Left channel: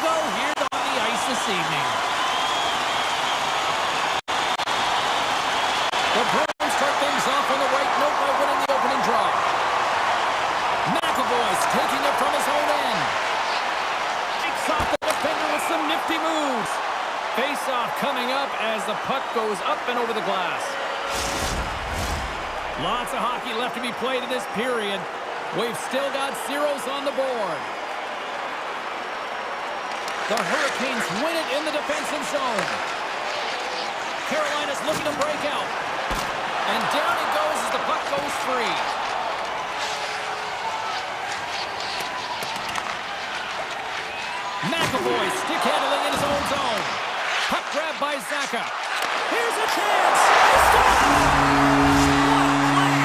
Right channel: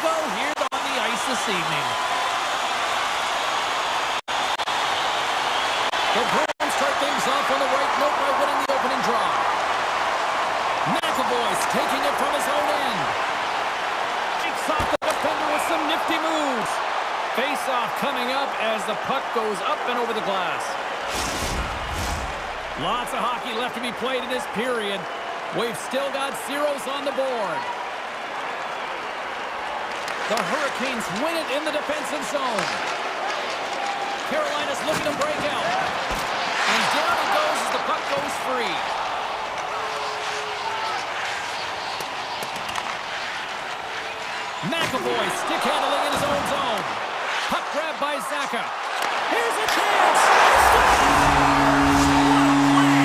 go here on the ice this evening. The Bruins start things off on the right note by winning the opening draw. McAvoy's taking it from his own end. Takes off the defender with some nifty moves. Face-off coming up as the puck goes up and over the glass. Lots of hockey left to be played in this period. We've still got zeros on the board. The Hurricanes win it in the defensive zone. Carolina's looking to break out. And down he goes as the puck goes free. McAvoy stick handling in his own zone. Puck grab by Zacha. Here's a chance. He scores! What a play!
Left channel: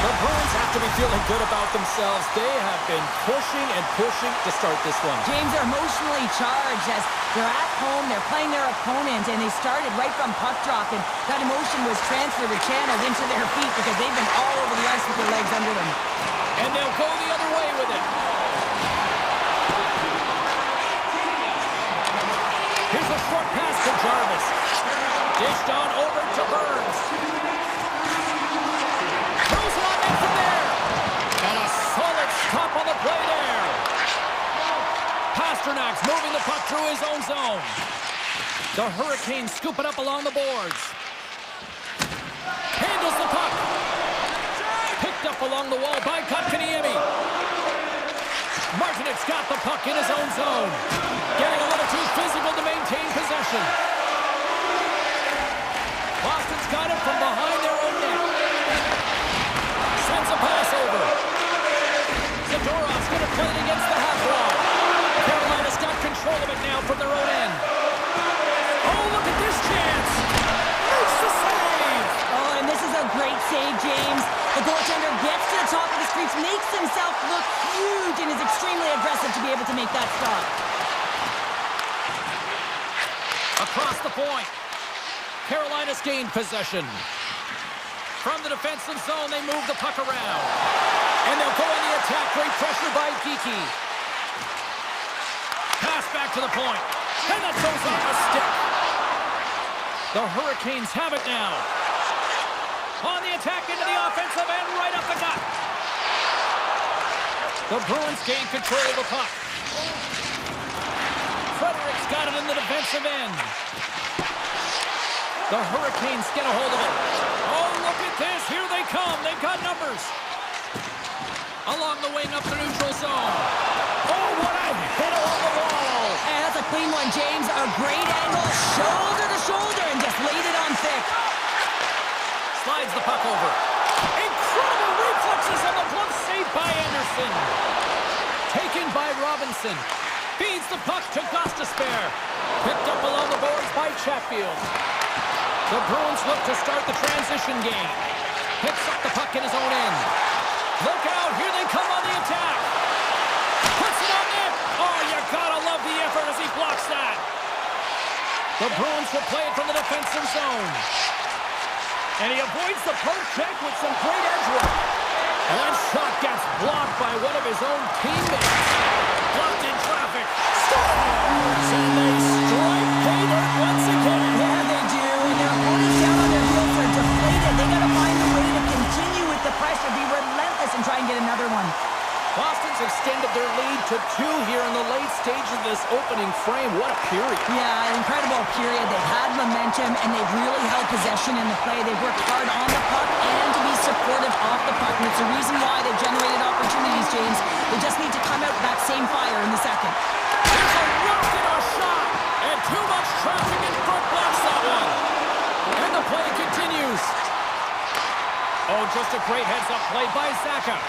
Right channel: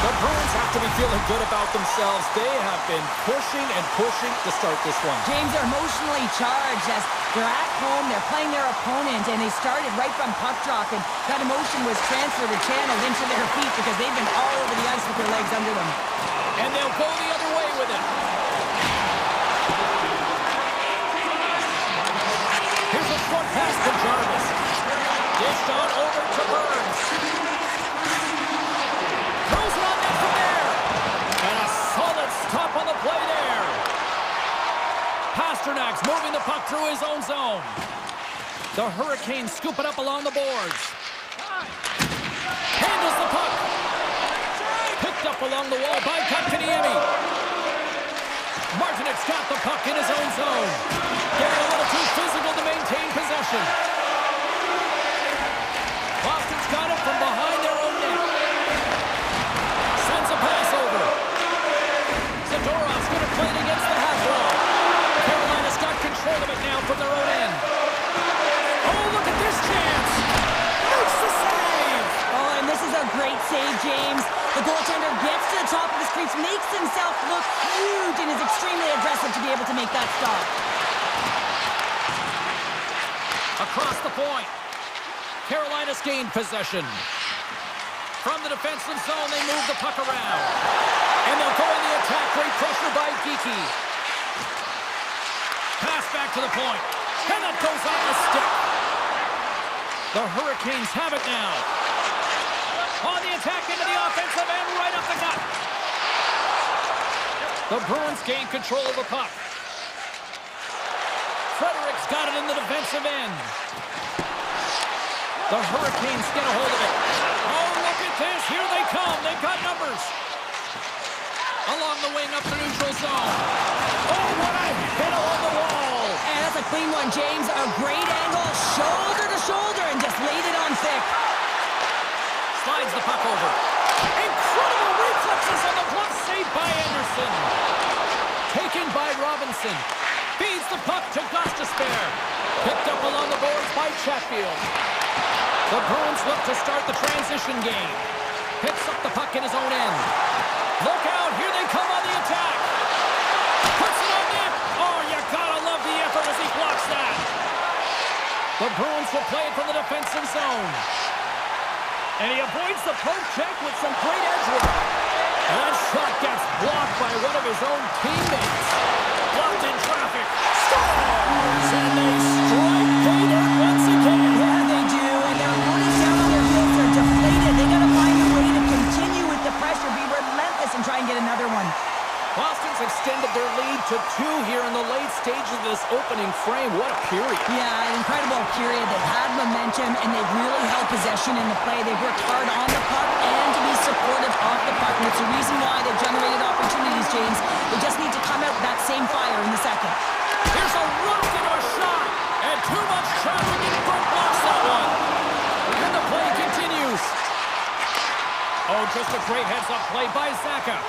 The Bruins have to be feeling good about themselves. They have been pushing and pushing to start this one. James, are emotionally charged as they're at home, they're playing their opponent, and they started right from puck drop, and that emotion was transferred or channeled into their feet because they've been all over the ice with their legs under them. And they'll go the other way with it. Here's a short pass to Jarvis. Dished on over to Burns. Throws it on net from there. And a solid stop on the play there. Pasternak's moving the puck through his own zone. The Hurricanes scoop it up along the boards. Handles the puck. Picked up along the wall by Kotkaniemi. Martinek's got the puck in his own zone. Getting a little too physical to maintain possession. Boston's got it from behind their own net. Sends a pass over. Zadorov's going to play it against the half wall. Carolina's got control of it now from their own end. Oh, look at this chance. Makes the save. Oh, and this is a great save, James. The goaltender gets to the top of his crease, makes himself look huge, and is extremely aggressive to be able to make that stop. Across the point. Carolina's gained possession. From the defensive zone, they move the puck around. And they'll go on the attack. Great pressure by Geekie. Pass back to the point. And that goes off a stick. The Hurricanes have it now. On the attack into the offensive end, right up the gut. The Bruins gain control of the puck. Frederick's got it in the defensive end. The Hurricanes get a hold of it. Oh, look at this. Here they come. They've got numbers. Along the wing up the neutral zone. Oh, what a hit along the wall. And that's a clean one, James. A great angle, shoulder to shoulder, and just laid it on thick. Slides the puck over. Incredible reflexes on the glove save by Anderson. Taken by Robinson. Feeds the puck to Gostisbehere. Picked up along the boards by Chatfield. The Bruins look to start the transition game. Picks up the puck in his own end. Look out, here they come on the attack. Puts it on net. Oh, you gotta love the effort as he blocks that. The Bruins will play it from the defensive zone. And he avoids the poke check with some great edge work. And that shot gets blocked by one of his own teammates. Blocked in traffic. Scores! And they strike pay dirt once again. Yeah, they do. And their opponents down on their heels are deflated. They got to find a way to continue with the pressure, be relentless, and try and get another one. Boston's extended their lead to 2 here in the late stages of this opening frame. What a period. Yeah, an incredible period. They've had momentum, and they've really held possession in the play. They've worked hard on the puck and to be supportive off the puck. And it's the reason why they've generated opportunities, James. They just need to come out with that same fire in the second. Here's a rocket of a shot. And too much traffic in front blocks that one. And the play continues. Oh, just a great heads-up play by Zacha.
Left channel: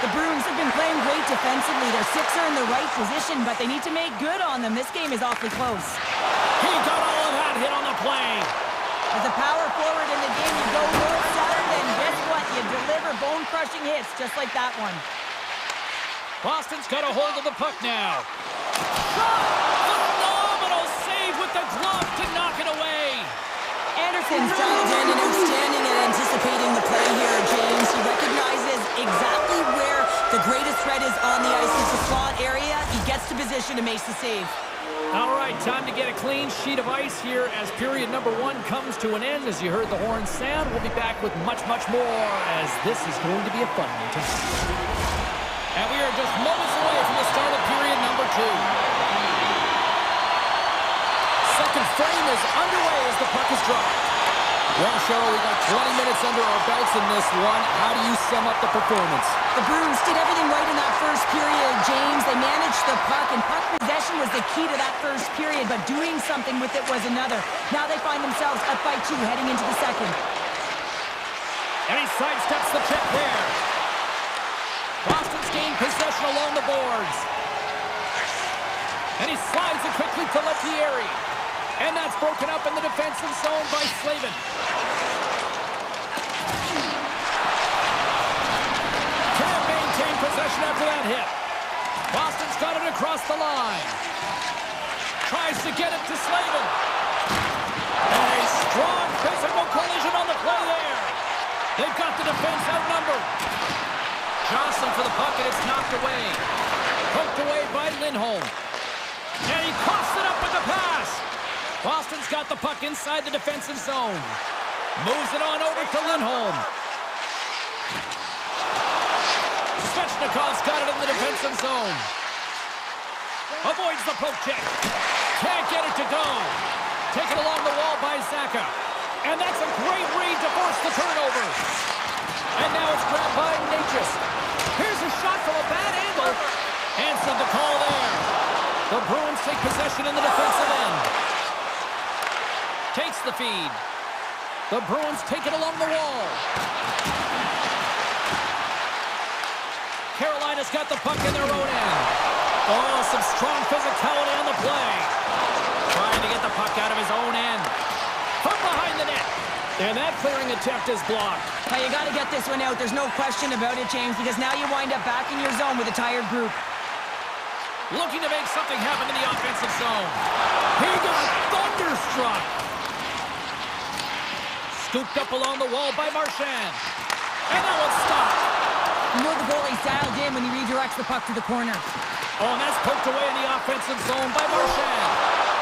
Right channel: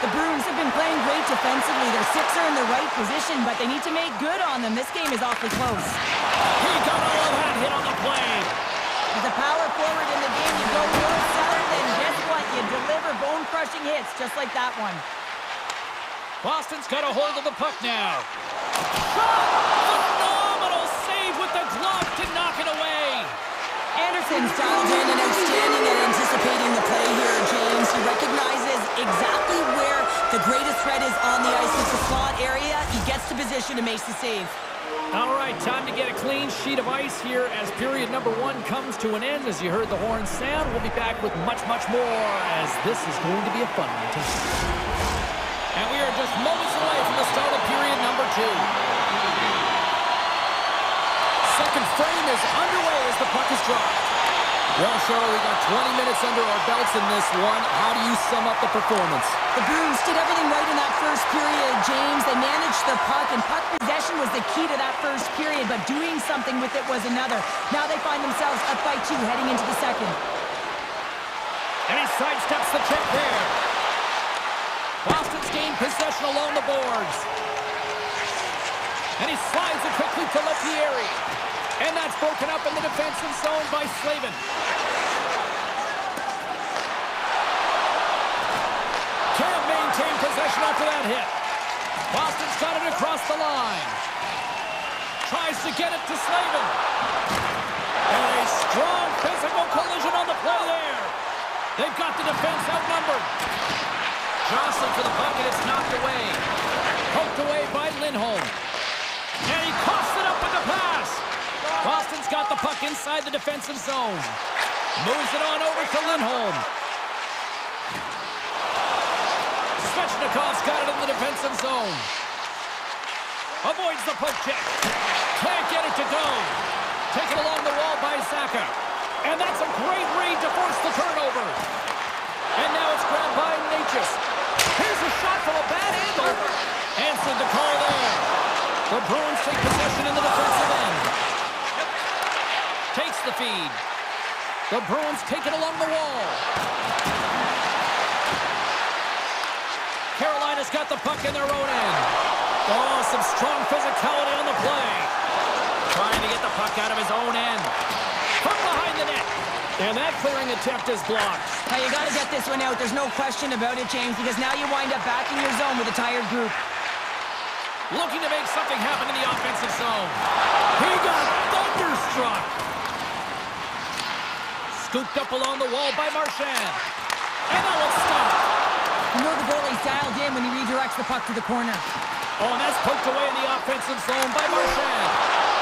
The Bruins have been playing great defensively. Their six are in the right position, but they need to make good on them. This game is awfully close. He got all of that hit on the play. As a power forward in the game, you go north-south, and guess what? You deliver bone-crushing hits just like that one. Boston's got a hold of the puck now. Shot! Phenomenal save with the glove to knock it away. Anderson's dialed in and outstanding at anticipating the play here, James. He recognizes exactly where the greatest threat is on the ice. It's the slot area. He gets to position and makes the save. All right, time to get a clean sheet of ice here as period number 1 comes to an end. As you heard the horn sound, we'll be back with much, much more as this is going to be a fun one tonight. And we are just moments away from the start of period number 2. Second frame is underway as the puck is dropped. Well, Cheryl, we got 20 minutes under our belts in this one. How do you sum up the performance? The Bruins did everything right in that first period, James. They managed the puck, and puck possession was the key to that first period, but doing something with it was another. Now they find themselves up by 2 heading into the second. And he sidesteps the check there. Boston's gained possession along the boards. And he slides it quickly to Lettieri. And that's broken up in the defensive zone by Slavin. Can't maintain possession after that hit. Boston's got it across the line. Tries to get it to Slavin. And a strong physical collision on the play there. They've got the defense outnumbered. Jostling for the puck, and it's knocked away. Poked away by Lindholm. And he coughs it up with the pass. Boston's got the puck inside the defensive zone. Moves it on over to Lindholm. Svechnikov's got it in the defensive zone. Avoids the poke check. Can't get it to go. Taken along the wall by Zaka. And that's a great read to force the turnover. And now it's grabbed by Natchez. Here's a shot from a bad angle. Answered the call there. The Bruins take possession in the defensive end. Takes the feed. The Bruins take it along the wall. Carolina's got the puck in their own end. Oh, some strong physicality on the play. Trying to get the puck out of his own end. From behind the net. And that clearing attempt is blocked. Now you got to get this one out. There's no question about it, James, because now you wind up back in your zone with a tired group. Looking to make something happen in the offensive zone. He got thunderstruck. Scooped up along the wall by Marchand. And that one's stopped. You know the goalie's dialed in when he redirects the puck to the corner. Oh, and that's poked away in the offensive zone by Marchand.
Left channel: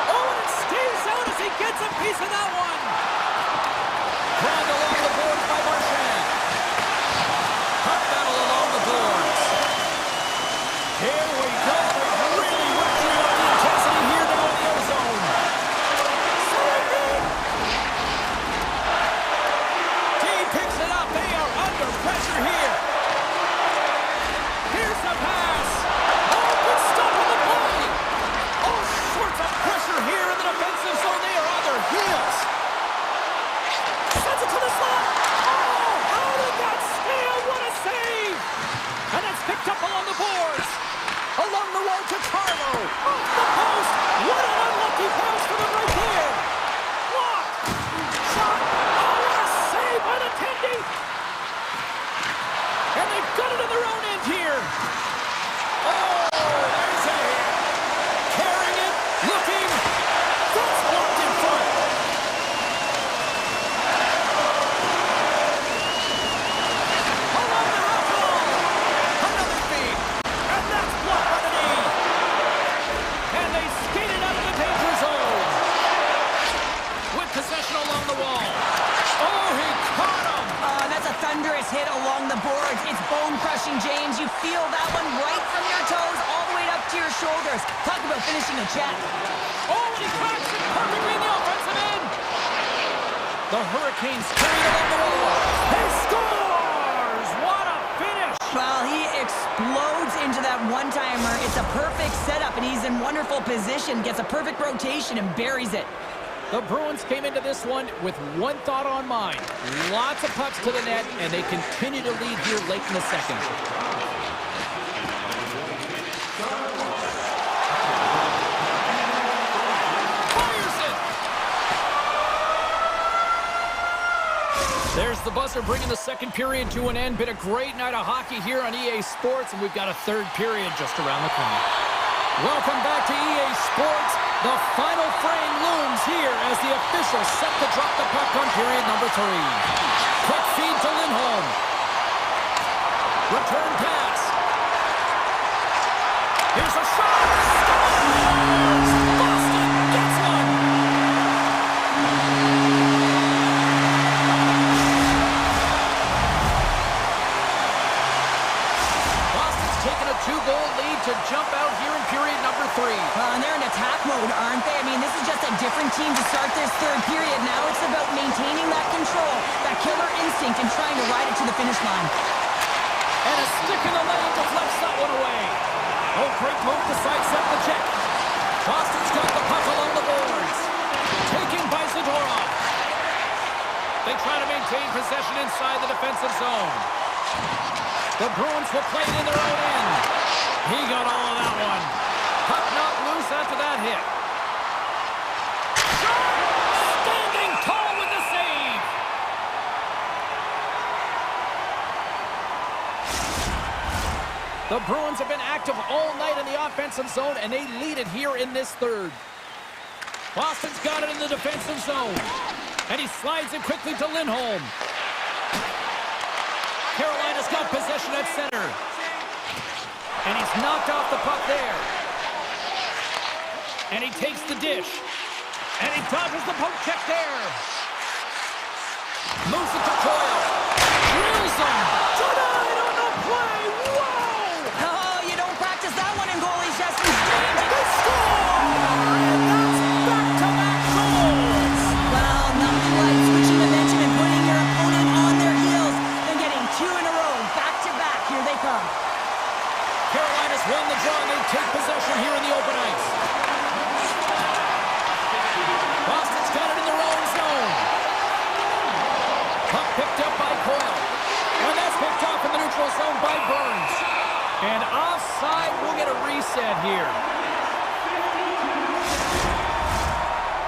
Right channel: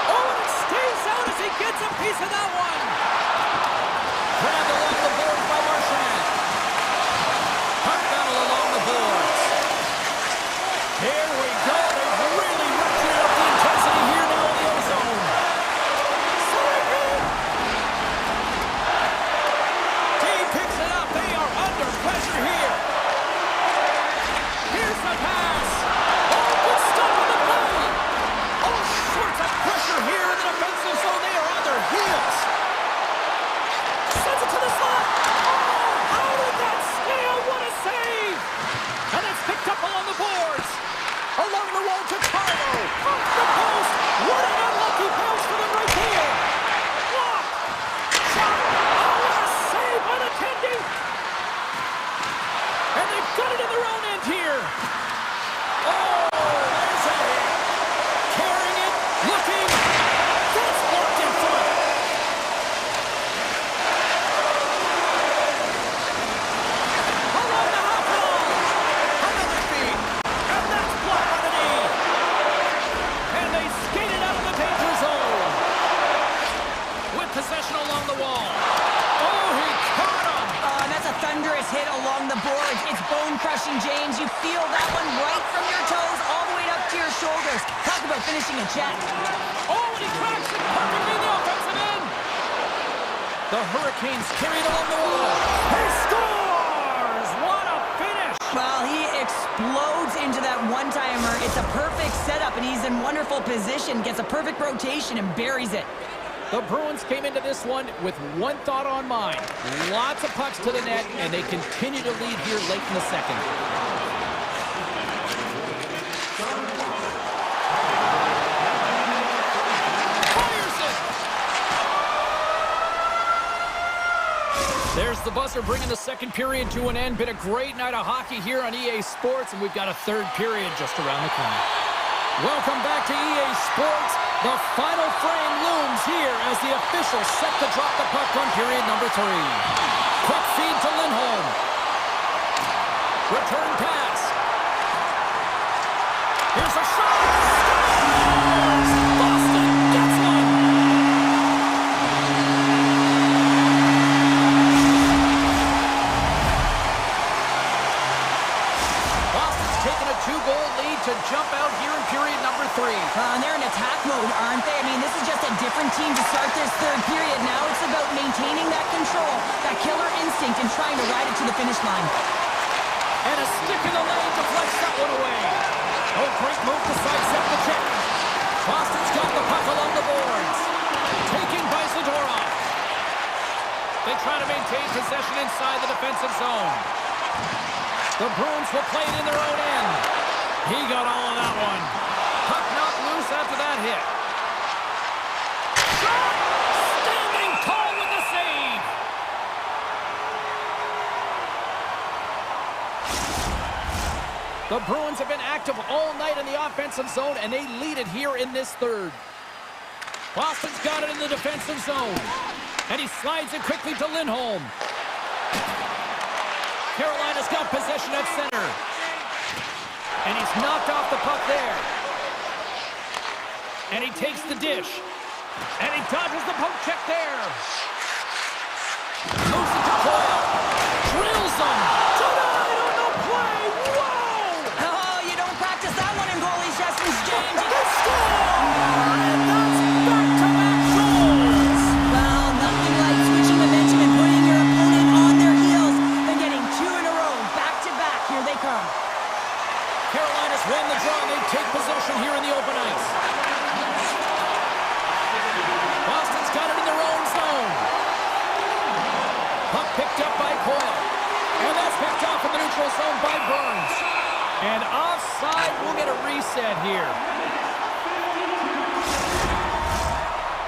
Oh, and it stays out as he gets a piece of that one. Grabbed along the boards by Marchand. Puck battle along the boards. Here we go. They've really ratcheted up the intensity here now in the O-zone. Team picks it up. They are under pressure here. Here's the pass. Oh, good stop on the play. All sorts of pressure here in the defensive zone. They are on their heels. Sends it to the slot. Oh, how did that steal? What a save. And that's picked up along the boards. Along the wall to Carlo. Off the post. What an unlucky pass for them right there. Block. Shot. Oh, what a save by the Tendy. And they've got it in their own end here. Oh, there's a hit. Carrying it. Looking. That's blocked in front. Along the half wall. Another feed. And that's blocked by the knee. And they skated out of the danger zone. With possession along the wall. Oh, he caught him. And that's a thunderous hit along the boards. It's bone-crushing, James. You feel that one right from your toes all the way up to your shoulders. Talk about finishing a check. Oh, and he cracks it perfectly in the offensive end. The Hurricanes carried along the wall. He scores! What a finish! Well, he explodes into that one-timer. It's a perfect setup, and he's in wonderful position. Gets a perfect rotation and buries it. The Bruins came into this one with one thought on mind. Lots of pucks to the net, and they continue to lead here late in the second. Fires it! There's the buzzer bringing the second period to an end. Been a great night of hockey here on EA Sports, and we've got a third period just around the corner. Welcome back to EA Sports. The final frame looms here as the officials set to drop the puck on period number 3. Quick feed to Lindholm. Return pass. Here's a shot. Scores! Boston gets one. Boston's taken a 2-goal lead to jump out here in period number 3. And they're in attack mode, aren't they? I mean, this is just a different team to start this third period. Now it's about maintaining that control, that killer instinct, and trying to ride it to the finish line. And a stick in the lane deflects that one away. Oh, great move to sidestep the check. Boston's got the puck along the boards. Taken by Zadorov. They try to maintain possession inside the defensive zone. The Bruins will play it in their own end. He got all of that one. Puck knocked loose after that hit. Shot! Standing tall with the save. The Bruins have been active all night in the offensive zone, and they lead it here in this third. Boston's got it in the defensive zone. And he slides it quickly to Lindholm. Carolina's got possession at center. And he's knocked off the puck there. And he takes the dish. And he dodges the poke check there. Moves it to Coyle. Drills him. Denied on the play. Whoa! Oh, you don't practice that one in goalie sessions, James. They score! And that's back-to-back goals. Well, nothing like switching momentum and putting your opponent on their heels, then getting 2 in a row, back-to-back. Here they come. Carolina's won the draw, and they take possession here in the open ice. Boston's got it in their own zone. Puck picked up by Coyle. And that's picked off in the neutral zone by Burns. And offside, we'll get a reset here.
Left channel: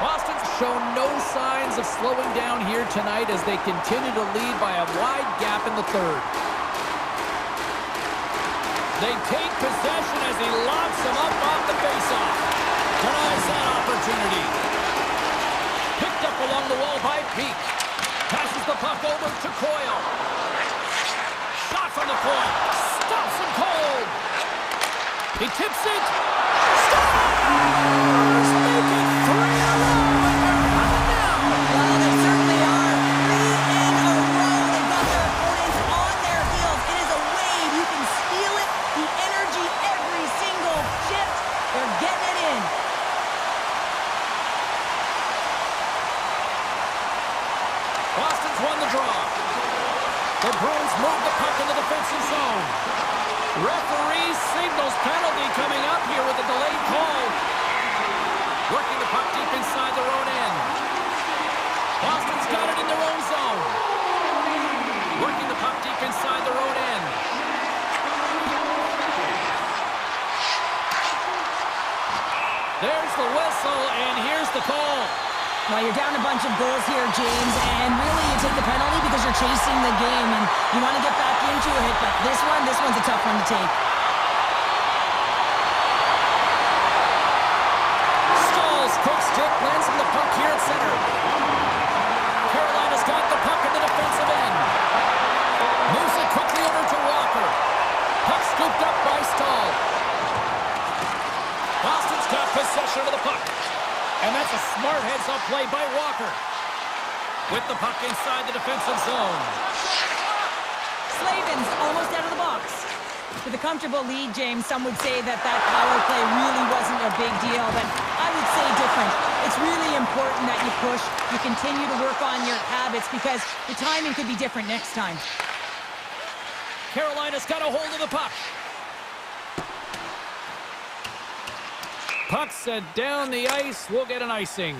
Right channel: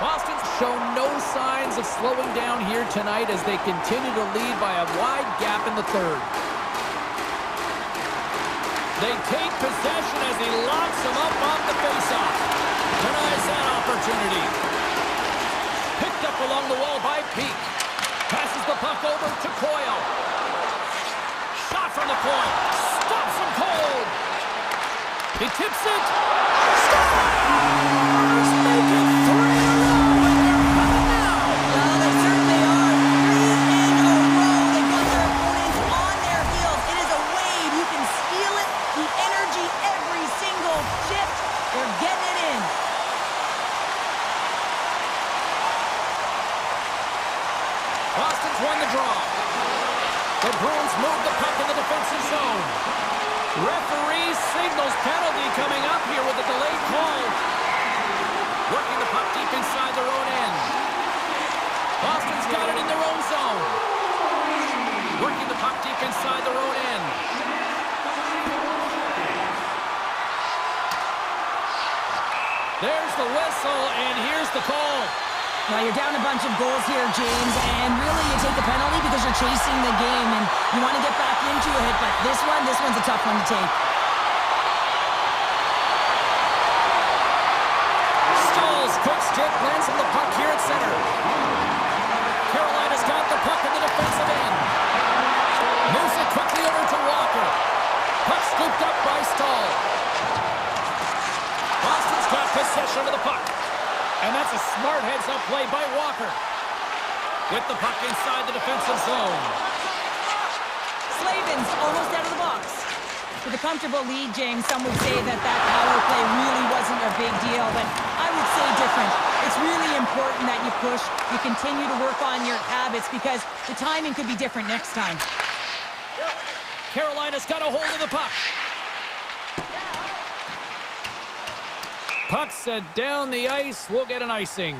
Boston's shown no signs of slowing down here tonight as they continue to lead by a wide gap in the third. They take possession as he locks him up off the faceoff. Denies that opportunity. Picked up along the wall by Peak. Passes the puck over to Coyle. Shot from the point. Stops him cold. He tips it. Scores! Make it 3 in a row, and they're coming now. Well, they certainly are. 3 in a row. They've got their opponents on their heels. It is a wave. You can feel it. The energy every single shift. They're getting it in. Boston's won the draw. The Bruins move the puck in the defensive zone. Referee signals penalty coming up here with a delayed call. Working the puck deep inside their own end. Boston's got it in their own zone. Working the puck deep inside their own end. There's the whistle, and here's the call. Well, you're down a bunch of goals here, James, and really you take the penalty because you're chasing the game and you want to get back into it, but this one's a tough one to take. Stalls, quick stick, lands on the puck here at center. Carolina's got the puck in the defensive end. Moves it quickly over to Walker. Puck scooped up by Stahl. Boston's got possession of the puck. And that's a smart heads-up play by Walker. With the puck inside the defensive zone. Slavin's almost out of the box. With a comfortable lead, James, some would say that power play really wasn't a big deal, but I would say different. It's really important that you push, you continue to work on your habits because the timing could be different next time. Carolina's got a hold of the puck. Puck set down the ice. We'll get an icing.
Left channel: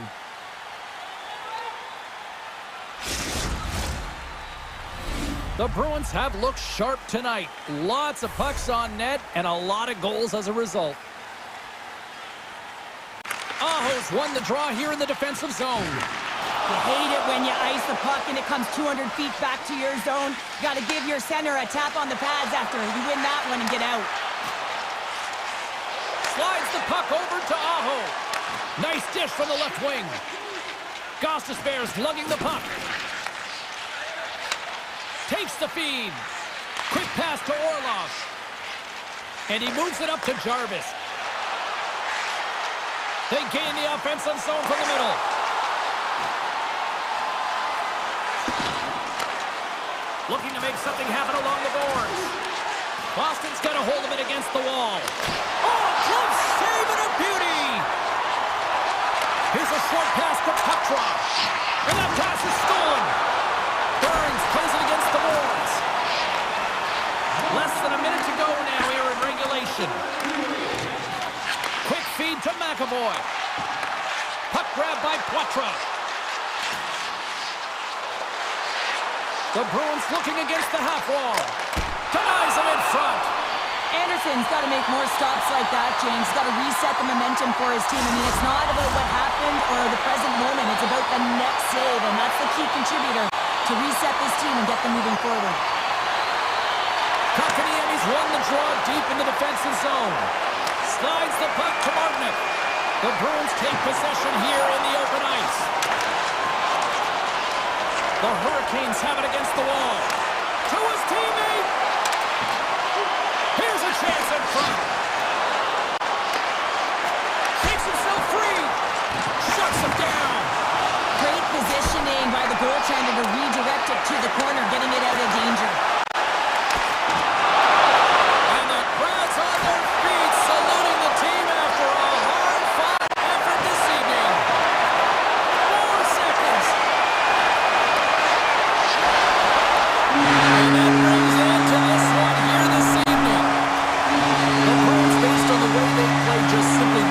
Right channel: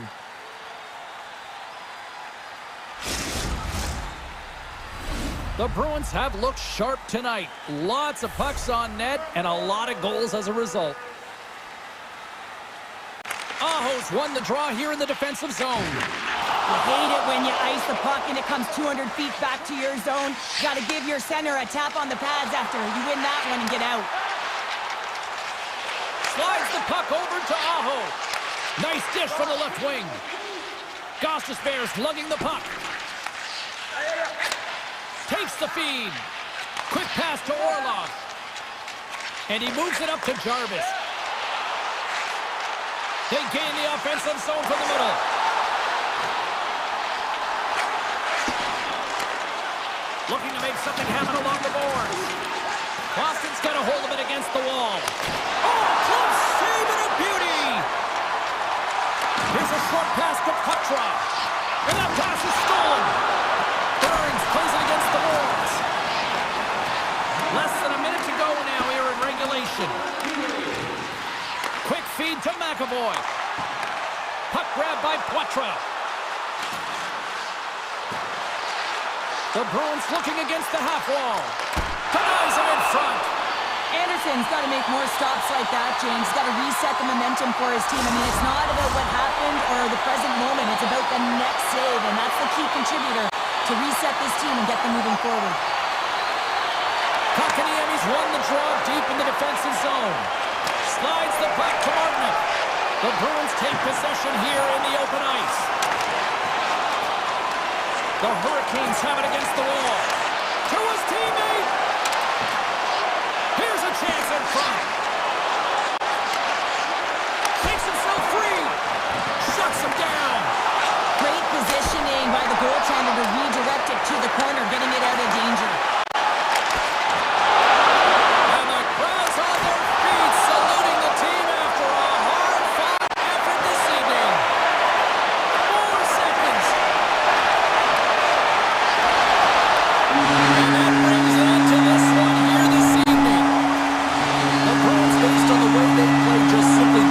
The Bruins have looked sharp tonight. Lots of pucks on net and a lot of goals as a result. Aho's won the draw here in the defensive zone. You hate it when you ice the puck and it comes 200 feet back to your zone. You got to give your center a tap on the pads after you win that one and get out. Slides the puck over to Aho. Nice dish from the left wing. Gostisbehere's lugging the puck. Takes the feed. Quick pass to Orlov. And he moves it up to Jarvis. They gain the offensive zone from the middle. Looking to make something happen along the boards. Boston's got a hold of it against the wall. Oh, close save and a beauty! Here's a short pass to Petra. And that pass is stolen. Burns plays it against the boards. Less than a minute to go now here in regulation. Quick feed to McAvoy. Puck grab by Petra. The Bruins looking against the half wall. Denies him in front. Anderson's got to make more stops like that, James. He's got to reset the momentum for his team. I mean, it's not about what happened or the present moment. It's about the next save, and that's the key contributor to reset this team and get them moving forward. Kotkaniemi's won the draw deep in the defensive zone. Slides the puck to Martinick. The Bruins take possession here in the open ice. The Hurricanes have it against the wall. To his teammate. Here's a chance in front. Takes himself free. Shuts him down. Great positioning by the goaltender to redirect it to the corner, getting it out of danger. And the crowd's on their feet, saluting the team after a hard-fought effort this evening. 4 seconds. And that brings an end to this one here this evening. The Bruins, based on the way they played, just simply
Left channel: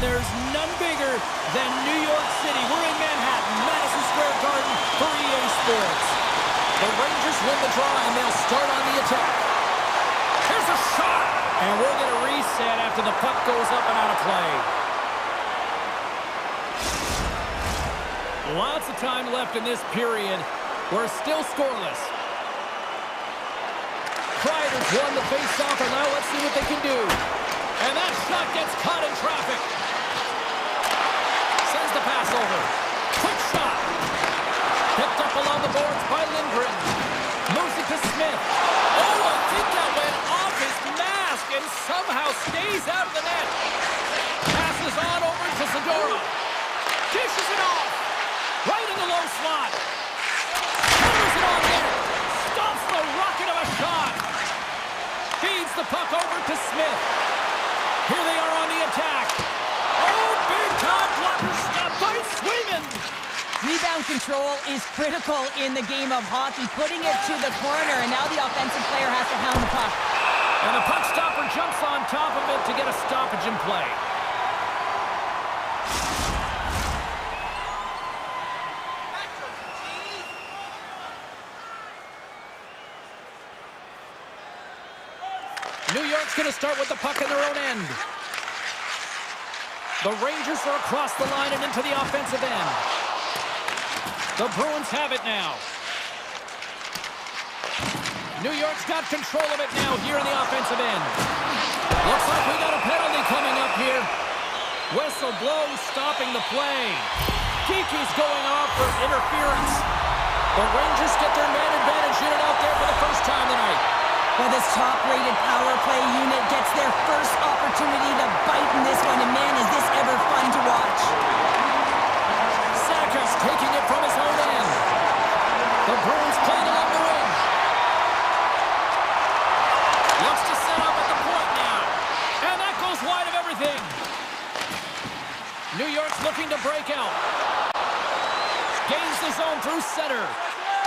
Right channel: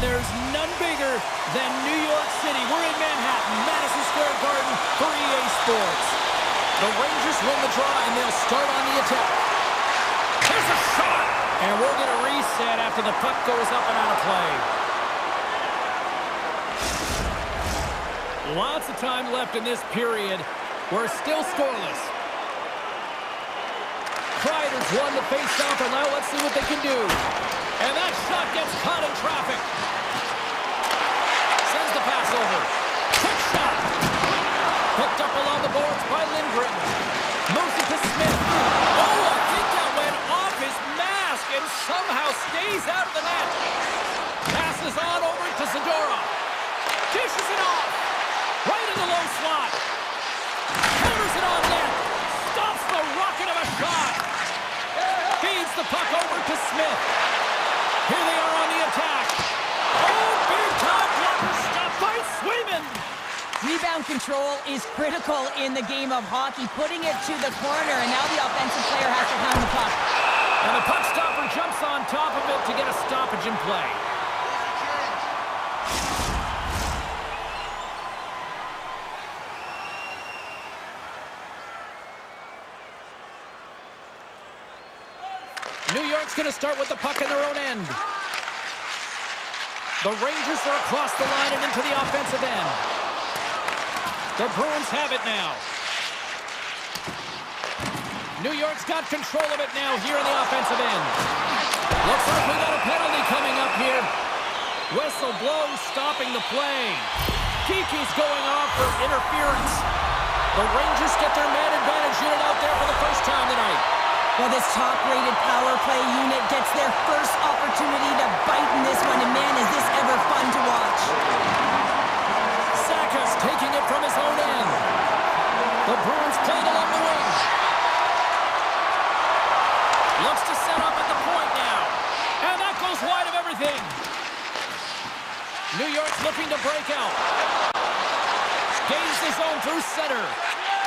And there's none bigger than New York City. We're in Manhattan, Madison Square Garden for EA Sports. The Rangers win the draw, and they'll start on the attack. Here's a shot! And we'll get a reset after the puck goes up and out of play. Lots of time left in this period. We're still scoreless. Kreider's won the face-off, and now let's see what they can do. And that shot gets caught in traffic. Sends the pass over. Quick shot. Picked up along the boards by Lindgren. Moves it to Smith. Oh, I think that went off his mask and somehow stays out of the net. Passes on over to Zadorov. Dishes it off. Right in the low slot. Counters it on net. Stops the rocket of a shot. Feeds the puck over to Smith. Here they are on the attack. Oh, big-time blocker stop by Swayman. Rebound control is critical in the game of hockey. Putting it to the corner, and now the offensive player has to hound the puck. And the puck stopper jumps on top of it to get a stoppage in play. New York's going to start with the puck in their own end. The Rangers are across the line and into the offensive end. The Bruins have it now. New York's got control of it now here in the offensive end. Looks like we got a penalty coming up here. Whistle blows, stopping the play. Kiki's going off for interference. The Rangers get their man advantage unit out there for the first time tonight. Well, this top-rated power play unit gets their first opportunity to bite in this one, and man, is this ever fun to watch. Saka's taking it from his own end. The Bruins playing along the wing. Looks to set up at the point now. And that goes wide of everything. New York's looking to break out. Gains the zone through center.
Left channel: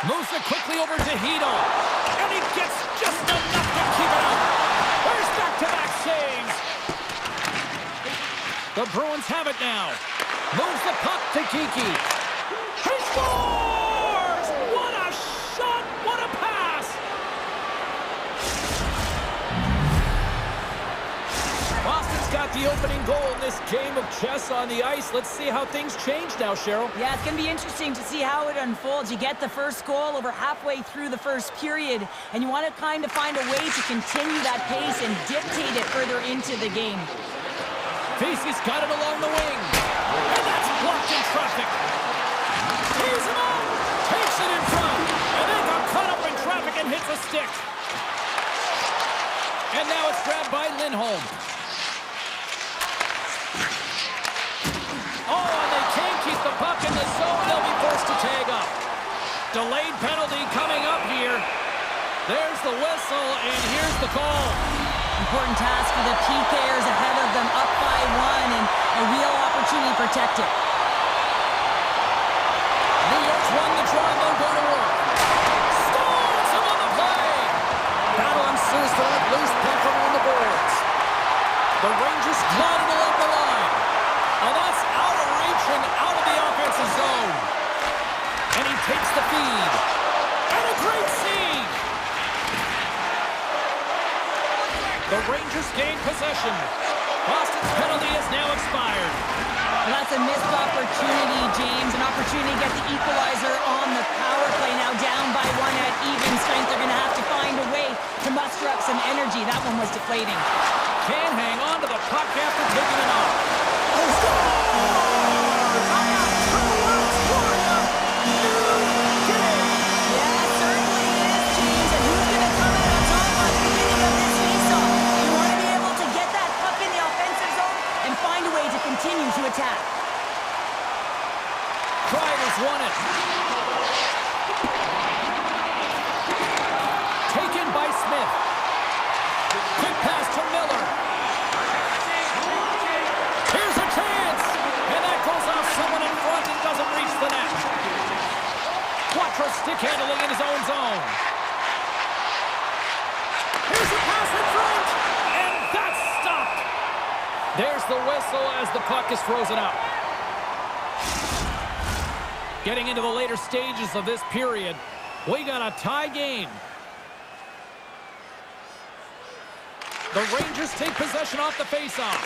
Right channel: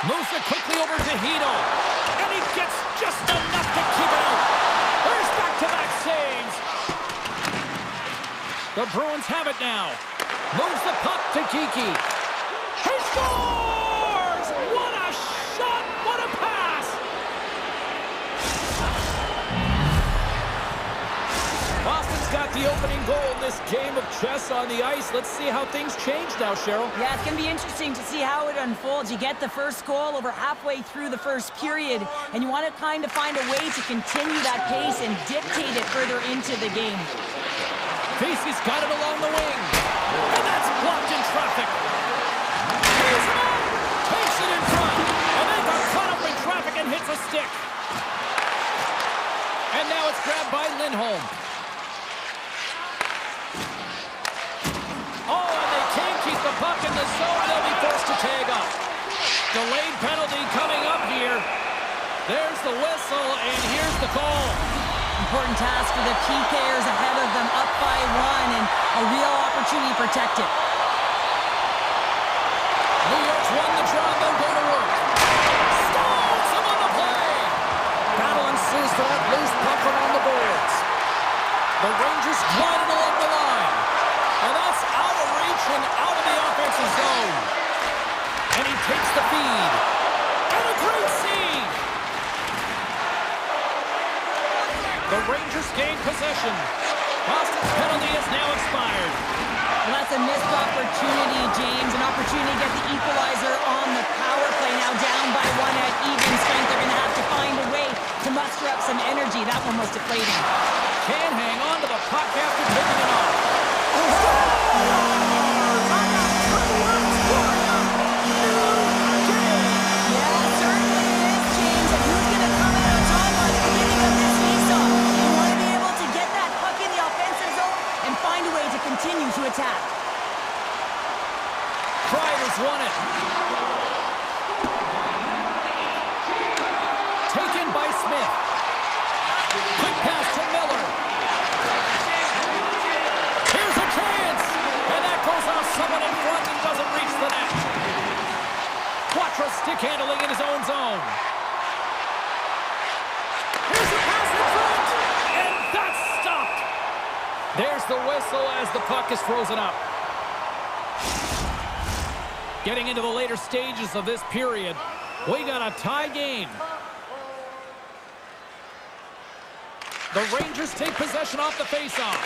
Moves it quickly over to Hedl. And he gets just enough to keep it out. There's back-to-back saves. The Bruins have it now. Moves the puck to Kiki. He scores! What a shot! What a pass! Boston's got the opening goal in this game of chess on the ice. Let's see how things change now, Cheryl. Yeah, it's going to be interesting to see how it unfolds. You get the first goal over halfway through the first period, and you want to kind of find a way to continue that pace and dictate it further into the game. Vesey's got it along the wing, and that's blocked in traffic. He's him out, takes it in front, and then got caught up in traffic and hits a stick. And now it's grabbed by Lindholm. Oh, and they can't keep the puck in the zone. They'll be forced to tag up. Delayed penalty coming up here. There's the whistle, and here's the call. Important task for the PKers ahead of them, up by 1, and a real opportunity to protect it. New York's won the draw, and they'll go to work. Stones him on the play. Battle ensues for that loose puck around the boards. The Rangers glided along the line. And that's out of reach and out of the offensive zone. And he takes the feed. And a great save. The Rangers gain possession. Boston's penalty has now expired. Well, that's a missed opportunity, James. An opportunity to get the equalizer on the power play. Now down by 1 at even strength. They're going to have to find a way to muster up some energy. That one was deflating. Can't hang on to the puck after taking it off. Oh, yeah, certainly is, James. And who's going to come out on top at the beginning of this face-off? You want to be able to get that puck in the offensive zone and find a way to continue to attack. Kreider's won it. Taken by Smith. Quick pass to Miller. Here's a chance! And that goes off someone in front and doesn't reach the net. Quattro stick handling in his own zone. Here's a pass in front! And that's stopped! There's the whistle as the puck is frozen up. Getting into the later stages of this period, we got a tie game. The Rangers take possession off the faceoff.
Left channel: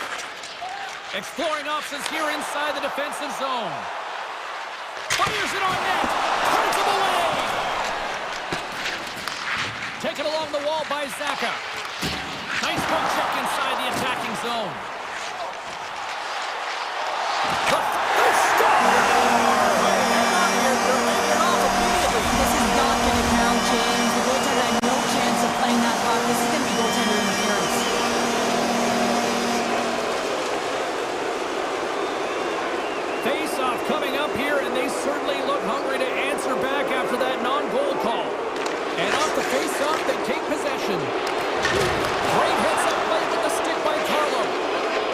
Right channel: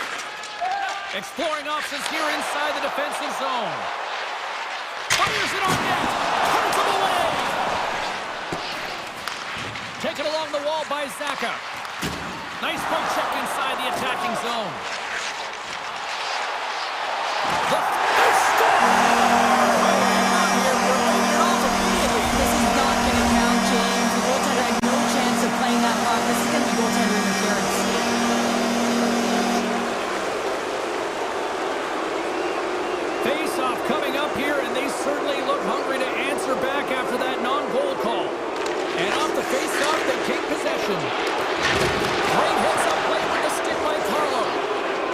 Exploring options here inside the defensive zone. Fires it on net. Turns him away. Taken along the wall by Zaka. Nice poke check inside the attacking zone. They score! Hang on here. They're laying it off immediately. This is not going to count, James. The goaltender had no chance of playing that puck. This is going to be goaltender interference. Face-off coming up here, and they certainly look hungry to answer back after that non-goal call. And off the face-off, they take possession. Great heads-up play with the stick by Carlo.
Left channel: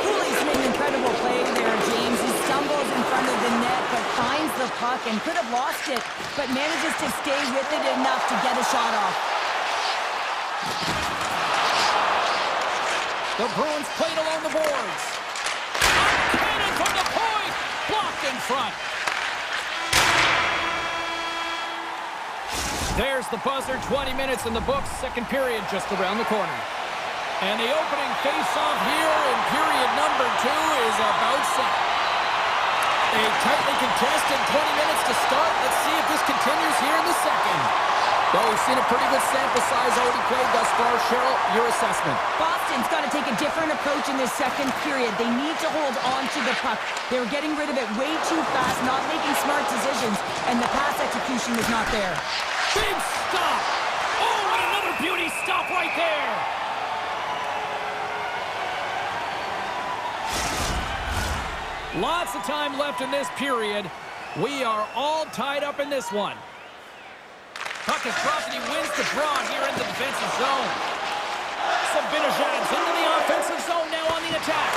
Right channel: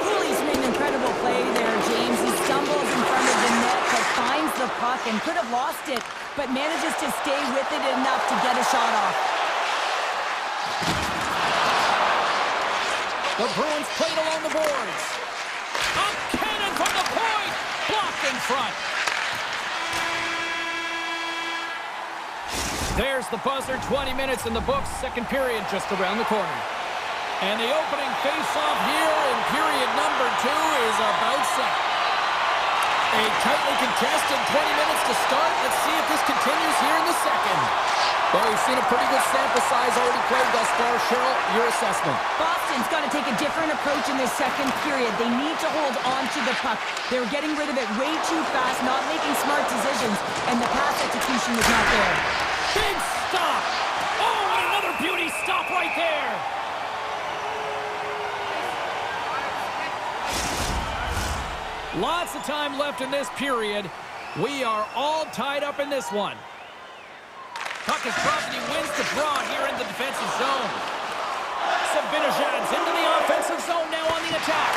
Cooley's made an incredible play there, James. He stumbles in front of the net, but finds the puck and could have lost it, but manages to stay with it enough to get a shot off. The Bruins played along the boards. A cannon from the point! Blocked in front. There's the buzzer. 20 minutes in the books. Second period just around the corner. And the opening face-off here in period number 2 is about set. A tightly contested 20 minutes to start. Let's see if this continues here in the second. Well, we've seen a pretty good sample size already played thus far. Cheryl, your assessment. Boston's got to take a different approach in this second period. They need to hold on to the puck. They were getting rid of it way too fast, not making smart decisions, and the pass execution was not there. Big stop! Oh, and another beauty stop right there! Lots of time left in this period. We are all tied up in this one. Puck is dropped and he wins the draw here in the defensive zone. Sabinajad's into the offensive zone now on the attack.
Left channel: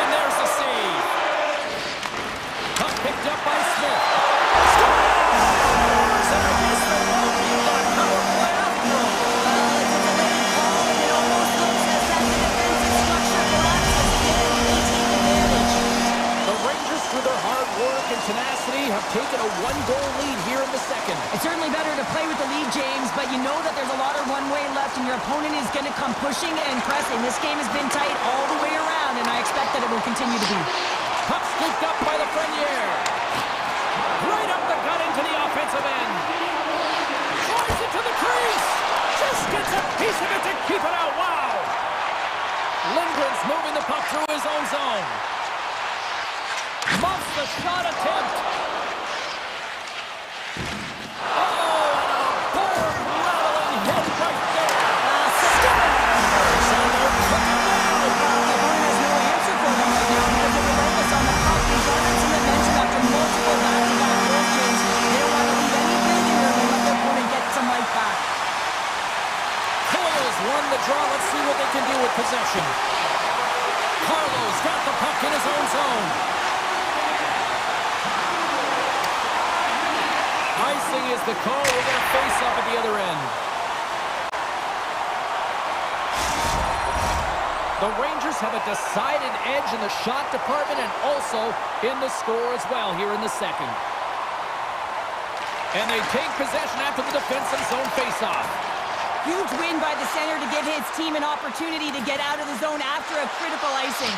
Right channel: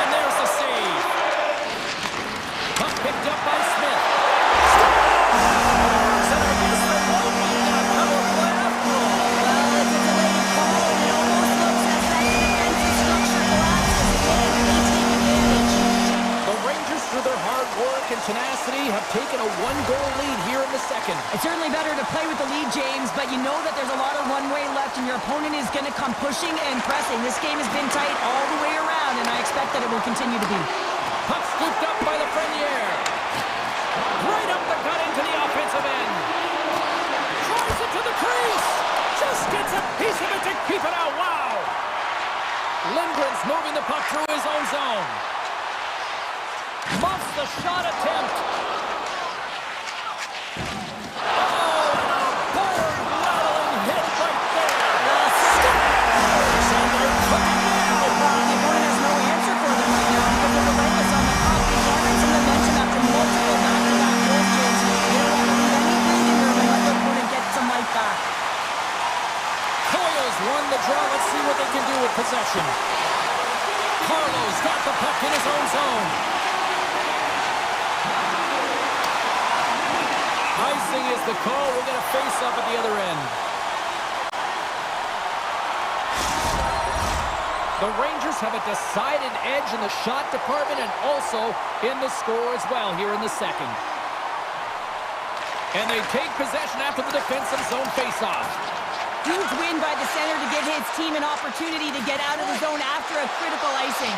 And there's the save. Puck picked up by Smith. Scores! And I guess there won't be that power play after all. Well, it's a delayed call, and it almost looks as that the defensive structure collapses again. They take advantage. The Rangers, through their hard work and tenacity, have taken a one-goal lead here in the second. It's certainly better to play with the lead, James, but you know that there's a lot of one-way left, and your opponent is going to come pushing and pressing. This game has been tight all the way around, and I expect that it will continue to be. Puck scooped up by Lafreniere. Right up the gut into the offensive end. Drives it to the crease. Just gets a piece of it to keep it out. Wow. Lindgren's moving the puck through his own zone. Muffs the shot attempt. Oh, and a board-rattling hit right there. Scores! And they're cooking now. The opponent has no answer for them right now because they're relentless on the puck. They garnered some momentum after multiple back-to-back goals, James. They don't want to leave any breathing room and let their opponent get some life back. Coyle's won the draw. Let's see what they can do with possession. Carlo's got the puck in his own zone. Icing is the call. We're going to face up at the other end. The Rangers have a decided edge in the shot department and also in the score as well here in the second. And they take possession after the defensive zone face-off. Huge win by the center to give his team an opportunity to get out of the zone after a critical icing.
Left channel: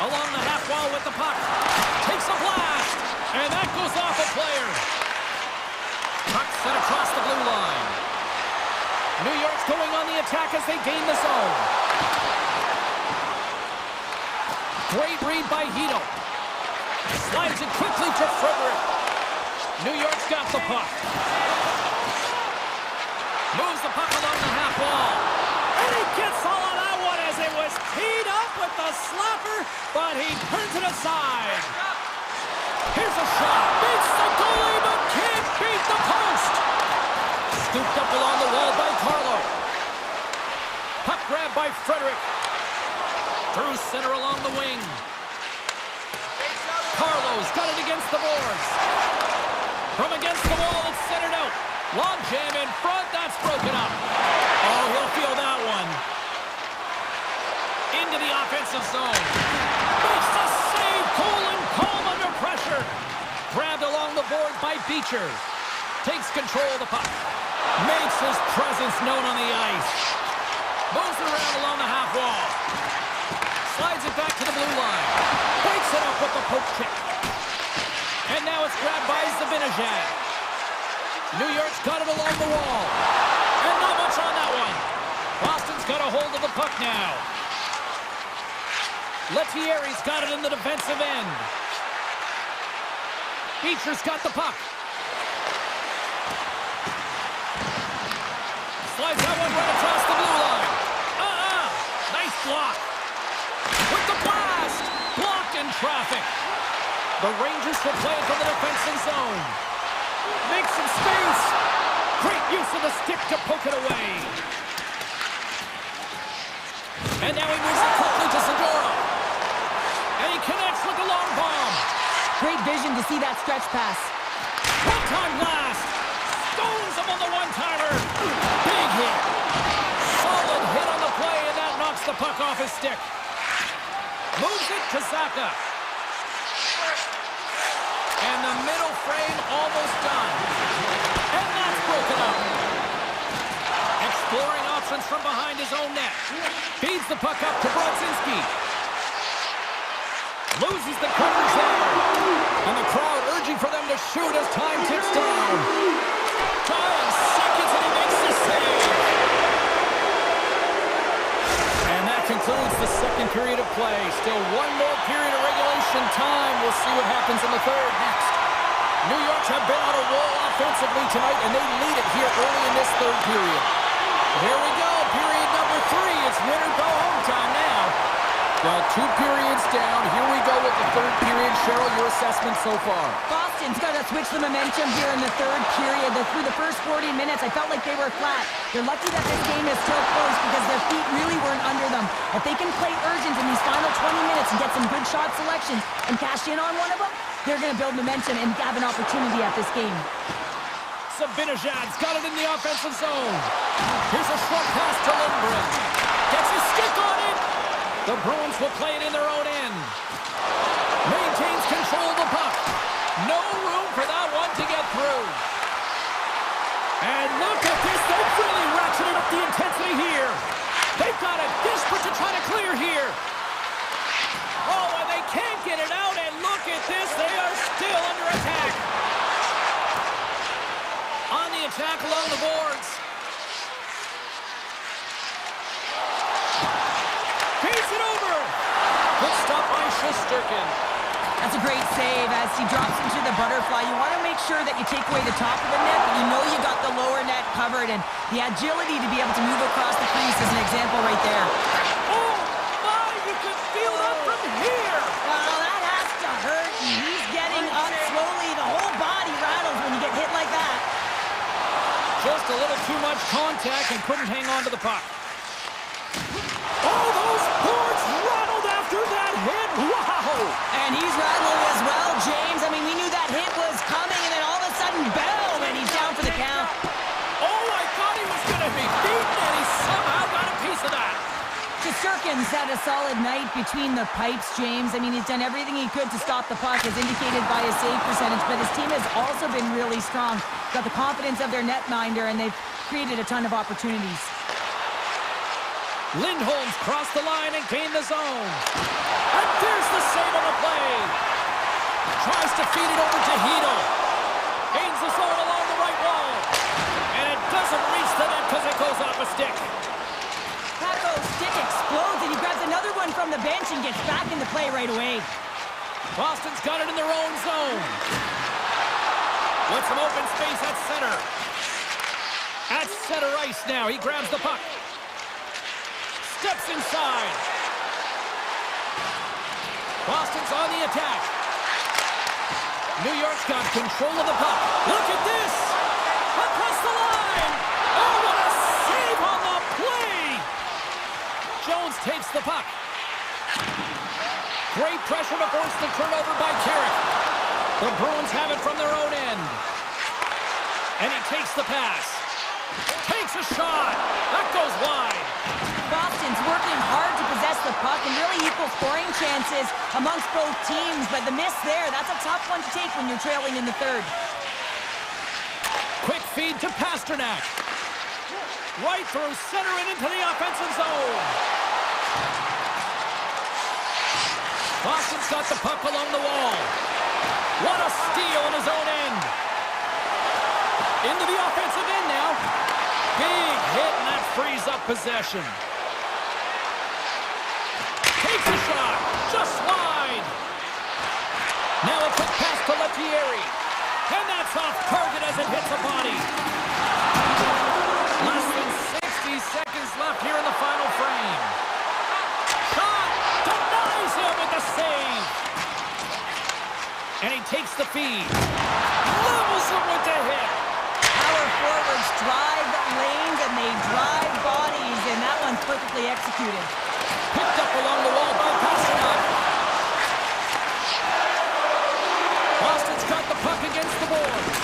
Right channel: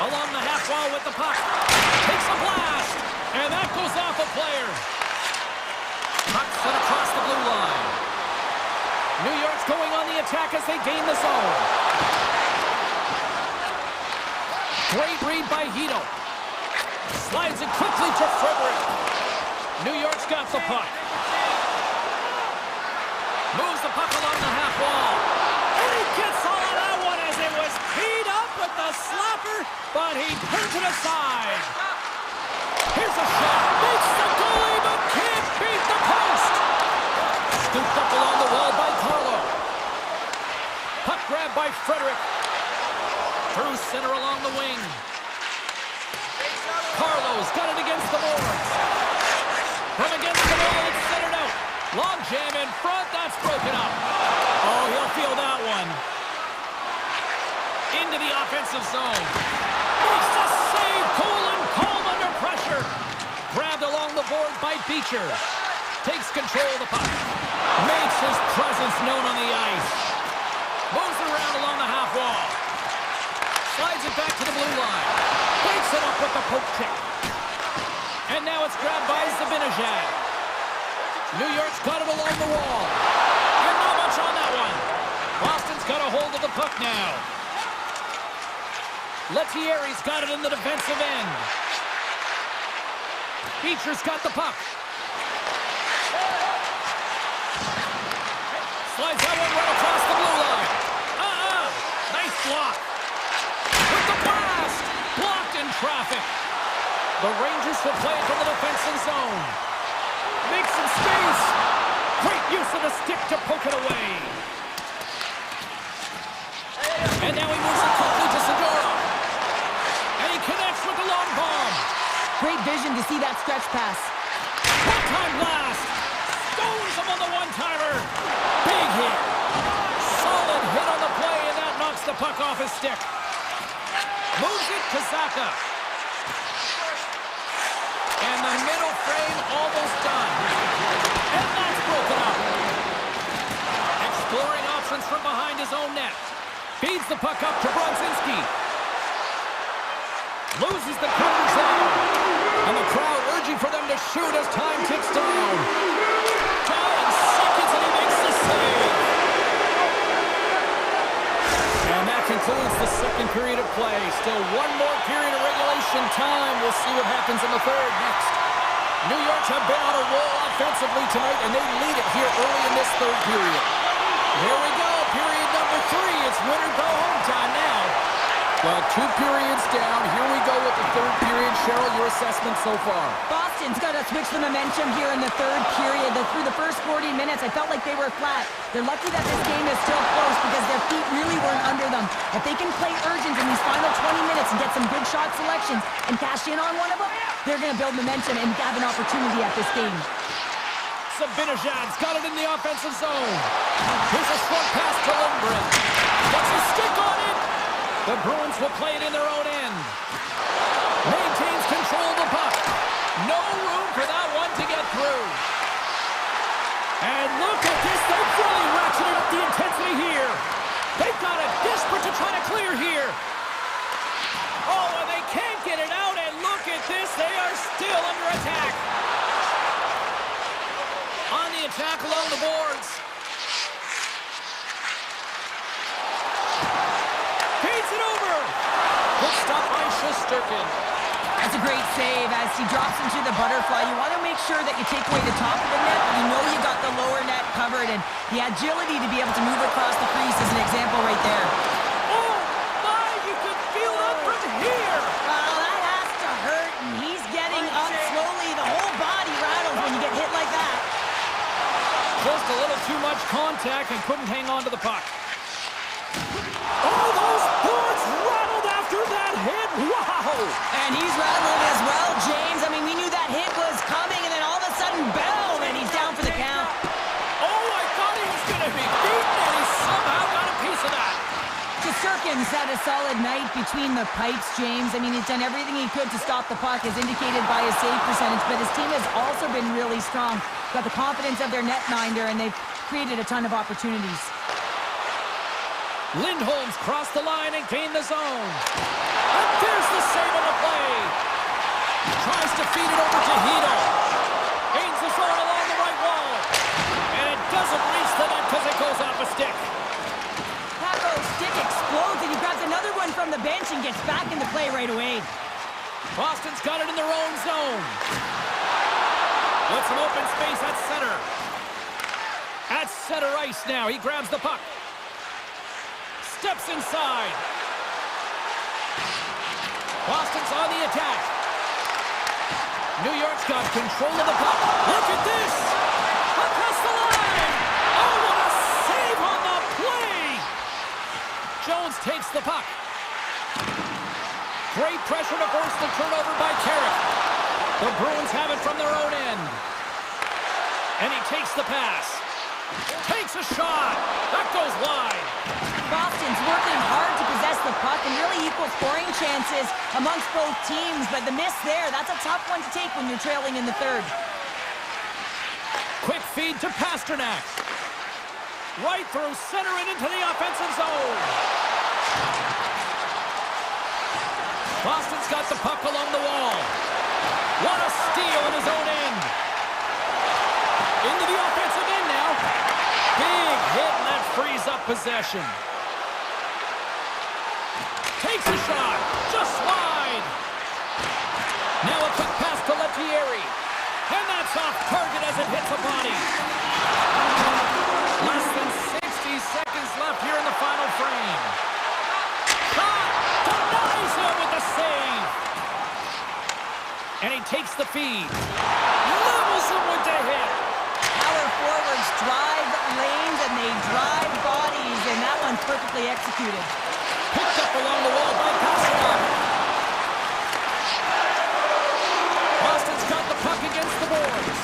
Along the half wall with the puck. Takes a blast. And that goes off a player. Puck set across the blue line. New York's going on the attack as they gain the zone. Great read by Hito. Slides it quickly to Frederick. New York's got the puck. Moves the puck along the half wall. And he gets all of that one as it was teed up with the slapper, but he turns it aside. Here's a shot. Beats the goalie, but can't beat the post. Scooped up along the wall by Carlo. Puck grab by Frederick. Through center along the wing. Carlo's got it against the boards. From against the wall, it's centered out. Long jam in front, that's broken up. Oh, he'll feel that one. Into the offensive zone. forward by Beecher. Takes control of the puck. Makes his presence known on the ice. Moves it around along the half wall. Slides it back to the blue line. Breaks it up with the poke check. And now it's grabbed by Zibanejad. New York's got it along the wall. And not much on that one. Boston's got a hold of the puck now. Lettieri's got it in the defensive end. Beecher's got the puck. Slides that one right across the blue line. Nice block. With the blast. Blocked in traffic. The Rangers will play it from the defensive zone. Makes some space. Great use of the stick to poke it away. And now he moves it quickly to Segura. And he connects with the long bomb. Great vision to see that stretch pass. One-time blast. Stones him on the one-timer. Big hit. Solid hit on the play, and that knocks the puck off his stick. Moves it to Zaka. And the middle frame almost done. And that's broken up. Exploring options from behind his own net. Feeds the puck up to Brodzinski. Loses the coverage there. And the crowd urging for them to shoot as time ticks down. Tying seconds, and he makes the save. And that concludes the second period of play. Still one more period of regulation time. We'll see what happens in the third next. New York have been on a roll offensively tonight, and they lead it here early in this third period. Here we go, period number 3. It's win or go home time now. Well, 2 periods down. Here we go with the third period. Cheryl, your assessment so far? Boston's got to switch the momentum here in the third period. Through the first 40 minutes, I felt like they were flat. They're lucky that this game is still close because their feet really weren't under them. If they can play urgent in these final 20 minutes and get some good shot selections and cash in on one of them, they're going to build momentum and have an opportunity at this game. Zibanejad's got it in the offensive zone. Here's a short pass to Lindgren. Gets his stick on it. The Bruins will play it in their own end. Maintains control of the puck. No room for that one to get through. And look at this. They've really ratcheted up the intensity here. They've got it desperate to try to clear here. Oh, and they can't get it out. And look at this. They are still under attack. On the attack along the boards. Feeds it over. Good stop by Shesterkin. That's a great save as he drops into the butterfly. You want to make sure that you take away the top of the net, but you know you got the lower net covered, and the agility to be able to move across the crease is an example right there. Oh, my, you could feel that from here. Well, that has to hurt, and he's getting up slowly. The whole body rattles when you get hit like that. Just a little too much contact and couldn't hang on to the puck. Oh, those boards rattled after that hit. Wow. And he's rattling as well, James. I mean, we knew that hit was coming, and then all of a sudden, boom, and he's down for the count. Oh, I thought he was going to be beaten, and he somehow got a piece of that. Shesterkin's had a solid night between the pipes, James. I mean, he's done everything he could to stop the puck, as indicated by his save percentage, but his team has also been really strong. Got the confidence of their netminder, and they've created a ton of opportunities. Lindholm's crossed the line and gained the zone. And there's the save on the play. Tries to feed it over to Hedl. Gains the zone along the right wall. And it doesn't reach the net because it goes off a stick. Paco's stick explodes, and he grabs another one from the bench and gets back into play right away. Boston's got it in their own zone. With some open space at center. At center ice now. He grabs the puck. Steps inside. Boston's on the attack. New York's got control of the puck. Look at this! Across the line! Oh, what a save on the play! Jones takes the puck. Great pressure to force the turnover by Carrick. The Bruins have it from their own end. And he takes the pass. Takes a shot. That goes wide. Boston's working hard to possess the puck and really equal scoring chances amongst both teams, but the miss there, that's a tough one to take when you're trailing in the third. feed to Pasternak. Right through center and into the offensive zone. Boston's got the puck along the wall. What a steal in his own end. Into the offensive end now. Big hit, and that frees up possession. Takes a shot. Just wide. Now a quick pass to Lettieri. And that's off target as it hits a body. Less than 60 seconds left here in the final frame. Shot! Denies him with the save. And he takes the feed. Levels him with the hit. Power forwards drive lanes and they drive bodies, and that one's perfectly executed. Picked up along the wall by Pasternak. Boston's got the puck against the boards.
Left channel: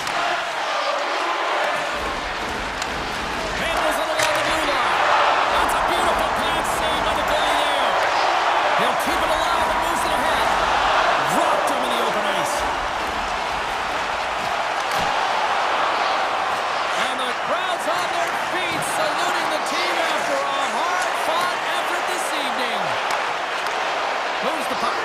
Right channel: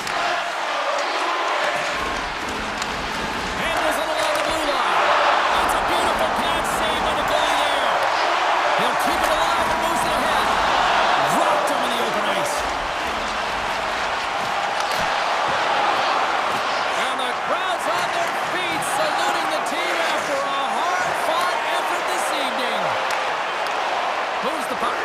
Handles it along the blue line. That's a beautiful pad save by the goalie there. He'll keep it alive and moves it ahead. Dropped him in the open ice. And the crowd's on their feet saluting the team after a hard-fought effort this evening. Moves the puck.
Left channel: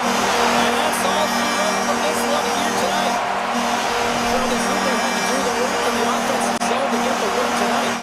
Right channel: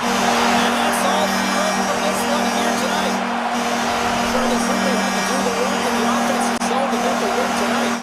And that's all she wrote from this one here tonight. I'm sure they simply had to do the work in the offensive zone to get the win tonight.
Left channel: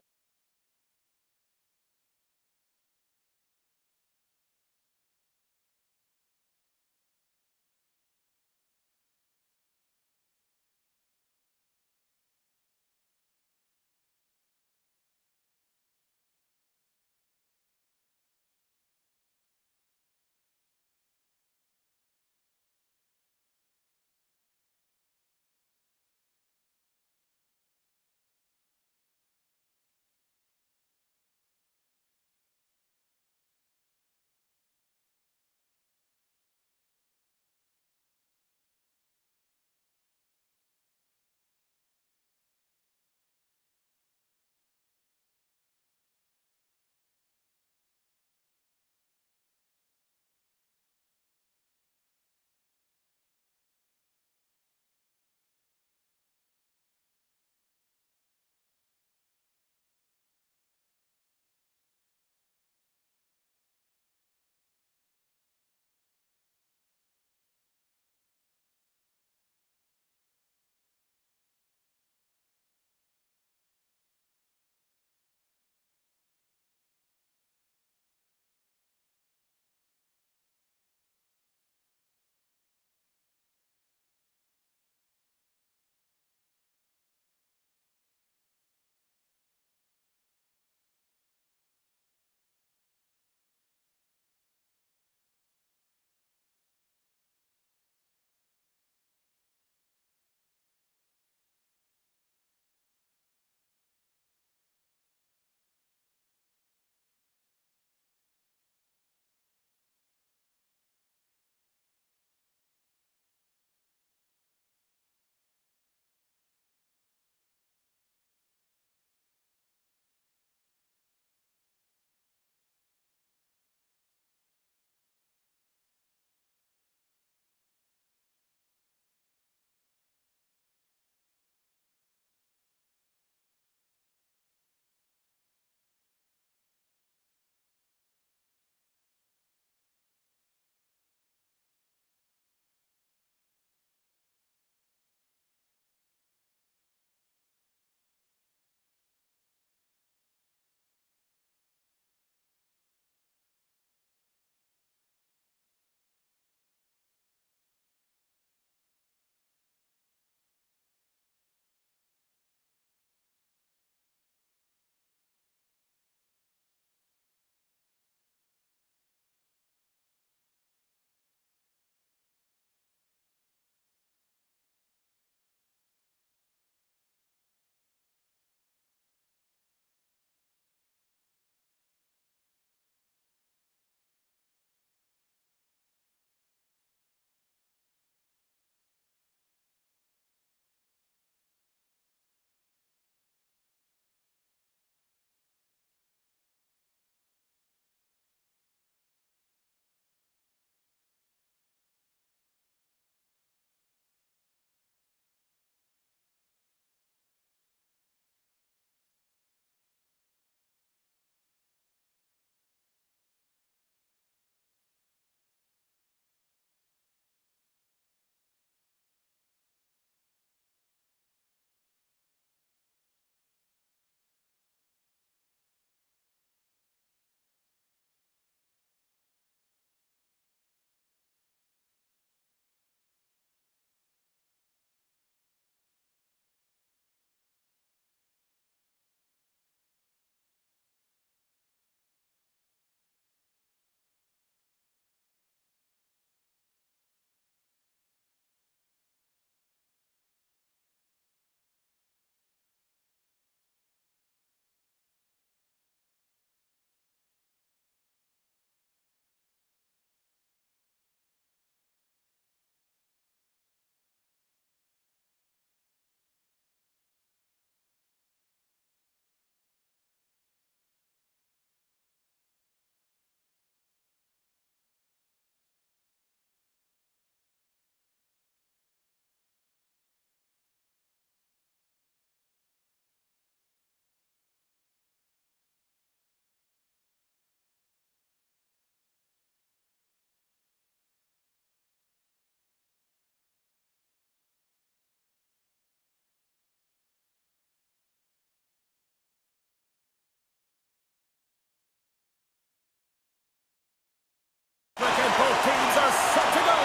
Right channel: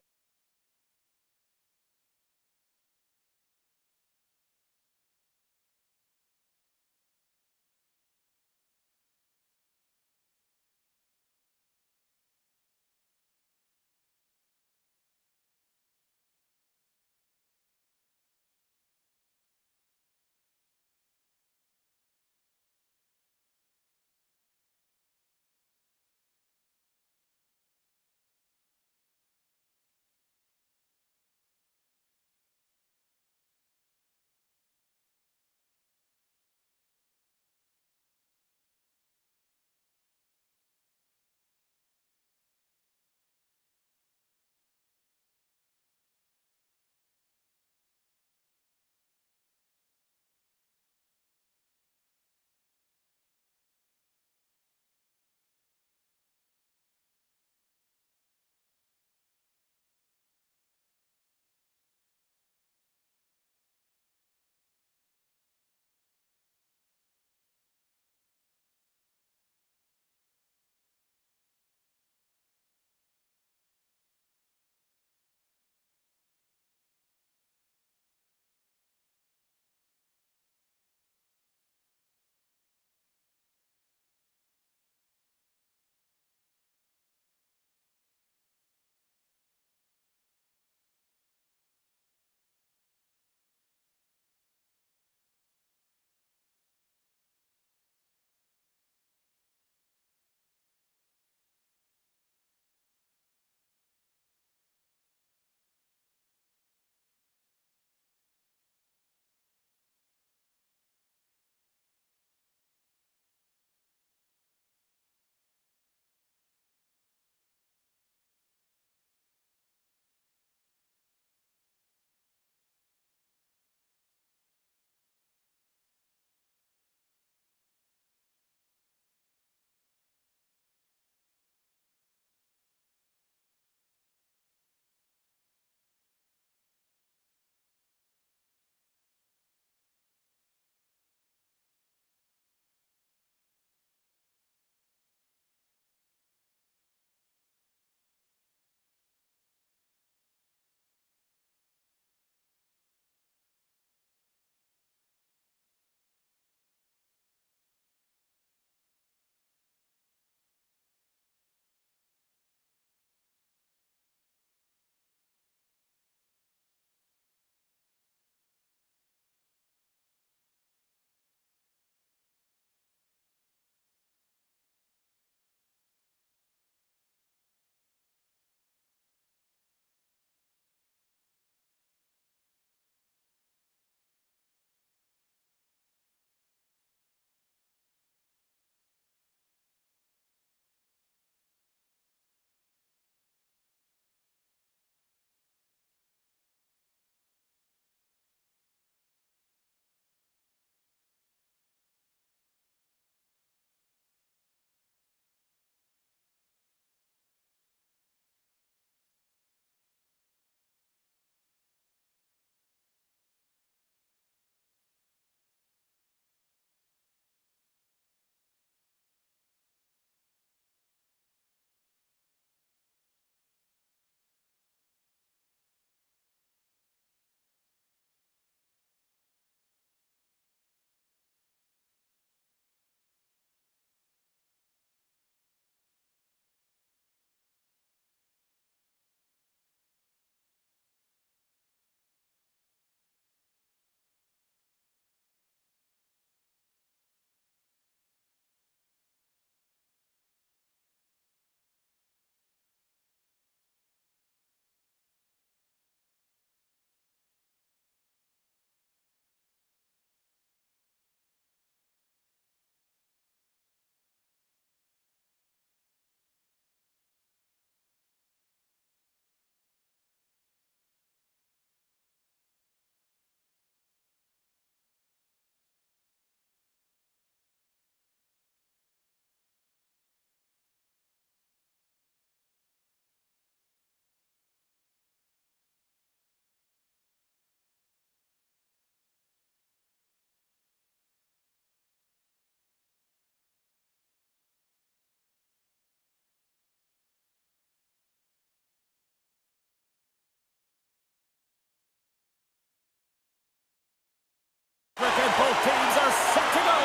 Both teams are set to go.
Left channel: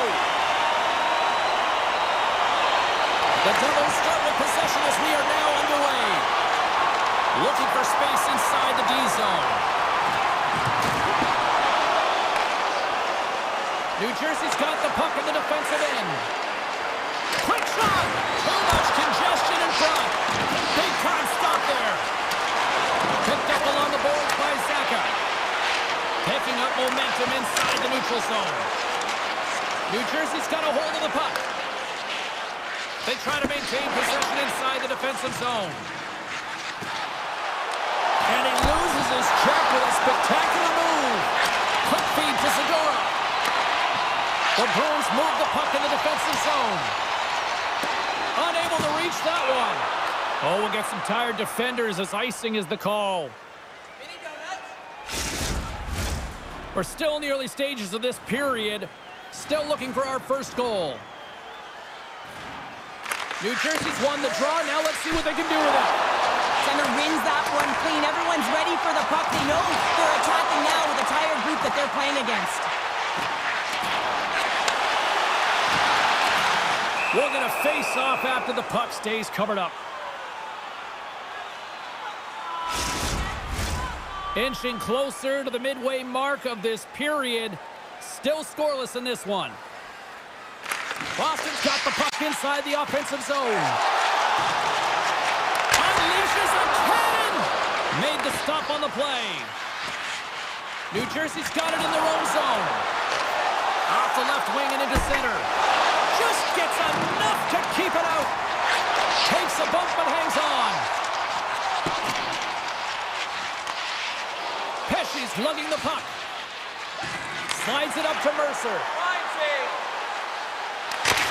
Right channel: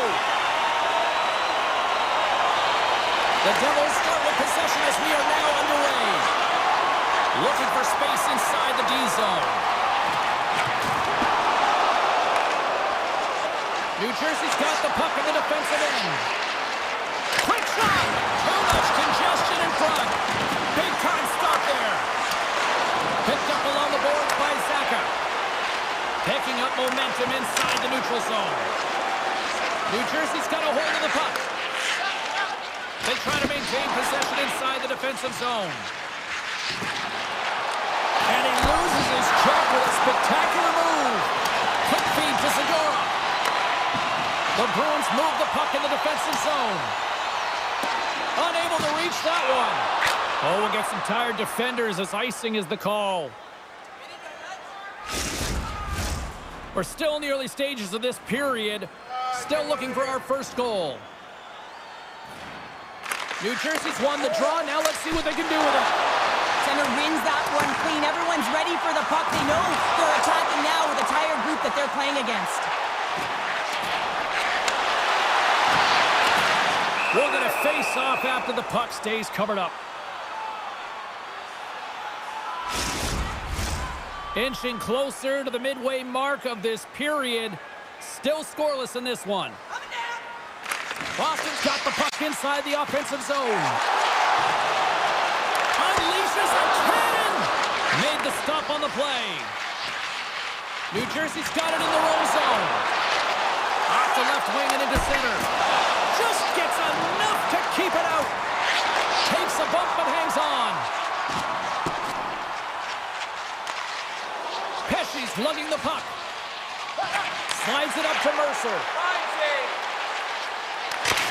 The Devils start with possession as we are now underway. Looking for space inside the D zone. New Jersey's got the puck in the defensive end. Quick shot! Too much congestion in front. Big time stop there. Picked up along the boards by Zaka. Picking up momentum inside the neutral zone. New Jersey's got a hold of the puck. They try to maintain possession inside the defensive zone. And he loses his check with a spectacular move. Quick feed to Zadorov. The Bruins move the puck in the defensive zone. Unable to reach that one. Oh, we'll get some tired defenders as icing is the call. We're still in the early stages of this period. Still looking for our first goal. New Jersey's won the draw. Now let's see what they can do with it. Center wins that one clean. Everyone's ready for the puck. They know they're attacking now with a tired group that they're playing against. We're going to face off after the puck stays covered up. Inching closer to the midway mark of this period. Still scoreless in this one. Boston's got the puck inside the offensive zone. Unleashes a cannon! Made the stop on the play. New Jersey's got it in their own zone. Off the left wing and into center. Just gets enough to keep it out. Takes a bump but hangs on. Pesci's lugging the puck. Slides it up to Mercer.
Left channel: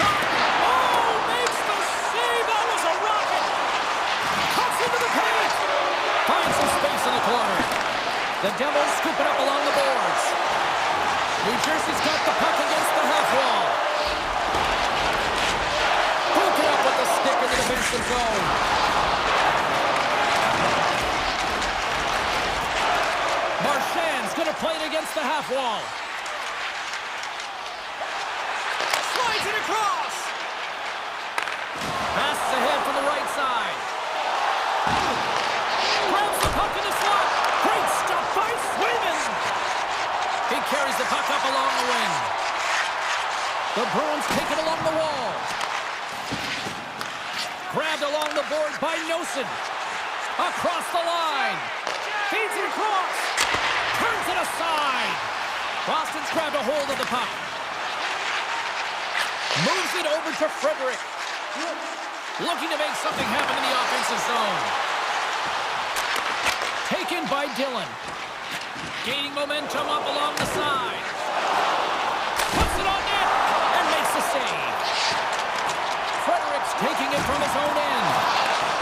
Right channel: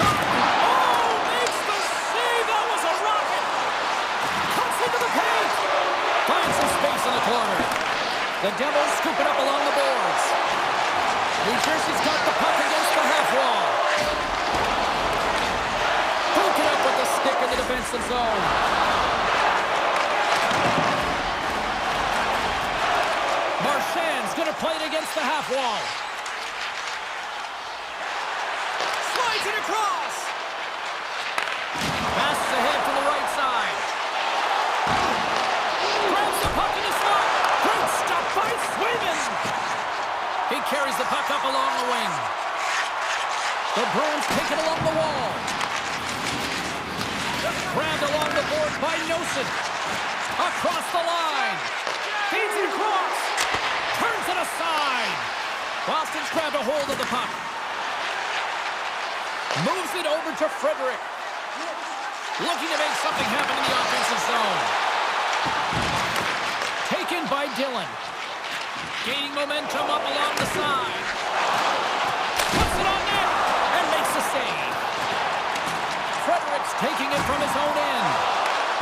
Oh, makes the save. That was a rocket. Cuts into the paint. Finds some space in the corner. The Devils scoop it up along the boards. New Jersey's got the puck against the half wall. Broken up with the stick in the defensive zone. Marchand's going to play it against the half wall. Slides it across. Passes ahead from the right side. Grabs the puck in the slot. Great stop by Swayman. He carries the puck up along the wing. The Bruins take it along the wall. Grabbed along the board by Nosen. Across the line. Feeds it across. Turns it aside. Boston's grabbed a hold of the puck. Moves it over to Frederick. Looking to make something happen in the offensive zone. Taken by Dillon. Gaining momentum up along the side. Puts it on net and makes the save. Frederick's taking it from his own end.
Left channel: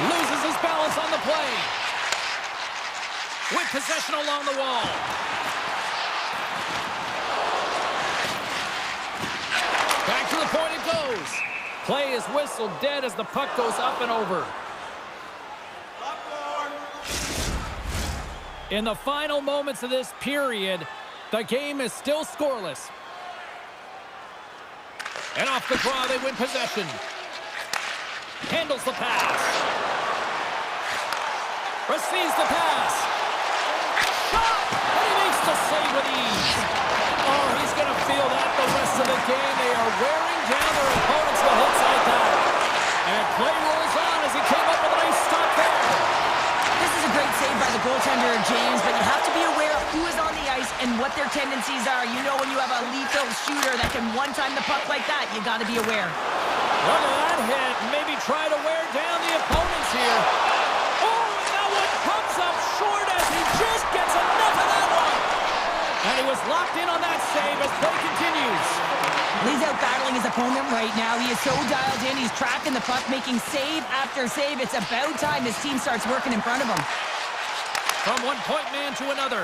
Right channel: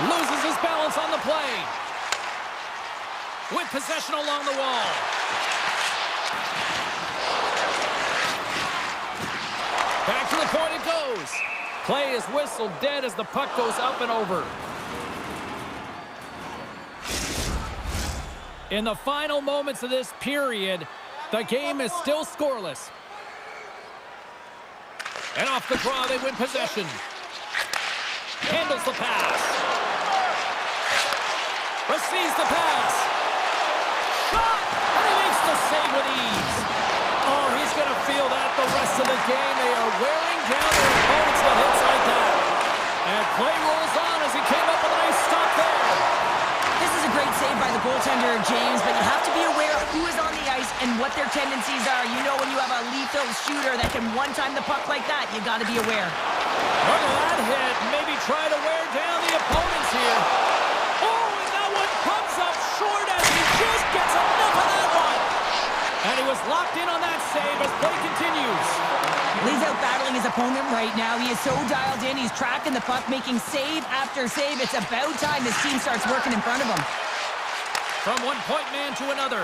Loses his balance on the play. With possession along the wall. Back to the point it goes. Play is whistled dead as the puck goes up and over. In the final moments of this period, the game is still scoreless. And off the draw, they win possession. Handles the pass. Receives the pass. Shot! And he makes the save with ease. Oh, he's going to feel that the rest of the game. They are wearing down their opponents with hits like that. And play rolls on as he came up with a nice stop there. This is a great save by the goaltender, James, but you have to be aware of who is on the ice and what their tendencies are. You know, when you have a lethal shooter that can one-time the puck like that, you got to be aware. Look at that hit. Maybe try to wear down the opponents here. Oh, and that one comes up short as he just gets enough of that one. And he was locked in on that save as play continues. He's out battling his opponent right now. He is so dialed in. He's tracking the puck, making save after save. It's about time his team starts working in front of him. From one-point man to another.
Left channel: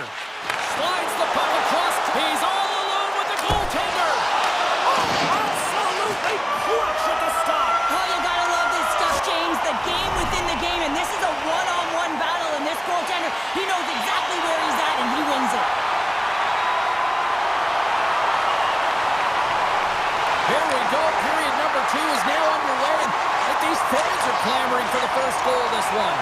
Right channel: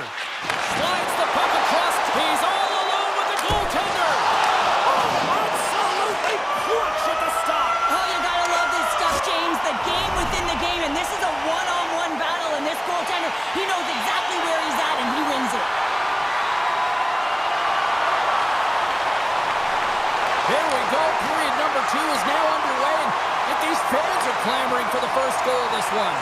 Slides the puck across. He's all alone with the goaltender. Oh, absolutely clutch at the stop. Oh, you gotta love this stuff, James. The game within the game, and this is a one-on-one battle, and this goaltender, he knows exactly where he's at, and he wins it. Here we go. Period number 2 is now underway. And I think these fans are clamoring for the first goal of this one.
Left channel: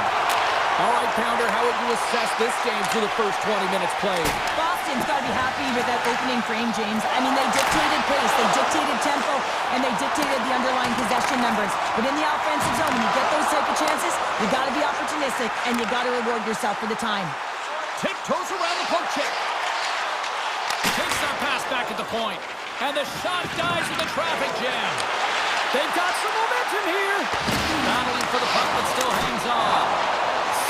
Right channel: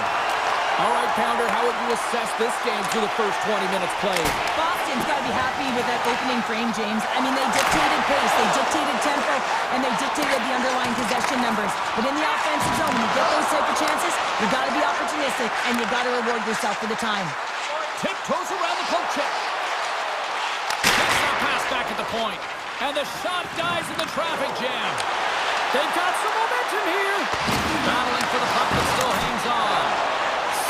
All right, Pounder, how would you assess this game through the first 20 minutes played? Boston's got to be happy with that opening frame, James. I mean, they dictated pace, they dictated tempo, and they dictated the underlying possession numbers. But in the offensive zone, when you get those type of chances, you got to be opportunistic, and you got to reward yourself for the time. Tiptoes around the poke check. Takes that pass back at the point. And the shot dies in the traffic jam. They've got some momentum here. Battling for the puck, but still hangs on.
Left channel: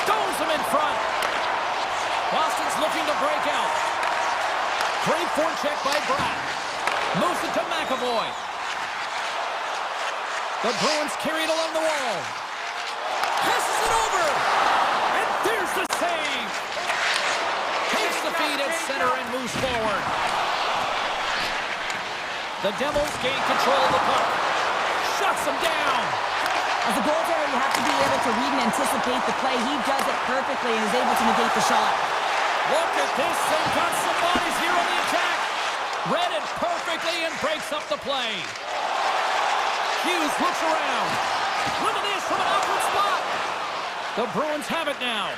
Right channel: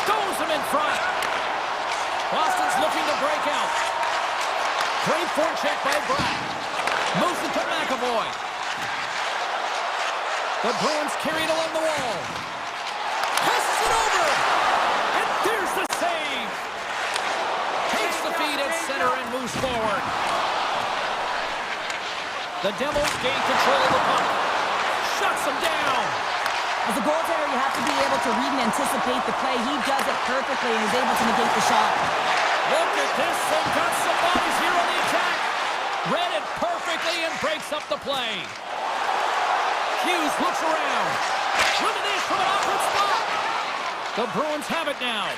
Stones him in front. Boston's looking to break out. Great forecheck by Brad. Moves it to McAvoy. The Bruins carry it along the wall. Passes it over. And there's the save. Takes the feed at center and moves forward. The Devils gain control of the puck. Shuts them down. As a goaltender, you have to be able to read and anticipate the play. He does it perfectly and is able to negate the shot. Look at this. They've got some bodies here on the attack. Read it perfectly and breaks up the play. Hughes looks around. Look at this from an awkward spot. The Bruins have it now.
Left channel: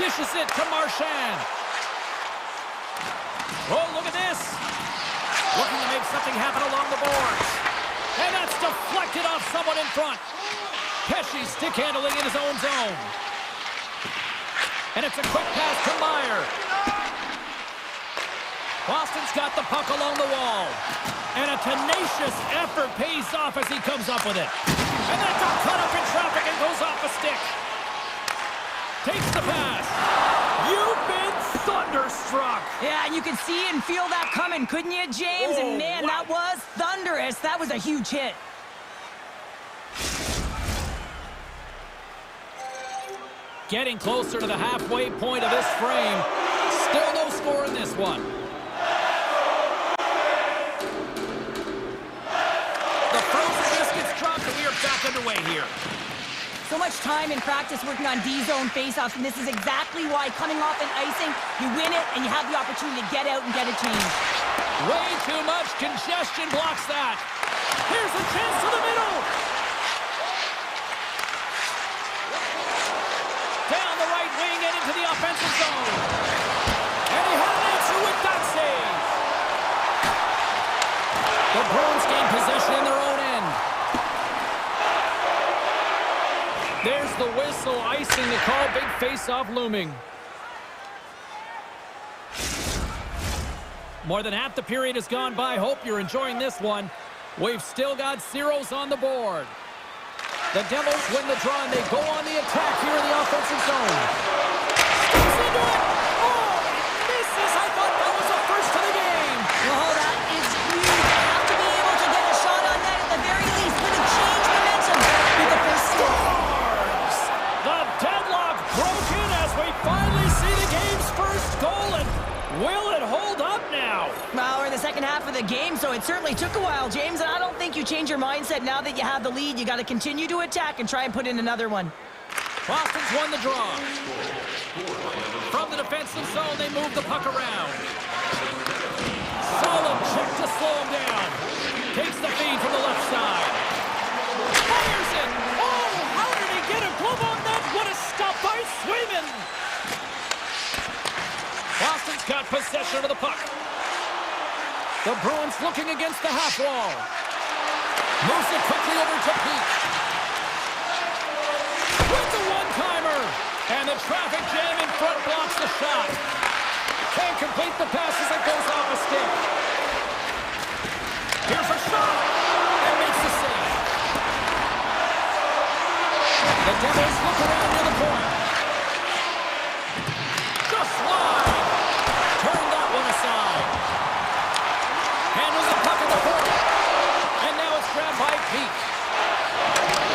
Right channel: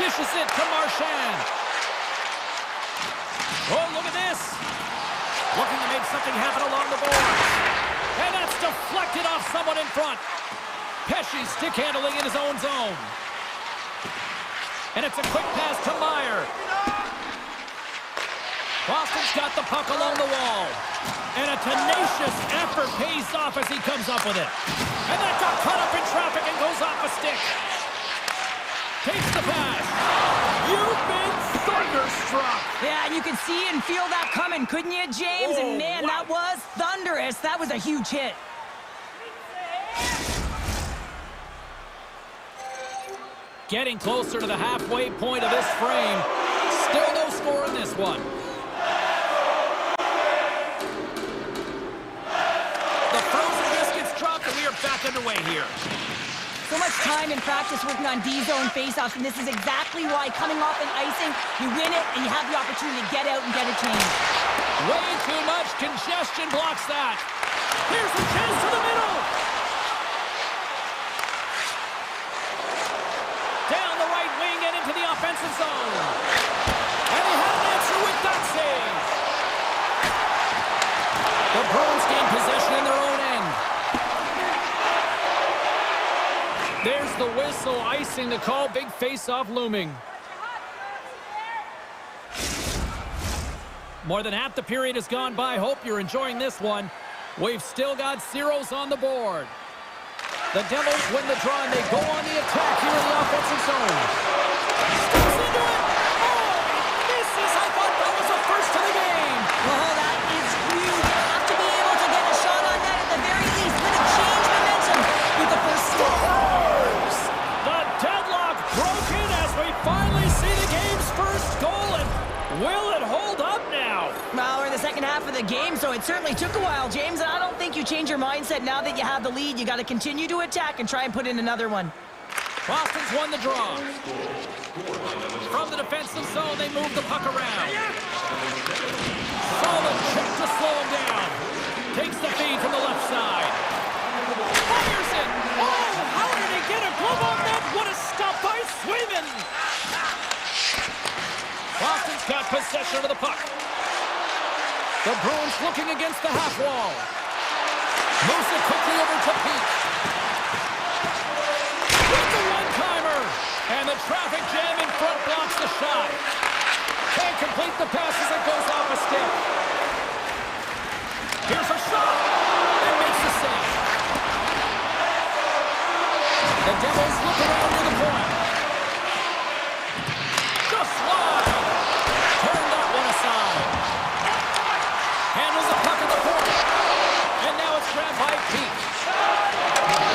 Dishes it to Marchand. Oh, look at this. Looking to make something happen along the boards. And that's deflected off someone in front. Pesci stick handling in his own zone. And it's a quick pass to Meyer. Boston's got the puck along the wall. And a tenacious effort pays off as he comes up with it. And that got caught up in traffic and goes off a stick. Takes the pass. You've been thunderstruck. Yeah, and you can see and feel that coming, couldn't you, James? Oh, and man, wow. that was thunderous. That was a huge hit. Getting closer to the halfway point of this frame. Still no score in this one. The frozen biscuits dropped and we are back underway here. So much time in practice working on D-zone faceoffs, and this is exactly why coming off an icing, you win it and you have the opportunity to get out and get a change. Way too much congestion blocks that. Here's a chance to the middle. Down the right wing and into the offensive zone. And he had an answer with that save. The Bruins gain possession in their own end. There's the whistle, icing the call, big face-off looming. More than half the period has gone by. Hope you're enjoying this one. We've still got zeros on the board. The Devils win the draw, and they go on the attack here in the offensive zone. Steps into it. Oh, he misses. I thought that was a first to the game. Well, that is huge. You have to be able to get a shot on that at the very least. Could have changed momentum with the first step. The deadlock broken as we finally see the game's first goal, and will it hold up now? Well, we're in the second half of the game, so it certainly took a while, James, and I don't think you change your mindset now that you have the lead. You got to continue to attack and try and put in another one. Boston's won the draw. From the defensive zone, they move the puck around. Solid check to slow him down. Takes the feed from the left side. Fires it. Oh, how did he get a glove on that? What a stop by Swayman. Boston's got possession of the puck. The Bruins looking against the half wall. Moves it quickly over to Peak. With the one-timer. And the traffic jam in front blocks the shot. Can't complete the pass as it goes off a stick. Here's a shot. And makes the save. The Devils look around near the point. Just wide. Turn that one aside. Handles the puck at the point. And now it's grabbed by Peak.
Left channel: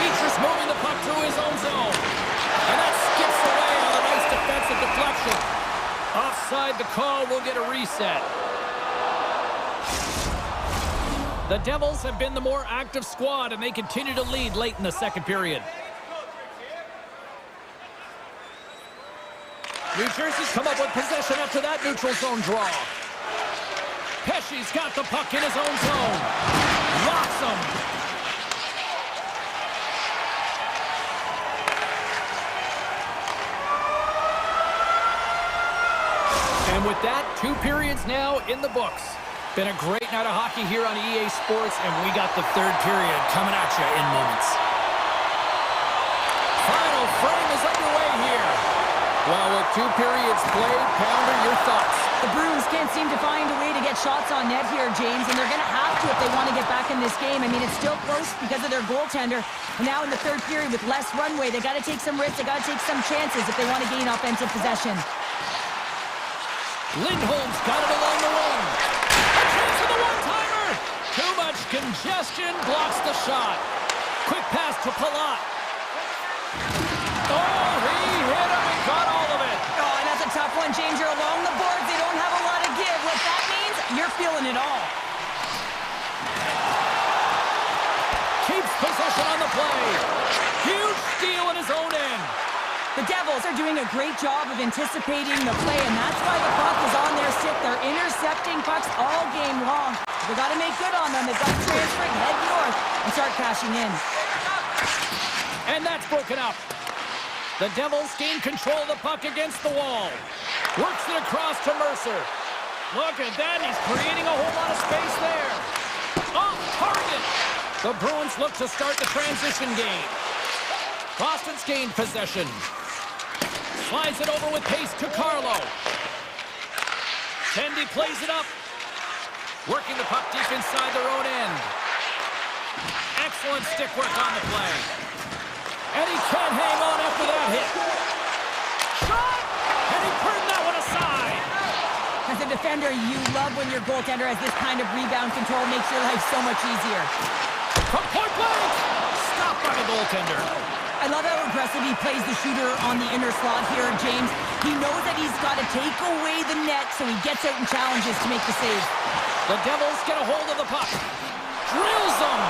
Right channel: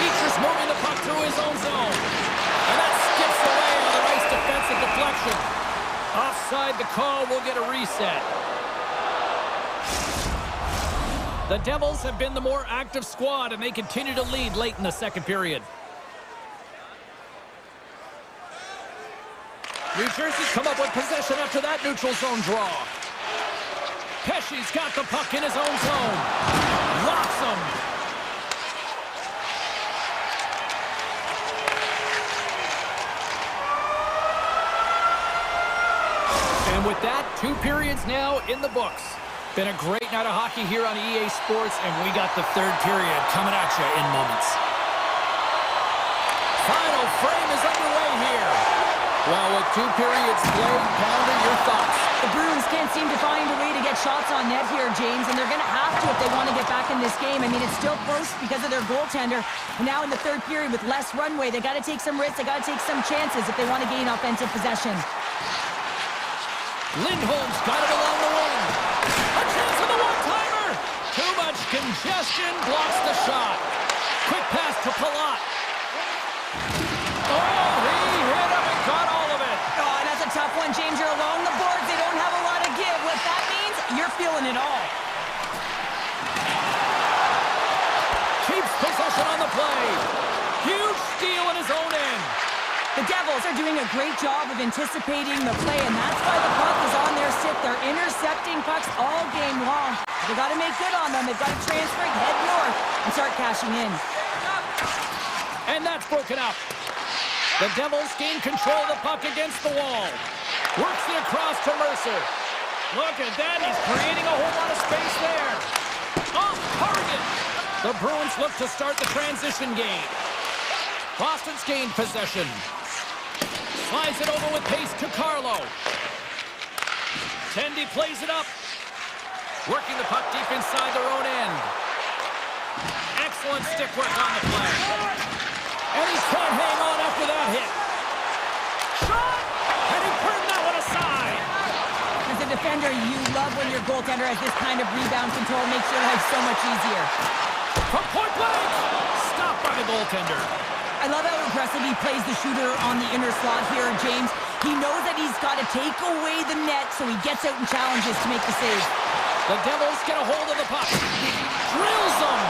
Beecher's moving the puck through his own zone. And that skips away on a nice defensive deflection. Offside the call, will get a reset. The Devils have been the more active squad, and they continue to lead late in the second period. New Jersey's come up with possession after that neutral zone draw. Pesci's got the puck in his own zone. clocks him. And with that, 2 periods now in the books. Been a great night of hockey here on EA Sports, and we got the 3rd period coming at you in moments. Final frame is underway here. Well, with 2 periods played, Pounder, your thoughts? The Bruins can't seem to find a way to get shots on net here, James, and they're going to have to if they want to get back in this game. I mean, it's still close because of their goaltender. And now in the 3rd period with less runway, they got to take some risks, they got to take some chances if they want to gain offensive possession. Lindholm's got it along the wing. A chance for the one-timer. Too much congestion blocks the shot. Quick pass to Palat. Oh, he hit him and got all of it. Oh, and that's a tough one, James. You're along the boards. They don't have a lot of give. What that means, you're feeling it all. Keeps possession on the play. Huge steal in his own end. The Devils are doing a great job of anticipating the play, and that's why the puck is on their stick. They're intercepting pucks all game long. They've got to make good on them. They've got to transfer it, head north, and start cashing in. And that's broken up. The Devils gain control of the puck against the wall. Works it across to Mercer. Look at that. He's creating a whole lot of space there. Off target. The Bruins look to start the transition game. Boston's gained possession. Slides it over with pace to Carlo. Tendy plays it up. Working the puck deep inside their own end. Excellent stick work on the play. And he can't hang on after that hit. Shot! And he turned that one aside. As a defender, you love when your goaltender has this kind of rebound control. Makes your life so much easier. From point blank! Stopped by the goaltender. I love how aggressive he plays the shooter on the inner slot here, James. He knows that he's got to take away the net, so he gets out and challenges to make the save. The Devils get a hold of the puck. Drills them.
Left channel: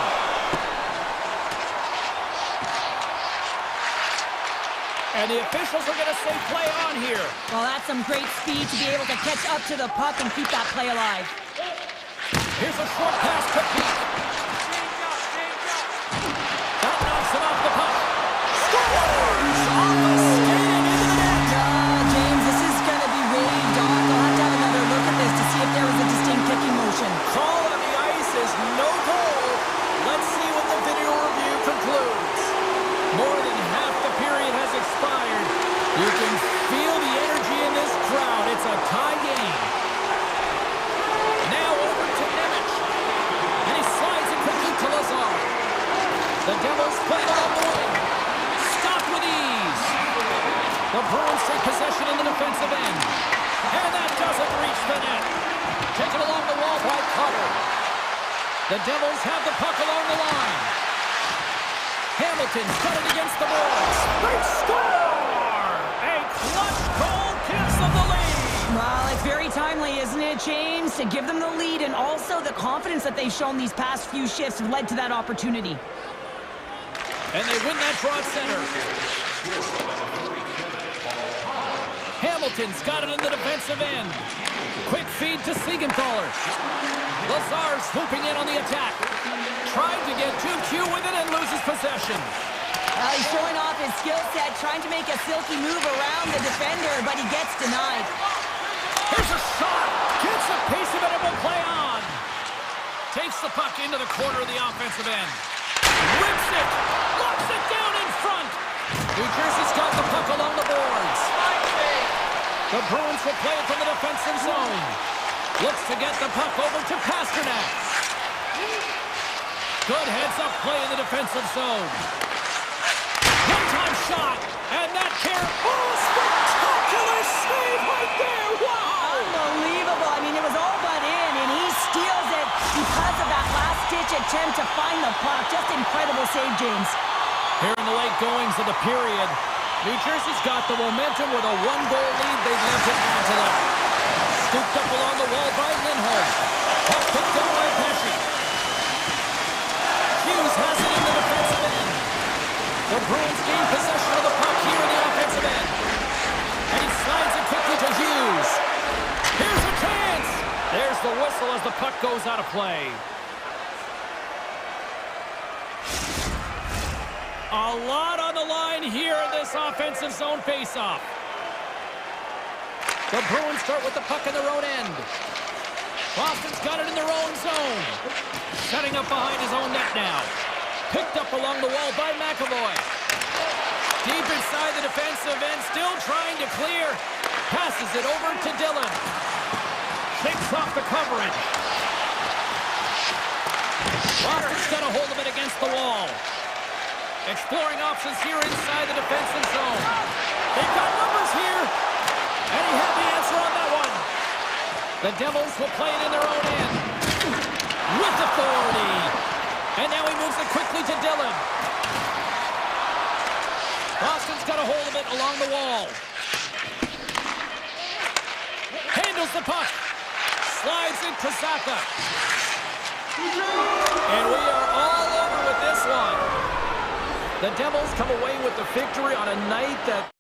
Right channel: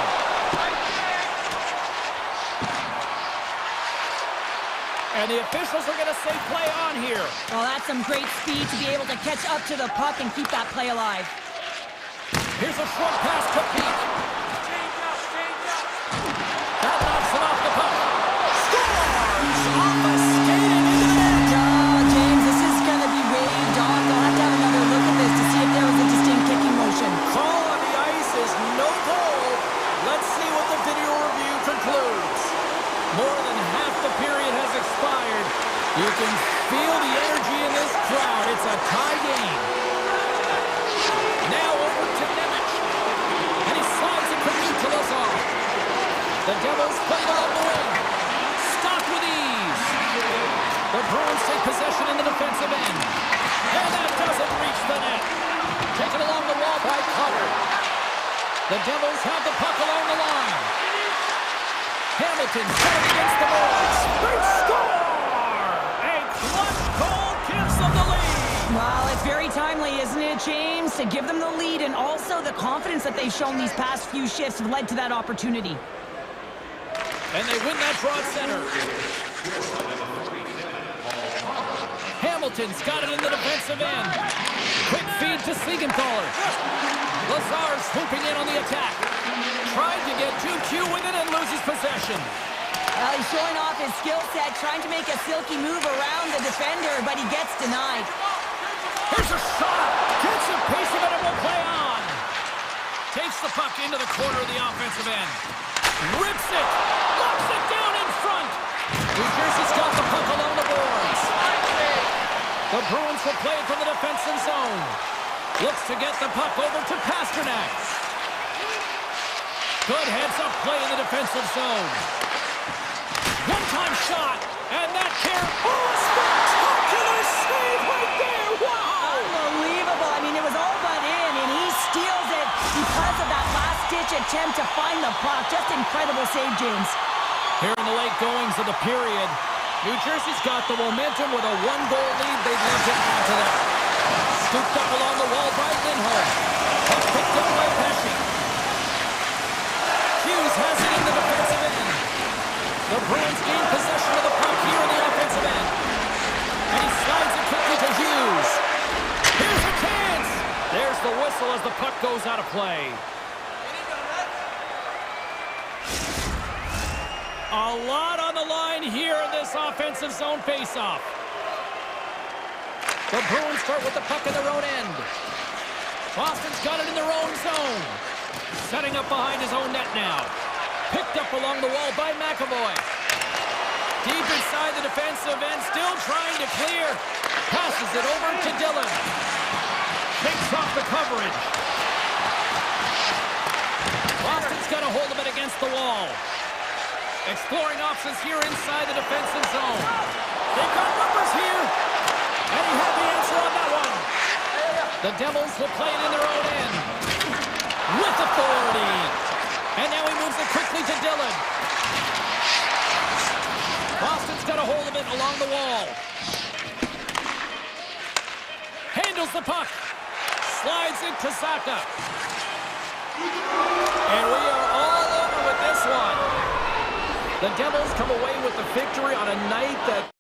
And the officials are going to say play on here. Well, that's some great speed to be able to catch up to the puck and keep that play alive. Here's a short pass to Pete. That knocks him off the puck. Scores! Off a skate and into the net. Oh, James, this is going to be waved off. They'll have to have another look at this to see if there was a distinct kicking motion. Call on the ice is no goal. Let's see what the video review concludes. More than half the period has expired. You can feel the energy in this crowd. It's a tie game. Now over to Nemec. And he slides it quickly to Lazar. The Devils play it on the wing. Stopped with ease. The Bruins take possession in the defensive end. And that doesn't reach the net. Taken along the wall by Cutter. The Devils have the puck along the line. Hamilton's got it against the boards. They score! A clutch goal gives them the lead. Well, it's very timely, isn't it, James? To give them the lead, and also the confidence that they've shown these past few shifts have led to that opportunity. And they win that draw at center. Hamilton's got it in the defensive end. Quick feed to Siegenthaler. Lazar's swooping in on the attack. Tried to get 2Q with it and loses possession. Well, he's showing off his skill set, trying to make a silky move around the defender, but he gets denied. Here's a shot. Gets a piece of it and will play on. Takes the puck into the corner of the offensive end. Rips it. Locks it down in front. New Jersey's got the puck along the boards. The Bruins will play it from the defensive zone. Looks to get the puck over to Pasternak. Good heads-up play in the defensive zone. One-time shot, and that care. Oh, a spectacular save right there! Wow! Unbelievable. I mean, it was all but in, and he steals it because of that last-ditch attempt to find the puck. Just incredible save, James. Here in the late goings of the period, New Jersey's got the momentum with a one-goal lead. They'd love to add to that. Scooped up along the wall by Lindholm. Puck picked up by Pesci. Hughes has it in the defensive end. The Bruins gain possession of the puck here in the offensive end. And he slides it quickly to Hughes. Here's a chance. There's the whistle as the puck goes out of play. A lot on the line here in this offensive zone faceoff. The Bruins start with the puck in their own end. Boston's got it in their own zone. Setting up behind his own net now. Picked up along the wall by McAvoy. Deep inside the defensive end, still trying to clear. Passes it over to Dillon. Shakes off the coverage. Boston's got a hold of it against the wall. Exploring options here inside the defensive zone. They've got numbers here. And he had the answer on that one. The Devils will play it in their own end. With authority. And now he moves it quickly to Dillon. Boston's got a hold of it along the wall. Handles the puck. Slides it to Saka. And we are all over with this one. The Devils come away with the victory on a night that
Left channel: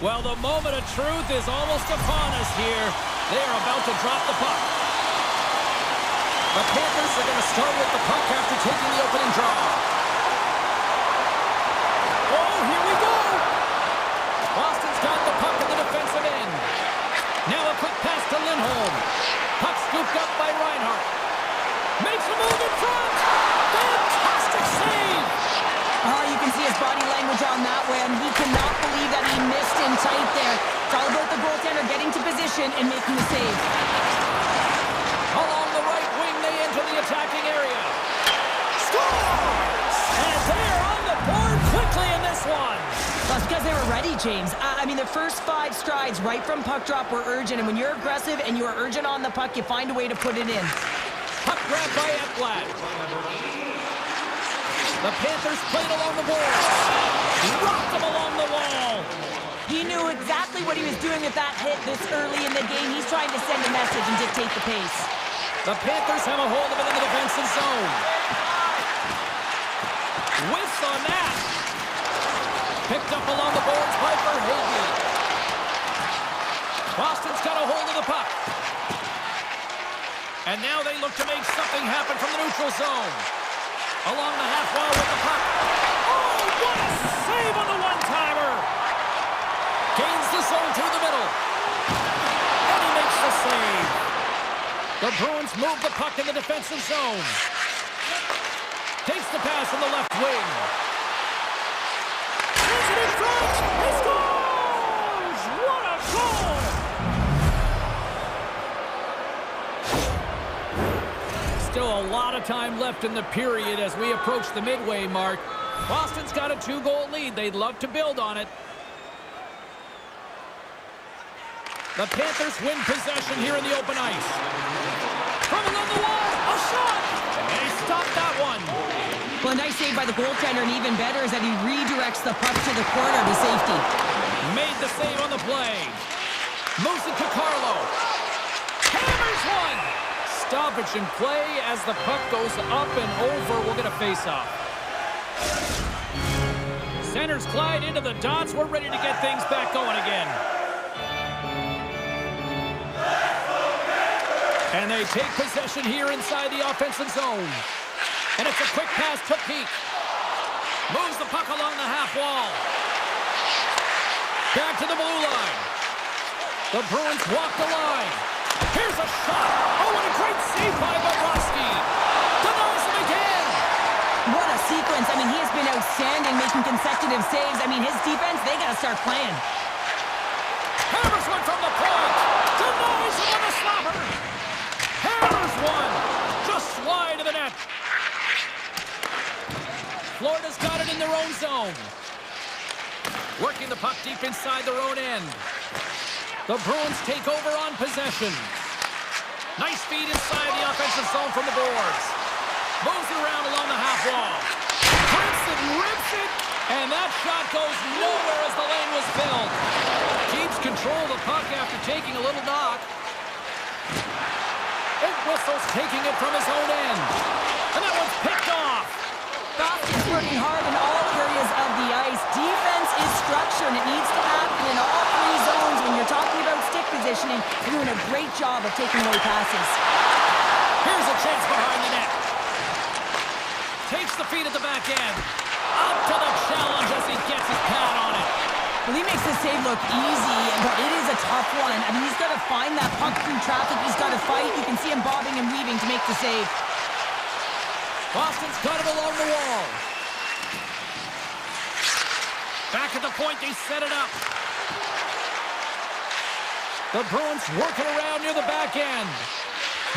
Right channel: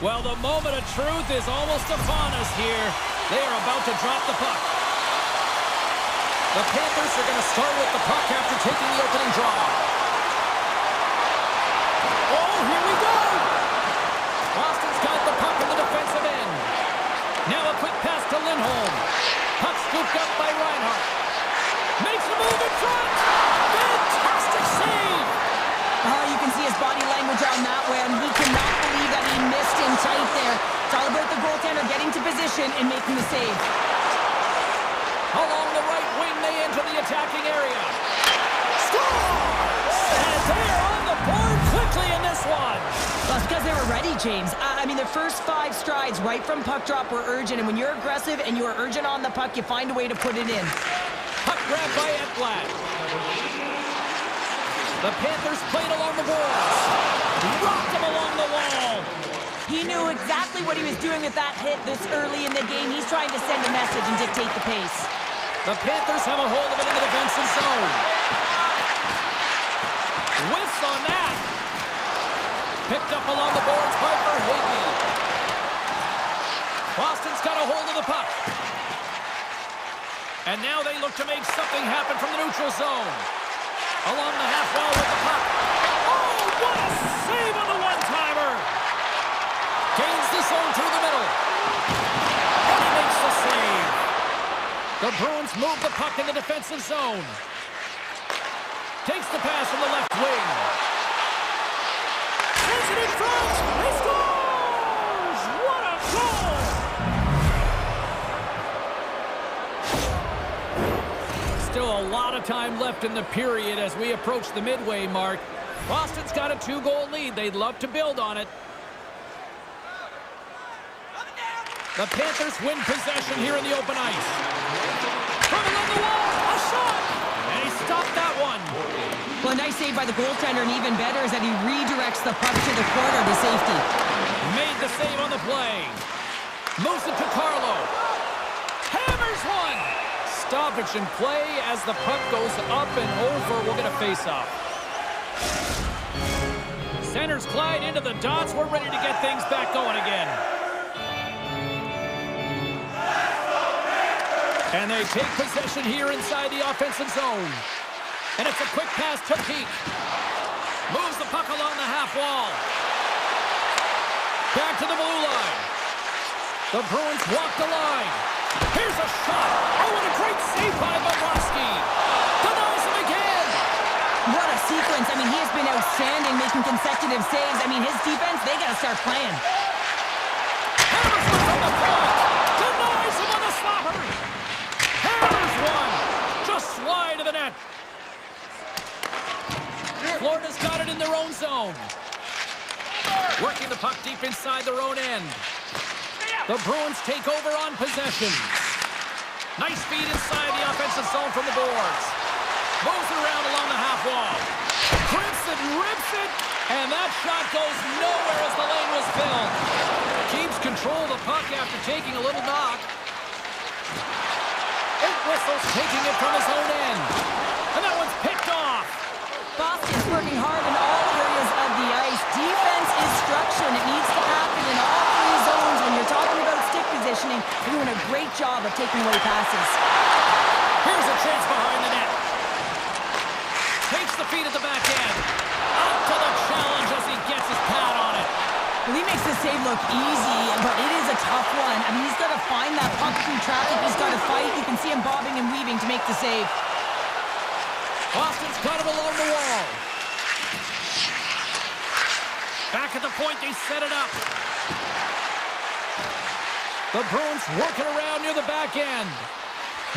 Well, the moment of truth is almost upon us here. They are about to drop the puck. The Panthers are going to start with the puck after taking the opening draw. Oh, here we go! Boston's got the puck in the defensive end. Now a quick pass to Lindholm. Puck scooped up by Reinhart. Makes a move in front! Fantastic save! Oh, you can see his body language on that one. He cannot believe that he missed in tight there. It's all about the goaltender getting to position and making the save. Along the right wing, they enter the attacking area. Scores! And they're on the board quickly in this one. That's because they were ready, James. I mean, the first 5 strides right from puck drop were urgent, and when you're aggressive and you are urgent on the puck, you find a way to put it in. Puck grab by Ekblad. The Panthers played along the boards. Rocked him along the wall. He knew exactly what he was doing with that hit this early in the game. He's trying to send a message and dictate the pace. The Panthers have a hold of it in the defensive zone. Whiffs on that. Picked up along the boards by Verhaeghe. Boston's got a hold of the puck. And now they look to make something happen from the neutral zone. Along the half wall with the puck. Oh, what a save on the one-timer! Gains the zone through the middle. And he makes the save. The Bruins move the puck in the defensive zone. Takes the pass from the left wing. Sends it in front. He scores! What a goal! Still a lot of time left in the period as we approach the midway mark. Boston's got a 2-goal lead. They'd love to build on it. The Panthers win possession here in the open ice. From along the wall, a shot! And he stopped that one. Well, a nice save by the goaltender, and even better is that he redirects the puck to the corner to safety. Made the save on the play. Moves it to Carlo. Hammers one! Stoppage in play as the puck goes up and over. We'll get a face-off. Centers glide into the dots. We're ready to get things back going again. And they take possession here inside the offensive zone. And it's a quick pass to Peak. Moves the puck along the half wall. Back to the blue line. The Bruins walk the line. Here's a shot. Oh, and a great save by Bobrovsky. Denies him again. What a sequence. I mean, he has been outstanding making consecutive saves. I mean, his defense, they got to start playing. Hammers one from the point. Denies him on the slapper. Hammers one. Just wide of the net. Florida's got it in their own zone. Working the puck deep inside their own end. The Bruins take over on possession. Nice feed inside the offensive zone from the boards. Moves it around along the half wall. Crimps it, rips it, and that shot goes nowhere as the lane was filled. Keeps control of the puck after taking a little knock. It whistles, taking it from his own end. And that one's picked off. Boston's working hard in all areas of the ice. Defense is structure, and it needs to happen in all 3 zones. When you're talking about stick positioning, they're doing a great job of taking away passes. Here's a chance behind the net. Takes the feed at the back end. Up to the challenge as he gets his pad on it. Well, he makes the save look easy, but it is a tough one. I mean, he's got to find that puck through traffic. He's got to fight. You can see him bobbing and weaving to make the save. Boston's got him along the wall. Back at the point, they set it up. The Bruins working around near the back end.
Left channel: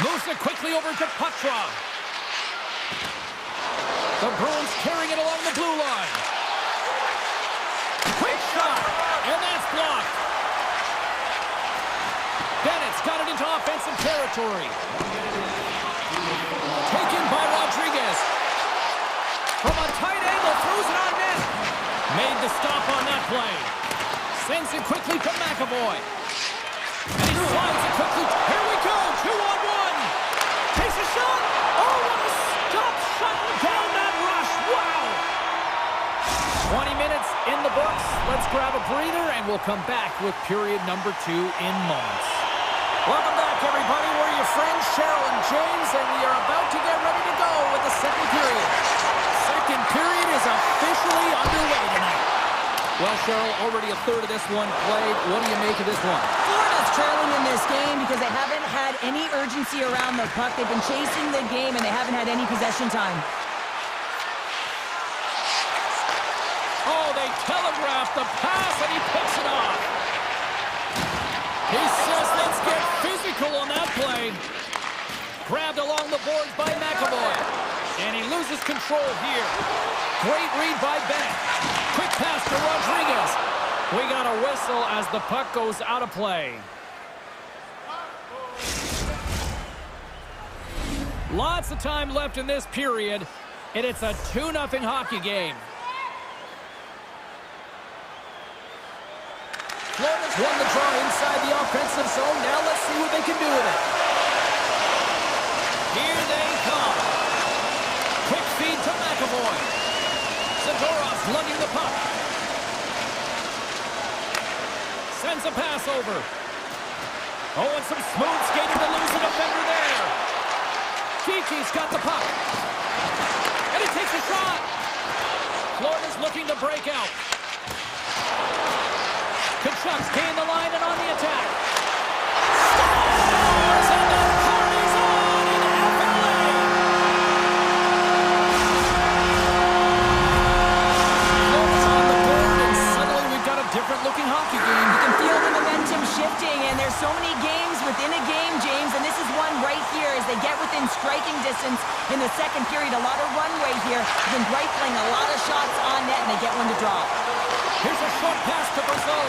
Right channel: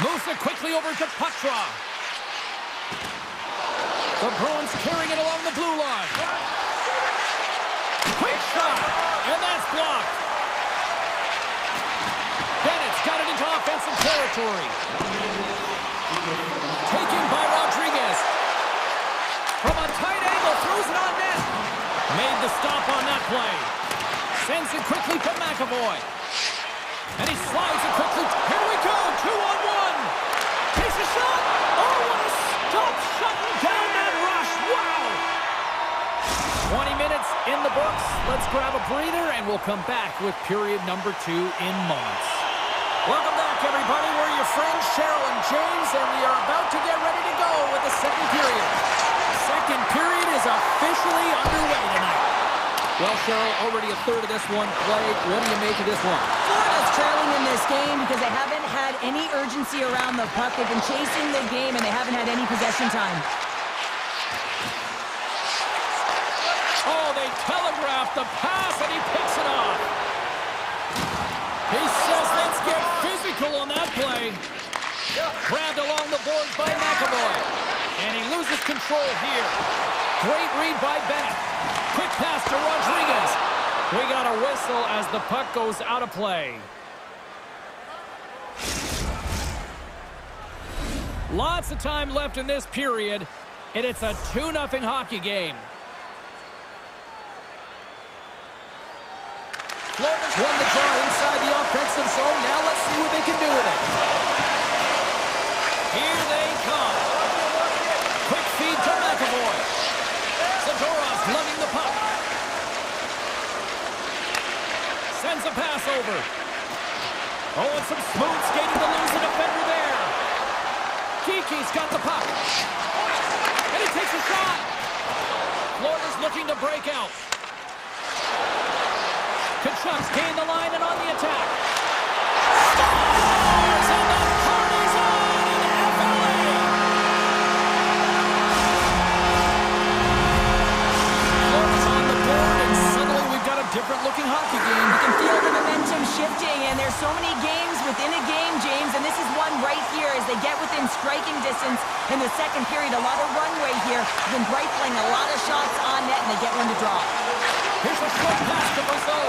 Moves it quickly over to Patra. The Bruins carrying it along the blue line. Quick shot, and that's blocked. Bennett's got it into offensive territory. Taken by Rodriguez. From a tight angle, throws it on net. Made the stop on that play. Sends it quickly to McAvoy. And he slides it quickly. Here we go, 2-on-1. Takes a shot. Oh, what a stop, shutting down that rush. Wow. 20 minutes minutes in the books. Let's grab a breather, and we'll come back with period number 2 in moments. Welcome back, everybody. We're your friends, Cheryl and James, and we are about to get ready to go with the second period. Second period is officially underway tonight. Well, Cheryl, already a third of this one played. What do you make of this one? Florida's trailing in this game because they haven't had any urgency around the puck. They've been chasing the game, and they haven't had any possession time. Oh, they telegraphed the pass, and he picks it off. He says, let's get physical on that play. Grabbed along the boards by McAvoy. And he loses control here. Great read by Bennett. Quick pass to Rodriguez. We got a whistle as the puck goes out of play. Lots of time left in this period, and it's a 2-0 hockey game. Florida's won the draw inside the offensive zone. Now let's see what they can do with it. Here they come. Quick feed to McAvoy. Zadorov's lugging the puck. Sends a pass over. Oh, and some smooth skating to lose a defender there. Kiki's got the puck. And he takes a shot. Florida's looking to break out. Kachuk's gained the line and on the attack. Scores! And the party's on in FLA! Florida's on the board, and suddenly we've got a different-looking hockey game. You can feel the momentum shifting, and there's so many games within a game, James, and this is one right here as they get within striking distance in the second period. A lot of runway here. They've been rifling a lot of shots on net, and they get one to drop. Here's a short pass to Brazeau.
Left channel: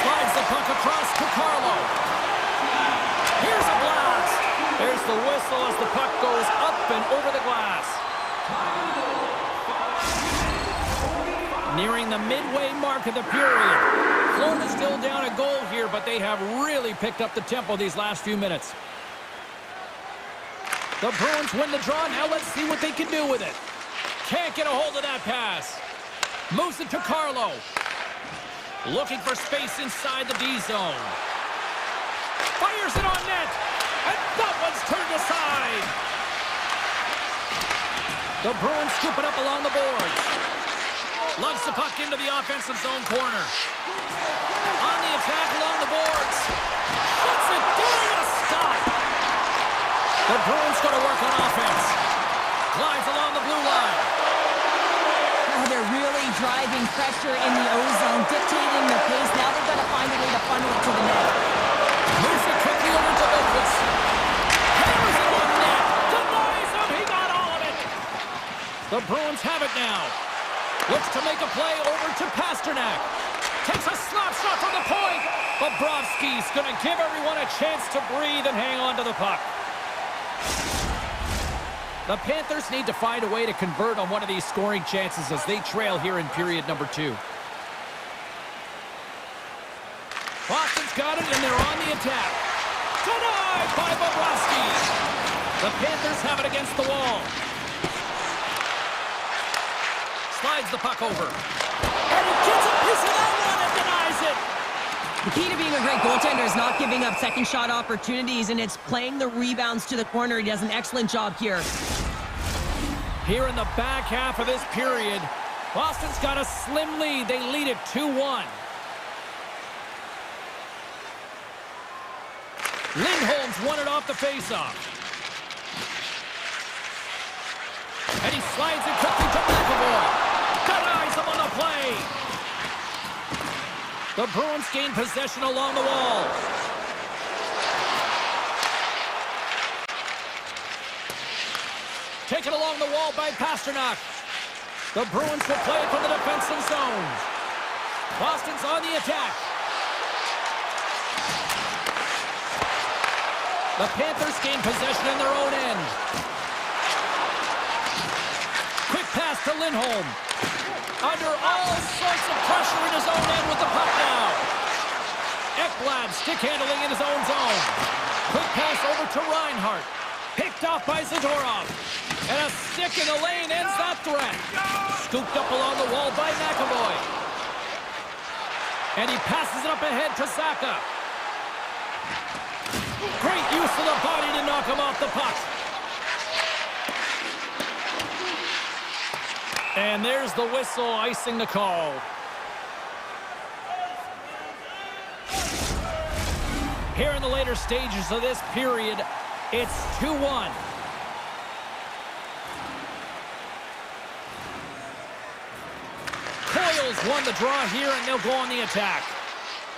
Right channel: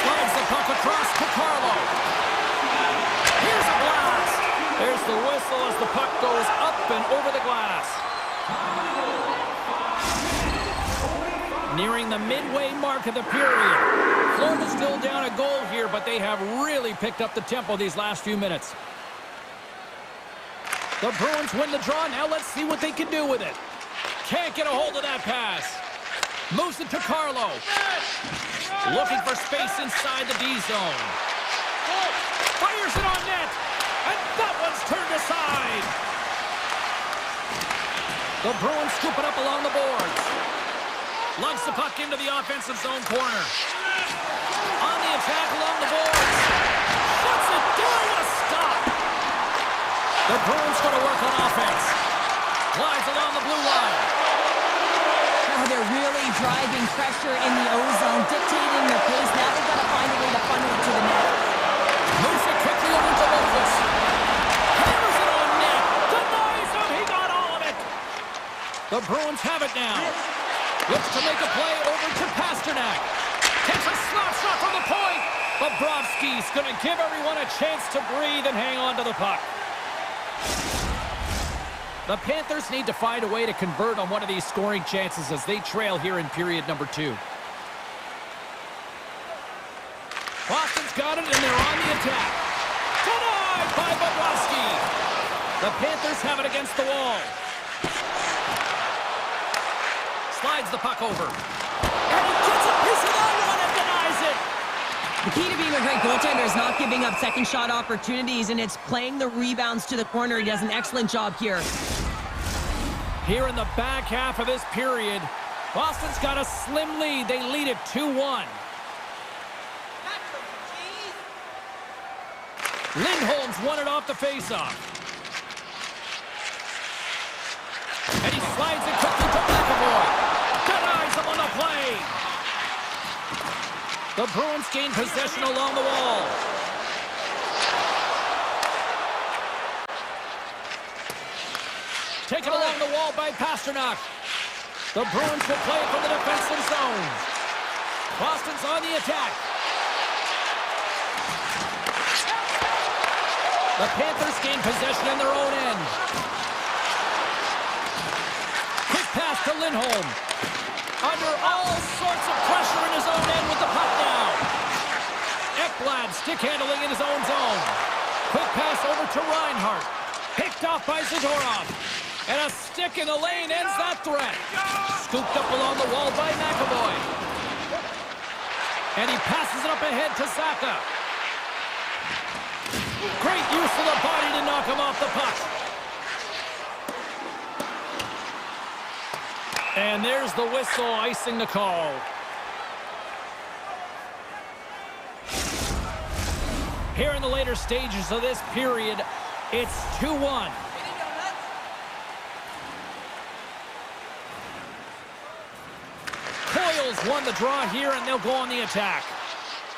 Slides the puck across to Carlo. Here's a blast. There's the whistle as the puck goes up and over the glass. Nearing the midway mark of the period. Florida's still down a goal here, but they have really picked up the tempo these last few minutes. The Bruins win the draw. Now let's see what they can do with it. Can't get a hold of that pass. Moves it to Carlo. Looking for space inside the D zone. Fires it on net. And that one's turned aside. The Bruins scoop it up along the boards. Lugs the puck into the offensive zone corner. On the attack along the boards. Shuts it down with a stop. The Bruins go to work on offense. Glides along the blue line. Oh, they're really driving pressure in the O-zone, dictating the pace. Now they've got to find a way to funnel it to the net. Moves it quickly over to Lopez. Hammers it on net. Denies him. He got all of it. The Bruins have it now. Looks to make a play over to Pasternak. Takes a slap shot from the point. Bobrovsky's going to give everyone a chance to breathe and hang on to the puck. The Panthers need to find a way to convert on one of these scoring chances as they trail here in period number 2. Boston's got it, and they're on the attack. Denied by Bobrovsky. The Panthers have it against the wall. Slides the puck over. And he gets a piece of that one and denies it. The key to being a great goaltender is not giving up second shot opportunities, and it's playing the rebounds to the corner. He does an excellent job here. Here in the back half of this period, Boston's got a slim lead. They lead it 2-1. Lindholm's won it off the faceoff. And he slides it quickly to McAvoy. Denies him on the play. The Bruins gain possession along the wall. Taken along the wall by Pasternak. The Bruins will play it from the defensive zone. Boston's on the attack. The Panthers gain possession in their own end. Quick pass to Lindholm. Under all sorts of pressure in his own end with the puck now. Ekblad stick handling in his own zone. Quick pass over to Reinhart. Picked off by Zadorov. And a stick in the lane ends that threat. Scooped up along the wall by McAvoy. And he passes it up ahead to Zaka. Great use of the body to knock him off the puck. And there's the whistle, icing the call. Here in the later stages of this period, it's 2-1. Coils won the draw here, and they'll go on the attack.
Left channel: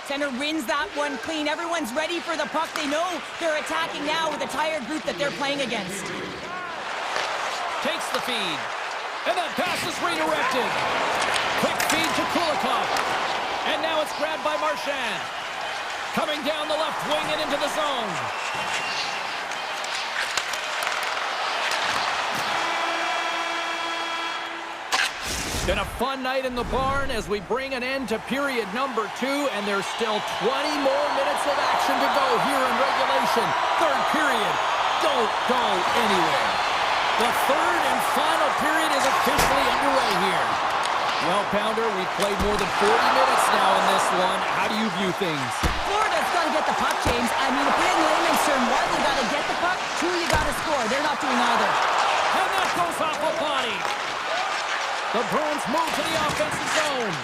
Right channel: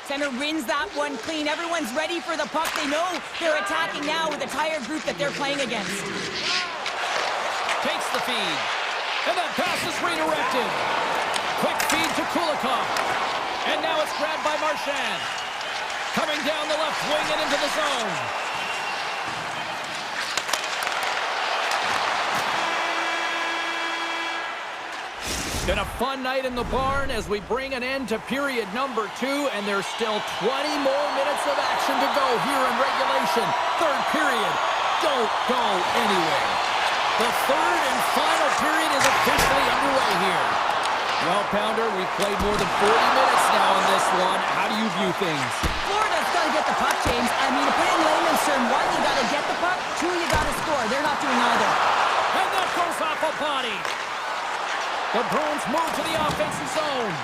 Center wins that one clean. Everyone's ready for the puck. They know they're attacking now with a tired group that they're playing against. Takes the feed. And that pass is redirected. Quick feed to Kulikov. And now it's grabbed by Marchand. Coming down the left wing and into the zone. Been a fun night in the barn as we bring an end to period number 2, and there's still 20 more minutes of action to go here in regulation. Third period. Don't go anywhere. The third and final period is officially underway here. Well, Pounder, we've played more than 40 minutes now in this one. How do you view things? Florida's got to get the puck, James. I mean, to put it in layman's term, 1, you got to get the puck, 2, you got to score. They're not doing either. And that goes off a body. The Bruins move to the offensive zone.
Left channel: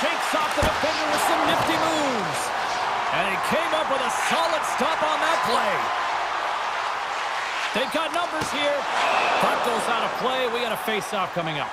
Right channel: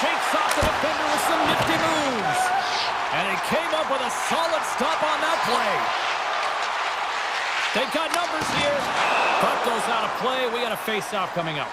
Shakes off the defender with some nifty moves. And he came up with a solid stop on that play. They've got numbers here. Puck goes out of play. We got a face-off coming up.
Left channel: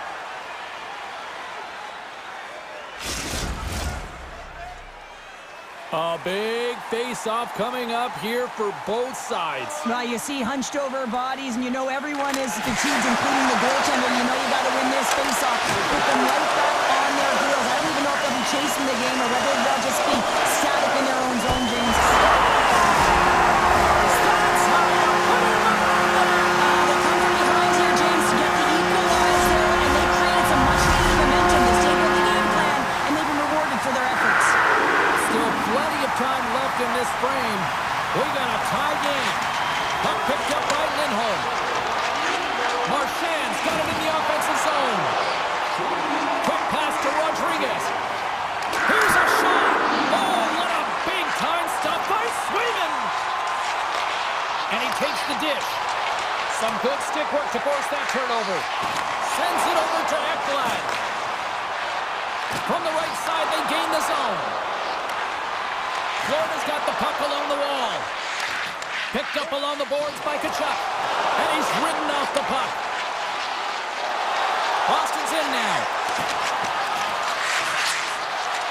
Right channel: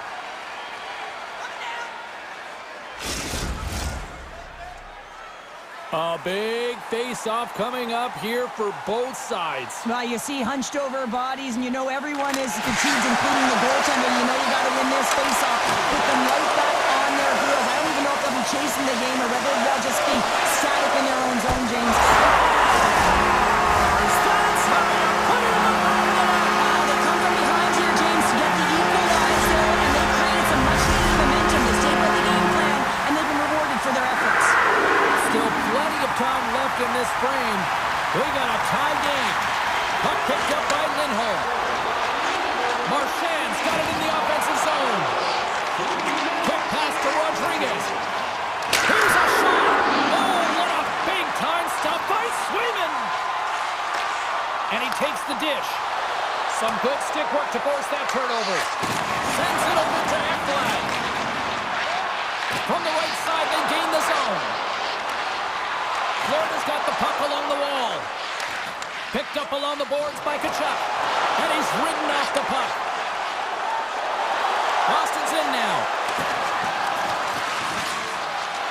A big face-off coming up here for both sides. Well, you see hunched over bodies, and you know everyone is fatigued, including the goaltender. You know you got to win this face-off. Put them right back on their heels. I don't even know if they'll be chasing the game or whether they'll just be static in their own zone, James. That's how you put it in the back of the net. They come from behind here, James, to get the equalizer, and they created some much-needed momentum. They stayed with the game plan, and they've been rewarded for their efforts. Still plenty of time left in this frame. We got a tie game. Puck picked up by Lindholm. Marchand's got it in the offensive zone. Quick pass to Rodriguez. Here's a shot. Oh, what a big-time stop by Swayman. And he takes the dish. Some good stick work to force that turnover. Sends it over to Ekblad. From the right side, they gain the zone. Florida's got the puck along the wall. Picked up along the boards by Tkachuk. And he's ridden off the puck. Boston's in now.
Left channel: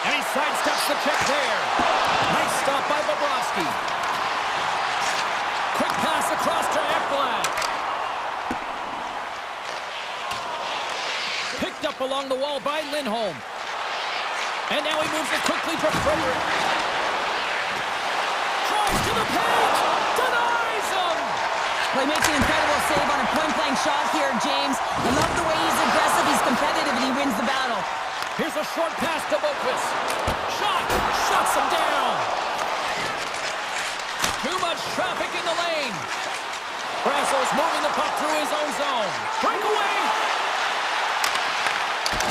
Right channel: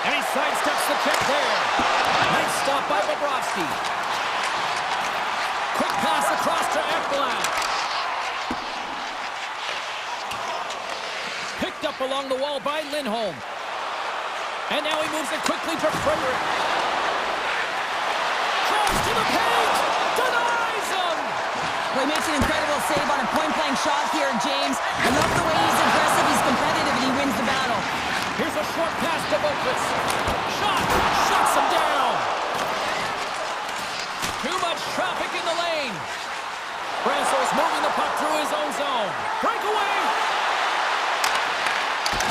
And he sidesteps the check there. Nice stop by Bobrovsky. Quick pass across to Ekblad. Picked up along the wall by Lindholm. And now he moves it quickly to Frederick. Tries to the paint, denies him! Well, he makes an incredible save on a point-blank shot here, James. I love the way he's aggressive, he's competitive, and he wins the battle. Here's a short pass to Boqvist. Shot! Shuts him down! Too much traffic in the lane. Brasso's moving the puck through his own zone. Breakaway!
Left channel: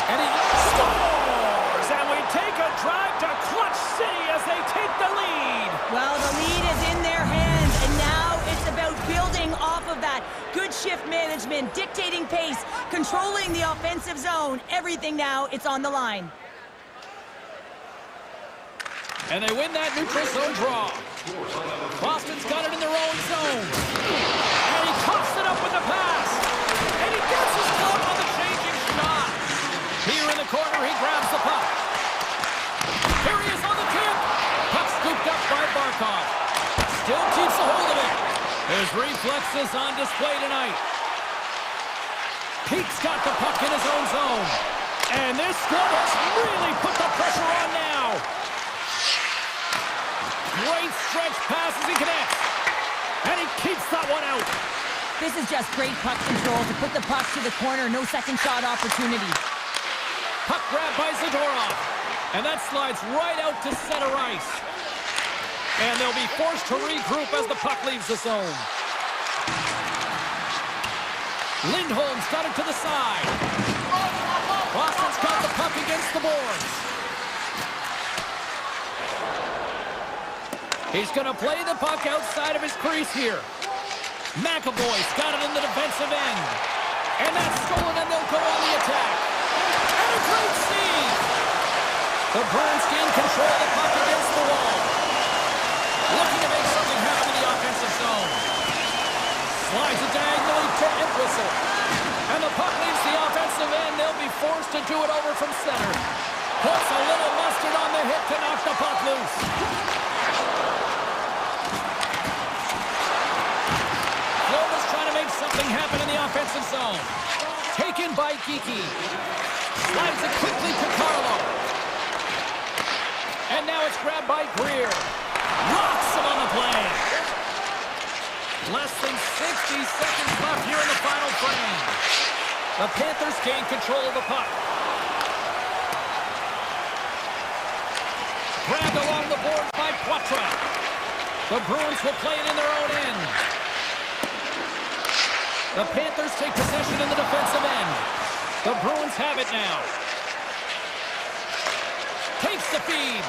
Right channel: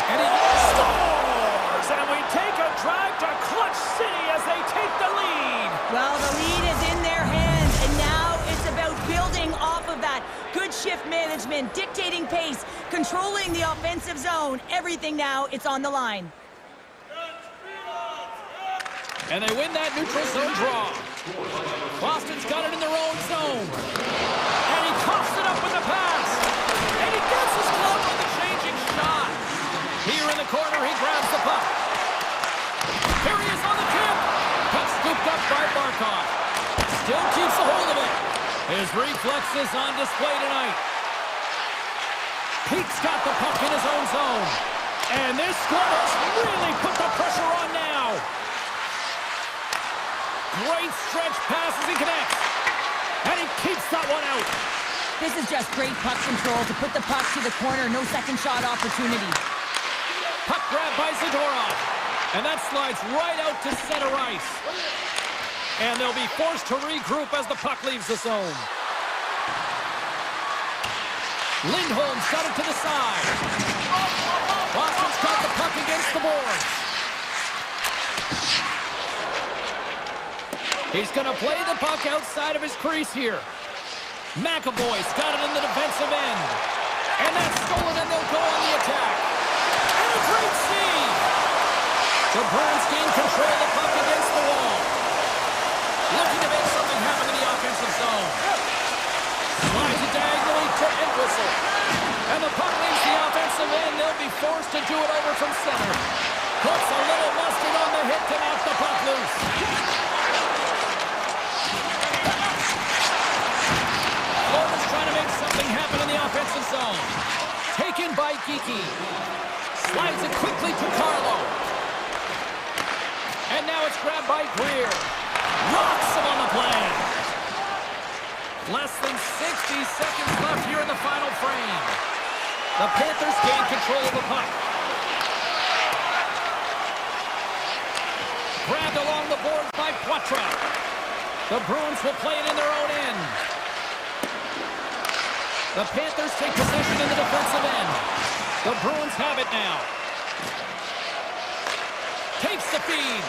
And he scores! And we take a drive to Clutch City as they take the lead. Well, the lead is in their hands, and now it's about building off of that. Good shift management, dictating pace, controlling the offensive zone. Everything now, it's on the line. And they win that neutral zone draw. Boston's got it in their own zone. And he coughs it up with the pass. And he gets his glove on the changing shot. Here in the corner, he grabs the puck. Here he is on the tip. Puck scooped up by Barkov. Still keeps a hold of it. His reflexes on display tonight. Pete's got the puck in his own zone. And this squad has really put the pressure on now. Great stretch pass as he connects. And he keeps that one out. This is just great puck control to put the puck to the corner. No second shot opportunity. Puck grab by Zadorov. And that slides right out to center ice. And they'll be forced to regroup as the puck leaves the zone. Lindholm's got it to the side. Boston's got the puck against the boards. He's going to play the puck outside of his crease here. McAvoy's got it in the defensive end. And that's stolen, and they'll go on the attack. And a great save! The Bruins gain control of the puck against the wall. Looking to make something happen in the offensive zone. Slides it diagonally to Entwistle. And the puck leaves the offensive end. They'll be forced to do it over from center. Puts a little mustard on the hit to knock the puck loose. Florida's trying to make something happen in the offensive zone. Taken by Geeky. Slides it quickly to Carlo. And now it's grabbed by Greer. Rocks him on the play. Less than 60 seconds left here in the final frame. The Panthers gain control of the puck. Grabbed along the boards by Poitras. The Bruins will play it in their own end. The Panthers take possession in the defensive end. The Bruins have it now. Takes the feed.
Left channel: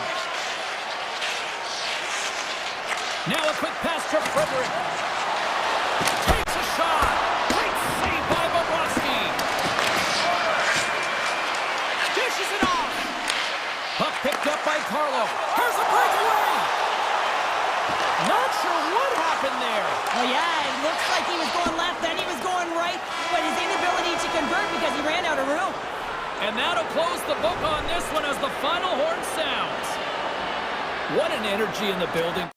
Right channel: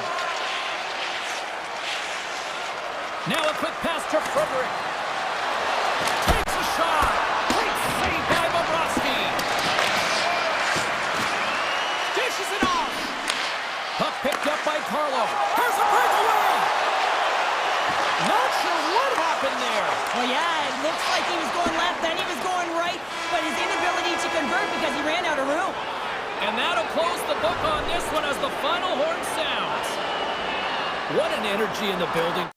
Now a quick pass to Frederick. Takes a shot. Great save by Bobrovsky. Dishes it off. Puck picked up by Carlo. Here's a breakaway. Not sure what happened there. Oh, yeah, it looks like he was going left, then he was going right, but his inability to convert because he ran out of room. And that'll close the book on this one as the final horn sounds. What an energy in the building.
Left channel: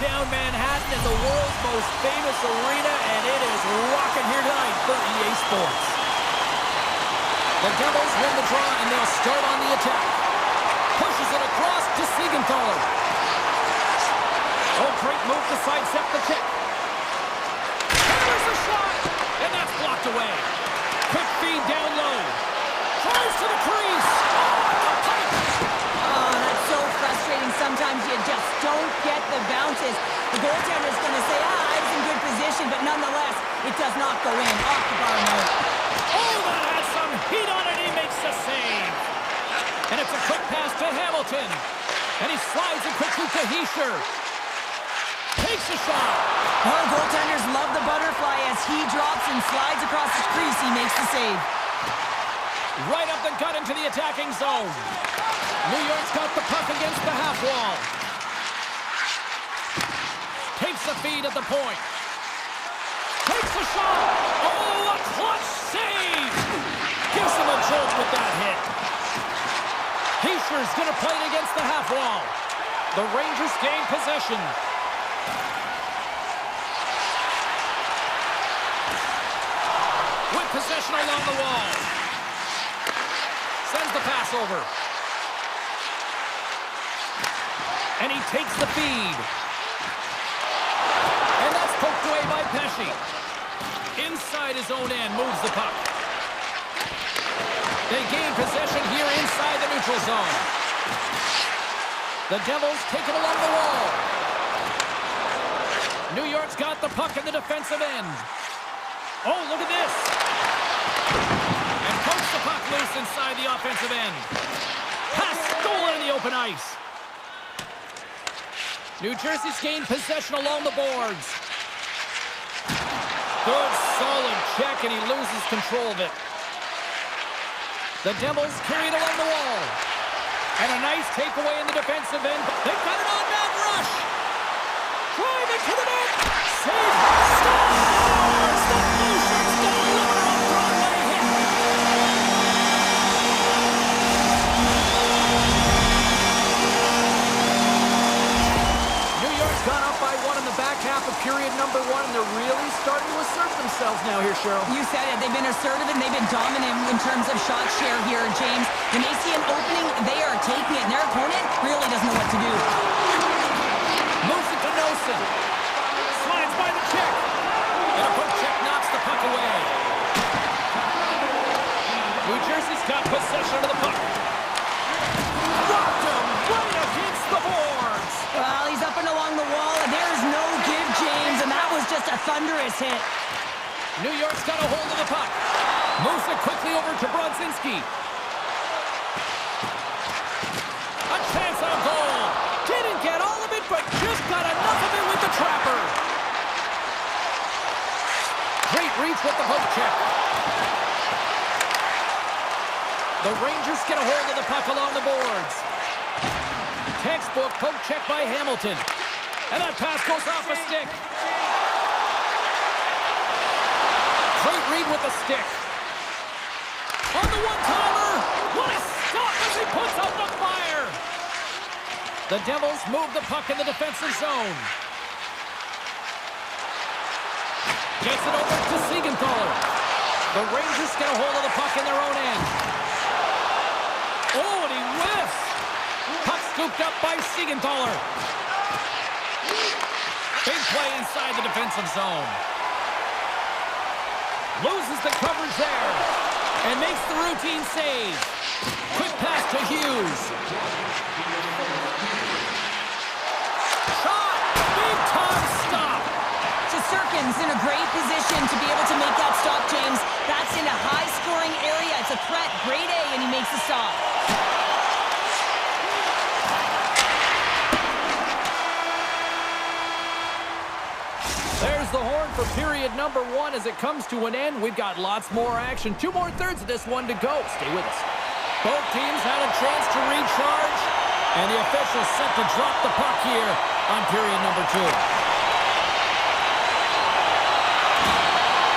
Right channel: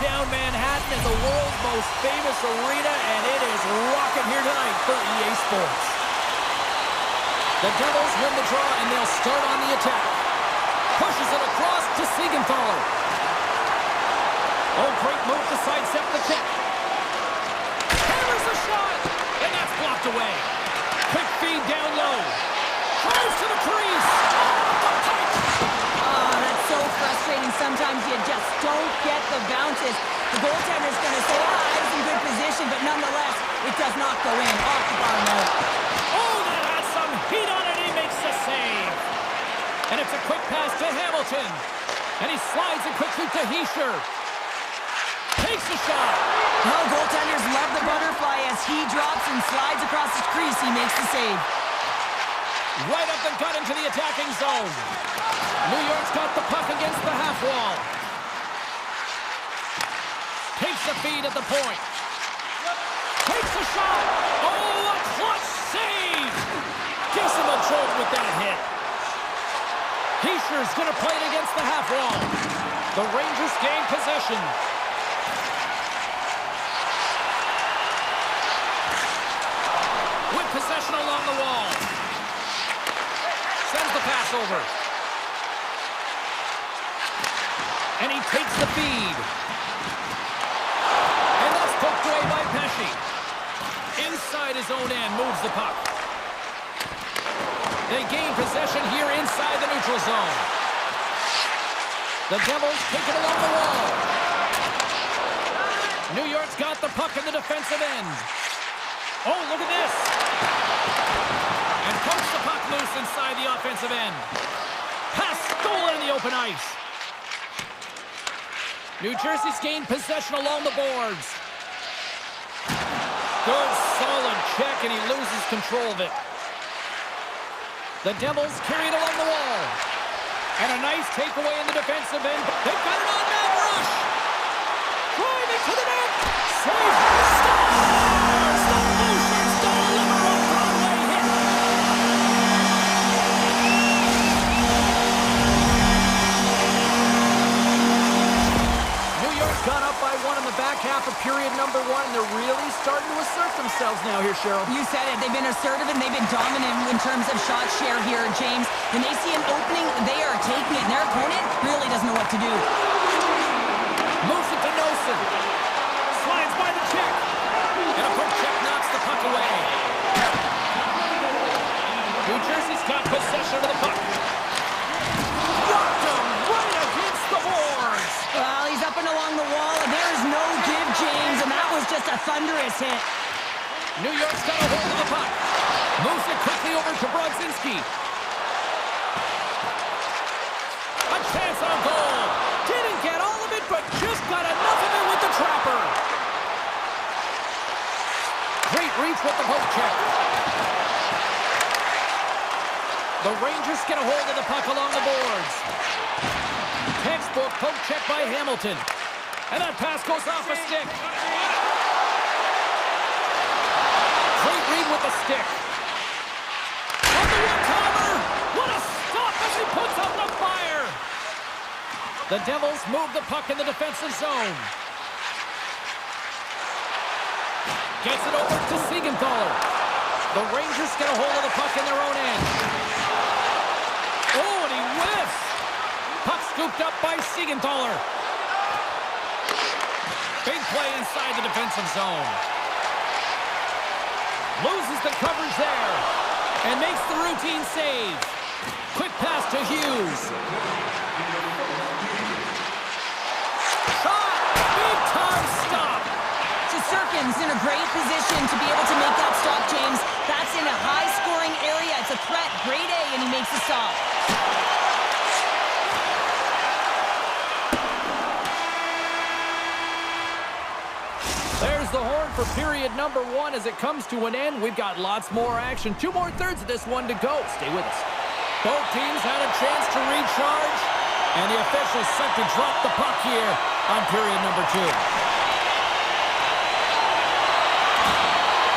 downtown Manhattan in the world's most famous arena, and it is rocking here tonight for EA Sports. The Devils win the draw, and they'll start on the attack. Pushes it across to Siegenthaler. Oh, great move to sidestep the check. Hammers the shot, and that's blocked away. Quick feed down low. Drives to the crease. Oh, the pipe. Oh, that's so frustrating. Sometimes you just don't get the bounces. The goaltender's going to say, I was in good position, but nonetheless, it does not go in. Off the bar now. Oh, that has some heat on it. He makes the save. And it's a quick pass to Hamilton. And he slides it quickly to Hischier. Takes a shot. Oh, goaltenders love the butterfly as he drops and slides across his crease. He makes the save. Right up the gut into the attacking zone. New York's got the puck against the half wall. Takes the feed at the point. Takes the shot. Oh, a clutch save. Gives him a jolt with that hit. Hischier's going to play it against the half wall. The Rangers gain possession. With possession along the wall. Sends the pass over. And he takes the feed. And that's poked away by Pesce. Inside his own end, moves the puck. They gain possession here inside the neutral zone. The Devils take it along the wall. New York's got the puck in the defensive end. Oh, look at this. And pokes the puck loose inside the offensive end. Pass stolen in the open ice. New Jersey's gained possession along the boards. Good, solid check, and he loses control of it. The Devils carry it along the wall. And a nice takeaway in the defensive end. They've got it on man rush. Driving to the net. Save. Scores! The Blue Shirts deliver a Broadway hit. New York's gone up by one in the back half of period number one, and they're really starting to assert themselves now here, Cheryl. You said it. They've been assertive and they've been dominant in terms of shot share here, James. When they see an opening, they are taking it, and their opponent really doesn't know what to do. Moves it to Nosen. Slides by the check. And a poke check knocks the puck away. New Jersey's got possession of the puck. Rocked him right against the boards. Well, he's up and along the wall, and there is no give, James, and that was just a thunderous hit. New York's got a hold of the puck. Moves it quickly over to Brodzinski. A chance on goal. Didn't get all of it, but just got enough of it with the trapper. Great reach with the poke check. The Rangers get a hold of the puck along the boards. Textbook poke check by Hamilton. And that pass goes off a stick. Great read with the stick. On the one-timer. What a stop as he puts out the fire. The Devils move the puck in the defensive zone. Gets it over to Siegenthaler. The Rangers get a hold of the puck in their own end. Oh, and he whiffs. Puck scooped up by Siegenthaler. Big play inside the defensive zone. Loses the coverage there. And makes the routine save. Quick pass to Hughes. Shot! Big time stop. Shesterkin's in a great position to be able to make that stop, James. That's in a high-scoring area. It's a threat. Grade A, and he makes the stop. There's the horn for period number one as it comes to an end. We've got lots more action. 2 more thirds of this one to go. Stay with us. Both teams had a chance to recharge, and the officials set to drop the puck here on period number 2.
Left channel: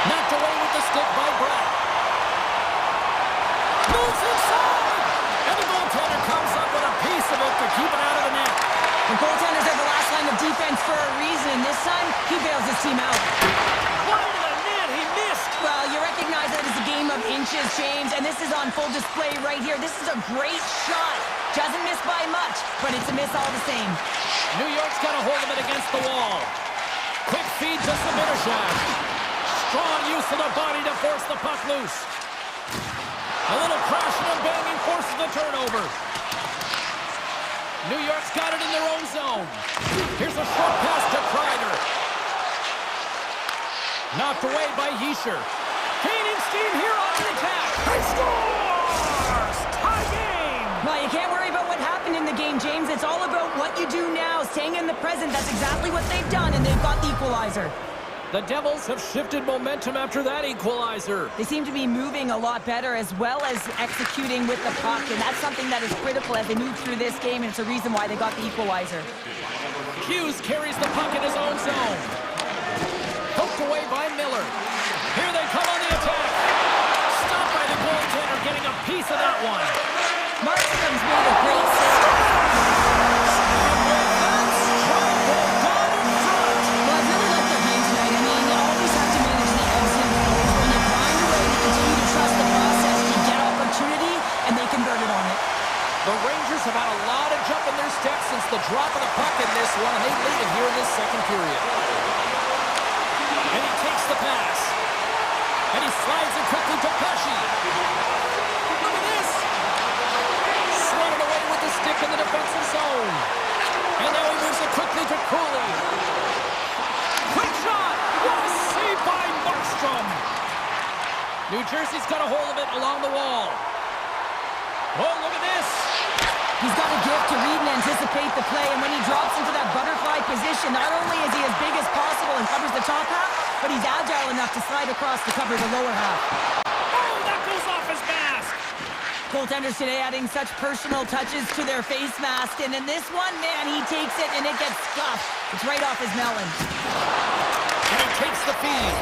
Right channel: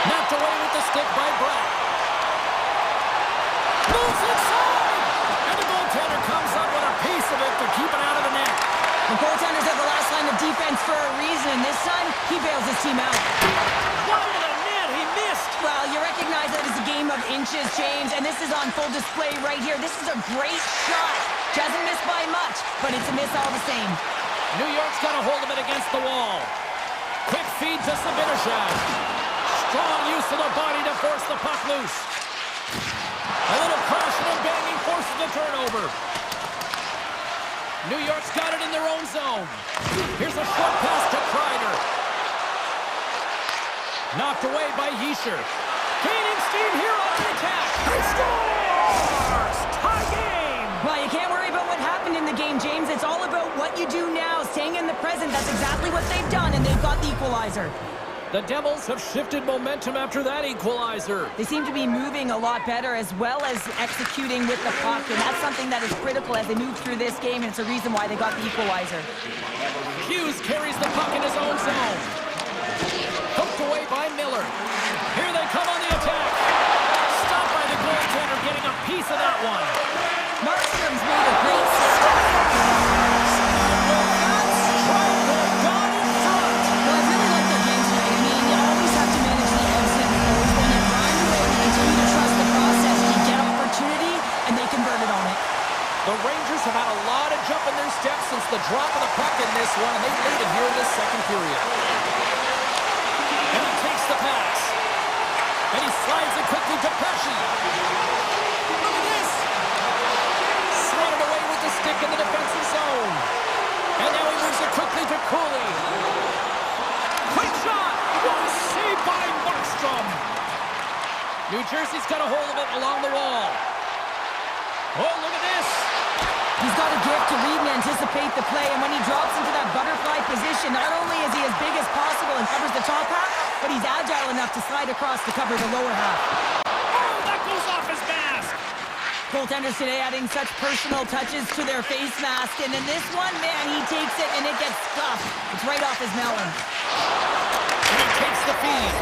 Knocked away with the stick by Bratt. Moves inside! And the goaltender comes up with a piece of it to keep it out of the net. The goaltenders are the last line of defense for a reason, and this time, he bails his team out. Wide of the net, he missed. Well, you recognize that it's a game of inches, James, and this is on full display right here. This is a great shot. Doesn't miss by much, but it's a miss all the same. New York's got a hold of it against the wall. Quick feed to Sabinishak. Strong use of the body to force the puck loose. A little crashing and banging forces the turnover. New York's got it in their own zone. Here's a short pass to Kreider. Knocked away by Yesher. Gaining steam here on the attack. He scores! Tie game! Well, you can't worry about what happened in the game, James. It's all about what you do now, staying in the present. That's exactly what they've done, and they've got the equalizer. The Devils have shifted momentum after that equalizer. They seem to be moving a lot better as well as executing with the puck, and that's something that is critical as they move through this game, and it's a reason why they got the equalizer. Hughes carries the puck in his own zone. Poked away by Miller. Here they come on the attack. Stopped by the goaltender, getting a piece of that one. Markstrom's made a great save. And with that strike, they've gone in front. Well, I really like their game tonight. I mean, you always have to manage the ebbs and flows. When you grind away, you continue to trust the process. You get opportunity, and they converted on it. The Rangers have had a lot of jump in their steps since the drop of the puck in this one, and they lead it here in this second period. And he takes the pass. And he slides it quickly to Pesci. Look at this. Swatted away with the stick in the defensive zone. And now he moves it quickly to Cooley. Quick shot. What a save by Markstrom. New Jersey's got a hold of it along the wall. Oh, look at this. He's got a gift to read and anticipate the play, and when he drops into that butterfly position, not only is he as big as possible and covers the top half, but he's agile enough to slide across to cover the lower half. Oh, that goes off his mask. Goaltenders today adding such personal touches to their face mask, and in this one, man, he takes it and it gets scuffed. It's right off his melon. And he takes the feed.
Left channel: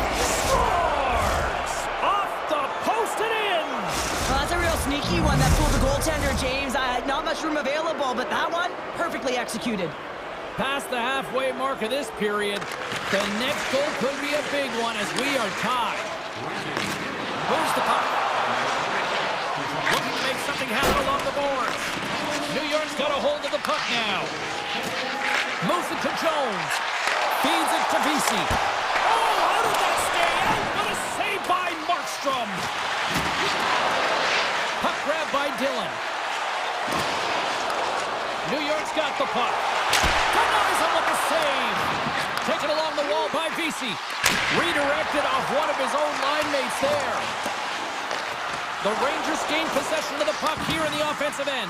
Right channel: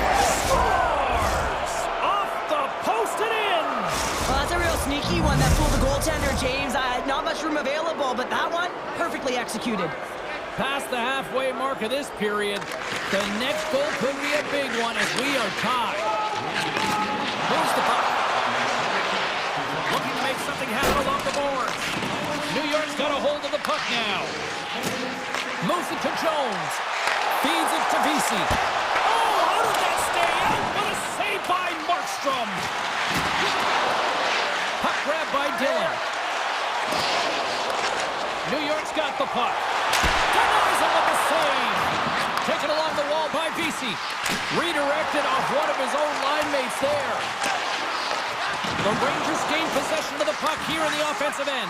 Scores! Off the post and in! Well, that's a real sneaky one that fooled the goaltender, James. Not much room available, but that one, perfectly executed. Past the halfway mark of this period, the next goal could be a big one as we are tied. Moves the puck. Looking to make something happen along the boards. New York's got a hold of the puck now. Moves it to Jones. Feeds it to Vesey. Oh, how did that stay out? What a save by Markstrom. Puck grab by Dillon. New York's got the puck. Denies him with the save. Taken along the wall by Vesey. Redirected off one of his own line mates there. The Rangers gain possession of the puck here in the offensive end.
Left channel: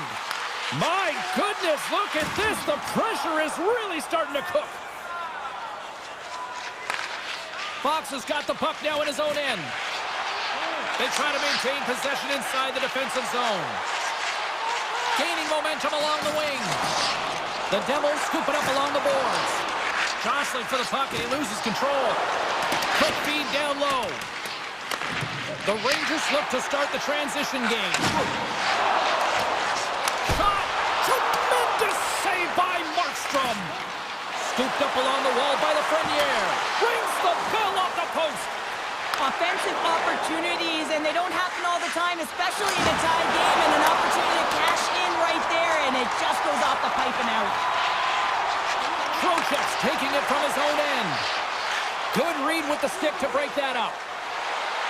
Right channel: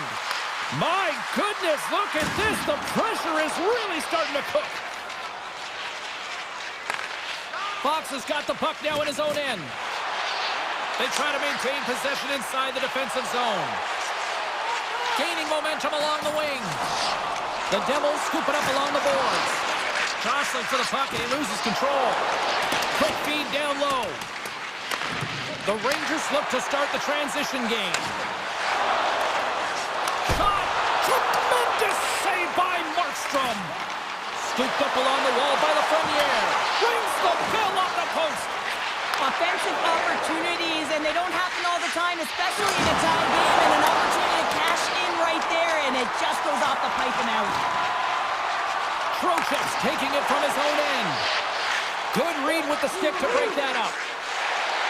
My goodness, look at this. The pressure is really starting to cook. Fox has got the puck now in his own end. They try to maintain possession inside the defensive zone. Gaining momentum along the wing. The Devils scoop it up along the boards. Jostling for the puck and he loses control. Quick feed down low. The Rangers look to start the transition game. Shot! Tremendous save by Markstrom. Scooped up along the wall by Lafreniere. Rings the bell off the post. Offensive opportunities, and they don't happen all the time, especially in a tie game, and an opportunity to cash in right there, and it just goes off the pipe and out. Trocheck's taking it from his own end. Good read with the stick to break that up.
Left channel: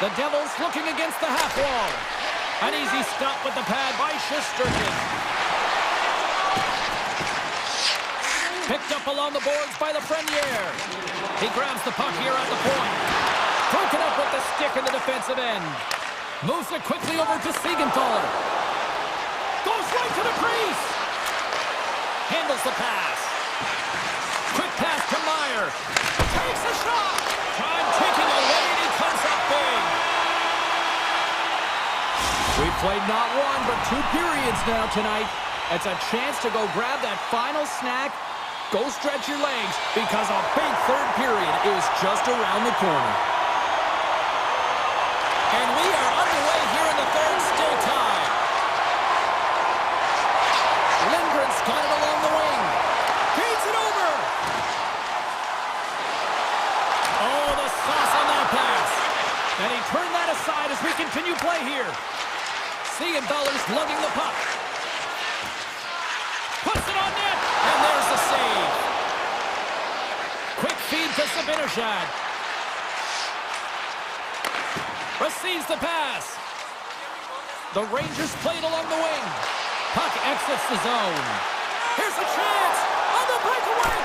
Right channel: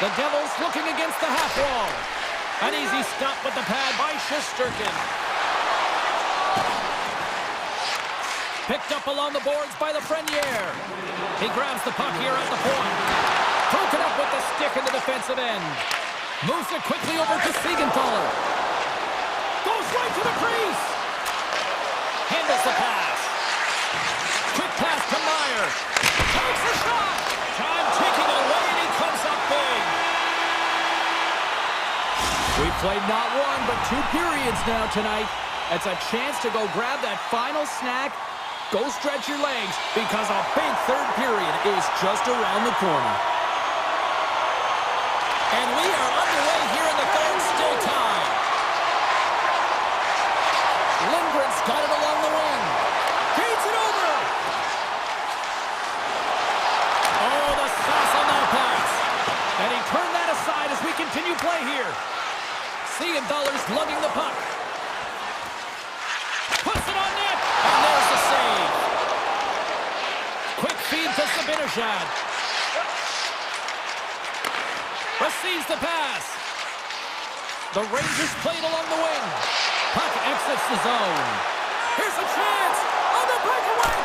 The Devils looking against the half wall. An easy stop with the pad by Shesterkin. Picked up along the boards by Lafreniere. He grabs the puck here at the point. Broken up with the stick in the defensive end. Moves it quickly over to Siegenthaler. Goes right to the crease. Handles the pass. Quick pass to Meyer. Takes a shot. Time ticking away and he comes up big. We've played not one but 2 periods now tonight. It's a chance to go grab that final snack. Go stretch your legs because a big third period is just around the corner. And we are underway here in the third, still tied. Lindgren's got it along the wing. He it over. Oh, the sauce on that pass. And he turned that aside as we continue play here. Siegenthaler's lugging the puck. Puts it on net, and there's the save. Quick feed to Zibanejad. Receives the pass. The Rangers played along the wing. Puck exits the zone. Here's a chance on the breakaway.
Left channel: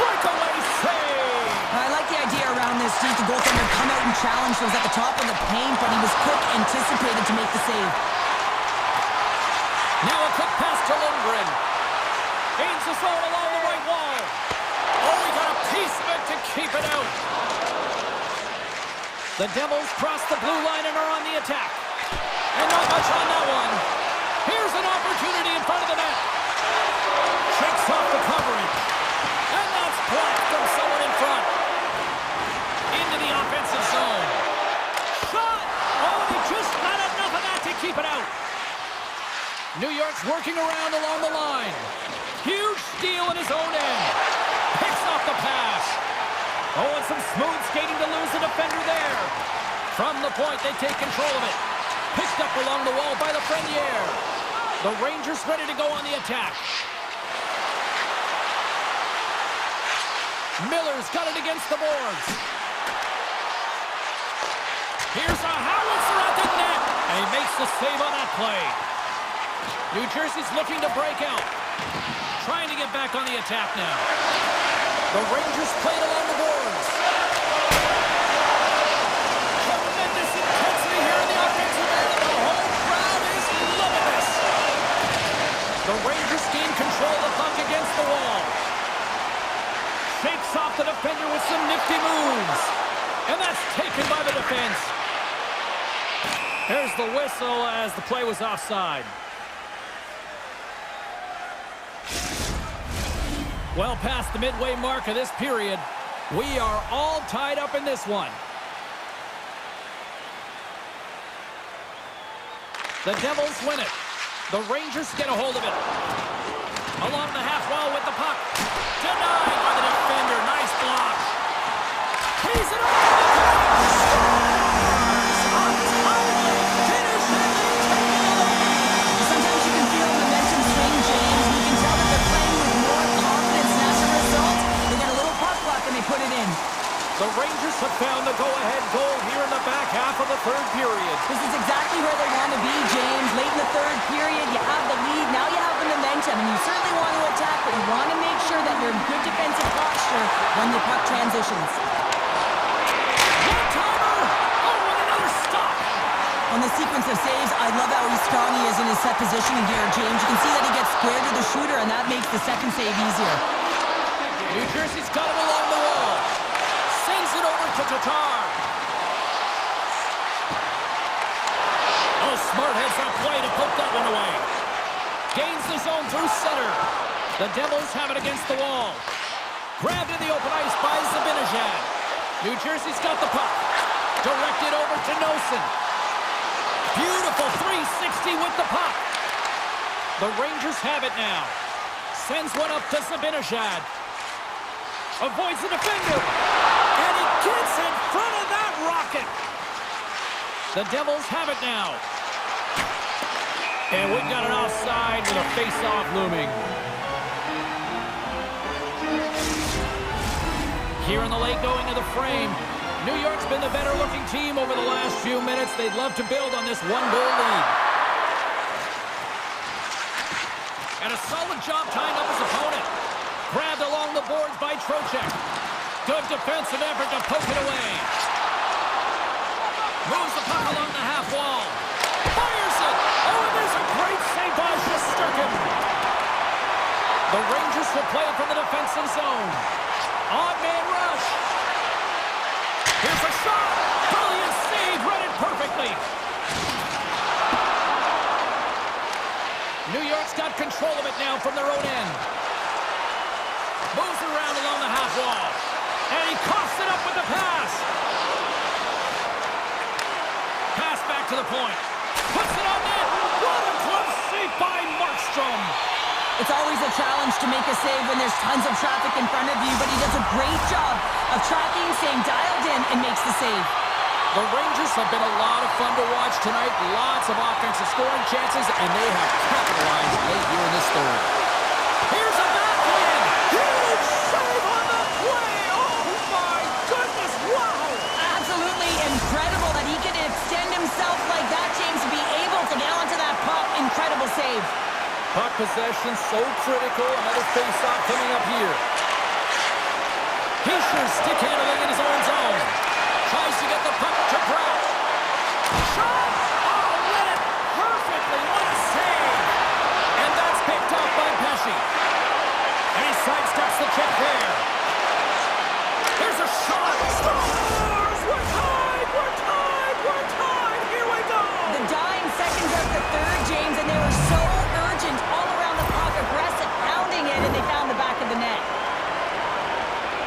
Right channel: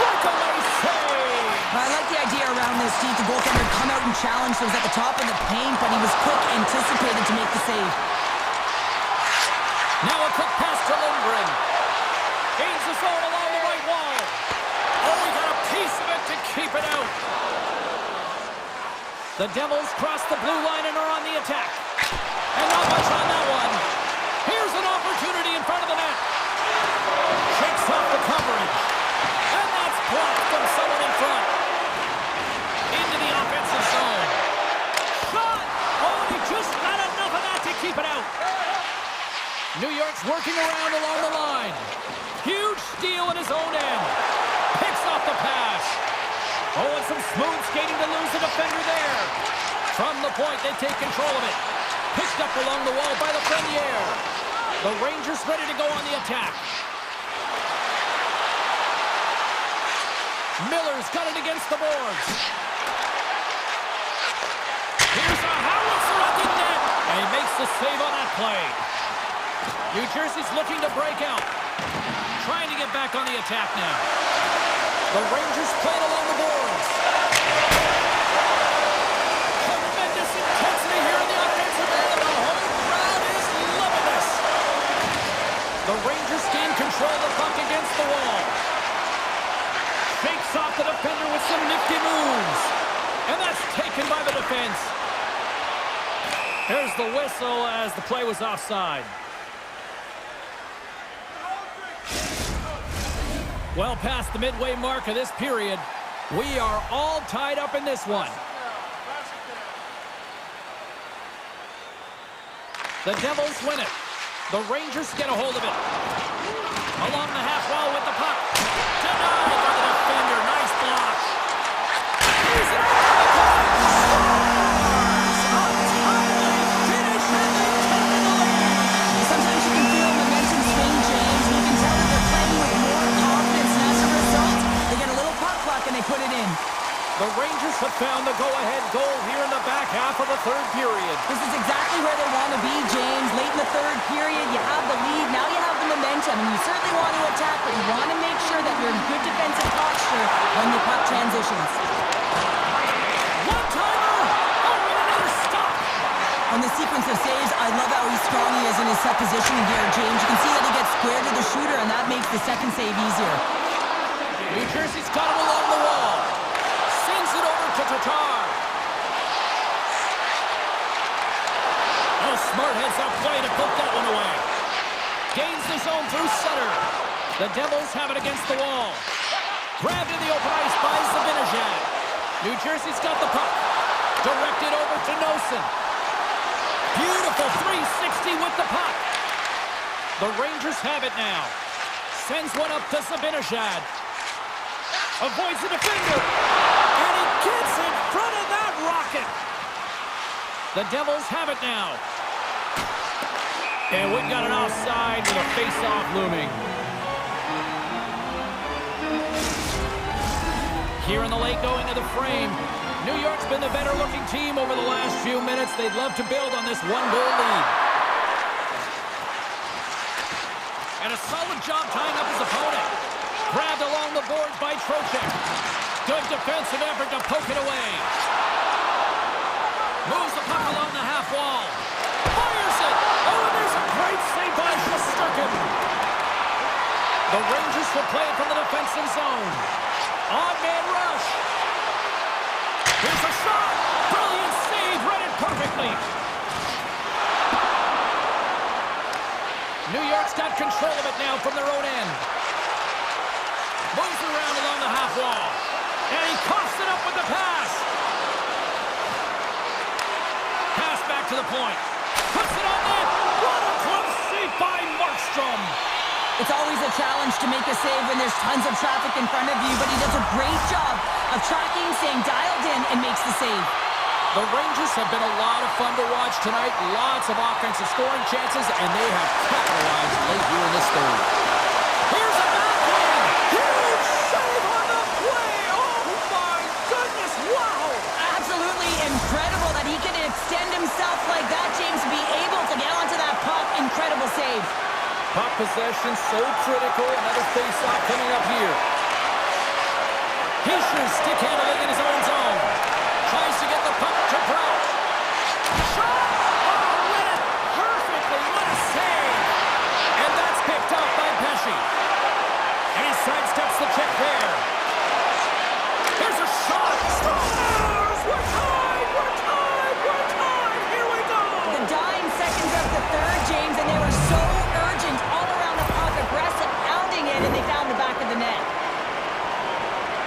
Breakaway save. I like the idea around this, Steve. The goaltender come out and challenge those at the top of the paint, but he was quick, anticipated to make the save. Now a quick pass to Lindgren. Gains the zone along the right wall. Oh, he got a piece of it to keep it out. The Devils cross the blue line and are on the attack. And not much on that one. Here's an opportunity in front of the net. Shakes off the coverage. And that's blocked from someone in front. Into the offensive zone. Shot! Oh, and he just got enough of that to keep it out. New York's working around along the line. Huge steal in his own end. Picks off the pass. Oh, and some smooth skating to lose the defender there. From the point, they take control of it. Picked up along the wall by Lafreniere. The Rangers ready to go on the attack. Miller's got it against the boards. Here's a howitzer at the net. And he makes the save on that play. New Jersey's looking to break out. Trying to get back on the attack now. The Rangers played along the boards. Tremendous intensity here in the offensive end, and the whole crowd is loving this. The Rangers gain control of the puck against the wall. Shakes off the defender with some nifty moves. And that's taken by the defense. There's the whistle as the play was offside. Well past the midway mark of this period, we are all tied up in this one. The Devils win it. The Rangers get a hold of it. Along the half wall with the puck. Denied by the defender. Nice block. He's it up to the point. Scores! A timely finish, and they've taken the lead. Sometimes you can feel momentum swing, James, and you can tell that they're playing with more confidence, and as a result, they get a little puck luck and they put it in. The Rangers have found the go-ahead goal here in the back half of the third period. This is exactly where they want to be, James. Late in the third period, you have the lead, now you have the momentum, and you certainly want to attack, but you want to make sure that you're in good defensive posture when the puck transitions. One-timer! Oh, and another stop! On the sequence of saves, I love how strong he is in his set positioning here, James. You can see that he gets square to the shooter, and that makes the second save easier. New Jersey's got him along the wall. Sends it over to Tatar. Oh, smart heads-up play to poke that one away. Gains the zone through center. The Devils have it against the wall. Grabbed in the open ice by Zibanejad. New Jersey's got the puck. Directed over to Nosen. Beautiful 360 with the puck. The Rangers have it now. Sends one up to Zibanejad. Avoids the defender. And he gets in front of that rocket. The Devils have it now. And we've got an offside with a face-off looming. Here in the late going to the frame. New York's been the better-looking team over the last few minutes. They'd love to build on this one-goal lead. And a solid job tying up his opponent. Grabbed along the boards by Trocheck. Good defensive effort to poke it away. Moves the puck along the half wall. Fires it. Oh, and there's a great save by Shesterkin. The Rangers will play it from the defensive zone. Odd man rush. Here's a shot. Brilliant save. Read it perfectly. New York's got control of it now from their own end. Moves it around along the half wall. And he coughs it up with the pass. Pass back to the point. Puts it on net. What a glove save by Markstrom. It's always a challenge to make a save when there's tons of traffic in front of you, but he does a great job of tracking, staying dialed in, and makes the save. The Rangers have been a lot of fun to watch tonight. Lots of offensive scoring chances, and they have capitalized late here in this third. Here's a backhand! Huge save on the play! Oh my goodness, wow! Absolutely incredible that he can extend himself like that, James, to be able to get onto that puck. Incredible save. Puck possession so critical. Another face-off coming up here. Heischer stick handling in his own zone. Tries to get the puck to Brown. Shot! Oh, read it perfectly. What a save! And that's picked up by Pesce. And he sidesteps the check there. Here's a shot. Scores! We're tied! We're tied! We're tied! Here we go! The dying seconds of the third, James, and they were so urgent all around the puck, aggressive, pounding it, and they found the back of the net.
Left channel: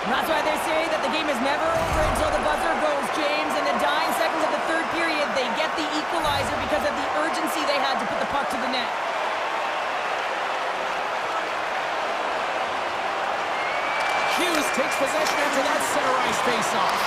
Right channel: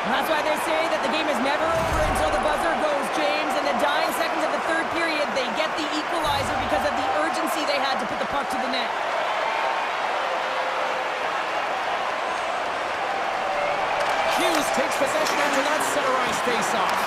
And that's why they say that the game is never over until the buzzer goes, James. In the dying seconds of the third period, they get the equalizer because of the urgency they had to put the puck to the net. Hughes takes possession after that center ice face-off.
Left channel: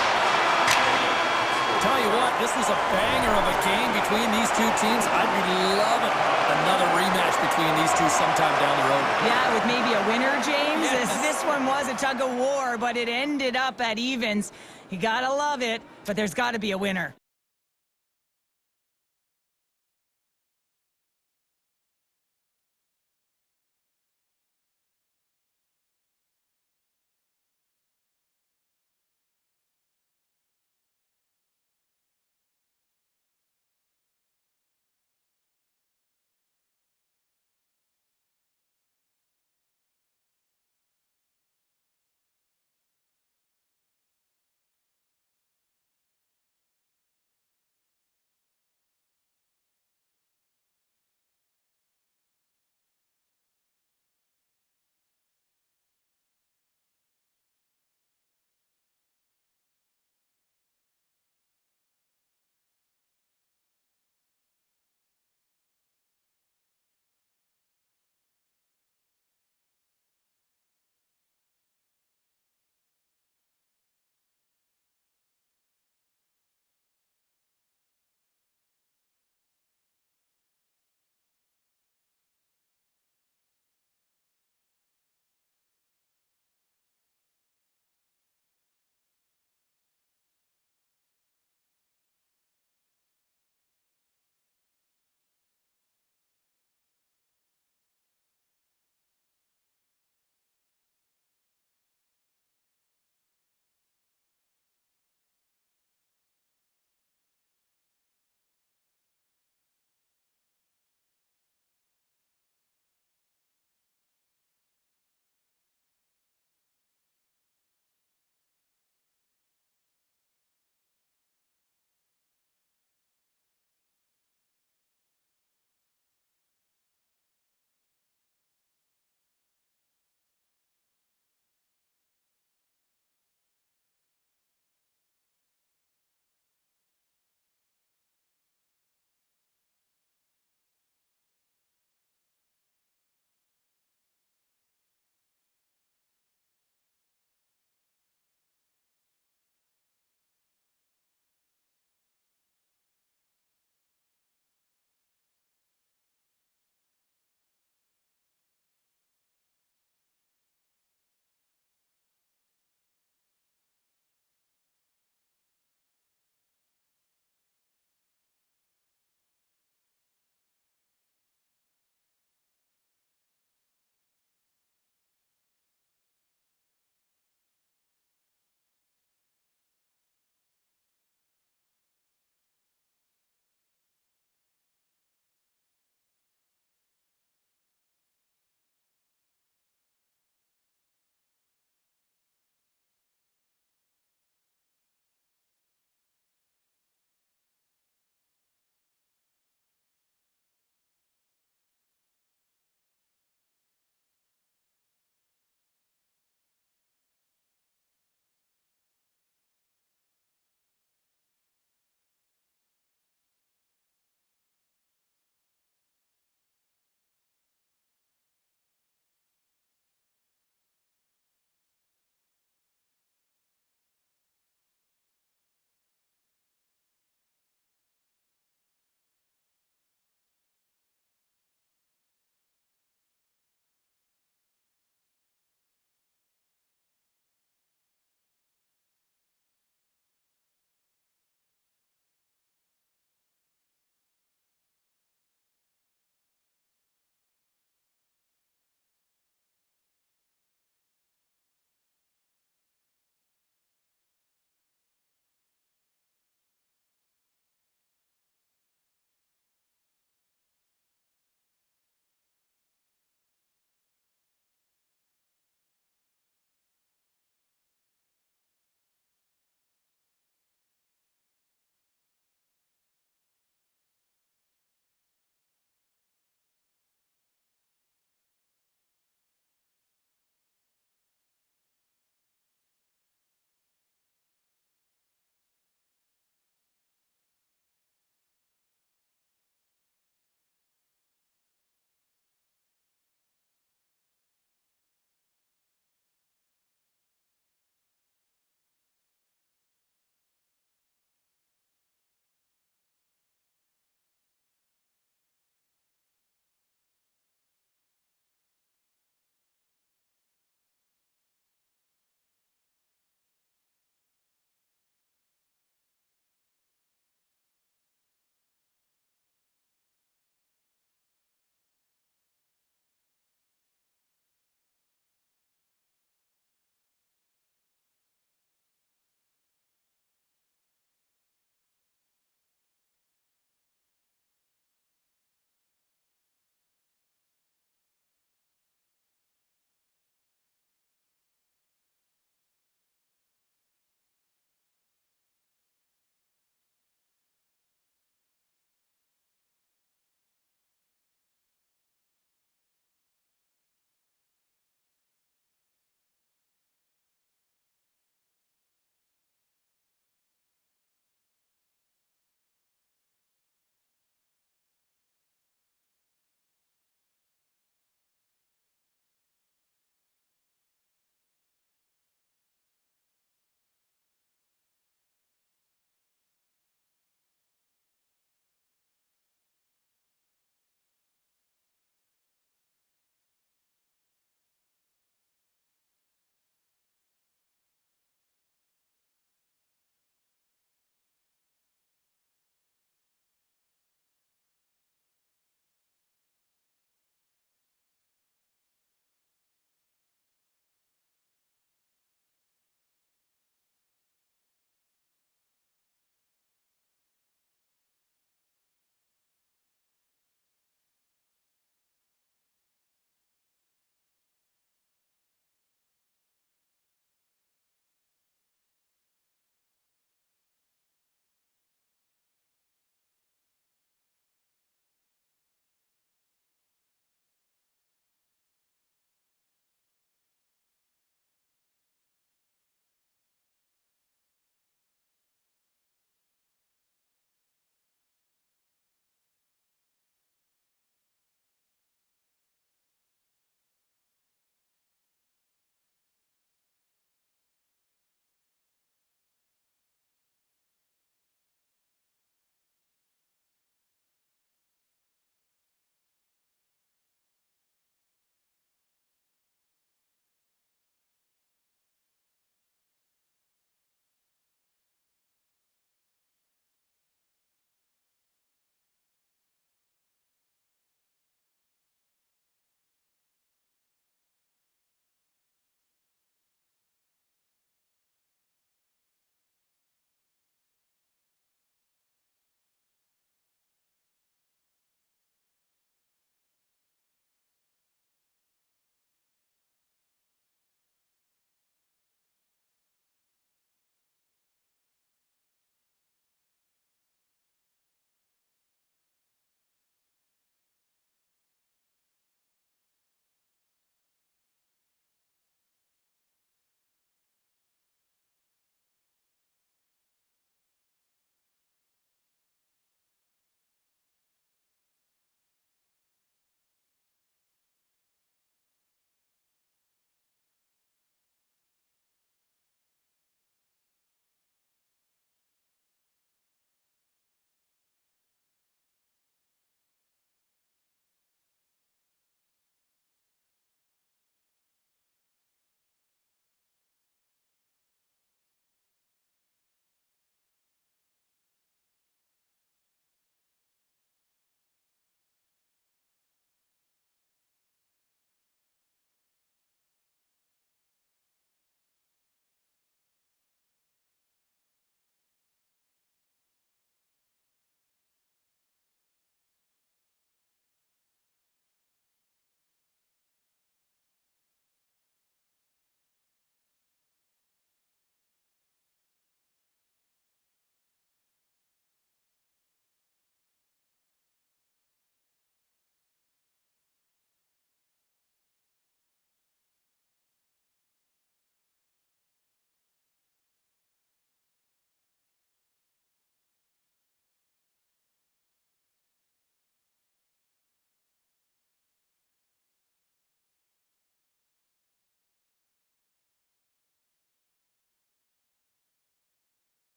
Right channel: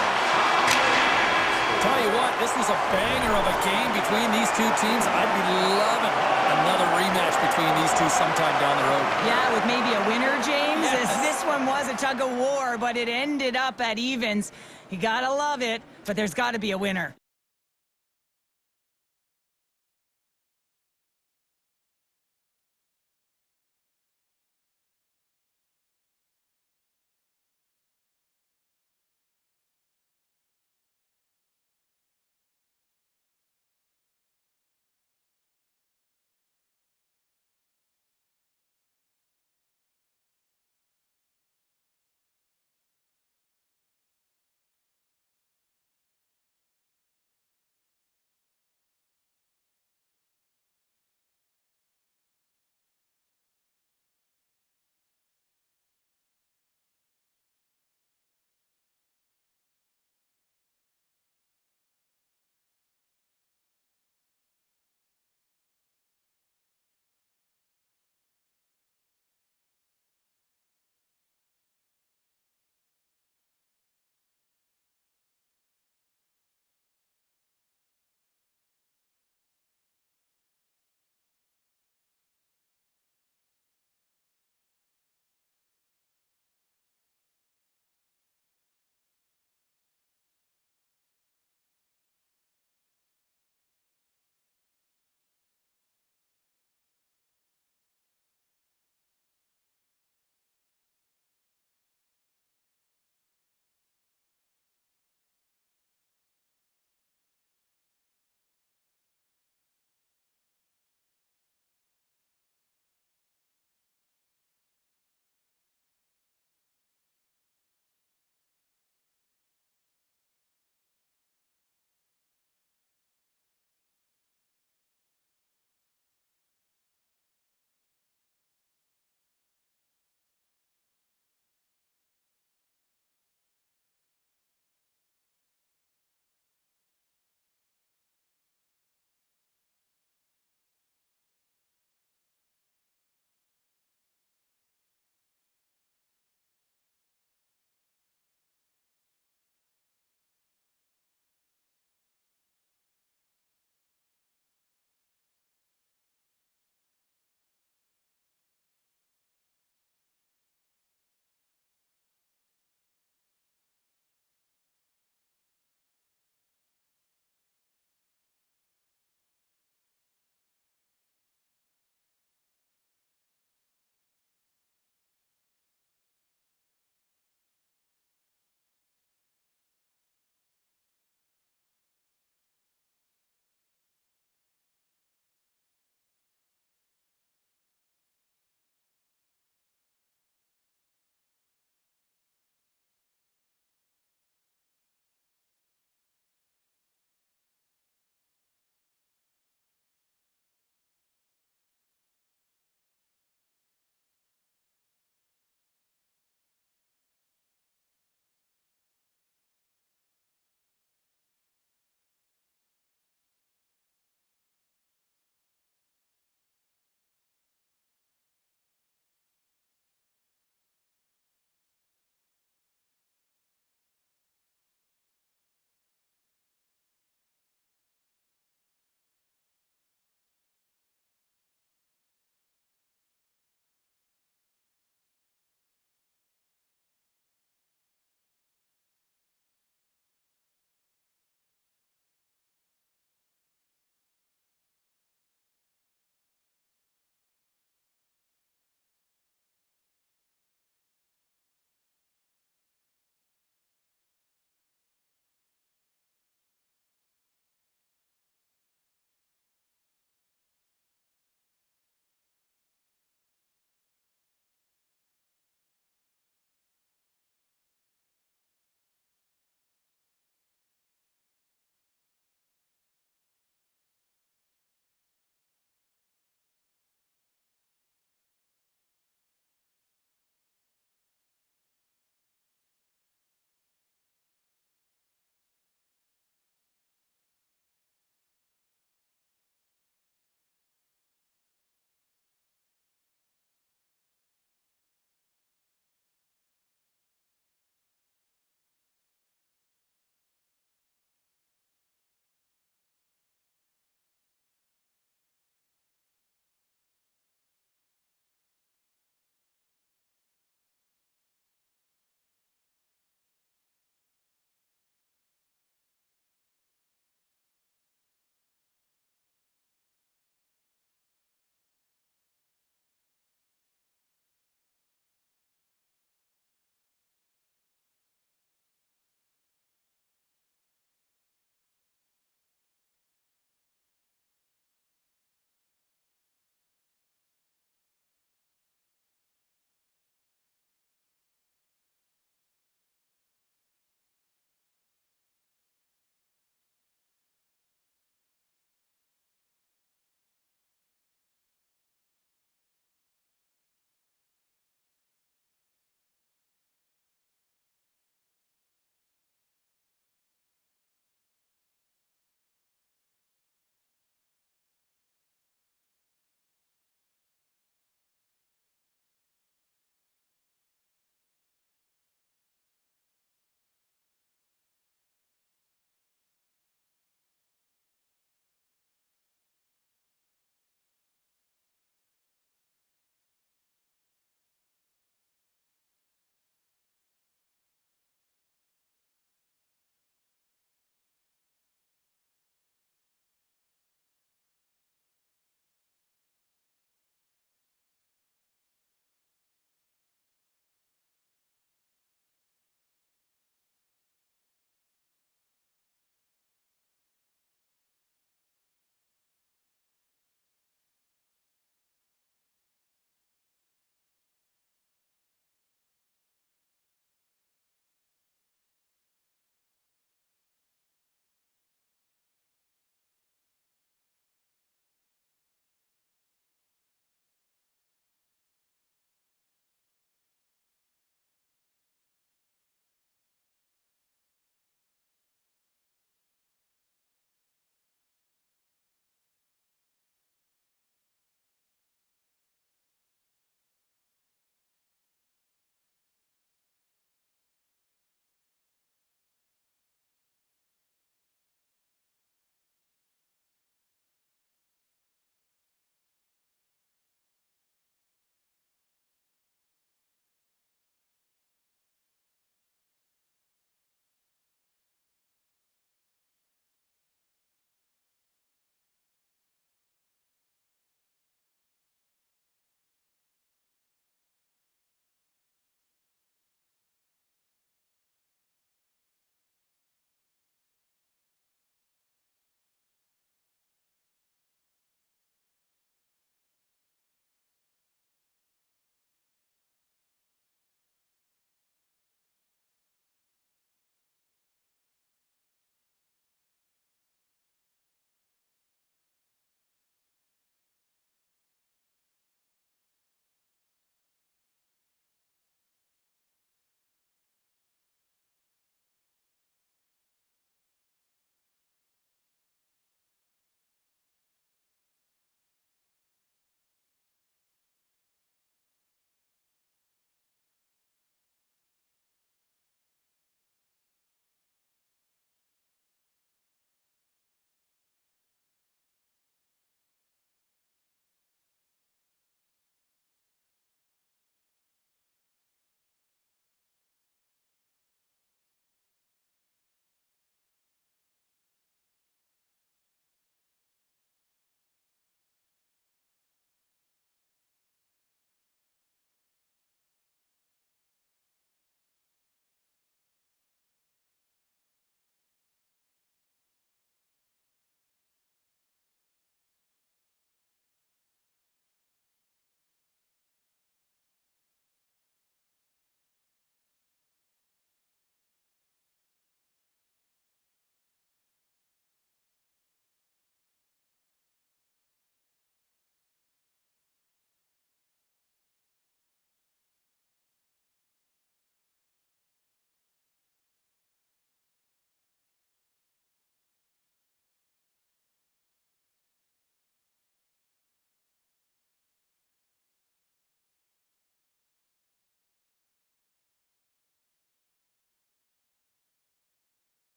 Tell you what, this was a banger of a game between these two teams. I'd be loving another rematch between these two sometime down the road. Yeah, with maybe a winner, James. Yes. This one was a tug of war, but it ended up at evens. You gotta love it, but there's gotta be a winner.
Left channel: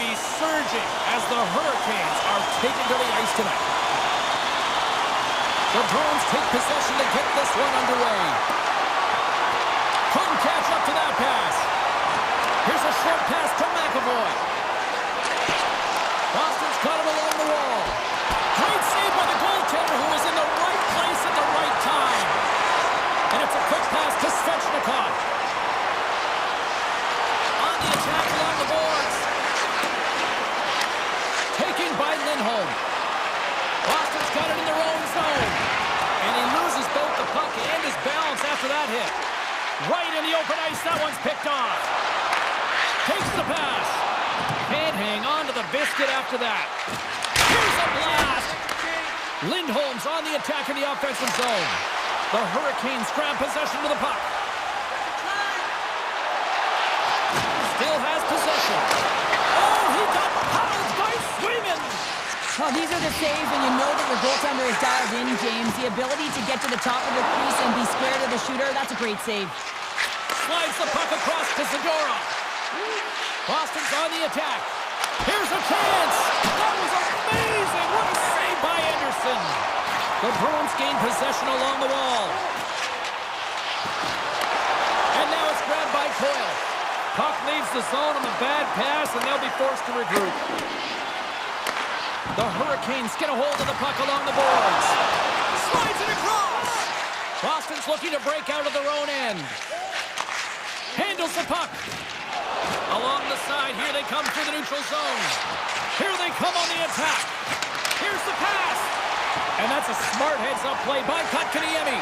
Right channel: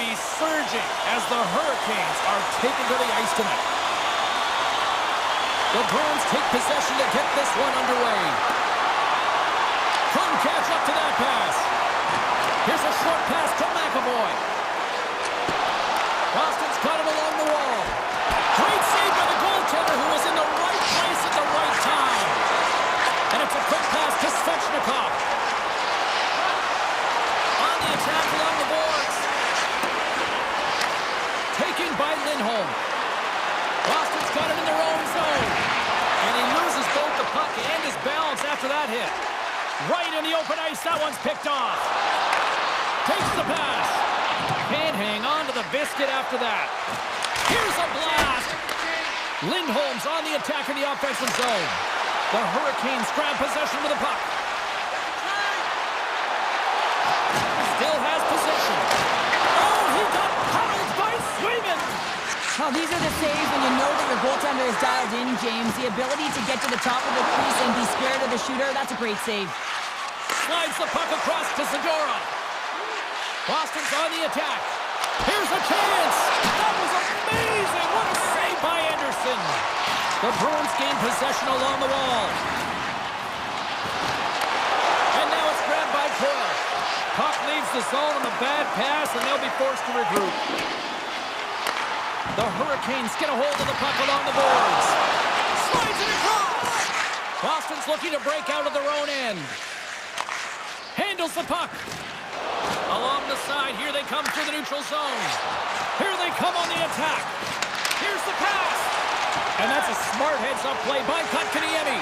be surging as the Hurricanes are taken to the ice tonight. The Bruins take possession to get this one underway. Couldn't catch up to that pass. Here's a short pass to McAvoy. Boston's got it along the wall. Great save by the goaltender, who was in the right place at the right time. And it's a quick pass to Svechnikov. On the attack along the boards. Taken by Lindholm. Boston's got it in their own zone. And he loses both the puck and his balance after that hit. Right in the open ice, that one's picked off. Takes the pass. Can't hang on to the biscuit after that. Here's a blast. Lindholm's on the attack in the offensive zone. The Hurricanes grab possession with the puck. Still has possession. Oh, he got paddled by Swayman. Oh, these are the saves when you know that your goaltender is dialed in, James. The ability to get to the top of the crease and be square to the shooter, that's a great save. Slides the puck across to Zadorov. Boston's on the attack. Here's a chance. That was amazing. What a save by Anderson. The Bruins gain possession along the wall. And now it's grabbed by Coyle. Puck leaves the zone on the bad pass, and they'll be forced to regroup. The Hurricanes get a hold of the puck along the boards. Slides it across. Boston's looking to break out of their own end. Handles the puck. Along the side, here they come through the neutral zone. Here they come on the attack. Here's the pass. And that's a smart heads-up play by Kotkaniemi.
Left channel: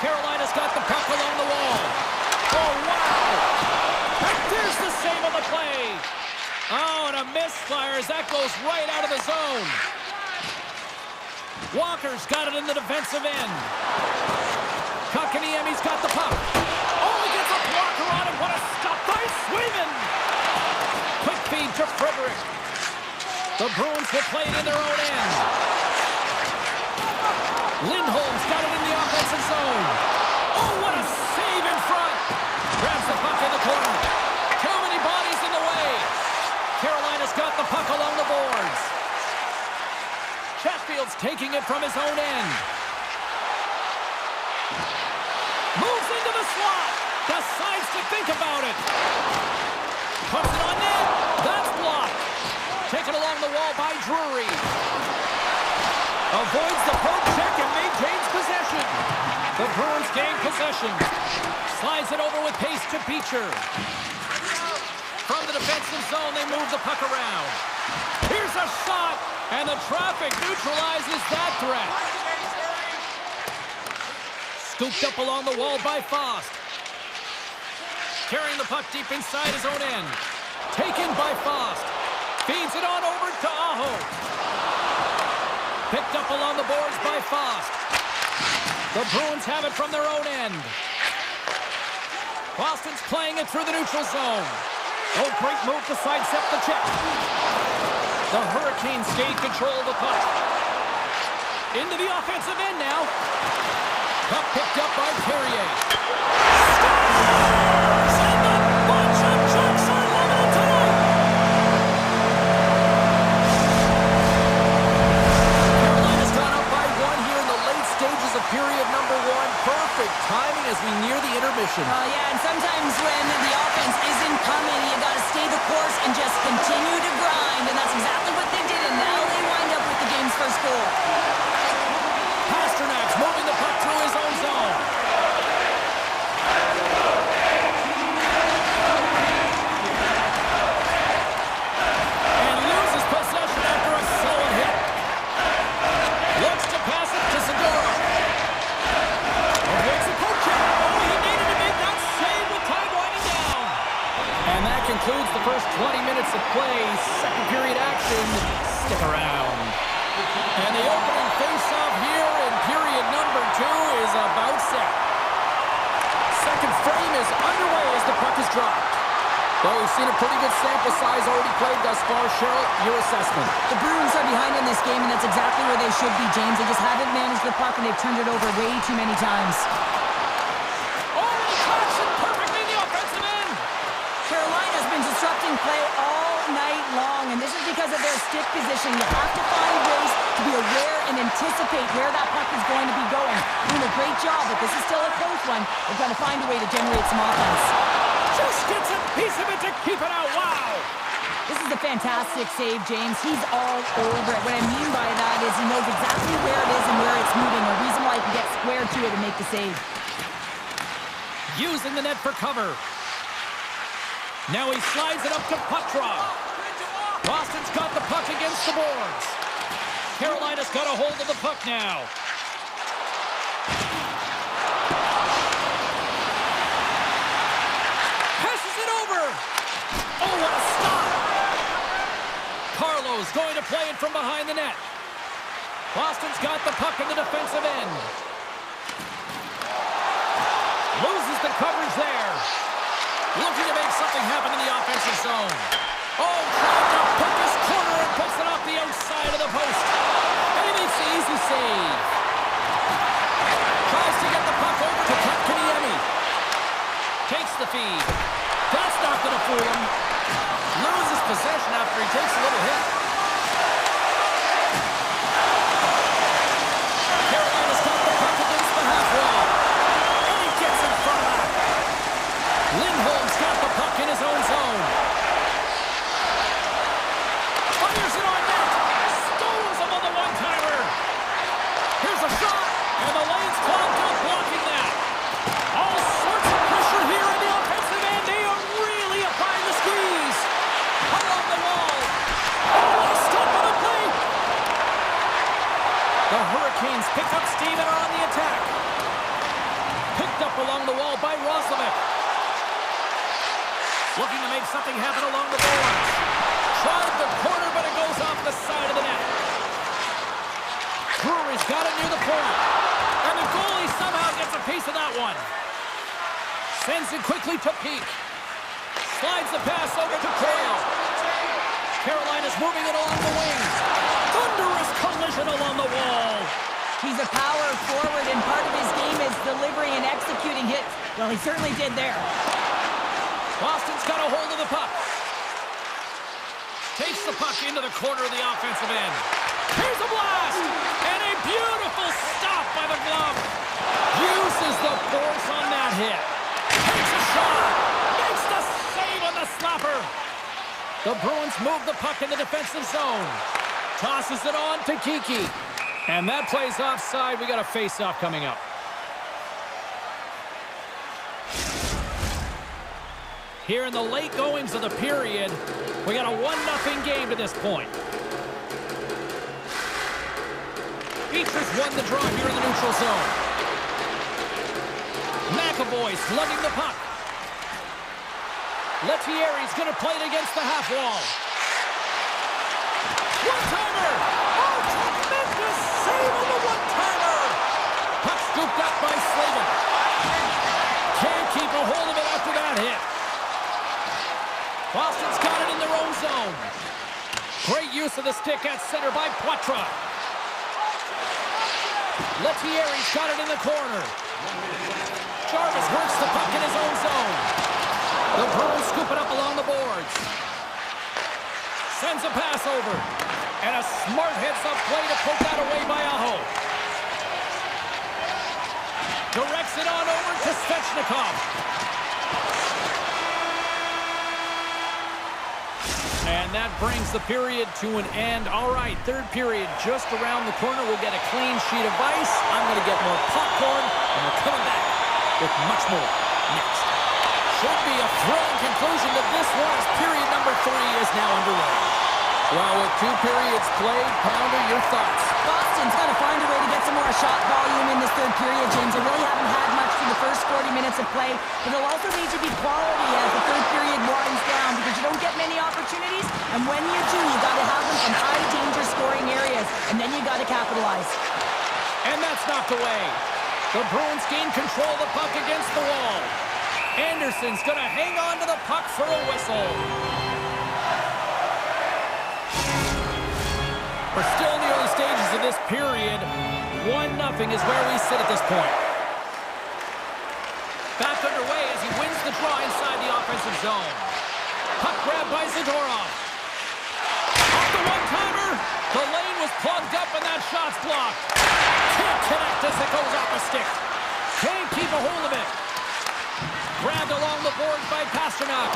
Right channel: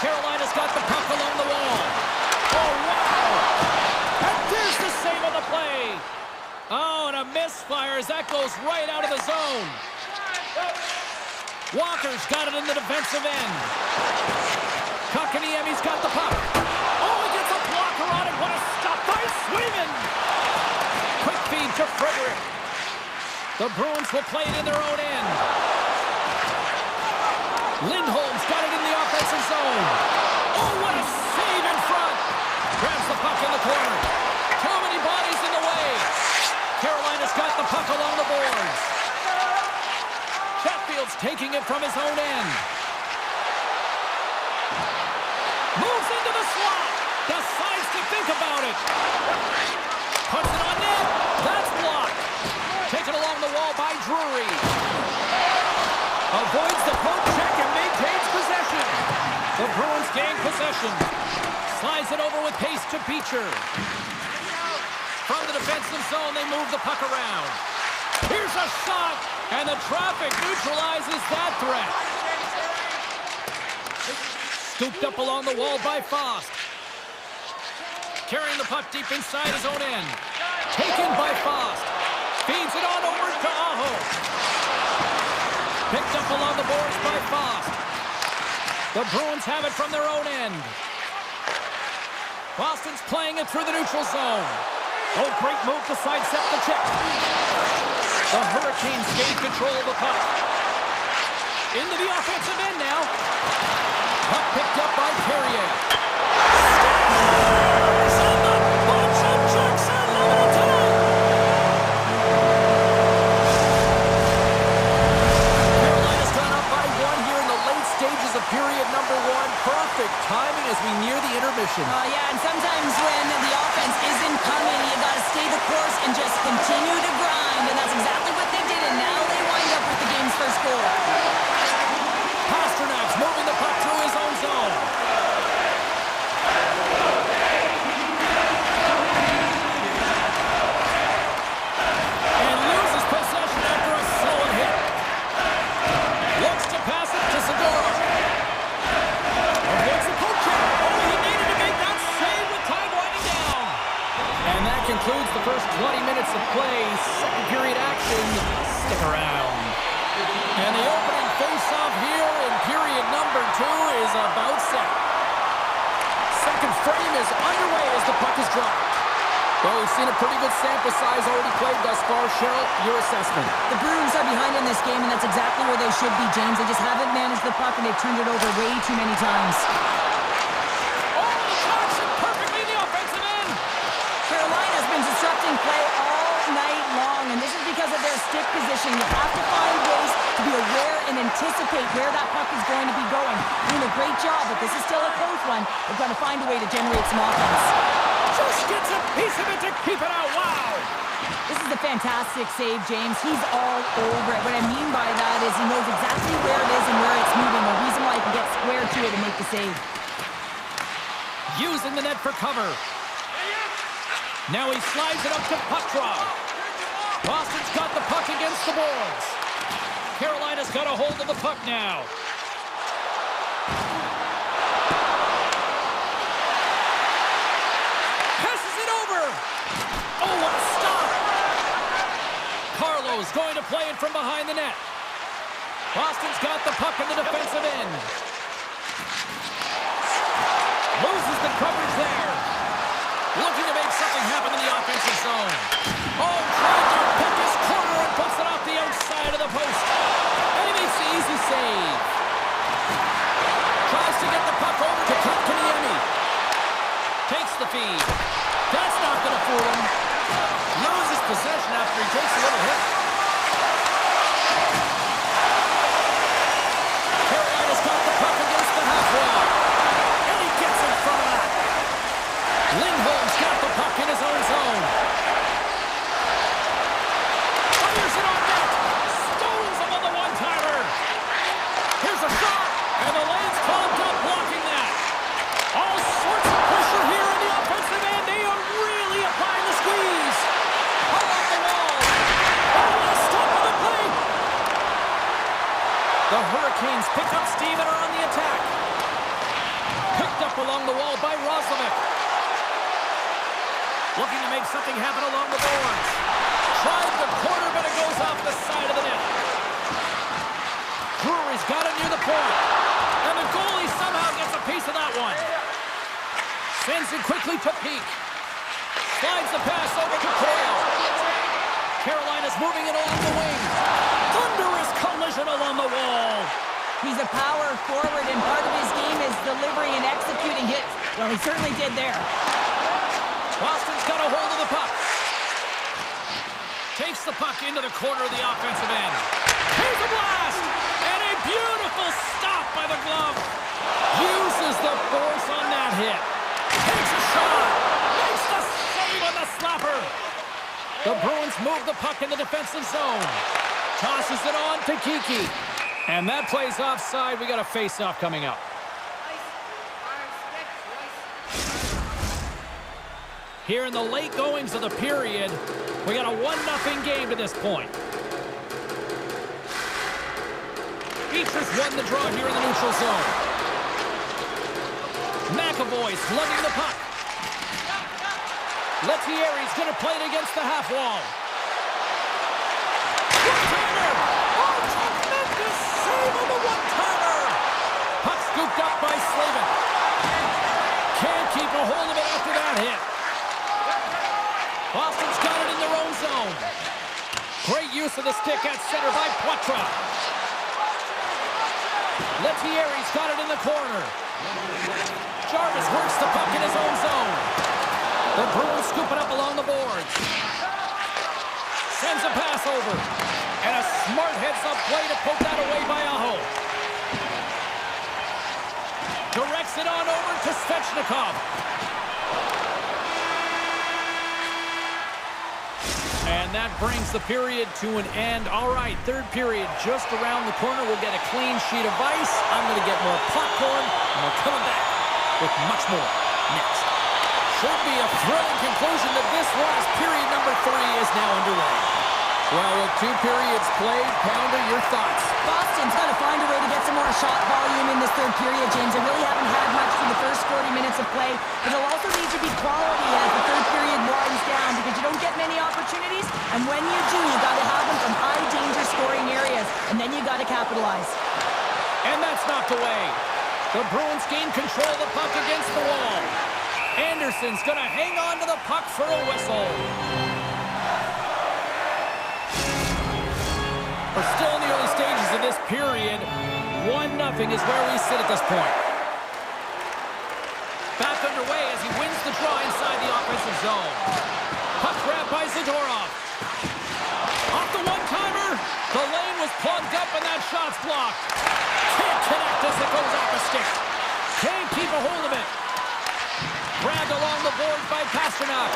Carolina's got the puck along the wall. Oh, wow. And there's the save on the play. Oh, and a misfire as that goes right out of the zone. Walker's got it in the defensive end. Kotkaniemi's got the puck. Oh, he gets a blocker on it. What a stop by Swayman. Quick feed to Frederick. The Bruins will play it in their own end. Lindholm's got it in the offensive zone. Oh, what a save in front. Grabs the puck in the corner. Too many bodies in the way. Carolina's got the puck along the boards. Chatfield's taking it from his own end. Moves into the slot. Decides to think about it. Puts it on net. That's blocked. Taken along the wall by Drury. Avoids the poke check and maintains possession. The Bruins gain possession. Slides it over with pace to Beecher. From the defensive zone, they move the puck around. Here's a shot, and the traffic neutralizes that threat. Scooped up along the wall by Fost. Carrying the puck deep inside his own end. Taken by Fost. Feeds it on over to Aho. Picked up along the boards by Fost. The Bruins have it from their own end. Boston's playing it through the neutral zone. Oh, great move to sidestep the check. The Hurricanes gain control of the puck. Into the offensive end now. Puck picked up by Carrier. Scores! And the bunch of Sharks are level tonight! Carolina's gone up by one here in the late stages of period number one. Perfect timing as we near the intermission. Yeah, and sometimes when the offense isn't coming, you got to stay the course and just continue to grind, and that's exactly what they did, and now they wind up with the game's first goal. Pasternak's moving the puck through his own zone. And loses possession after a solid hit. Looks to pass it to Zadorov. Avoids the poke check. Oh, he needed to make that save with time winding down. And that concludes the first 20 minutes of play. Second period action. Stick around. And the opening face-off here in period number two is about set. Second frame is underway as the puck is dropped. Well, we've seen a pretty good sample size already played thus far. Cheryl, your assessment. The Bruins are behind in this game, and that's exactly where they should be, James. They just haven't managed the puck, and they've turned it over way too many times. Oh, and he tracks it perfectly in the offensive end. Carolina's been disrupting play all night long, and this is because of their stick positioning. You have to find ways to be aware and anticipate where that puck is going to be going. Doing a great job, but this is still a close one. They're going to find a way to generate some offense. Just gets a piece of it to keep it out. Wow! This is a fantastic save, James. He's all over it. What I mean by that is he knows exactly where it is and where it's moving. A reason why he can get square to it and make the save. Using the net for cover. Now he slides it up to puck draw. Boston's got the puck against the boards. Carolina's got a hold of the puck now. Passes it over. Oh, what a stop. Carlo's going to play it from behind the net. Boston's got the puck in the defensive end. Loses the coverage there. Looking to make something happen in the offensive zone. Oh, tried to pick his corner and puts it off the outside of the post. And he makes the easy save. Tries to get the puck over to Kotkaniemi. Takes the feed. That's not going to fool him. Loses possession after he takes a little hit. Carolina's got the puck against the half wall. And he gets in front of that. Lindholm's got the puck in his own zone. Fires it on net. Stones him on the one-timer. Here's a shot. And the lane's clogged up blocking that. All sorts of pressure here in the offensive end. They are really applying the squeeze. Along the wall. Oh, what a stop on the play. The Hurricanes pick up steam and are on the attack. Picked up along the wall by Roslovic. Looking to make something happen along the boards. Tried the corner, but it goes off the side of the net. Drury's got it near the point. And the goalie somehow gets a piece of that one. Sends it quickly to Peak. Slides the pass over to Coyle. Carolina's moving it along the wing. Thunderous collision along the wall. He's a power forward, and part of his game is delivering and executing hits. Well, he certainly did there. Boston's got a hold of the puck. Takes the puck into the corner of the offensive end. Here's a blast! And a beautiful stop by the glove. Uses the force on that hit. Takes a shot. Makes the save on the slapper. The Bruins move the puck in the defensive zone. Tosses it on to Kiki. And that plays offside. We got a face-off coming up. Here in the late goings of the period, we got a 1-0 game to this point. Beatrice won the draw here in the neutral zone. McAvoy slugging the puck. Lettieri's going to play it against the half wall. One-timer! Oh, tremendous save on the one-timer! Puck scooped up by Slavin. Can't keep a hold of it after that hit. Boston's got it in their own zone. Great use of the stick at center by Poitras. Lettieri's got it in the corner. Jarvis works the puck in his own zone. The Bruins scoop it up along the boards. Sends a pass over. And a smart heads-up play to poke that away by Aho. Directs it on over to Svechnikov. And that brings the period to an end. All right, third period just around the corner. We'll get a clean sheet of ice. I'm going to get more popcorn, and we're coming back with much more next. Should be a thrilling conclusion to this one as period number 3 is now underway. Well, with 2 periods played, Pounder, your thoughts? Boston's got to find a way to get some more shot volume in this third period, James. They really haven't had much through the first 40 minutes of play, but it'll also need to be quality as the third period winds down because you don't get many opportunities, and when you do, you got to have them from high-danger scoring areas, and then you got to capitalize. And that's knocked away. The Bruins gain control of the puck against the wall. Anderson's going to hang on to the puck for a whistle. We're still in the early stages of this period. 1-0 is where we sit at this point. Back underway as he wins the draw inside the offensive zone. Puck grab by Zadorov. Off the one-timer. The lane was plugged up and that shot's blocked. Can't connect as it goes off the stick. Can't keep a hold of it. Grabbed along the boards by Pasternak.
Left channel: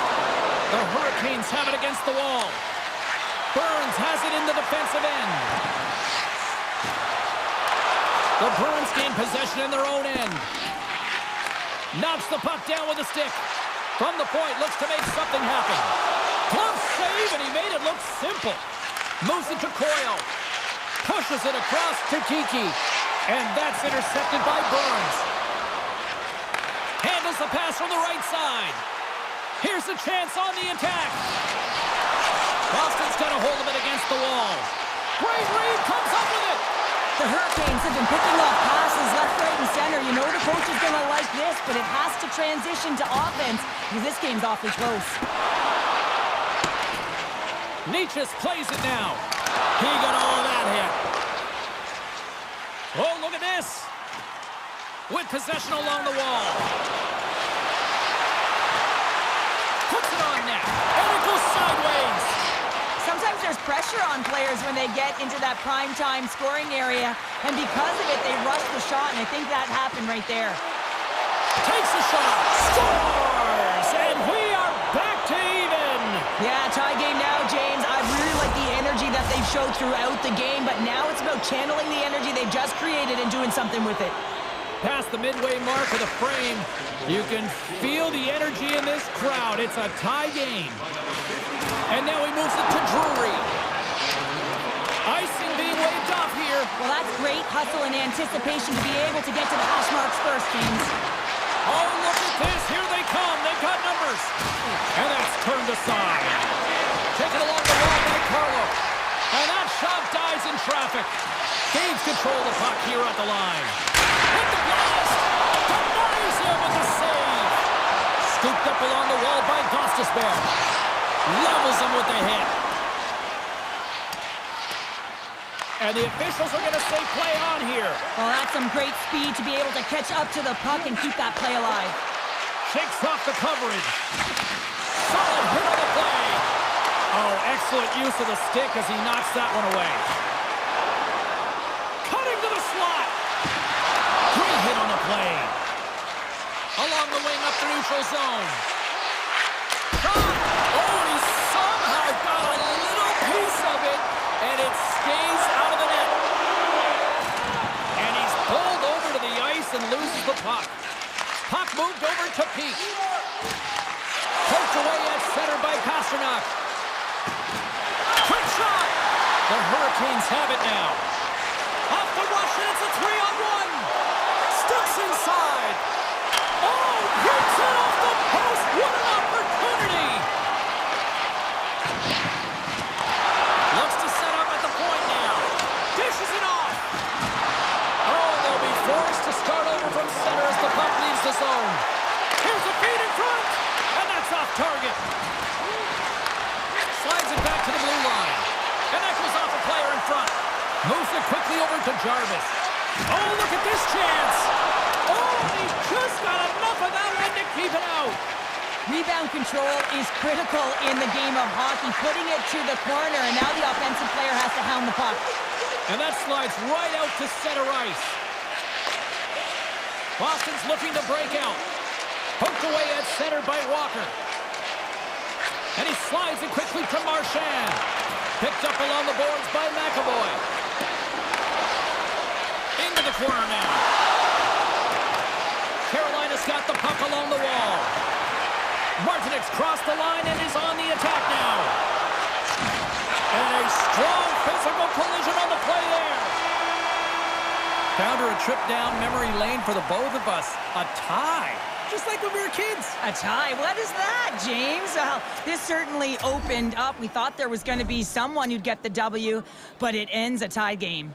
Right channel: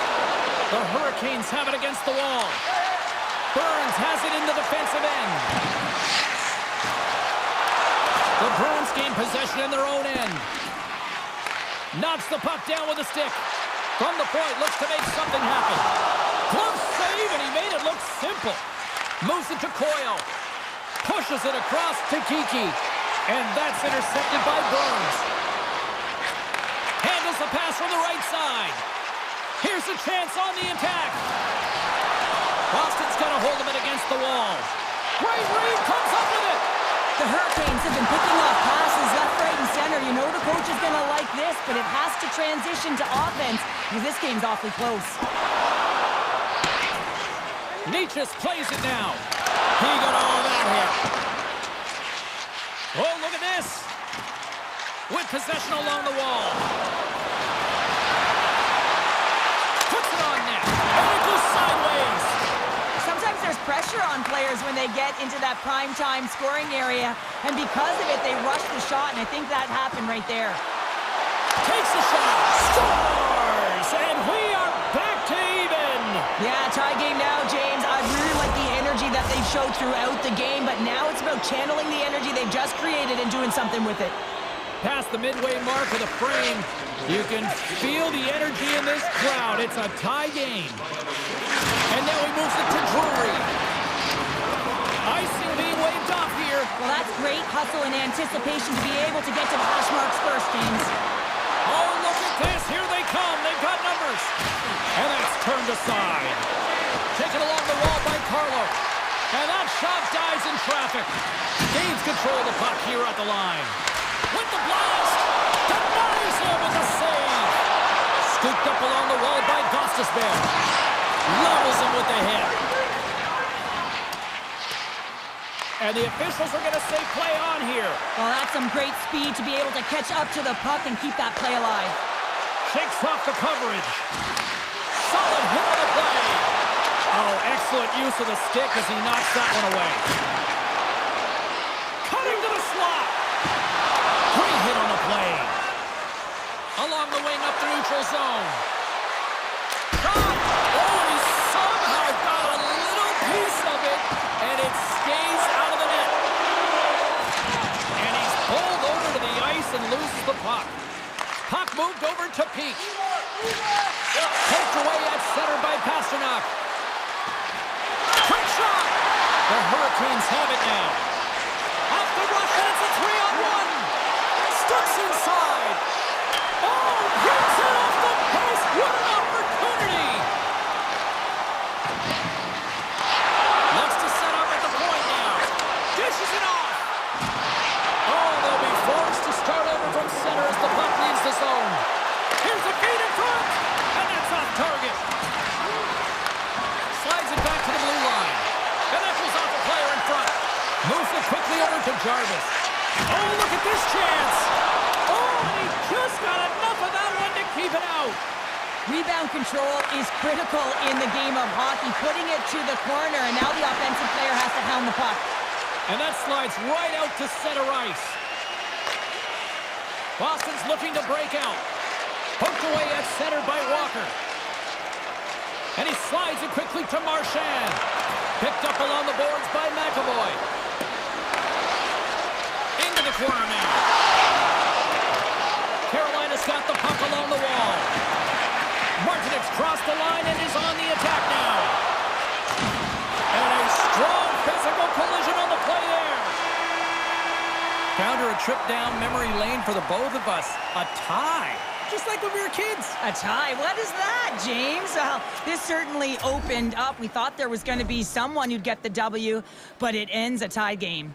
The Hurricanes have it against the wall. Burns has it in the defensive end. The Bruins gain possession in their own end. Knocks the puck down with a stick. From the point, looks to make something happen. Glove save, and he made it look simple. Moves it to Coyle. Pushes it across to Kiki. And that's intercepted by Burns. Handles the pass from the right side. Here's a chance on the attack. Boston's got a hold of it against the wall. Great read, comes up with it. The Hurricanes have been picking off passes left, right, and center. You know the coach is going to like this, but it has to transition to offense because this game's awfully close. Nietzsche's plays it now. He got all that hit. Oh, look at this. With possession along the wall. Puts it on net. And it goes sideways. Sometimes there's pressure on players when they get into that prime time scoring area, and because of it, they rush the shot, and I think that happened right there. Takes the shot, scores, and we are back to even. Yeah, tie game now, James. I really like the energy that they've showed throughout the game, but now it's about channeling the energy they've just created and doing something with it. Past the midway mark of the frame, you can feel the energy in this crowd. It's a tie game. And now he moves it to Drury. Icing being waved off here. Well, that's great hustle and anticipation to be able to get to the hash marks first, James. Oh, look at this. Here they come. They've got numbers. And that's turned aside. Taken along the wall by Carlo. And that shot dies in traffic. Gains control of the puck here at the line. With the blast. Denies him with a save. Scooped up along the wall by Gostisbehere. Levels him with the hit. And the officials are going to say play on here. Well, that's some great speed to be able to catch up to the puck and keep that play alive. Shakes off the coverage. Solid hit on the play. Oh, excellent use of the stick as he knocks that one away. Cutting to the slot. Great hit on the play. Along the wing up the neutral zone. Shot. Oh, he somehow got a little piece of it, and it stays out of the net. And he's pulled over to the ice and loses the puck. Puck moved over to Peak. Poked away at center by Pasternak. Quick shot. The Hurricanes have it now. Off the rush, and it's a 3-on-1. Sticks inside. Oh, rips it off the post. What an opportunity. Looks to set up at the point now. Dishes it off. Oh, they'll be forced to start over from center as the puck leaves the zone. Here's a feed in front, and that's off target. Slides it back to the blue line. And that goes off a player in front. Moves it quickly over to Jarvis. Oh, look at this chance. Oh, and he just got enough of that one to keep it out. Rebound control is critical in the game of hockey, putting it to the corner, and now the offensive player has to hound the puck. And that slides right out to center ice. Boston's looking to break out. Poked away at center by Walker. And he slides it quickly to Marchand. Picked up along the boards by McAvoy. Into the corner now. Carolina's got the puck along the wall. Martinez crossed the line and is on the attack now. And a strong physical collision on the play there. Found her a trip down memory lane for the both of us. A tie. Just like when we were kids. A tie? What is that, James? Well, this certainly opened up. We thought there was going to be someone who'd get the W, but it ends a tie game.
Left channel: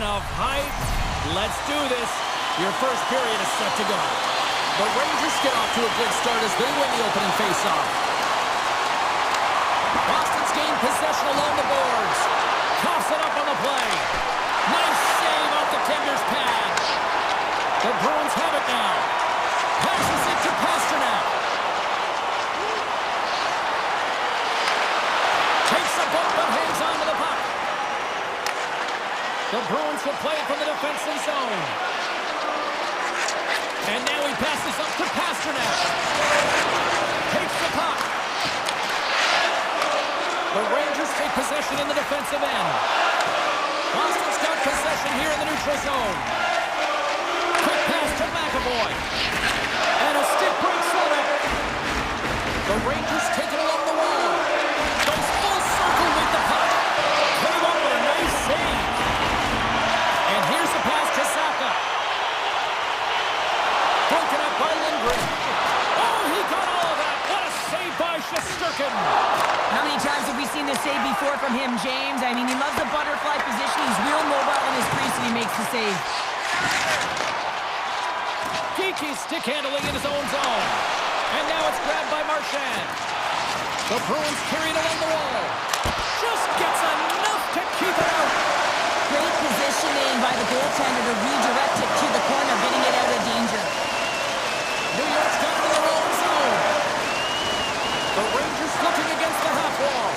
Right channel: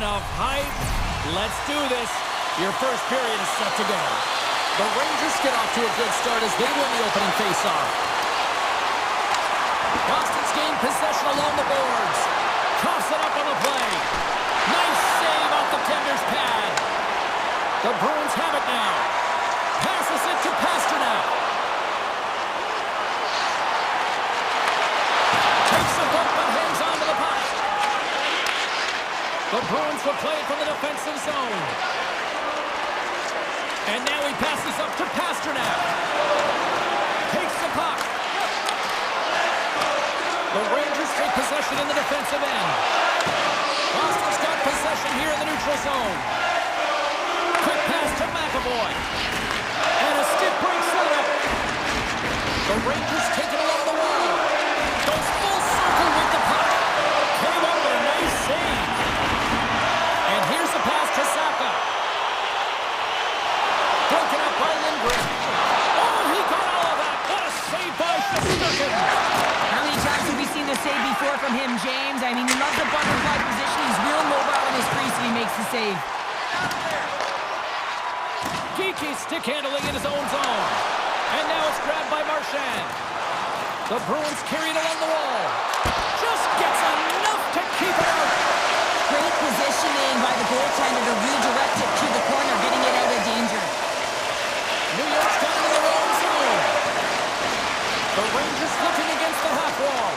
enough hype. Let's do this. Your first period is set to go. The Rangers get off to a good start as they win the opening faceoff. Boston's gained possession along the boards. Coughs it up on the play. Nice save off the tender's pad. The Bruins have it now. Passes it to Pasternak. Takes a bump but hangs on to the puck. The Bruins will play it from the defensive zone. And now he passes up to Pasternak. Takes the puck. The Rangers take possession in the defensive end. Boston's got possession here in the neutral zone. Quick pass to McAvoy. And a stick break set up. The Rangers take it along the wall. Goes full circle with the puck. Came up with a nice save. And here's the pass to Saka. Broken up by Lindgren. Oh, he got all of that. What a save by Shesterkin. How many times have we seen this save before from him, James? I mean, he loves the butterfly position. He's real mobile in his crease and he makes the save. Geeky stick handling in his own zone. And now it's grabbed by Marchand. The Bruins carry it along the wall. Just gets enough to keep it out. Great positioning by the goaltender to redirect it to the corner, getting it out of danger. New York's got it in their own zone. The Rangers looking against the half wall.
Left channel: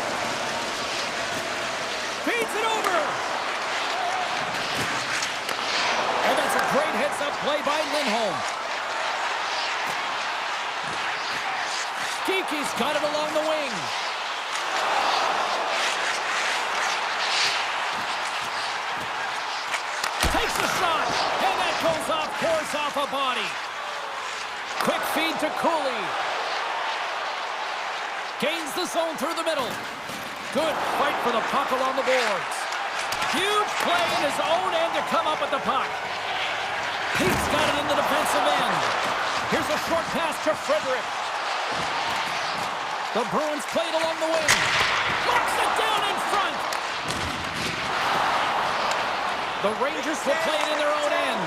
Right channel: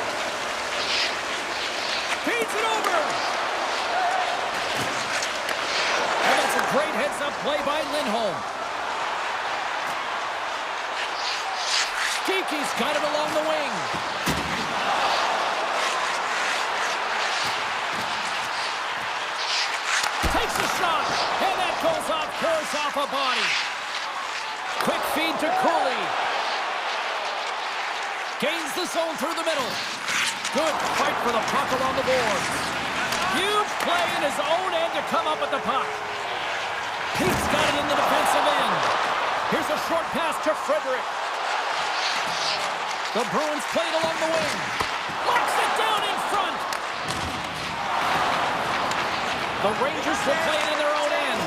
Feeds it over. And that's a great heads-up play by Lindholm. Geeky's got it along the wing. Takes a shot, and that goes off course off a body. Quick feed to Cooley. Gains the zone through the middle. Good fight for the puck along the boards. Huge play in his own end to come up with the puck. Pete's got it in the defensive end. Here's a short pass to Frederick. The Bruins play it along the wing. Locks it down in front. The Rangers will play it in their own end.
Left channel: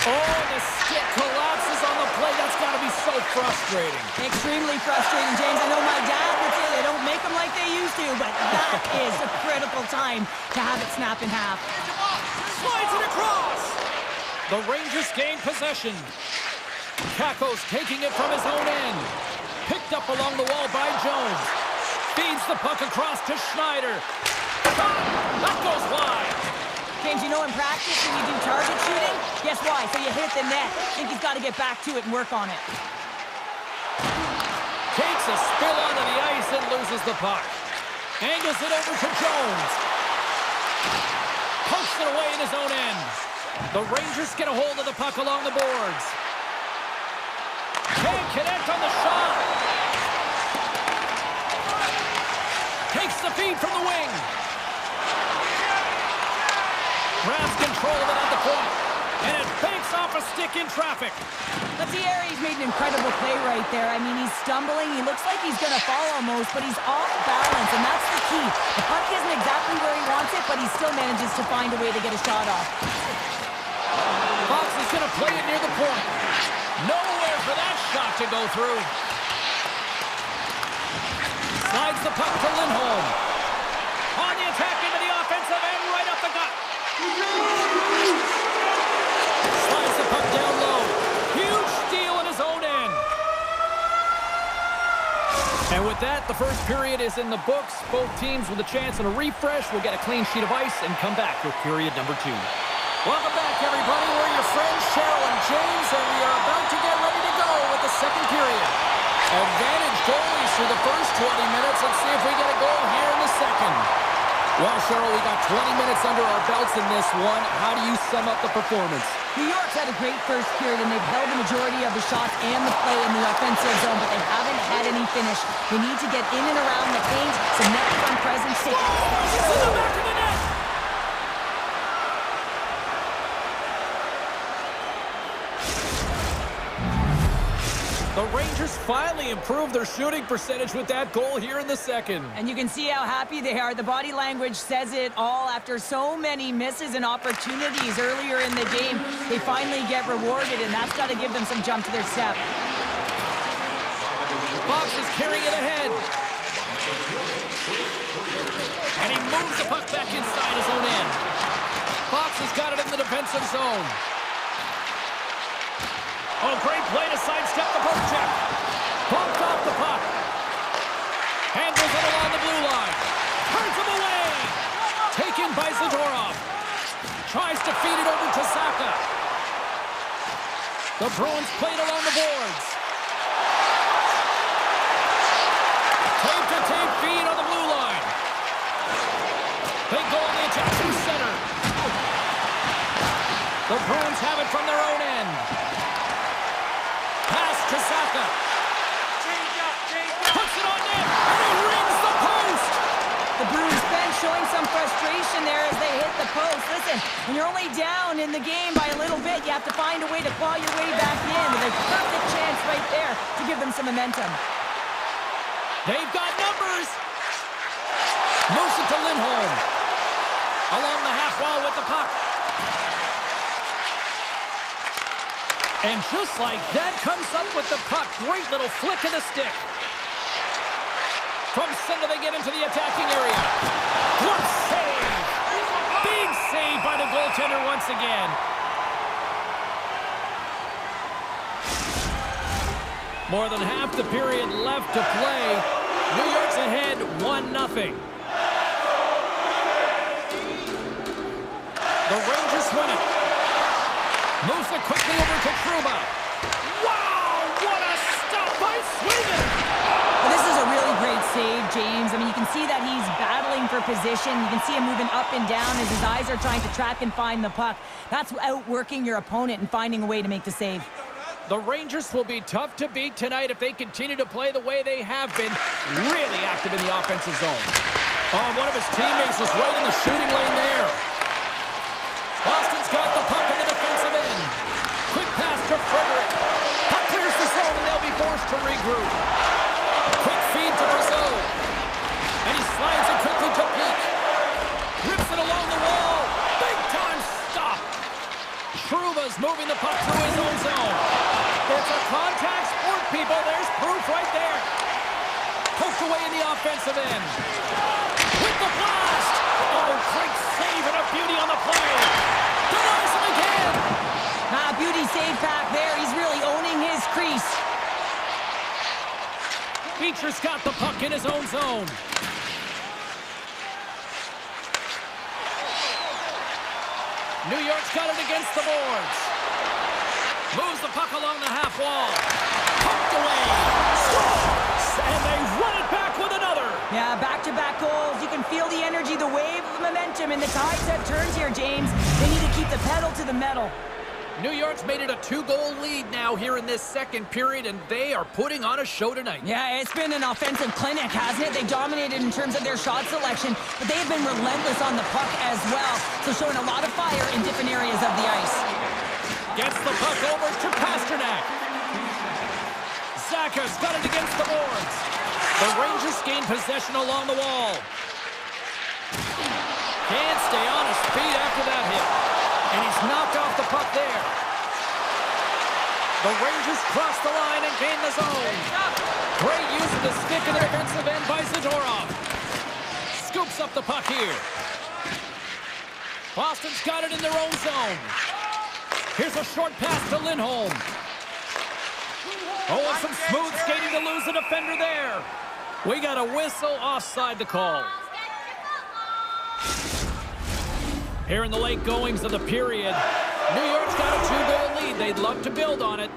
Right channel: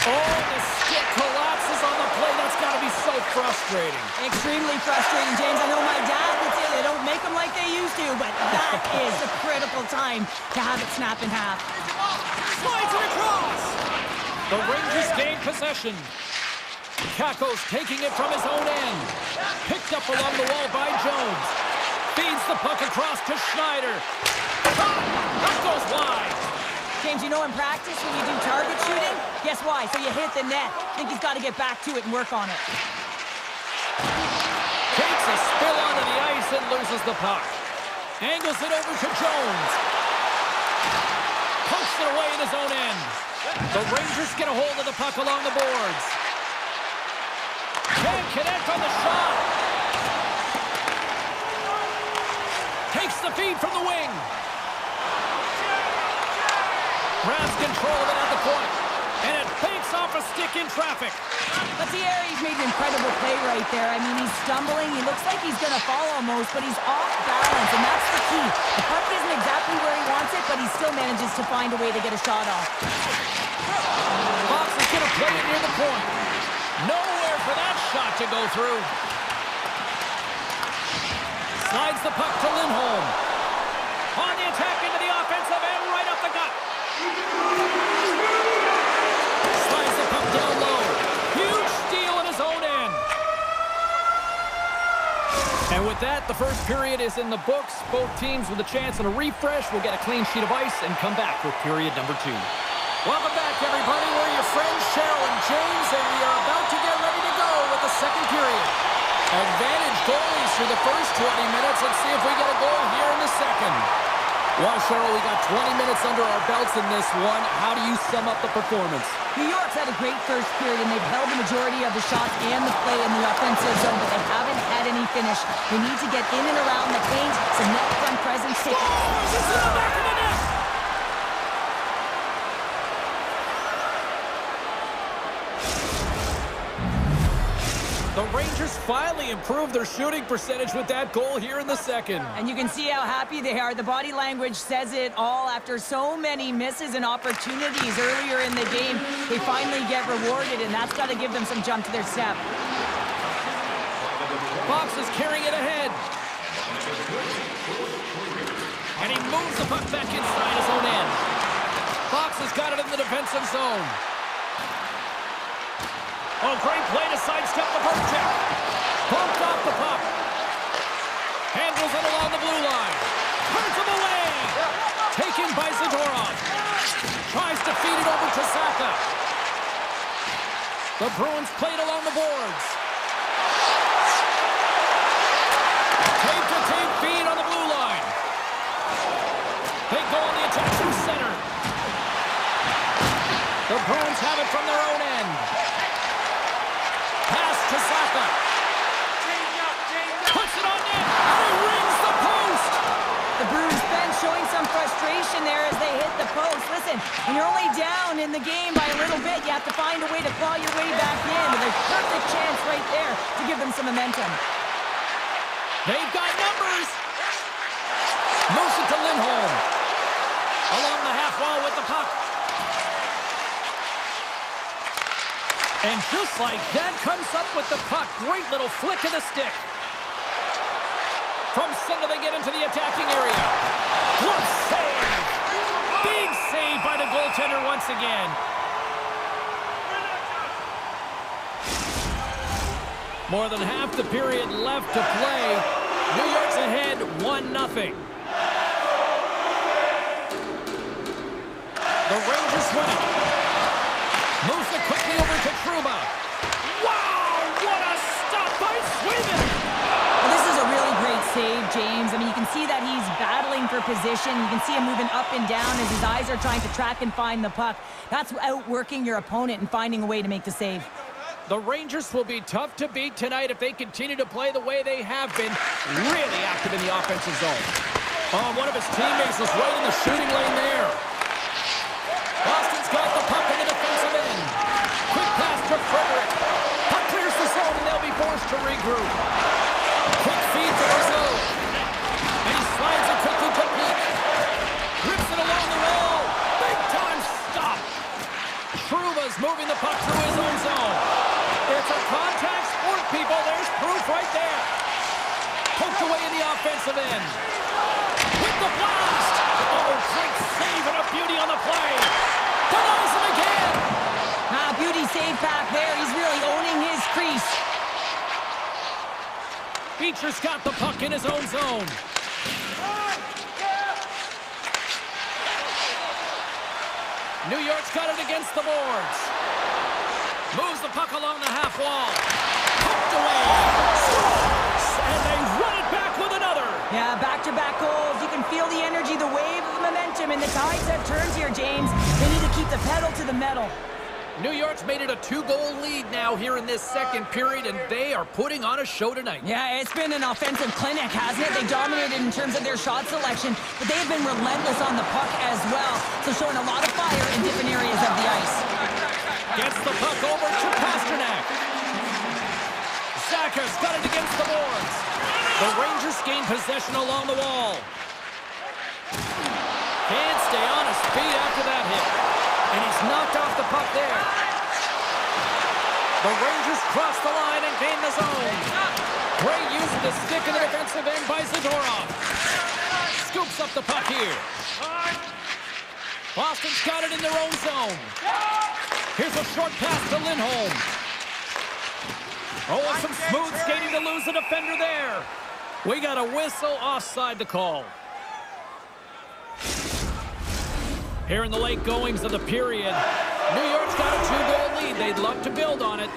Oh, the stick collapses on the play. That's got to be so frustrating. Extremely frustrating, James. I know my dad would say they don't make them like they used to, but that is a critical time to have it snap in half. Slides it across. The Rangers gain possession. Kakko's taking it from his own end. Picked up along the wall by Jones. Feeds the puck across to Schneider. That goes wide. James, you know in practice when you do target shooting, guess why? So you hit the net. I think he's got to get back to it and work on it. Takes a spill onto the ice and loses the puck. Angles it over to Jones. Pokes it away in his own end. The Rangers get a hold of the puck along the boards. Can't connect on the shot. Takes the feed from the wing. Grabs control of it at the point. And it banks off a stick in traffic. But Thierry's made an incredible play right there. I mean, he's stumbling. He looks like he's going to fall almost, but he's off balance, and that's the key. The puck isn't exactly where he wants it, but he still manages to find a way to get a shot off. Fox is going to play it near the point. Nowhere for that shot to go through. Slides the puck to Lindholm. On the attack into the offensive end, right up the gut. Slides the puck down low. Huge steal in his own end. And with that, the first period is in the books. Both teams with a chance and a refresh will get a clean sheet of ice and come back with period number 2. Welcome back, everybody. We're your friends, Cheryl and James, and we are about to get ready to go with the second period. Advantage goalies through the first 20 minutes. Let's see if we get a goal here in the second. Well, Cheryl, we got 20 minutes under our belts in this one. How do you sum up the performance? New York's had a great first period, and they've held the majority of the shots and the play in the offensive zone, but they haven't had any finish. They need to get in and around the paint, some net front presence. Scores! It's in the back of the net! The Rangers finally improved their shooting percentage with that goal here in the second. And you can see how happy they are. The body language says it all. After so many misses and opportunities earlier in the game, they finally get rewarded, and that's got to give them some jump to their step. Fox is carrying it ahead. And he moves the puck back inside his own end. Fox has got it in the defensive zone. Oh, great play to sidestep the poke check. Bumped off the puck. Handles it along the blue line. Turns him away. Taken by Zadorov. Tries to feed it over to Saka. The Bruins played along the boards. Tape-to-tape feed on the blue line. They go on the attack through center. The Bruins have it from their own end. Pass to Saka. Puts it on net, and he rings the post. The Bruins bench showing some frustration there as they hit the post. Listen, when you're only down in the game by a little bit, you have to find a way to claw your way back in. With a perfect chance right there to give them some momentum. They've got numbers. Moves it to Lindholm. Along the half wall with the puck. And just like that, comes up with the puck. Great little flick of the stick. From center, they get into the attacking area. What save! Big save by the goaltender once again. More than half the period left to play. New York's ahead 1-0. The Rangers win it. Moves it quickly over to Truba. Wow, what a stop by Sweden! Well, this is a really great save, James. I mean, you can see that he's battling for position. You can see him moving up and down as his eyes are trying to track and find the puck. That's outworking your opponent and finding a way to make the save. The Rangers will be tough to beat tonight if they continue to play the way they have been, really active in the offensive zone. Oh, one of his teammates was right in the shooting lane there. Boston's got the puck in the defensive end. Quick pass to Frederick. Puck clears the zone, and they'll be forced to regroup. Quick feed to Brazil. And he slides it quickly to Peak. Rips it along the wall. Big time stop. Truba's moving the puck through his own zone. It's a contact sport, people. There's proof right there. Poked away in the offensive end. With the blast. Oh, great save and a beauty on the play. Denies him again. Beauty save back there. He's really owning his crease. Beecher's got the puck in his own zone. New York's got it against the boards. Moves the puck along the half wall. Poked away. Scores! And they run it back with another. Yeah, back-to-back goals. You can feel the energy, the wave of momentum, and the tides have turned here, James. They need to keep the pedal to the metal. New York's made it a 2-goal lead now here in this second period, and they are putting on a show tonight. Yeah, it's been an offensive clinic, hasn't it? They dominated in terms of their shot selection, but they have been relentless on the puck as well, so showing a lot of fire in different areas of the ice. Gets the puck over to Pasternak. Zaka's got it against the boards. The Rangers gain possession along the wall. Can't stay on his feet after that hit. And he's knocked off the puck there. The Rangers cross the line and gain the zone. Great use of the stick in the defensive end by Zadorov. Scoops up the puck here. Boston's got it in their own zone. Here's a short pass to Lindholm. Oh, and some smooth skating to lose the defender there. We got a whistle offside the call. Here in the late goings of the period, New York's got a 2-goal lead. They'd love to build on it.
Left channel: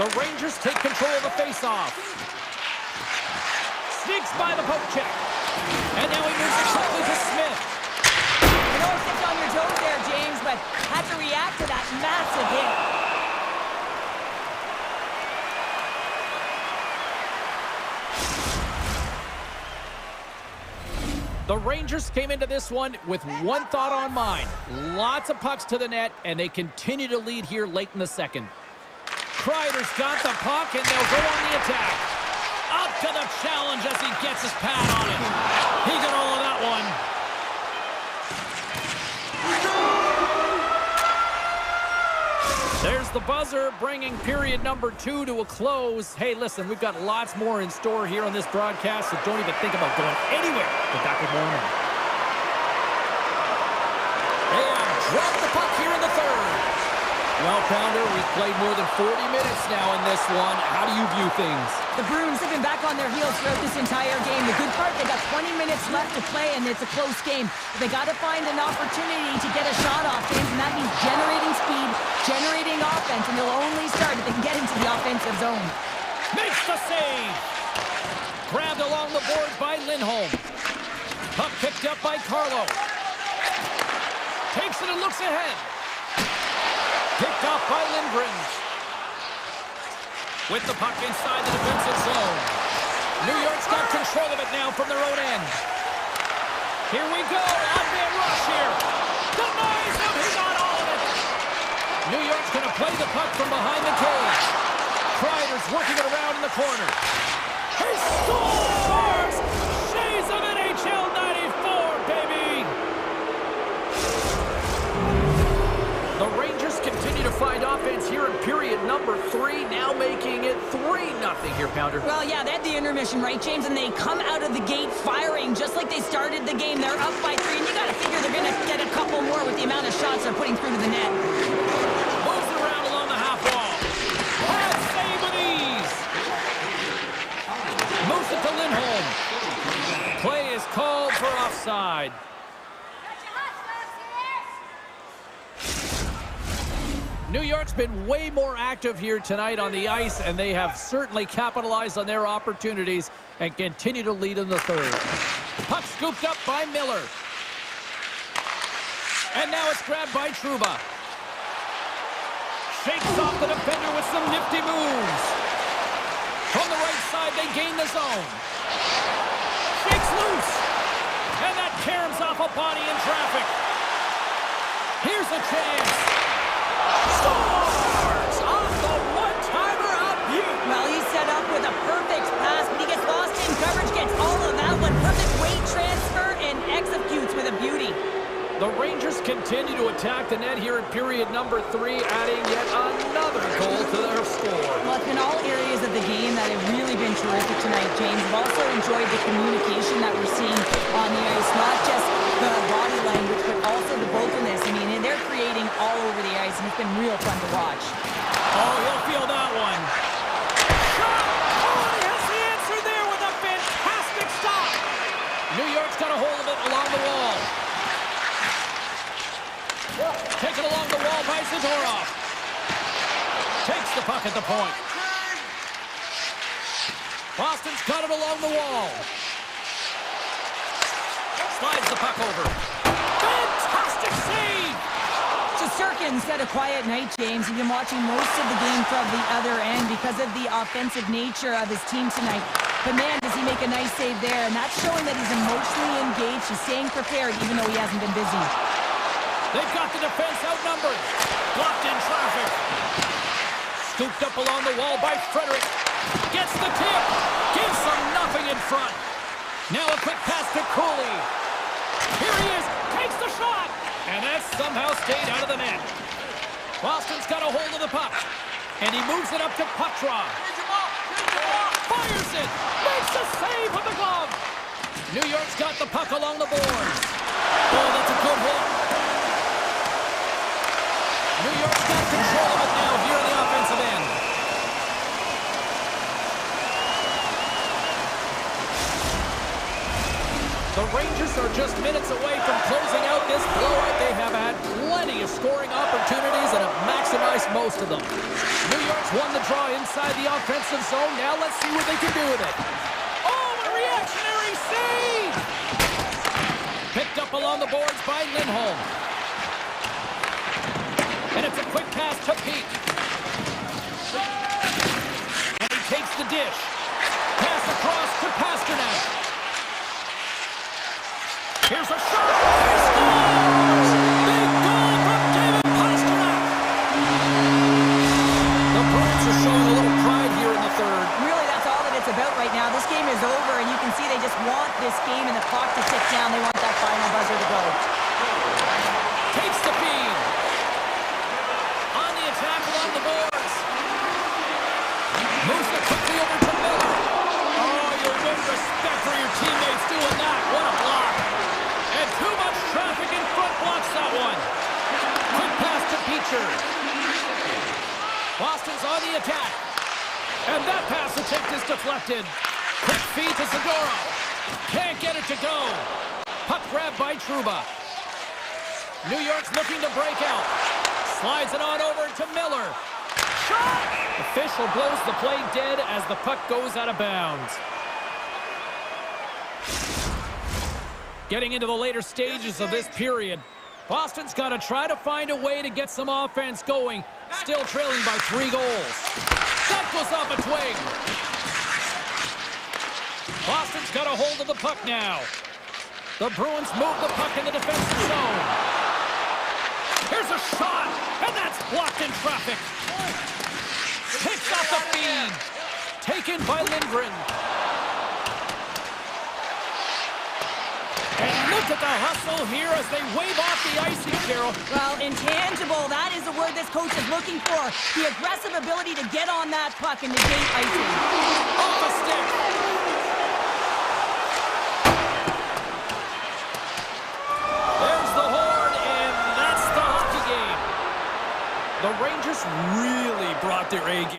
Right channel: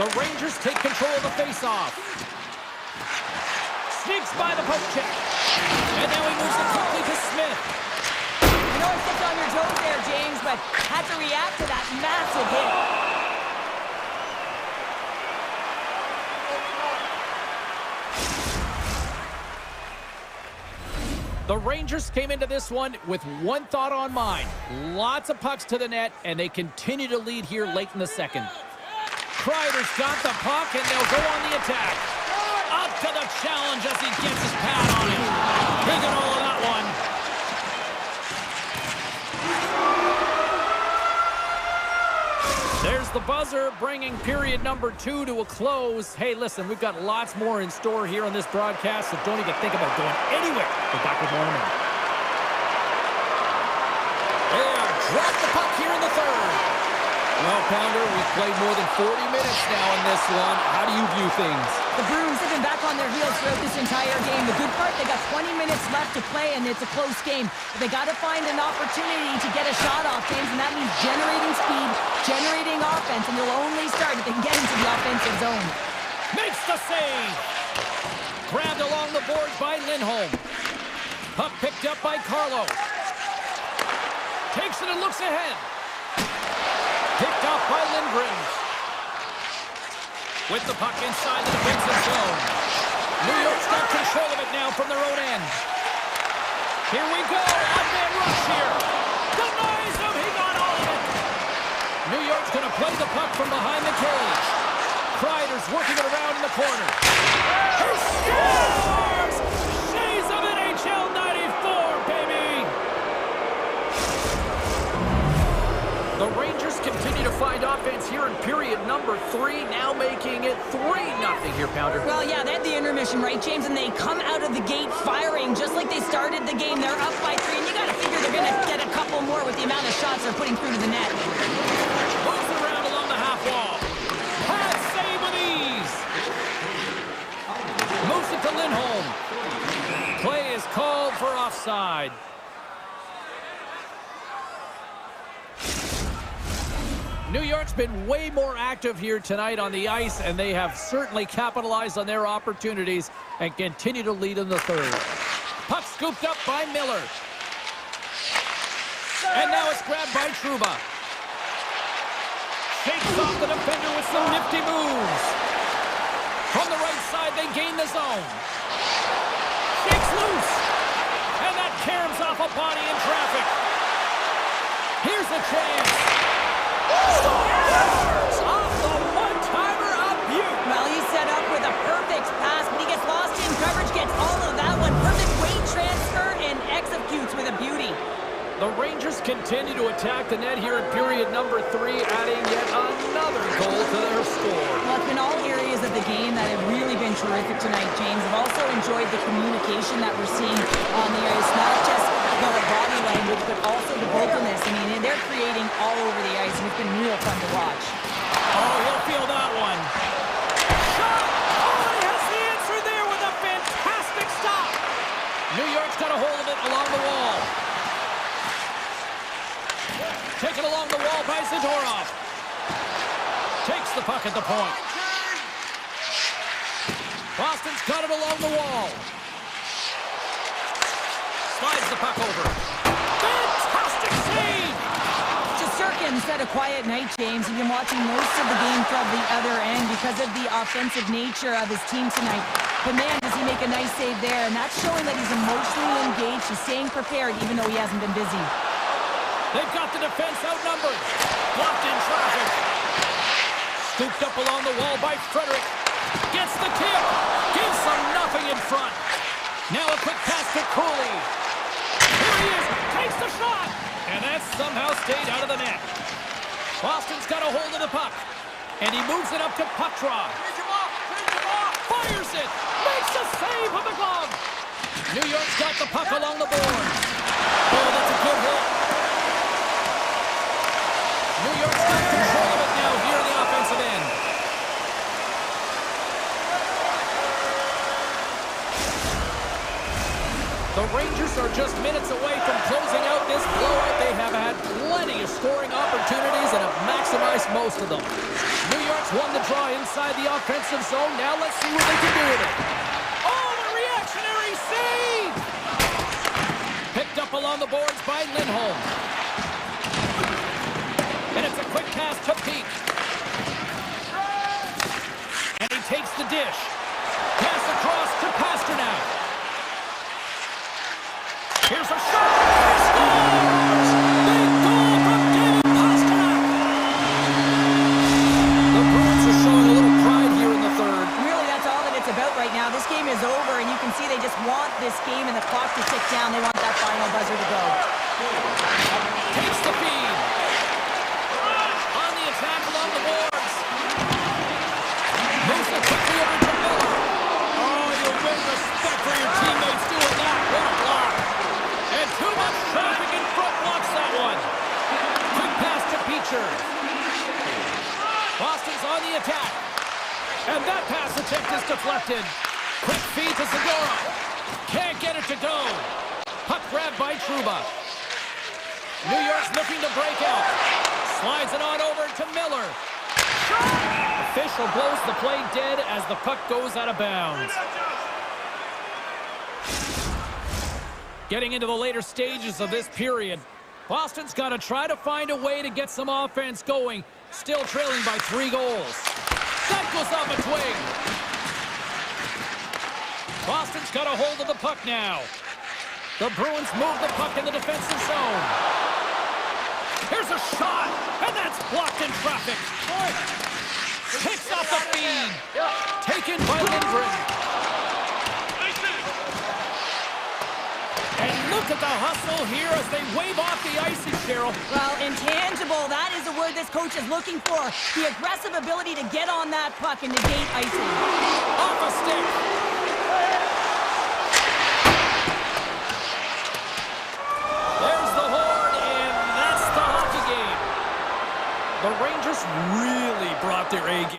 The Rangers take control of the faceoff. Sneaks by the poke check. And now he moves it quickly to Smith. I know I stepped on your toes there, James, but had to react to that massive hit. The Rangers came into this one with one thought on mind. Lots of pucks to the net, and they continue to lead here late in the second. Kreider's got the puck, and they'll go on the attack. Up to the challenge as he gets his pad on it. He got all of that one. There's the buzzer, bringing period number 2 to a close. Hey, listen, we've got lots more in store here on this broadcast, so don't even think about going anywhere. We're back with more in a minute. They have dropped the puck here in the third. Well, Pounder, we've played more than 40 minutes now in this one. How do you view things? The Bruins have been back on their heels throughout this entire game. The good part, they got 20 minutes left to play, and it's a close game. But they got to find an opportunity to get a shot off, James, and that means generating speed, generating offense, and they'll only start if they can get into the offensive zone. Makes the save. Grabbed along the boards by Lindholm. Puck picked up by Carlo. Takes it and looks ahead. Picked off by Lindgren. With the puck inside the defensive zone. New York's got control of it now from their own end. Here we go. Odd-man rush here. Denies him. He got all of it. New York's going to play the puck from behind the cage. Kreider's working it around in the corner. He scores! Shades of NHL 94, baby! The Rangers continue to find offense here in period number 3, now making it 3-0 here, Pounder. Well, yeah, they had the intermission, right, James? And they come out of the gate firing just like they started the game. They're up by 3, and you got to figure they're going to get a couple more with the amount of shots they're putting through to the net. Moves it around along the half wall. Pad save with ease. Moves it to Lindholm. Play is called for offside. New York's been way more active here tonight on the ice, and they have certainly capitalized on their opportunities and continue to lead in the third. Puck scooped up by Miller. And now it's grabbed by Trouba. Shakes off the defender with some nifty moves. From the right side, they gain the zone. Shakes loose. And that caroms off a body in traffic. Here's a chance. Scores! Off the one-timer of Butte. Well, he's set up with a perfect pass, but he gets lost in coverage, gets all of that one. Perfect weight transfer and executes with a beauty. The Rangers continue to attack the net here in period number 3, adding yet another goal to their score. Well, it's been all areas of the game that have really been terrific tonight, James. I've also enjoyed the communication that we're seeing on the ice, not just the body language, but also the vocalness. I mean, they're creating all over the ice, and it's been real fun to watch. Oh, he'll feel that one. Shot! Oh, he has the answer there with a fantastic stop. New York's got a hold of it along the wall. Taken along the wall by Zadorov. Takes the puck at the point. Boston's got it along the wall. Slides the puck over. Fantastic save! Shesterkin's had a quiet night, James. He's been watching most of the game from the other end because of the offensive nature of his team tonight. But man, does he make a nice save there, and that's showing that he's emotionally engaged. He's staying prepared even though he hasn't been busy. They've got the defense outnumbered. Blocked in traffic. Scooped up along the wall by Frederick. Gets the tip. Gives them nothing in front. Now a quick pass to Cooley. Here he is. Takes the shot. And that somehow stayed out of the net. Boston's got a hold of the puck. And he moves it up to Poitras. Fires it. Makes a save with the glove. New York's got the puck along the boards. Oh, that's a good hit. New York's got control of it now here in the offensive end. The Rangers are just minutes away from closing out this blowout. They have had plenty of scoring opportunities and have maximized most of them. New York's won the draw inside the offensive zone. Now let's see what they can do with it. Oh, a reactionary save! Picked up along the boards by Lindholm. And it's a quick pass to Peak. And he takes the dish. Pass across to Pasternak. shot! He scores! Big goal from David Pasternak! The Bruins are showing a little pride here in the third. Really, that's all that it's about right now. This game is over, and you can see they just want this game and the clock to tick down. They want that final buzzer to go. Takes the feed. On the attack along the boards. Moves it quickly over to Miller. Oh, you win respect for your teammates doing that. What a block. And too much traffic in front blocks that one. Quick pass to Beecher. Boston's on the attack. And that pass attempt is deflected. Quick feed to Segura. Can't get it to go. Puck grabbed by Trouba. New York's looking to break out. Slides it on over to Miller. Shot! Official blows the play dead as the puck goes out of bounds. Getting into the later stages of this period, Boston's got to try to find a way to get some offense going, still trailing by 3 goals. That goes off a twig. Boston's got a hold of the puck now. The Bruins move the puck in the defensive zone. Here's a shot, and that's blocked in traffic. Picks off the feed. Taken by Lindgren. And look at the hustle here as they wave off the icing, Carol. Well, intangible, that is the word this coach is looking for. The aggressive ability to get on that puck and negate icing. Off a stick. There's the horn, and that's the hockey game. The Rangers really brought their A game.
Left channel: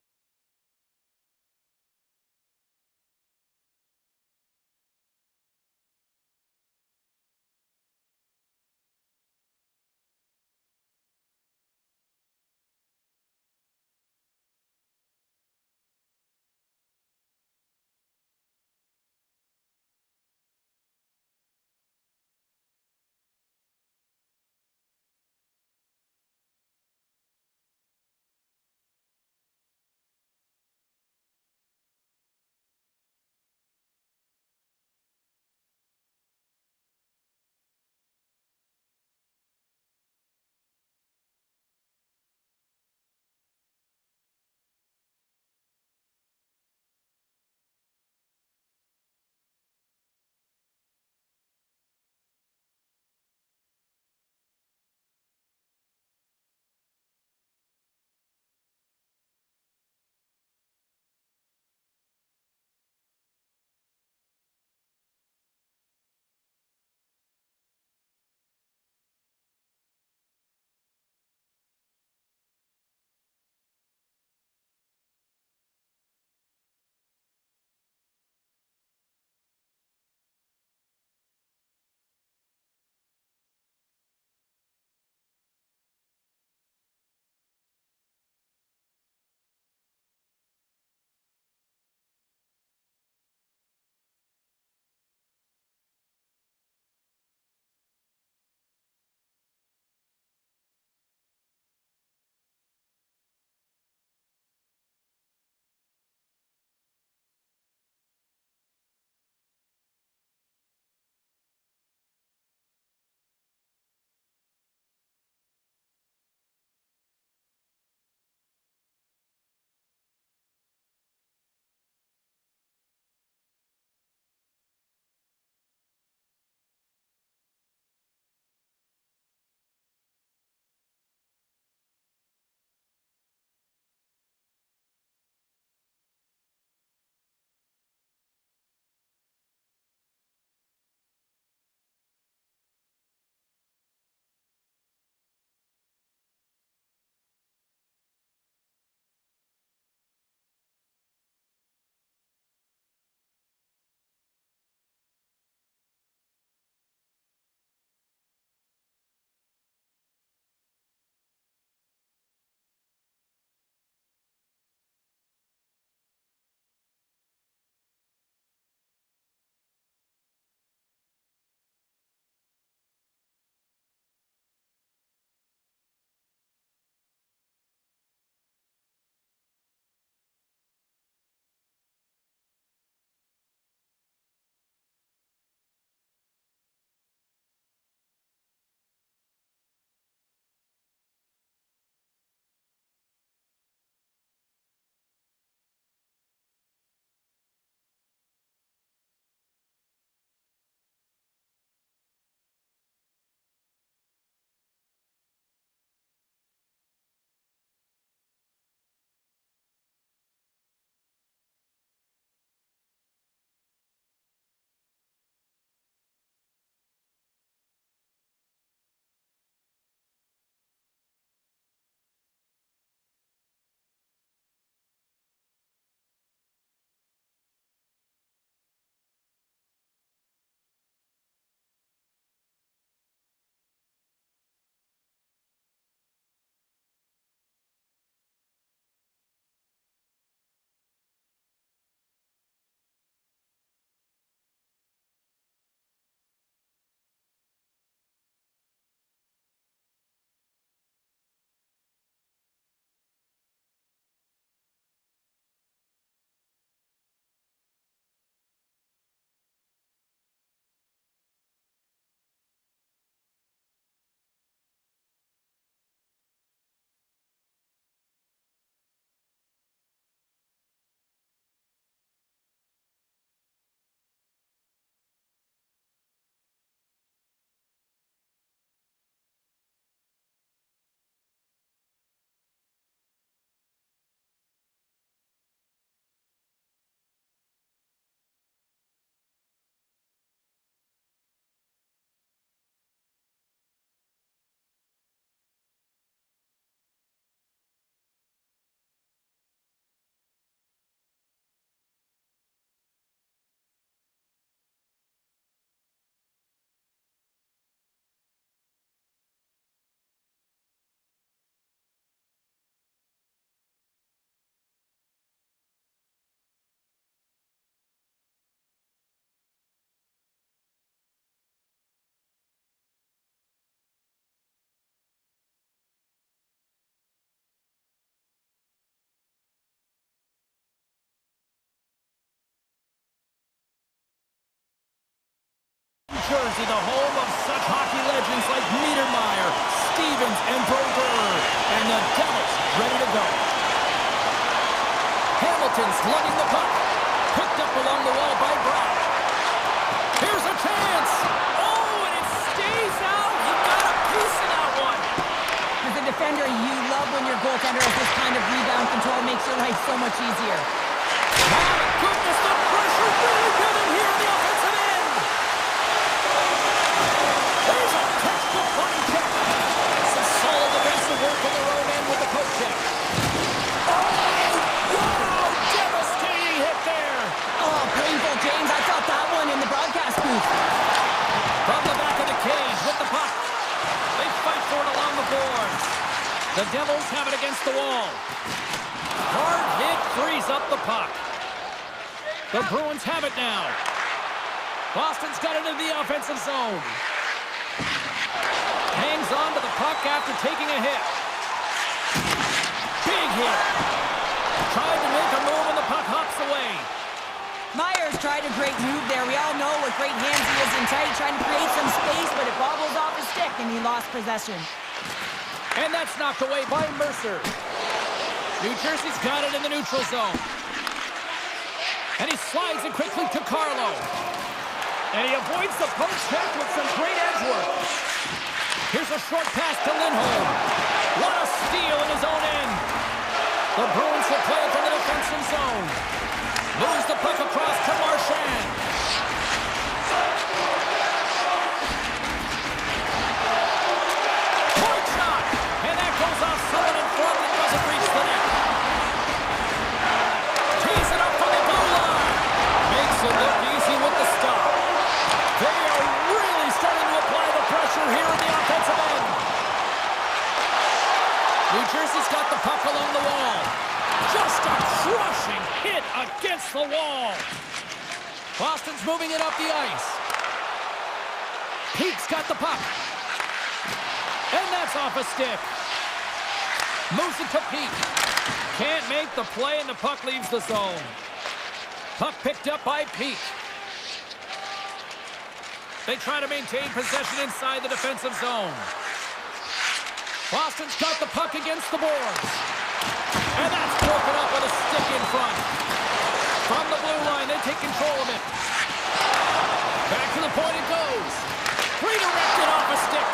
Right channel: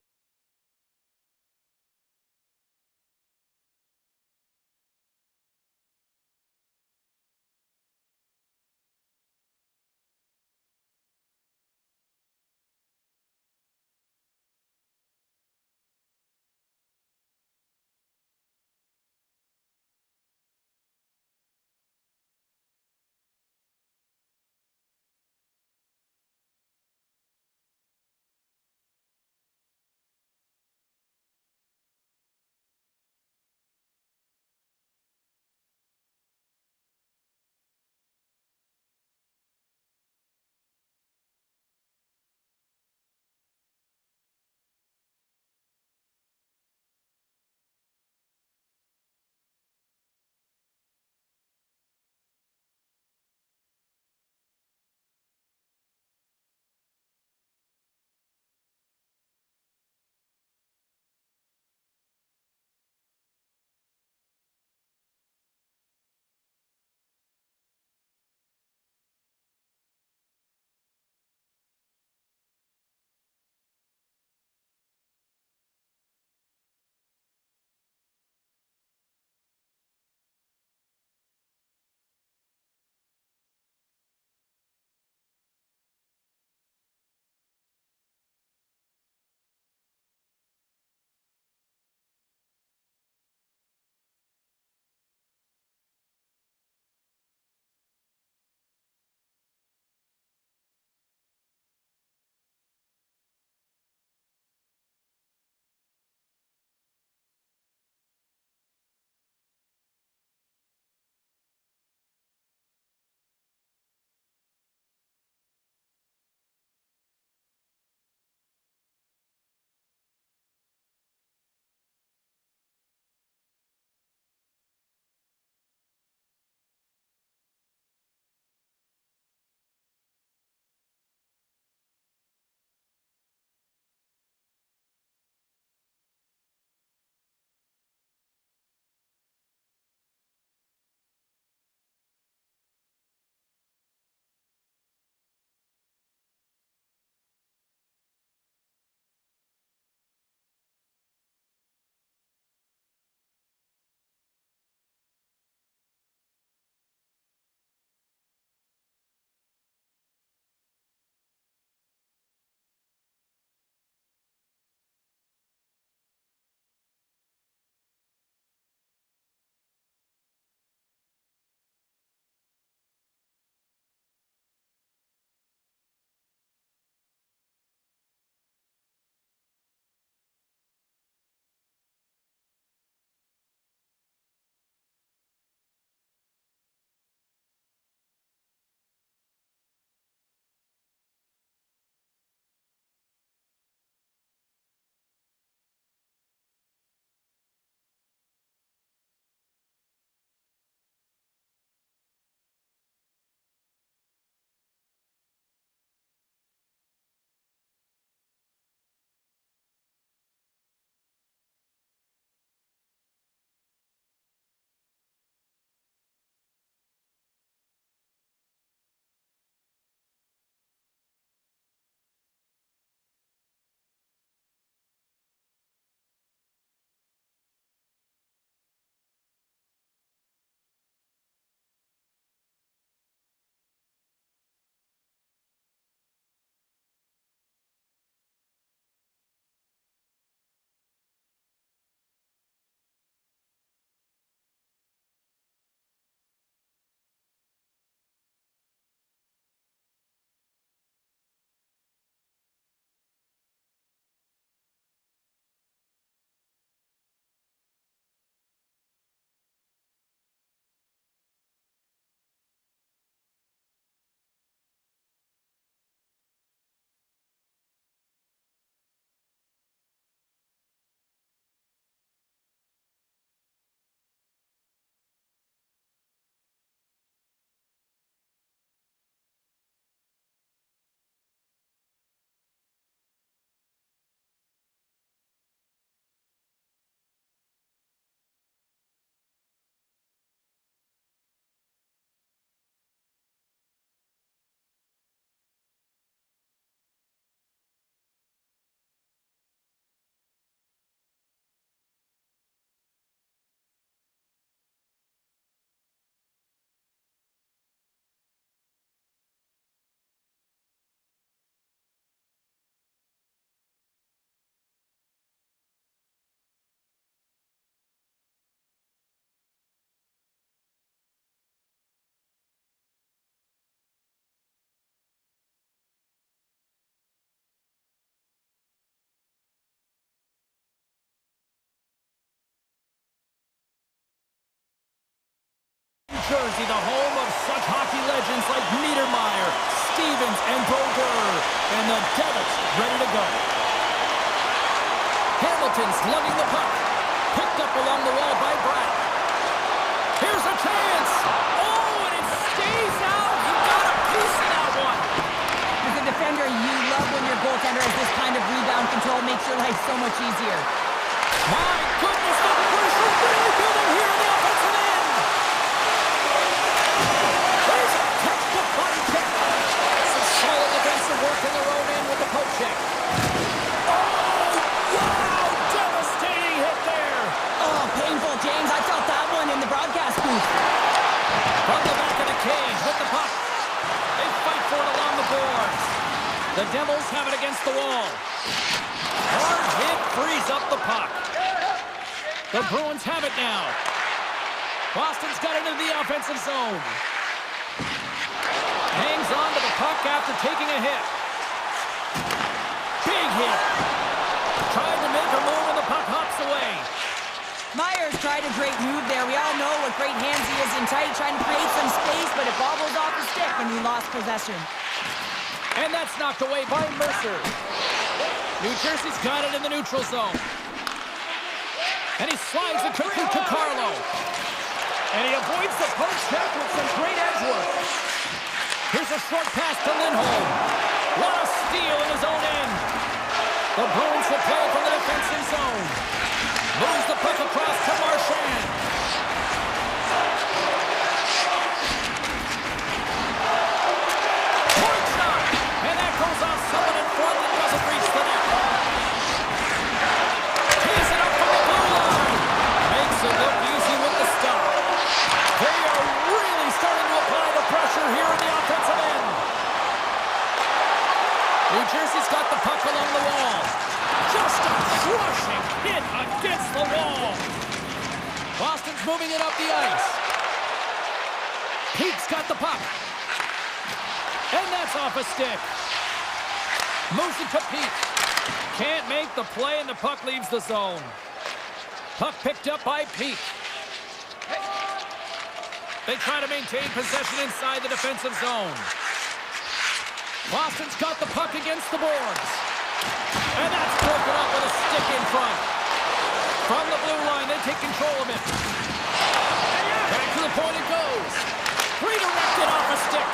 Jersey, the home of such hockey legends like Niedermeyer, Stevens, and Brodeur. And the Devils ready to go. Hamilton's lugging the puck. Picked up along the wall by Bratt. Here's a chance. Oh, and it stays out. He got a piece of that one. As a defender, you love when your goaltender has this kind of rebound control. Makes your life so much easier. My goodness, the pressure really building here in the offensive end. There's a textbook body check. Some solid defensive work in their own end with the poke check. Oh, wow, devastating hit there. Oh, painful, James. I felt that one in the broadcast booth. From the back of the cage with the puck. They fight for it along the boards. The Devils have it against the wall. Hard hit frees up the puck. The Bruins have it now. Boston's got it into the offensive zone. Hangs on to the puck after taking a hit. Big hit. Tried to make a move and the puck hops away. Myers tried a great move there. We all know what great hands he is in tight, trying to create some space, but it bobbles off the stick and he lost possession. And that's knocked away by Mercer. New Jersey's got it in the neutral zone. And he slides it quickly to Carlo. And he avoids the post check with some great edge work. Here's a short pass to Lindholm. What a steal in his own end. The Bruins will play it from the defensive zone. Moves the puck across to Marchand. Point shot! And that goes off someone in front and doesn't reach the net. Tees it up from the blue line. Makes it look easy with the stop. They are really starting to apply the pressure here in the offensive end. New Jersey's got the puck along the wall. Just a crushing hit against the wall. Boston's moving it up the ice. Peake's got the puck. And that's off a stick. Moves it to Peake. Can't make the play and the puck leaves the zone. Puck picked up by Peake. They try to maintain possession inside the defensive zone. Boston's got the puck against the boards. And that's broken up with a stick in front. From the blue line, they take control of it. Back to the point it goes. Redirected off a stick.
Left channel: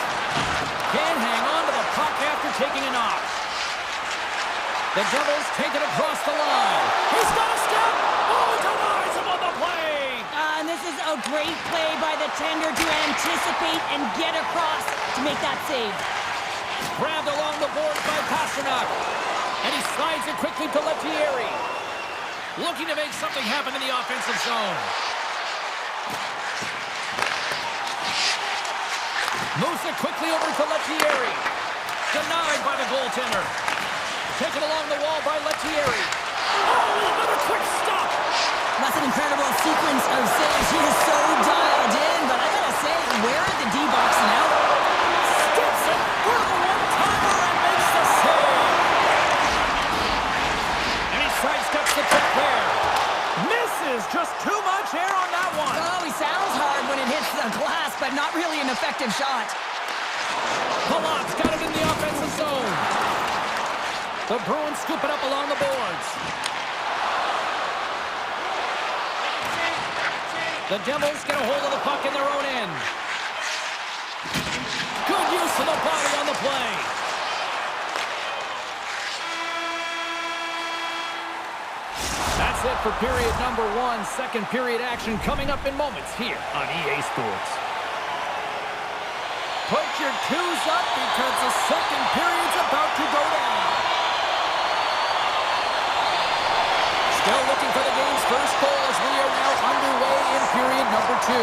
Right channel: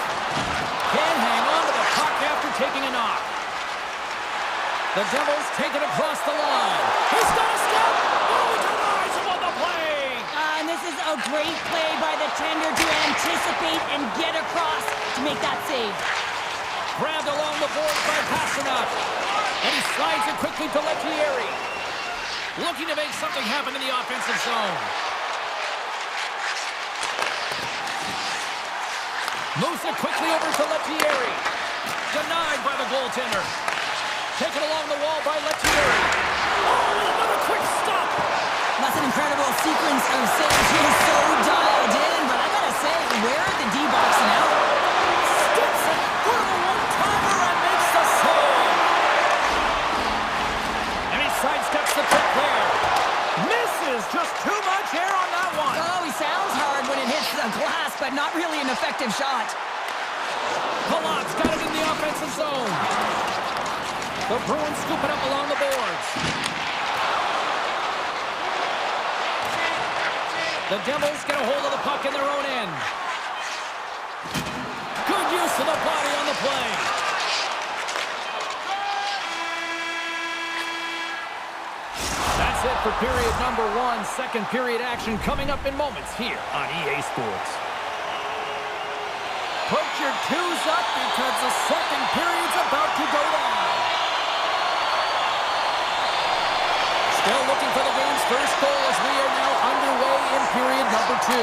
Can't hang on to the puck after taking a knock. The Devils take it across the line. He's got a step. Oh, he denies him on the play. And this is a great play by the tender to anticipate and get across to make that save. Grabbed along the boards by Pasternak. And he slides it quickly to Lettieri. Looking to make something happen in the offensive zone. Moves it quickly over to Lettieri. Denied by the goaltender. Taken along the wall by Lettieri. Oh, another quick stop. That's an incredible sequence of saves. He is so dialed in, but I gotta say, where are the D-box now? Steps it for the one-timer and makes the save. And he sidesteps the trick there. Misses just too much air on that one. Oh, he sounds hard when it hits the glass, but not really an effective shot. Palat's got it in the offensive zone. The Bruins scoop it up along the boards. The Devils get a hold of the puck in their own end. Good use of the body on the play. That's it for period number 1. Second period action coming up in moments here on EA Sports. Put your twos up because the second period's about to go down. Still looking for the game's first goal as we are now underway in period number 2.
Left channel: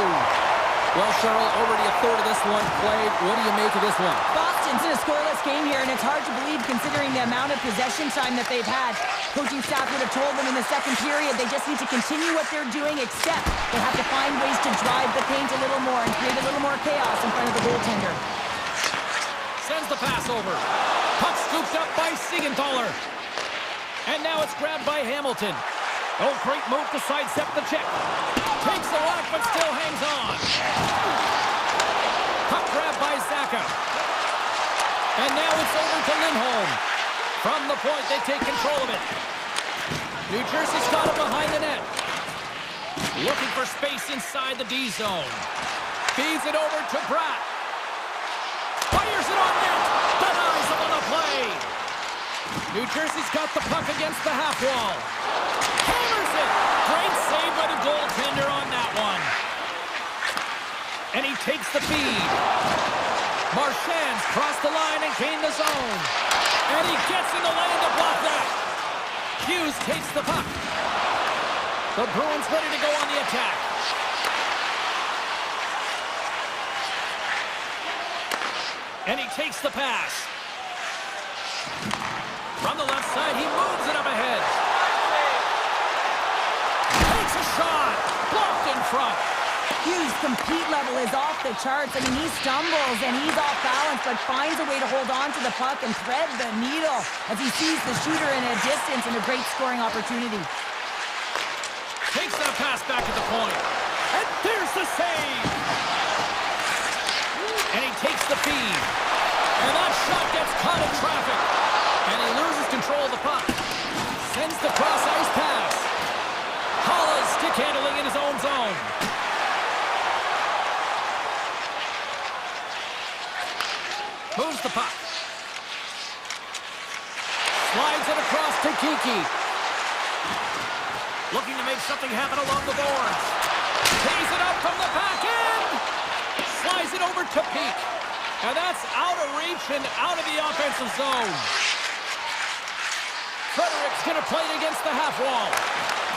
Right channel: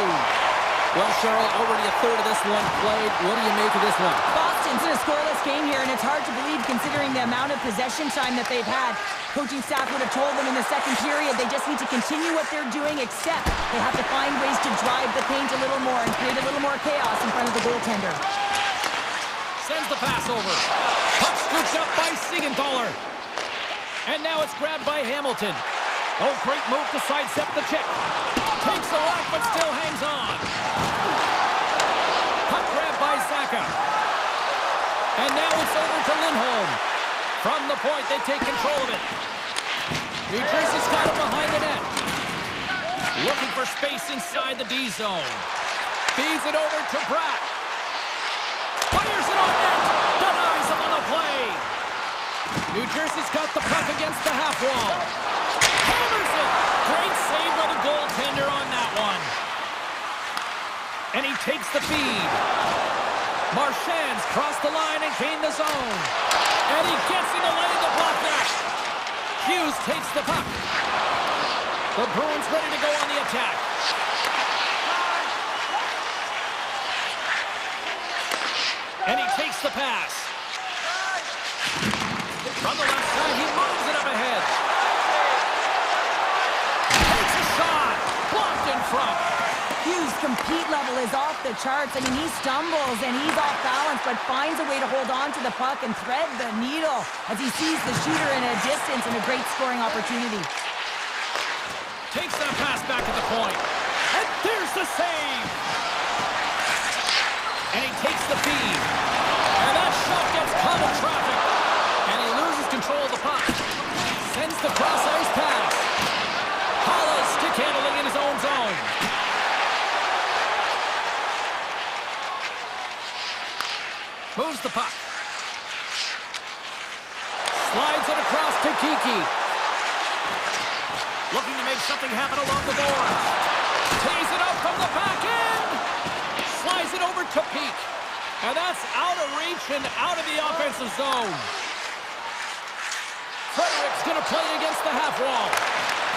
Well, Cheryl, already a third of this one played. What do you make of this one? Boston's in a scoreless game here, and it's hard to believe considering the amount of possession time that they've had. Coaching staff would have told them in the second period they just need to continue what they're doing, except they have to find ways to drive the paint a little more and create a little more chaos in front of the goaltender. Sends the pass over. Puck scooped up by Siegenthaler. And now it's grabbed by Hamilton. Oh, great move to sidestep the check. Takes the whack, but still hangs on. Puck grab by Zaka. And now it's over to Lindholm. From the point, they take control of it. New Jersey's got it behind the net. Looking for space inside the D zone. Feeds it over to Bratt. Fires it on net. Denies him on the play. New Jersey's got the puck against the half wall. Hammers it. Great save by the goaltender on that one. And he takes the feed. Marchand's crossed the line and gained the zone. And he gets in the lane to block that. Hughes takes the puck. The Bruins ready to go on the attack. And he takes the pass. From the left side, he moves it up ahead. Takes a shot. Blocked in front. Hughes' compete level is off the charts. I mean, he stumbles and he's off balance, but finds a way to hold on to the puck and thread the needle as he sees the shooter in a distance and a great scoring opportunity. Takes that pass back at the point. And there's the save. And he takes the feed. And that shot gets caught in traffic. And he loses control of the puck. Sends the cross-ice pass. Halla's stick handling in his own zone. Moves the puck. Slides it across to Kiki. Looking to make something happen along the boards. Tees it up from the back end. Slides it over to Peak. And that's out of reach and out of the offensive zone. Frederick's going to play it against the half wall.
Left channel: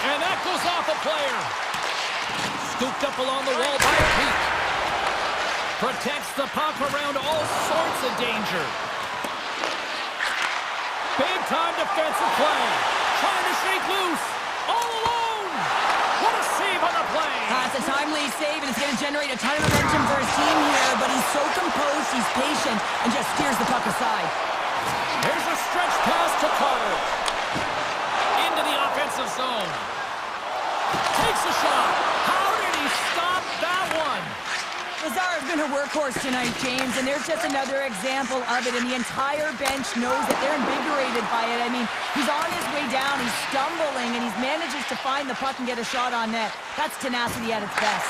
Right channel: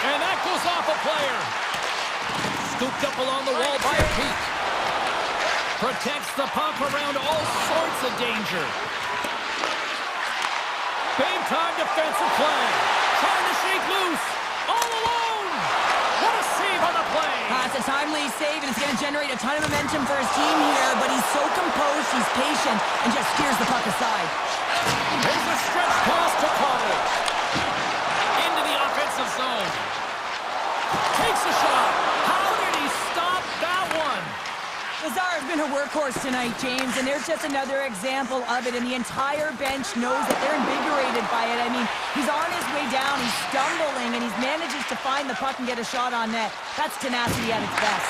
And that goes off a player. Scooped up along the wall by Peak. Protects the puck around all sorts of danger. Big-time defensive play. Trying to shake loose. All alone. What a save on the play. It's a timely save, and it's going to generate a ton of momentum for his team here, but he's so composed, he's patient, and just steers the puck aside. Here's a stretch pass to Carter. Into the offensive zone. Takes a shot. How did he stop that one? Lazar's been a workhorse tonight, James, and there's just another example of it, and the entire bench knows that they're invigorated by it. I mean, he's on his way down, he's stumbling, and he manages to find the puck and get a shot on net. That's tenacity at its best.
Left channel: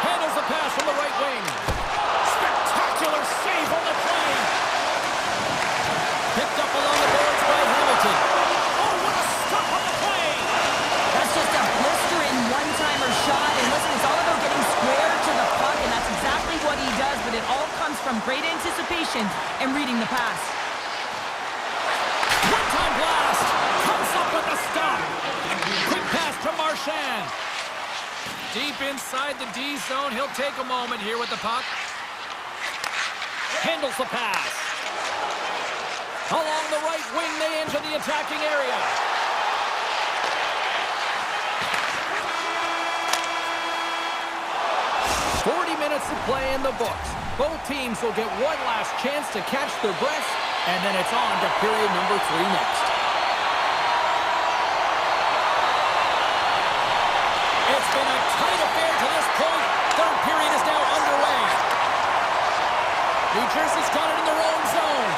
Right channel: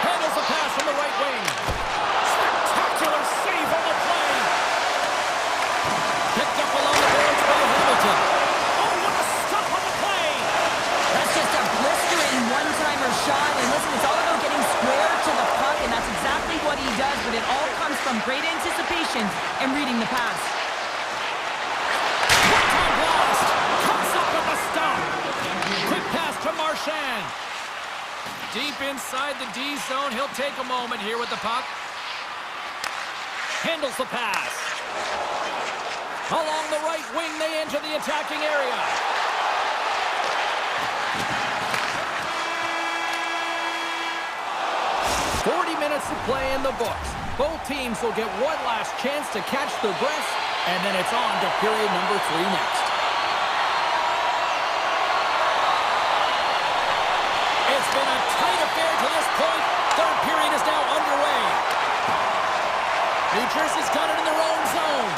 Handles the pass from the right wing. Spectacular save on the play. Picked up along the boards by Hamilton. Oh, what a stop on the play. That's just a blistering one-timer shot, and listen, it's all about getting square to the puck, and that's exactly what he does, but it all comes from great anticipation and reading the pass. One-time blast. Comes up with a stop. Quick pass to Marchand. Deep inside the D zone. He'll take a moment here with the puck. Handles the pass. Along the right wing, they enter the attacking area. Minutes of play in the books. Both teams will get one last chance to catch their breaths, and then it's on to period number 3 next. It's been a tight affair to this point. Third period is now underway. New Jersey's got it in their own zone.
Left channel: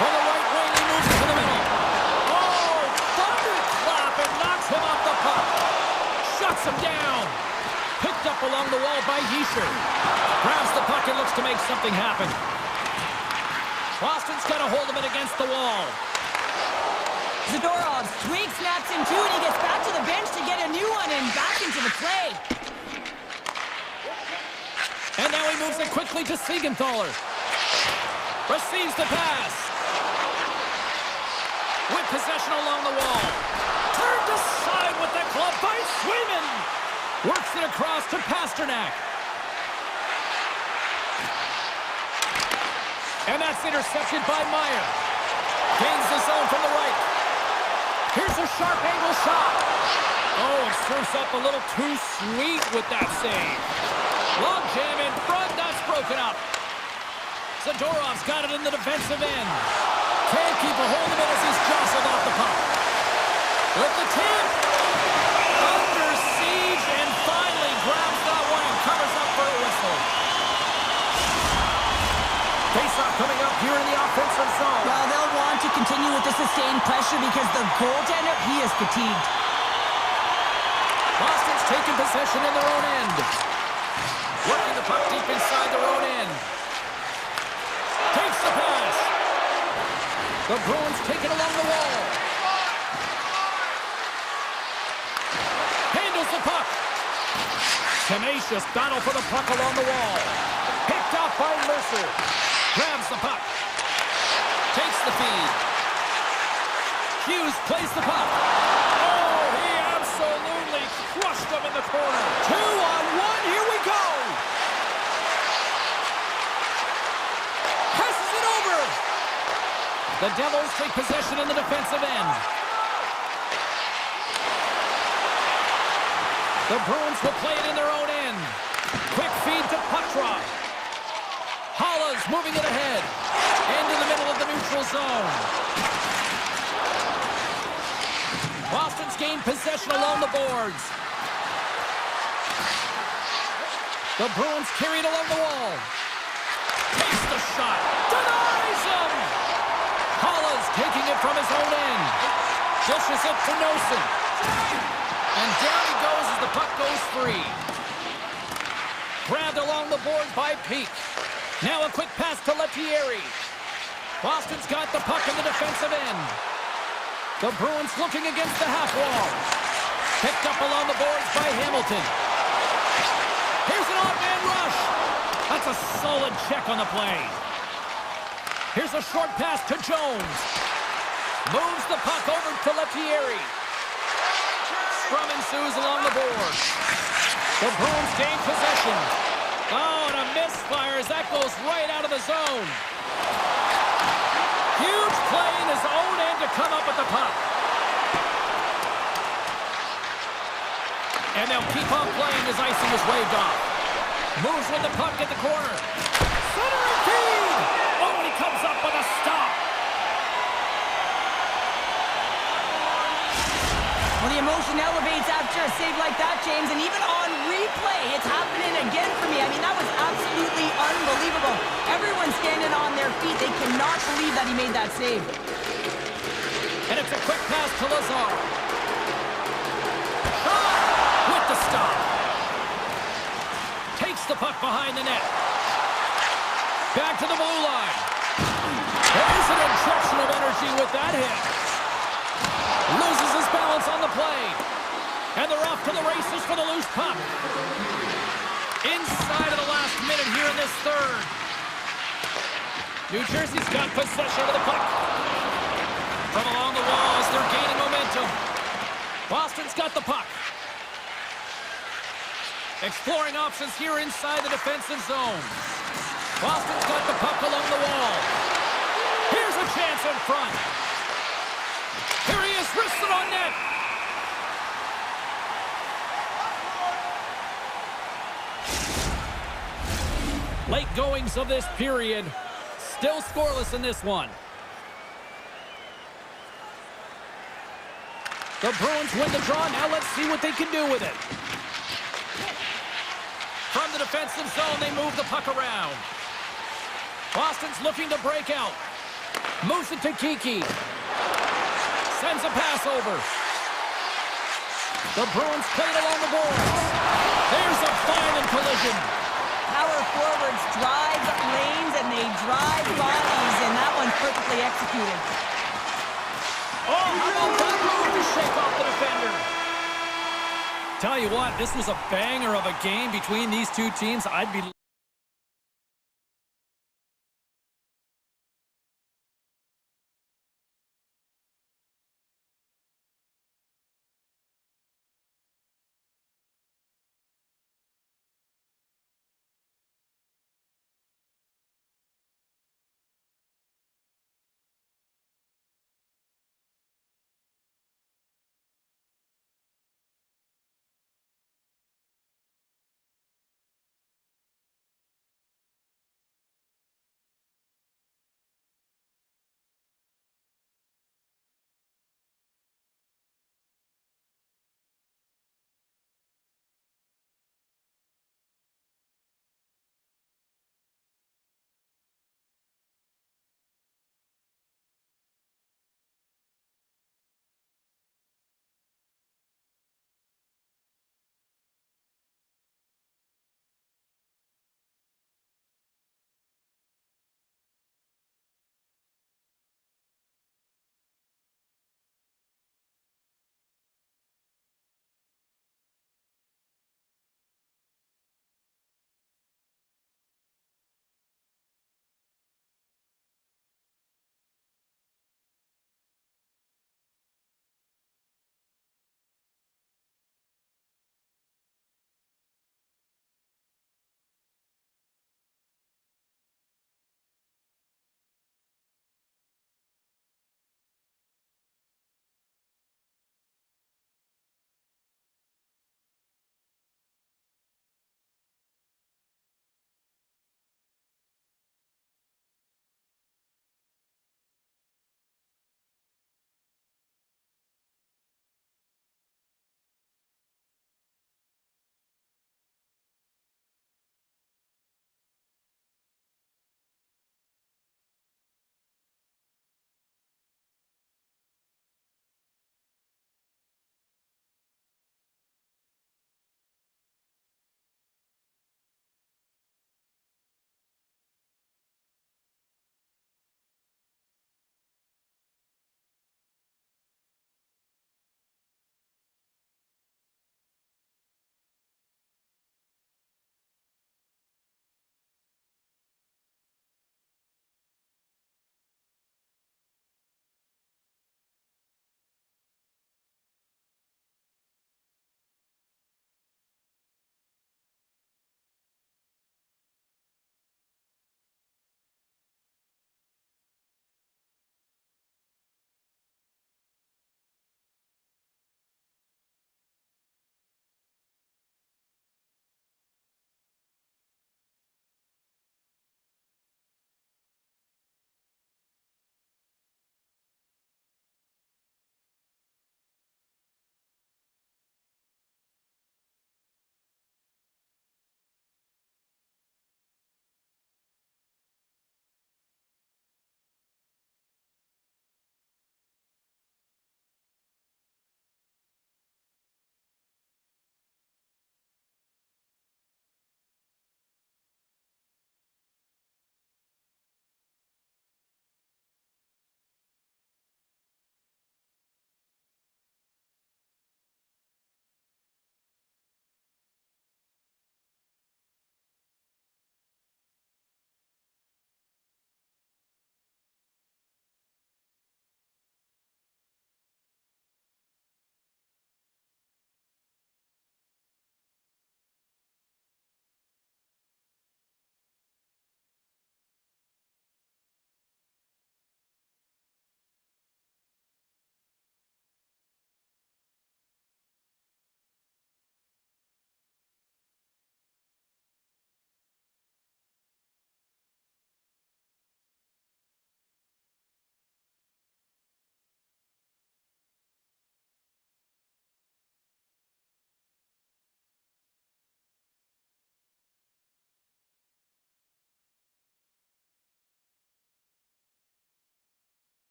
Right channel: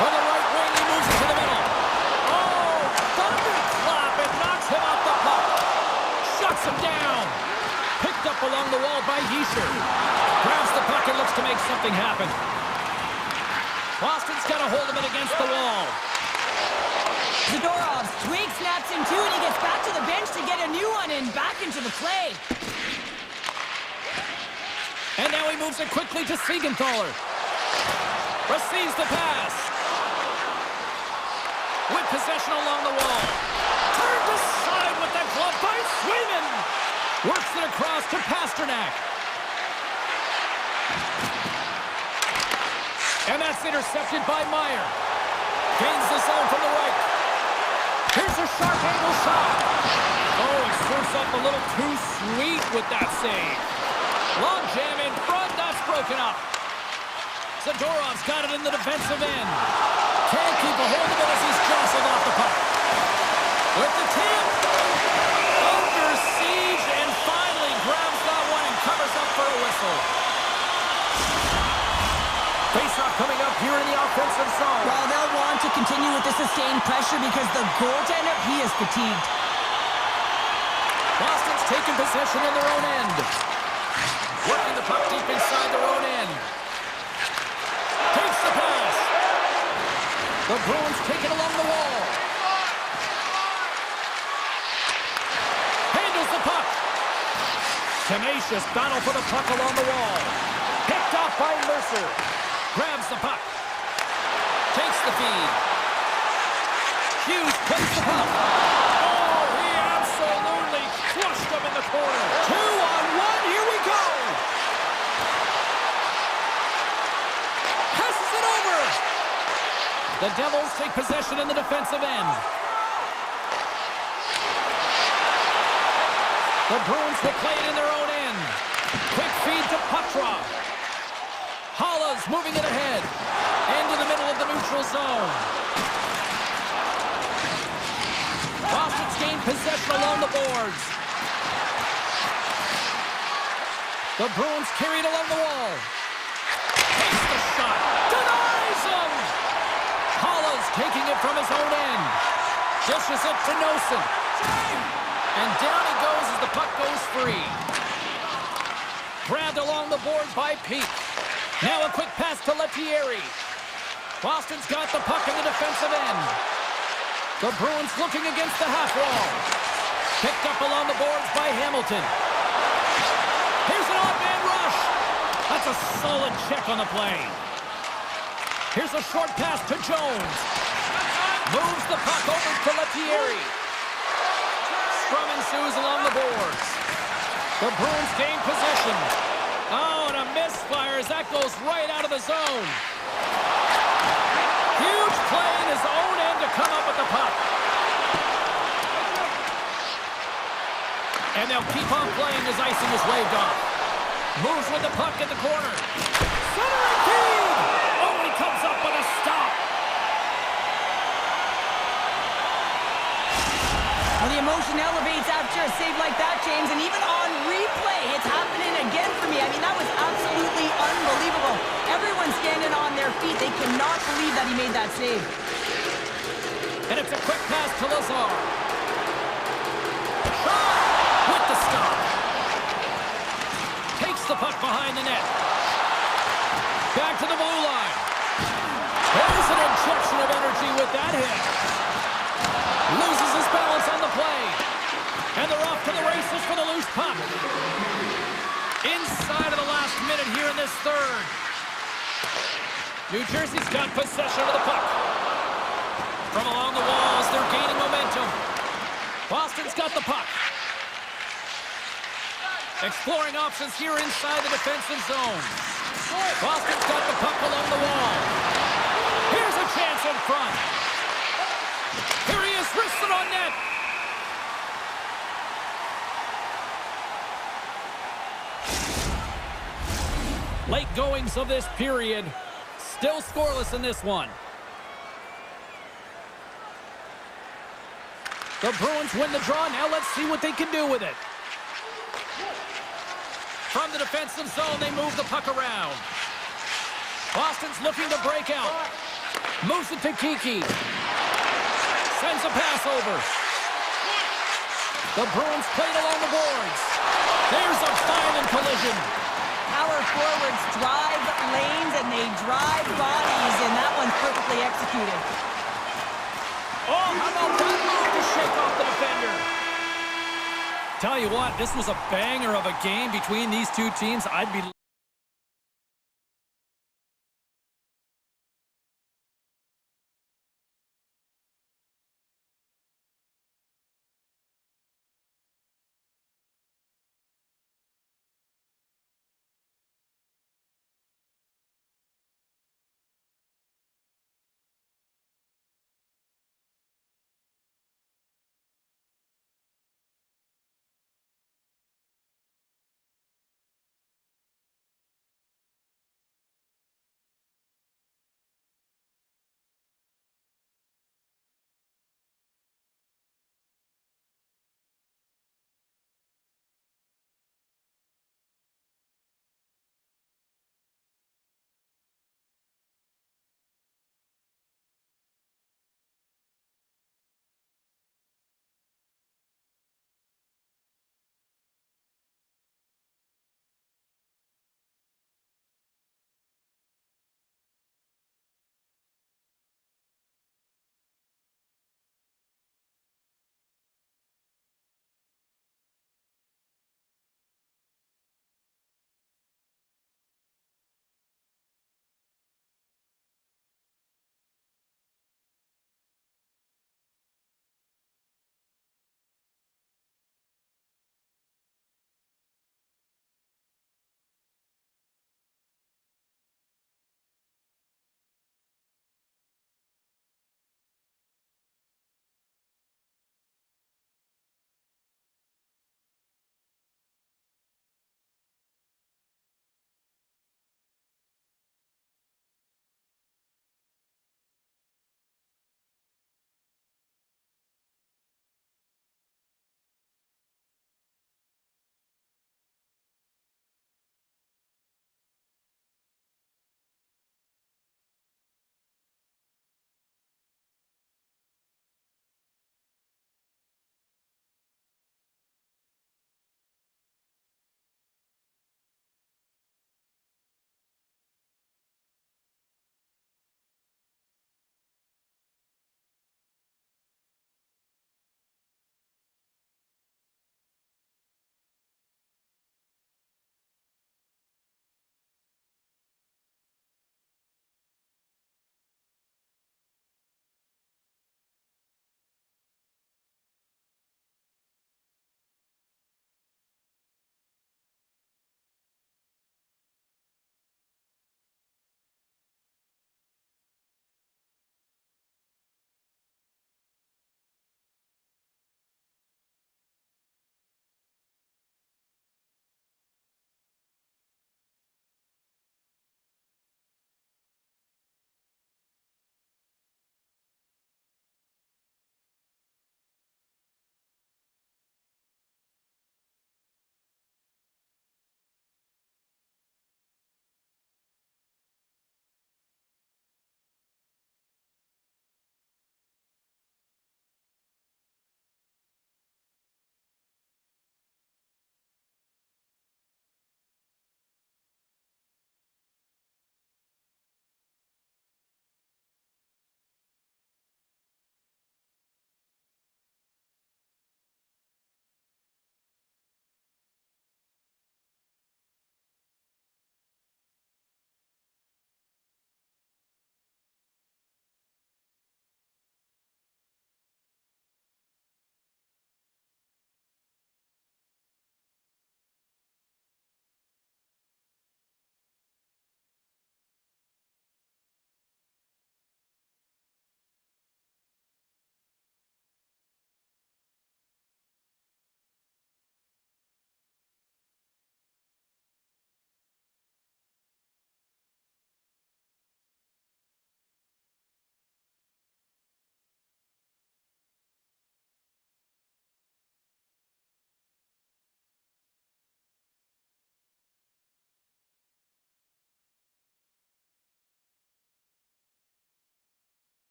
From the right wing, he moves it to the middle. Oh, thunderclap! It knocks him off the puck. Shuts him down. Picked up along the wall by Hischer. Grabs the puck and looks to make something happen. Boston's got a hold of it against the wall. Zadorov twig snaps in two, and he gets back to the bench to get a new one and back into the play. And now he moves it quickly to Siegenthaler. Receives the pass. With possession along the wall. Turned aside with the glove by Swayman. Works it across to Pasternak. And that's intercepted by Meyer. Gains the zone from the right. Here's a sharp angle shot. Oh, it serves up a little too sweet with that save. Long jam in front, that's broken up. Zadorov's got it in the defensive end. Can't keep a hold of it as he's jostled off the puck. With the tip. Under siege and finally whistle. Face-off coming up here in the offensive zone. Well, they'll want to continue with the sustained pressure because the goaltender, he is fatigued. Boston's taking possession in their own end. Working the puck deep inside their own end. Takes the pass. The Bruins take it along the wall. Handles the puck. Tenacious battle for the puck along the wall. Picked off by Mercer. Grabs the puck. Takes the feed. Hughes plays the puck. Oh, he absolutely crushed him in the corner. 2-on-1, here we go. Passes it over. The Devils take possession in the defensive end. The Bruins will play it in their own end. Quick feed to Petrov. Hollis moving it ahead. Into the middle of the neutral zone. Boston's gained possession along the boards. The Bruins carry it along the wall. Takes the shot. Denies him! Hollis taking it from his own end. Dishes it to Nosen. And down he goes as the puck goes free. Grabbed along the boards by Peak. Now a quick pass to Lettieri. Boston's got the puck in the defensive end. The Bruins looking against the half wall. Picked up along the boards by Hamilton. Here's an odd man rush. That's a solid check on the play. Here's a short pass to Jones. Moves the puck over to Lettieri. Scrum ensues along the boards. The Bruins gain possession. Oh, and a misfire as that goes right out of the zone. Huge play in his own end to come up with the puck. And they'll keep on playing as icing is waved off. Moves with the puck at the corner. Centering feed! Oh, and he comes up with a stop. Well, the emotion elevates after a save like that, James, and even on replay, it's happening again for me. I mean, that was absolutely unbelievable. Everyone's standing on their feet. They cannot believe that he made that save. And it's a quick pass to Lazar. Shot with the stop. Takes the puck behind the net. Back to the blue line. There's an injection of energy with that hit. Loses his balance on the play. And they're off to the races for the loose puck. Inside of the last minute here in this third. New Jersey's got possession of the puck. From along the walls, they're gaining momentum. Boston's got the puck. Exploring options here inside the defensive zone. Boston's got the puck along the wall. Here's a chance in front. Here he is, wristed on net. Late goings of this period. Still scoreless in this one. The Bruins win the draw. Now let's see what they can do with it. From the defensive zone, they move the puck around. Boston's looking to break out. Moves it to Kiki. Sends a pass over. The Bruins played along the boards. There's a violent collision. Power forwards drive lanes and they drive bodies, and that one's perfectly executed. Oh, how about that move to shake off the defender? Tell you what, this was a banger of a game between these two teams. I'd be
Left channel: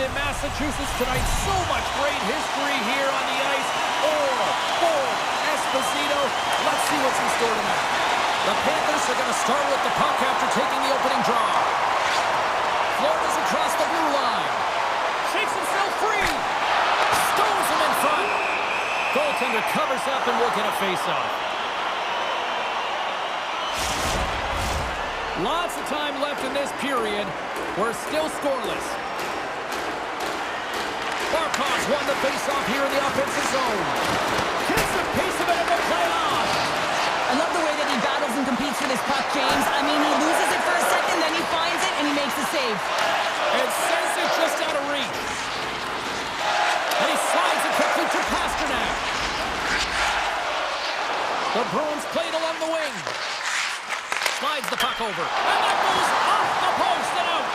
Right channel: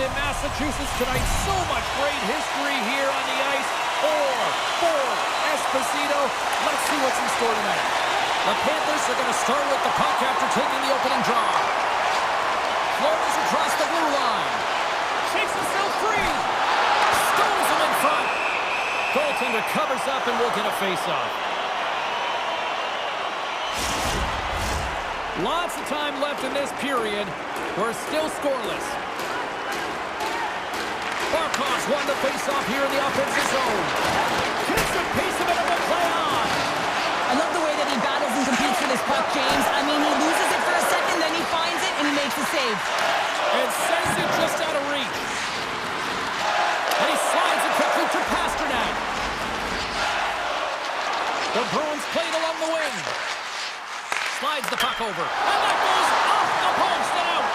in Massachusetts tonight. So much great history here on the ice. Or for Esposito. Let's see what's in store tonight. The Panthers are going to start with the puck after taking the opening draw. Florida's across the blue line. Shakes himself free. Stones him in front. Goaltender covers up and will get a face-off. Lots of time left in this period. We're still scoreless. Barkov's won the face-off here in the offensive zone. Gets the piece of it and will play on. I love the way that he battles and competes for this puck, James. I mean, he loses it for a second, then he finds it, and he makes a save. And sends it just out of reach. And he slides it quickly to Pasternak. The Bruins played along the wing. Slides the puck over. And that goes off the post and out.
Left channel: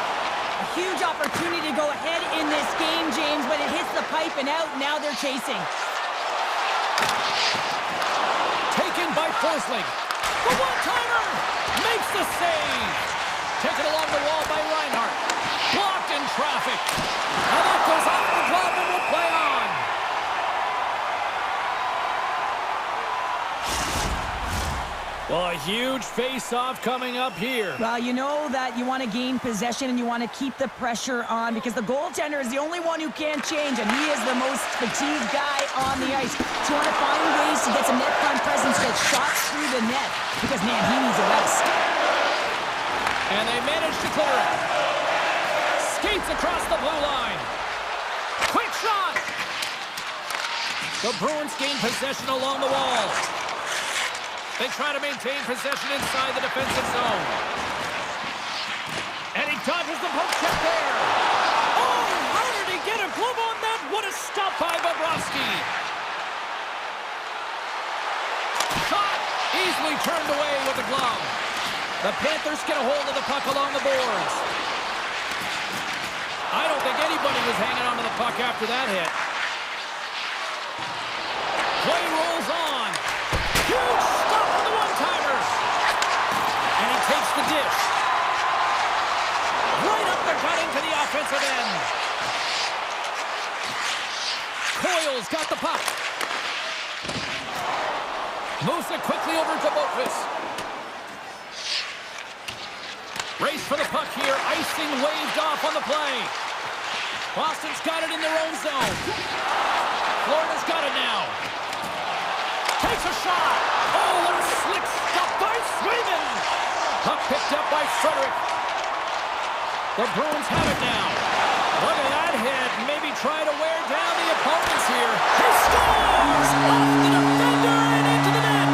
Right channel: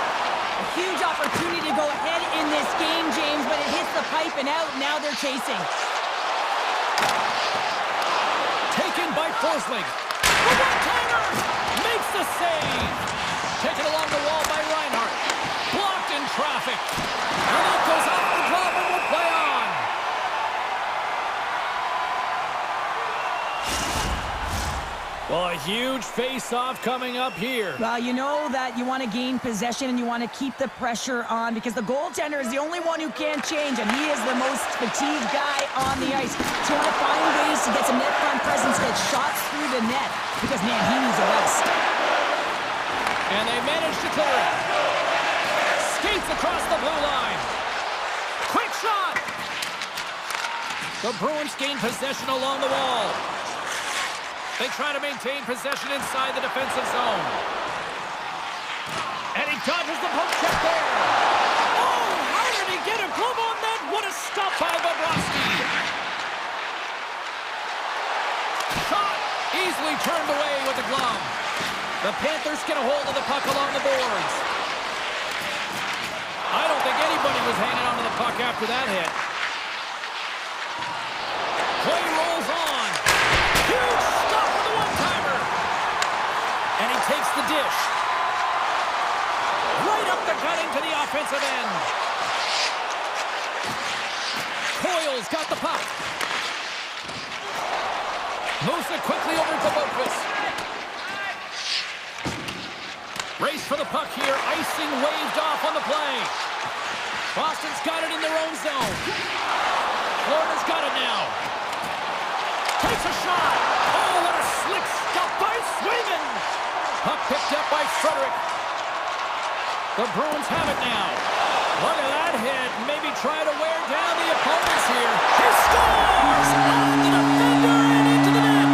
A huge opportunity to go ahead in this game, James, but it hits the pipe and out. Now they're chasing. Taken by Forsling. The one-timer makes the save. Taken along the wall by Reinhart. Blocked in traffic. And that goes off the glove and will play on. Well, a huge face-off coming up here. Well, you know that you want to gain possession and you want to keep the pressure on because the goaltender is the only one who can't change, and he is the most fatigued guy on the ice. So you want to find ways to get some net front presence, get shots through the net, because, man, he needs a rest. And they manage to clear it. Skates across the blue line. Quick shot! The Bruins gain possession along the wall. They try to maintain possession inside the defensive zone. And he dodges the poke check there. Oh, how did he get a glove on that? What a stop by Bobrovsky. Shot easily turned away with the glove. The Panthers get a hold of the puck along the boards. I don't think anybody was hanging onto the puck after that hit. Play rolls on. Huge stop for the one-timer. And he takes the dish. Right up the gut into the offensive end. Coyle's got the puck. Moves it quickly over to Boqvist. Race for the puck here. Icing waved off on the play. Boston's got it in their own zone. Florida's got it now. Takes a shot. Oh, what a slick stop by Swayman. Puck picked up by Frederick. The Bruins have it now. Look at that hit. Maybe try to wear down the opponents here. He scores! Off the defender and into the net.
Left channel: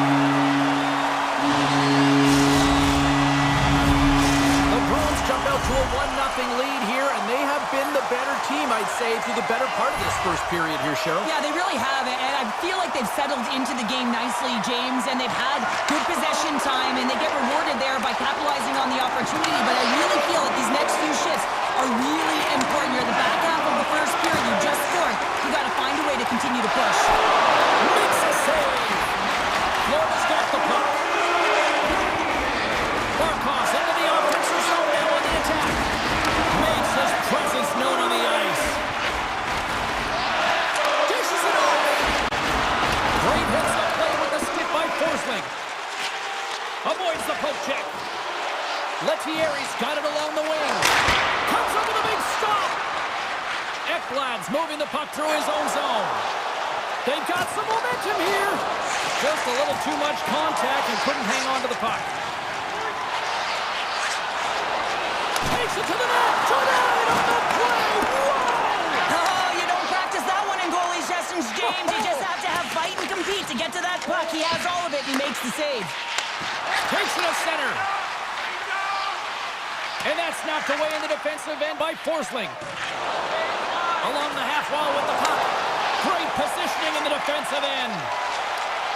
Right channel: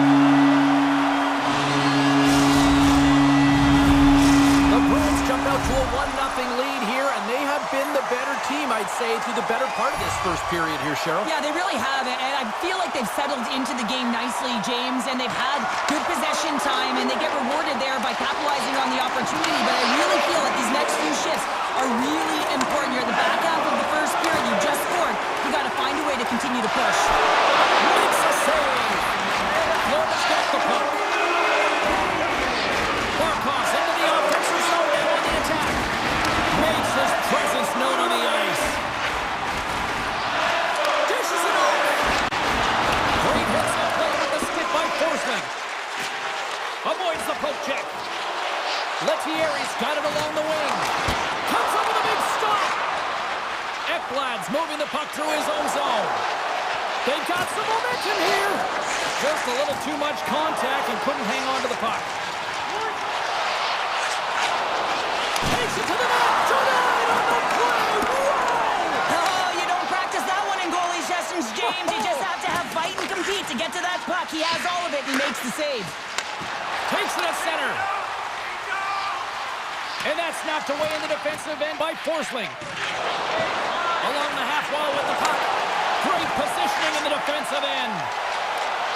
The Bruins jump out to a 1-0 lead here, and they have been the better team, I'd say, through the better part of this first period here, Cheryl. Yeah, they really have, and I feel like they've settled into the game nicely, James, and they've had good possession time, and they get rewarded there by capitalizing on the opportunity, but I really feel that these next few shifts are really important. You're at the back half of the first period, you just scored, you got to find a way to continue to push. Makes a save. Florida's got the puck. Barkov's into the offensive zone now on the attack. Makes his presence known on the ice. Dishes it off. Great hits up play with the stick by Forsling. Avoids the poke check. Lettieri's got it along the wing. Comes up with a big stop. Ekblad's moving the puck through his own zone. They've got some momentum here. Just a little too much contact and couldn't hang on to the puck. Takes it to the net. Tonight on the play. Whoa! Oh, you don't practice that one in goalie sessions, James. You just have to have fight and compete to get to that puck. He has all of it, and he makes the save. Takes it to center. And that's knocked away in the defensive end by Forsling. Along the half wall with the puck. Great positioning in the defensive end.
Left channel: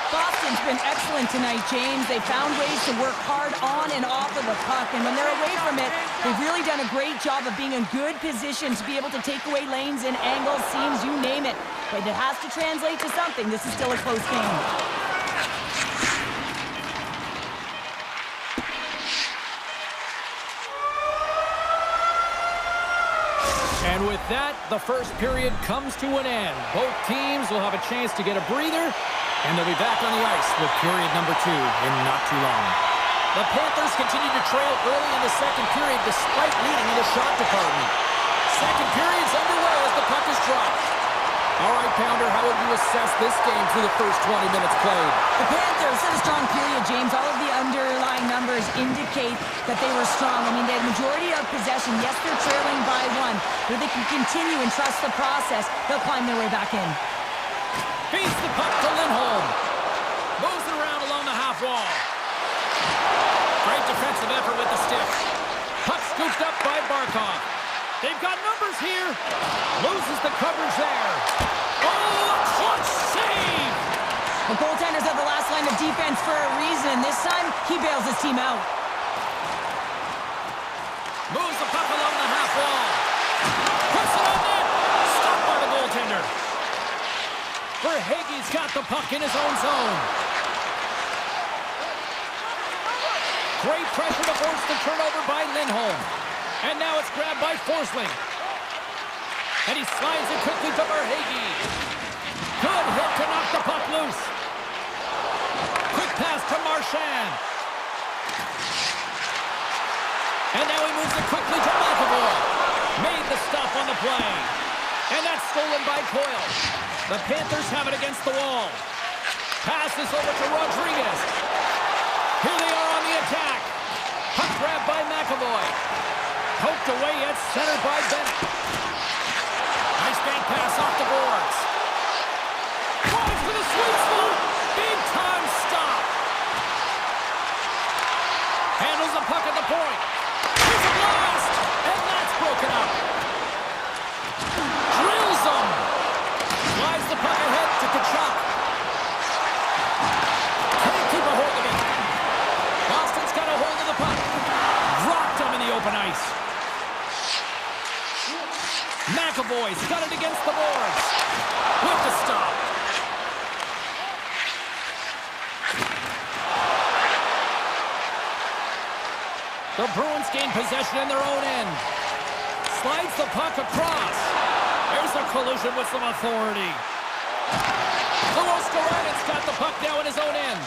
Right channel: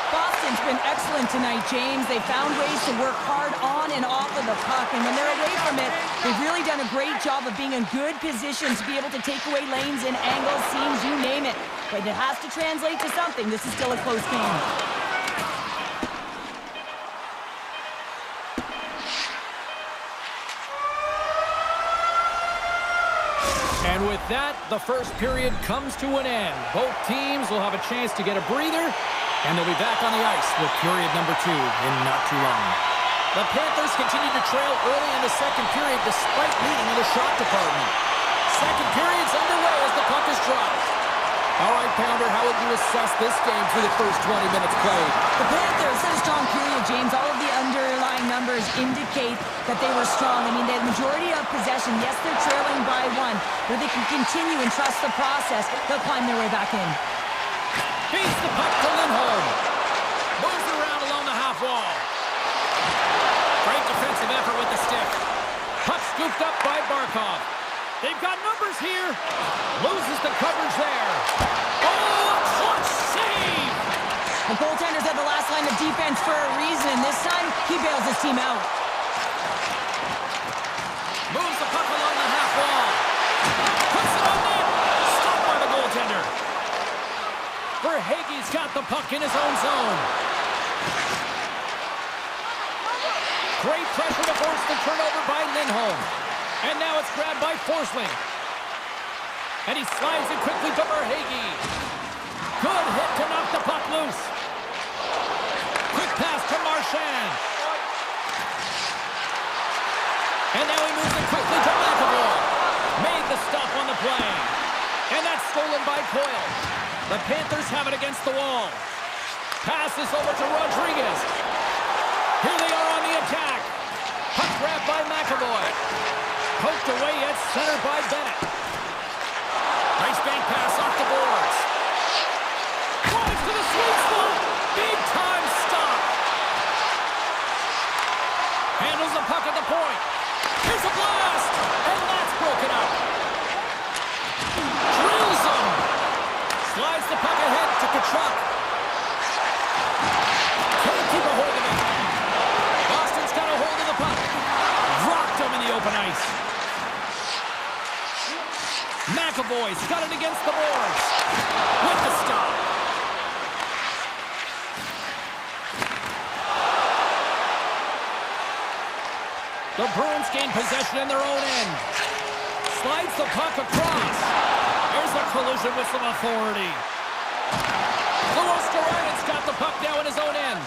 Boston's been excellent tonight, James. They found ways to work hard on and off of the puck, and when they're away from it, they've really done a great job of being in good position to be able to take away lanes and angles, seams, you name it. But it has to translate to something. This is still a close game. And with that, the first period comes to an end. Both teams will have a chance to get a breather, and they'll be back on the ice with period number 2 in not too long. The Panthers continue to trail early in the second period despite leading in the shot department. Second period's underway as the puck is dropped. All right, Pounder, how would you assess this game through the first 20 minutes played? The Panthers had a strong period, James. All of the underlying numbers indicate that they were strong. I mean, they had the majority of possession. Yes, they're trailing by 1, but if they can continue and trust the process, they'll climb their way back in. Feeds the puck to Lindholm. Moves it around along the half wall. Great defensive effort with the stick. Puck scooped up by Barkov. They've got numbers here. Loses the coverage there. Oh, a clutch save! The goaltender's at the last line of defense for a reason, and this time, he bails his team out. Moves the puck along the half wall. Puts it on net. Stopped by the goaltender. Verhaeghe's got the puck in his own zone. Great pressure to force the turnover by Lindholm. And now it's grabbed by Forsling. And he slides it quickly to Verhaeghe. Good hit to knock the puck loose. Quick pass to Marchand. And now he moves it quickly to McAvoy. Made the stop on the play. And that's stolen by Coyle. The Panthers have it against the wall. Passes over to Rodriguez. Here they are on the attack. Puck grabbed by McAvoy. Poked away at center by Bennett. Nice bank pass off the boards. Drives to the sweet spot. Big time stop. Handles the puck at the point. Here's a blast. And that's broken up. Drills him. Slides the puck ahead to Tkachuk. Can't keep a hold of it. Boston's got a hold of the puck. Rocked him in the open ice. McAvoy's got it against the boards. With the stop. The Bruins gain possession in their own end. Slides the puck across. There's a collision with some authority. Luostarinen got the puck now in his own end.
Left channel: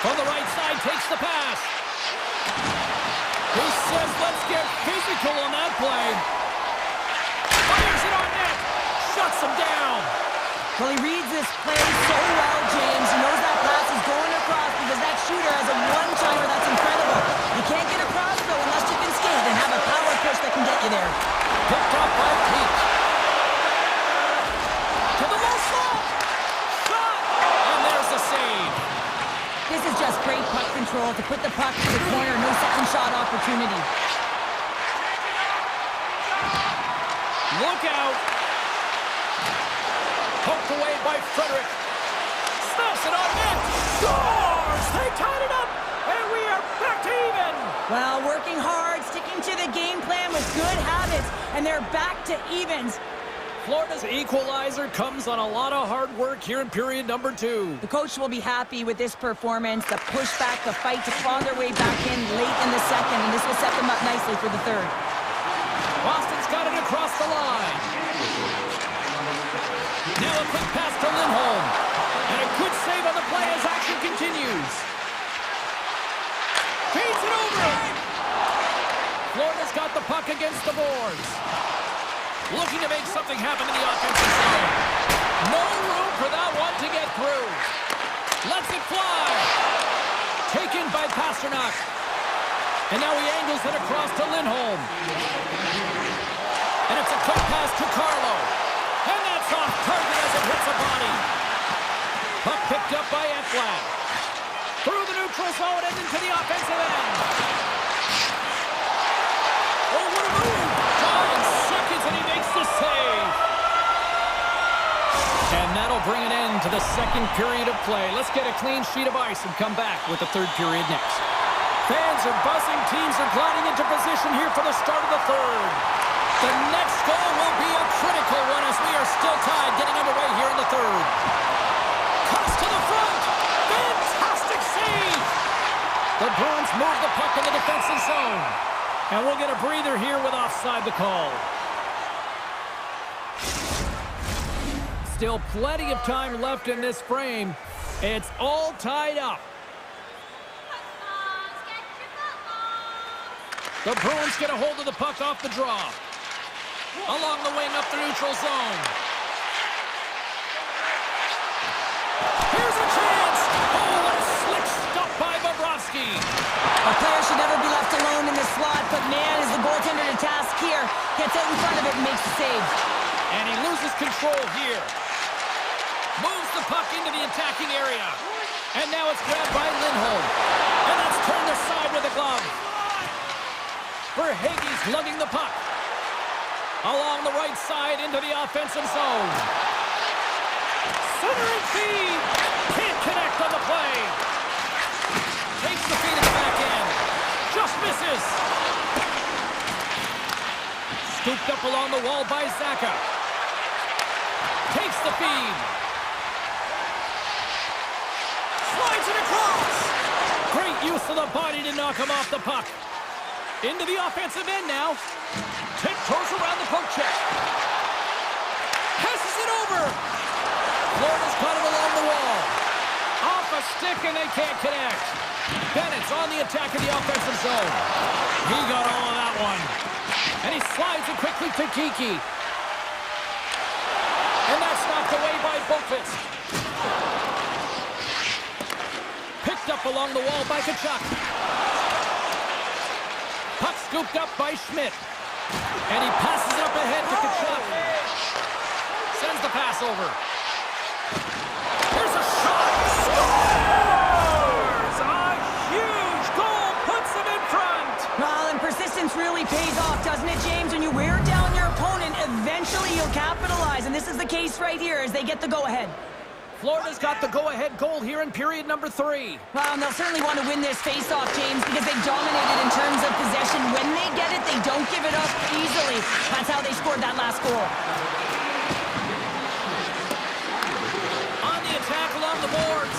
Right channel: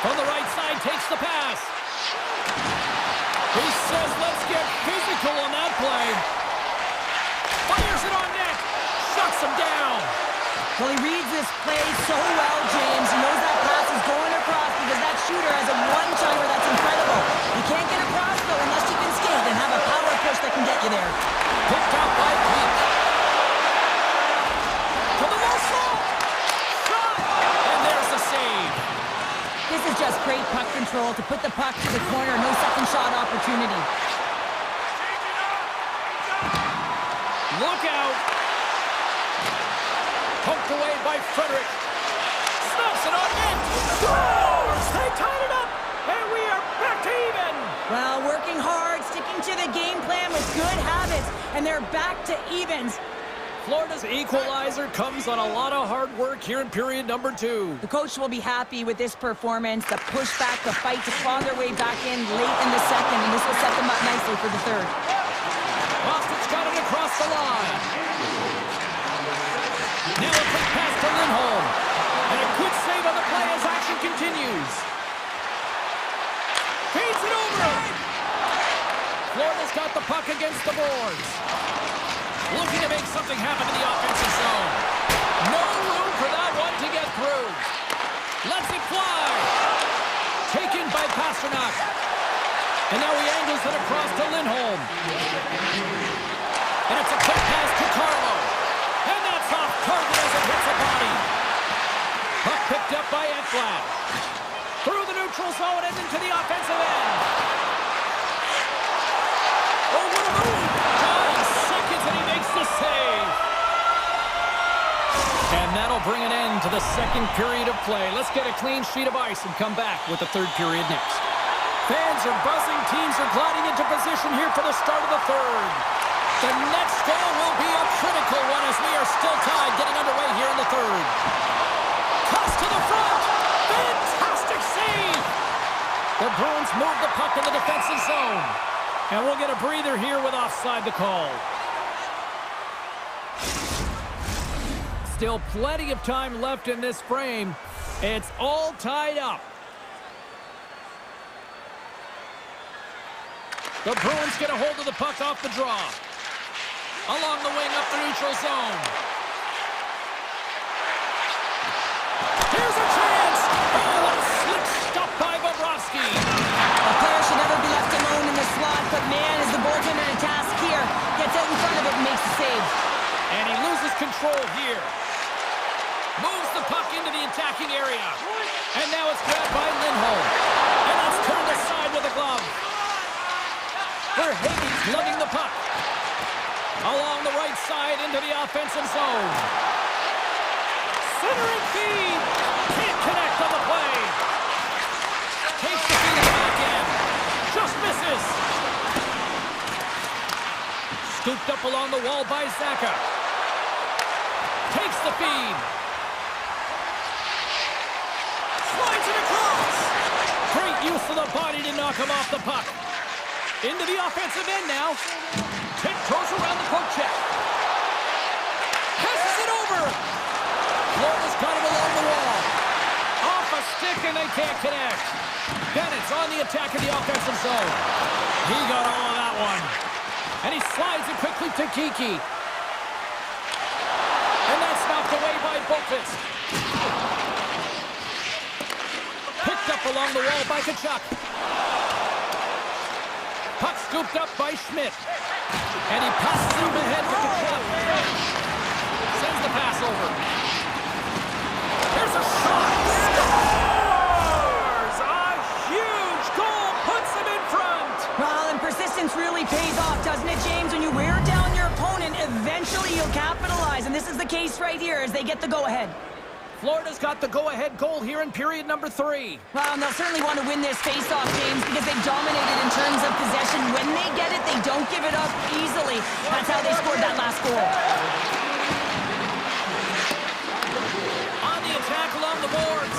From the right side, takes the pass. He says, let's get physical on that play. Fires it on net. Shuts him down. Well, he reads this play so well, James. He knows that pass is going across because that shooter has a one-timer that's incredible. You can't get across, though, unless you can skate and have a power push that can get you there. Picked up by Peake. To the low slot. Shot. And there's the save. This is just great puck control to put the puck to the corner. No second shot opportunity. Look out. Poked away by Frederick. Snaps it on net. Scores! They tied it up. And we are back to even. Well, working hard, sticking to the game plan with good habits. And they're back to evens. Florida's equalizer comes on a lot of hard work here in period number 2. The coach will be happy with this performance, the pushback, the fight to claw their way back in late in the second, and this will set them up nicely for the third. Boston's got it across the line. Now a quick pass to Lindholm. And a good save on the play as action continues. Feeds it over. Florida's got the puck against the boards. Looking to make something happen in the offensive zone. No room for that one to get through. Lets it fly. Taken by Pasternak. And now he angles it across to Lindholm. And it's a quick pass to Carlo. And that's off target as it hits a body. Puck picked up by Ekblad. Through the neutral zone and into the offensive end. Oh, what a move. 9 seconds and he makes the save. And that'll bring an end to the second period of play. Let's get a clean sheet of ice and come back with the third period next. Fans are buzzing. Teams are gliding into position here for the start of the third. The next goal will be a critical one as we are still tied, getting underway here in the third. Cuts to the front. Fantastic save. The Bruins move the puck in the defensive zone. And we'll get a breather here with offside the call. Still plenty of time left in this frame. It's all tied up. The Bruins get a hold of the puck off the draw. Along the wing up the neutral zone. Here's a chance! Oh, what a slick stop by Bobrovsky. A player should never be left alone in the slot, but man, is the goaltender to task here. Gets out in front of it and makes the save. And he loses control here. Moves the puck into the attacking area. And now it's grabbed by Lindholm. And that's turned aside with a glove. Verhaeghe's lugging the puck. Along the right side into the offensive zone. Centering feed. Can't connect on the play. Takes the feed in the back end. Just misses. Scooped up along the wall by Zaka. Takes the feed. Slides it across. Great use of the body to knock him off the puck. Into the offensive end now. Tiptoes around the poke check. Passes it over. Florida's got him along the wall. Off a stick and they can't connect. Bennett's on the attack in the offensive zone. He got all of that one. And he slides it quickly to Kiki. And that's knocked away by Boqvist. Picked up along the wall by Kachuk. Puck scooped up by Schmidt. And he passes it up ahead to Kachuk. Sends the pass over. Here's a shot. Scores! A huge goal puts him in front. Well, and persistence really pays off, doesn't it, James? When you wear down your opponent, eventually you'll capitalize. And this is the case right here as they get the go-ahead. Florida's got the go-ahead goal here in period number 3. Well, and they'll certainly want to win this face-off, James, because they've dominated in terms of possession. When they get it, they don't give it up easily. That's how they scored that last goal. On the attack along the boards.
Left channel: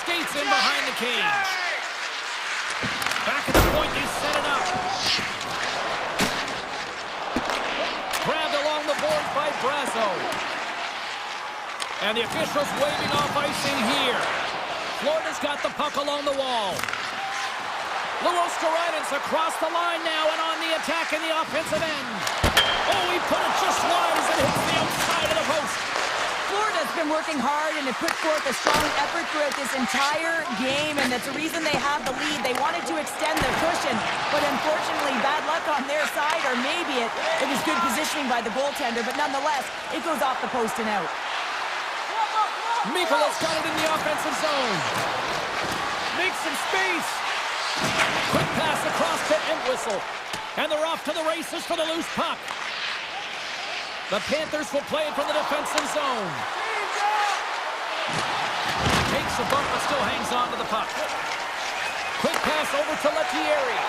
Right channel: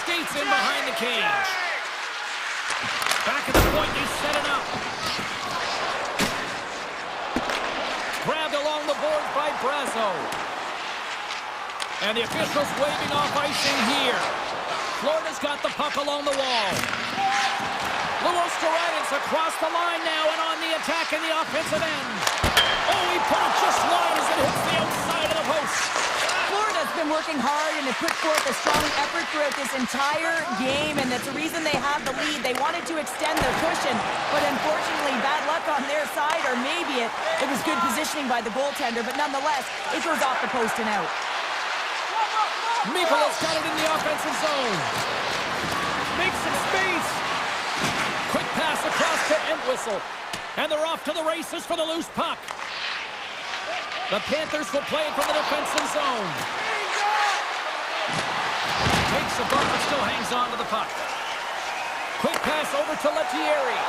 Skates in behind the cage. Back at the point, they set it up. Grabbed along the boards by Brazo. And the officials waving off icing here. Florida's got the puck along the wall. Luostarinen across the line now and on the attack in the offensive end. Oh, he put it just wide as it hits the outside of the post. Florida's been working hard and have put forth a strong effort throughout this entire game, and that's the reason they have the lead. They wanted to extend their cushion, but unfortunately, bad luck on their side, or maybe it was good positioning by the goaltender, but nonetheless, it goes off the post and out. Mikola's got it in the offensive zone. Makes some space. Quick pass across to Entwistle. And they're off to the races for the loose puck. The Panthers will play it from the defensive zone. Takes a bump but still hangs on to the puck. Quick pass over to Lettieri.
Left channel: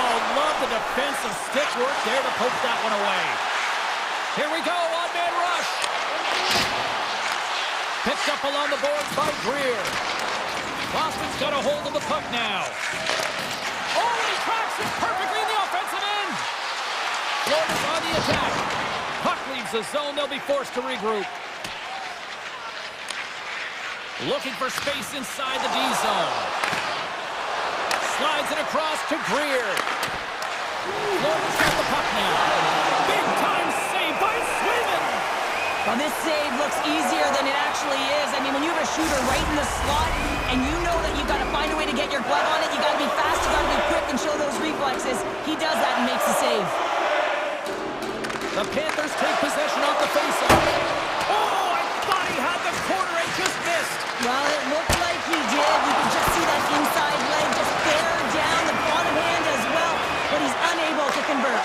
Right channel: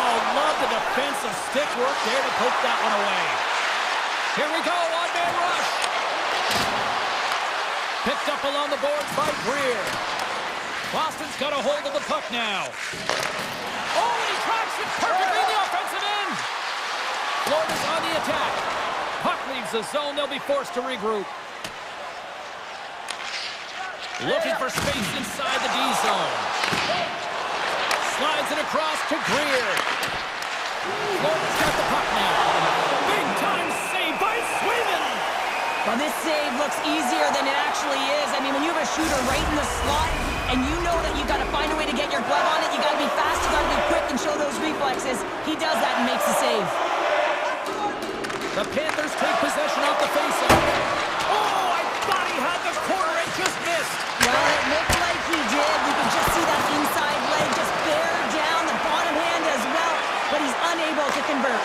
Oh, love the defensive stick work there to poke that one away. Here we go, one-man rush. Picked up along the boards by Greer. Boston's got a hold of the puck now. Oh, and he tracks it perfectly in the offensive end. Florida's on the attack. Puck leaves the zone. They'll be forced to regroup. Looking for space inside the D zone. Slides it across to Greer. Florida's got the puck now. Big time save by Swayman. Well, this save looks easier than it actually is. I mean, when you have a shooter right in the slot and you know that you've got to find a way to get your glove on it, you got to be fast, you got to be quick and show those reflexes. He does that and makes the save. The Panthers take possession off the faceoff. Oh, I thought he had the corner and just missed. Well, it looked like he did. You can just see that inside leg just bear down, the bottom hand as well, but he's unable to convert.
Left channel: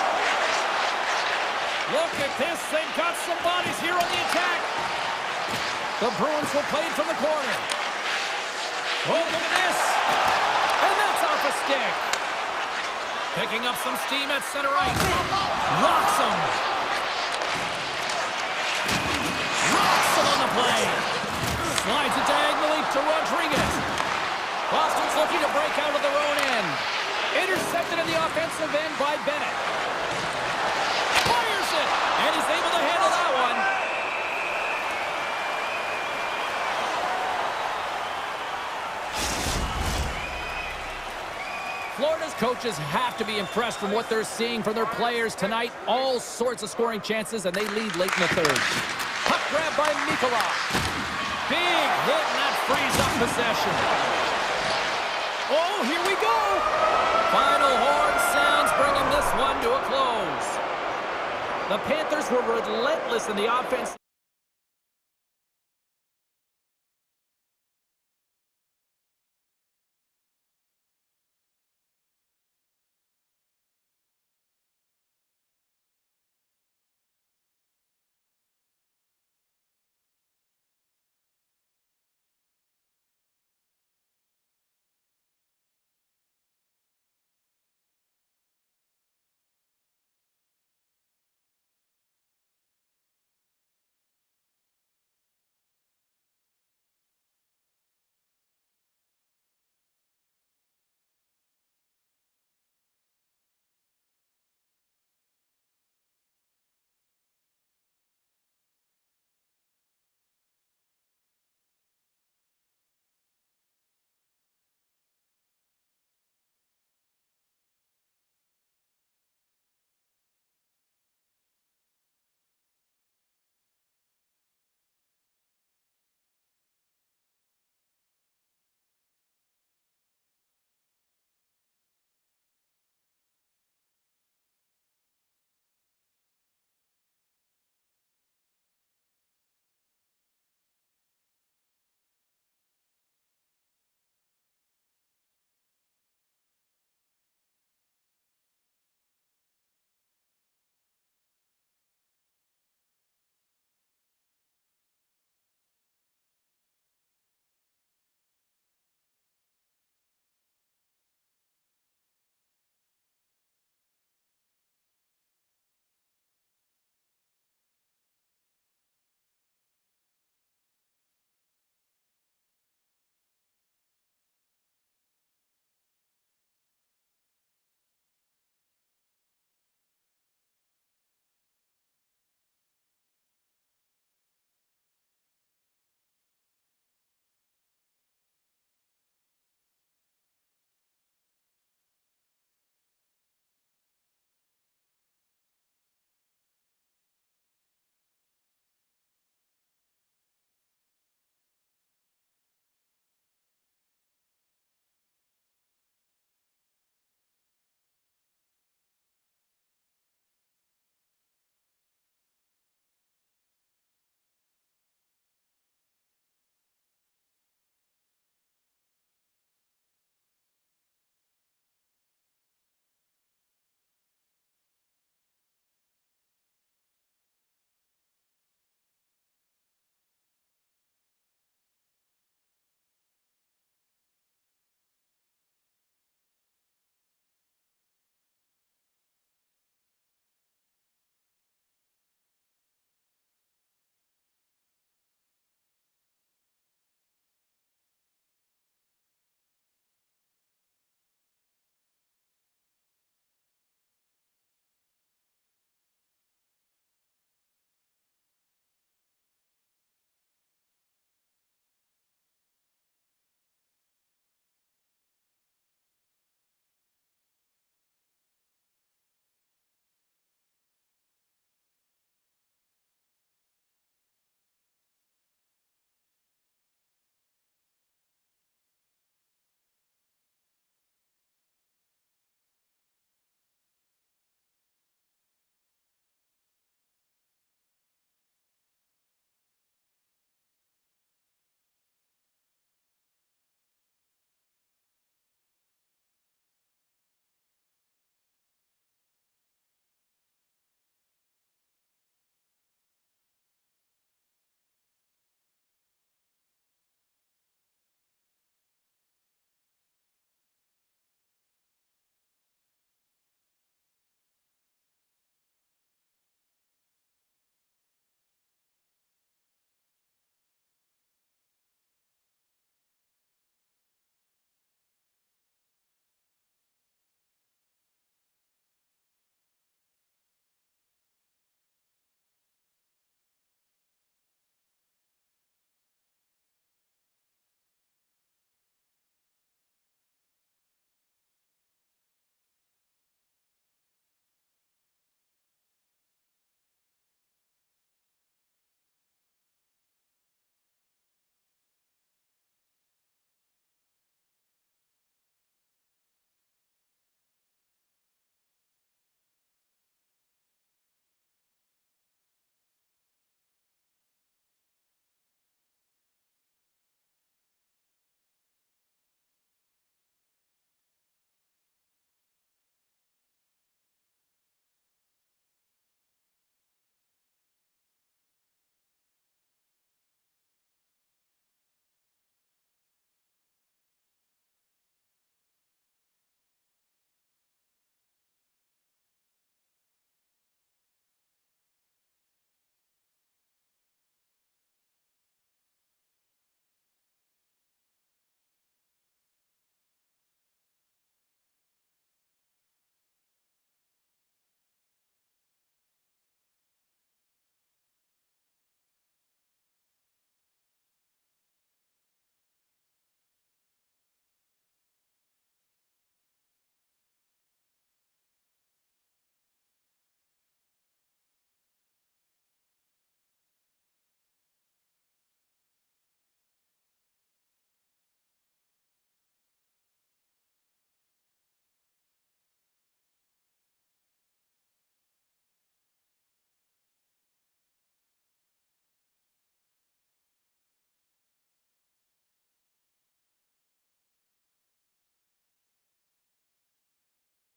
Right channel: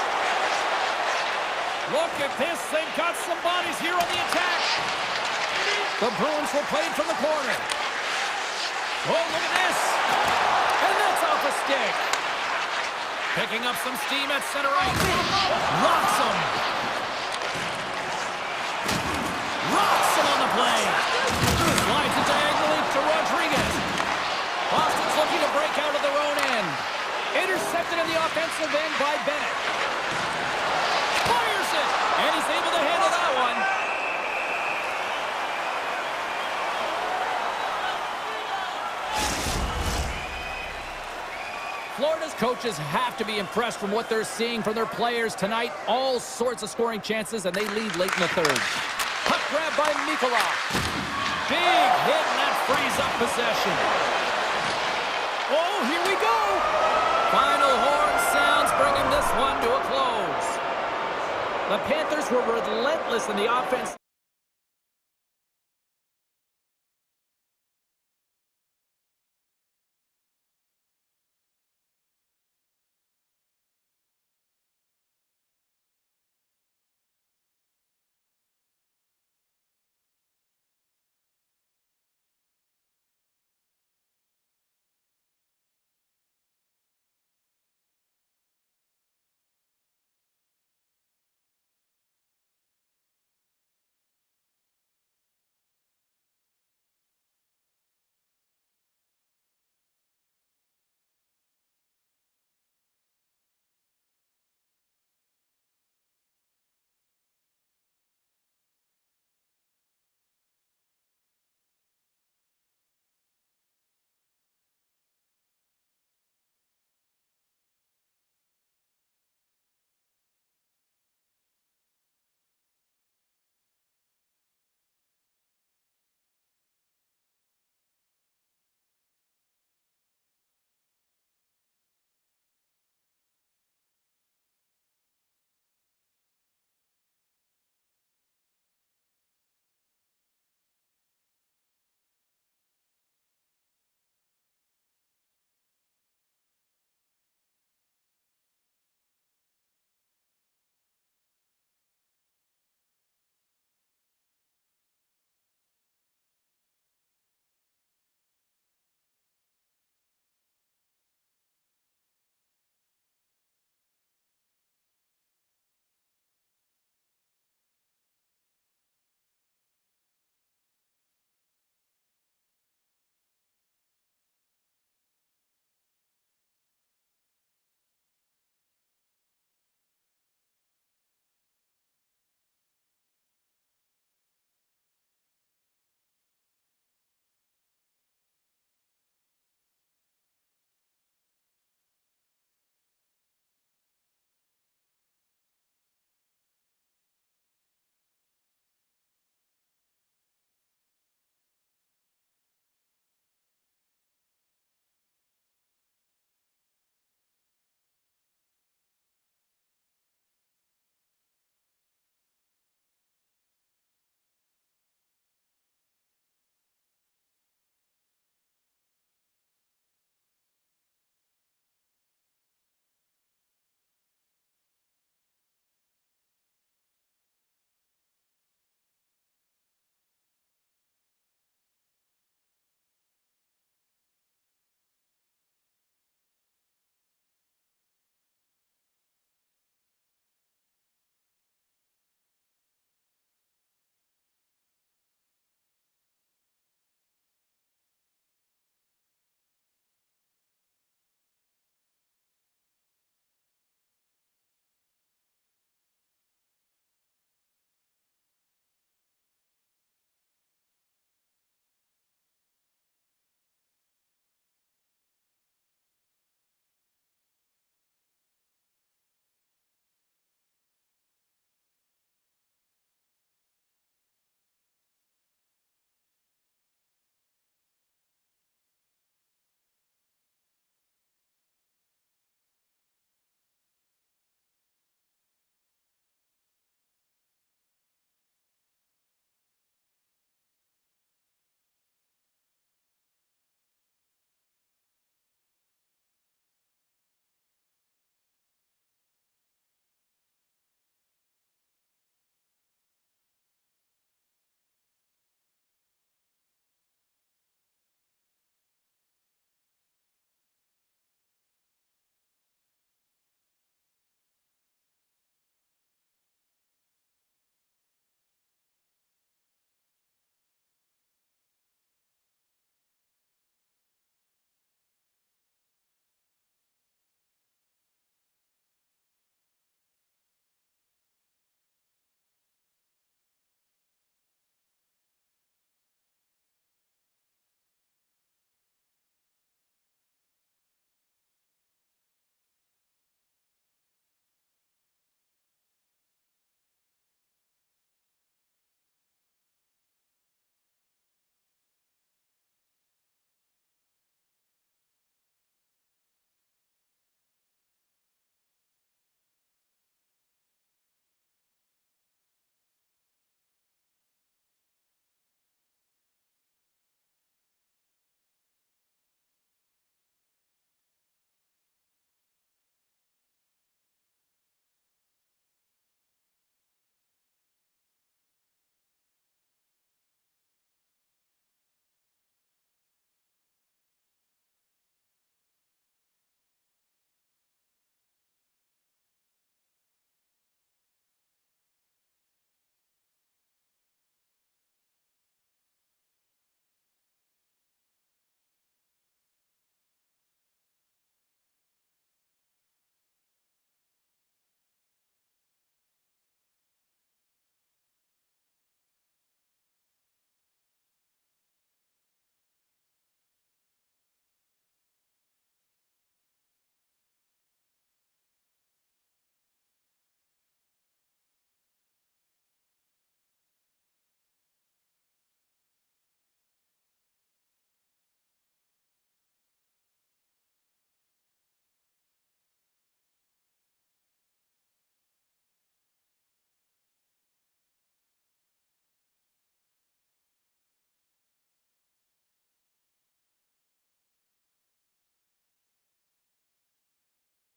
Look at this. They've got some bodies here on the attack. The Bruins will play it from the corner. Oh, look at this. And that's off a stick. Picking up some steam at center ice. Rocks him. Rocks him on the play. Slides it diagonally to Rodriguez. Boston's looking to break out of their own end. Intercepted in the offensive end by Bennett. Fires it, and he's able to handle that one. Florida's coaches have to be impressed from what they're seeing from their players tonight. All sorts of scoring chances, and they lead late in the third. Puck grab by Mikula. Big hit, and that frees up possession. Oh, here we go. Final horn sounds, bringing this one to a close. The Panthers were relentless in the offense.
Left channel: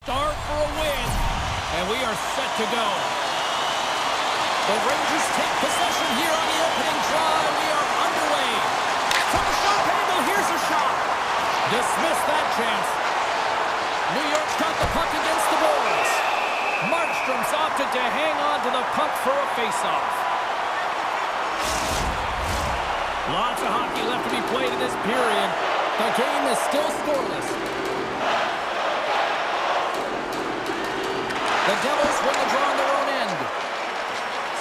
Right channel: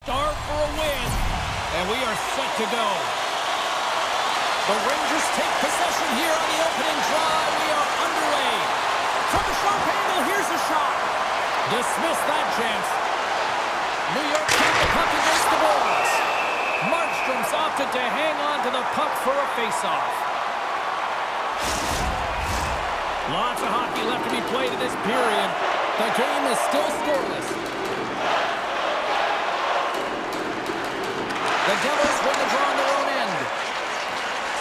start for a win. And we are set to go. The Rangers take possession here on the opening drive. We are underway. From a sharp angle, here's a shot. Dismiss that chance. New York got the puck against the boards. Markstrom's opted to hang on to the puck for a face-off. Lots of hockey left to be played in this period. The game is still scoreless. The Devils win the draw on their own end.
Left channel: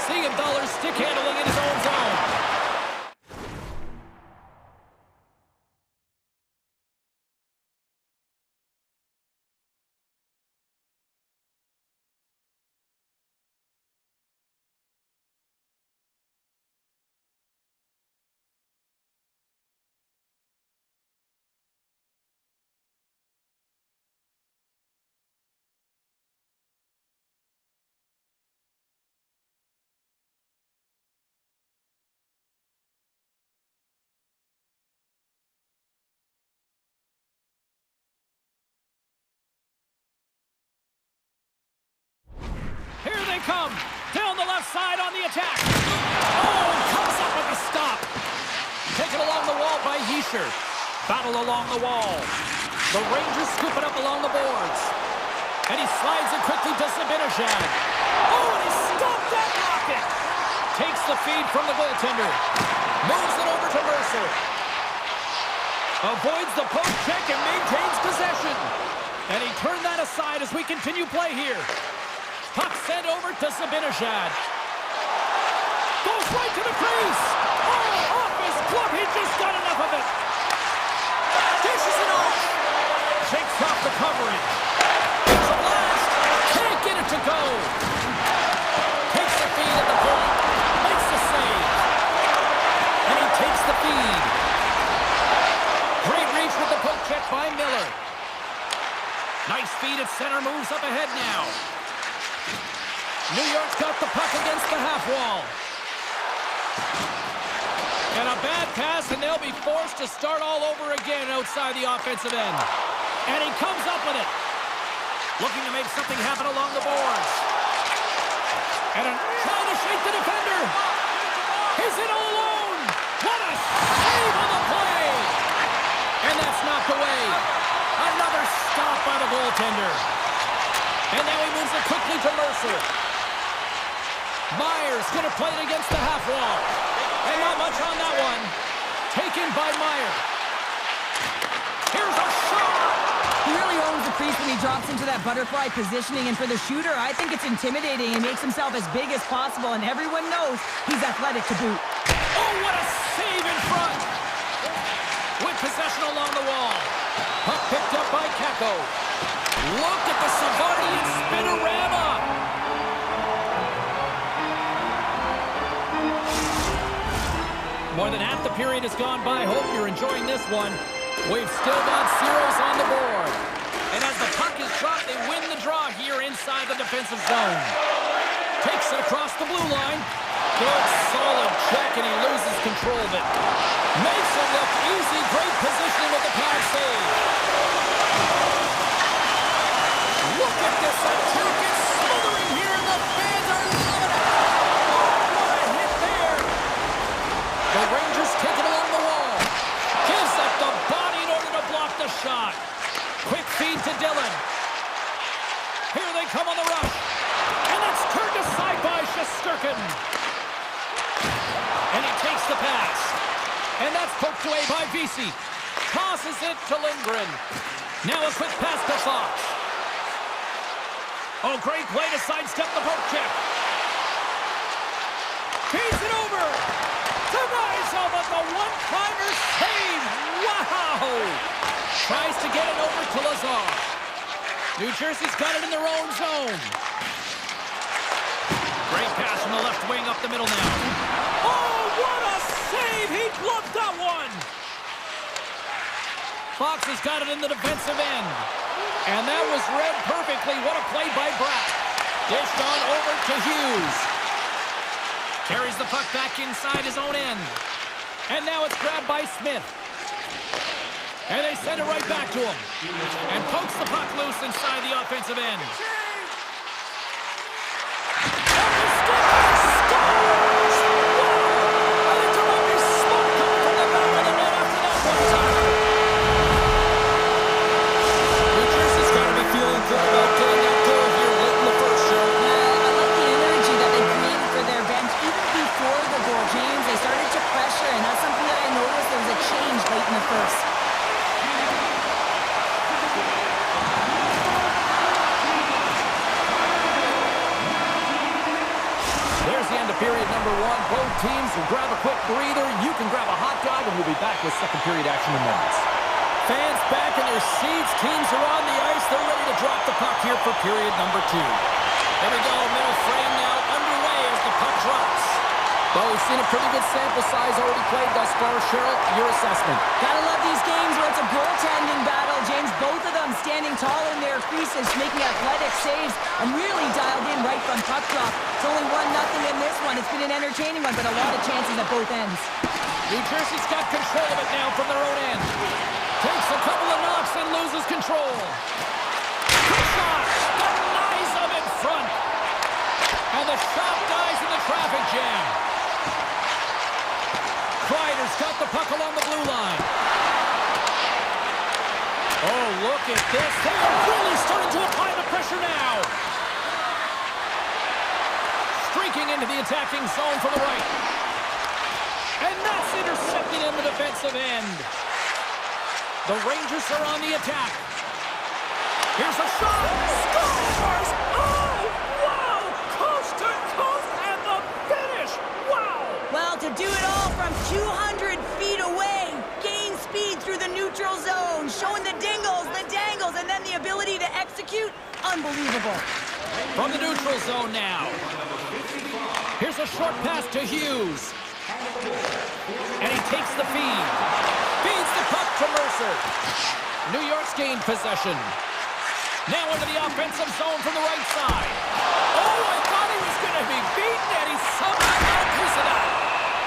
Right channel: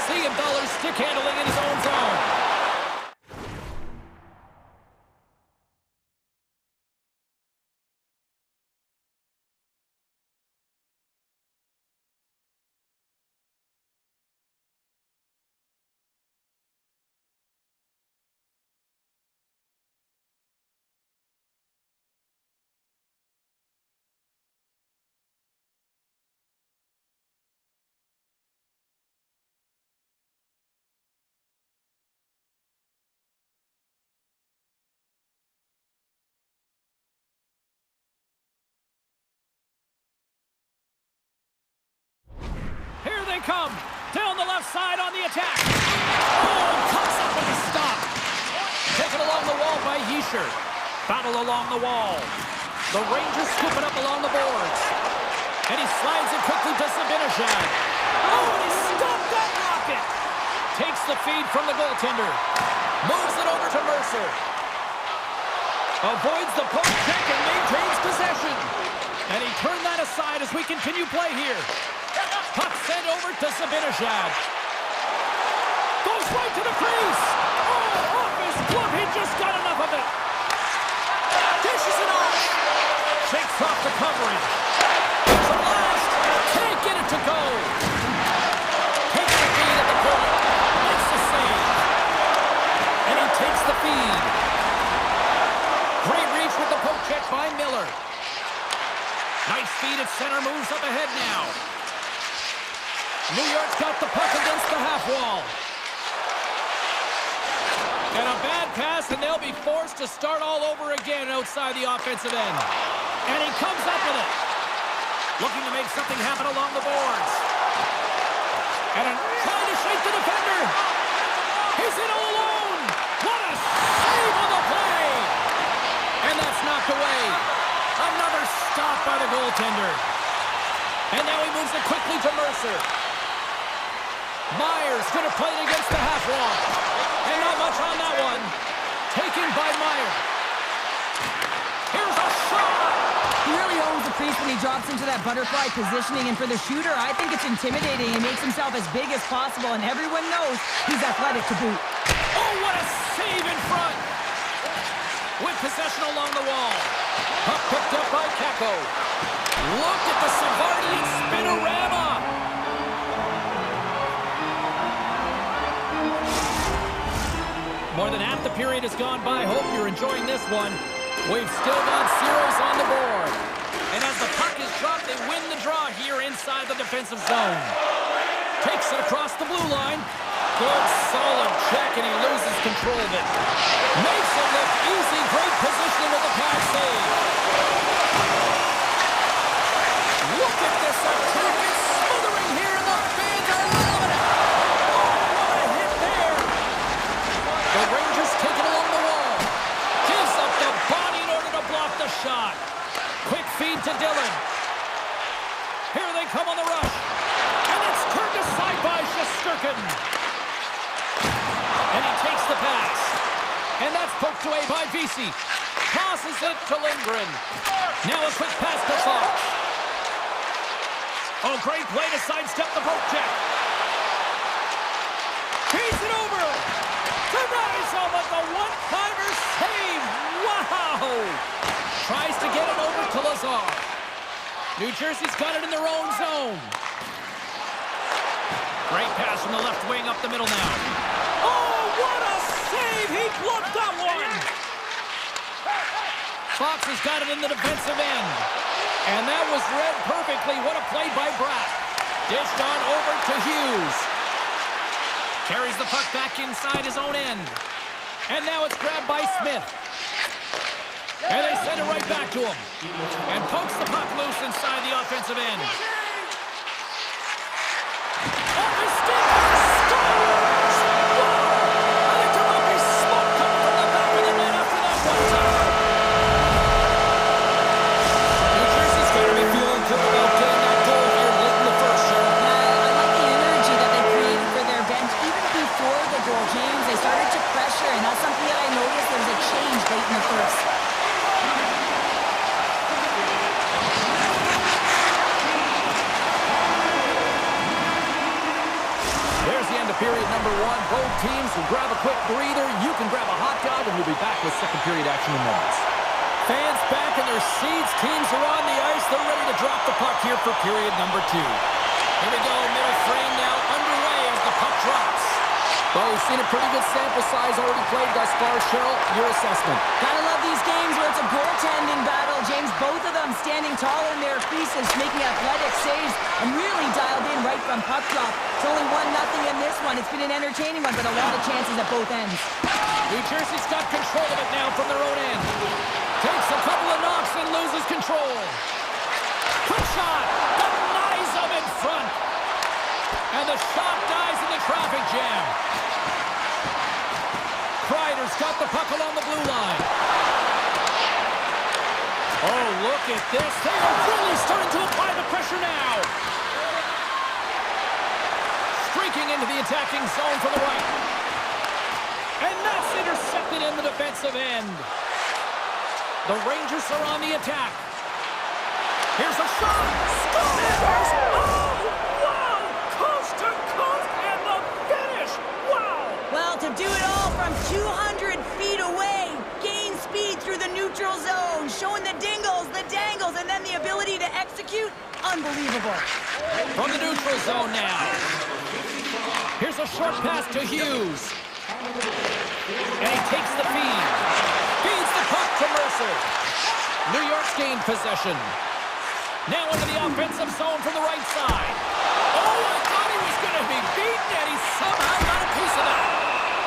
Siegenthaler's stick handling in his own zone. Here they come. Down the left side on the attack. Oh, comes up with a stop. Taken along the wall by Yisher. Battle along the wall. The Rangers scoop it up along the boards. And he slides it quickly to Zibanejad. Oh, and he stopped that rocket. Takes the feed from the goaltender. Moves it over to Mercer. Avoids the poke check and maintains possession. And he turned that aside as we continue play here. Puck sent over to Zibanejad. Goes right to the crease. Oh, off his glove. He just got enough of it. Dishes it off. Shakes off the coverage. It's a blast. Can't get it to go. Takes the feed at the point. Makes the save. And he takes the feed. Great reach with the poke check by Miller. Nice feed at center. Moves up ahead now. New York's got the puck against the half wall. And a bad pass, and they'll be forced to start all over again outside the offensive end. And he comes up with it. Looking to make something happen along the boards. And trying to shake the defender. He's in all alone. What a save on the play. And that's knocked away. Another stop by the goaltender. And now he moves it quickly to Mercer. Myers going to play it against the half wall. And not much on that one. Taken by Meyer. Here's a shot. He really owns the crease when he drops into that butterfly positioning. And for the shooter, I think it's intimidating. He makes himself as big as possible. And everyone knows he's athletic to boot. Oh, what a save in front. With possession along the wall. Puck picked up by Kako. Look at the Savardian spinorama. More than half the period has gone by. Hope you're enjoying this one. We've still got zeros on the board. And as the puck is dropped, they win the draw here inside the defensive zone. Takes it across the blue line. Good, solid check, and he loses control of it. Makes it look easy. Great positioning with the pad save. Look at this attack. It's smothering here, and the fans are loving it. Oh, what a hit there. The Rangers take it along the wall. Gives up the body in order to block the shot. Quick feed to Dillon. Here they come on the rush. And that's turned aside by Shesterkin. And he takes the pass. And that's poked away by Vesey. Tosses it to Lindgren. Now a quick pass to Fox. Oh, great play to sidestep the poke check. Feeds it over. To Rizzo, but the one-timer save. Wow. Tries to get it over to Lazar. New Jersey's got it in their own zone. Great pass from the left wing up the middle now. Oh, what a save! He bluffed that one! Fox has got it in the defensive end. And that was read perfectly. What a play by Bratt. Dished on over to Hughes. Carries the puck back inside his own end. And now it's grabbed by Smith. And they send it right back to him. And pokes the puck loose inside the offensive end. Off his stick, scores! Wow! I think there might be smoke coming from the back of the net after that one-timer. New Jersey's got to be feeling good about getting that goal here late in the first, Cheryl. I like the energy that they created for their bench. Even before the goal, James, they started to pressure, and that's something that I noticed. There was a change late in the first. There's the end of period number one. Both teams will grab a quick breather. You can grab a hot dog, and we'll be back with second period action in moments. Fans back in their seats. Teams are on the ice. They're ready to drop the puck here for period number two. Here we go. Middle frame now underway as the puck drops. Well, we've seen a pretty good sample size already played thus far. Cheryl, your assessment. Gotta love these games where it's a goaltending battle. James, both of them standing tall in their creases, making athletic saves, and really dialed in right from puck drop. It's only 1-0 in this one. It's been an entertaining one, but a lot of chances at both ends. New Jersey's got control of it now from their own end. Takes a couple of knocks and loses control. Quick shot! Denies them in front. And the shot dies in the traffic jam. Kreider's got the puck along the blue line. Oh, look at this. They are really starting to apply the pressure now. Streaking into the attacking zone from the right. And that's intercepted in the defensive end. The Rangers are on the attack. Here's a shot. Scores! Oh, wow! Coast to coast and the finish. Wow! Well, to do it all from 200 feet away, gain speed through the neutral zone, showing the dingles, the dangles, and then the ability to execute, unbelievable. From the neutral zone now. Here's a short pass to Hughes. And he takes the feed. Feeds the puck to Mercer. New York's gained possession. Now into the offensive zone from the right side. Oh, I thought he was going to be beaten, and he somehow got a piece of that.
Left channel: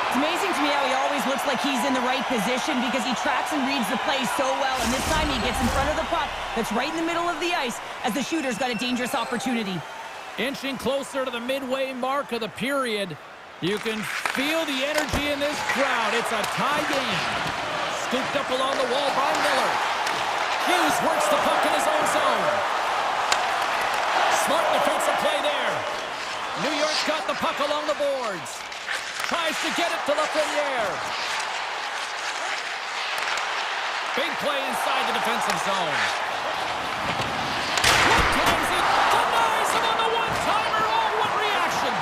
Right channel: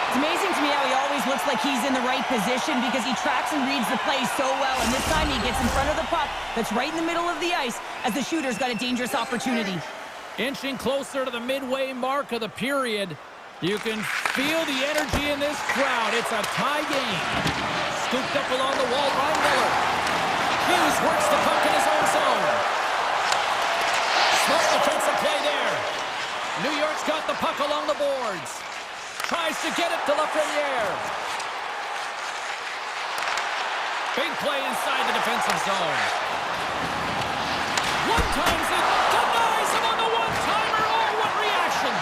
It's amazing to me how he always looks like he's in the right position because he tracks and reads the play so well, and this time he gets in front of the puck that's right in the middle of the ice as the shooter's got a dangerous opportunity. Inching closer to the midway mark of the period. You can feel the energy in this crowd. It's a tie game. Scooped up along the wall by Miller. Hughes works the puck in his own zone. Smart defensive play there. New York's got the puck along the boards. Tries to get it to Lafreniere. Big play inside the defensive zone. One-times it. Denies him on the one-timer. Oh, what reaction.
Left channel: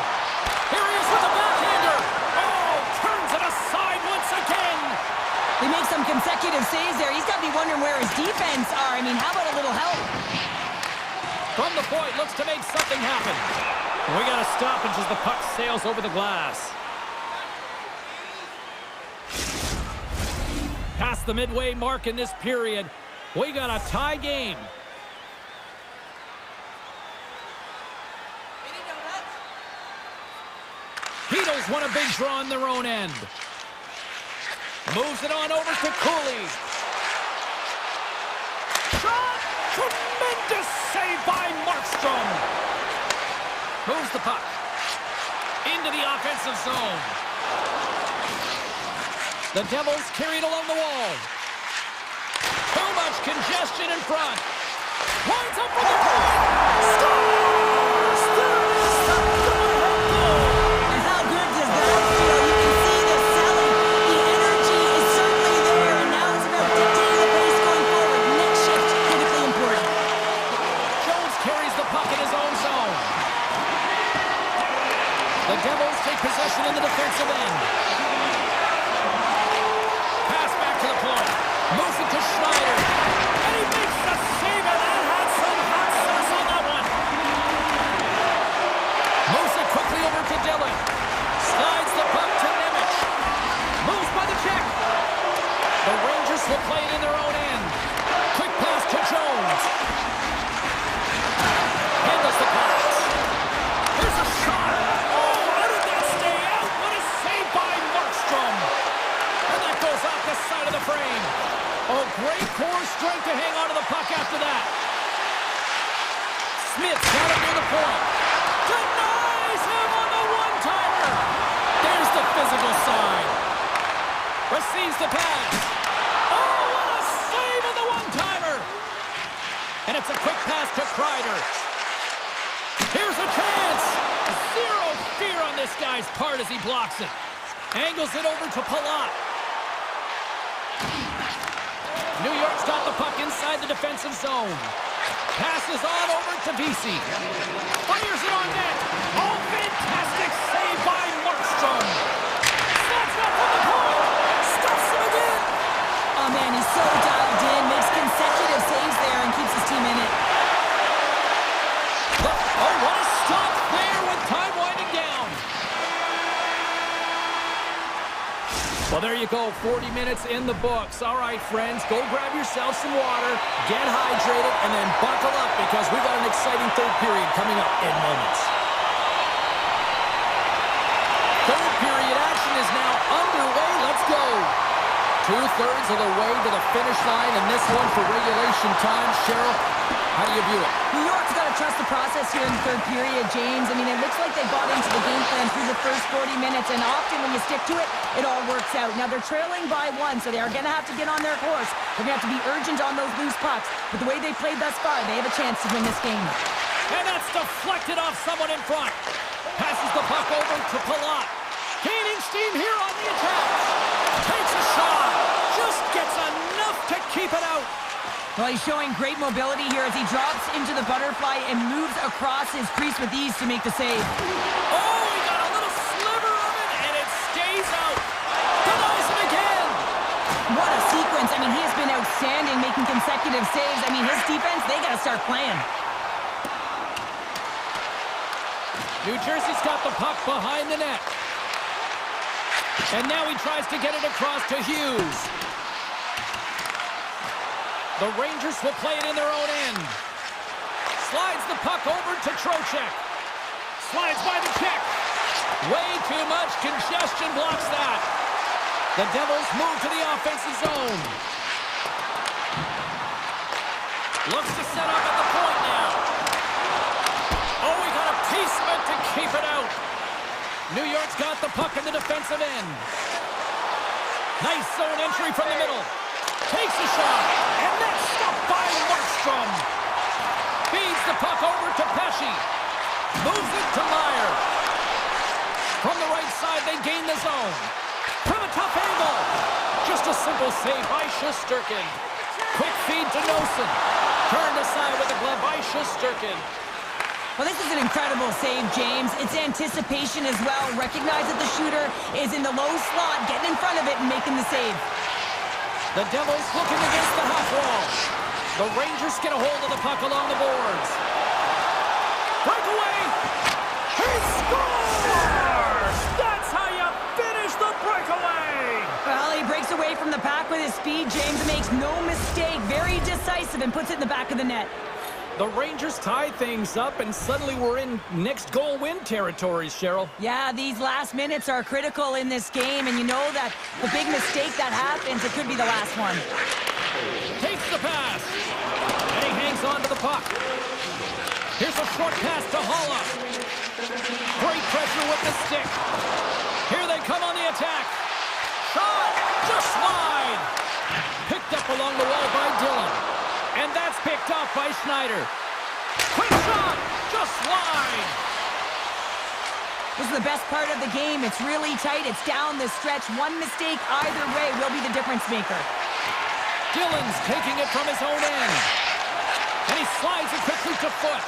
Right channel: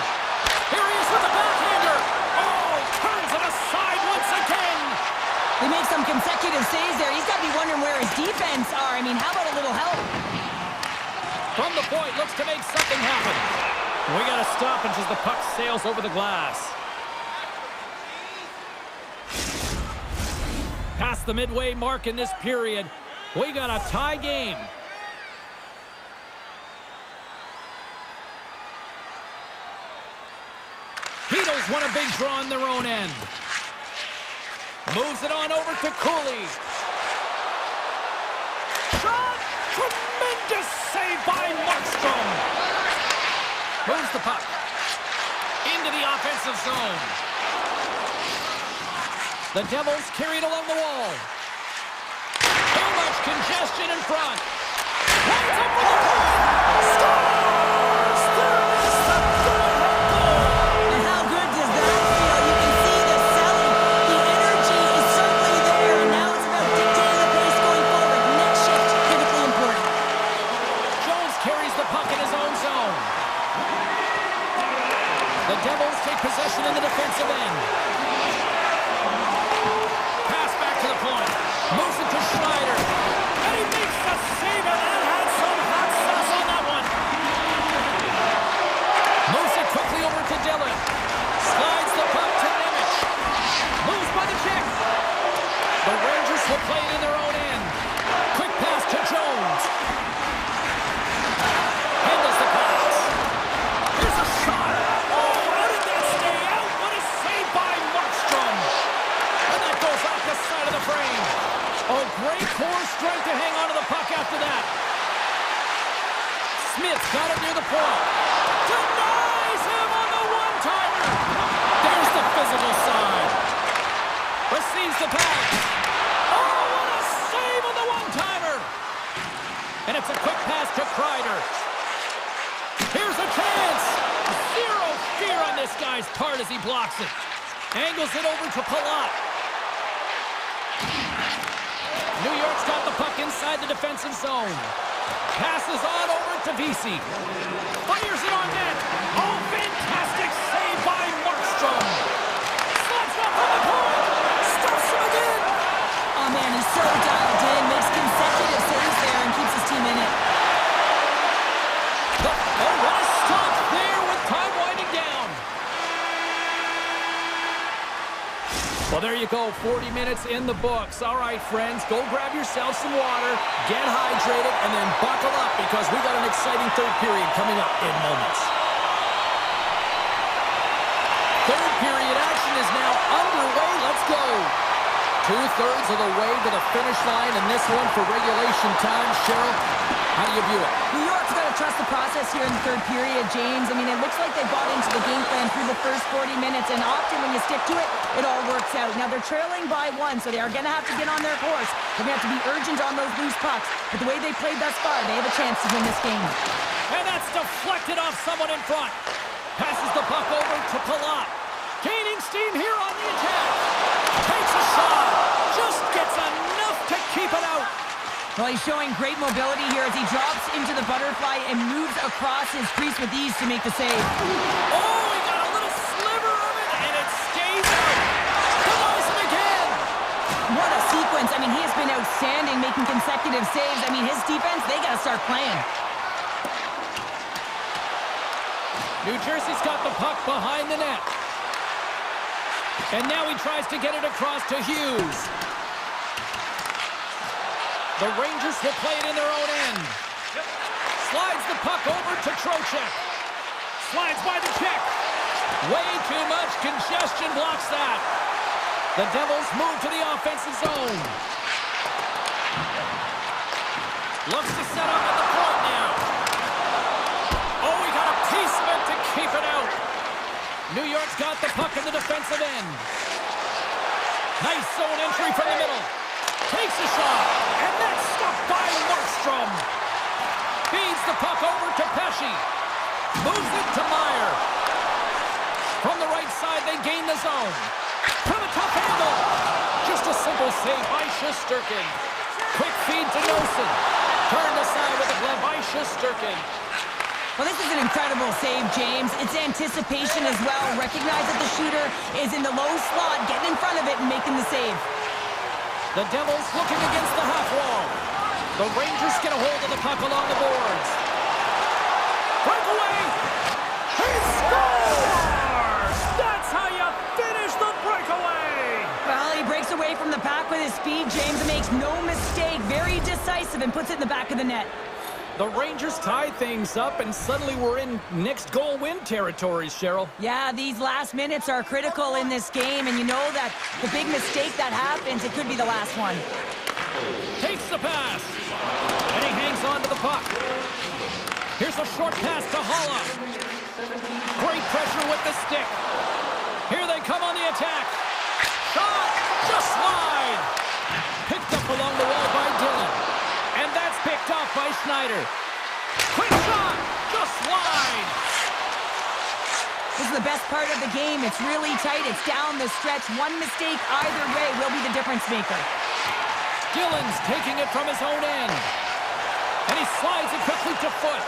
Here he is with the backhander. Oh, turns it aside once again. They make some consecutive saves there. He's got to be wondering where his defense are. I mean, how about a little help? From the point, looks to make something happen. We got a stoppage as the puck sails over the glass. Past the midway mark in this period, we got a tie game. Beatles want a big draw on their own end. Moves it on over to Cooley. Shot! Tremendous save by Markstrom. Moves the puck into the offensive zone. The Devils carried along the wall. Too much congestion in front. Lines up for the point. Scores! There it is, the go-ahead goal. And how good does that feel? You can see the selling. The energy is certainly there, and now it's about dictating the pace going forward. Next shift, critically important. Jones carries the puck in his own zone. The Devils take possession in the defensive end. Pass back to the point. Moves it to Schneider. And he makes the save, and that had some hot sauce on that one. Moves it quickly over to Dillon. Slides the puck to Nemec. Moves by the check. The Rangers will play it in their own end. Quick pass to Jones. Handles the pass. Here's a shot. Oh, how did that stay out? What a save by Markstrom. And that goes off the side of the frame. Oh, great core strength to hang on to the puck after that. Smith's got it near the point. Denies him on the one-timer. There's the physical side. Receives the pass. Oh, what a save on the one-timer. And it's a quick pass to Kreider. Here's a chance. Zero fear on this guy's part as he blocks it. Angles it over to Palat. New York's got the puck inside the defensive zone. Passes on over to Vesey. Fires it on net. Oh, fantastic save by Markstrom. Slots up from the point. Stuffs him again. Oh, man, he's so dialed in. Makes consecutive saves there and keeps his team in it. Oh, what a stop there with time winding down. Well, there you go, 40 minutes in the books. All right, friends, go grab yourself some water, get hydrated, and then buckle up because we got an exciting third period coming up in moments. Third period action is now underway. Let's go. 2/3 of the way to the finish line, and this one for regulation time. Cheryl, how do you view it? New York's got to trust the process here in the third period, James. I mean, it looks like they bought into the game plan through the first 40 minutes, and often when you stick to it, it all works out. Now, they're trailing by 1, so they are going to have to get on their course. They're going to have to be urgent on those loose pucks. But the way they played thus far, they have a chance to win this game. And that's deflected off someone in front. Passes the puck over to Palat. Gaining steam here on the attack. Takes a shot. Just gets enough to keep it out. Well, he's showing great mobility here as he drops into the butterfly and moves across his crease with ease to make the save. Oh, he got a little sliver of it, and it stays out. Denies him again. What a sequence. I mean, he has been outstanding, making consecutive saves. I mean, his defense, they got to start playing. New Jersey's got the puck behind the net. And now he tries to get it across to Hughes. The Rangers will play it in their own end. Slides the puck over to Trocheck. Slides by the check. Way too much congestion blocks that. The Devils move to the offensive zone. Looks to set up at the point now. Oh, he got a piece of it to keep it out. New York's got the puck in the defensive end. Nice zone entry from the middle. Takes a shot, and that's stopped by Markstrom. Feeds the puck over to Pesce. Moves it to Meyer. From the right side, they gain the zone. From a tough angle. Just a simple save by Shesterkin. Quick feed to Nosen. Turned aside with the glove by Shesterkin. Well, this is an incredible save, James. It's anticipation as well. Recognize that the shooter is in the low slot, getting in front of it and making the save. The Devils looking against the half wall. The Rangers get a hold of the puck along the boards. Breakaway! He scores! That's how you finish the breakaway! Well, he breaks away from the pack with his speed, James, and makes no mistake. Very decisive and puts it in the back of the net. The Rangers tie things up, and suddenly we're in next goal win territories, Cheryl. Yeah, these last minutes are critical in this game, and you know that the big mistake that happens, it could be the last one. Takes the pass, and he hangs on to the puck. Here's a short pass to Holla. Great pressure with the stick. Here they come on the attack. Shot, just wide. Picked up along the wall by Dillon. And that's picked off by Schneider. Quick shot, just wide. This is the best part of the game. It's really tight. It's down the stretch. One mistake either way will be the difference maker. Dillon's taking it from his own end. And he slides it quickly to Foot.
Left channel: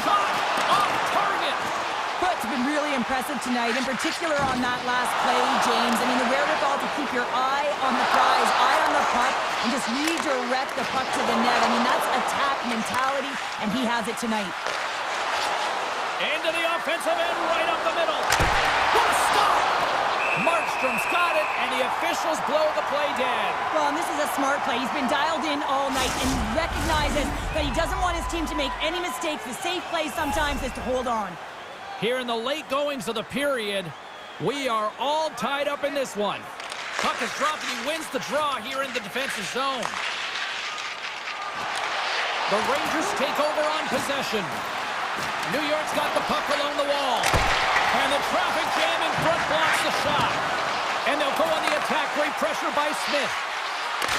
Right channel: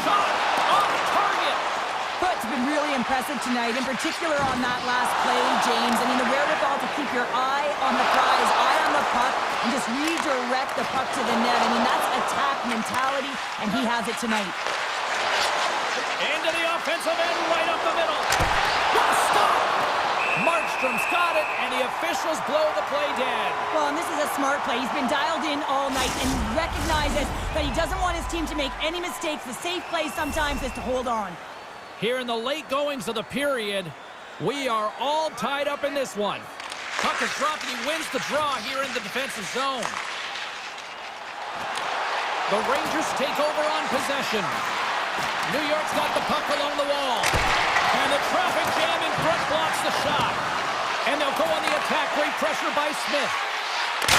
Shot off target. Foot's been really impressive tonight, in particular on that last play, James. I mean, the wherewithal to keep your eye on the prize, eye on the puck, and just redirect the puck to the net. I mean, that's attack mentality, and he has it tonight. Into the offensive end, right up the middle. What a stop! Markstrom's got it, and the officials blow the play dead. Well, and this is a smart play. He's been dialed in all night and recognizes that he doesn't want his team to make any mistakes. The safe play sometimes is to hold on. Here in the late goings of the period, we are all tied up in this one. Puck is dropped and he wins the draw here in the defensive zone. The Rangers take over on possession. New York's got the puck along the wall. And the traffic jam in front blocks the shot. And they'll go on the attack. Great pressure by Smith.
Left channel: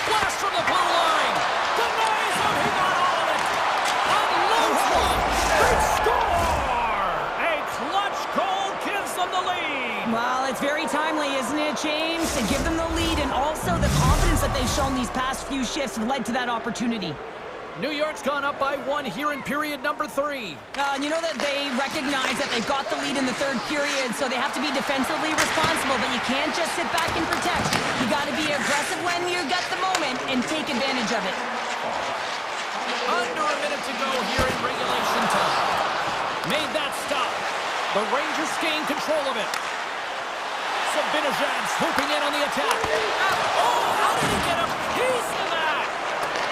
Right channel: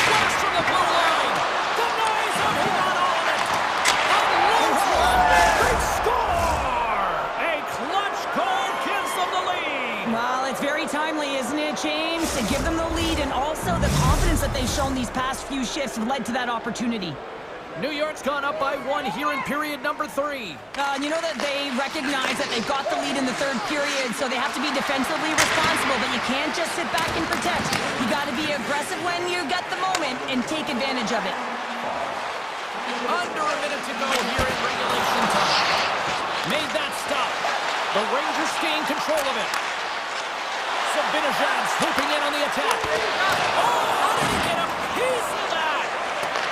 Blast from the blue line. Denies him. He got all of it. Unloads one. They score! A clutch goal gives them the lead. Well, it's very timely, isn't it, James? To give them the lead, and also the confidence that they've shown these past few shifts have led to that opportunity. New York's gone up by 1 here in period number 3. You know that they recognize that they've got the lead in the third period, so they have to be defensively responsible, but you can't just sit back and protect. You got to be aggressive when you get the moment and take advantage of it. Under a minute to go here in regulation time. Made that stop. The Rangers gain control of it. Sabinajad swooping in on the attack. Oh, how did he get a piece of that?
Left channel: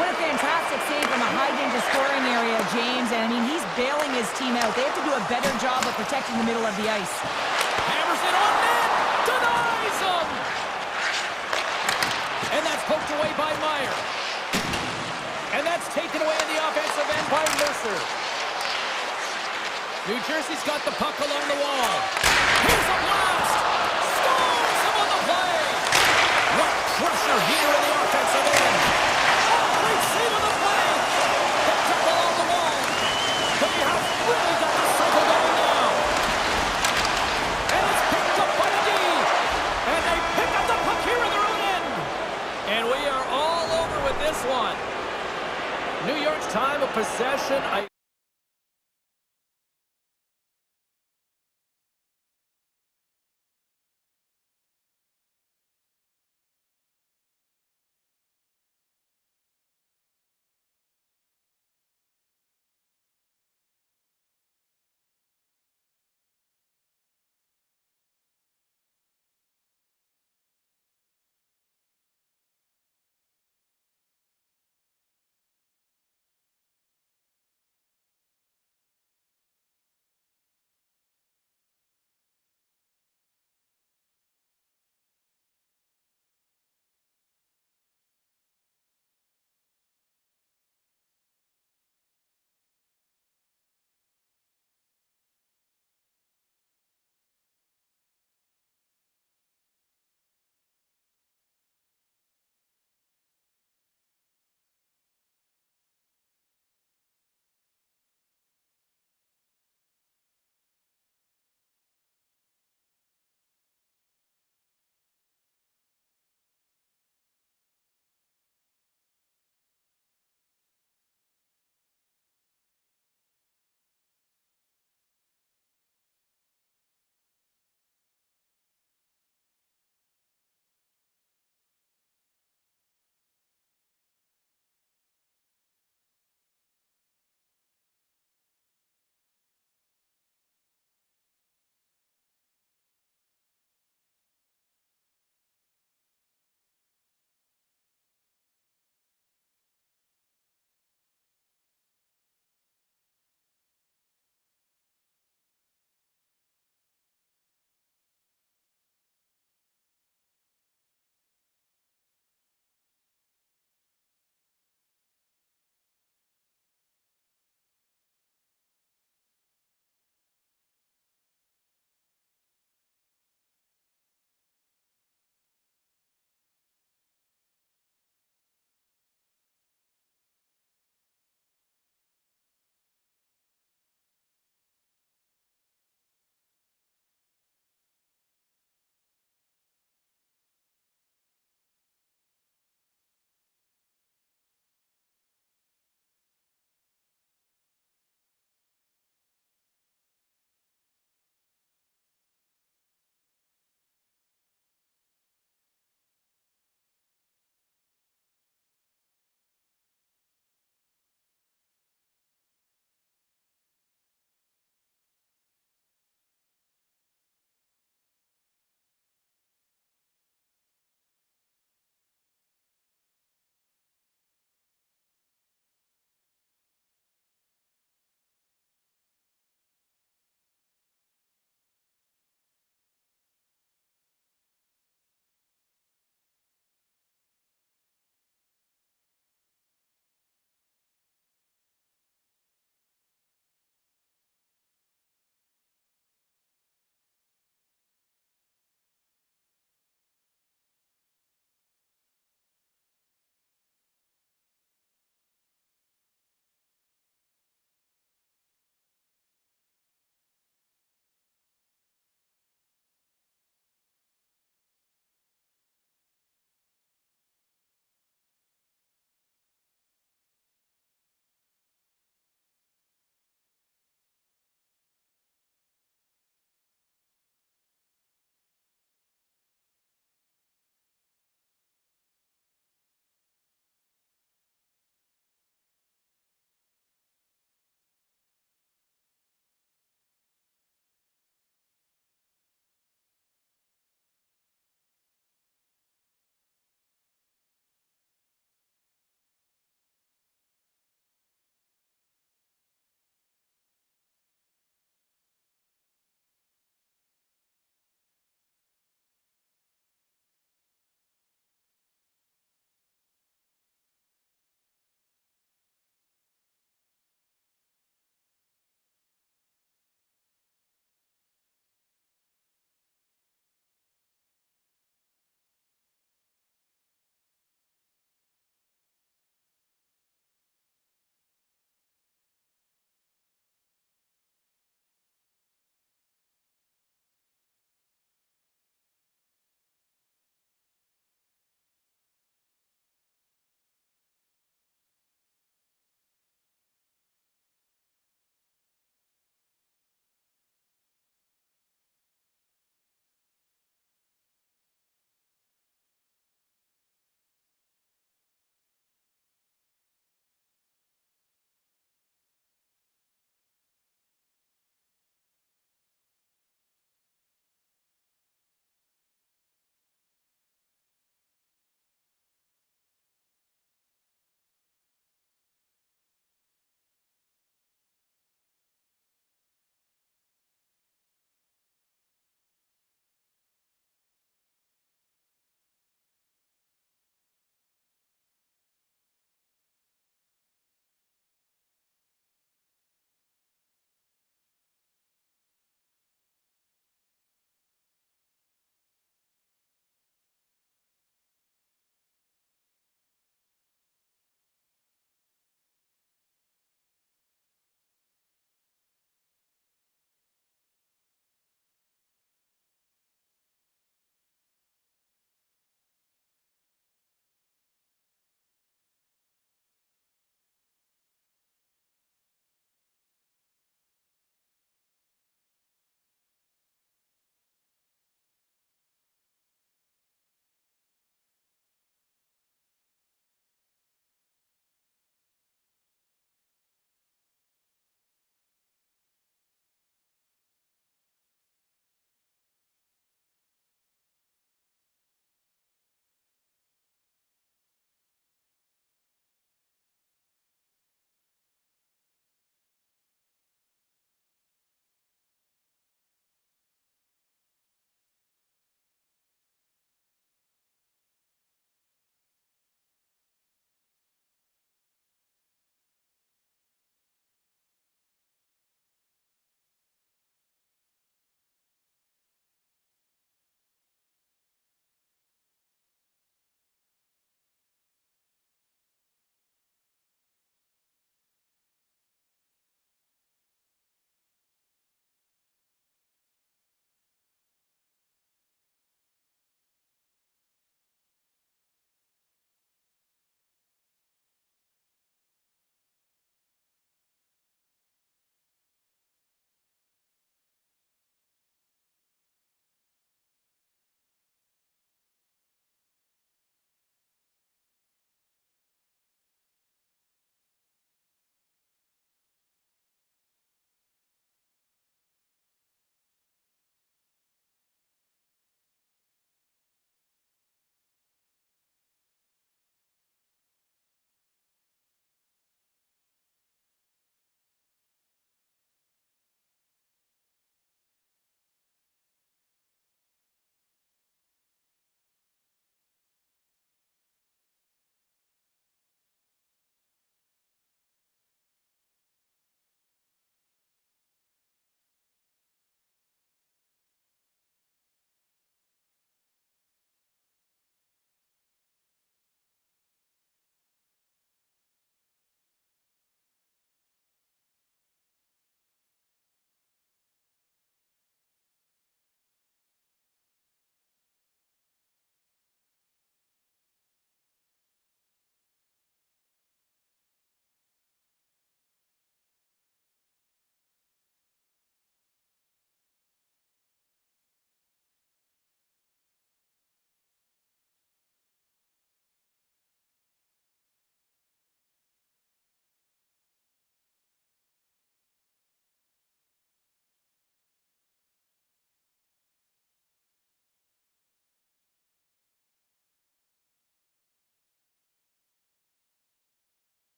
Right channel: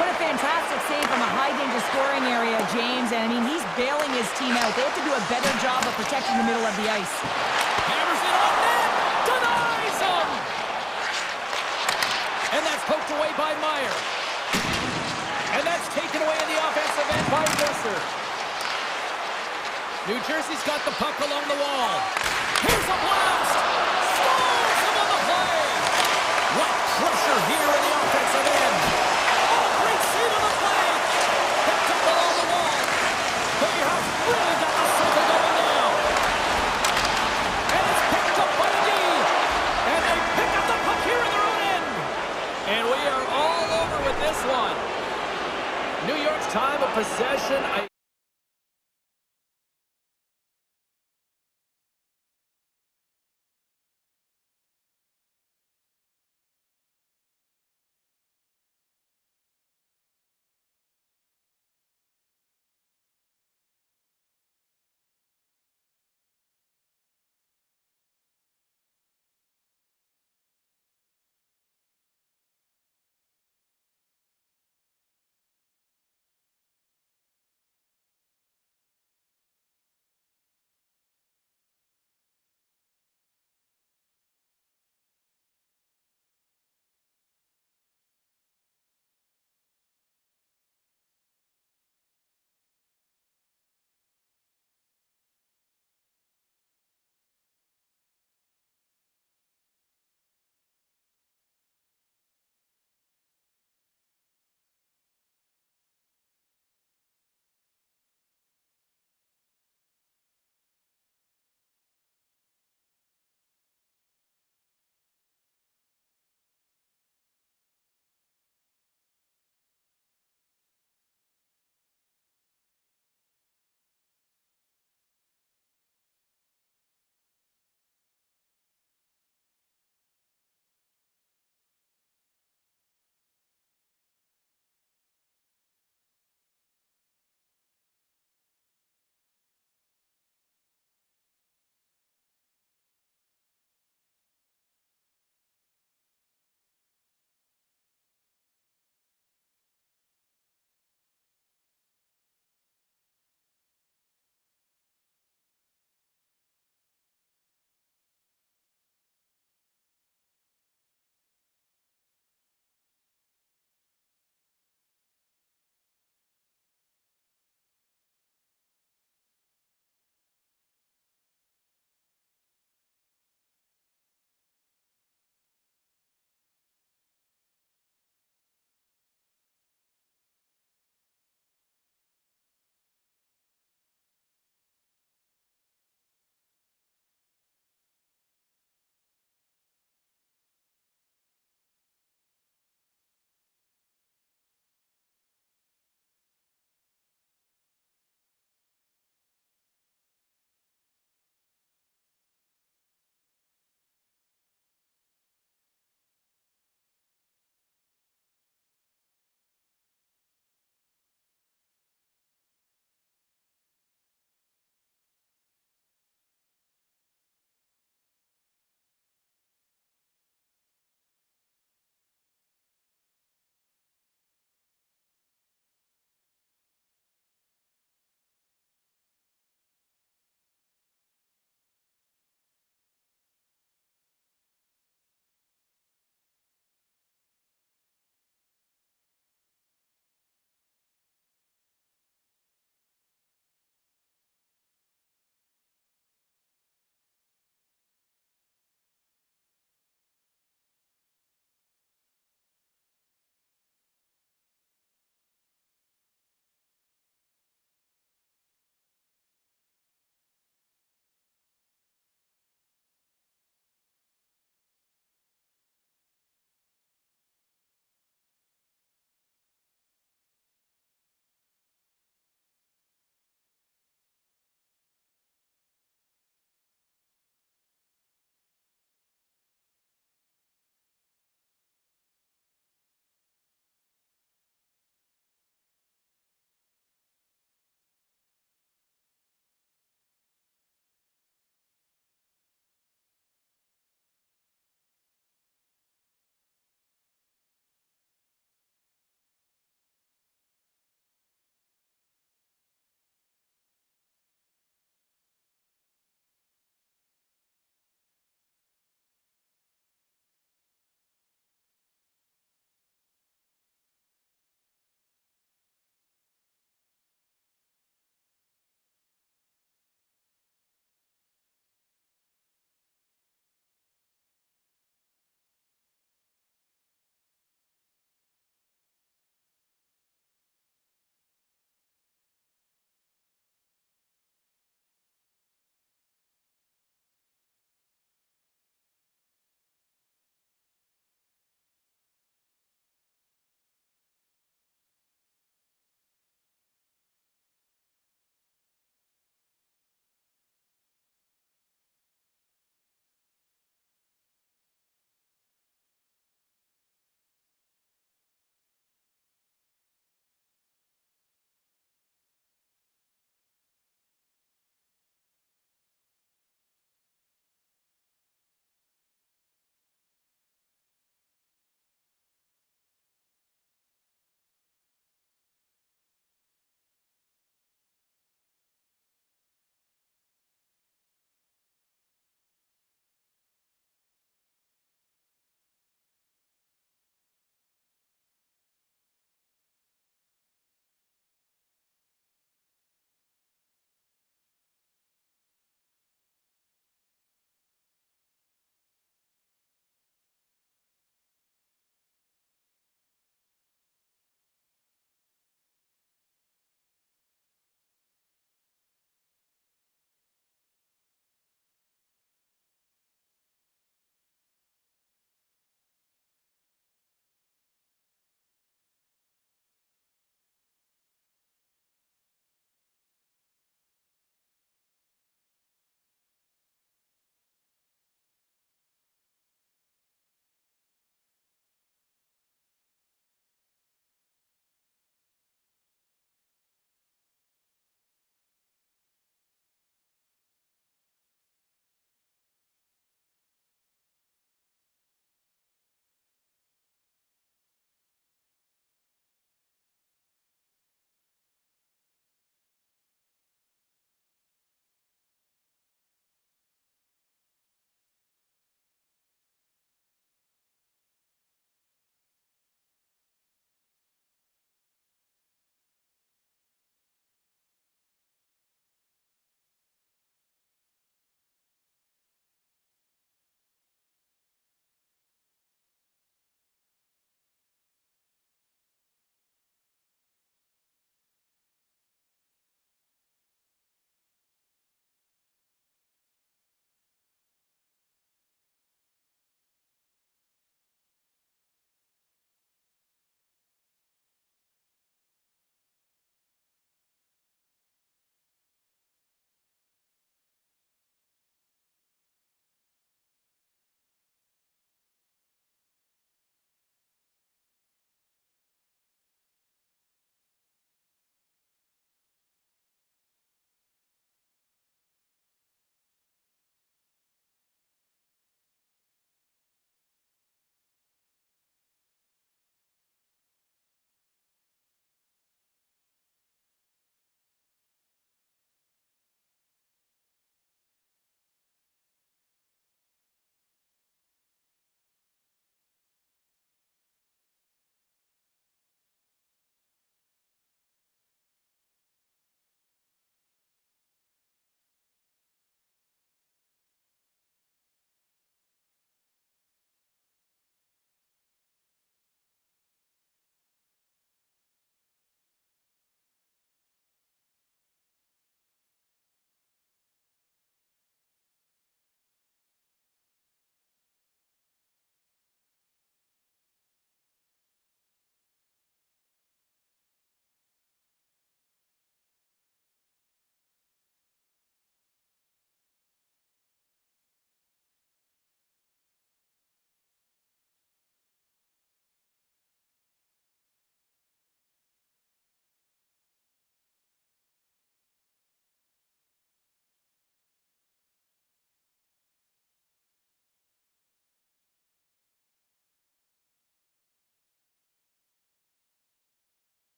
What a fantastic save from a high-danger scoring area, James. And, I mean, he's bailing his team out. They have to do a better job of protecting the middle of the ice. Hammers it on net. Denies him. And that's poked away by Meyer. And that's taken away in the offensive end by Mercer. New Jersey's got the puck along the wall. Here's a blast. Scores him on the play. What pressure here in the offensive end. Great save on the play! Picked up along the wall. They have really got the cycle going now. And it's picked up by the D. And they pick up the puck here in their own end. And we are all over with this one. New York's time of possession.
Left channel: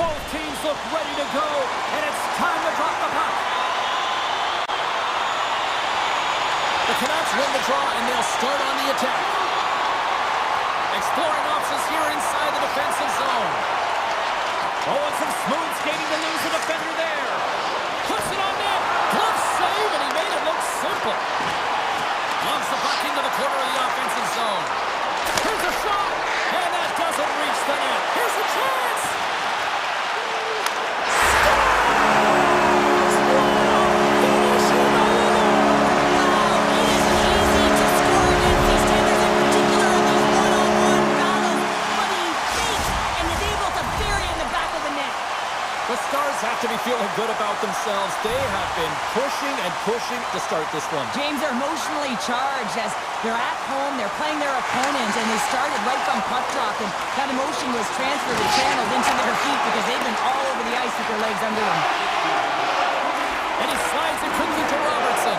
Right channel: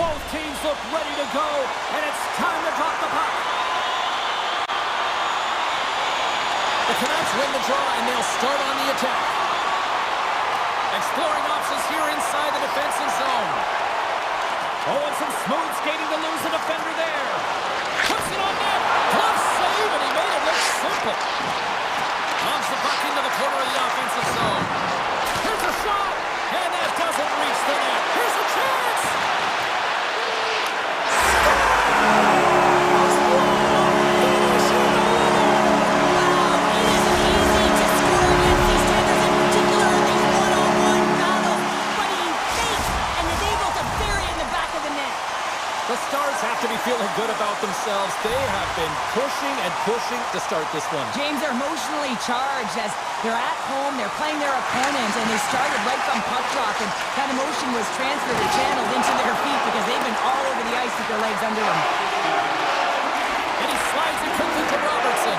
Both teams look ready to go, and it's time to drop the puck. The Canucks win the draw, and they'll start on the attack. Exploring options here inside the defensive zone. Oh, and some smooth skating to lose the defender there. Puts it on net. Glove save, and he made it look simple. Logs the puck into the corner of the offensive zone. Here's a shot, and that doesn't reach the net. Here's a chance. The Stars have to be feeling good about themselves. They have been pushing and pushing to start this one. James, they're emotionally charged as they're at home, they're playing their opponent, and they started right from puck drop, and that emotion was transferred and channeled into their feet because they've been all over the ice with their legs under them. And he slides it quickly to Robertson.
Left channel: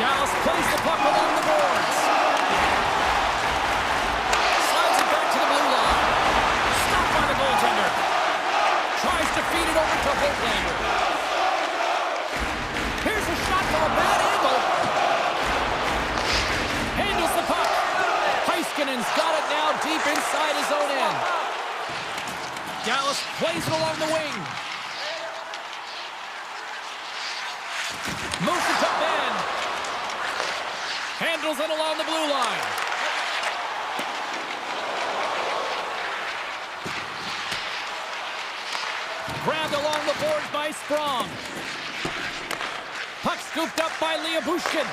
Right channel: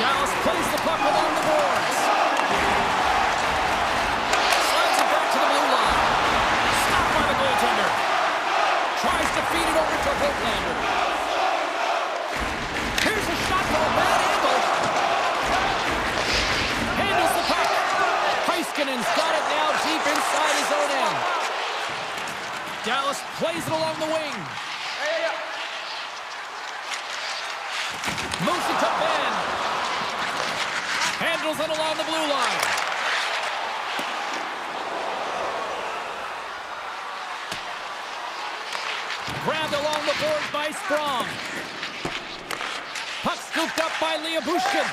Dallas plays the puck along the boards. Slides it back to the blue line. Stopped by the goaltender. Tries to feed it over to Hoaglander. Here's a shot from a bad angle. Handles the puck. Heiskanen's got it now deep inside his own end. Dallas plays it along the wing. Moves it to Ben. Handles it along the blue line. Grabbed along the boards by Sprong. Puck scooped up by Bushkin.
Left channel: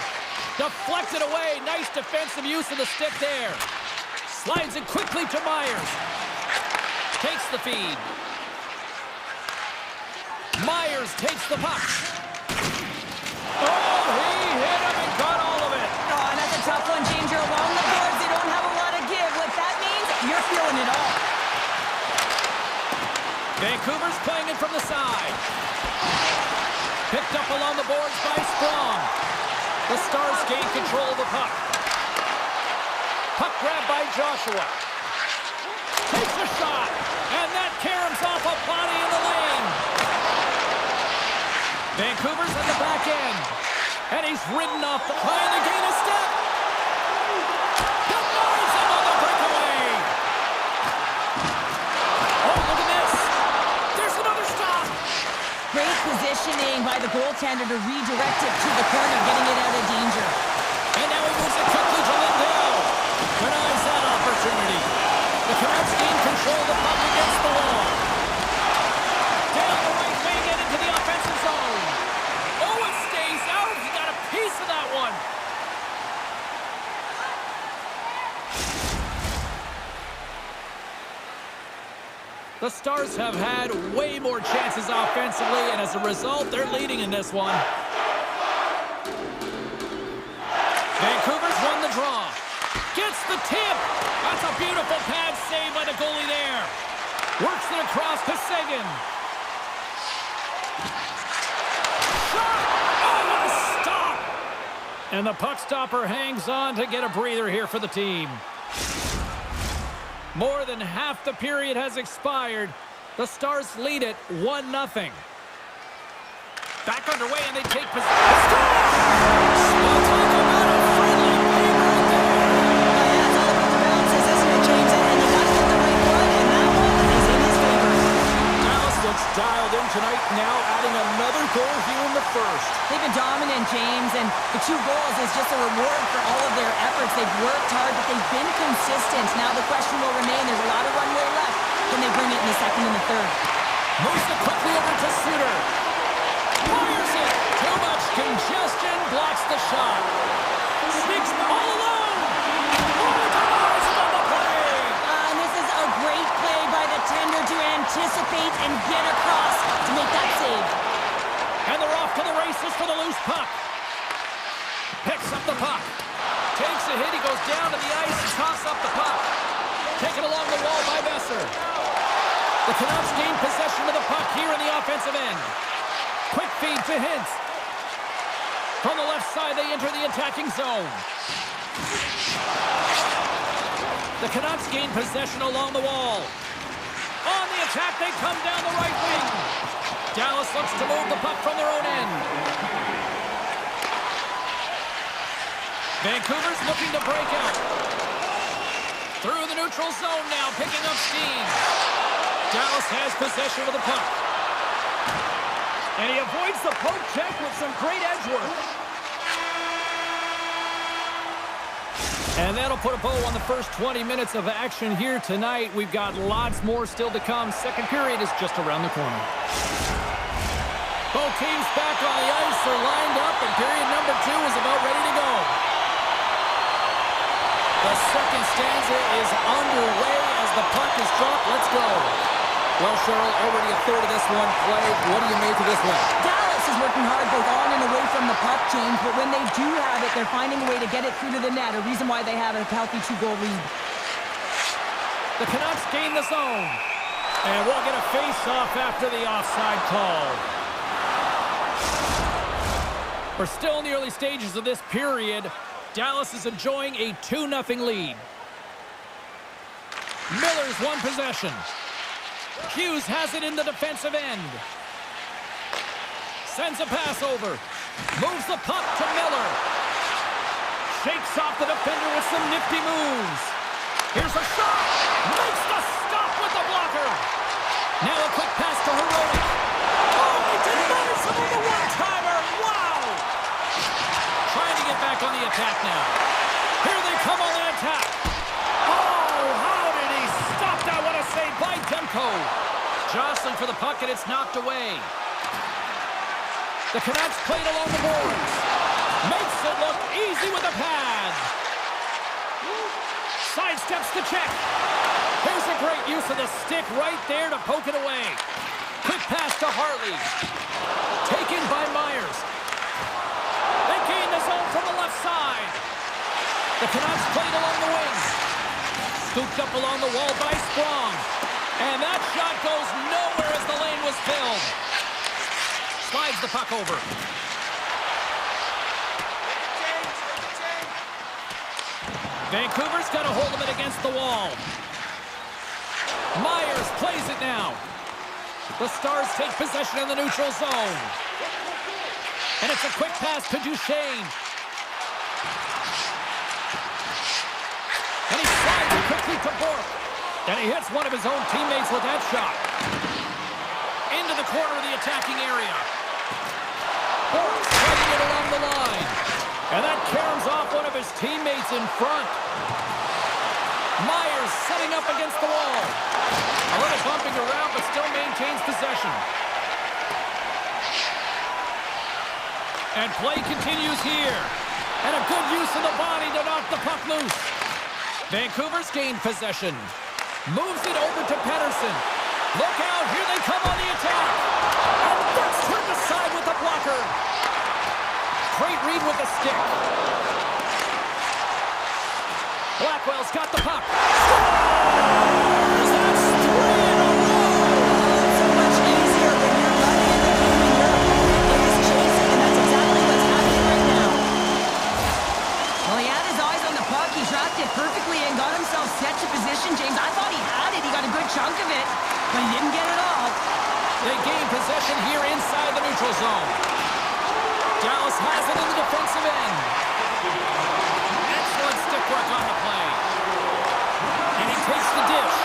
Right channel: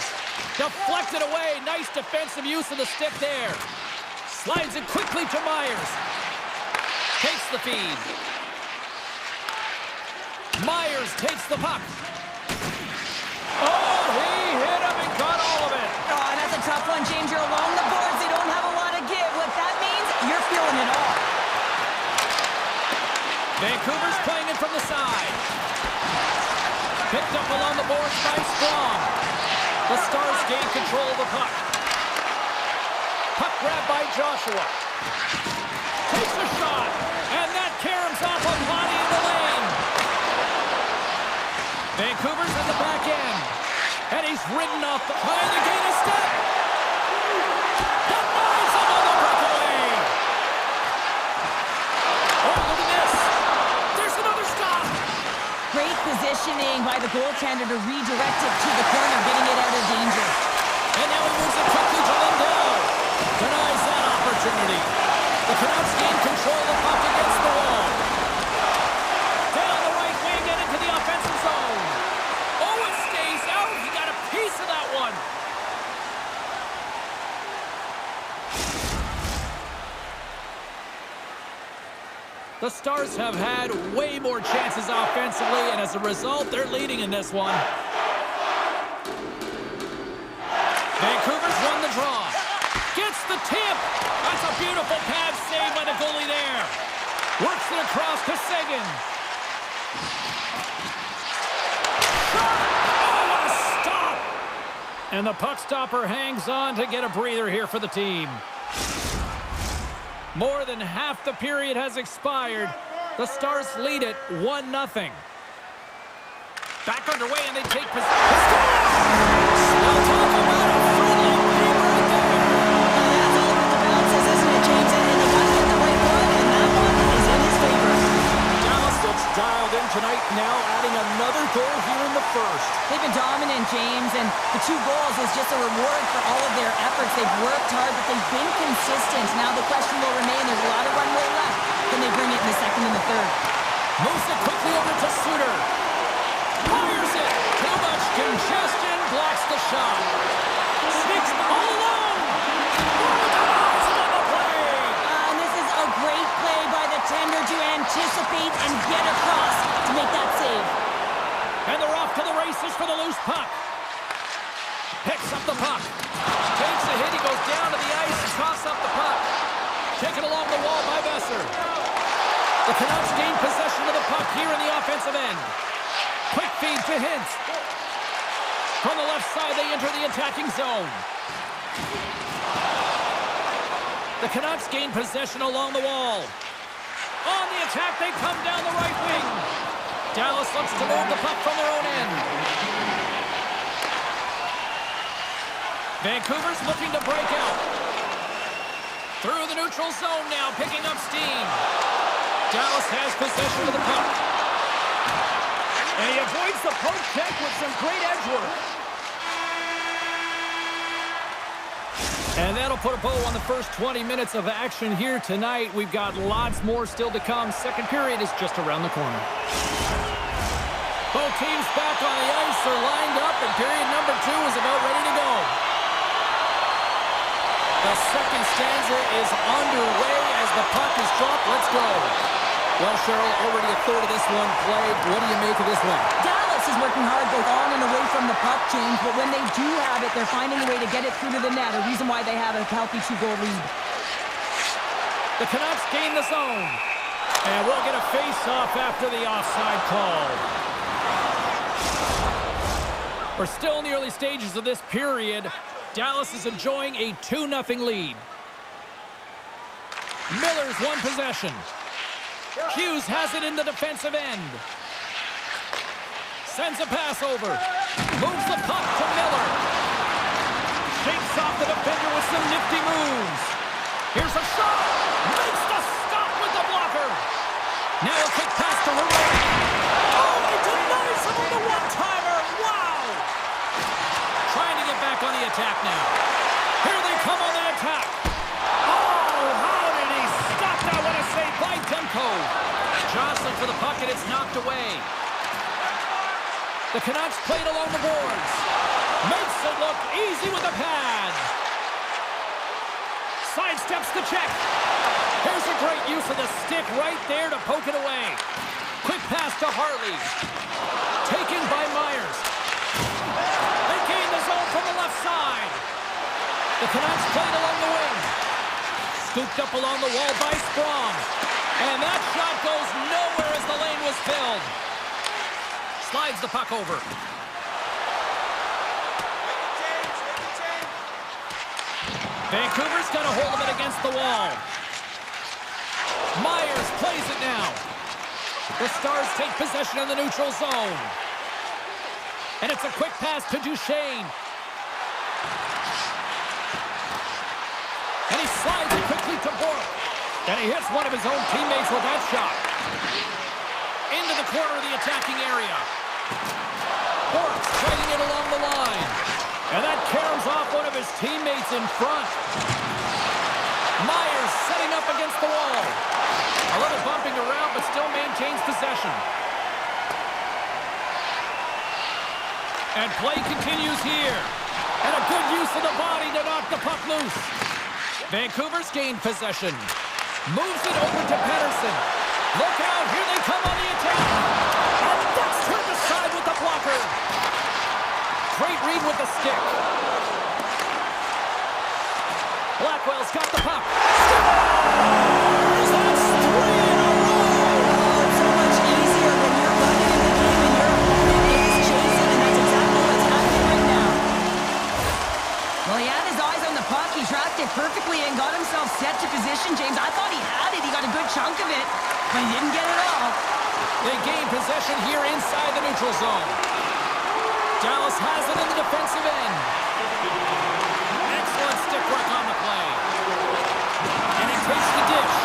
Deflected away. Nice defensive use of the stick there. Slides it quickly to Myers. Takes the feed. Myers takes the puck. Oh, he hit him and got all of it. Oh, and that's a tough one, James. You're along the boards. They don't have a lot of give. What that means, you're feeling it all. Vancouver's playing it from the side. Picked up along the boards by Sprong. The Stars gain control of the puck. Puck grabbed by Joshua. Takes a shot, and that caroms off a body in the lane. Vancouver's at the back end, and he's ridden off the trying to gain a step. Denies him on the breakaway. Oh, look at this. There's another stop. Great positioning by the goaltender to redirect it to the corner, getting it out of danger. And now he moves it quickly to Lindell. Denies that opportunity. The Canucks gain control of the puck against the wall. Down the right wing and into the offensive zone. Oh, it stays out. He got a piece of that one. The Stars have had way more chances offensively, and as a result, they're leading in this one. Vancouver's won the draw. Gets the tip. That's a beautiful pad save by the goalie there. Works it across to Seguin. Shot! Oh, what a stop! And the puck stopper hangs on to get a breather here for the team. More than half the period has expired. The Stars lead it 1-0. Back underway, and they take possession. Score! Well, talk about a friendly game right there. Yeah, it's all about the bounces, isn't it, James? And you got to get the right one, and that one is in his favor. Dallas looks dialed in tonight, now adding another goal here in the first. They've been dominant, James, and the 2 goals is just a reward for all of their efforts. They've worked hard, but they've been consistent. Now the question will remain, there's a lot of runway left. Can they bring it in the second and the third? Moves it quickly over to Suter. Fires it. Too much congestion. Blocks the shot. Sneaks all alone. Oh, denies him on the play. And this is a great play by the tender to anticipate and get across to make that save. And they're off to the races for the loose puck. Picks up the puck. Takes a hit. He goes down to the ice and coughs up the puck. Taken along the wall by Besser. The Canucks gain possession of the puck here in the offensive end. Quick feed to Hintz. From the left side, they enter the attacking zone. The Canucks gain possession along the wall. On the attack, they come down the right wing. Dallas looks to move the puck from their own end. Vancouver's looking to break out. Through the neutral zone now, picking up steam. Dallas has possession of the puck. And he avoids the poke check with some great edge work. And that'll put a bow on the first 20 minutes of action here tonight. We've got lots more still to come. Second period is just around the corner. Both teams back on the ice are lined up, and period number 2 is about ready to go. The second stanza is underway as the puck is dropped. Let's go. Well, Cheryl, already a third of this one played. What do you make of this one? Dallas is working hard both on and away from the puck, James, but when they do have it, they're finding a way to get it through to the net, a reason why they have a healthy 2-goal lead. The Canucks gain the zone. And we'll get a face-off after the offside call. We're still in the early stages of this period. Dallas is enjoying a 2-0 lead. Miller's won possession. Hughes has it in the defensive end. Sends a pass over. Moves the puck to Miller. Shakes off the defender with some nifty moves. Here's a shot. Makes the stop with the blocker. Now a quick pass to Heroic. Oh, he denies him on the one-timer. Wow. Trying to get back on the attack now. Here they come on the attack. Oh, how did he stop that? What a save by Demko. Jostling for the puck, and it's knocked away. The Canucks played along the boards. Makes it look easy with a pad. Sidesteps the check. Here's a great use of the stick right there to poke it away. Quick pass to Hartley. Taken by Myers. They gain the zone from the left side. The Canucks played along the wing. Scooped up along the wall by Sprong. And that shot goes nowhere as the lane was filled. Slides the puck over. Vancouver's got a hold of it against the wall. Myers plays it now. The Stars take possession in the neutral zone. And it's a quick pass to Duchesne. And he slides it quickly to Bork. And he hits one of his own teammates with that shot. Into the corner of the attacking area. Bork fighting it along the line. And that caroms off one of his teammates in front. Myers setting up against the wall. A little bumping around, but still maintains possession. And play continues here. And a good use of the body to knock the puck loose. Vancouver's gained possession. Moves it over to Pettersson. Look out, here they come on the attack. And that's turned aside with the blocker. Great read with the stick. Blackwell's got the puck. Scores! That's 3 in a row! Oh, it's so much easier when you're running in the game and your opponent is chasing, and that's exactly what's happening right now. Well, he had his eyes on the puck. He tracked it perfectly and got himself set to position, James. I thought he had it. He got a good chunk of it, but he didn't get it all. They gain possession here inside the neutral zone. Dallas has it in the defensive end. Excellent stick work on the play. And he takes the dish.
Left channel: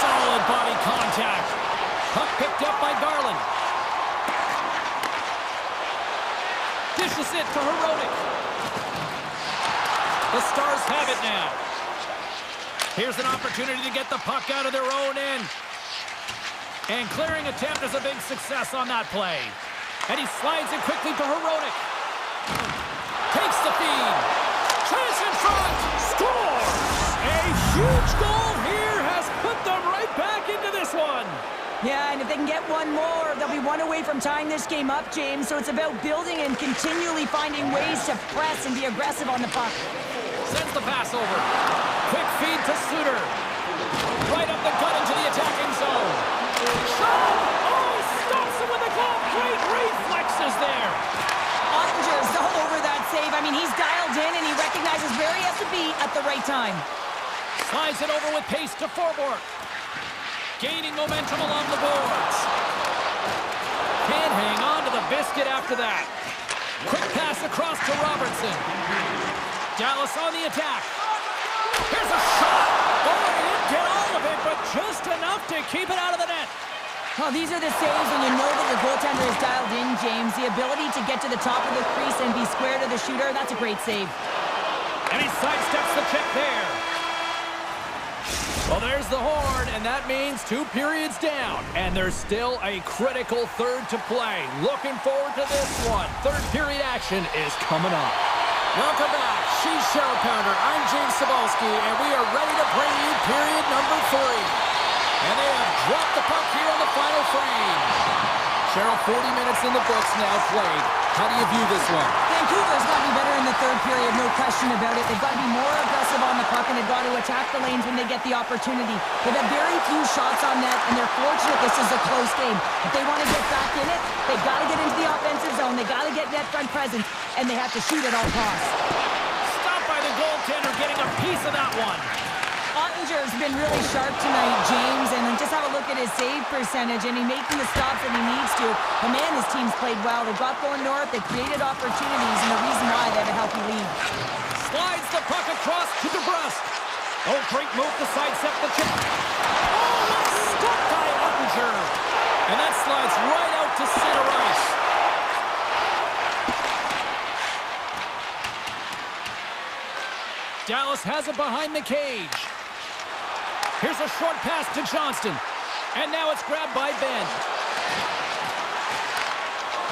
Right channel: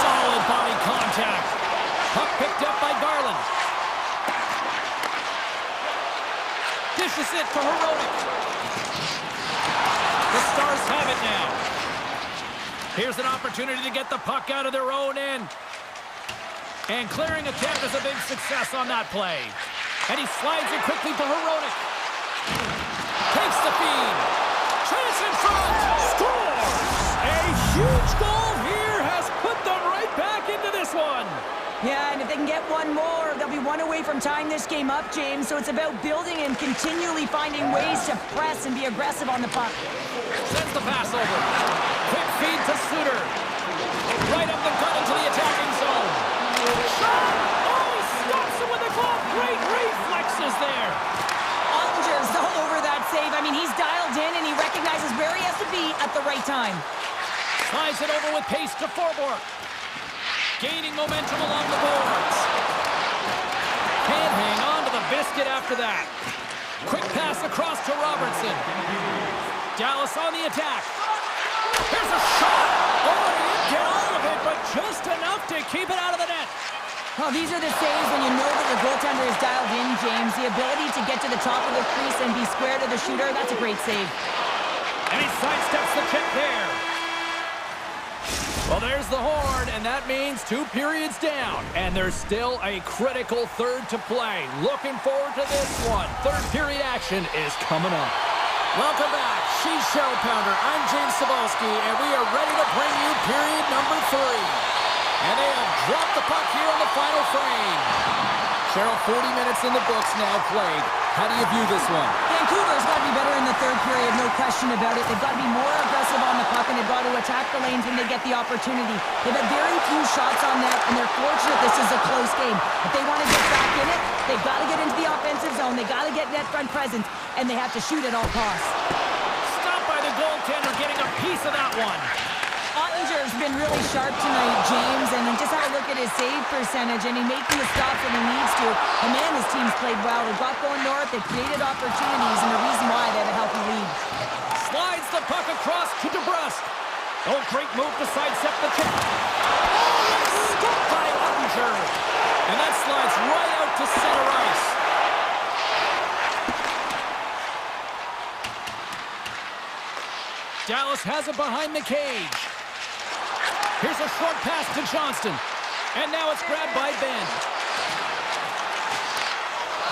Solid body contact. Puck picked up by Garland. Dishes it to Heroic. The Stars have it now. Here's an opportunity to get the puck out of their own end. And clearing attempt is a big success on that play. And he slides it quickly to Heroic. Takes the feed. Chance in front. Scores! A huge goal here has put them right back into this one. Yeah, and if they can get one more, they'll be one away from tying this game up, James. So it's about building and continually finding ways to press and be aggressive on the puck. Sends the pass over. Quick feed to Suter. Right up the gut into the attacking zone. Shot! Oh, he stops him with a glove. Great reflexes there. Ottinger's all over that save. I mean, he's dialed in and he recognizes where he has to be at the right time. Slides it over with pace to Forborg. Gaining momentum along the boards. Can't hang on to the biscuit after that. Quick pass across to Robertson. Dallas on the attack. Here's a shot. Oh, he didn't get all of it, but just enough to keep it out of the net. Well, these are the saves when you know that your goaltender is dialed in, James. The ability to get to the top of the crease and be square to the shooter, that's a great save. And he sidesteps the check there. Well, there's the horn, and that means 2 periods down. And there's still a critical third to play. Looking forward to this one. Third period action is coming up. Welcome back. She's Cheryl Pounder. I'm James Cebulski, and we are ready to bring you period number 3. And they have dropped the puck here on the final frame. Cheryl, 40 minutes in the books now played. How do you view this one? Vancouver's got to be better in the third period, no question about it. They've got to be more aggressive on the puck, and they've got to attack the lanes when they get the opportunity. They've had very few shots on net, and they're fortunate this is a close game. If they want to get back in it, they've got to get into the offensive zone. They've got to get net front presence, and they have to shoot at all costs. Stopped by the goaltender, getting a piece of that one. Ottinger's been really sharp tonight, James, and then just have a look at his save percentage, and he's making the stops that he needs to. And man, his team's played well. They've got going north, they've created opportunities, and the reason why they have a healthy lead. Slides the puck across to DeBrusque. Oh, great move to sidestep the chip. Oh, it's stopped by Ottinger. And that slides right out to center ice. Dallas has it behind the cage. Here's a short pass to Johnston. And now it's grabbed by Ben.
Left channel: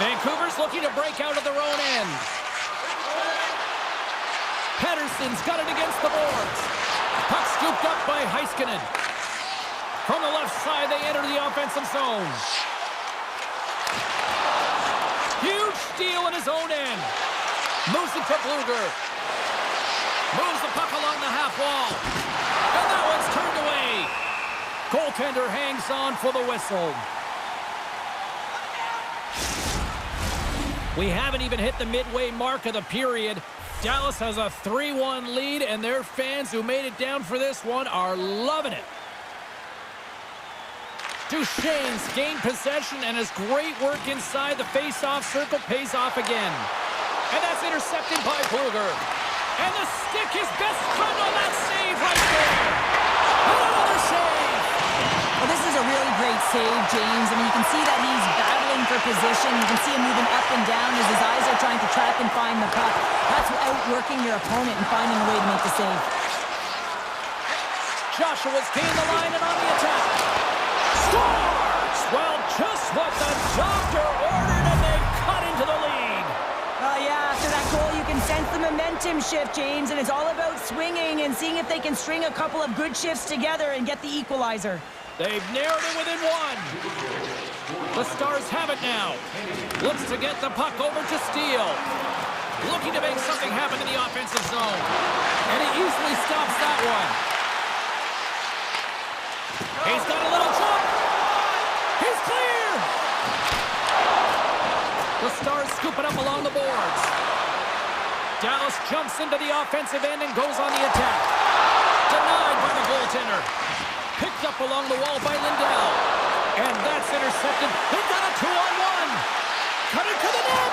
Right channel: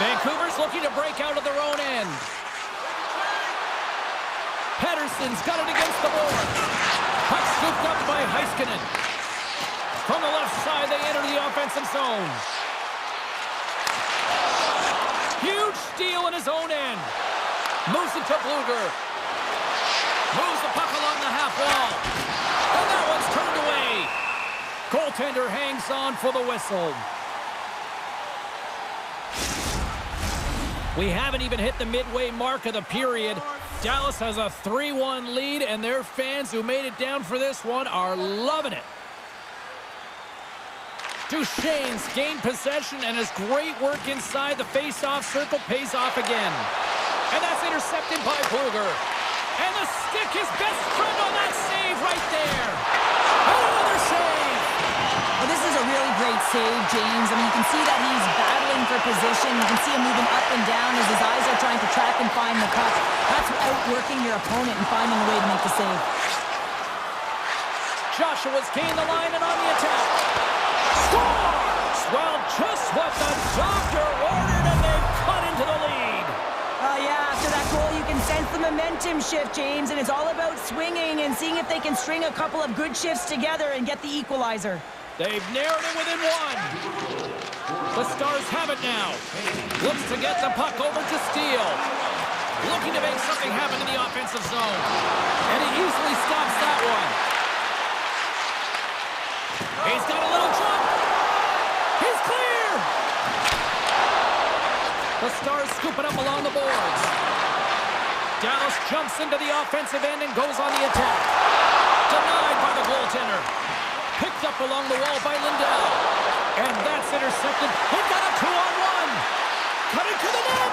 Vancouver's looking to break out of their own end. Pettersson's got it against the boards. Puck scooped up by Heiskanen. From the left side, they enter the offensive zone. Huge steal in his own end. Moves it to Bluger. Moves the puck along the half wall. And that one's turned away. Goaltender hangs on for the whistle. We haven't even hit the midway mark of the period. Dallas has a 3-1 lead, and their fans who made it down for this one are loving it. Duchesne's gained possession, and his great work inside the face-off circle pays off again. And that's intercepted by Bluger. And the stick, his best friend on that save right there. And another save. Well, this is a really great save, James. I mean, you can see that he's battling for position. You can see him moving up and down as his eyes are trying to track and find the puck. That's outworking your opponent and finding a way to make the save. Joshua's gained the line and on the attack. Scores! Well, just what the doctor ordered, and they've cut into the lead. Yeah, after that goal, you can sense the momentum shift, James, and it's all about swinging and seeing if they can string a couple of good shifts together and get the equalizer. They've narrowed it within one. The Stars have it now. Looks to get the puck over to Steele. Looking to make something happen in the offensive zone. And he easily stops that one. He's got a little jump. He's clear. The Stars scoop it up along the boards. Dallas jumps into the offensive end and goes on the attack. Denied by the goaltender. Picked up along the wall by Lindell. And that's intercepted. He got a 2-on-1. Cut it to the net.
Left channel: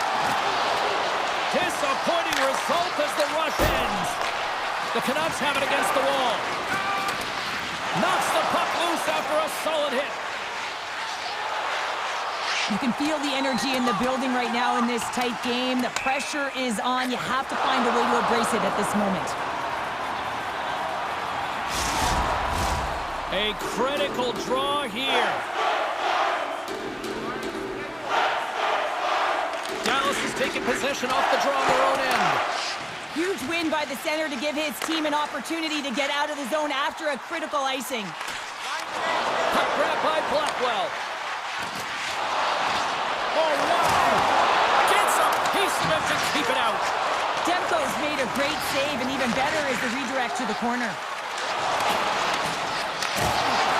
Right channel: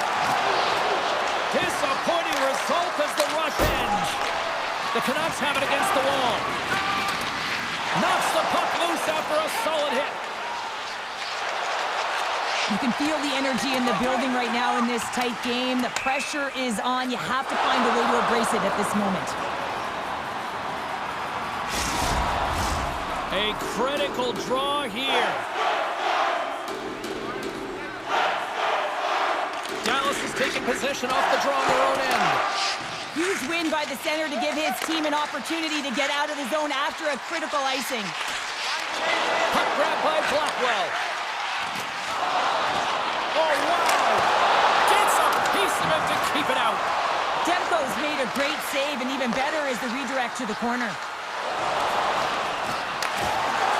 Disappointing result as the rush ends. The Canucks have it against the wall. Knocks the puck loose after a solid hit. You can feel the energy in the building right now in this tight game. The pressure is on. You have to find a way to embrace it at this moment. A critical draw here. Dallas is taking possession off the draw on their own end. Huge win by the center to give his team an opportunity to get out of the zone after a critical icing. Puck grab by Blackwell. Oh, wow! Gets a piece of it to keep it out. Demko's made a great save, and even better is the redirect to the corner.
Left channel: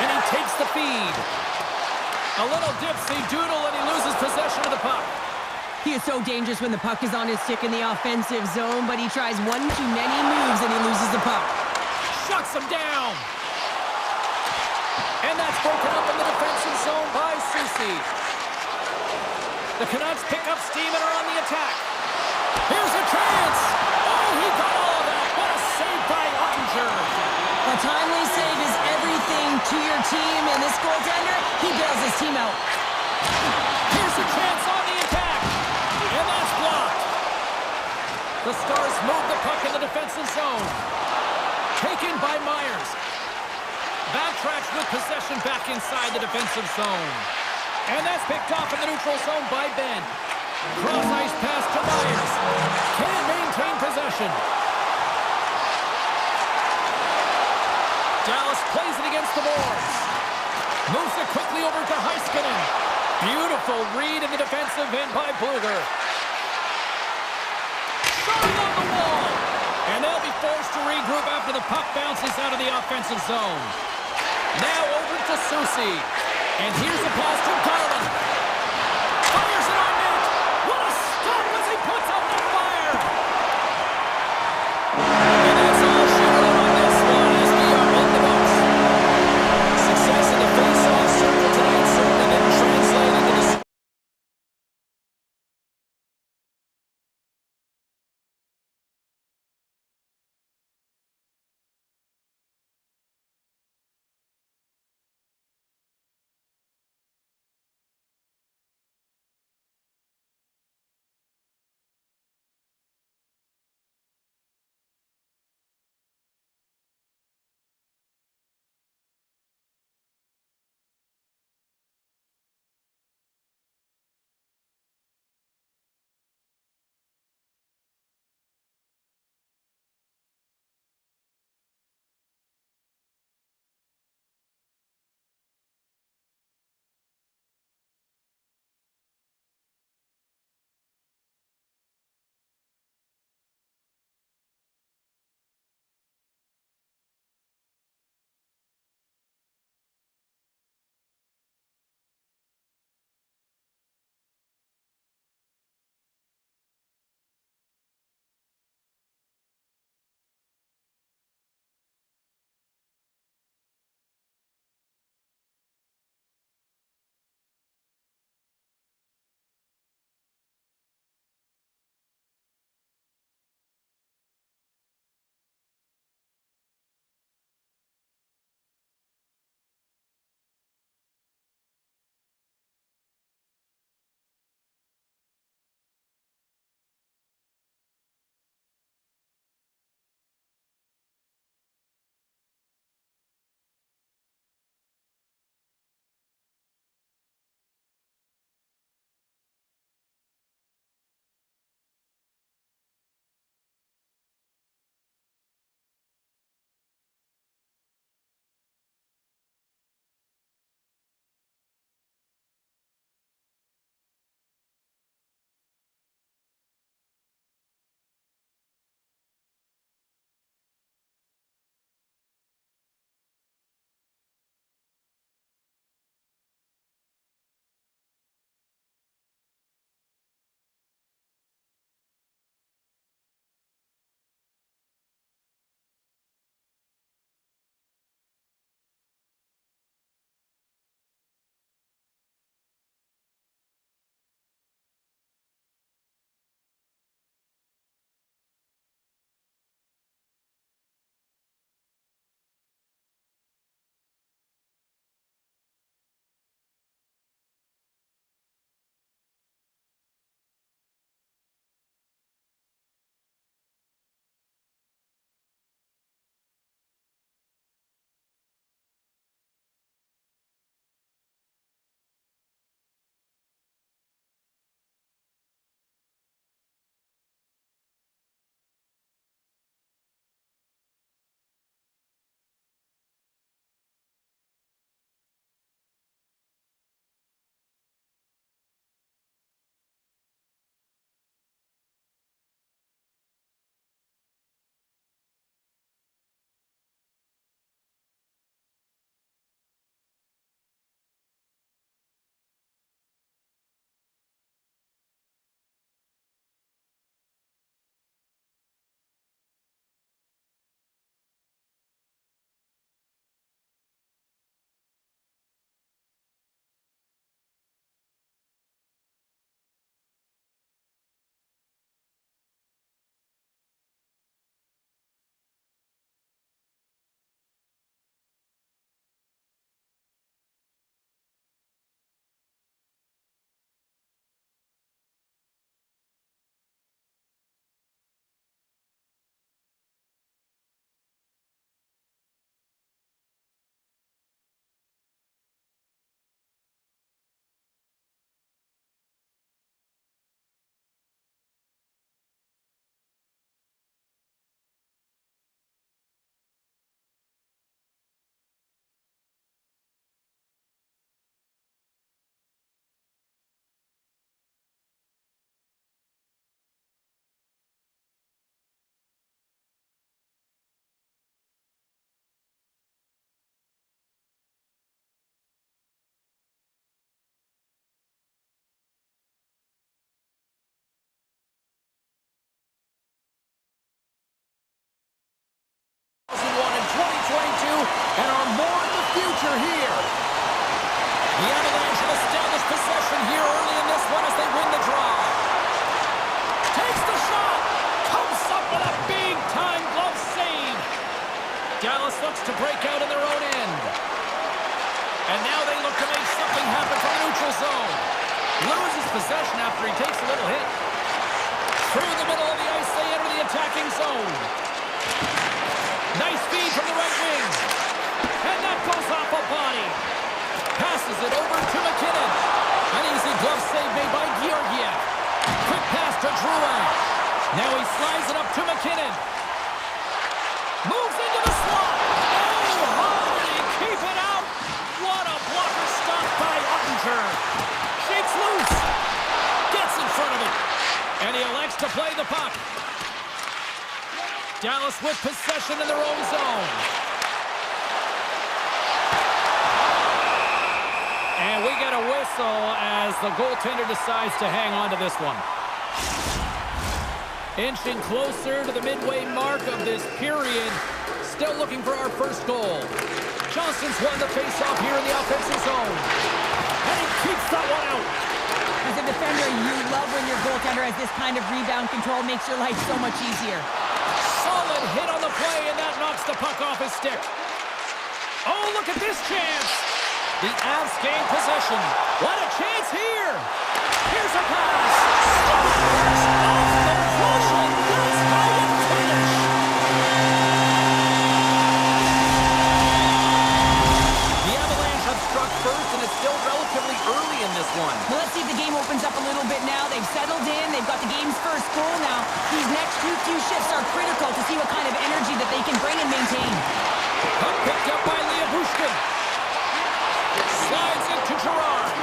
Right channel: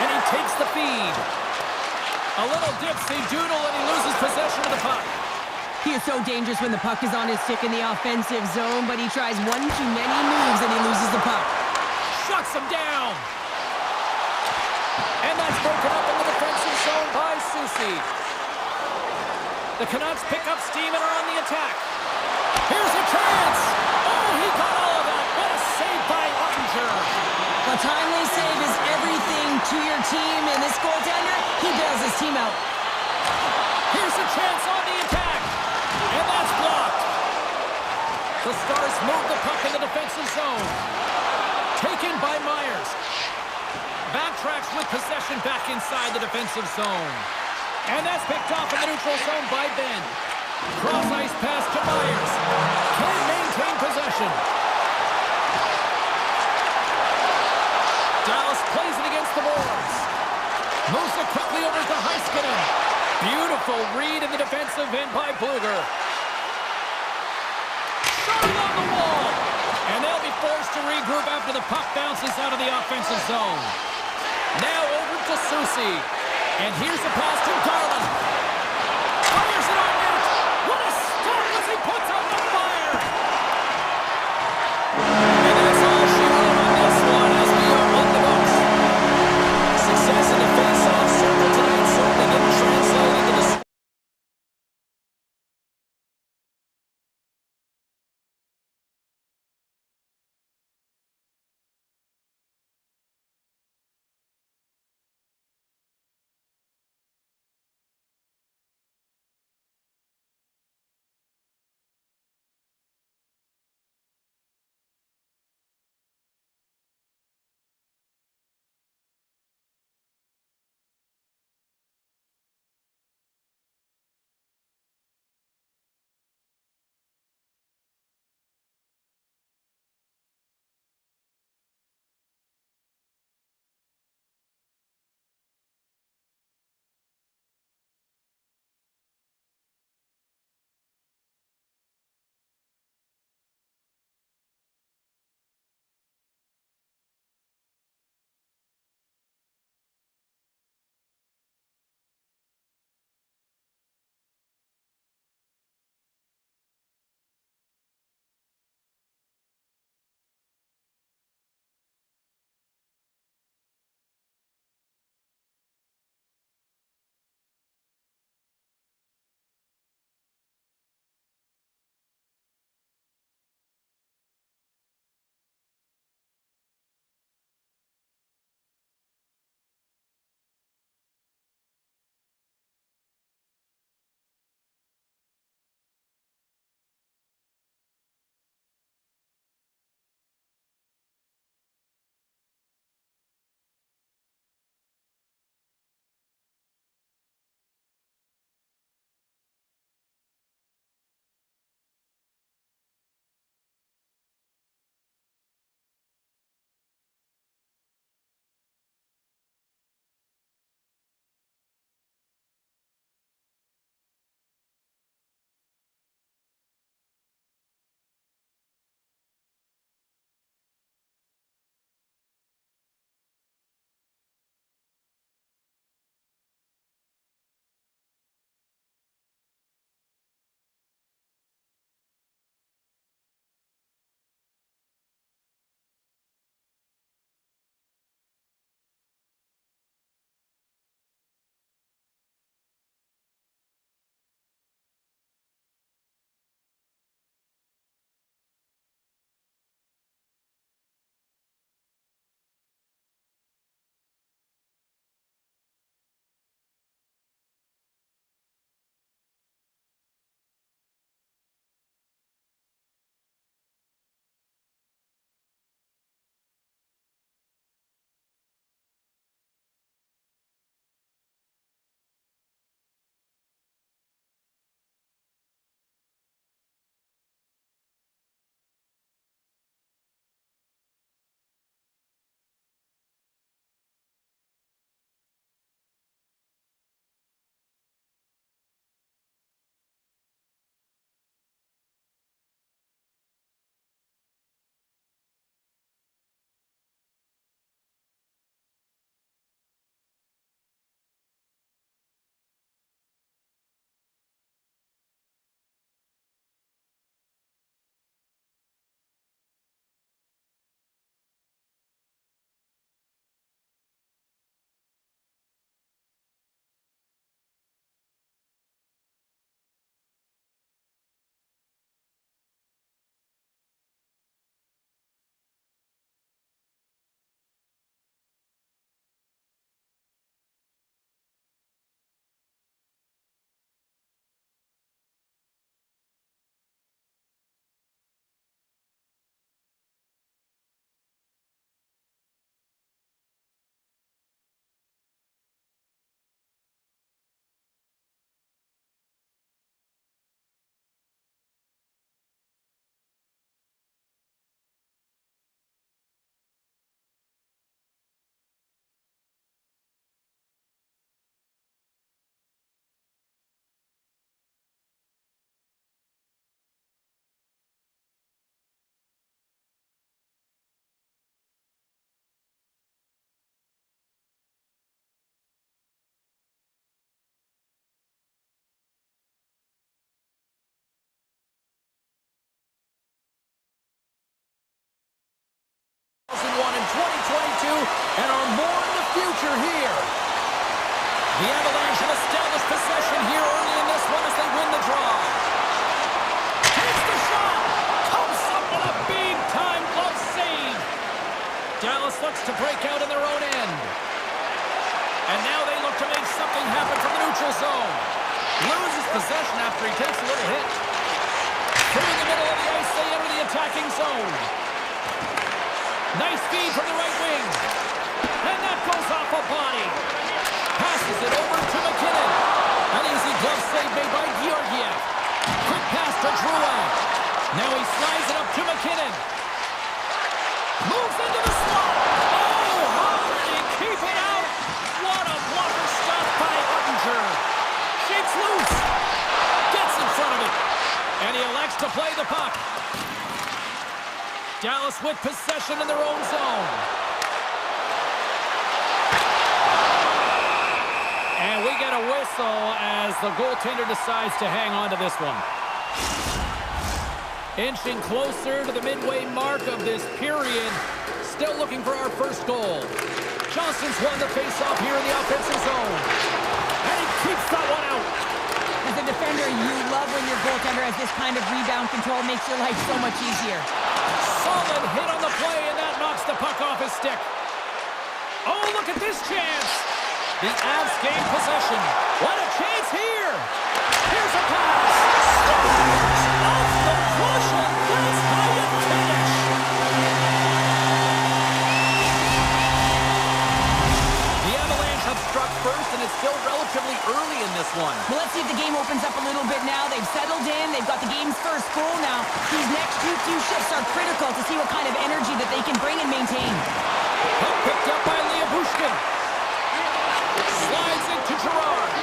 And he takes the feed. A little dipsy doodle, and he loses possession of the puck. He is so dangerous when the puck is on his stick in the offensive zone, but he tries one too many moves, and he loses the puck. Shuts him down. And that's broken up in the defensive zone by Susi. The Canucks pick up steam and are on the attack. Here's a chance. Oh, he got all of that. What a save by Ottinger. A timely save is everything to your team, and this goaltender, he bails his team out. Here's a chance on the attack. And that's blocked. The Stars move the puck in the defensive zone. Taken by Myers. Backtracks with possession back inside the defensive zone. And that's picked off in the neutral zone by Ben. Cross ice pass to Myers. Can't maintain possession. Dallas plays it against the boards. Moves it quickly over to Heiskanen. Beautiful read in the defensive end by Bluger. Shot on the wall. And they'll be forced to regroup after the puck bounces out of the offensive zone. Now over to Susi. And here's the pass to Garland. Fires it on net. What a stop as he puts out the fire. And that's all she wrote on this one as we are in the books. Success in the face-off circle tonight certainly didn't translate into the 2001 and 2022 and are more in the future here. The Avalanche have established possession here early in this one as they win the draw. Takes the shot. Comes up with a big-time glove save. Dallas looks to break out in their own end. And now they look to make something happen from the neutral zone. Loses possession after he takes a little hit. Through the middle of the ice, they enter the attacking zone. Nice feed from the right wing. And that goes off a body. Passes it over to McKinnon. An easy glove save made by Georgiev. Quick pass to Drouin. Now he slides it up to McKinnon. Moves into the slot. Oh, how did he keep it out? What a blocker stop by Ottinger. Shakes loose. Gets in front of it. And he elects to play the puck. Dallas with possession in their own zone. And we get a whistle as the goaltender decides to hang on to this one. Inching closer to the midway mark of this period. Still looking for our first goal. Johnson's won the face-off here in the offensive zone. And he keeps that one out. As a defender, you love when your goaltender has this kind of rebound control. Makes your life so much easier. Solid hit on the play, and that knocks the puck off his stick. Oh, look at this chance. The Avs gain possession. What a chance here. Here's a pass. Scores off the rush, and that's how you finish. The Avalanche have struck first, and it's still relatively early in this one. Well, let's see if the game opens up a little bit now. They've settled in. They've got the game's first goal now. These next few shifts are critical to see what kind of energy that they can bring and maintain. Puck picked up by Bushkin. Slides it to Gerard.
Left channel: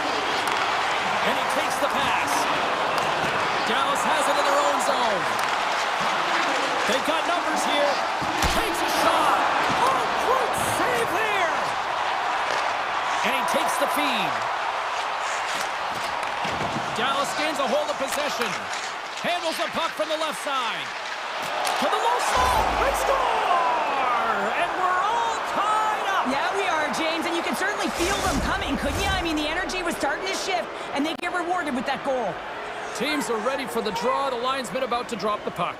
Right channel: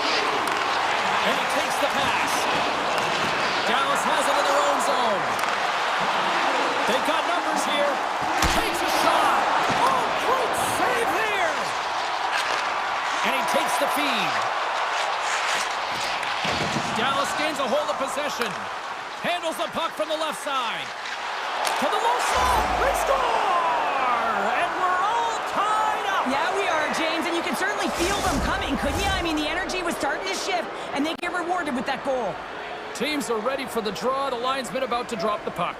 And he takes the pass. Dallas has it in their own zone. They've got numbers here. Takes a shot. Oh, great save there. And he takes the feed. Dallas gains a hold of possession. Handles the puck from the left side. To the low slot. They score! And we're all tied up. Yeah, we are, James, and you can certainly feel them coming, couldn't you? I mean, the energy was starting to shift, and they get rewarded with that goal. Teams are ready for the draw. The linesman about to drop the puck.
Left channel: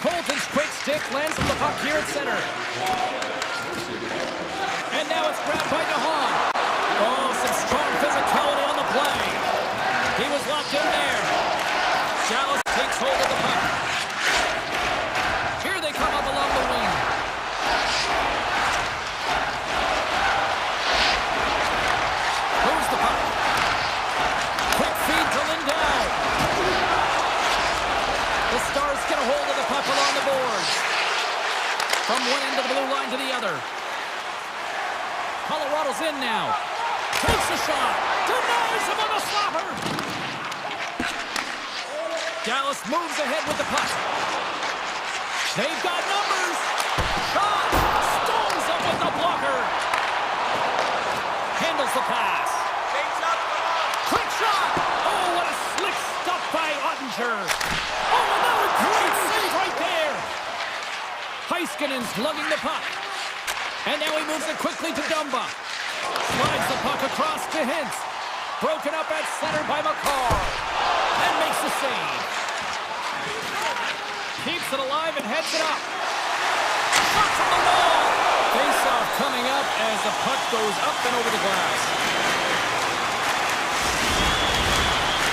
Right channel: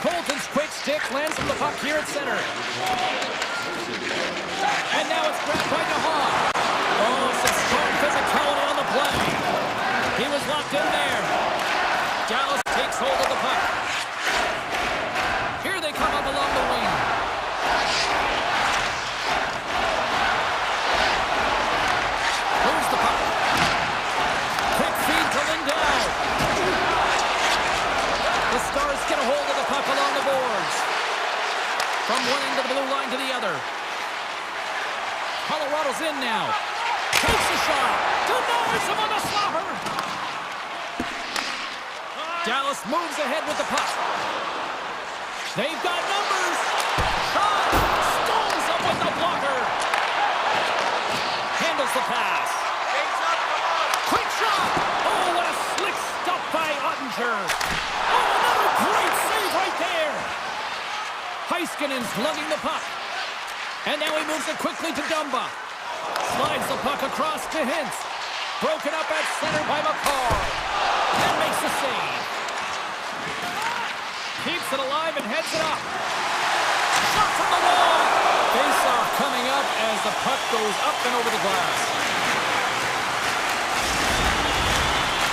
Colton's quick stick lands on the puck here at center. And now it's grabbed by DeHaan. Oh, some strong physicality on the play. He was locked in there. Dallas takes hold of the puck. Here they come up along the wing. Moves the puck. Quick feed to Lindell. The Stars get a hold of the puck along the boards. From one end of the blue line to the other. Colorado's in now. Takes a shot. Denies him on the slapper. Dallas moves ahead with the puck. They've got numbers. Shot. Stones up with the blocker. Handles the pass. Quick shot. Oh, what a slick stop by Ottinger. Oh, another great save right there. Heiskanen's lugging the puck. And now he moves it quickly to Dumba. Slides the puck across to Hintz. Broken up at center by McCarr. And makes the save. Keeps it alive and heads it up. Shot from the wall. Face-off coming up as the puck goes up and over the glass.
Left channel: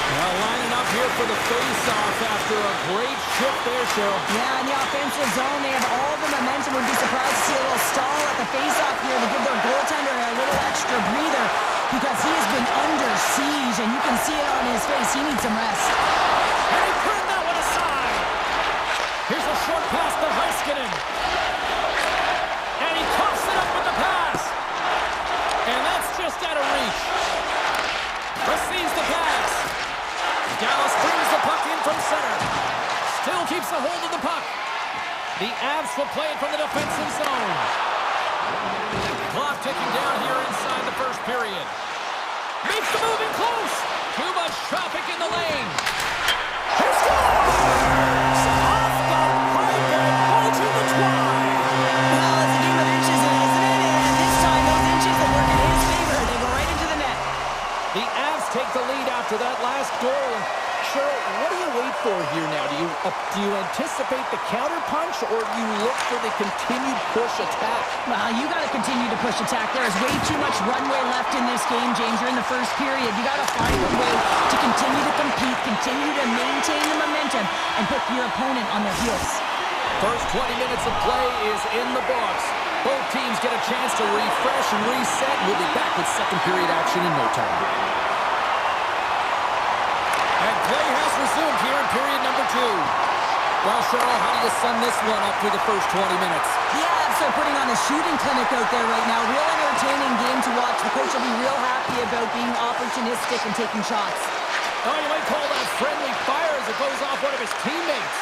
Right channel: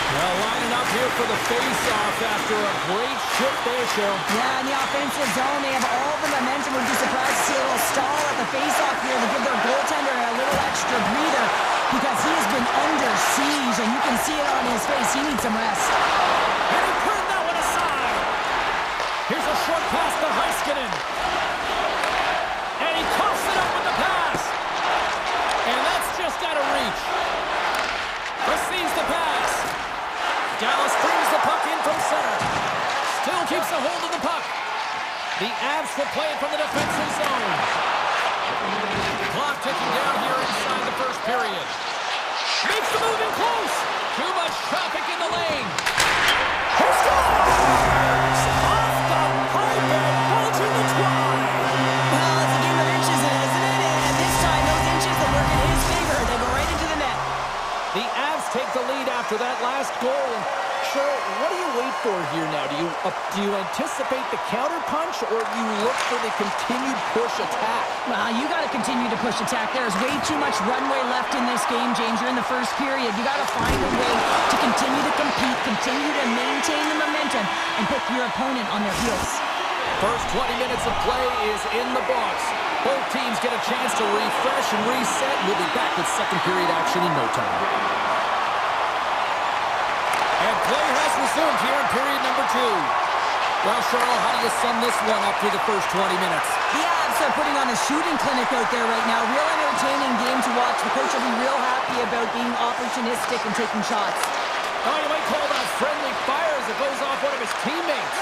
Now lining up here for the face-off after a great shift there, Cheryl. Yeah, in the offensive zone, they have all the momentum. Would be surprised to see a little stall at the face-off here to give their goaltender a little extra breather because he has been under siege, and you can see it on his face. He needs some rest. And he turned that one aside. Here's a short pass to Heiskanen. And he coughs it up with the pass. And that's just out of reach. Receives the pass. Dallas brings the puck in from center. Still keeps a hold of the puck. The Avs will play it from the defensive zone. Clock ticking down here inside the first period. Makes the move in close. Too much traffic in the lane. He scores! Off the pipe and ball to the twine. take the lead after that last goal. And Cheryl, what do you wait for here now? Do you anticipate the counter punch, or do you look for the continued push attack? Well, you got to continue to push attack. There is way too much runway left in this game, James. You're in the first period. You got to find a way to continue to compete, continue to maintain the momentum, and put your opponent on their heels. First 20 minutes of play is in the books. Both teams get a chance to refresh and reset. We'll be back with second period action in no time. And play has resumed here in period number 2. Well, Cheryl, how do you sum this one up through the first 20 minutes? The Avs are putting on a shooting clinic out there right now. Real entertaining game to watch. The coach will be real happy about being opportunistic and taking shots. Oh, you might call that friendly fire as it goes off one of his teammates.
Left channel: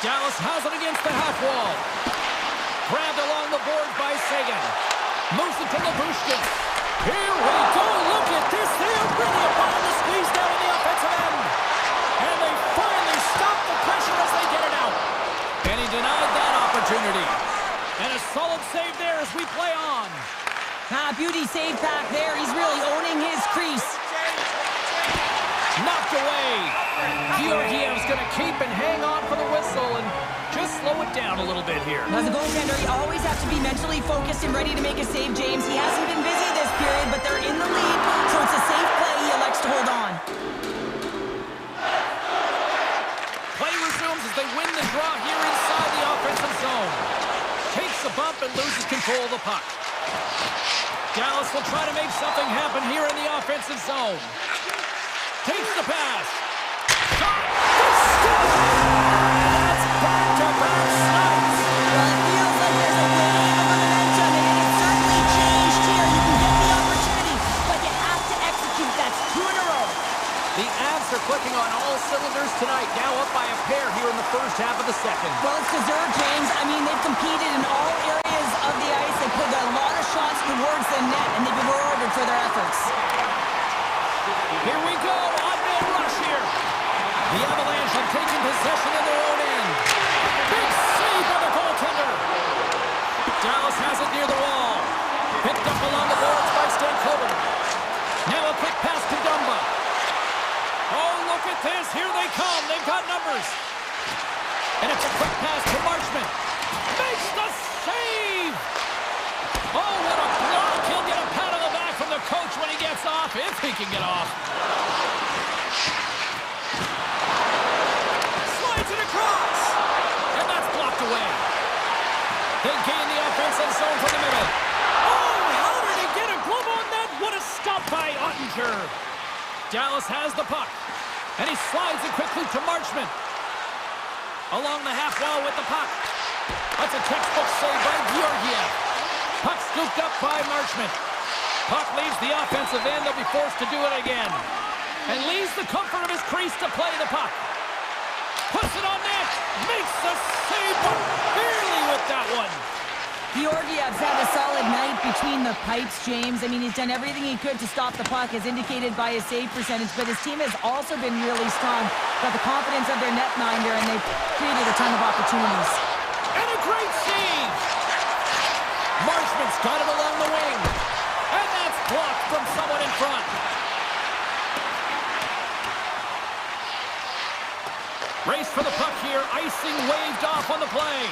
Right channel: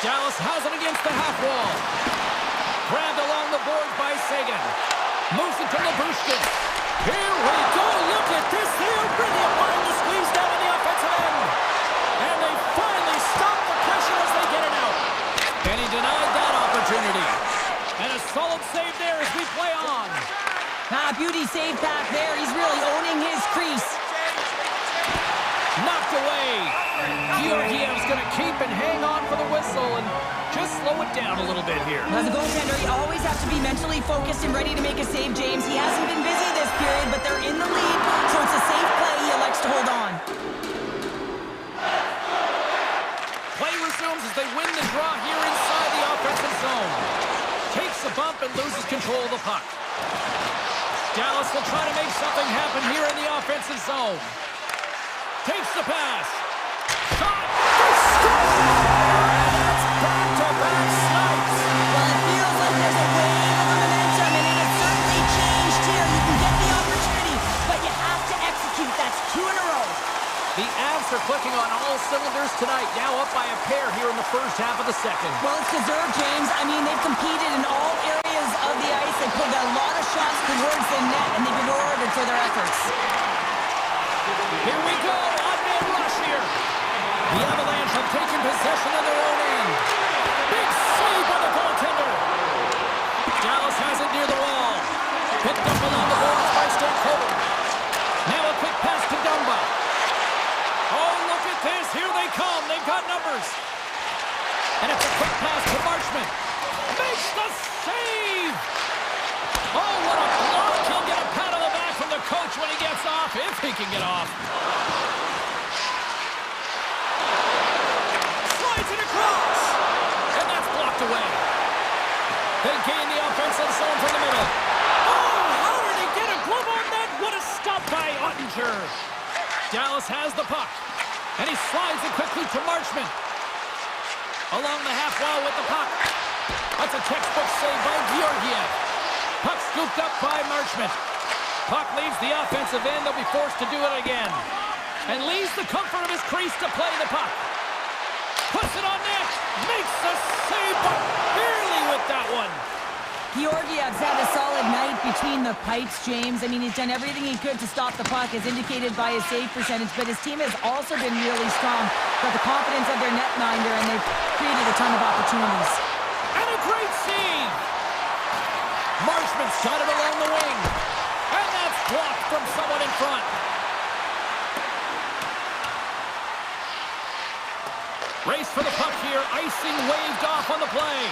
Dallas has it against the half wall. Grabbed along the boards by Sagan. Moves it to Labushkin. Here we go. Look at this. They are really applying the squeeze down in the offensive end. And they finally stop the pressure as they get it out. And he denied that opportunity. And a solid save there as we play on. Beauty save back there. He's really owning his crease. Knocked away. Georgiev's going to keep and hang on for the whistle and just slow it down a little bit here. As a goaltender, you always have to be mentally focused and ready to make a save, James. He hasn't been busy this period, but they're in the lead, so it's a safe play. He elects to hold on. Play resumes as they win the draw here inside the offensive zone. Takes a bump and loses control of the puck. Dallas will try to make something happen here in the offensive zone. Takes the pass. Shot. They score! And that's back-to-back snipes. Well, it feels like there's a wave of momentum, and it has certainly changed here. You can get the opportunity, but you have to execute. That's 2 in a row. The Avs are clicking on all cylinders tonight, now up by a pair here in the first half of the second. Well, it's deserved, James. I mean, they've competed in all areas of the ice. They put a lot of shots towards the net, and they've been rewarded for their efforts. Here we go, odd-man rush here. The Avalanche have taken possession of their own end. Big save by the goaltender. Dallas has it near the wall. Picked up along the boards by Stankoven. Now a quick pass to Dumba. Oh, look at this. Here they come. They've got numbers. And it's a quick pass to Marchment. Makes the save. Oh, what a block. He'll get a pat on the back from the coach when he gets off, if he can get off. Slides it across. And that's blocked away. They gain the offensive zone from the middle. Oh, how did he get a glove on that? What a stop by Ottinger. Dallas has the puck. And he slides it quickly to Marchment. Along the half wall with the puck. That's a textbook save by Georgiev. Puck scooped up by Marchment. Puck leaves the offensive end. They'll be forced to do it again. And leaves the comfort of his crease to play the puck. Puts it on net. Makes the save, but barely with that one. Georgiev's had a solid night between the pipes, James. I mean, he's done everything he could to stop the puck, as indicated by his save percentage, but his team has also been really strong. Got the confidence of their netminder, and they've created a ton of opportunities. And a great save! Marchment's got it along the wing. And that's blocked from someone in front. Race for the puck here. Icing waved off on the play.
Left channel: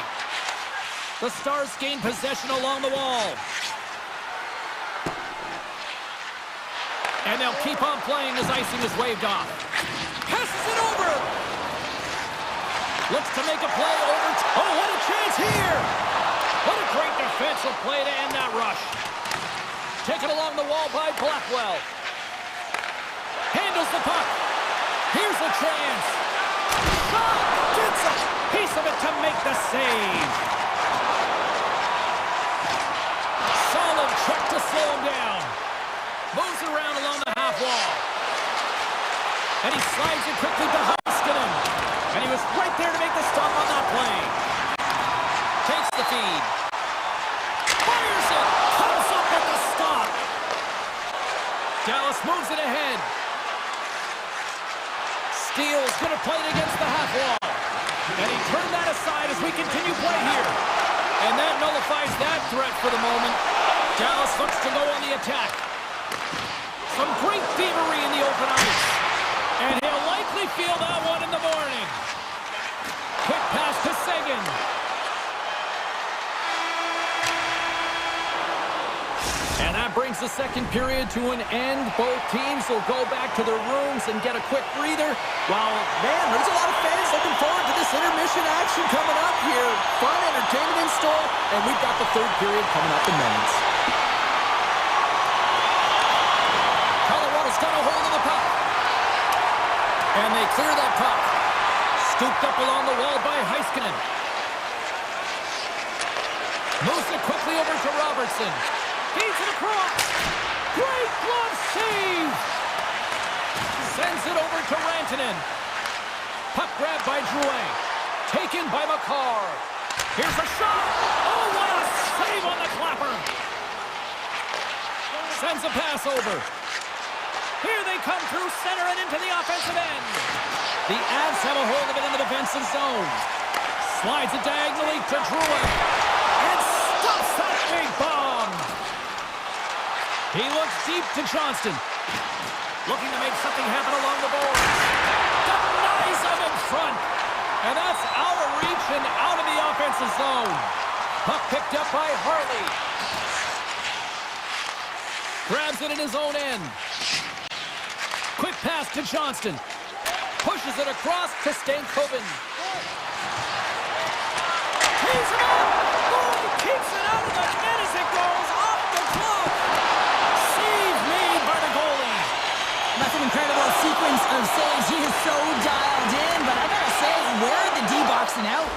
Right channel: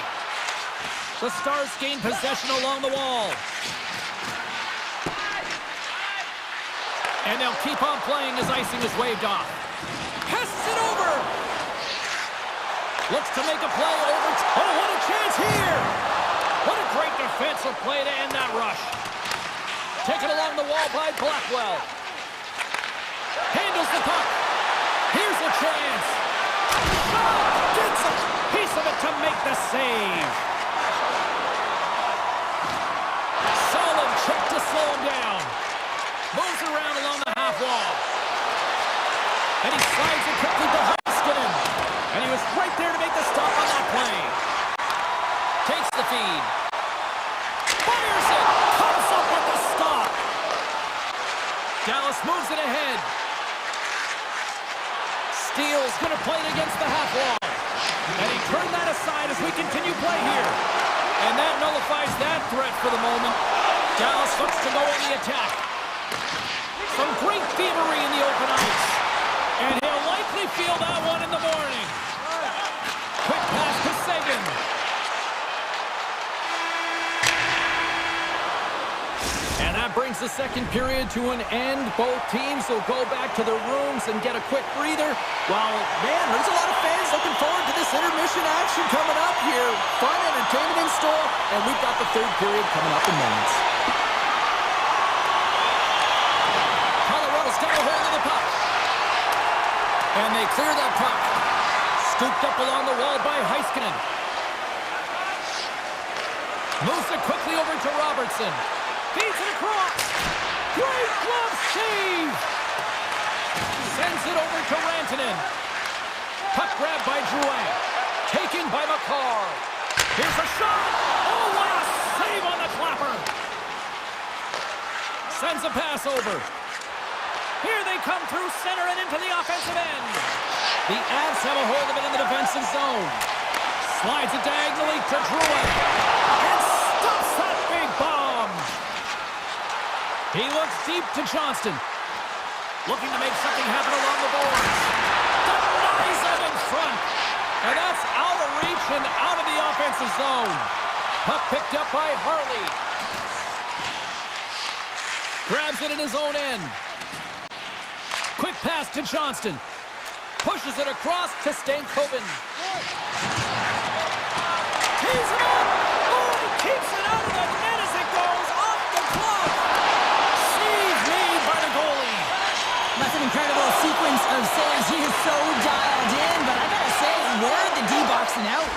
The Stars gain possession along the wall. And they'll keep on playing as icing is waved off. Passes it over. Looks to make a play over. Oh, what a chance here. What a great defensive play to end that rush. Taken along the wall by Blackwell. Handles the puck. Here's a chance. Shot. Gets a piece of it to make the save. Solid check to slow him down. Moves around along the half wall. And he slides it quickly to Heiskanen. And he was right there to make the stop on that play. Takes the feed. Fires it. Comes up with the stop. Dallas moves it ahead. Steele's going to play it against the half wall. And he turned that aside as we continue play here. And that nullifies that threat for the moment. Dallas looks to go on the attack. Some great thievery in the open ice. And he'll likely feel that one in the morning. Quick pass to Sagan. And that brings the second period to an end. Both teams will go back to their rooms and get a quick breather. Well, man, there's a lot of fans looking forward to this intermission action coming up here. Fun entertainment in store, and we've got the third period coming up in minutes. Colorado's got a hold of the puck. And they clear that puck. Scooped up along the wall by Heiskanen. Moves it quickly over to Robertson. Feeds it across. Great glove save. Sends it over to Rantanen. Puck grabbed by Drouin. Taken by McCarr. Here's a shot. Oh, what a save on the clapper. Sends a pass over. Here they come through center and into the offensive end. The Avs have a hold of it in the defensive zone. Slides it diagonally to Drouin. And stuffs that big bomb. He looks deep to Johnston. Looking to make something happen along the boards. Denies him in front. And that's out of reach and out of the offensive zone. Puck picked up by Harley. Grabs it in his own end. Quick pass to Johnston. Pushes it across to Stankoven. Tees it up. Oh, he keeps it out of the net as it goes off the glove. Save made by the goalie. That's an incredible sequence of saves. He is so dialed in, but I gotta say, where are the D-boxing out?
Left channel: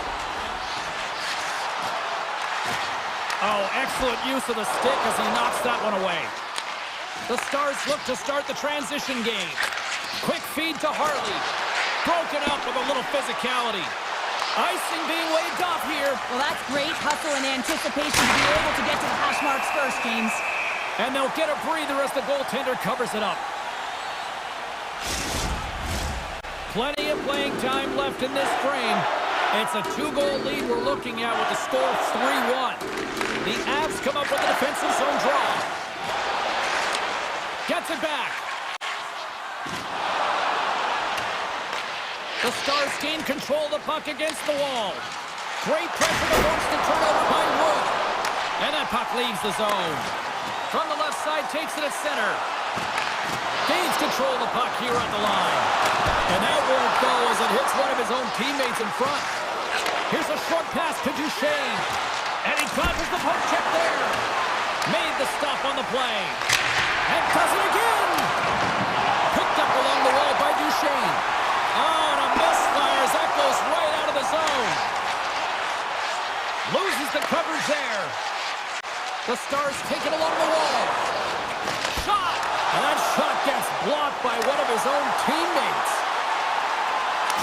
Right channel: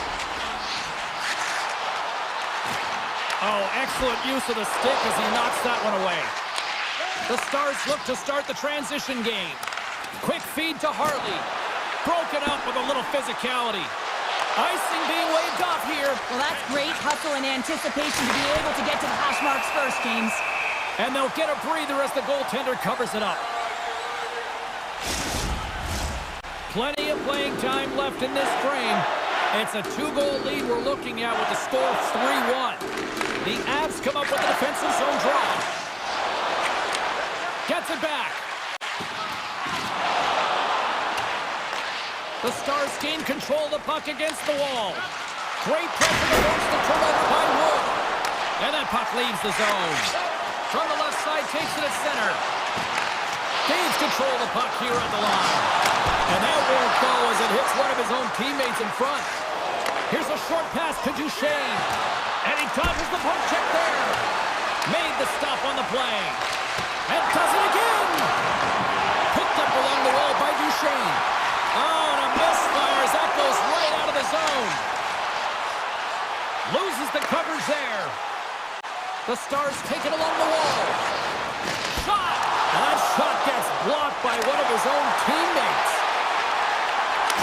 Oh, excellent use of the stick as he knocks that one away. The Stars look to start the transition game. Quick feed to Harley. Broken up with a little physicality. Icing being waved off here. Well, that's great hustle and anticipation to be able to get to the hash marks first, James. And they'll get a breather as the goaltender covers it up. Plenty of playing time left in this frame. It's a 2-goal lead we're looking at with the score of 3-1. The Avs come up with a defensive zone draw. Gets it back. The Stars gain control of the puck against the wall. Great pressure to force the turnover by Wood. And that puck leaves the zone. From the left side, takes it at center. Gains control of the puck here at the line. And that won't go as it hits one of his own teammates in front. Here's a short pass to Duchesne. And he causes the poke check there. Made the stop on the play. And does it again! Picked up along the wall by Duchesne. Oh, and a misfire as that goes right out of the zone. Loses the coverage there. The Stars take it along the wall. Shot! And that shot gets blocked by one of his own teammates.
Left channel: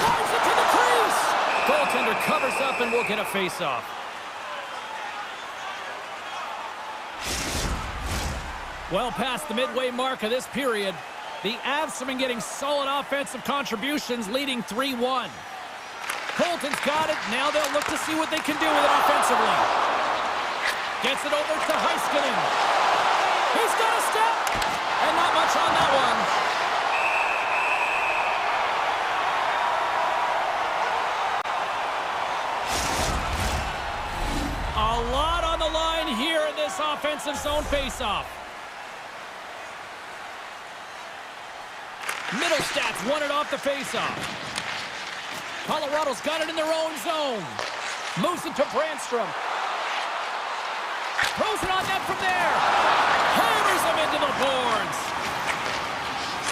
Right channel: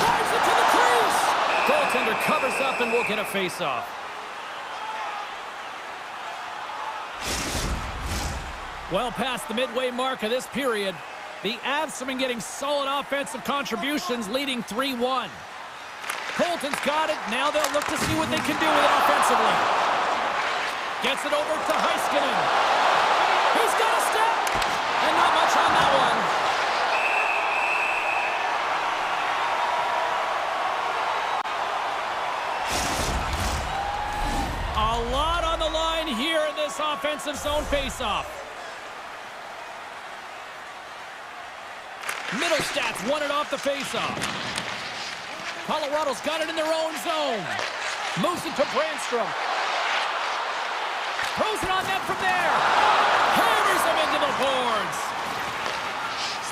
Drives it to the crease! Goaltender covers up and will get a face-off. Well past the midway mark of this period, the Avs have been getting solid offensive contributions, leading 3-1. Colton's got it. Now they'll look to see what they can do with it offensively. Gets it over to Heiskanen. He's got a step, and not much on that one. A lot on the line here in this offensive zone faceoff. Middlestats won it off the faceoff. Colorado's got it in their own zone. Moves it to Brandstrom. Throws it on net from there. Hammers him into the boards.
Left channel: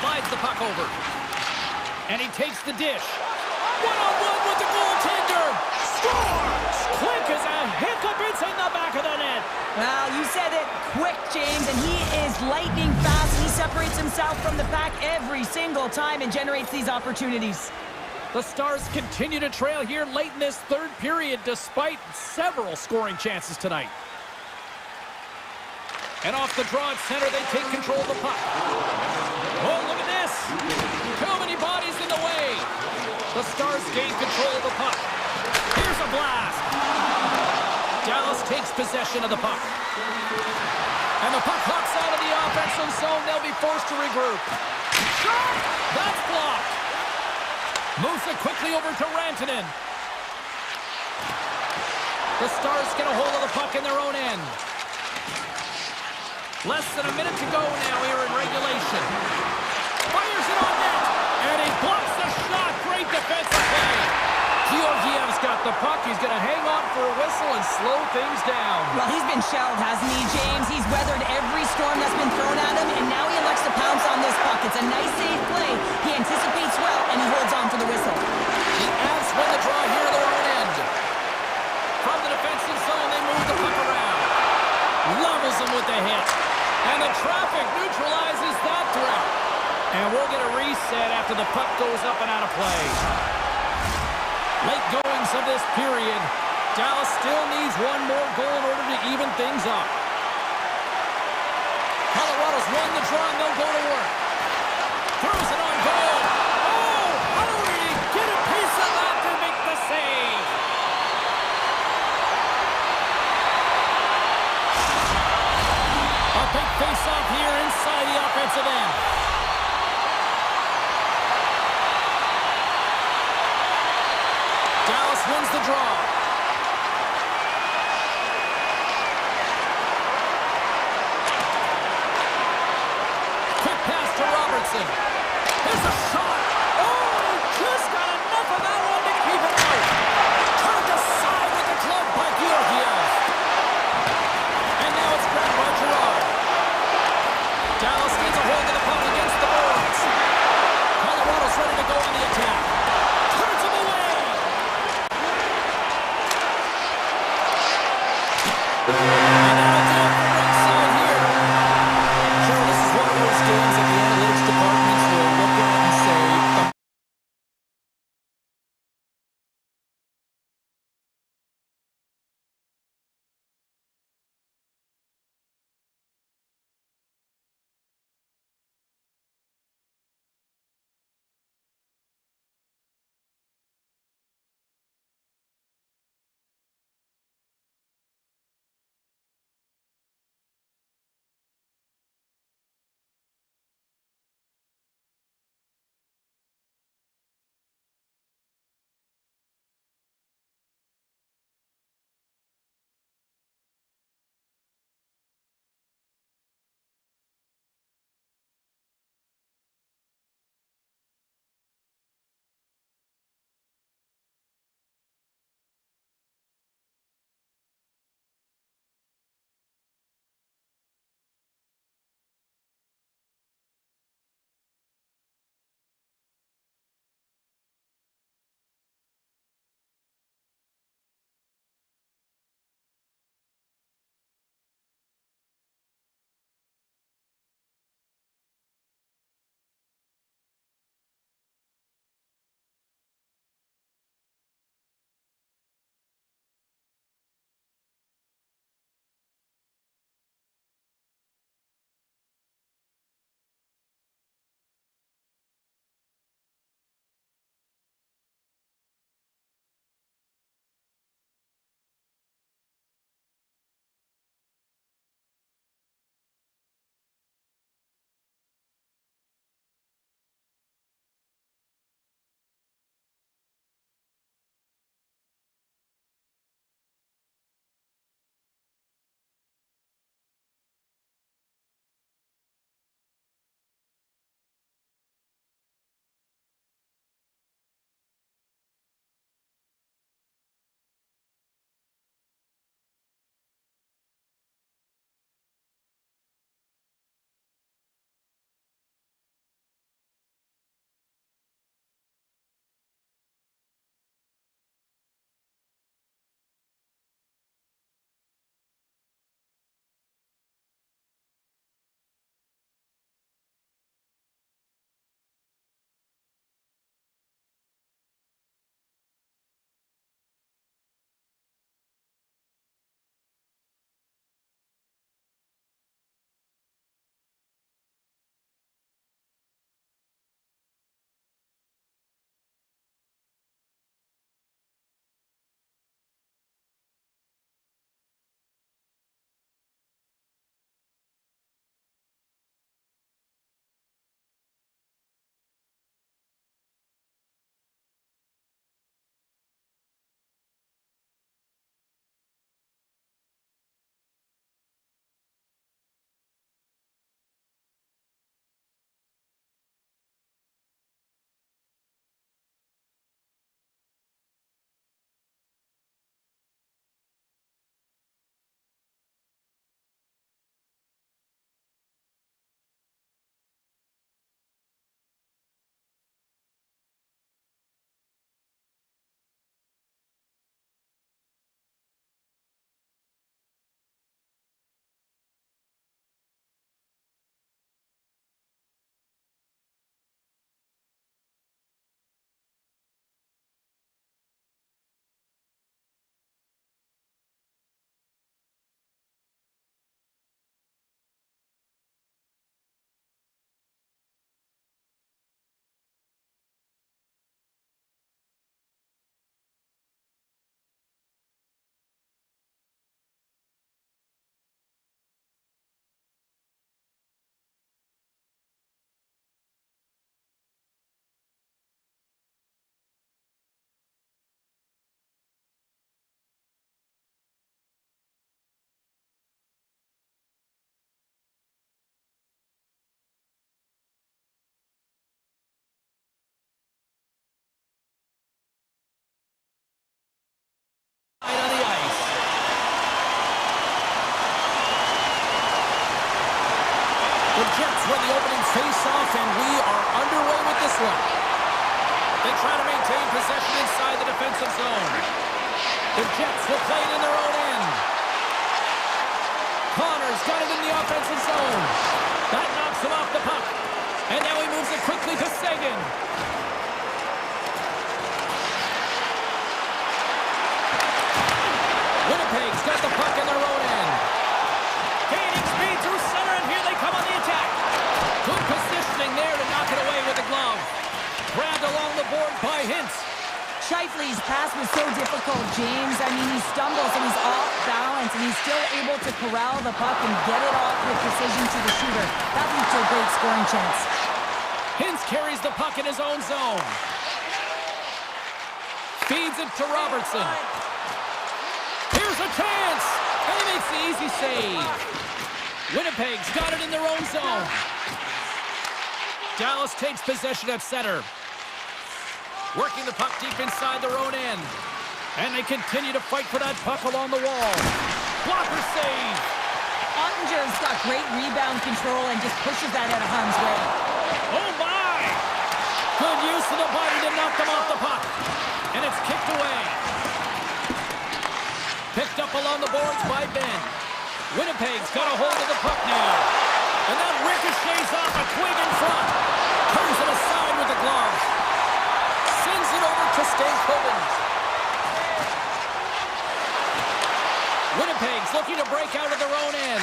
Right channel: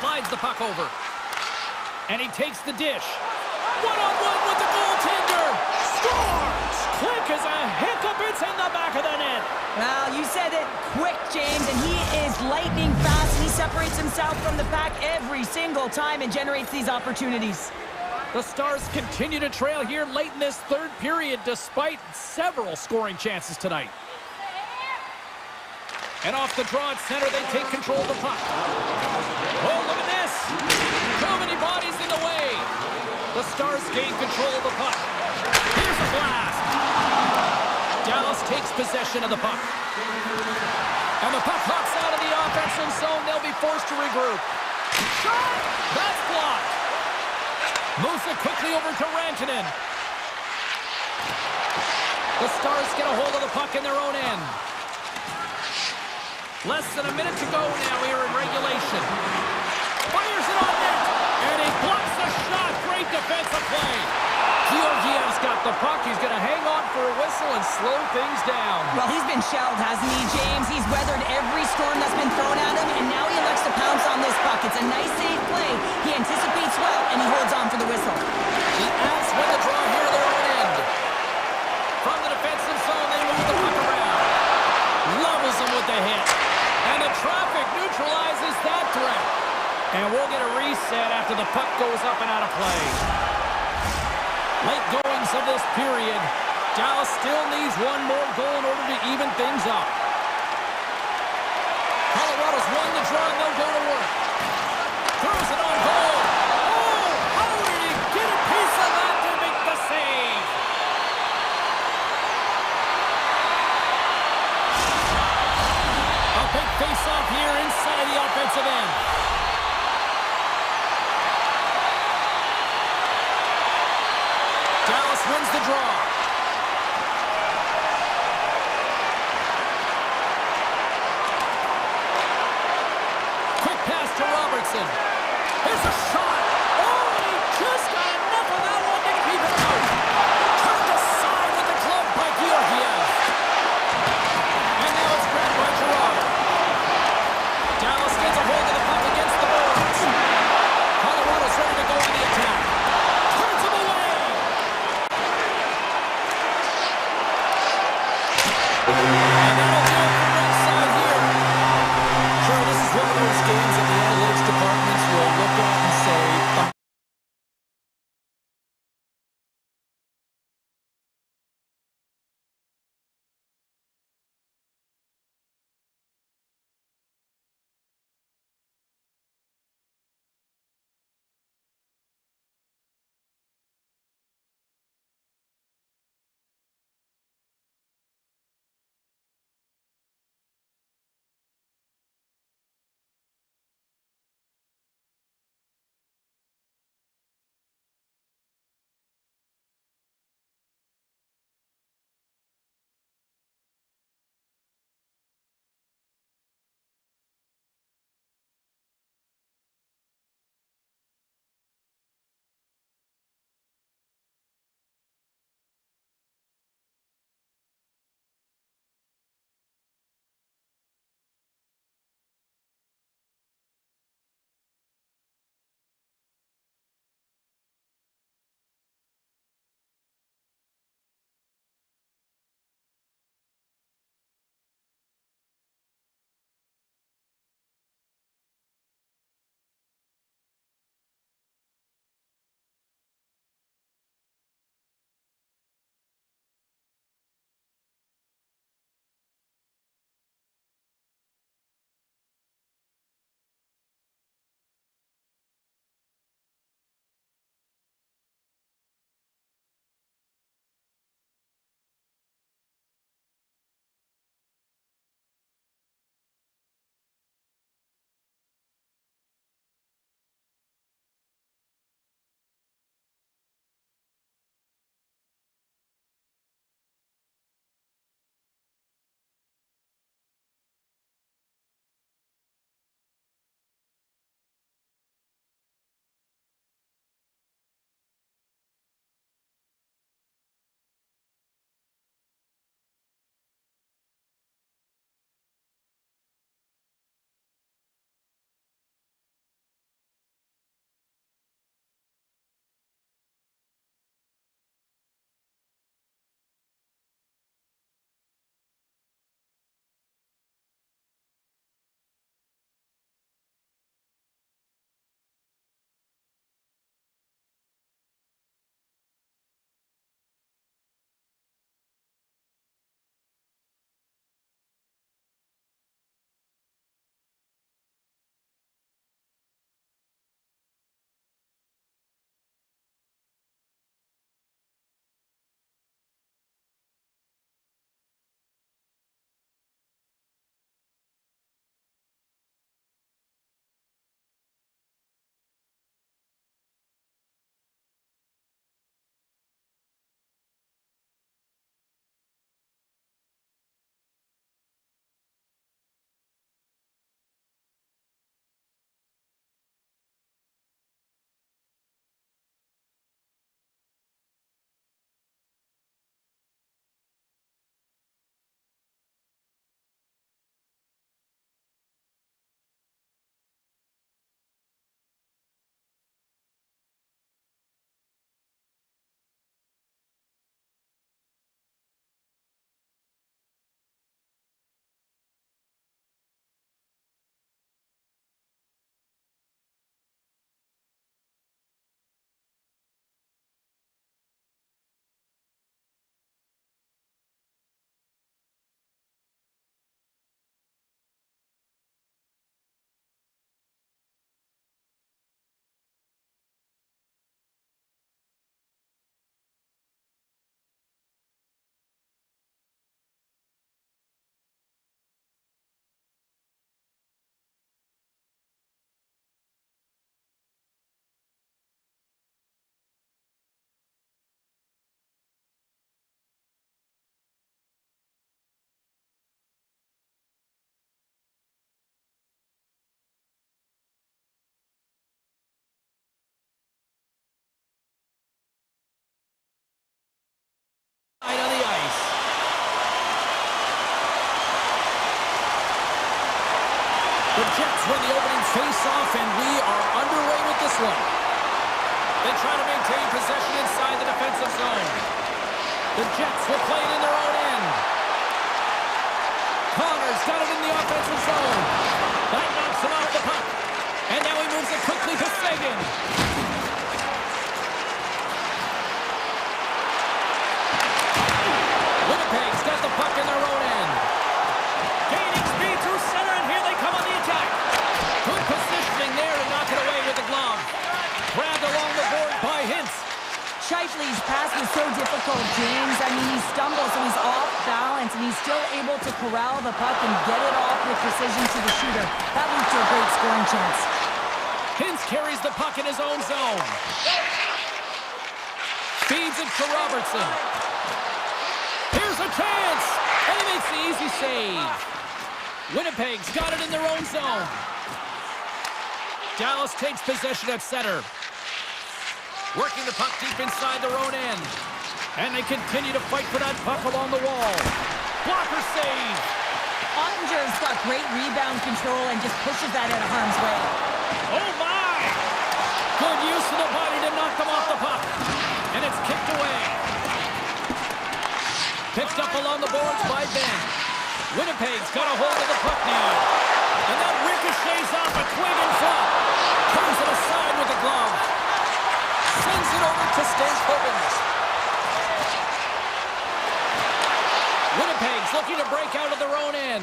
Slides the puck over. And he takes the dish. One-on-one with the goaltender. Scores! Quick as a hiccup. It's in the back of the net. Well, you said it quick, James, and he is lightning fast. He separates himself from the pack every single time and generates these opportunities. The Stars continue to trail here late in this third period despite several scoring chances tonight. And off the draw at center, they take control of the puck. Oh, look at this. Too many bodies in the way. The Stars gain control of the puck. Here's a blast. Dallas takes possession of the puck. And the puck hops out of the offensive zone zone. They'll be forced to regroup. Shot! That's blocked. Moves it quickly over to Rantanen. The Stars get a hold of the puck in their own end. Less than a minute to go now here in regulation. Fires it on net, and he blocks the shot. Great defensive play. Georgiev's got the puck. He's going to hang on for a whistle and slow things down. Well, he's been shelled, hasn't he, James? He's weathered every storm that's been thrown at him, and now he elects to pounce on this puck. It's a nice, safe play. He anticipates well, and he holds on for the whistle. The Avs win the draw here at their own end. From the defensive zone, they move the puck around. Levels him with the hit. And the traffic neutralizes that threat. And we'll get a reset after the puck goes up and out of play. Late goings of this period. Dallas still needs one more goal in order to even things up. Colorado's won the draw and they'll go to work. Throws it on goal. Oh, how did he get a piece of that to make the save? A big face-off here inside the offensive end. Dallas wins the draw. Quick pass to Robertson. Here's a shot. Oh, and he just got enough of that one to keep it out. Turned aside with the glove by Georgiev. And now it's grabbed by Gerard. Dallas gets a hold of the puck against the boards. Colorado's ready to go on the attack. Turns him away. And that'll do it for ringside here. Sure, this is one of those games that the analytics departments will look at and say, Out on the ice. The Jets win the opening face-off, and we are underway with this one. They try to maintain possession inside the defensive zone. The Jets will play it in their own end. Connor's got it in the offensive zone. That knocks him off the puck. And now he moves it quickly to Sagan. Winnipeg's got the puck in their own end. Gaining speed through center, and here they come on the attack. Good positioning there to knock it away with the glove. Grabbed along the board by Hintz. Scheifele's pass was so difficult, James. I mean, he stumbles and he's off balance, and he's still able to corral the puck and get it off with precision to the shooter. That leads to a great scoring chance. Hintz carries the puck in his own zone. Feeds it to Robertson. Here's a chance! And he makes the easy save. Winnipeg's got it in their own zone. Dallas takes possession at center. Working the puck deep inside their own end. And they continue to fight for that puck along the wall. Blocker save. Ottinger's got great rebound control and just pushes that out of harm's way. Oh my! Good use of the body to knock them off the puck. And it's kicked away. Picked up along the boards by Ben. Winnipeg's got a hold of the puck now. And that ricochets off a twig in front. Turns it aside with the glove. Sends it over to Stankoven. Winnipeg's looking to break out of their own end.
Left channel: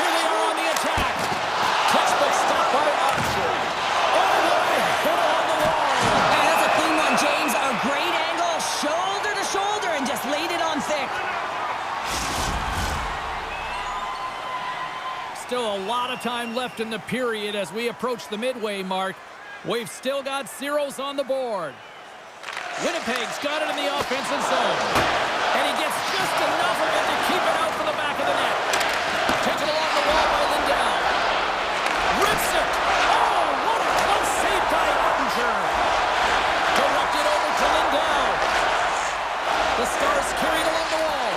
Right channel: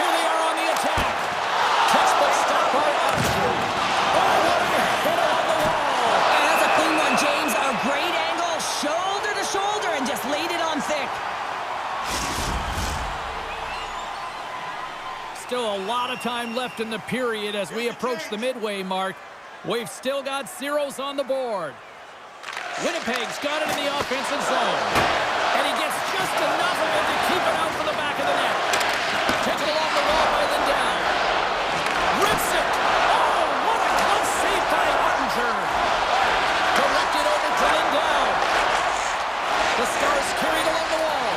Here they are on the attack. Textbook stop by Ottinger. Oh, what a hit on the wall. And that's a clean one, James. A great angle, shoulder to shoulder, and just laid it on thick. Still a lot of time left in the period as we approach the midway mark. We've still got zeros on the board. Winnipeg's got it in the offensive zone. And he gets just enough of it to keep it out from the back of the net. Taken along the wall by Lindell. Rips it. Oh, what a close save by Ottinger. Directed over to Lindell. The Stars carried along the wall.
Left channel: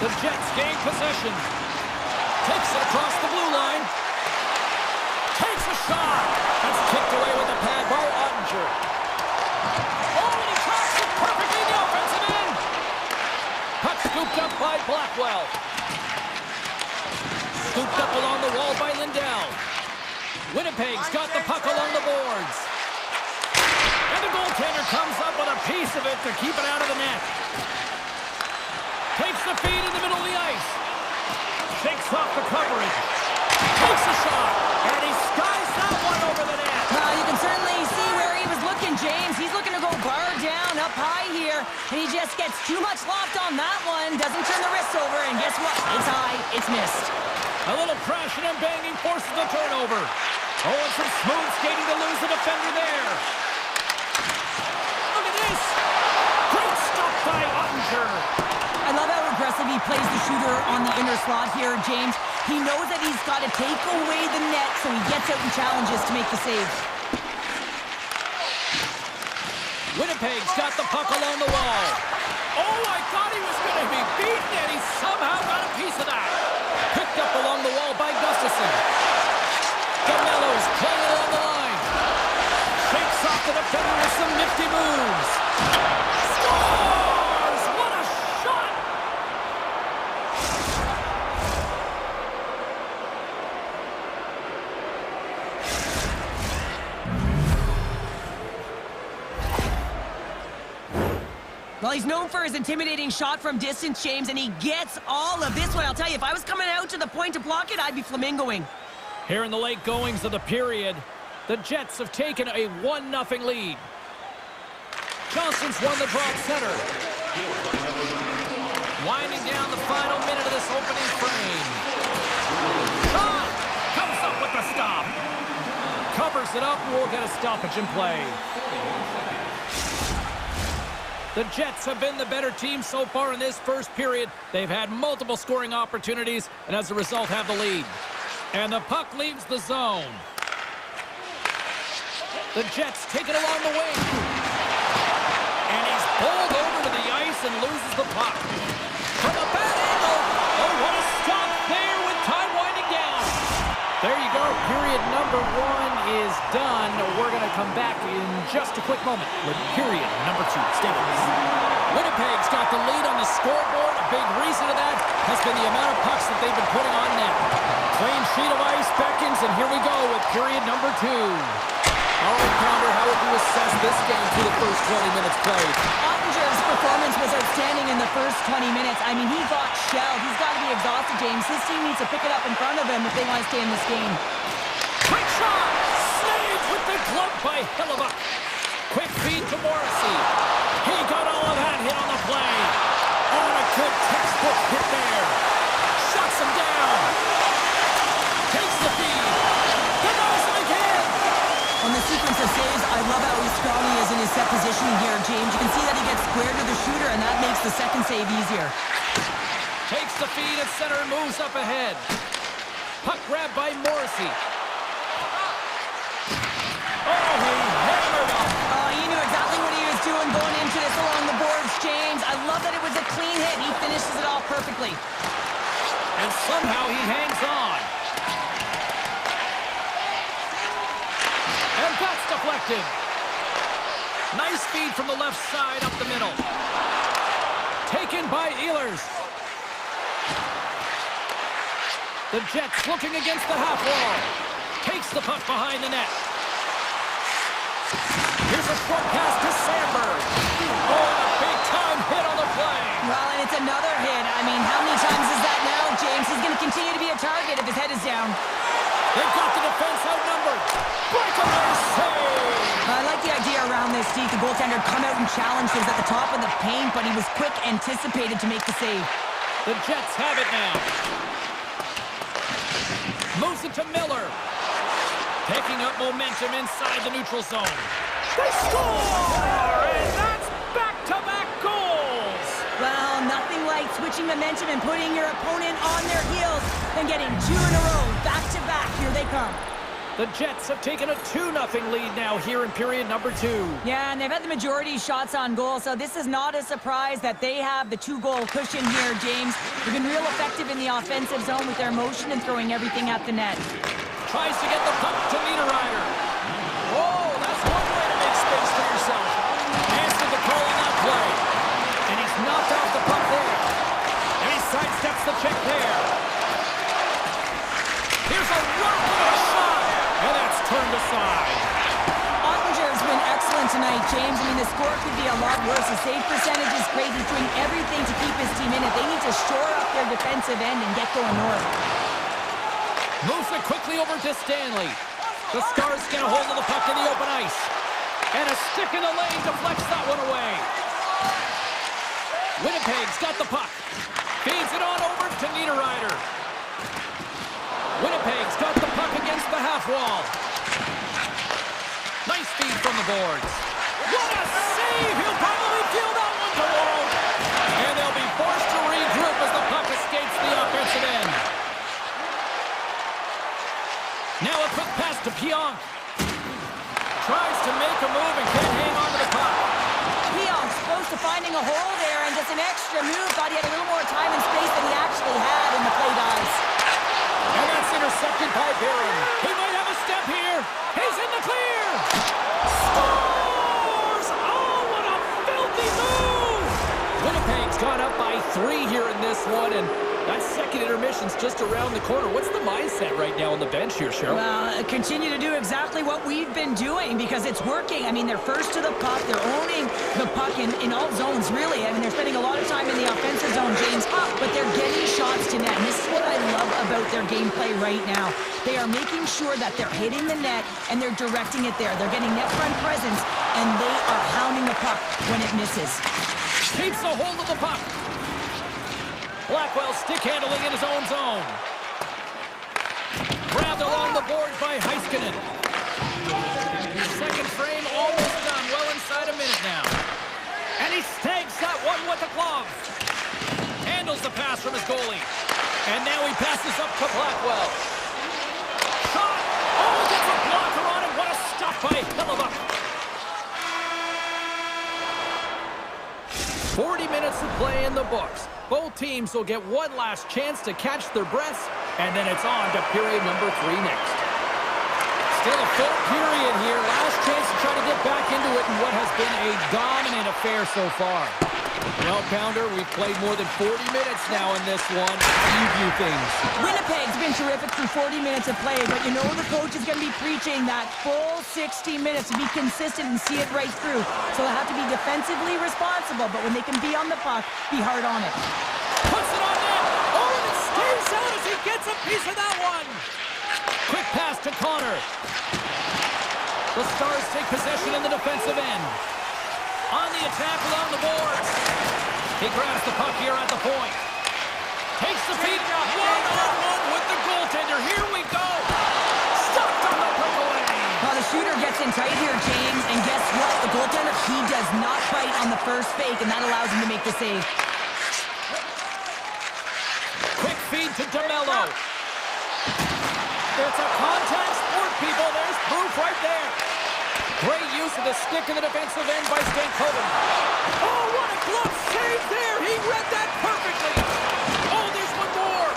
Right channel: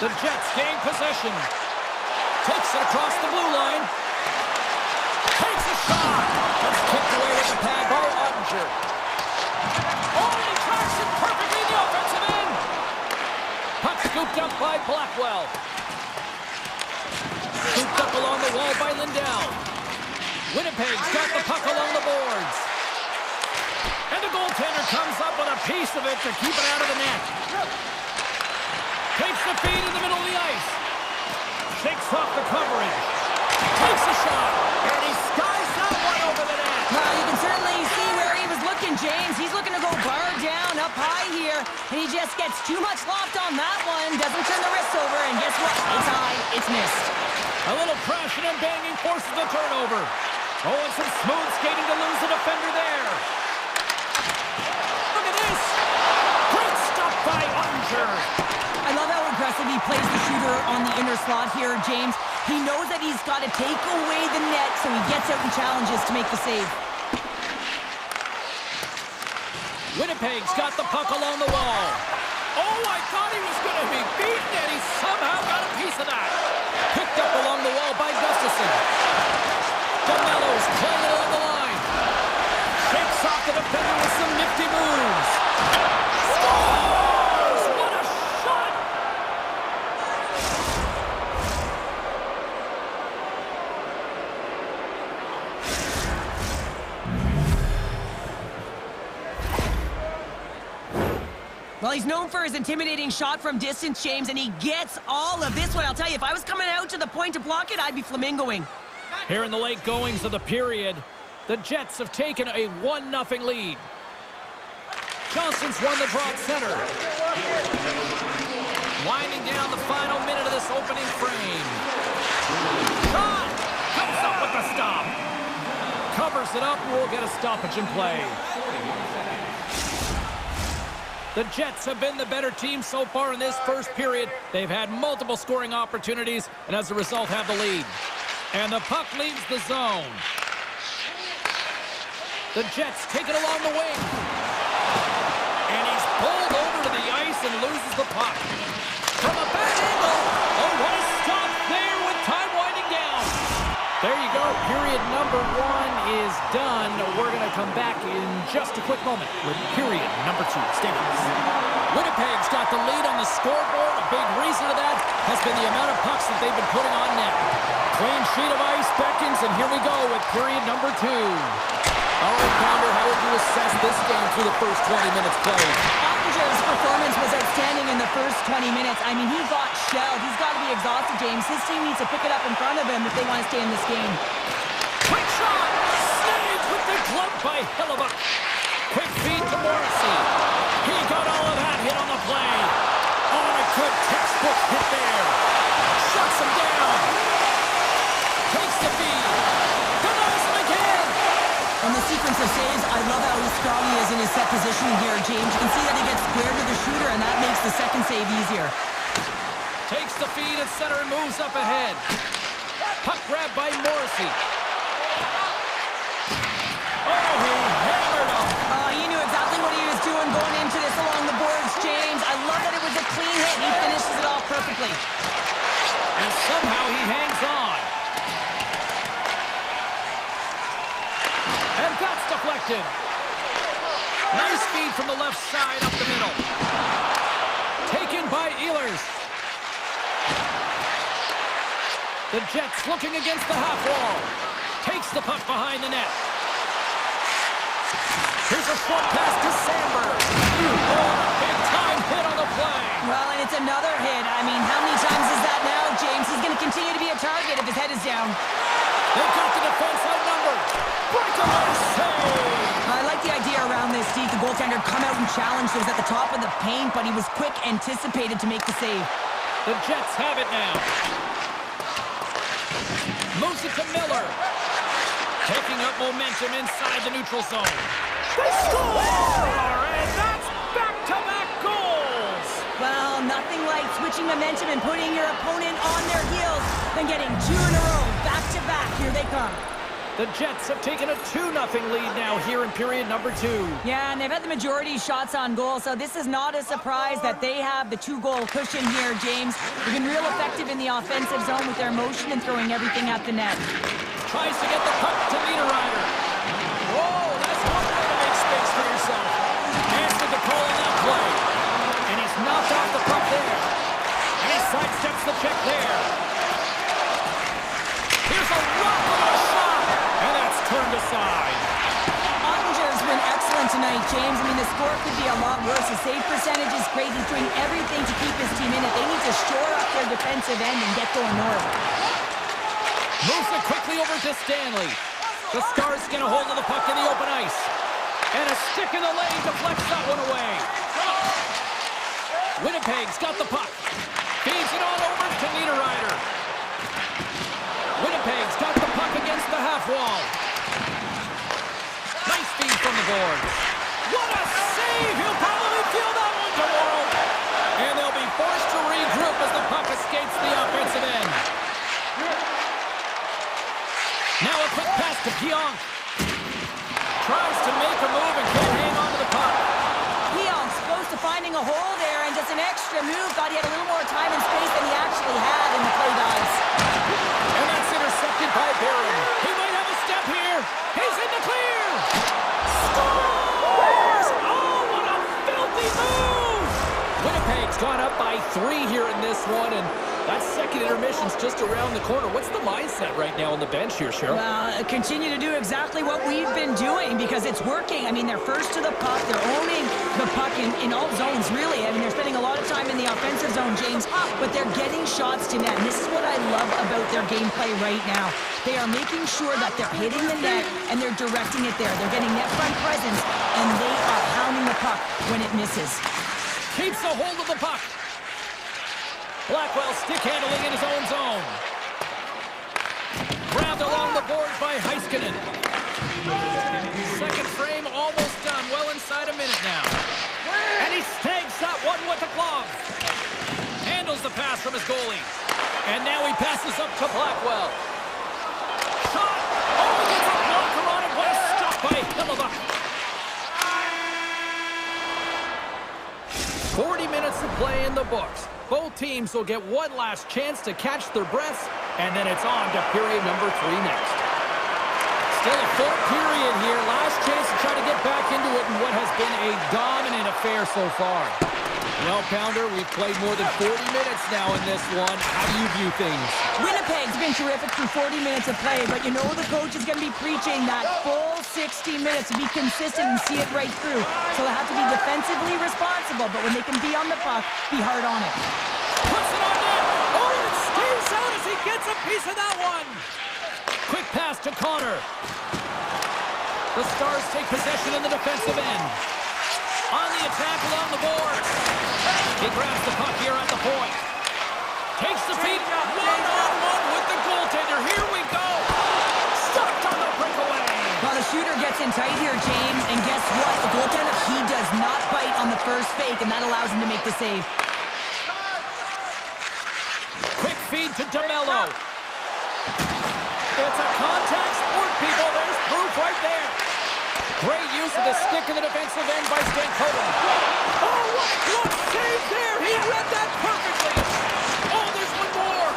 The Jets gain possession. Takes it across the blue line. Takes a shot. That's kicked away with the pad by Ottinger. Oh, and he tracks it perfectly in the offensive end. Puck scooped up by Blackwell. Scooped up along the wall by Lindell. Winnipeg's got the puck along the boards. And the goaltender comes up with a piece of it to keep it out of the net. Takes the feed in the middle of the ice. Shakes off the coverage. Takes a shot. And he skies that one over the net. Well, you can certainly see where he was looking, James. He's looking to go bar down up high here. And he just gets too much loft on that one. Doesn't turn the wrists over. And guess what? It's high. It's missed. A little crashing and banging forces the turnover. Oh, and some smooth skating to lose the defender there. Look at this. Great stop by Ottinger. I love how aggressive he plays the shooter on the inner slot here, James. He knows that he's got to take away the net, so he gets out and challenges to make the save. Winnipeg's got the puck along the wall. Oh, I thought he was going to be beaten, and he somehow got a piece of that. Picked up along the wall by Gustafsson. DeMello's playing it along the line. Shakes off the defender with some nifty moves. Scores! What a shot! Well, he's known for his intimidating shot from distance, James, and he gets all of this one. I'll tell you, if I was coming out to the point to block it, I'd be flamingoing. Here in the late goings of the period, the Jets have taken a 1-0 lead. Johnson's won the draw at center. Winding down the final minute of this opening frame. Shot! Comes up with the stop. Covers it up, and we'll get a stoppage in play. The Jets have been the better team so far in this first period. They've had multiple scoring opportunities, and as a result have the lead. And the puck leaves the zone. The Jets take it along the wing. Anderson loses the puck. From a bad angle. Oh, what a stop there with time winding down. There you go. Period number 1 is done. We're going to come back in just a quick moment with period number 2. Stay with us. Winnipeg's got the lead on the scoreboard. A big reason of that has been the amount of pucks that they've been putting on net. Clean sheet of ice beckons, and here we go with period number 2. All right, Pounder, how would you assess this game through the first 20 minutes played? Ottinger's performance was outstanding in the first 20 minutes. I mean, he got shelled. He's got to be exhausted, James. His team needs to pick it up in front of him if they want to stay in this game. Quick shot! Saved with the glove by Hellebuyck. Quick feed to Morrissey. He got all of that hit on the play. Oh, and a good textbook hit there. Shuts him down. Takes the feed. Denies him again. On the sequence of saves, I love how strong he is in his set positioning here, James. You can see that he gets squared to the shooter, and that makes the second save easier. Takes the feed at center and moves up ahead. Puck grab by Morrissey. Oh, he hammered him. He knew exactly what he was doing going into this along the boards, James. I love that it was a clean hit, and he finishes it off perfectly. And somehow he hangs on. And that's deflected. Nice feed from the left side up the middle. Taken by Ehlers. The Jets looking against the half wall. Takes the puck behind the net. Here's a short pass to Sandberg. Oh, and a big-time hit on the play. Well, and it's another hit. I mean, how many times is that now, James? He's going to continue to be a target if his head is down. They've got the defense outnumbered. Breakaway save. I like the idea around this, Steve. The goaltender come out and challenged. He was at the top of the paint, but he was quick, anticipated to make the save. The Jets have it now. Moves it to Miller. Taking up momentum inside the neutral zone. They score! And that's back-to-back goals! Well, nothing like switching momentum and putting your opponent on their heels than getting 2 in a row. Back-to-back. Here they come. The Jets have taken a 2-0 lead now here in period number 2. Yeah, and they've had the majority shots on goal, so this is not a surprise that they have the 2-goal cushion here, James. They've been real effective in the offensive zone with their motion and throwing everything at the net. Tries to get the puck to Niederreiter. Whoa, that's one way to make space for yourself. Answered the call on that play. And he's knocked off the puck there. And he sidesteps the check there. Here's a rocket of a shot. And that's turned aside. Ottinger's been excellent tonight, James. I mean, the score could be a lot worse. The save percentage is great. He's doing everything to keep his team in it. They need to shore up their defensive end and get going north. Moves it quickly over to Stanley. The Stars get a hold of the puck in the open ice. And a stick in the lane deflects that one away. Winnipeg's got the puck. Feeds it on over to Niederreiter. Winnipeg's got the puck against the half wall. Nice feed from the boards. What a save! He'll probably feel that one tomorrow. And they'll be forced to regroup as the puck escapes the offensive end. Now a quick pass to Pionk. Tries to make a move and can't hang on to the puck. Pionk's close to finding a hole there and just an extra move. Thought he had a little more time and space than he actually had in the play dice. And that's intercepted by Barron. He might have a step here. He's in the clear. Scores! Oh, what a filthy move! Winnipeg's gone up by 3 here in this one, and that second intermission's just around the corner. What's the mindset right now on the bench here, Cheryl? Well, continue to do exactly what we've been doing because it's working. I mean, they're first to the puck. They're owning the puck in all zones, really. I mean, they're spending a lot of time in the offensive zone, James, but they're getting shots to net. And this is what I love about their gameplay right now. They are making sure that they're hitting the net and they're directing it there. They're getting net front presence, and they are hounding the puck when it misses. Keeps a hold of the puck. Blackwell stick handling in his own zone. Grabbed along the boards by Heiskanen. Second frame almost done. Well inside a minute now. And he snags that one with the glove. Handles the pass from his goalie. And now he passes up to Blackwell. Shot! Oh, he gets a blocker on it. What a stop by Hellebuyck. 40 minutes of play in the books. Both teams will get one last chance to catch their breaths, and then it's on to period number 3 next. Still a full period here. Last chance to try to get back into it in what has been a dominant affair so far. Well, Pounder, we've played more than 40 minutes now in this one. How do you view things? Winnipeg's been terrific through 40 minutes of play, but you know the coach is going to be preaching that full 60 minutes to be consistent and see it right through. So they'll have to be defensively responsible, but when they can be on the puck, be hard on it. Puts it on net. Oh, and it stays out as he gets a piece of that one. Quick pass to Connor. The Stars take possession in the defensive end. On the attack along the boards. He grabs the puck here at the point. Takes the feed. One-on-one with the goaltender. Here we go. Stopped on the breakaway. Well, the shooter gets in tight here, James, and guess what? The goaltender, he does not bite on the first fake, and that allows him to make the save. Quick feed to DeMello. It's a contact sport, people. There's proof right there. Great use of the stick in the defensive end by Stankoven. Oh, what a glove save there! He read that perfectly! Oh, there's one more!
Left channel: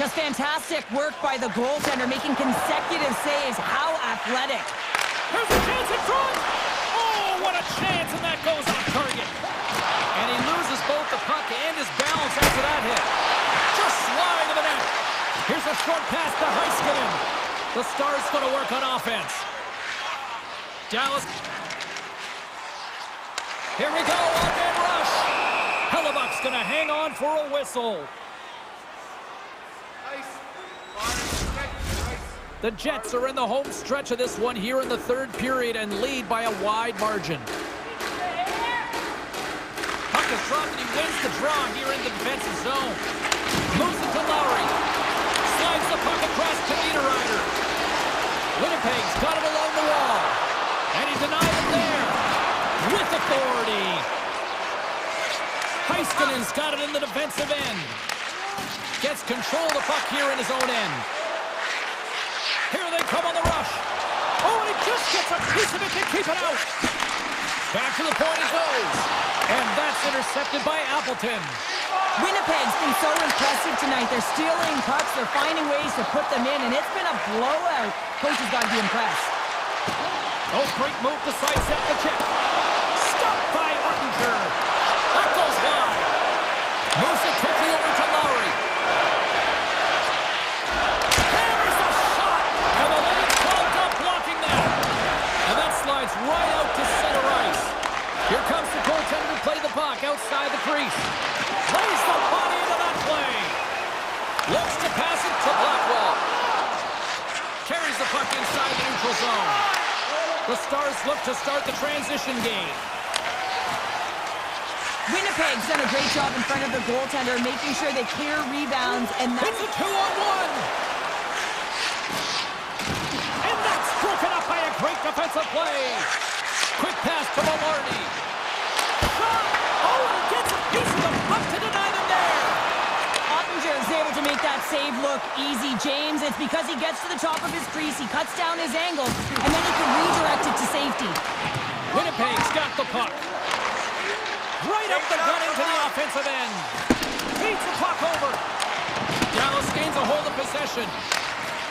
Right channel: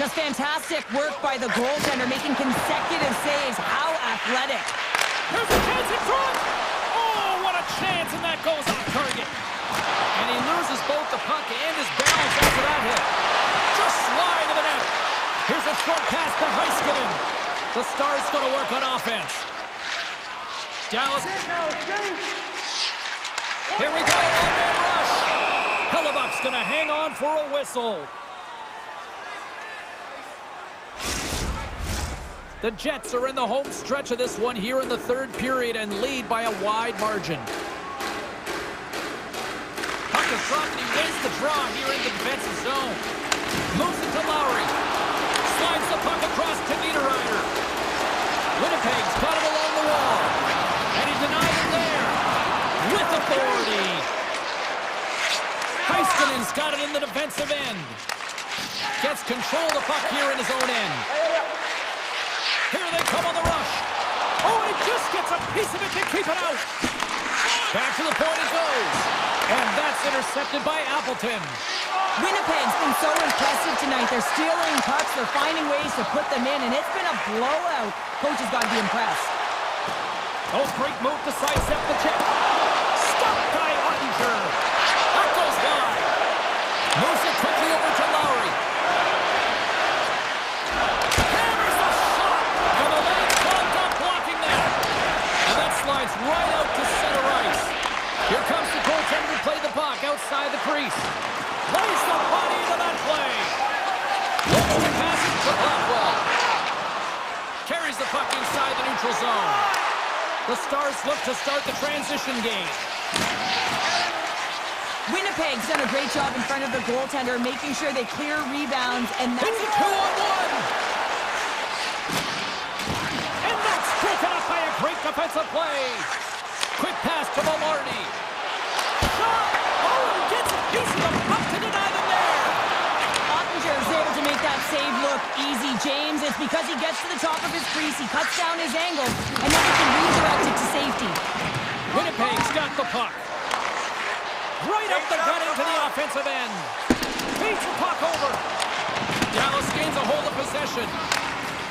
Just fantastic work by the goaltender, making consecutive saves. How athletic. There's a chance in front! Oh, what a chance, and that goes off target. And he loses both the puck and his balance after that hit. Just slide to the net. Here's a short pass to Heiskanen. The Stars going to work on offense. Dallas. Here we go, one-man rush. Hellebuck's going to hang on for a whistle. The Jets are in the home stretch of this one here in the third period and lead by a wide margin. Puck is dropped and he wins the draw here in the defensive zone. Moves it to Lowry. Slides the puck across to Niederreiter. Winnipeg's got him along the wall. And he denied it there. With authority. Heiskanen's got it in the defensive end. Gets control of the puck here in his own end. Here they come on the rush. Oh, and he just gets a piece of it to keep it out. Back to the point it goes. And that's intercepted by Appleton. Winnipeg's been so impressive tonight. They're stealing pucks. They're finding ways to put them in, and it's been a blowout. Coach has got to be impressed. Oh, great move to sidestep the check. Stopped by Ottinger. That goes wide. Moves it quickly over to Lowry. Hammers the shot. And the lead clogged up blocking that. And that slides right out to center ice. Here comes the goaltender to play the puck outside the crease. Lays the body into that play. Looks to pass it to Blackwell. Carries the puck inside the neutral zone. The Stars look to start the transition game. Winnipeg's done a great job in front of their goaltender, making sure they clear rebounds, and that's... It's a 2-on-1! And that's broken up by a great defensive play. Quick pass to Velarde. Shot! Oh, and he gets a piece of the puck to deny them there. Ottinger is able to make that save look easy, James. It's because he gets to the top of his crease, he cuts down his angle, and then he can redirect it to safety. Winnipeg's got the puck. Right up the gut into the offensive end. Beats the puck over. Dallas gains a hold of possession.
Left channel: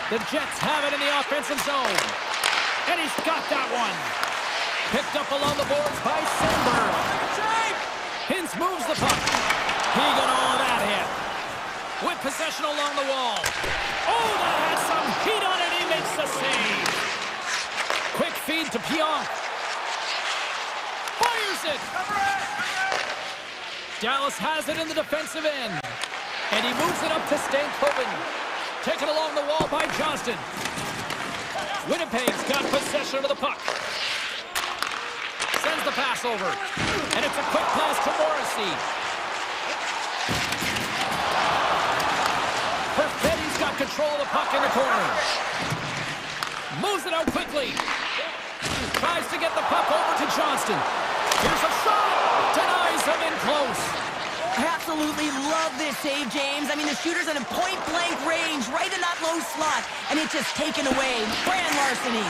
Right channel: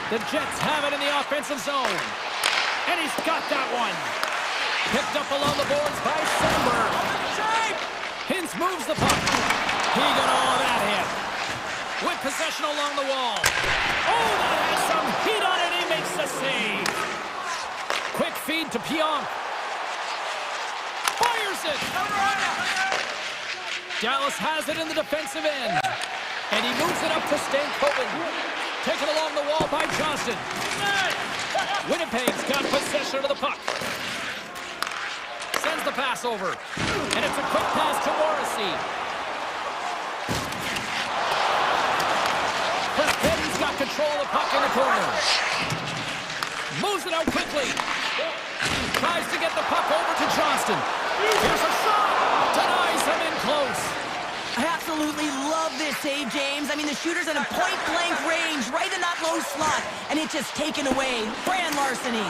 The Jets have it in the offensive zone. And he's got that one. Picked up along the boards by Sandberg. Hintz moves the puck. He got all of that hit. With possession along the wall. Oh, that has some heat on it. He makes the save. Quick feed to Pionk. Fires it. Dallas has it in the defensive end. And he moves it up to Stankoven. Taken along the wall by Johnston. Winnipeg's got possession of the puck. Sends the pass over. And it's a quick pass to Morrissey. Perfetti's got control of the puck in the corner. Moves it out quickly. Tries to get the puck over to Johnston. Here's a shot. Denies him in close. I absolutely love this save, James. I mean, the shooter's in a point-blank range, right in that low slot, and it's just taken away. Grand larceny.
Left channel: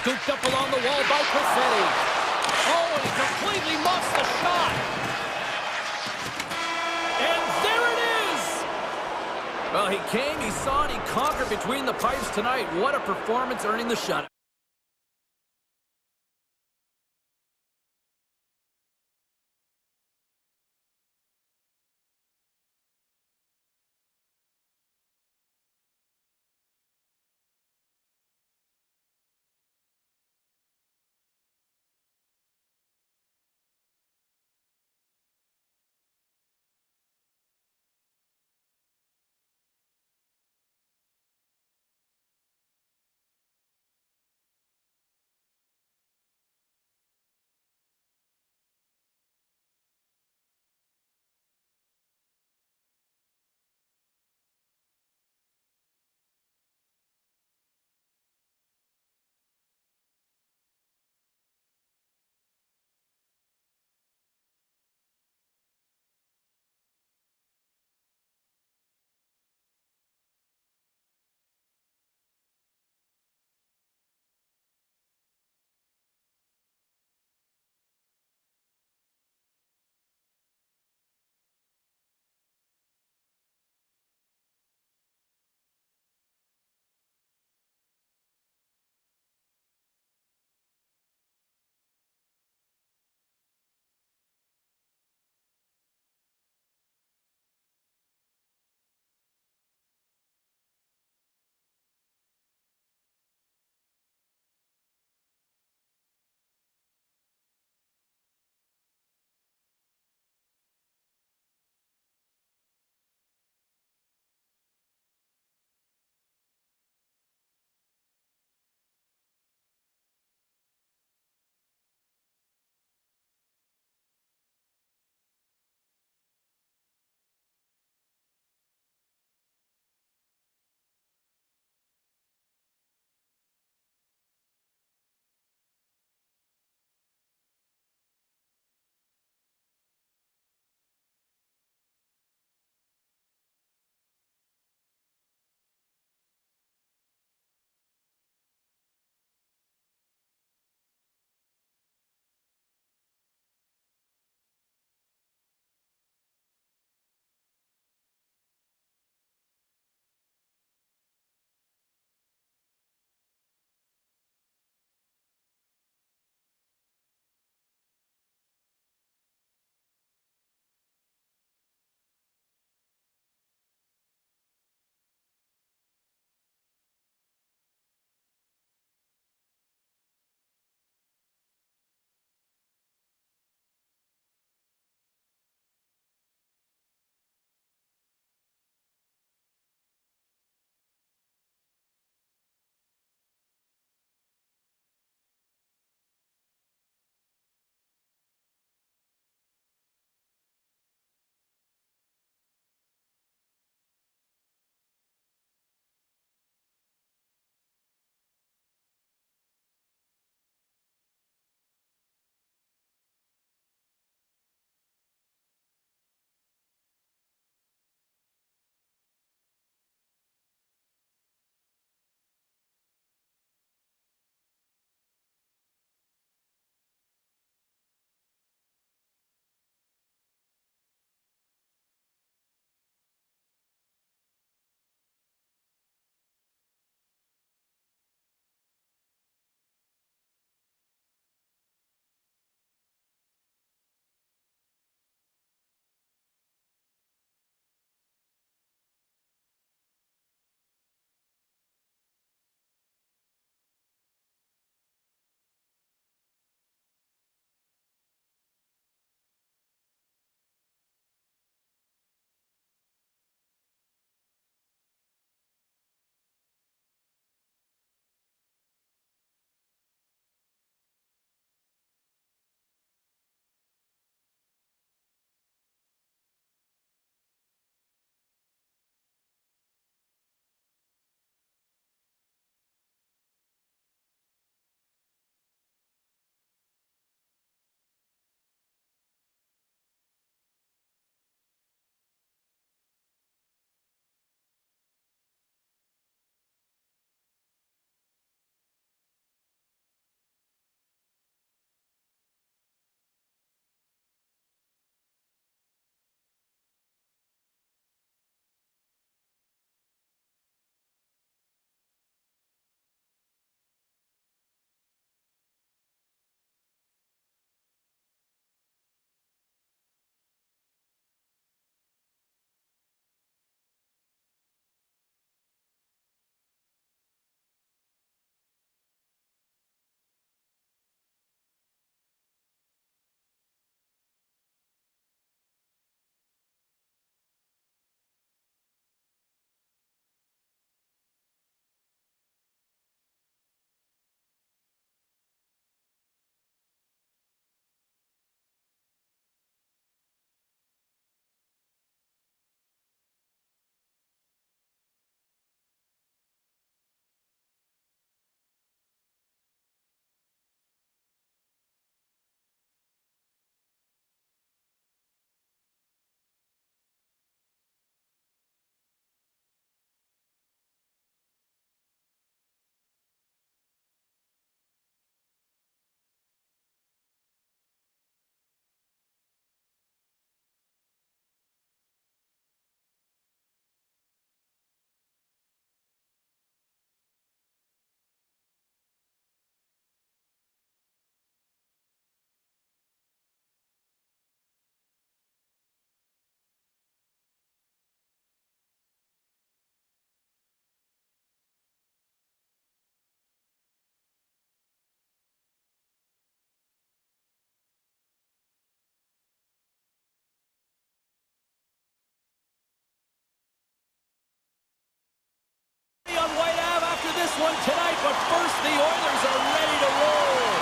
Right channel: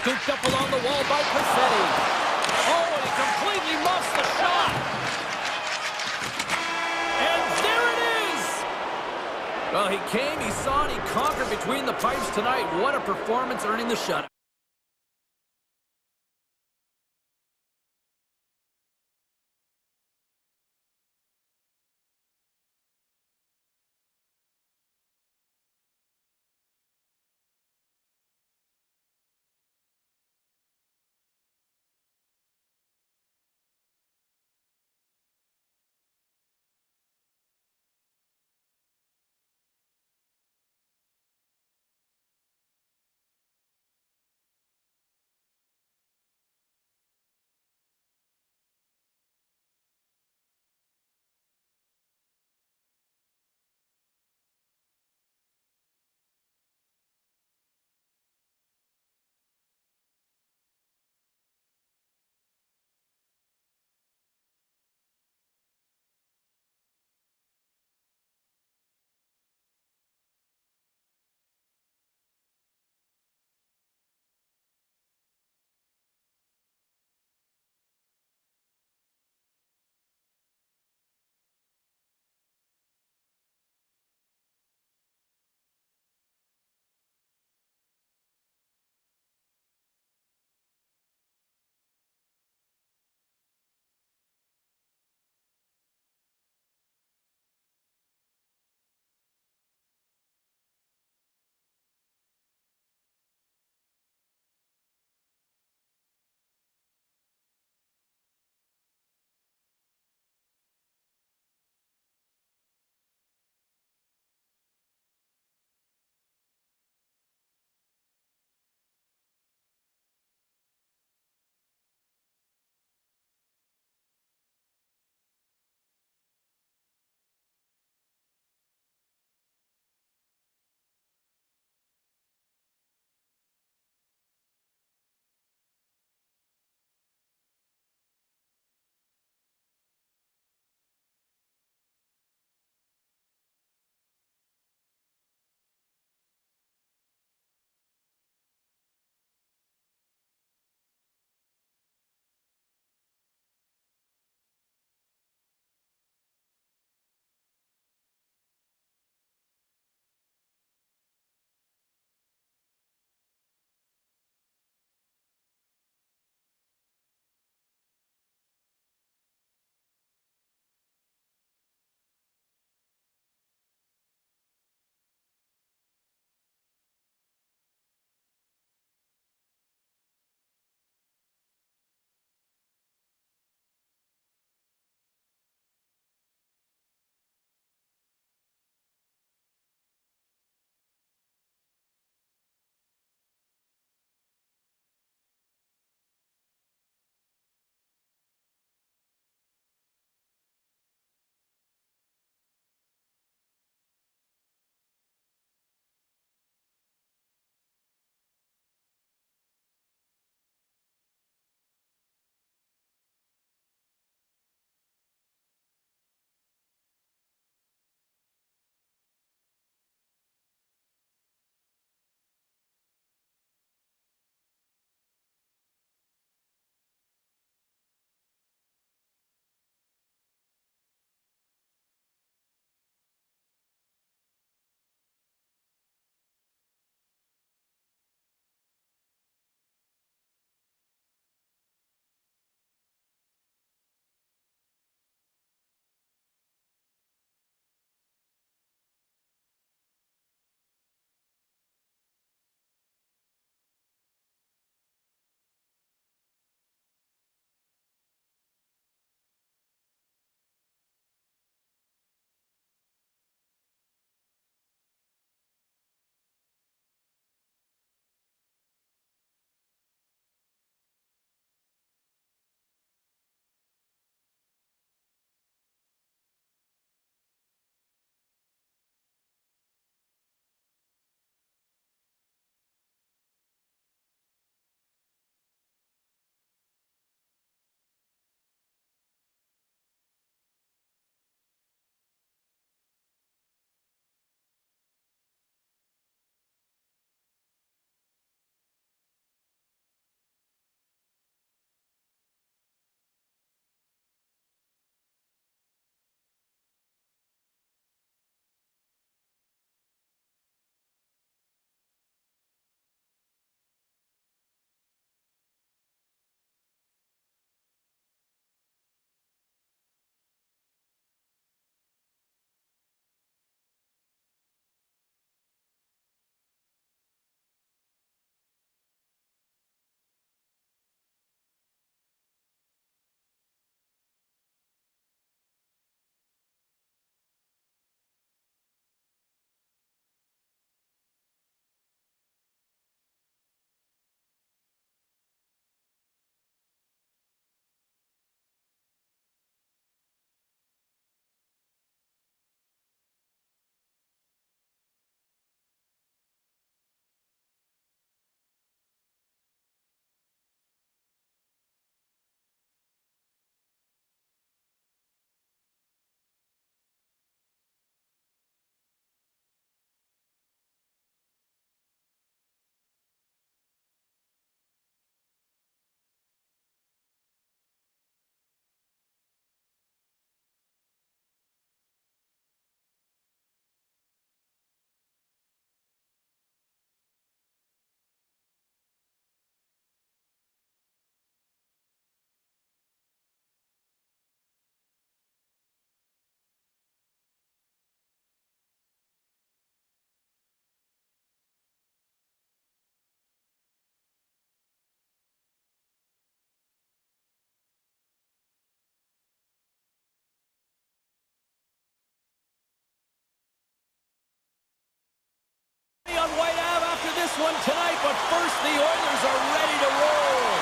Scooped up along the wall by Perfetti. Oh, and he completely muffs the shot. And there it is! Well, he came, he saw, and he conquered between the pipes tonight. What a performance, earning the shutout. on White Ave after this one tonight, but first the Oilers are ready to roll.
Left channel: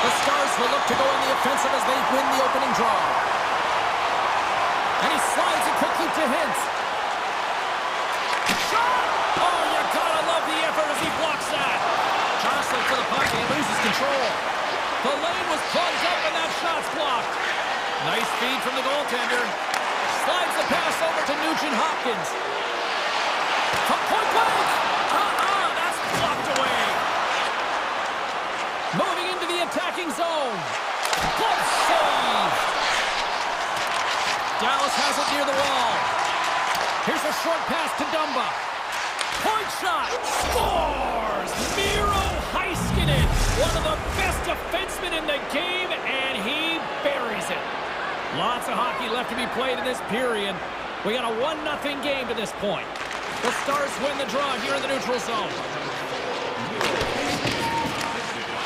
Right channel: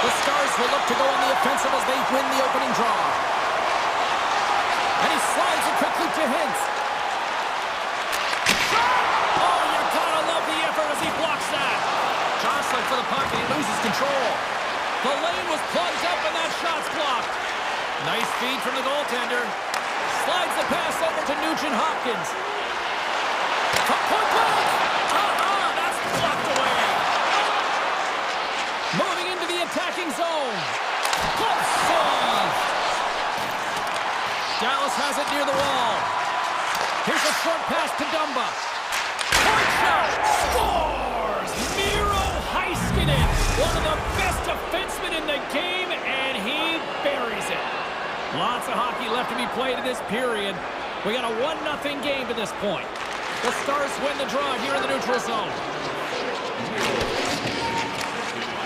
The Stars will look to go on the offensive as they win the opening draw. And he slides it quickly to Hintz. Shot! Oh, you gotta love the effort as he blocks that. Jostling for the puck and he loses control. The lane was plugged up and that shot's blocked. Nice feed from the goaltender. Slides the pass over to Nugent-Hopkins. From point blank! That's blocked away. Moving into the attacking zone. Good save. Dallas has it near the wall. Here's a short pass to Dumba. Point shot. Scores! Miro Heiskanen, one of the best defensemen in the game, and he buries it. Lots of hockey left to be played in this period. We got a 1-0 game to this point. The Stars win the draw here in the neutral zone.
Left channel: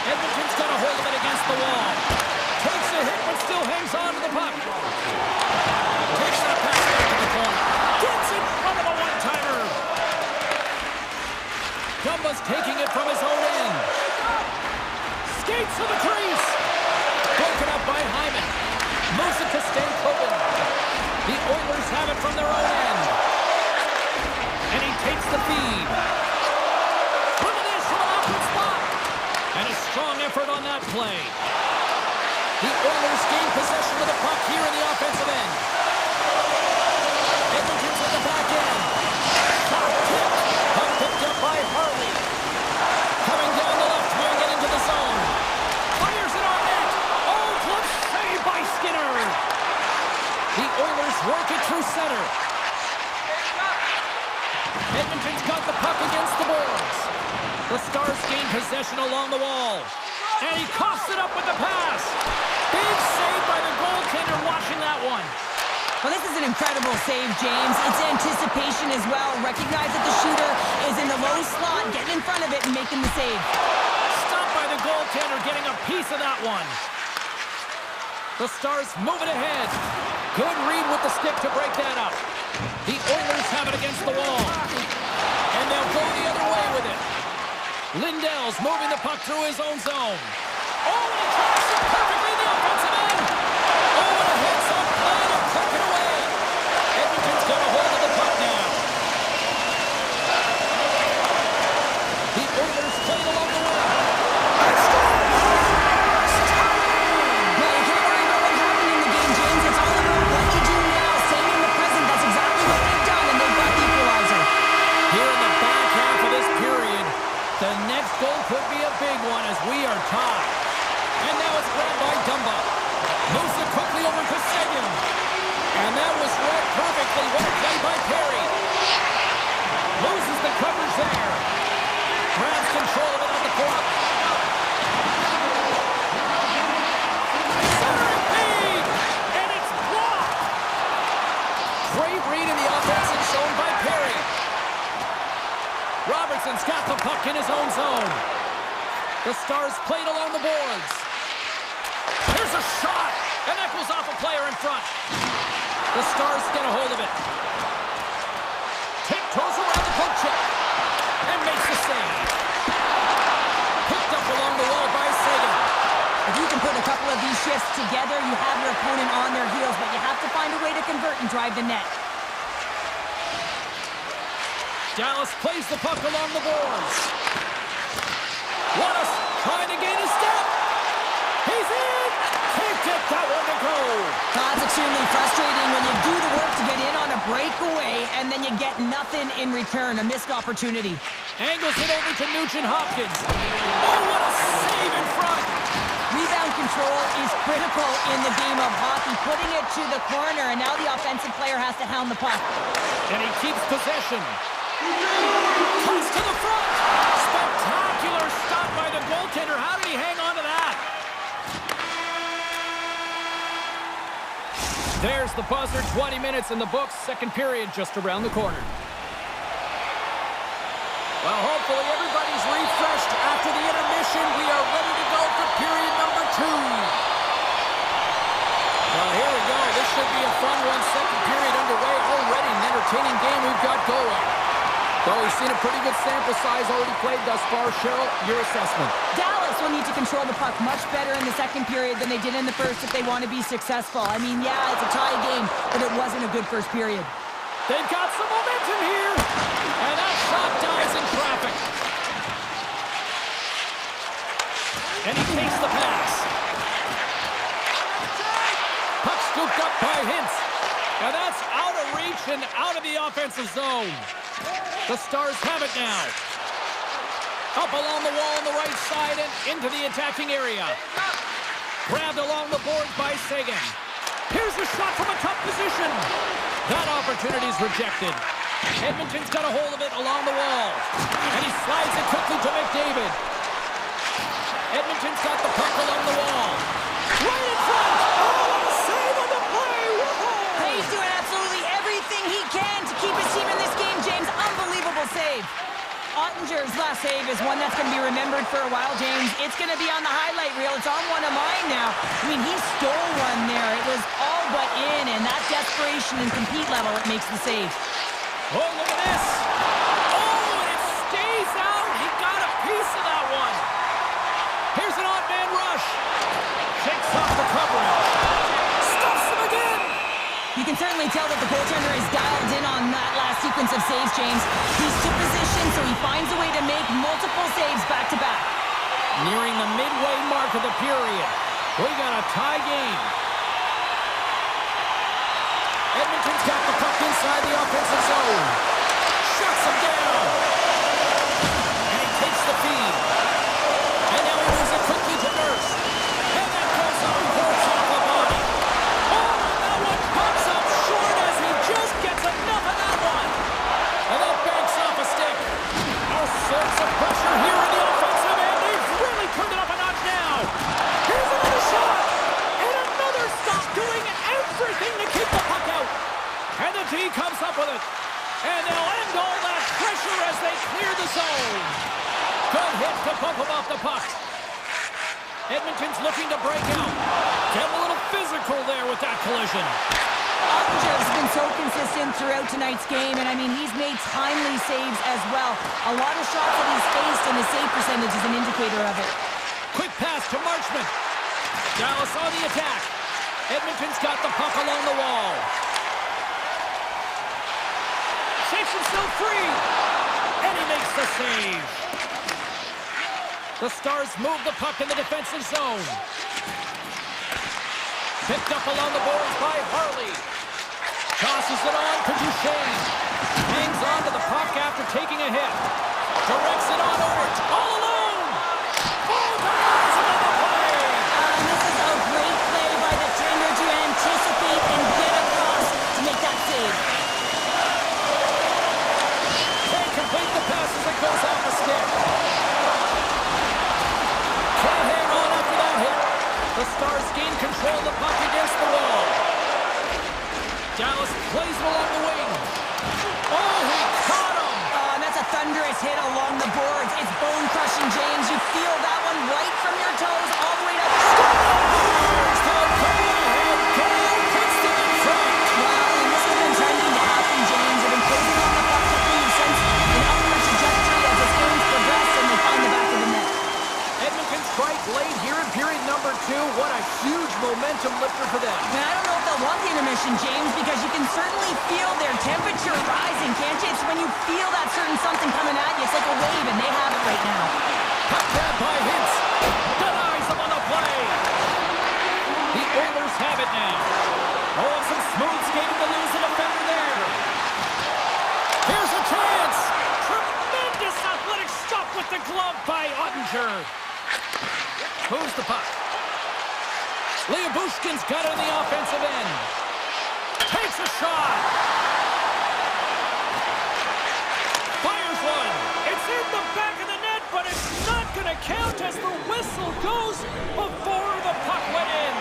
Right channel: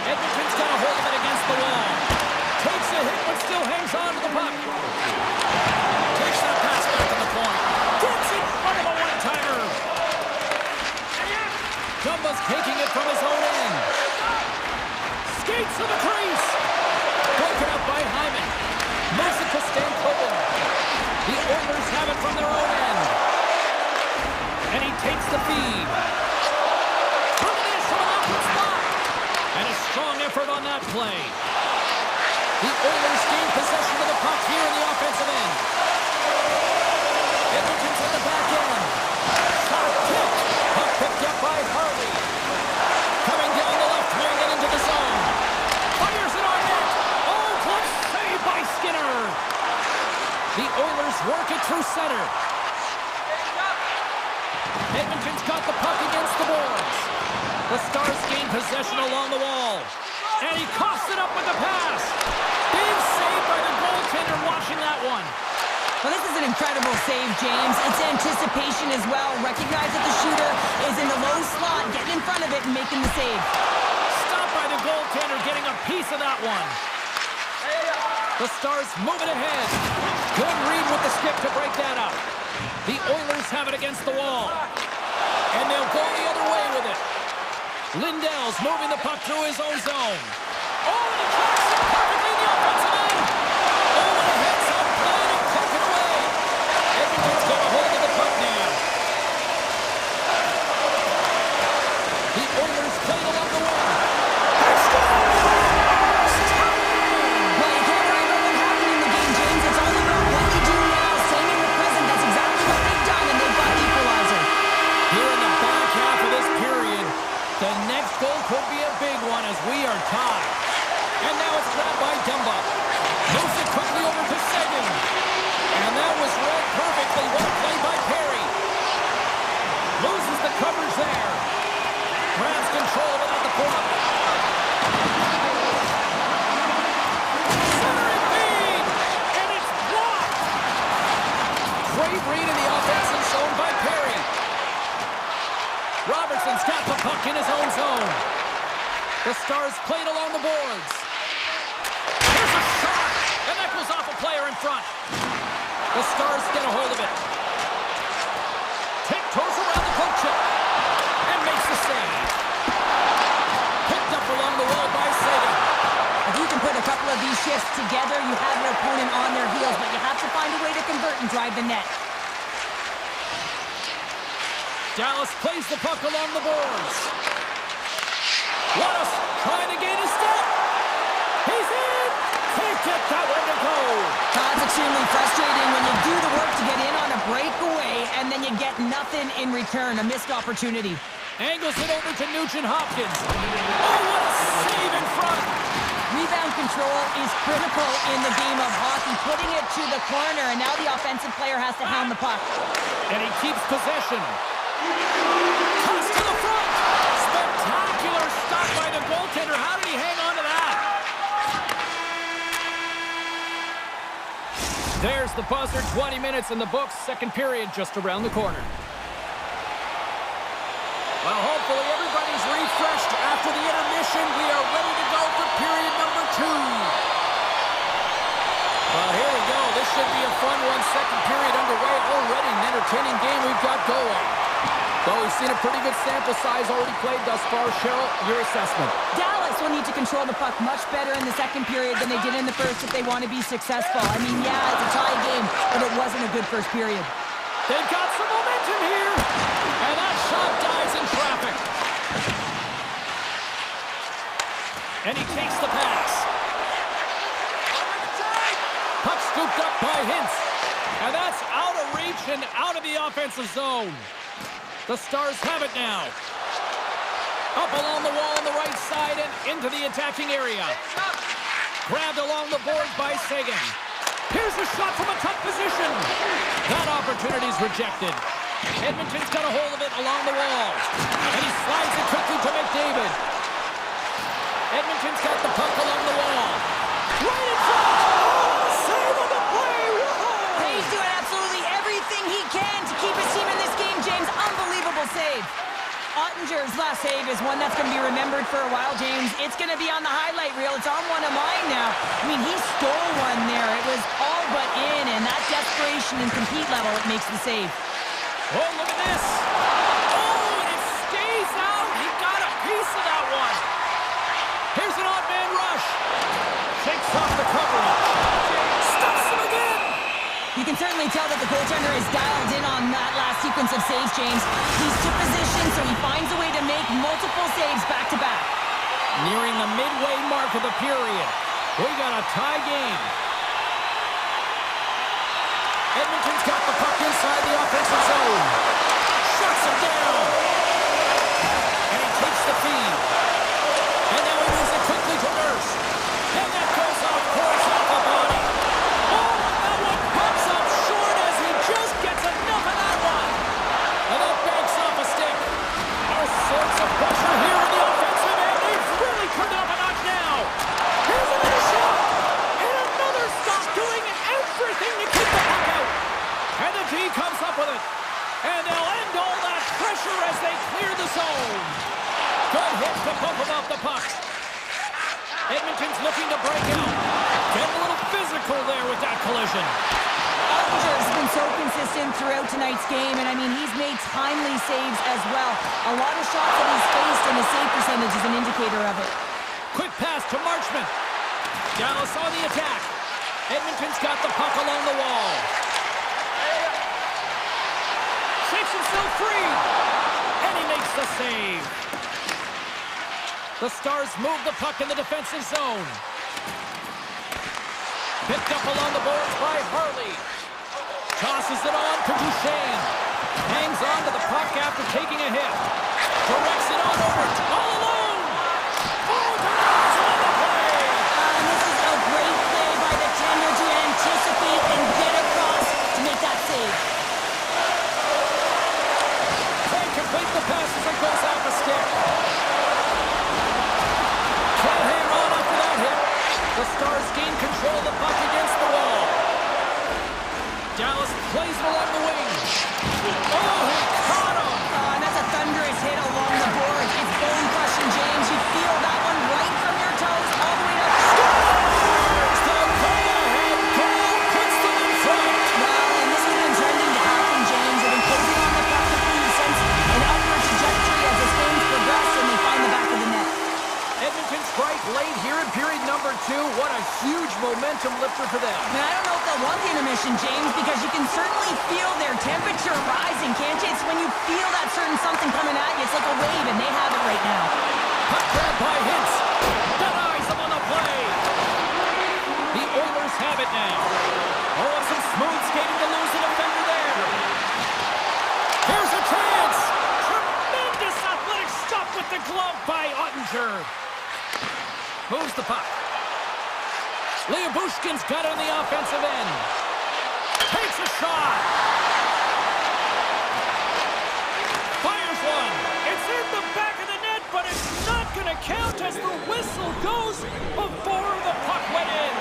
Edmonton's got a hold of it against the wall. Takes a hit, but still hangs on to the puck. Takes that pass back to the point. Gets in front of a one-timer. Dumba's taking it from his own end. Skates to the crease. Broken up by Hyman. Moves it to Stankoven. The Oilers have it from their own end. And he takes the feed. Look at this from an awkward spot. And a strong effort on that play. The Oilers gain possession of the puck here in the offensive end. Edmonton's at the back end. Shot tipped. Puck picked up by Harley. Coming down the left wing and into the zone. Fires it on net. Oh, close save by Skinner. The Oilers work it through center. Edmonton's got the puck against the boards. The Stars gain possession along the wall. And he coughs it up with the pass. Big save by the goaltender watching that one. Well, this is an incredible save, James. It's anticipation as well. Recognize that the shooter is in the low slot, getting in front of it and making the save. Stopped by the goaltender, getting a piece of that one. The Stars moving ahead. Good read with the stick to break that up. The Oilers have it against the wall. And they'll go the other way with it. Lindell's moving the puck through his own zone. Oh, and he tracks it perfectly in the offensive end. Oh, and a heads-up play to poke it away. Edmonton's got a hold of the puck now. The Oilers played along the wing. They score! Well, you can't worry about what happened in the game, James. It's all about what you do now. Staying in the present, that's exactly what they've done, and they've got the equalizer. Here in the back half of this period, the next goal could be a big one as we are tied. And now it's grabbed by Dumba. Moves it quickly over to Seguin. And that was read perfectly. What a play by Perry. Loses the coverage there. Grabs control of it on the point. Centering feed! And it's blocked! Great read in the offensive zone by Perry. Robertson's got the puck in his own zone. The Stars played along the boards. Here's a shot, and that goes off a player in front. The Stars get a hold of it. Tiptoes around the poke check and makes the save. Picked up along the wall by Seguin. If you can put a couple of these shifts together, you have your opponent on their heels, but you have to find a way to convert and drive the net. Dallas plays the puck along the boards. Wallace trying to gain a step. He's in! Can't get that one to go. That's extremely frustrating when you do the work to get in on a breakaway and then you get nothing in return, a missed opportunity. Angles it over to Nugent-Hopkins. Oh, what a save in front. Rebound control is critical in the game of hockey, putting it to the corner, and now the offensive player has to hound the puck. And he keeps possession. Toss to the front. Spectacular stop by the goaltender. How did he hang on to that? There's the buzzer. 20 minutes in the books. Second period just around the corner. Well, hopefully everybody's refreshed after the intermission. We are ready to go for period number 2. Well, here we go. this should be a fun one. Second period underway already. An entertaining game we've got going. Well, we've seen a pretty good sample size already played thus far. Cheryl, your assessment. Dallas will need to control the puck much better in the second period than they did in the first if they want to be successful. I mean, yeah, it's a tie game, but it wasn't a good first period. They've got some momentum here. And that shot dies in traffic. And he takes the pass. Puck scooped up by Hintz. And that's out of reach and out of the offensive zone. The Stars have it now. Up along the wall on the right side and into the attacking area. Grabbed along the boards by Sagan. Here's a shot from a tough position. That opportunity's rejected. Edmonton's got a hold of it along the wall. And he slides it quickly to McDavid. Edmonton's got the puck along the wall. Right in front! Oh, what a save on the play! Whoa! He's doing absolutely everything he can to keep his team in this game, James. Unbelievable save. Ottinger's last save is one that's going to be remembered for a while, James. It's going to be on the highlight reel. It's on one of mine now. I mean, he stole one there. It was all but in, and that desperation and compete level, it makes the save. Oh, look at this. Oh, and it stays out. He got a piece of that one. Here's an odd man rush. Shakes off the coverage. Stuffs him again. You can certainly tell that the goaltender is dialed in on that last sequence of saves, James. He's to position, so he finds a way to make multiple saves back-to-back. Nearing the midway mark of the period. We got a tie game. Edmonton's got the puck inside the offensive zone. Shuts him down. And he takes the feed. And now he moves it quickly to Nurse. And that goes off course off the body. Oh, and that one pops up short as he just gets enough of that one. And that banks off a stick. All sorts of pressure here in the offensive end. They've really turned it up a notch now. Here's another shot. And another stop doing everything to keep the puck out. And the D comes up with it. And they'll end all that pressure as they clear the zone. Good hit to bump him off the puck. Edmonton's looking to break out. Getting a little physical there with that collision. Ottinger's been so consistent throughout tonight's game, and I mean, he's made timely saves as well. A lot of shots that he's faced, and his save percentage is an indicator of it. Quick pass to Marchment. Dallas on the attack. Edmonton's got the puck along the wall. Shakes himself free. And he makes the save. The Stars move the puck in the defensive zone. Picked up along the boards by Harley. Tosses it on to Duchesne. Hangs on to the puck after taking a hit. Directs it on over. All alone. Oh, denies him on the play. This is a great play by the tender to anticipate and get across to make that save. Can't complete the pass as it goes off a stick. Can't hang on after that hit. The Stars gain control of the puck against the wall. Dallas plays it along the wing. Oh, he caught him. And that's a thunderous hit along the boards. It's bone-crushing, James. You feel that one right from your toes all the way up. Scores! The go-ahead goal puts them in front. Well, and this has been trending to happen, James. They've been closing on the puck quickly. You sense an upward trajectory as this game's progressed, and they find the back of the net. Edmonton strike late here in period number 2. What a huge momentum lifter for them. Man, I don't know if they'll want the intermission, James, because you can certainly feel their temperature rising, can't you? It's when you feel that certain something coming at you. It's like a wave, and they have it right now. Puck grab by Hintz. Denies them on the play. The Oilers have it now. Oh, and some smooth skating to lose the defender there. Here's a chance. Tremendous athletic stop with the glove by Ottinger. Moves the puck. Liabushkin's got it on the offensive end. Takes a shot. Fires one. It's in the back of the net, but it's not going to count as the whistle goes before the puck went in.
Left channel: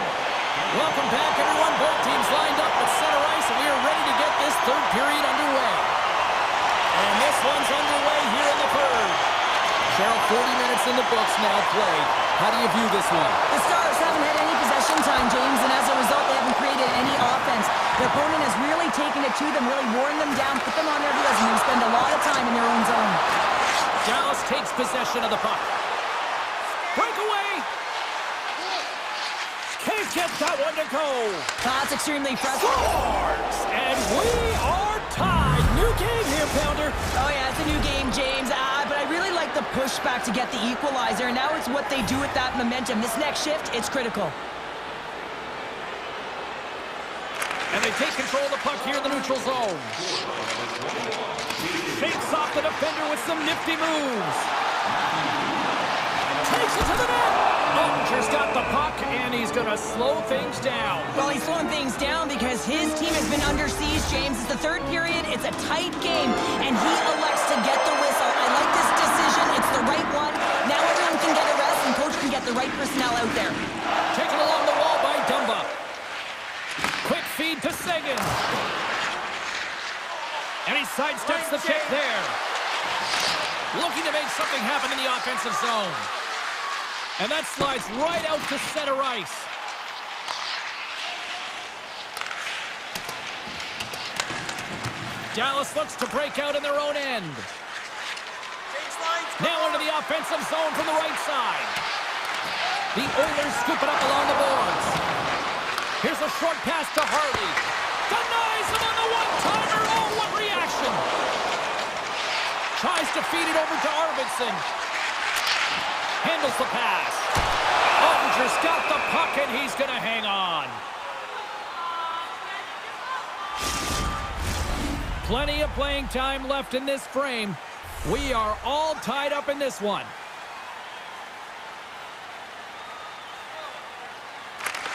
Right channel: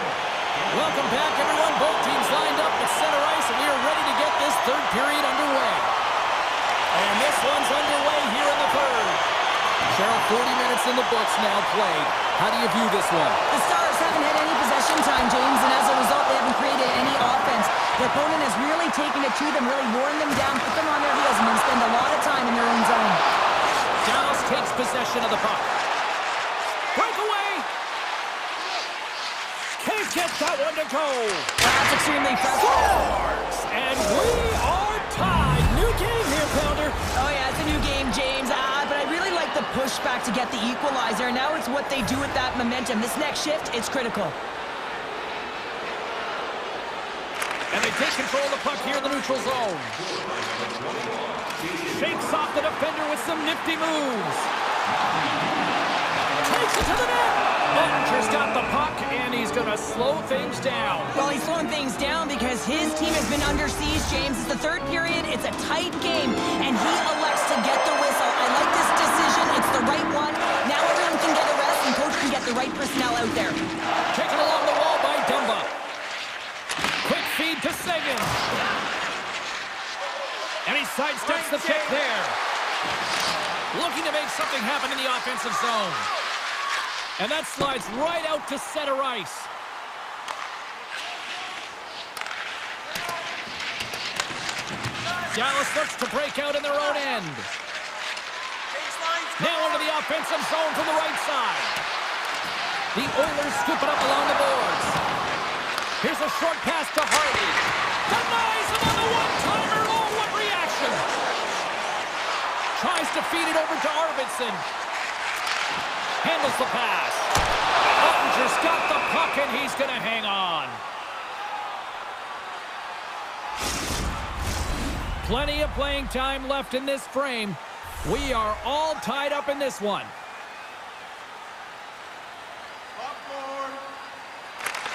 Welcome back, everyone. Both teams lined up at center ice, and we are ready to get this third period underway. And this one's underway here in the third. Cheryl, 40 minutes in the books now played. How do you view this one? The Stars haven't had any possession time, James, and as a result, they haven't created any offense. Their opponent has really taken it to them, really worn them down, put them on their heels, and they spend a lot of time in their own zone. Dallas takes possession of the puck. Breakaway! Can't get that one to go. That's extremely frustrating. Scores! And we are tied. New game here, Pounder. Oh yeah, it's a new game, James. But I really like the pushback to get the equalizer. And now it's what they do with that momentum. This next shift, it's critical. And they take control of the puck here in the neutral zone. Shakes off the defender with some nifty moves. Takes it to the net. Ottinger's got the puck, and he's going to slow things down. Well, he's slowing things down because his team has been under siege, James. It's the third period. It's a tight game, and he elects to get the whistle. I like this decision. It's the right one. Now everyone can get a rest, and coach can get the right personnel out there. Taken along the wall by Dumba. Quick feed to Sagan. And he sidesteps the pick there. Looking to make something happen in the offensive zone. And that slides right out to center ice. Dallas looks to break out in their own end. Now into the offensive zone from the right side. The Oilers scoop it up along the boards. Here's a short pass to Hardy. Denies him on the one-timer. Oh, what reaction! Tries to feed it over to Arvidsson. Handles the pass. Ottinger's got the puck, and he's going to hang on. Plenty of playing time left in this frame. We are all tied up in this one.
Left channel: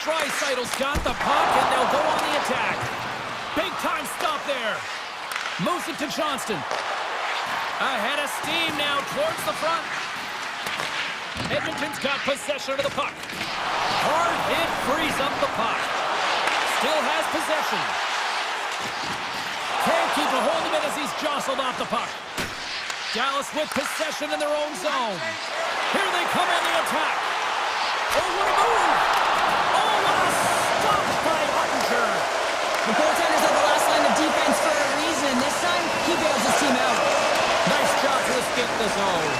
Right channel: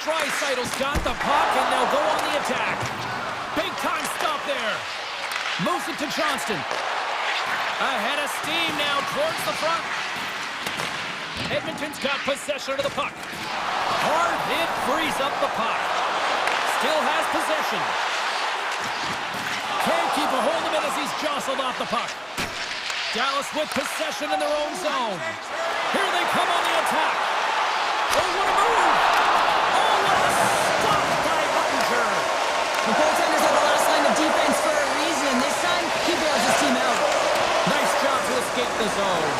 Dreisaitl's got the puck, and they'll go on the attack. Big time stop there. Moves it to Johnston. Ahead of steam now towards the front. Edmonton's got possession of the puck. Hard hit frees up the puck. Still has possession. Can't keep a hold of it as he's jostled off the puck. Dallas with possession in their own zone. Here they come on the attack. Oh, what a move! Oh, what a stop by Ottinger! The goaltenders are the last line of defense for a reason. This time, he bails his team out. Nice job to escape the zone.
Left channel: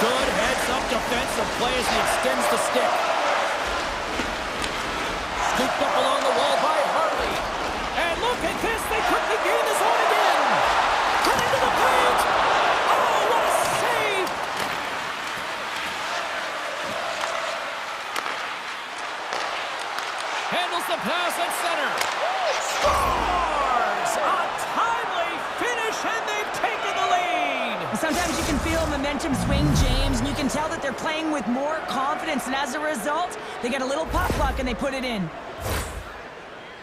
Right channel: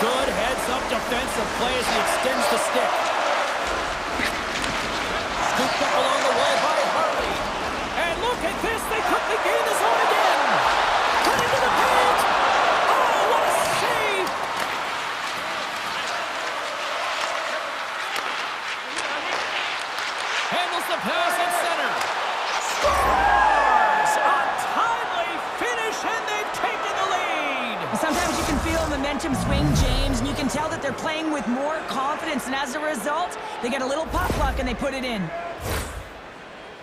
Good heads-up defensive play as he extends the stick. Scooped up along the wall by Harley. And look at this, they quickly gain the zone again. Cut into the paint. Oh, what a save. Handles the pass at center. Scores! A timely finish, and they've taken the lead. Sometimes you can feel momentum swing, James, and you can tell that they're playing with more confidence, and as a result, they get a little puck luck and they put it in.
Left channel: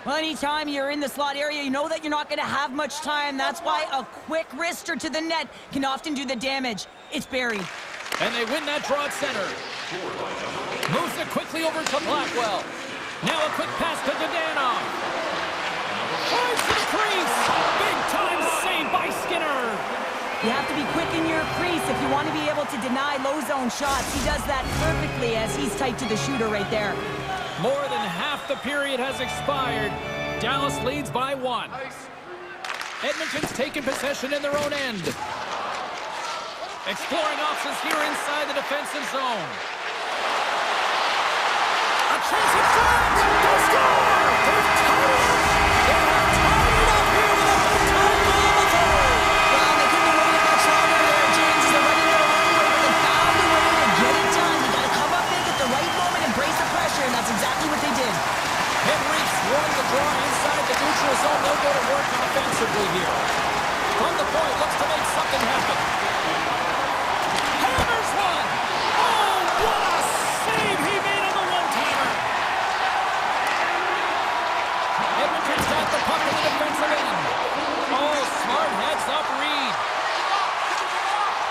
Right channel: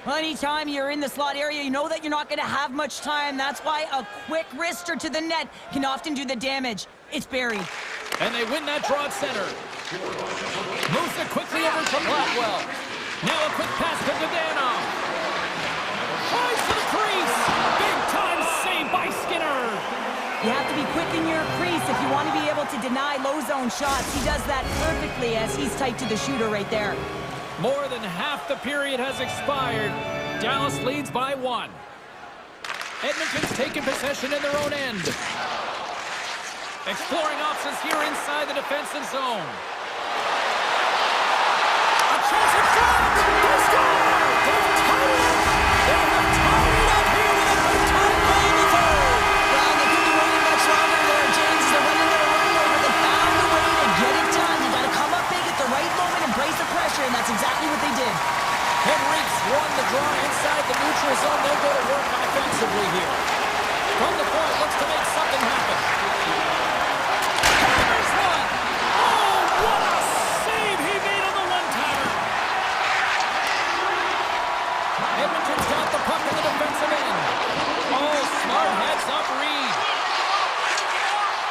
Well, anytime you're in the slot area, you know that you're not going to have much time. That's why a quick wrister to the net can often do the damage. It's buried. And they win that draw at center. Moves it quickly over to Blackwell. Now a quick pass to Dadanoff. Tries to the crease. Big time save by Skinner. You have to be quick in your crease if you want to be able to deny low zone shots. He does that perfectly as he's tight to the shooter right there. More than half the period has expired. Dallas leads by 1. Edmonton's taken possession in their own end. Exploring options here inside the defensive zone. A chance at front! They score! They've tied it up! They have tied it up here with a big-time goal in the third! Well, they couldn't have waited much longer there, James. They're running their own way, but they found a way to get it done. You got to come up big at the right moment and brace the pressure, and that's exactly what they did. Henrique's won the draw inside the neutral zone. They'll go to work offensively here. From the point, looks to make something happen. Hammers one! Oh, what a save he made on the one-timer! Edmonton's got the puck in the defensive end. Oh, smart heads-up read.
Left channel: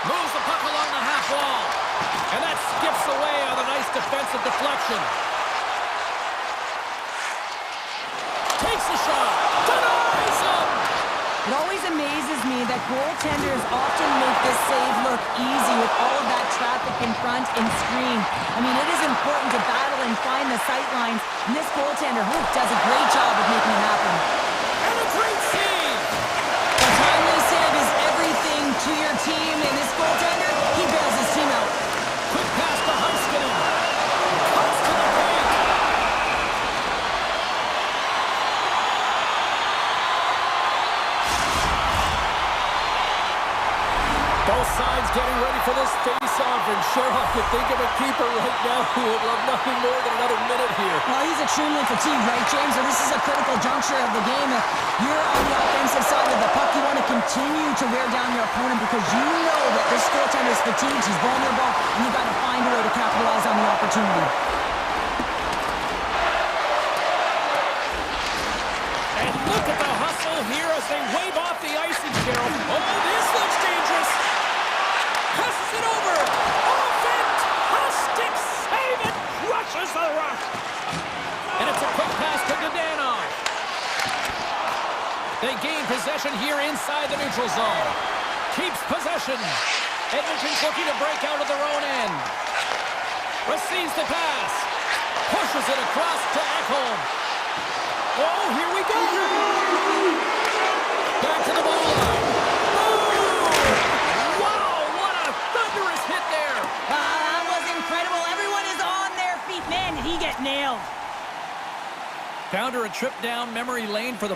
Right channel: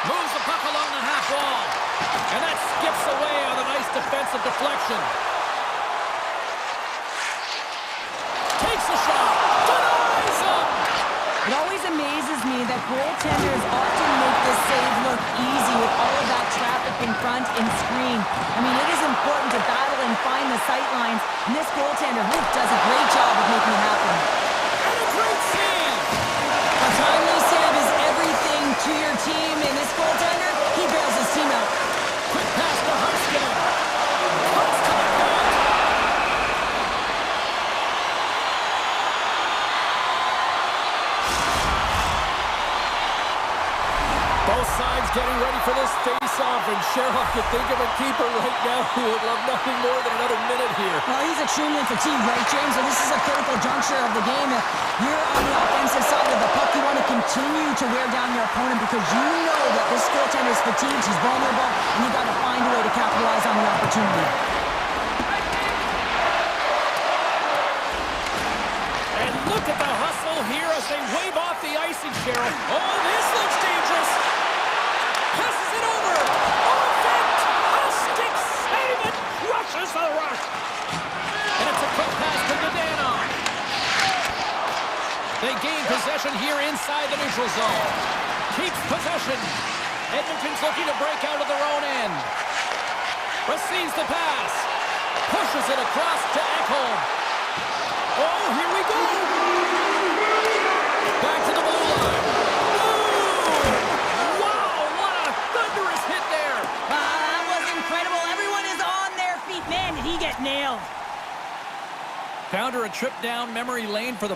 Moves the puck along the half wall. And that skips away on a nice defensive deflection. Takes the shot. Denies him. It always amazes me that goaltenders often make this save look easy with all of that traffic in front and screen. I mean, it is important to battle and find the sight lines, and this goaltender does a great job of making it happen. And a great save! A timely save is everything to your team, and this goaltender, he bails his team out. Quick pass to Heiskanen. Cuts to the paint. Both sides getting ready for this face-off, and Sherlock could think of a keeper right now who would love nothing more than another minute here. Well, he's extremely fatigued, right, James? So this is a critical juncture of the game. If you're on the offensive side of the puck, you want to continue to wear down your opponent because you know that this goaltender is fatigued, he's vulnerable, and you got to find a way to capitalize on the opportunity. And look at the hustle here as they wave off the icing, Cheryl. Oh, this looks dangerous. Passes it over. Oh, fantastic save. It crushes the rush. And it's a quick pass to Dadonov. They gain possession here inside the neutral zone. Keeps possession. Edmonton's looking to break out of their own end. Receives the pass. Pushes it across to Ekholm. Oh, here we go. Back to the goal line. Boom! Wow, what a thunderous hit there. That was incredible. Everyone is on their feet. Man, did he get nailed. Found her a trip down memory lane for the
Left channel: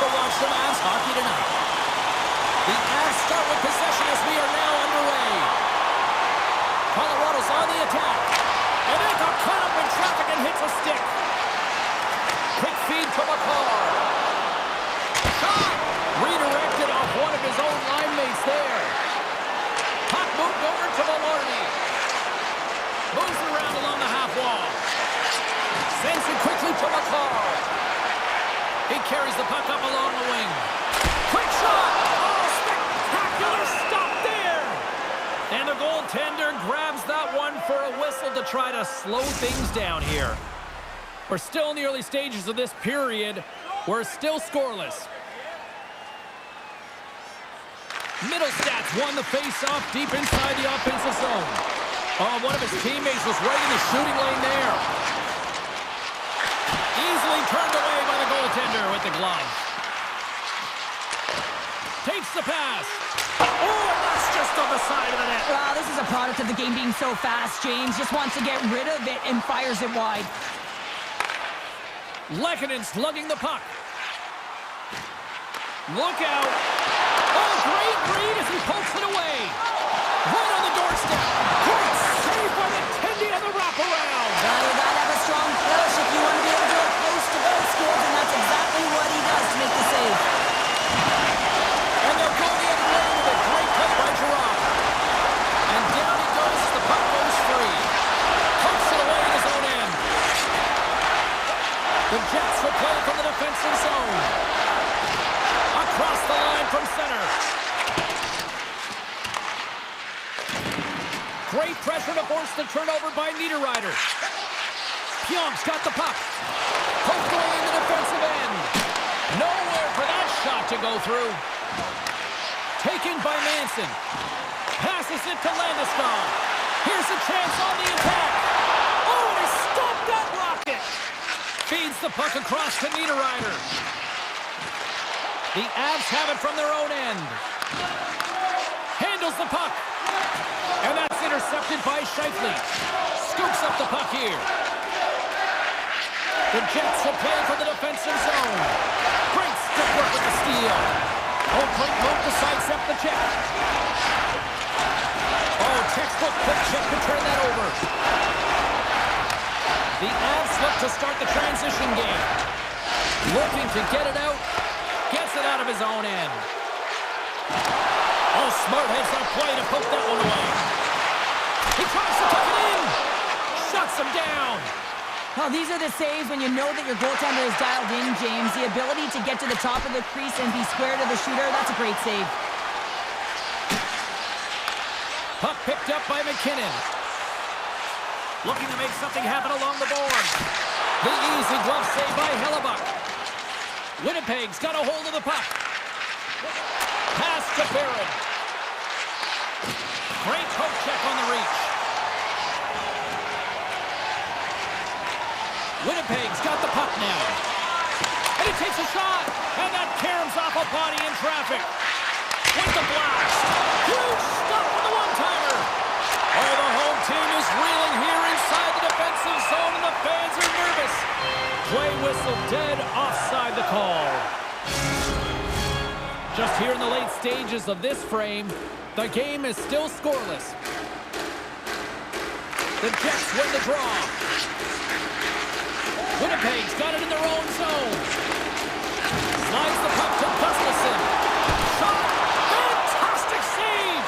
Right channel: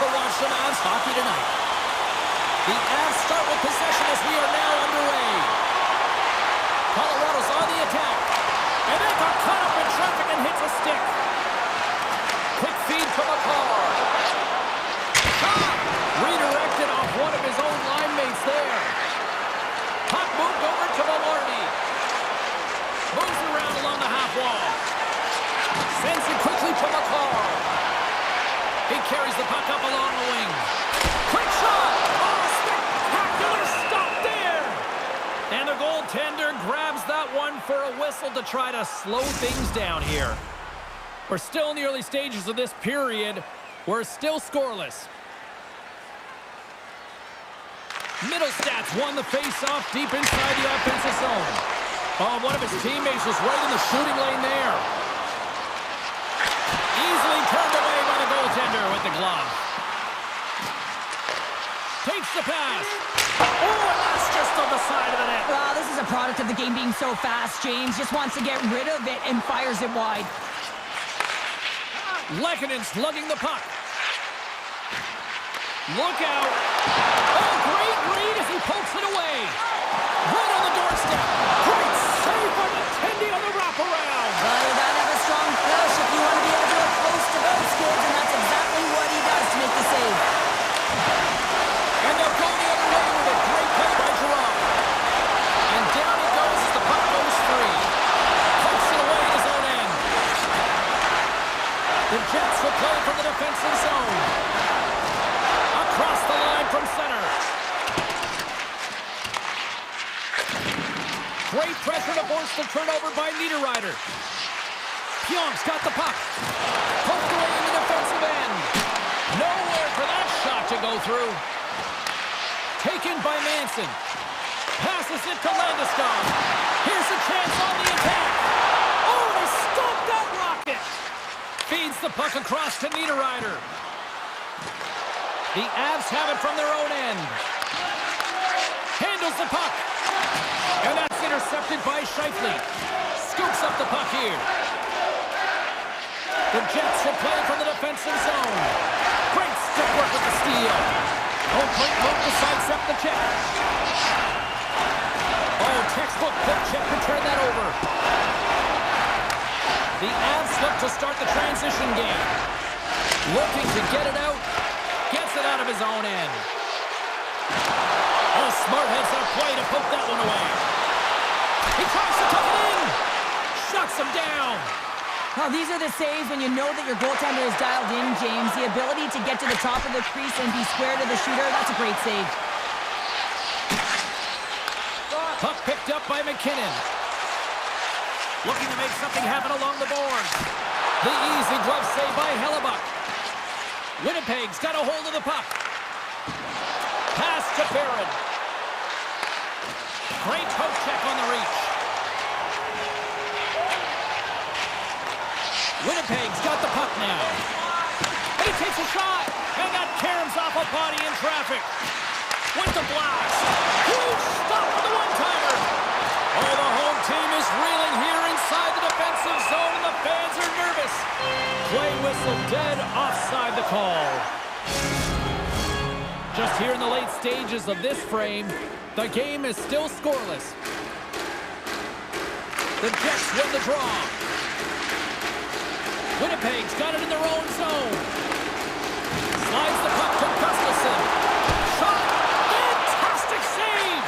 to watch some Avs hockey tonight. The Avs start with possession as we are now underway. Colorado's on the attack. And they got caught up in traffic and hits a stick. Quick feed to McCarr. Shot! Redirected off one of his own line mates there. Puck moved over to Velarde. Moves it around along the half wall. Sends it quickly to McCarr. He carries the puck up along the wing. Quick shot! Oh, spectacular stop there! And the goaltender grabs that one for a whistle to try to slow things down here. We're still in the early stages of this period. We're still scoreless. Middlestats won the face-off deep inside the offensive zone. Oh, one of his teammates was right in the shooting lane there. Easily turned away by the goaltender with the glove. Takes the pass. Oh, and that's just on the side of the net. Wow, this is a product of the game being so fast. James just wants to get rid of it and fires it wide. Lehkonen slugging the puck. Look out. Oh, great read as he pokes it away. Right on the doorstep. Great save by the Tendy on the wraparound. Well, you gotta have a strong push if you want to be able to go close to those kids, and that's exactly what he does to make the save. And they'll go the other way with a great play by Gerard. And down he goes as the puck goes free. Pokes it away in his own end. The Jets will play from the defensive zone. Across the line from center. Great pressure to force the turnover by Niederreiter. Pionk's got the puck. Poked away in the defensive end. Nowhere for that shot to go through. Taken by Manson. Passes it to Landeskog. Here's a chance on the attack. Oh, and he stopped that rocket. Feeds the puck across to Niederreiter. The Avs have it from their own end. Handles the puck. And that's intercepted by Scheifele. Scoops up the puck here. The Jets will play from the defensive zone. Great stick work with the steal. Home plate move to sidestep the check. Oh, textbook quick check to turn that over. The Avs look to start the transition game. Looking to get it out. Gets it out of his own end. Oh, smart heads up play to poke that one away. He tries to tuck it in. Shuts him down. Well, these are the saves when you know that your goaltender is dialed in, James. The ability to get to the top of the crease and be square to the shooter, that's a great save. Puck picked up by McKinnon. Looking to make something happen along the boards. The easy glove save by Hellebuck. Winnipeg's got a hold of the puck. Pass to Barron. Great poke check on the reach. Winnipeg's got the puck now. And he takes a shot. And that caroms off a body in traffic. With the blast. Huge stop for the one-timer. Oh, the home team is reeling here inside the defensive zone, and the fans are nervous. Play whistle dead offside the call. Just here in the late stages of this frame, the game is still scoreless. The Jets win the draw. Winnipeg's got it in their own zone. Slides the puck to Gustafsson. Shot! Fantastic save!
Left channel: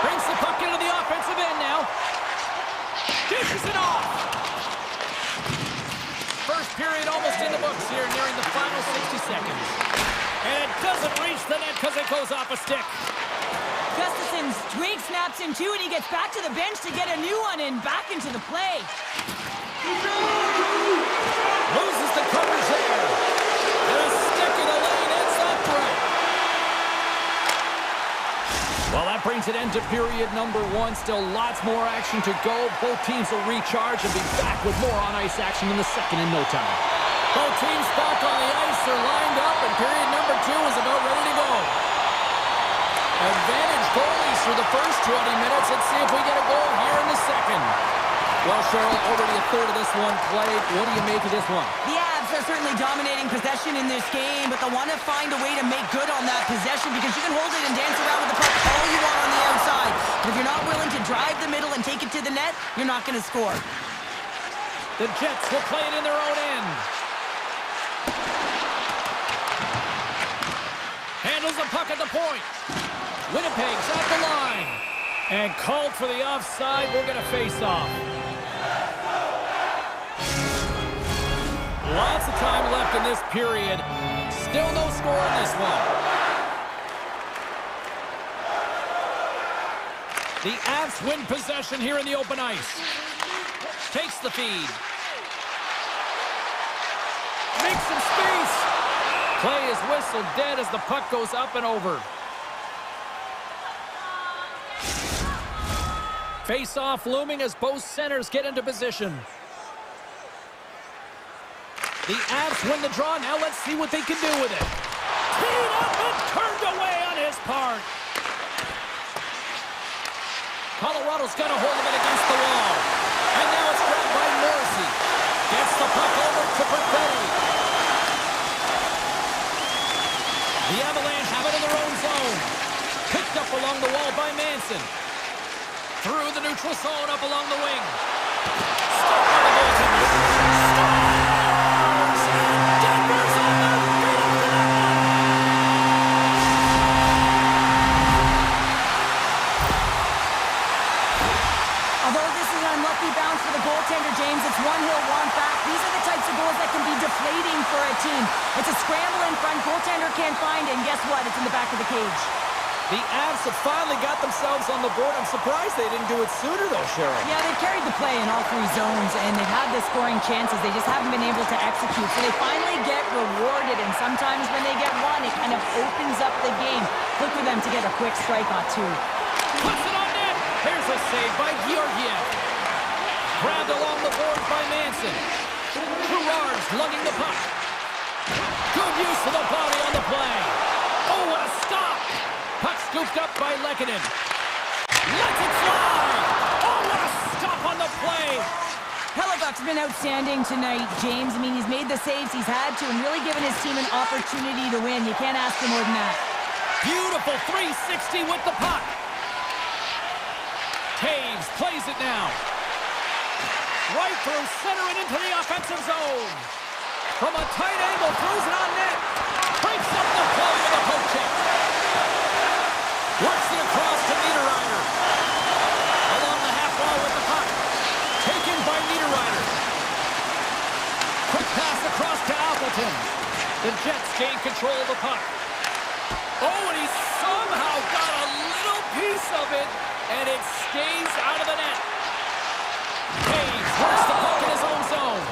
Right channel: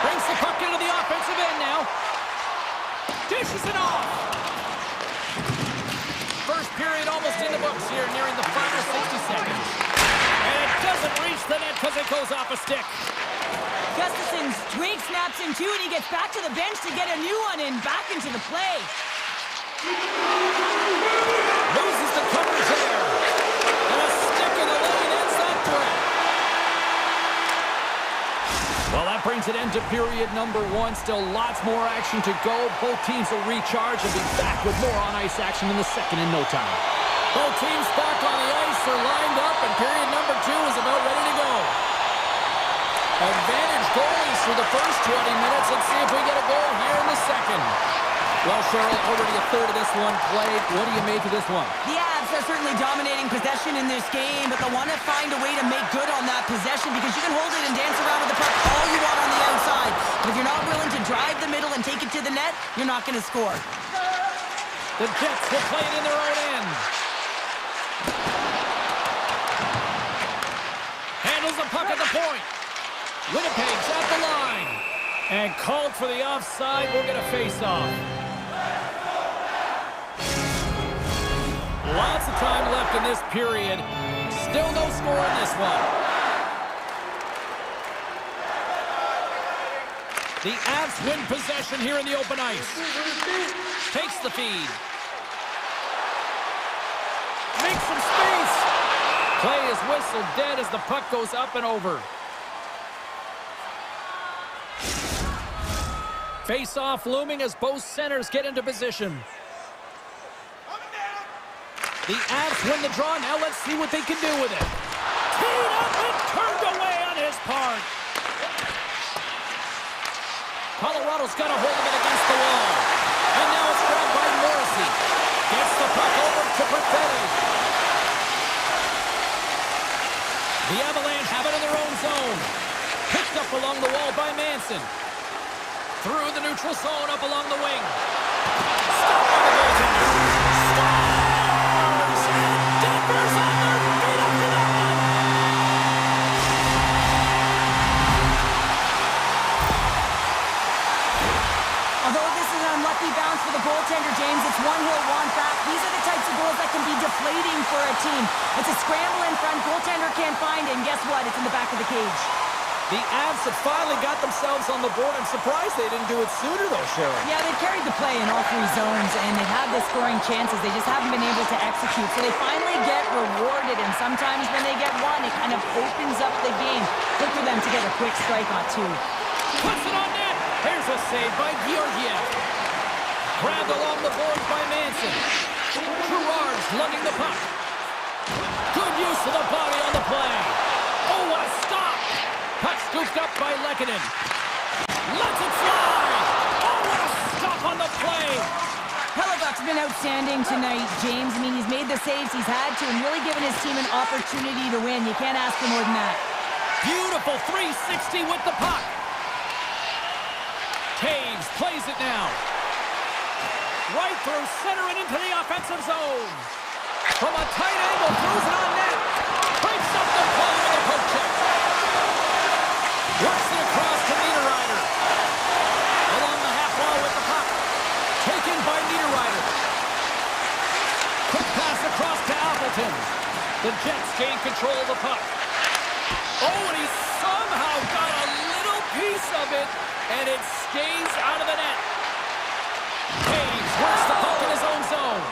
Brings the puck into the offensive end now. Dishes it off. First period almost in the books here, nearing the final 60 seconds. And it doesn't reach the net because it goes off a stick. Gustafsson's twig snaps in two, and he gets back to the bench to get a new one and back into the play. Loses the coverage there. And a stick in the lane ends that threat. Well, that brings an end to period number one. Still lots more action to go. Both teams will recharge and be back with more on-ice action in the second in no time. Both teams back on the ice. They're lined up, and period number two is about ready to go. Advantage goalies through the first 20 minutes. Let's see if we get a goal here in the second. Well, Cheryl, already a third of this one played. What do you make of this one? The Avs are certainly dominating possession in this game, but they'll want to find a way to make good on that possession because you can hold it and dance around with the puck all you want on the outside. But if you're not willing to drive the middle and take it to the net, you're not going to score. The Jets will play it in their own end. Handles the puck at the point. Winnipeg's at the line. And called for the offside. We'll get a face-off. Lots of time left in this period. Still no score in this one. The Avs win possession here in the open ice. Takes the feed. Makes some space. Play is whistled dead as the puck goes up and over. Face-off looming as both centers get into position. The Avs win the draw. Now let's see what they can do with it. Teed up and turned away on his part. Colorado's got a hold of it against the wall. And now it's grabbed by Morrissey. Gets the puck over to Perfetti. The Avalanche have it in their own zone. Picked up along the wall by Manson. Through the neutral zone, up along the wing. Stopped by the goaltender. Scores! And Denver's on their feet after that one. Although this is an unlucky bounce for the goaltender, James, it's one he'll want back. These are the types of goals that can be deflating for a team. It's a scramble in front, goaltender can't find it, and guess what? It's in the back of the cage. The Avs have finally got themselves on the board. I'm surprised they didn't do it sooner, though, Sharon. Yeah, they've carried the play in all three zones, and they've had the scoring chances. They just haven't been able to execute. So they finally get rewarded, and sometimes when they get one, it kind of opens up the game. Look for them to get a quick strike on two. Puts it on net. Here's a save by Georgiev. Grabbed along the boards by Manson. Gerard's lugging the puck. Good use of the body on the play. Oh, what a stop. Puck scooped up by Lehkonen. Lets it fly. Oh, what a stop on the play. Hellebuck's been outstanding tonight, James. I mean, he's made the saves he's had to and really given his team an opportunity to win. You can't ask for more than that. Beautiful 360 with the puck. Taves plays it now. Right through center and into the offensive zone. From a tight angle, throws it on net. Breaks up the play with a poke check. Works it across to Niederreiter. Along the half wall with the puck. Taken by Niederreiter. Quick pass across to Appleton. The Jets gain control of the puck. Oh, and he somehow got a little piece of it, and it stays out of the net. Taves works the puck in his own zone.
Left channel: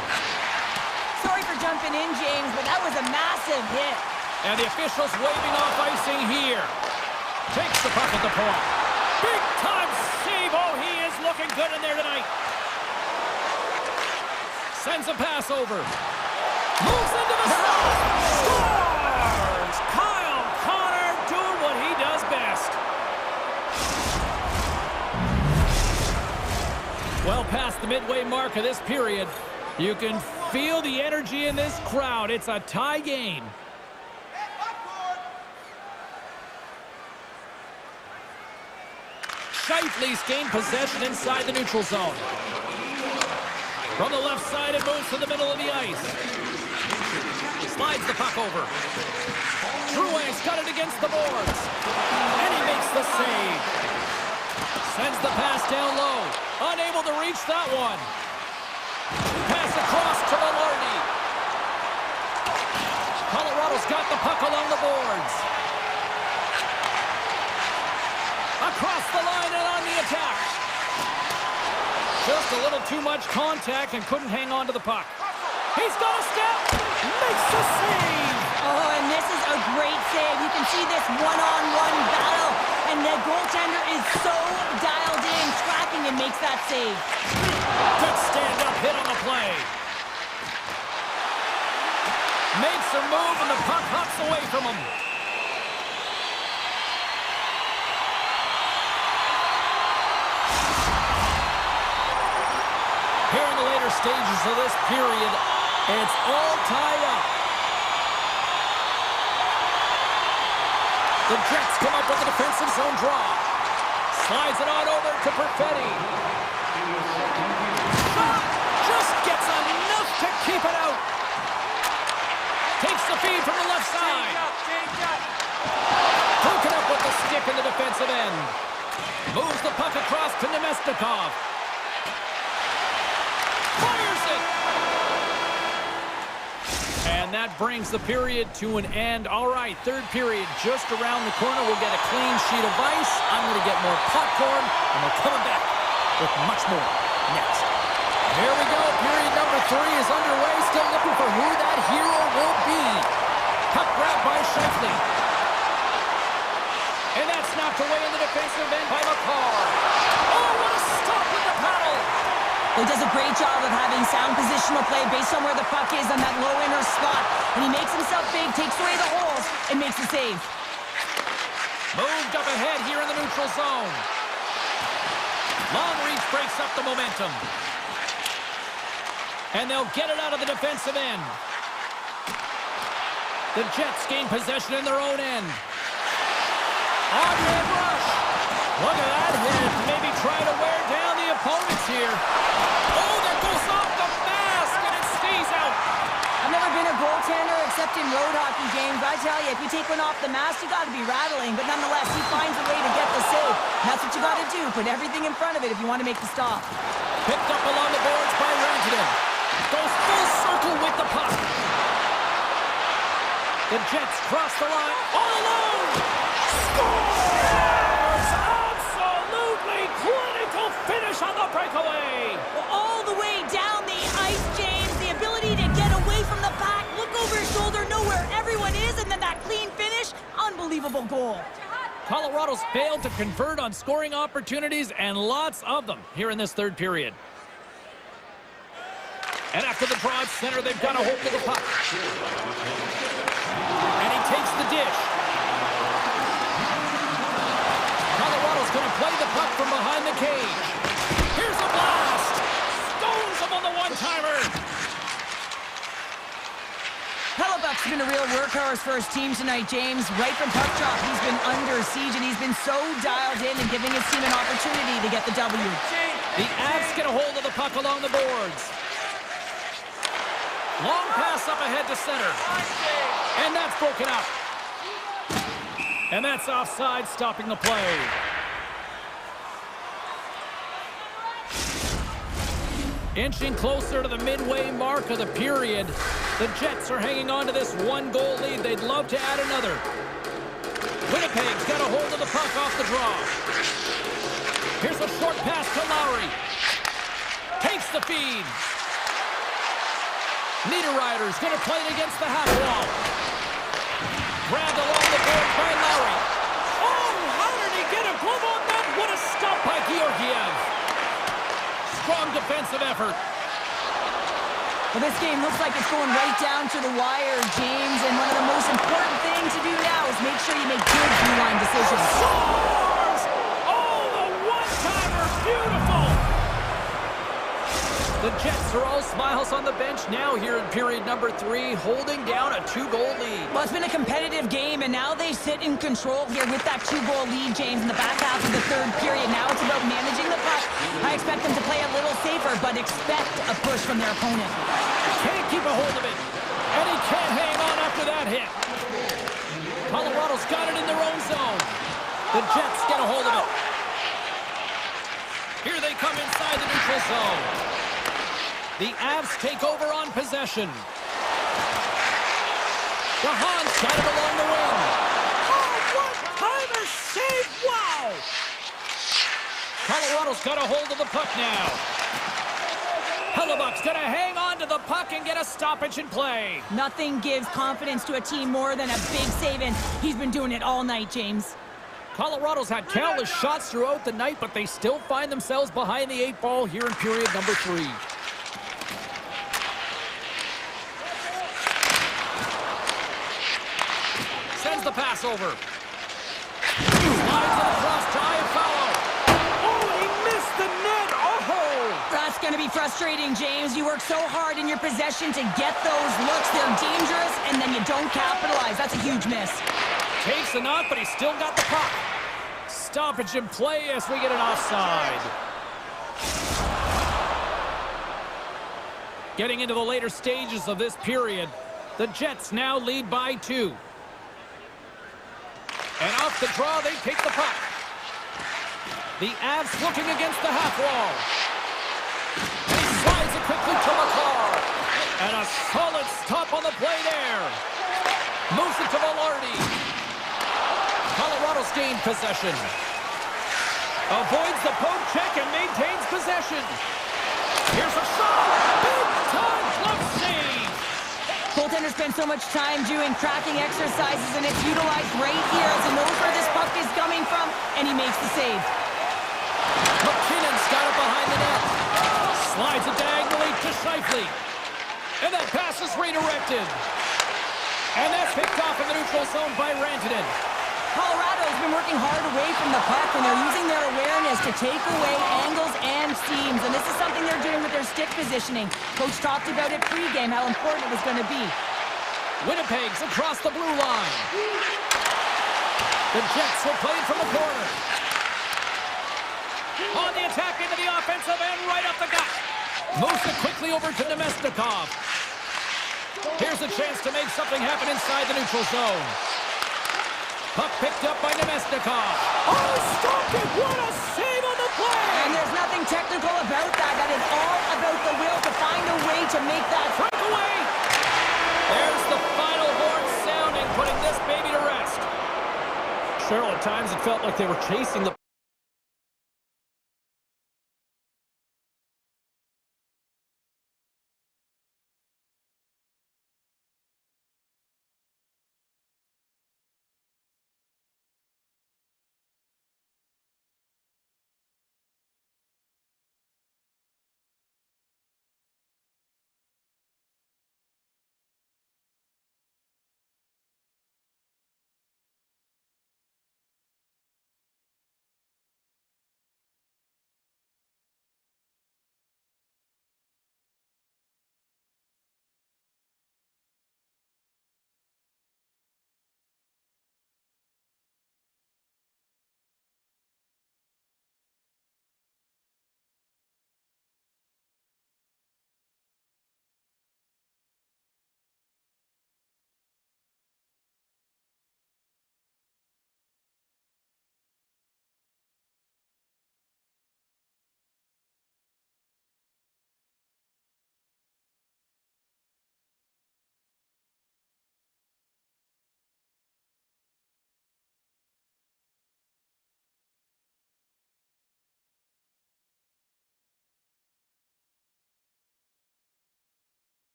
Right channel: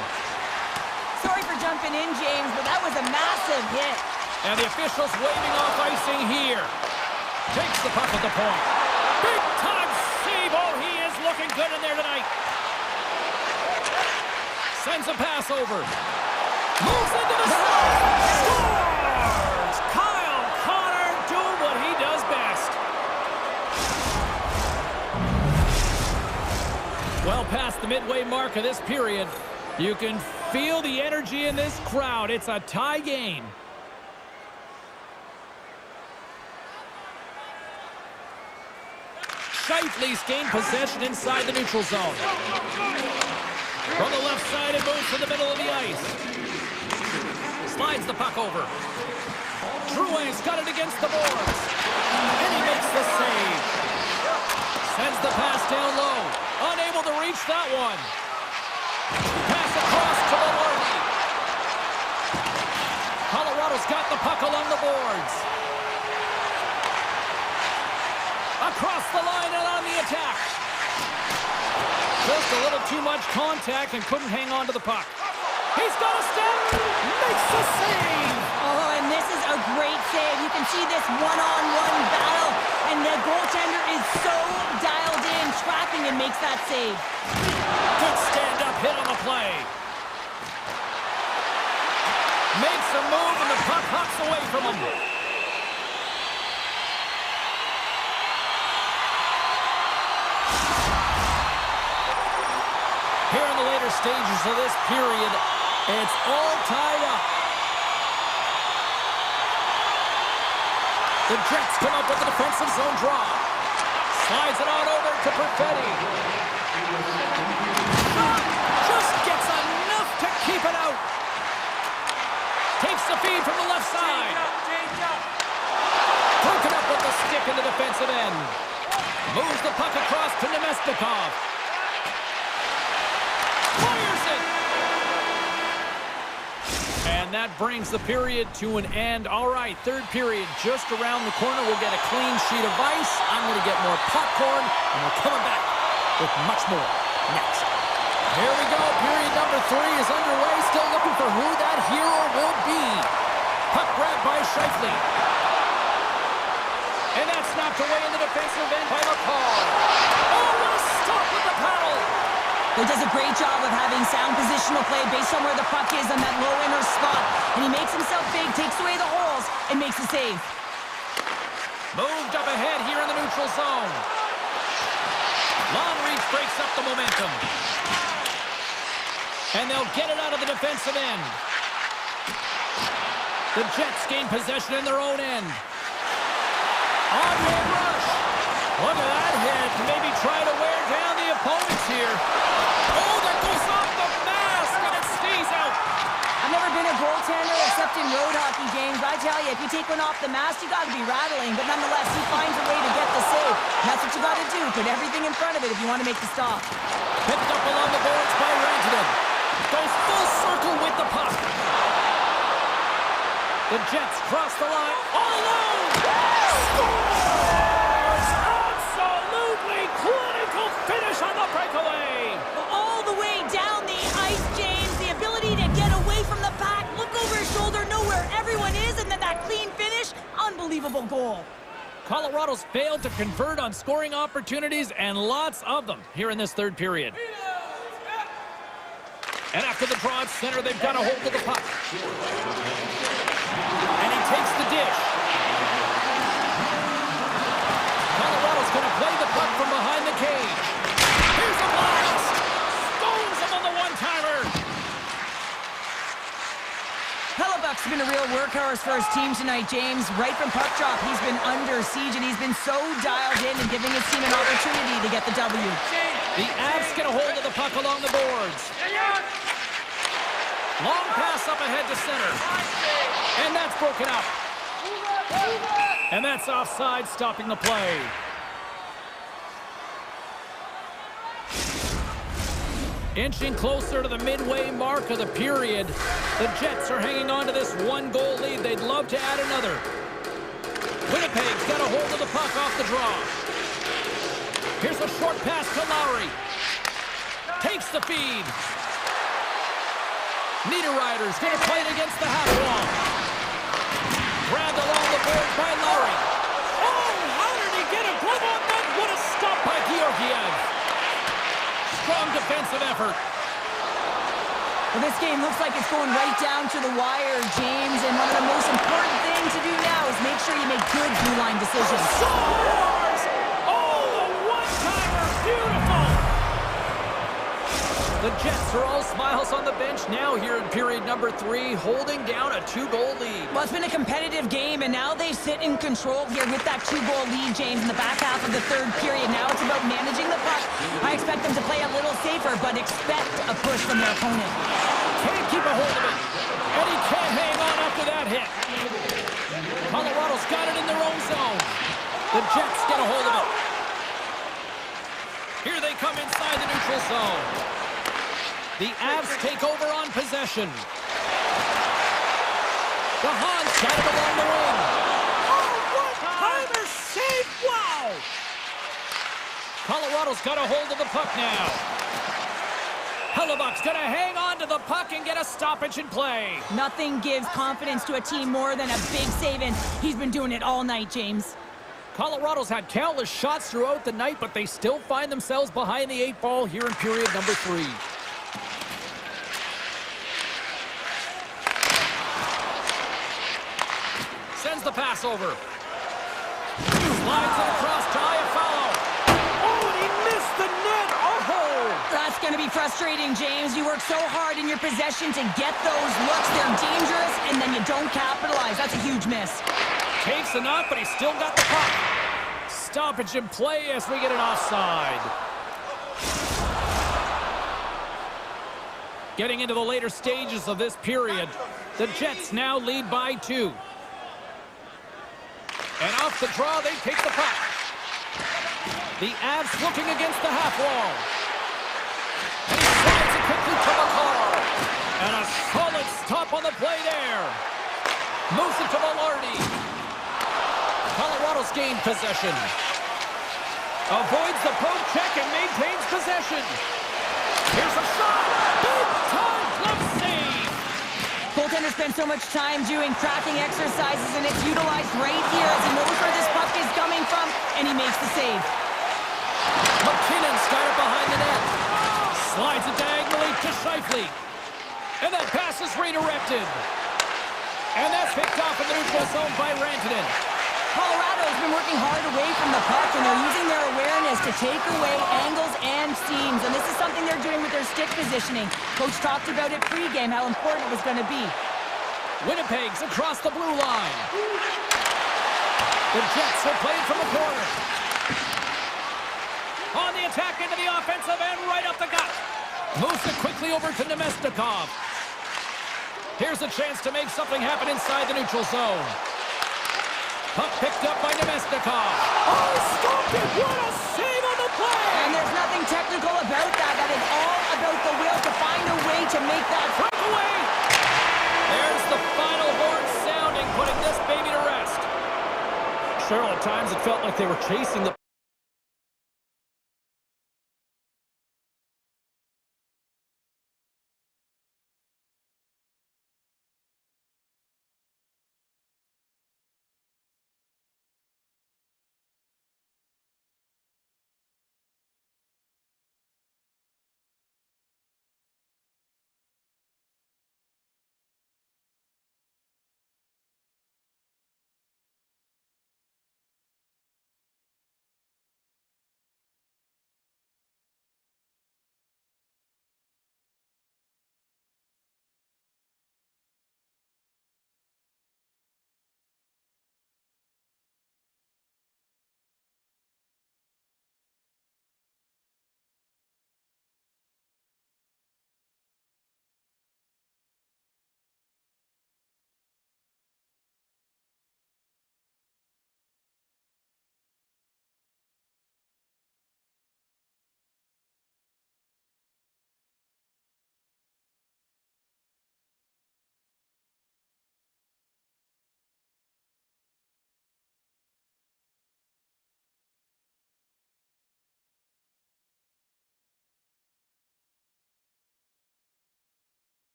Sorry for jumping in, James, but that was a massive hit. And the officials waving off icing here. Takes the puck at the point. Big time save. Oh, he is looking good in there tonight. Sends a pass over. Moves into the zone. Scores! Kyle Connor doing what he does best. Well past the midway mark of this period. You can feel the energy in this crowd. It's a tie game. Scheifele's gained possession inside the neutral zone. From the left side, it moves to the middle of the ice. Slides the puck over. Drouin's got it against the boards. And he makes the save. Sends the pass down low. Unable to reach that one. Pass across to Velarde. Colorado's got the puck along the boards. Across the line and on the attack. Just a little too much contact and couldn't hang on to the puck. He's got a step. Makes the save. Oh, and this is a great save. You can see this one-on-one battle, and the goaltender is so dialed in, tracking, and makes that save. Good stand-up hit on the play. Makes a move, and the puck hops away from him. Here in the later stages of this period, it's all tied up. The Jets come up with a defensive zone draw. Slides it on over to Perfetti. Shot! Just gets enough to keep it out. Takes the feed from the left side. Change up. Broken up with the stick in the defensive end. Moves the puck across to Nemestikov. Fires it! And that brings the period to an end. All right, third period just around the corner. We'll get a clean sheet of ice. I'm going to get more popcorn, and we're coming back with much more next. Here we go. Period number 3 is underway. Still looking for who that hero will be. Puck grab by Scheifele. And that's knocked away in the defensive end by McCall. Oh, what a stop with the paddle! He does a great job of having sound positional play based on where the puck is on that low inner spot. And he makes himself big, takes away the holes, and makes a save. Moved up ahead here in the neutral zone. Long reach breaks up the momentum. And they'll get it out of the defensive end. The Jets gain possession in their own end. On-hand rush. Look at that hit. Maybe try to wear down the opponents here. Oh, that goes off the mask, and it stays out. I've never been a goaltender except in road hockey, James. But I tell you, if you take one off the mask, you got to be rattling. But nonetheless, he finds a way to get the save. That's what you got to do. Put everything in front of it if you want to make the stop. Picked up along the boards by Rantanen. Goes full circle with the puck. The Jets cross the line all alone. Scores! Absolutely clinical finish on the breakaway. Well, all the way down the ice, James. The ability to get away from the back, look over his shoulder, know where everyone is, and then that clean finish. Unbelievable goal. Colorado's failed to convert on scoring opportunities, and lots of them here in this third period. And after the draw at center, they've got a hold of the puck. And he takes the dish. Colorado's going to play the puck from behind the cage. Here's a blast. Stones him on the one-timer. Hellebuck's been a real workhorse for his team tonight, James. Right from puck drop, he's been under siege, and he's been so dialed in and giving his team an opportunity to get the W. The Avs get a hold of the puck along the boards. Long pass up ahead to center. And that's broken up. And that's offside, stopping the play. Inching closer to the midway mark of the period. The Jets are hanging on to this one-goal lead. They'd love to add another. Winnipeg's got a hold of the puck off the draw. Here's a short pass to Lowry. Takes the feed. Niederreiter's going to play it against the half wall. Grabbed along the board by Lowry. Oh, how did he get a glove on that? What a stop by Georgiev. Strong defensive effort. Well, this game looks like it's going right down to the wire, James, and one of the most important things to do now is make sure you make good blue line decisions. Scores! Oh, the one-timer, beautiful! The Jets are all smiles on the bench now here in period number 3, holding down a 2-goal lead. Well, it's been a competitive game, and now they sit in control here with that 2-goal lead, James, in the back half of the third period. Now it's about managing the puck. I expect them to play a little safer, but expect a push from their opponent. Can't keep a hold of it, and he can't hang on after that hit. Colorado's got it in their own zone. The Jets get a hold of it. Here they come inside the neutral zone. The Avs take over on possession. DeHaan's got it along the wing. Oh, one-timer save! Wow! Colorado's got a hold of the puck now. Hellebuck's going to hang on to the puck and get a stoppage in play. Nothing gives confidence to a team more than a big save, and he's been doing it all night, James. Colorado's had countless shots throughout the night, but they still find themselves behind the 8 ball here in period number 3. Sends the pass over. Slides it across to Iafallo. Oh, and he missed the net. Oh! That's going to be frustrating, James. You work so hard in your possession to get those looks. They're dangerous, and then you don't capitalize. That's a huge miss. Takes a knock, but he's still got the puck. Stoppage in play as we get an offside. Getting into the later stages of this period, the Jets now lead by 2. And off the draw, they take the puck. The Avs looking against the half wall. And he slides it quickly to McCarr. And a solid stop on the play there. Moves it to Velarde. Colorado's gained possession. Avoids the poke check and maintains possession. Here's a shot. Big time glove save. Goaltender spends so much time doing tracking exercises, and it's utilized right here as he knows where this puck is coming from, and he makes the save. McKinnon's got it behind the net. Slides it diagonally to Scheifele. And that pass is redirected. And that's picked off in the neutral zone by Rantanen. Colorado's been working hard away from the puck, and they're using their awareness to take away angles and seams. And this is something they're doing with their stick positioning. Coach talked about it pregame, how important it was going to be. Winnipeg's across the blue line. The Jets will play it from the corner. On the attack into the offensive end, right up the gut. Moves it quickly over to Nemestikov. Here's a chance to make something happen inside the neutral zone. Puck picked up by Nemestikov. Oh, stopped it! What a save on the play! And there's nothing technical about that. That is all about the will to find a way to make that breakaway. There's the final horn sounding, putting this baby to rest. Cheryl, at times it felt like they were chasing the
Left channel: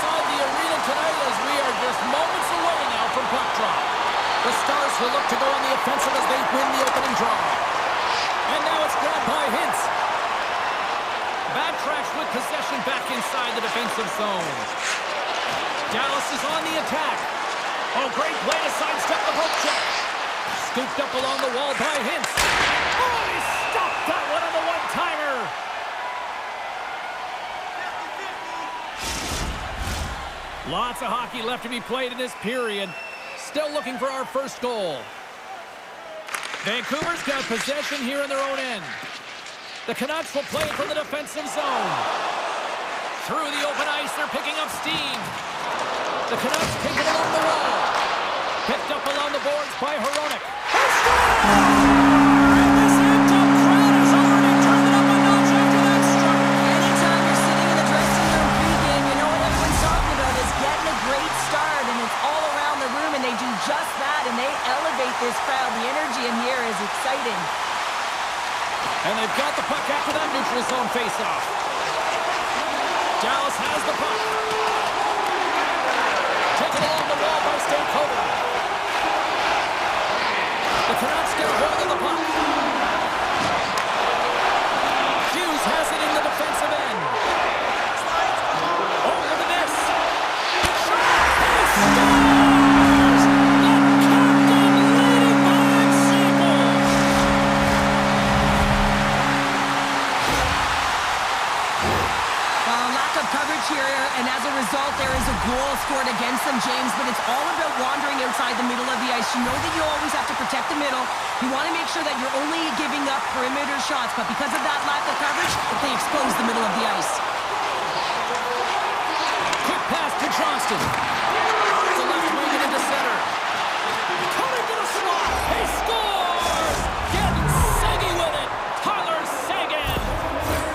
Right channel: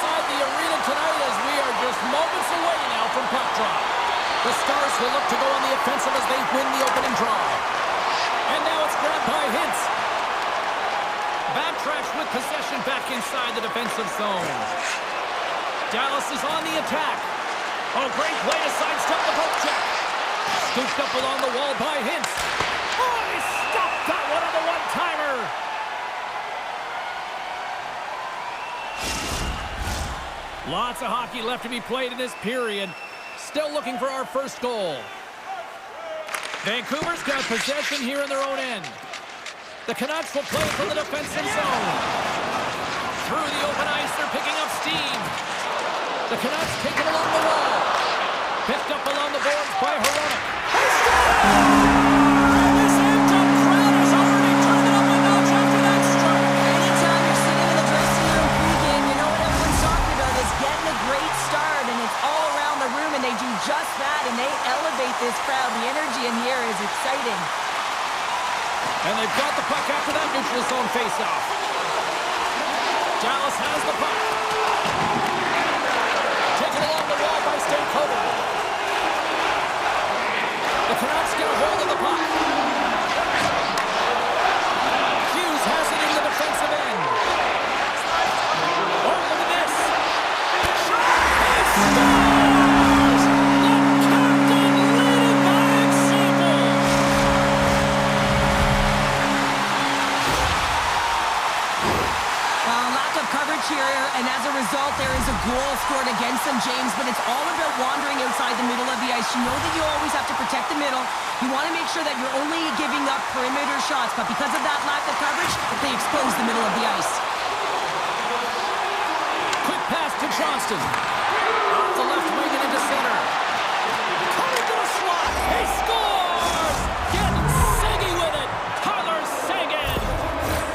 inside the arena tonight as we are just moments away now from puck drop. The Stars will look to go on the offensive as they win the opening draw. And now it's grabbed by Hintz. Backtracks with possession back inside the defensive zone. Dallas is on the attack. Oh, great play to sidestep the poke check. Scooped up along the wall by Hintz. Oh, he stopped that one on the one-timer. Lots of hockey left to be played in this period. Still looking for our first goal. Vancouver's got possession here in their own end. The Canucks will play from the defensive zone. Through the open ice, they're picking up steam. The Canucks take it along the wall. Picked up along the boards by Hronek. They score! And this amped-up crowd has already turned it up a notch after that strike. Anytime you're sitting in the dressing room pregame, you know what everyone's talking about is getting a great start, and it's all around the room, and they do just that, and they elevate this crowd. The energy in here is exciting. And they've got the puck after that neutral zone face-off. Dallas has the puck. Taken along the wall by Stankoven. The Canucks get a hold of the puck. Hughes has it in the defensive end. Oh, look at this. Big shot. He scores! The captain leading by example. Lack of coverage here, and as a result, there is a goal scored against them, James, but it's all about wandering outside the middle of the ice. You know that you always have to protect the middle. You want to make sure that you're only giving up perimeter shots, but because of that lack of coverage, they expose the middle of the ice. Quick pass to Johnston. Off the left wing and into center. Coming to the slot. He scores! Getting Segi with it. Tyler Seguin.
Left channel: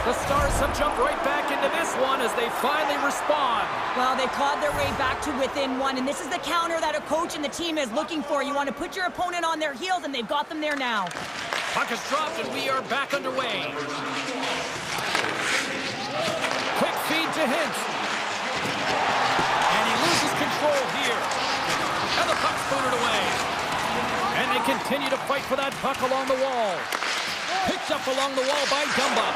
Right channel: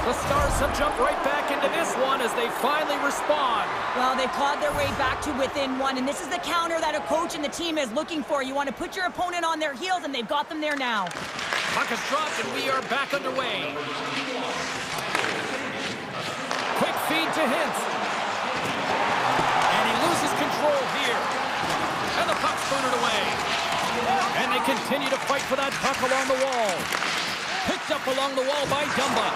The Stars have jumped right back into this one as they finally respond. Well, they clawed their way back to within one, and this is the counter that a coach and the team is looking for. You want to put your opponent on their heels, and they've got them there now. Puck is dropped, and we are back underway. Quick feed to Hintz. And he loses control here. And the puck's booted away. And they continue to fight for that puck along the wall. Picked up along the wall by Dumba.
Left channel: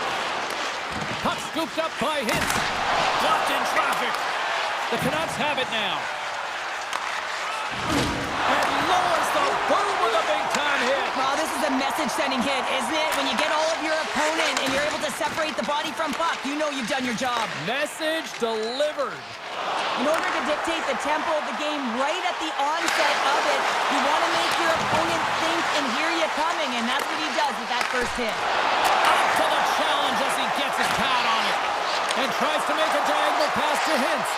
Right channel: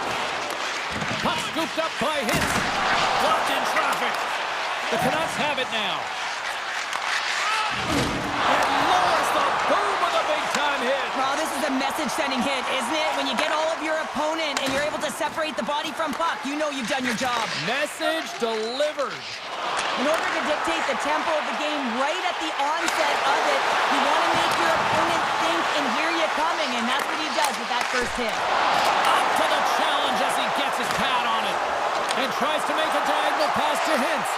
Puck scooped up by Hintz. Blocked in traffic. The Canucks have it now. And lowers the boom with a big-time hit. Well, this is a message-sending hit, isn't it? When you get all of your opponent and you're able to separate the body from puck, you know you've done your job. Message delivered. In order to dictate the tempo of the game right at the onset of it, you want to make your opponent think and hear you coming, and that's what he does with that first hit. Up to the challenge as he gets his pad on it. And tries to make a diagonal pass to Hintz.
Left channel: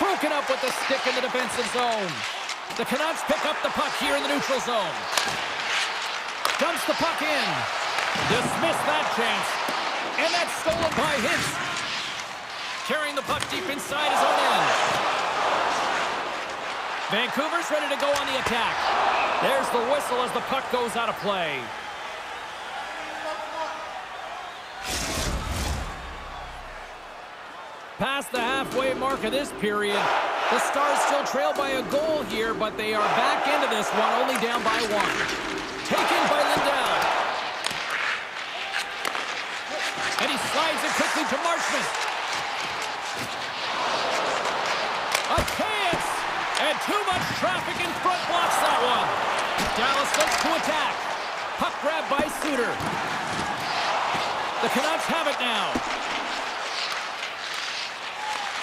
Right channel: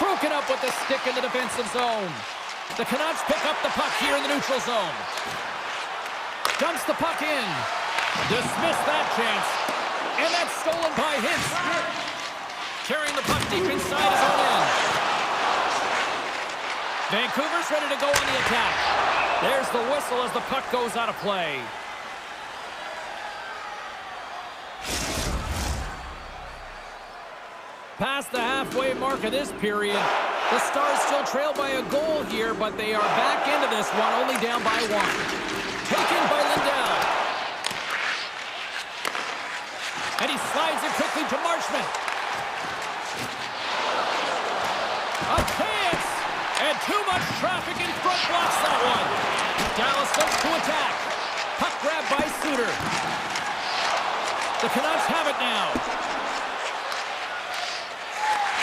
Broken up with the stick in the defensive zone. The Canucks pick up the puck here in the neutral zone. Dumps the puck in. Dismiss that chance. And that's stolen by Hintz. Carrying the puck deep inside his own end. Vancouver's ready to go on the attack. There's the whistle as the puck goes out of play. Past the halfway mark of this period, the Stars still trail by a goal here, but they are back into this one, only down by one. Taken by Lindell. And he slides it quickly to Marchment. A chance! And too much traffic in front blocks that one. Dallas looks to attack. Puck grabbed by Suter. The Canucks have it now.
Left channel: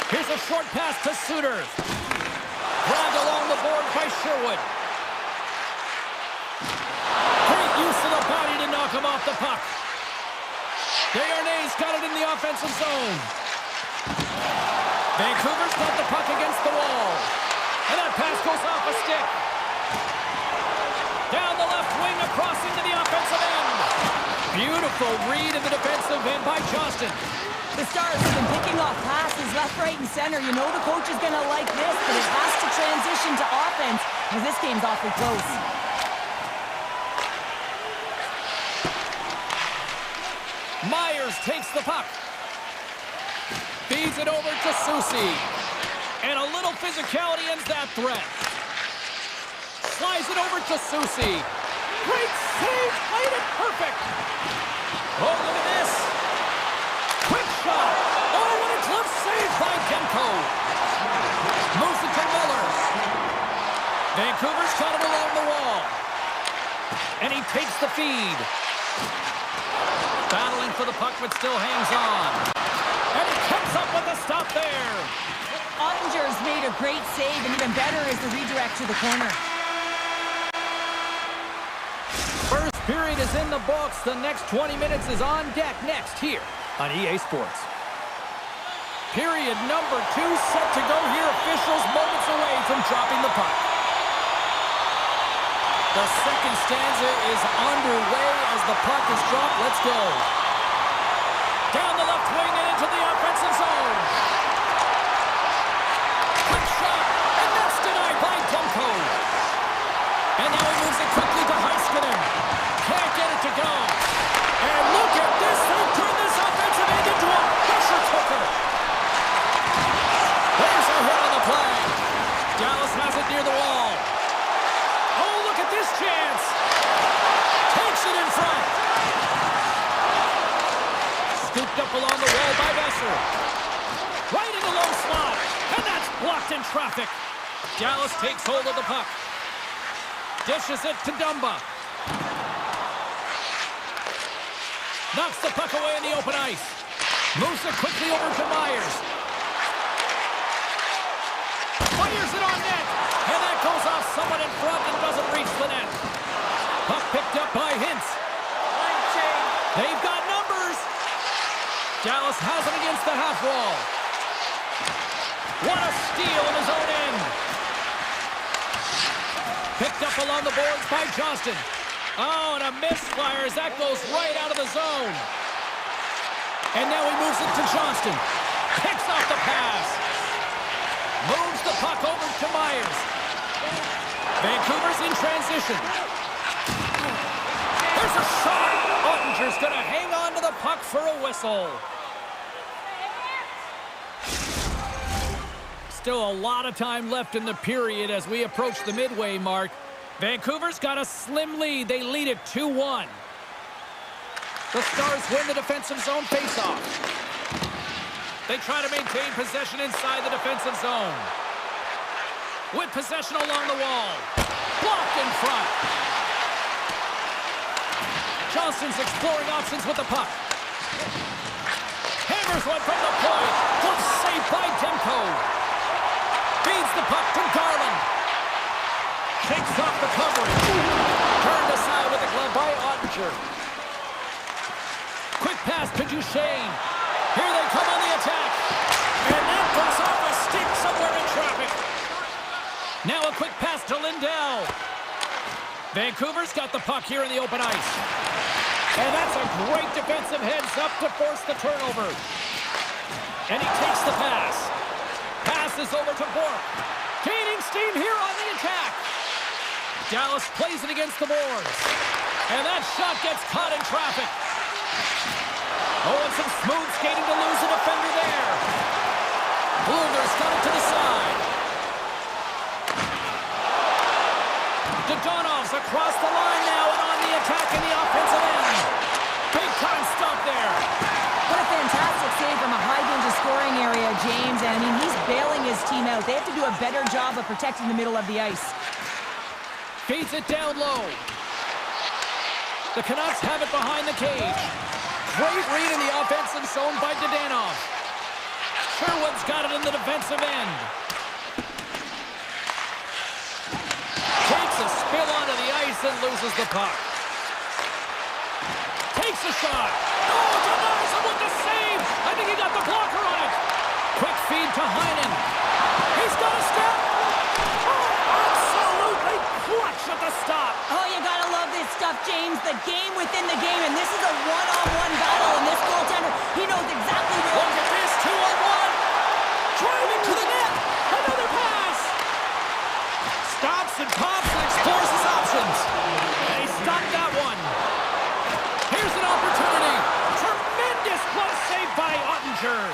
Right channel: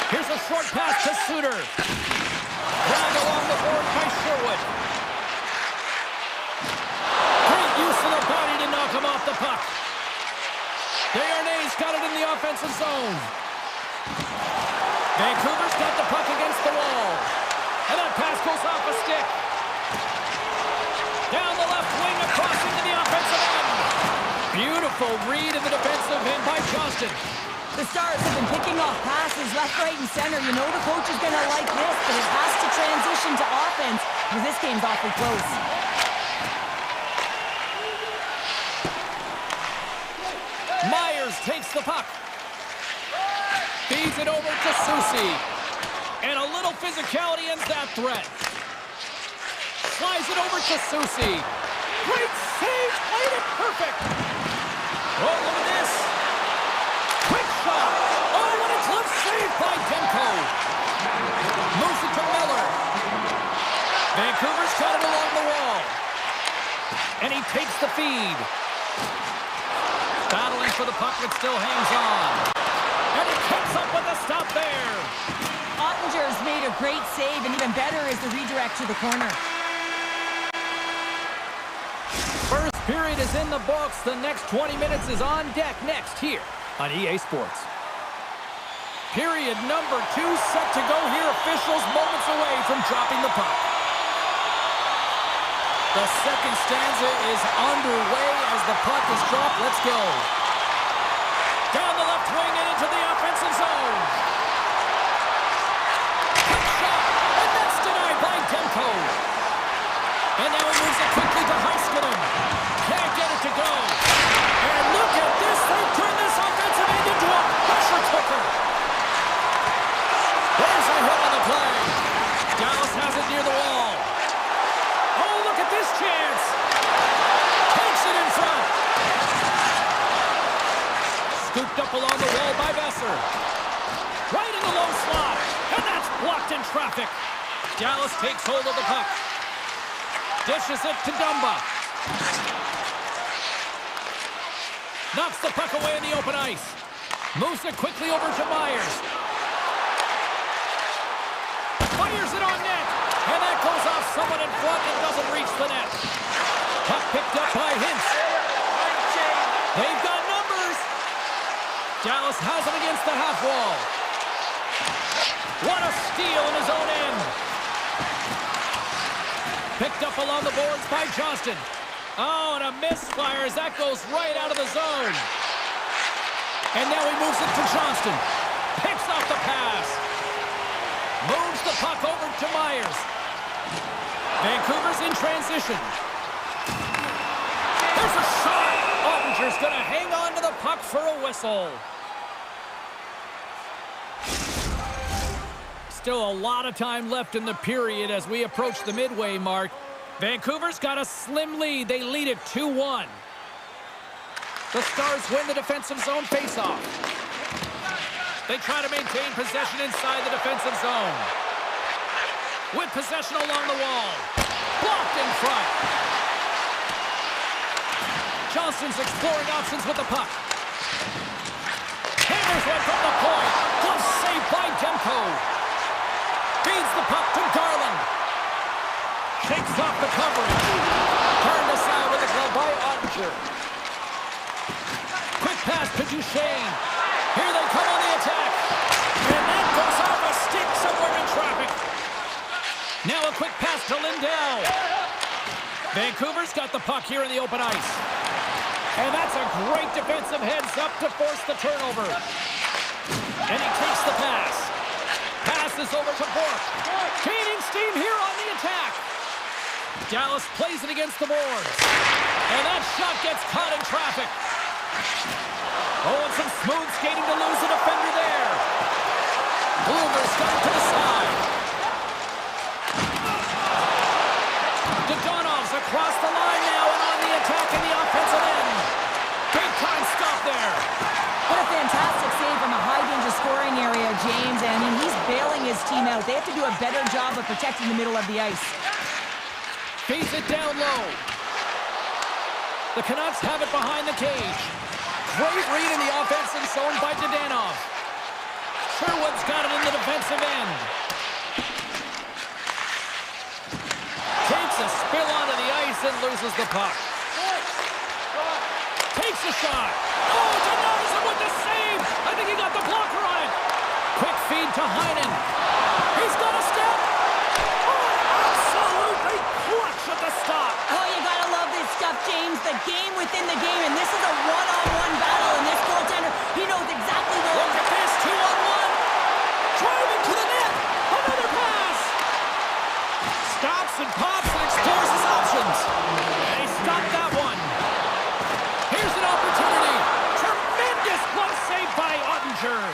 Here's a short pass to Suter. Grabbed along the board by Sherwood. Great use of the body to knock him off the puck. Desharnais got it in the offensive zone. Vancouver's got the puck against the wall. And that pass goes off a stick. Down the left wing across into the offensive end. Beautiful read in the defensive end by Johnston. The Stars have been picking off passes left, right, and center. You know the coach is going to like this, but it has to transition to offense because this game's awfully close. Myers takes the puck. Feeds it over to Susi. And a little physicality ends that threat. Slides it over to Susie. Great save, played it perfect. Oh, look at this. Quick shot. Oh, what a glove save by Demko. Moves it to Miller. Vancouver's got it along the wall. And he takes the feed. Battling for the puck, but still hangs on. And he comes up with a stop there. Ottinger's made a great save, and even better is the redirect to the corner. First period is in the books. The next 20 minutes is on deck next here on EA Sports. Period number 2 set to go here. Officials moments away from dropping the puck. The second stanza is underway as the puck is dropped. Let's go. Down the left wing and into the offensive zone. Quick shot, and that's denied by Demko. And now he moves it quickly to Heiskanen. Can't get it to go. And look at this. They've turned this offensive end into a pressure cooker. There's a hit on the play. Dallas has it near the wall. Oh, look at this chance. Takes it in front. Scooped up along the wall by Besser. Right in the low slot. And that's blocked in traffic. Dallas takes hold of the puck. Dishes it to Dumba. Knocks the puck away in the open ice. Moves it quickly over to Myers. Fires it on net. And that goes off someone in front and doesn't reach the net. Puck picked up by Hintz. They've got numbers. Dallas has it against the half wall. What a steal in his own end. Picked up along the boards by Johnston. Oh, and a misfire as that goes right out of the zone. And now he moves it to Johnston. Picks off the pass. Moves the puck over to Myers. Vancouver's in transition. There's a shot. Ottinger's going to hang on to the puck for a whistle. Still a lot of time left in the period as we approach the midway mark. Vancouver's got a slim lead. They lead it 2-1. The Stars win the defensive zone faceoff. They try to maintain possession inside the defensive zone. With possession along the wall. Blocked in front. Johnston's exploring options with the puck. Hammers one from the point. Glove saved by Demko. Feeds the puck to Garland. Shakes off the coverage. Turned aside with the glove by Ottinger. Quick pass to Duchesne. Here they come on the attack. And that goes off a stick somewhere in traffic. Now a quick pass to Lindell. Vancouver's got the puck here in the open ice. And that's a great defensive heads up to force the turnover. And he takes the pass. Passes over to Bourque. Gaining steam here on the attack. Dallas plays it against the boards. And that shot gets caught in traffic. Oh, and some smooth skating to lose a defender there. Blumer's got it to the side. Dodonov's across the line now and on the attack in the offensive end. Big time stop there. What a fantastic save from a high-danger scoring area, James. And I mean, he's bailing his team out. They have to do a better job of protecting the middle of the ice. Feeds it down low. The Canucks have it behind the cage. Great read in the offensive zone by Dodanov. Sherwood's got it in the defensive end. Takes a spill onto the ice and loses the puck. Takes a shot. Oh, denies him with the save. I think he got the blocker on it. Quick feed to Heinen. He's got a step. Oh, absolutely clutch at the stop. Oh, you gotta love this stuff, James. The game within the game, and this is a one-on-one battle, and this goaltender, he knows exactly where... Look at this, 2-on-1. Driving to the net. Another pass. Stops and pops and explores his options. And he stopped that one. Here's an opportunity. Tremendous glove save by Ottinger.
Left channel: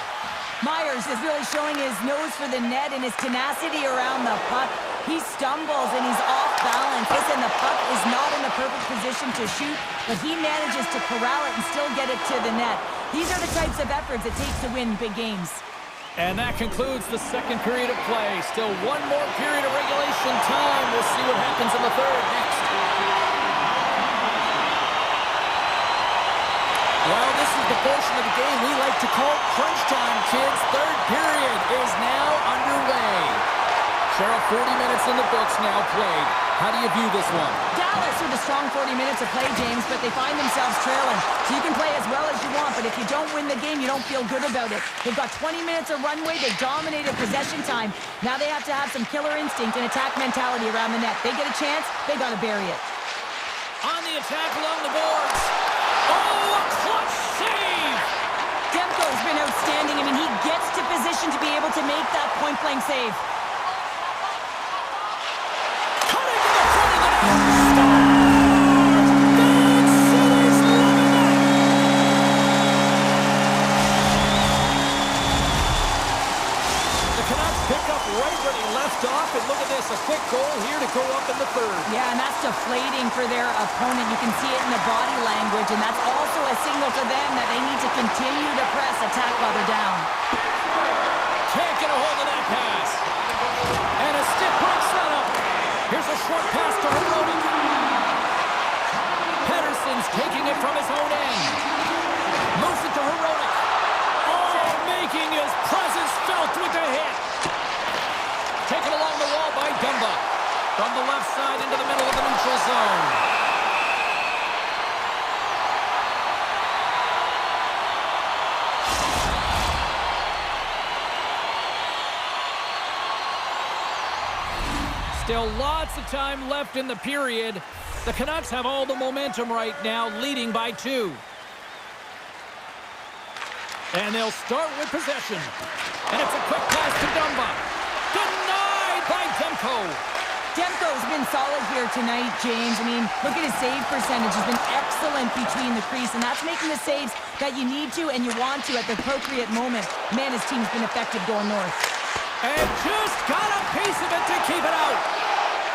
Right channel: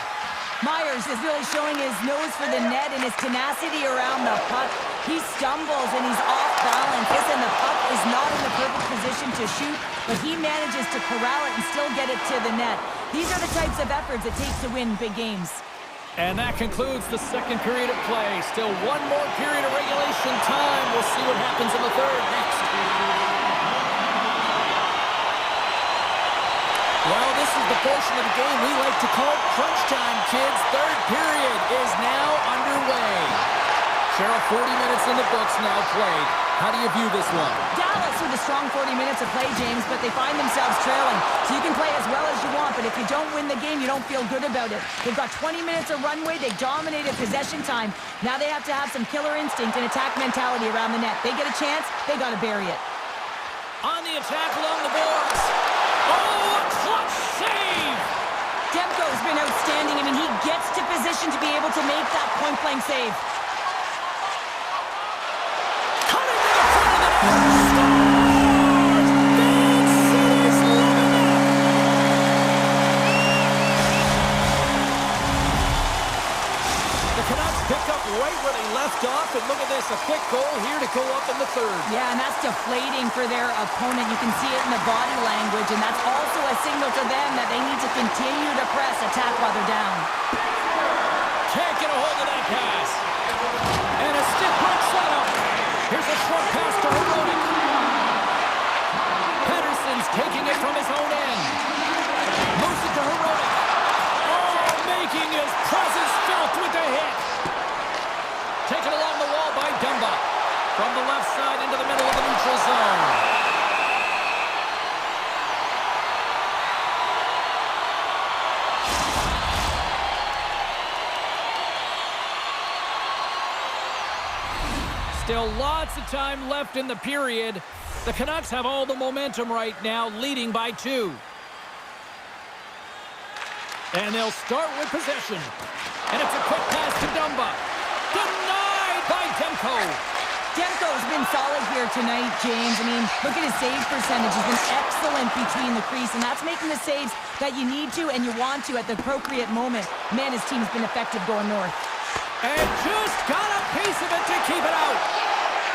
Myers is really showing his nose for the net and his tenacity around the puck. He stumbles and he's off balance. Listen, the puck is not in the perfect position to shoot, but he manages to corral it and still get it to the net. These are the types of efforts it takes to win big games. And that concludes the second period of play. Still one more period of regulation time. We'll see what happens in the third next. Well, this is the portion of the game we like to call crunch time, kids. Third period is now underway. Cheryl, 40 minutes in the books now played. How do you view this one? Dallas with a strong 40 minutes of play, James, but they find themselves trailing. So you can play as well as you want, but if you don't win the game, you don't feel good about it. They've got 20 minutes of runway. They dominated possession time. Now they have to have some killer instinct and attack mentality around the net. They get a chance, they got to bury it. On the attack along the boards. Oh, a clutch save! Demko's been outstanding. I mean, he gets to position to be able to make that point-blank save. Cutting to the front of the net. Scores! Big City's loving it! The Canucks pick up right where they left off, and look at this, a quick goal here to go up in the third. Yeah, and that's deflating for their opponent. You can see it in the body language, and that's also a signal to them that they need to continue to press, attack while they're down. Can't get a hold of that pass. And a stiff break setup. Here's a short pass to Herodic. Pedersen's taking it from his own end. Moves it to Herodic. Oh, making his presence felt with the hit. Taken along the wall by Dumba. From the left side into the middle of the neutral zone. Still lots of time left in the period. The Canucks have all the momentum right now, leading by 2. And they'll start with possession. And it's a quick pass to Dumba. Denied by Demko. Demko's been solid here tonight, James. I mean, look at his save percentage. He's been excellent between the crease, and that's making the saves that you need to and you want to at the appropriate moment. Man, his team's been effective going north. And just got a piece of it to keep it out.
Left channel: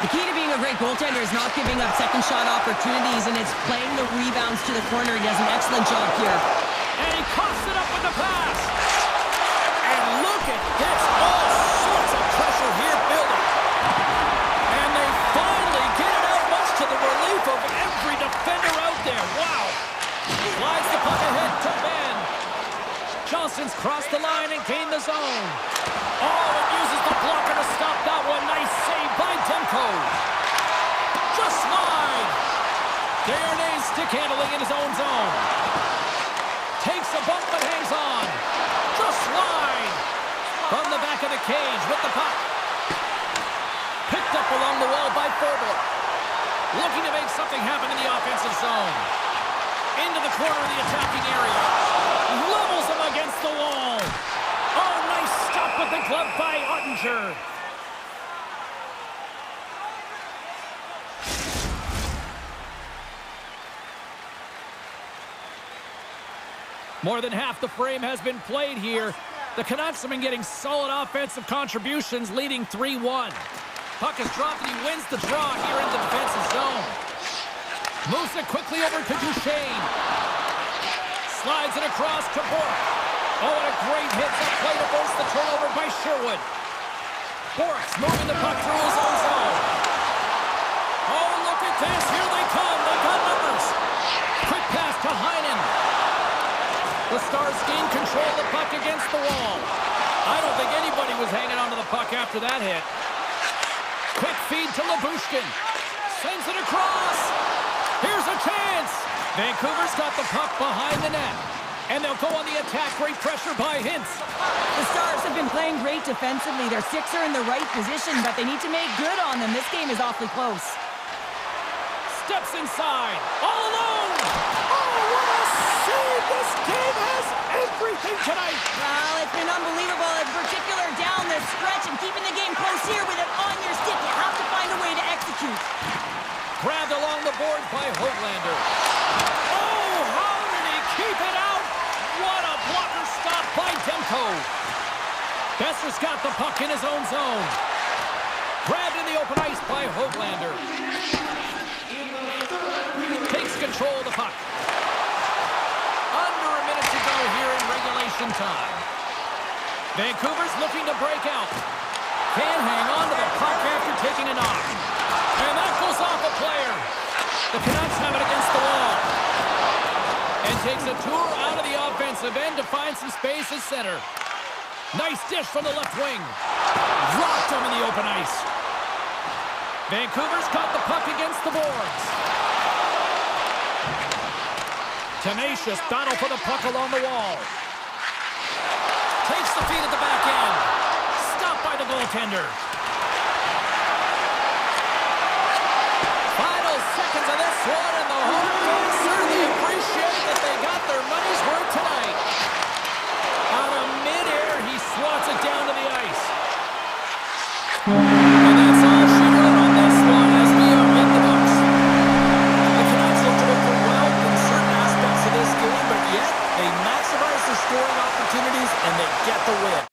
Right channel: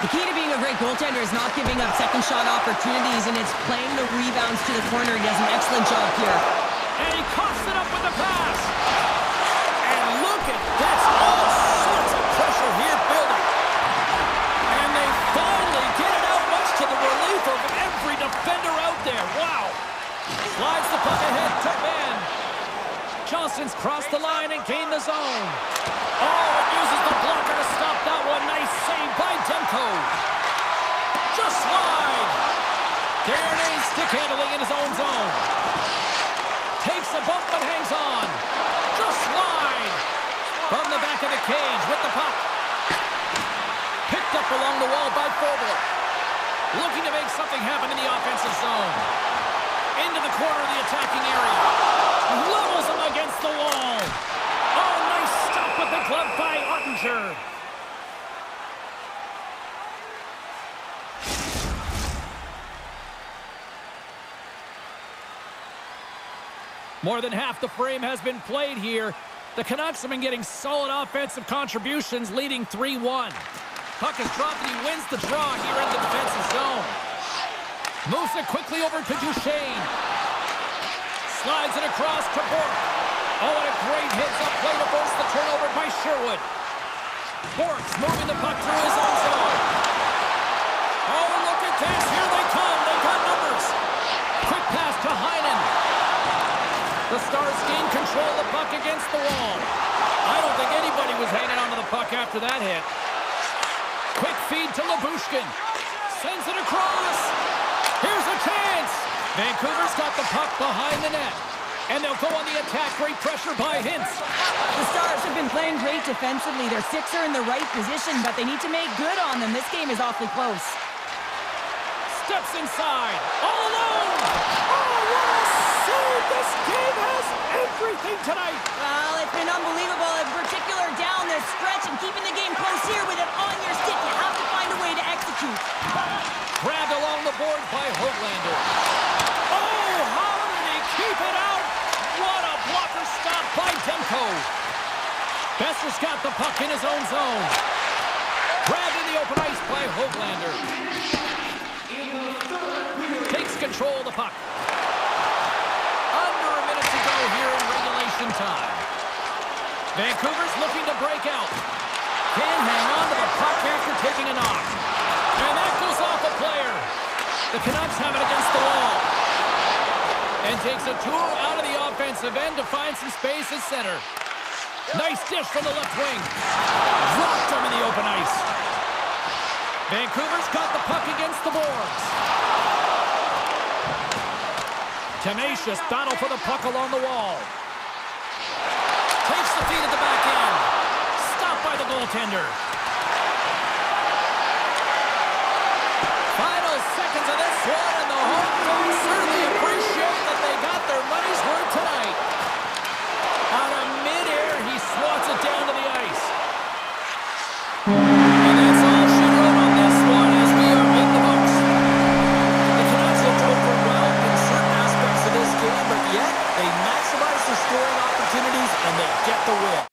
The key to being a great goaltender is not giving up second shot opportunities, and it's playing the rebounds to the corner. He does an excellent job here. And he coughs it up with the pass. And look at this. All sorts of pressure here building. And they finally get it out, much to the relief of every defender out there. Wow. Slides the puck ahead to Ben. Johnston's crossed the line and gained the zone. Oh, it uses the blocker to stop that one. Nice save by Demko. Just wide. Darnay stick handling in his own zone. Takes a bump but hangs on. Just wide. From the back of the cage with the puck. Picked up along the wall by Forbort. Looking to make something happen in the offensive zone. Into the corner of the attacking area. Levels him against the wall. Oh, nice stop with the glove by Ottinger. More than half the frame has been played here. The Canucks have been getting solid offensive contributions, leading 3-1. Puck is dropped and he wins the draw here in the defensive zone. Moves it quickly over to Duchesne. Slides it across to Bork. Oh, and a great hits-up play to force the turnover by Sherwood. Bork's moving the puck through his own zone. Oh, look at this. Here they come. They got numbers. Quick pass to Heinen. The Stars gain control of the puck against the wall. I don't think anybody was hanging onto the puck after that hit. Quick feed to Lyubushkin. Sends it across. Here's a chance. Vancouver's got the puck behind the net. And they'll go on the attack. Great pressure by Hintz. The Stars have been playing great defensively. Their six are in the right position, but they need to make good on them. This game is awfully close. Steps inside. All alone. Oh, what a save. This game has everything tonight. Well, it's been unbelievable, in particular down the stretch and keeping the game close here with it on your stick. You have to find a way to execute. Grabbed along the board by Hoglander. Oh, how did he keep it out? What a blocker stop by Demko. Besser's got the puck in his own zone. Grabbed in the open ice by Hoglander. Takes control of the puck. Under a minute to go here in regulation time. Vancouver's looking to break out. Can't hang on to the puck after taking a knock. And that goes off a player. The Canucks have it against the wall. And takes a tour out of the offensive end to find some space at center. Nice dish from the left wing. Rocked him in the open ice. Vancouver's got the puck against the boards. Tenacious battle for the puck along the wall. Takes the feed at the back end. Stopped by the goaltender. Final seconds of this one, and the home fans certainly appreciate that they got their money's worth tonight. Out of midair, he swats it down to the ice. And that's all she wrote on this one as we are in the books. The Canucks looked overwhelmed in certain aspects of this game, but yet they maximize their scoring opportunities and they get the win.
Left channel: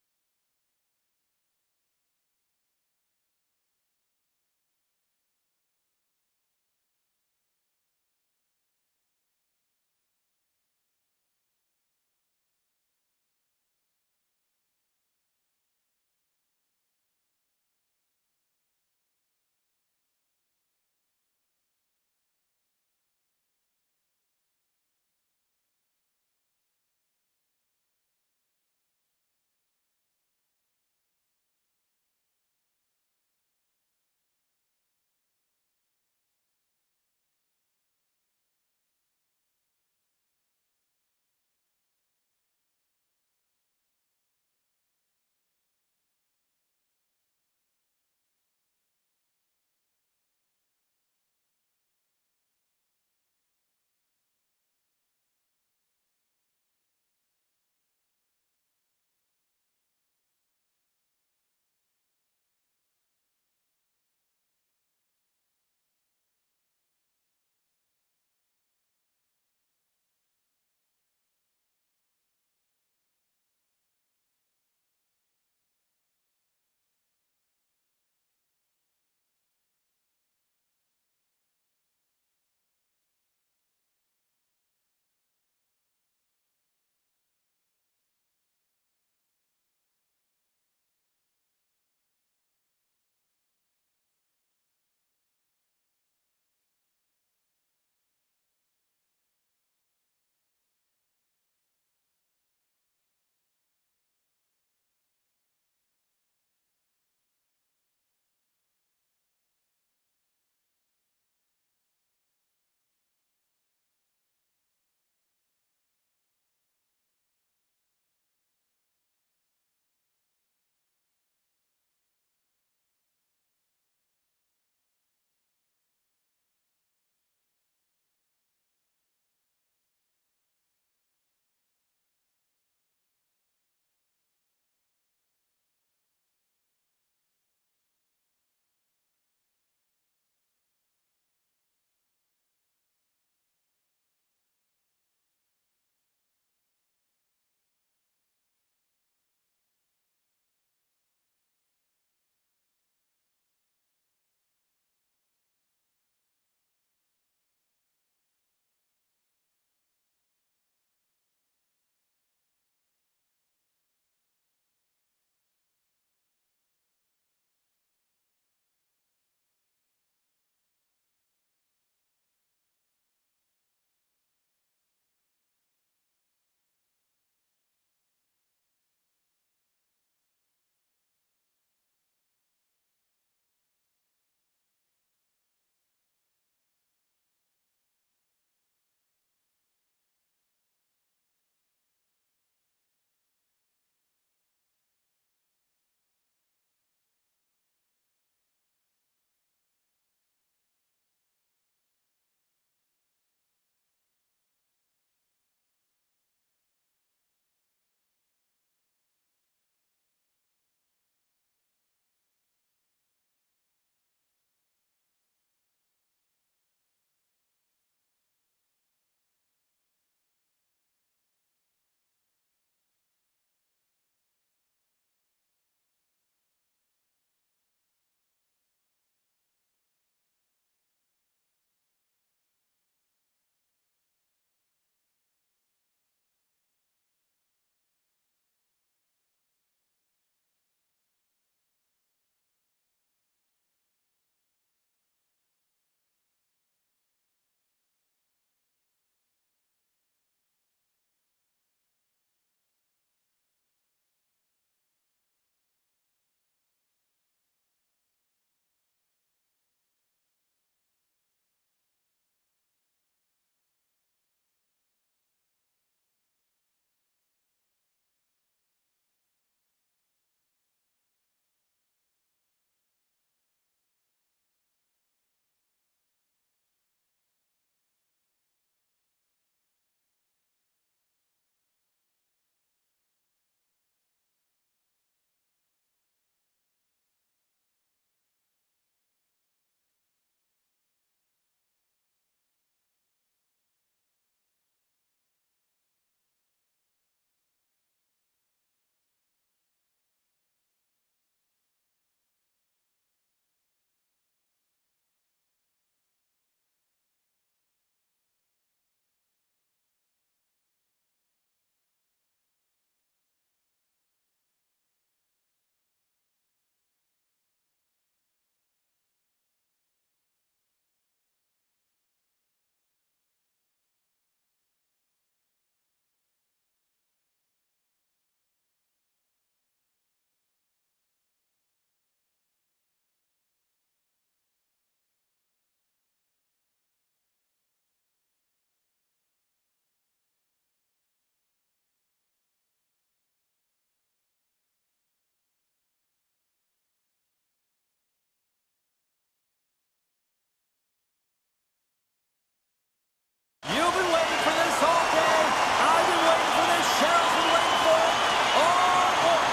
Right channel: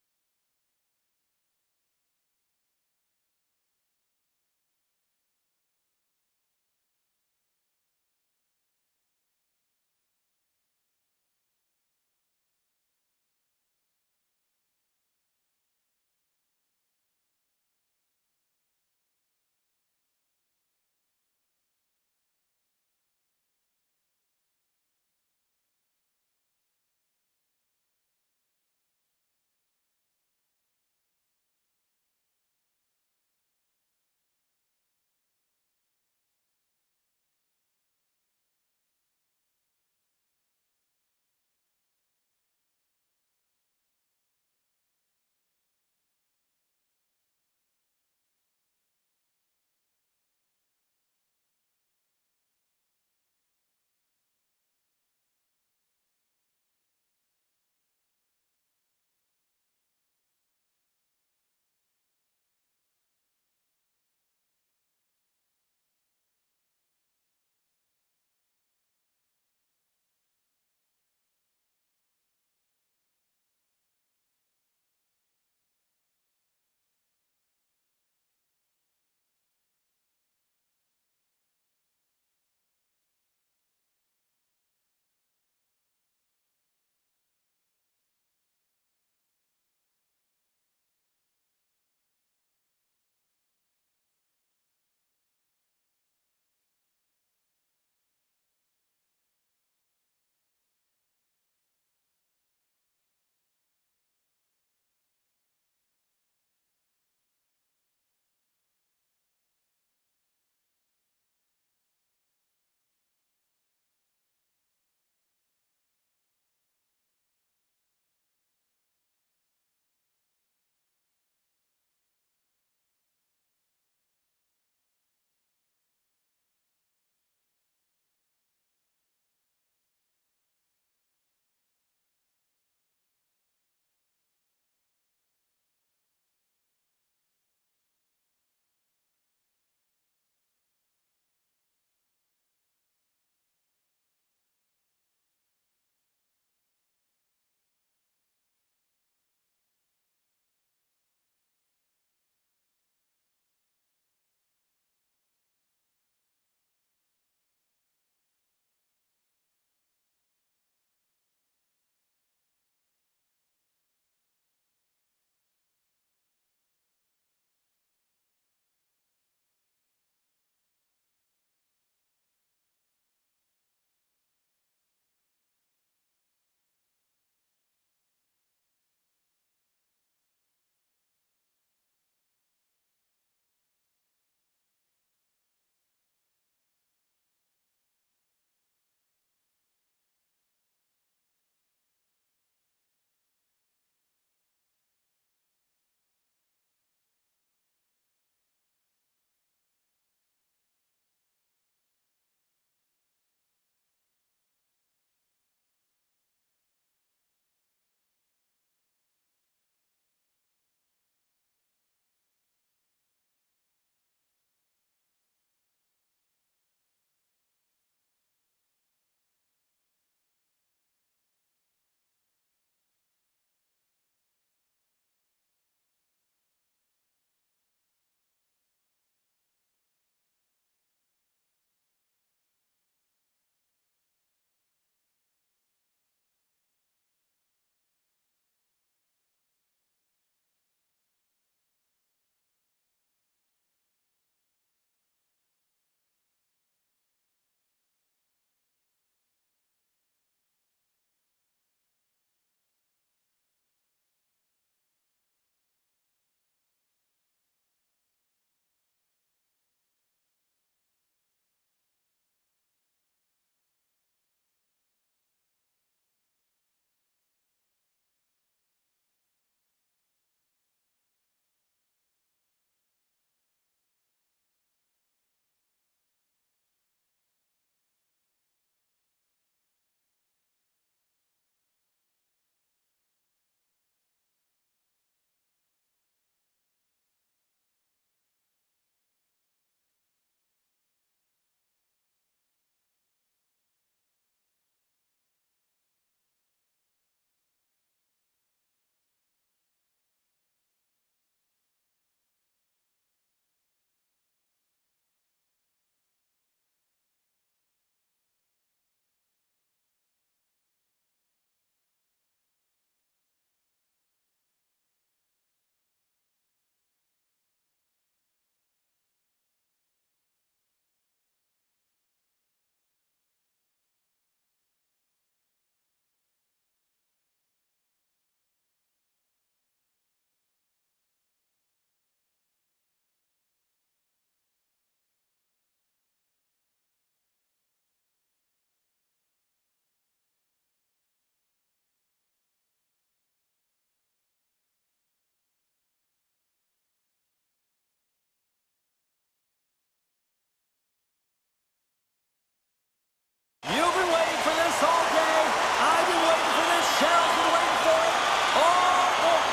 You've been waiting for this all day. I've been waiting for this. Cheryl's been waiting for it. Oh, boy.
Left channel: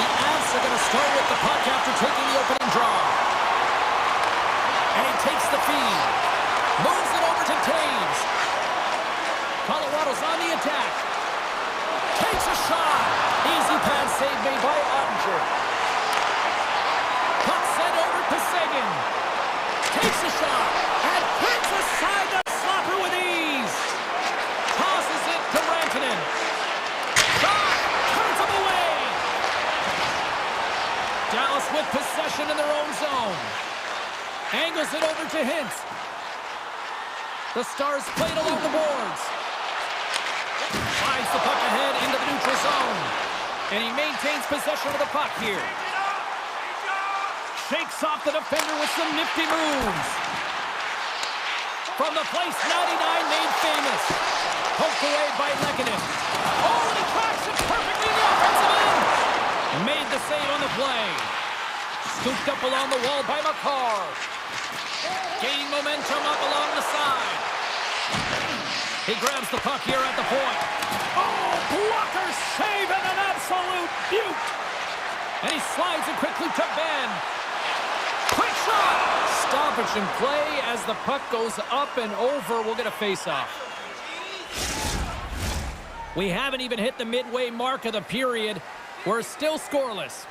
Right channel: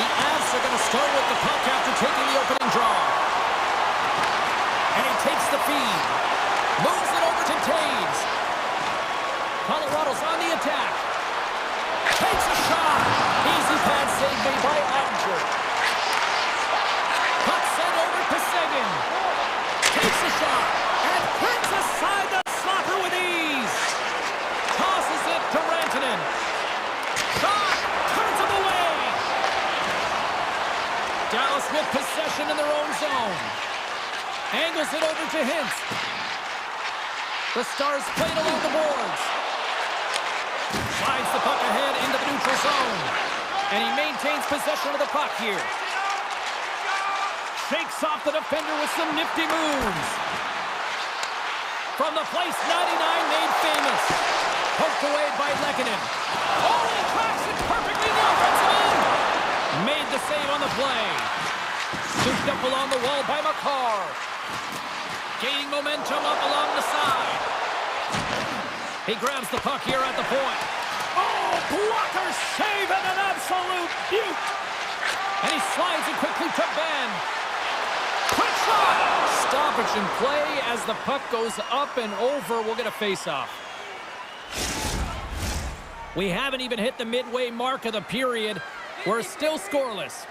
The Avs are going to start with the puck after taking the opening draw. And he takes the feed. Moves it over to Taves. Colorado's on the attack. Takes a shot. Easy pad save made by Ottinger. Puck sent over to Seguin. Takes a shot. And brings aside the slapper with ease. Tosses it to Rantanen. Shot. Turns him away. Dallas with possession in their own zone. Angles it over to Hintz. The Stars played along the boards. Slides the puck ahead into the neutral zone. And he maintains possession of the puck here. Shakes off the defender with some nifty moves. From the place 99 made famous. Poked away by Lehkonen. Oh, and he cracks it perfectly in the offensive end. Made the save on the play. Scooped up along the wall by McCarr. Gaining momentum up along the side. He grabs the puck here at the point. Oh, blocker save and an absolute beaut. And he slides it quickly to Ben. Quick shot. Stoppage in play as the puck goes up and over. We'll get a face-off. We haven't even hit the midway mark of the period. We're still scoreless.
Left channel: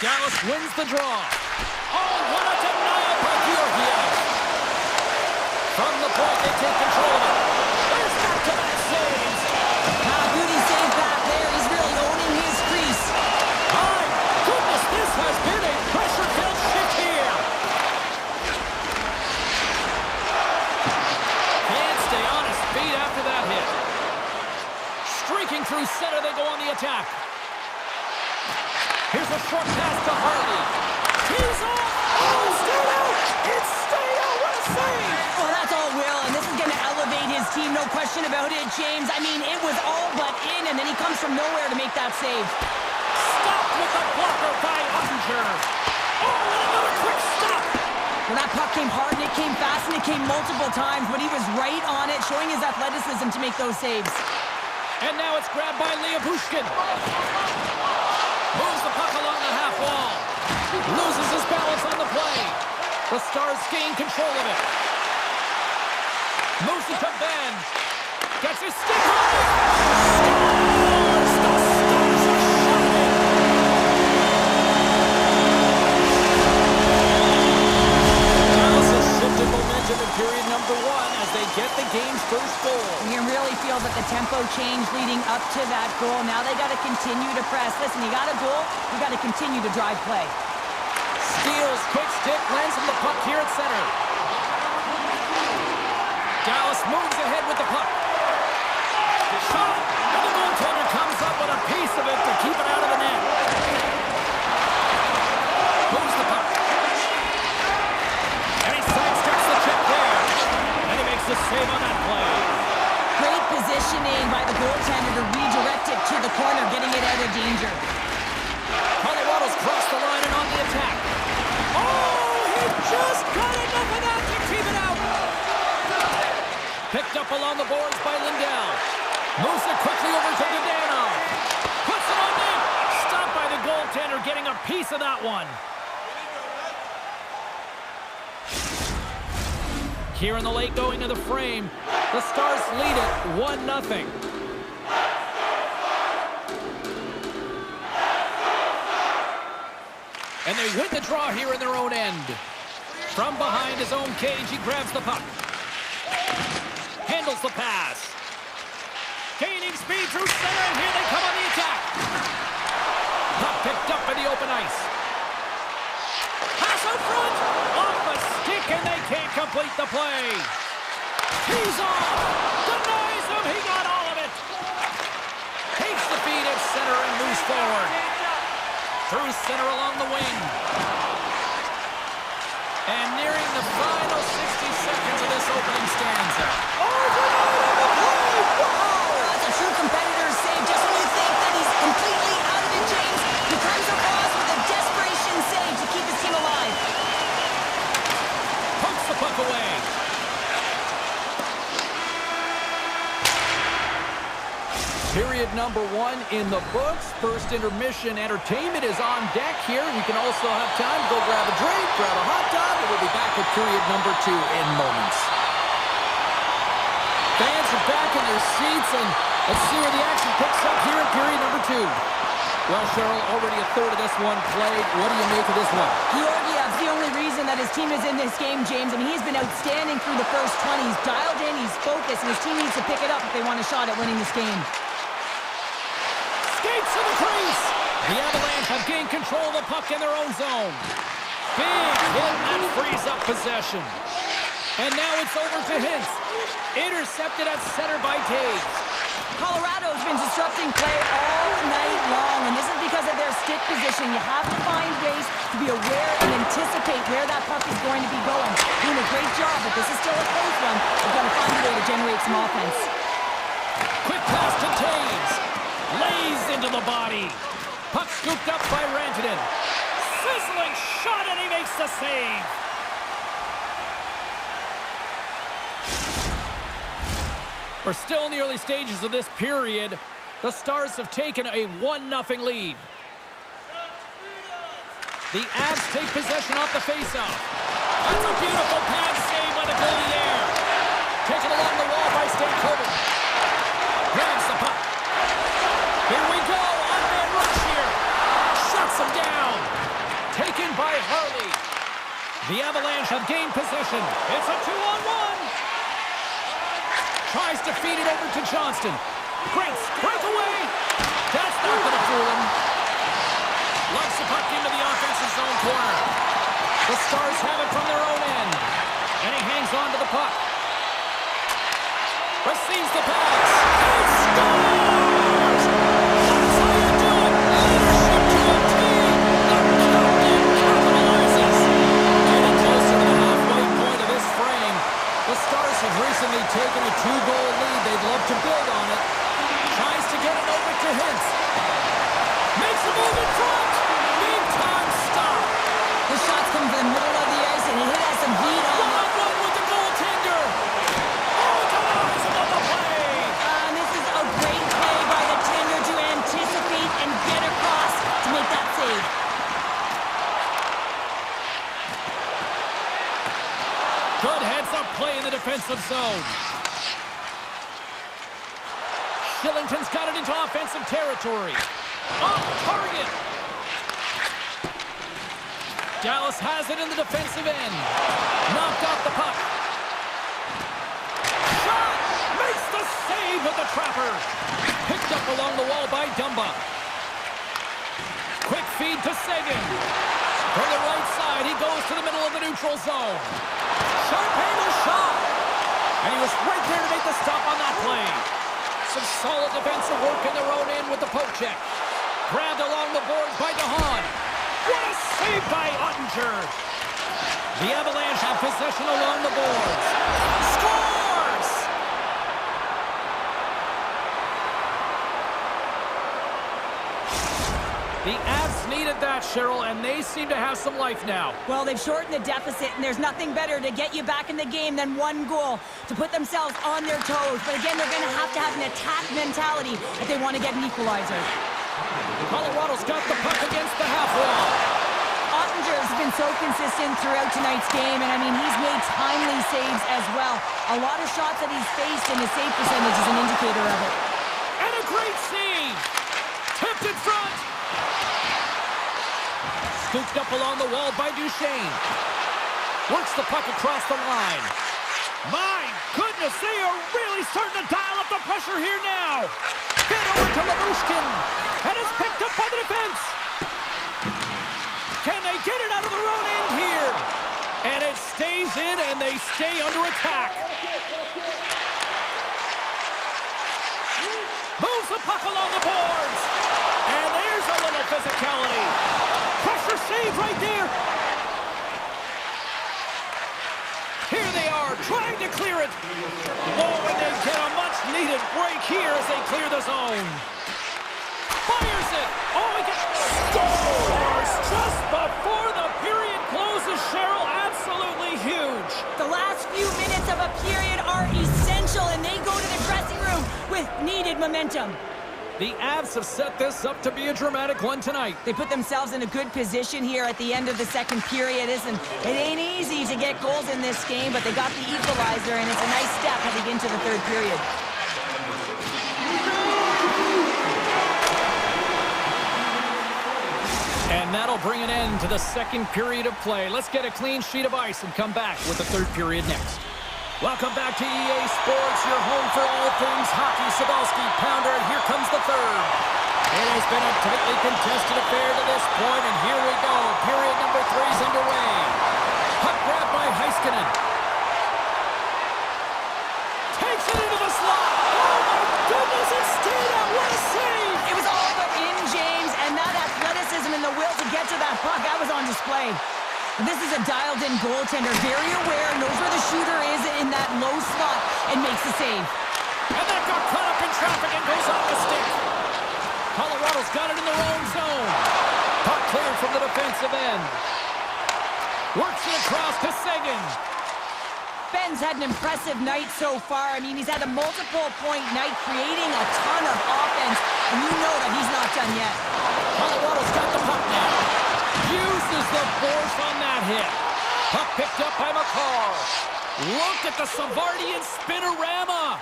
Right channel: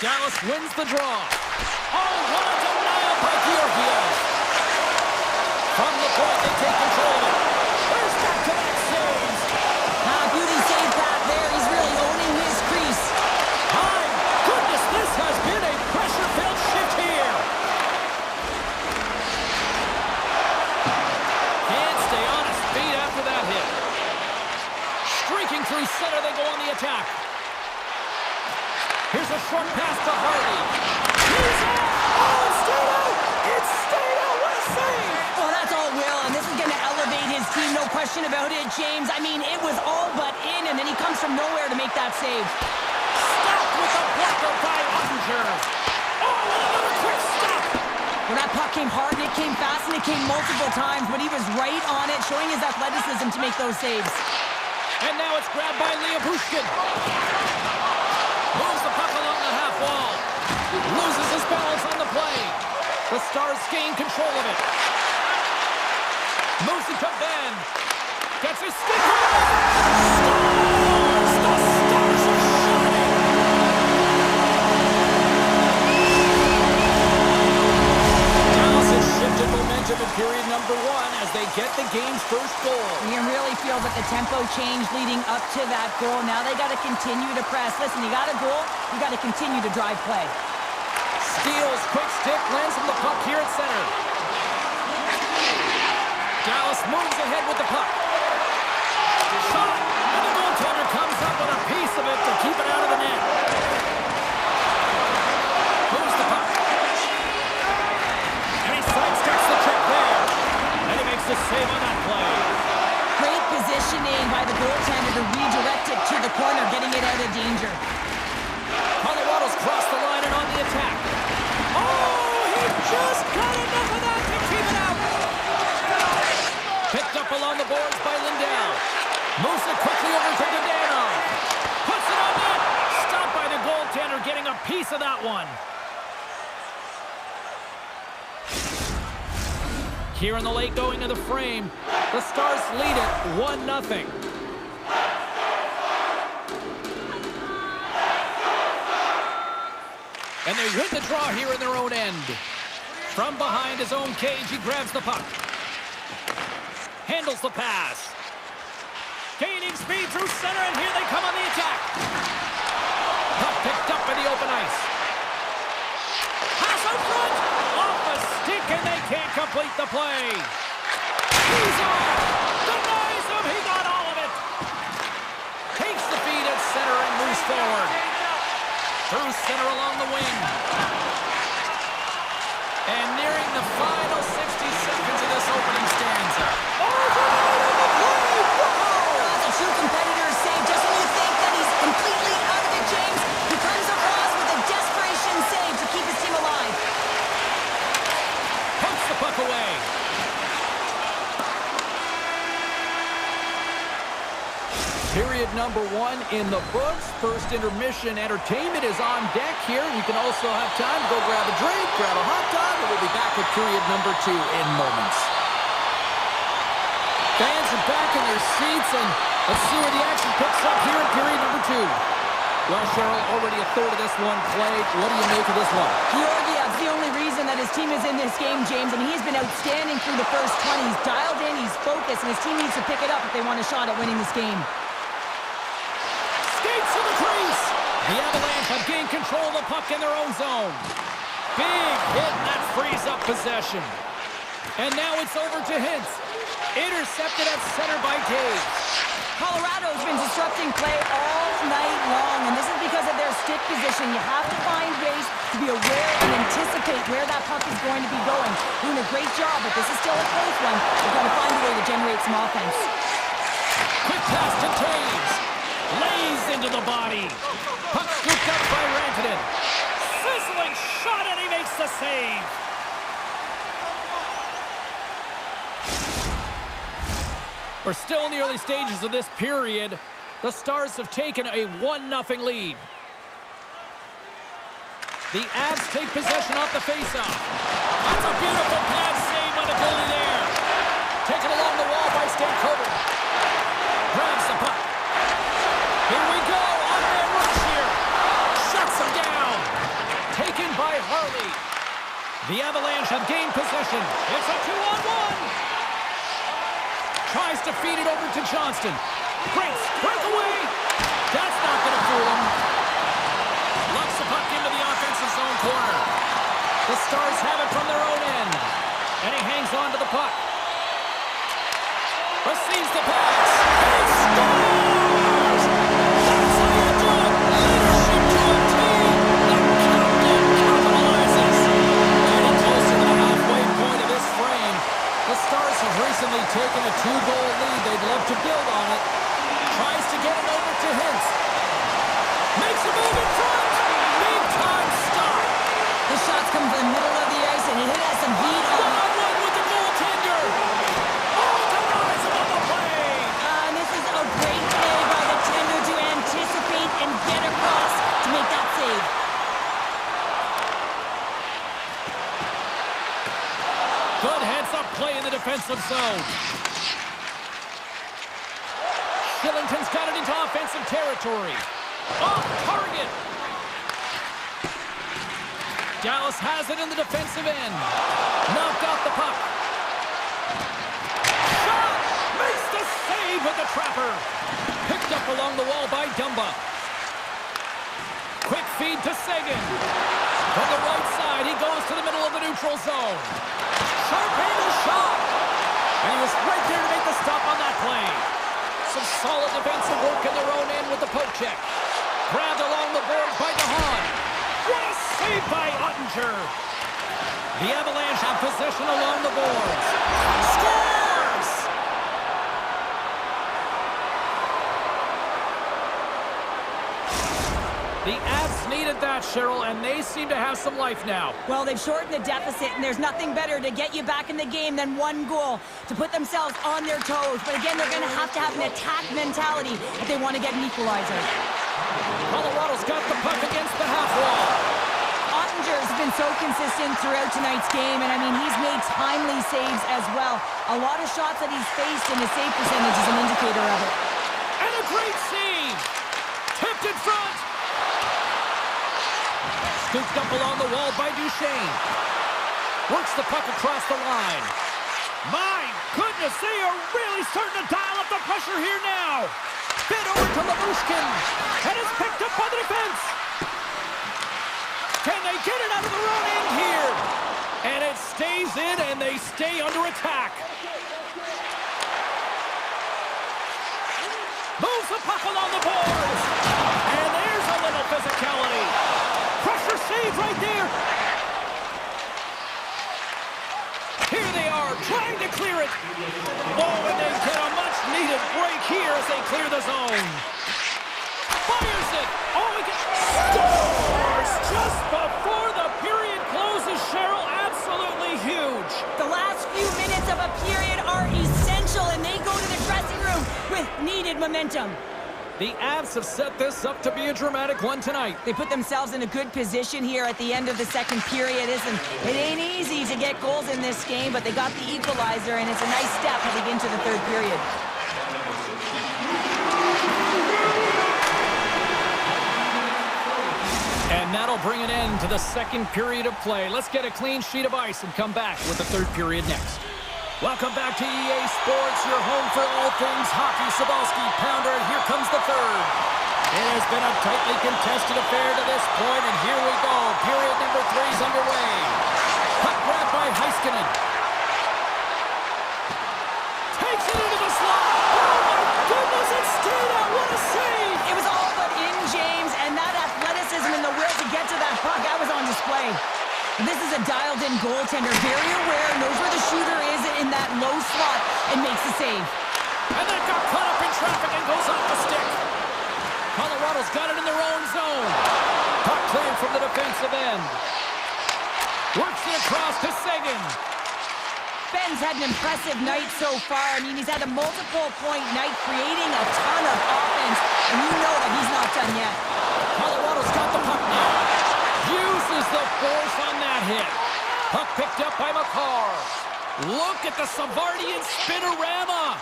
Dallas wins the draw. Oh, what a denial by Georgiev. From the point, they take control of it. There's back-to-back saves. Beauty save back there. He's really owning his crease. My goodness, this has been a pressure-filled shift here. Can't stay on his feet after that hit. Streaking through center, they go on the attack. Here's a short pass to Harley. He's off! Oh, it stayed out! It stayed out! What a save! Well, that's all Will, and this is going to elevate his team, no question about it, James. I mean, it was all but in, and then he comes from nowhere to make that save. Stopped with a blocker by Ottinger. Oh, and another quick stop! Well, that puck came hard, and it came fast, and it came multiple times, but he was right on it, showing his athleticism to make those saves. And now it's grabbed by Leobushkin. Moves the puck along the half wall. Loses his balance on the play. The Stars gain control of it. Moves it to Ben. Gets his stick on it. Stars! The Stars are shining! Dallas has shifted momentum in period number 1 as they get the game's first goal. You can really feel that the tempo changed leading up to that goal. Now they got to continue to press. Listen, you got a goal, you got to continue to drive play. Steals, quick stick, lands from the puck here at center. Dallas moves ahead with the puck. Shot, and the goaltender comes up with a piece of it to keep it out of the net. Moves the puck. And he sidesteps the check there. And he makes the save on that play. Great positioning by the goaltender to redirect it to the corner, getting it out of danger. Colorado's crossed the line and on the attack. Oh, he just got enough of that to keep it out. Picked up along the boards by Lindell. Moves it quickly over to Dadonov. Puts it on net. Stopped by the goaltender, getting a piece of that one. Here in the late going to the frame. The Stars lead it 1-0. And they win the draw here in their own end. From behind his own cage, he grabs the puck. Handles the pass. Gaining speed through center, and here they come on the attack. Puck picked up in the open ice. Pass out front. Off a stick, and they can't complete the play. He's off. Denies him. He got all of it. Takes the feed at center and moves forward. Through center along the wing. And nearing the final 60 seconds of this opening stanza. Overnight on the play! Wow! That's a true competitor's save. Just when you think that he's completely out of it, James, he comes across with a desperation save to keep his team alive. Pumps the puck away. Period number 1 in the books. First intermission entertainment is on deck here. You can also have time to go grab a drink, grab a hot dog, and we'll be back with period number 2 in moments. Fans are back in their seats, and let's see where the action picks up here in period number 2. Well, Cheryl, already a third of this one played. What do you make of this one? Georgiev's the only reason that his team is in this game, James. I mean, he's been outstanding through the first 20. He's dialed in, he's focused, and his team needs to pick it up if they want a shot at winning this game. Skates to the crease. The Avalanche have gained control of the puck in their own zone. Big hit, and that frees up possession. And now it's over to Hintz. Intercepted at center by Taves. Colorado's been disrupting play all night long, and this is because of their stick position. You have to find ways to be aware and anticipate where that puck is going to be going. Doing a great job, but this is still a close one. They've got to find a way to generate some offense. Quick pass to Taves. Lays into the body. Puck scooped up by Rantanen. Sizzling shot, and he makes the save. We're still in the early stages of this period. The Stars have taken a 1-0 lead. The Avs take possession off the faceoff. That's a beautiful pad save by the goalie there. Taken along the wall by Stankoven. Grabs the puck. Here we go, on-man rush here. Shuts him down. Taken by Harley. The Avalanche have gained possession. It's a 2-on-1. Tries to feed it over to Johnston. Great breakaway. That's not going to fool him. Lumps the puck into the offensive zone corner. The Stars have it from their own end. And he hangs on to the puck. Receives the pass. And he scores! That's how you do it. Leadership to a team. The captain capitalizes. Getting closer to the halfway point of this frame. The Stars have recently taken a 2-goal lead. They'd love to build on it. Tries to get it over to Hintz. Makes a move in front. Big time stop. The shots come from the middle of the ice, and it has some heat on it. One-on-one with the goaltender. Oh, denies him on the play. And this is a great play by the tender to anticipate and get across to make that save. Good heads-up play in the defensive zone. Shillington's got it into offensive territory. Off target. Dallas has it in the defensive end. Knocked off the puck. Shot! Makes the save with the trapper. Picked up along the wall by Dumba. Quick feed to Seguin. From the right side, he goes to the middle of the neutral zone. Sharp handle shot. And he was right there to make the stop on that play. Some solid defensive work in their own end with the poke check. Grabbed along the boards by DeHaan. What a save by Ottinger. The Avalanche have possession along the boards. Scores! The Avs needed that, Cheryl, and they seem to have some life now. Well, they've shortened the deficit, and there's nothing better to get you back in the game than one goal to put themselves on their toes. But again, they're going to have an attack mentality if they want to get an equalizer. Colorado's got the puck against the half wall. Ottinger's been so consistent throughout tonight's game, and I mean, he's made timely saves as well. A lot of shots that he's faced, and his save percentage is an indicator of it. And a great save! Tipped in front! Scooped up along the wall by Duchesne. Works the puck across the line. My goodness, they are really starting to dial up the pressure here now. Fed over to Labushkin. And it's picked up by the defense. Can they get it out of their own end here? And it stays in, and they stay under attack. Moves the puck along the boards. And there's a little physicality. Pressure save right there. Here they are, trying to clear it. Oh, and they get a much-needed break here as they clear the zone. Fires it. Oh, he scores just before the period closes, Cheryl. Absolutely huge. The last few minutes of a period are essential, and they go to the dressing room with needed momentum. The Avs have set this up to be a dramatic one tonight. They put themselves in a good position here at the end of the second period. It ain't easy to get goals in this game, but they got the equalizer, and it's a nice step heading into the third period. And that'll bring an end to the second period of play. Let's get a clean sheet of ice and come back with the third period next. Welcome back to EA Sports, your home for all things hockey. Sabalski, Pounder, and here comes the third. It has been a tightly contested affair to this point, and here we go. Period number 3 is underway. Puck grabbed by Heiskanen. Takes it into the slot. Oh my goodness, it stayed out. What a save. It was all but in, James, and that athleticism and the will to get to that puck, that was on display. This is a dialed-in goaltender, very aware, knows where the shooter is in that low slot, and makes the save. And that got caught up in traffic and goes off the stick. Colorado's got it in their own zone. Puck cleared from the defensive end. Works it across to Seguin. Ben's had an impressive night so far. I mean, he's had a multiple-point night, creating a ton of offense, and you know that he's not done yet. Colorado's got the puck now. Uses the force on that hit. Puck picked up by McCarr. Look at the Savardian spinorama.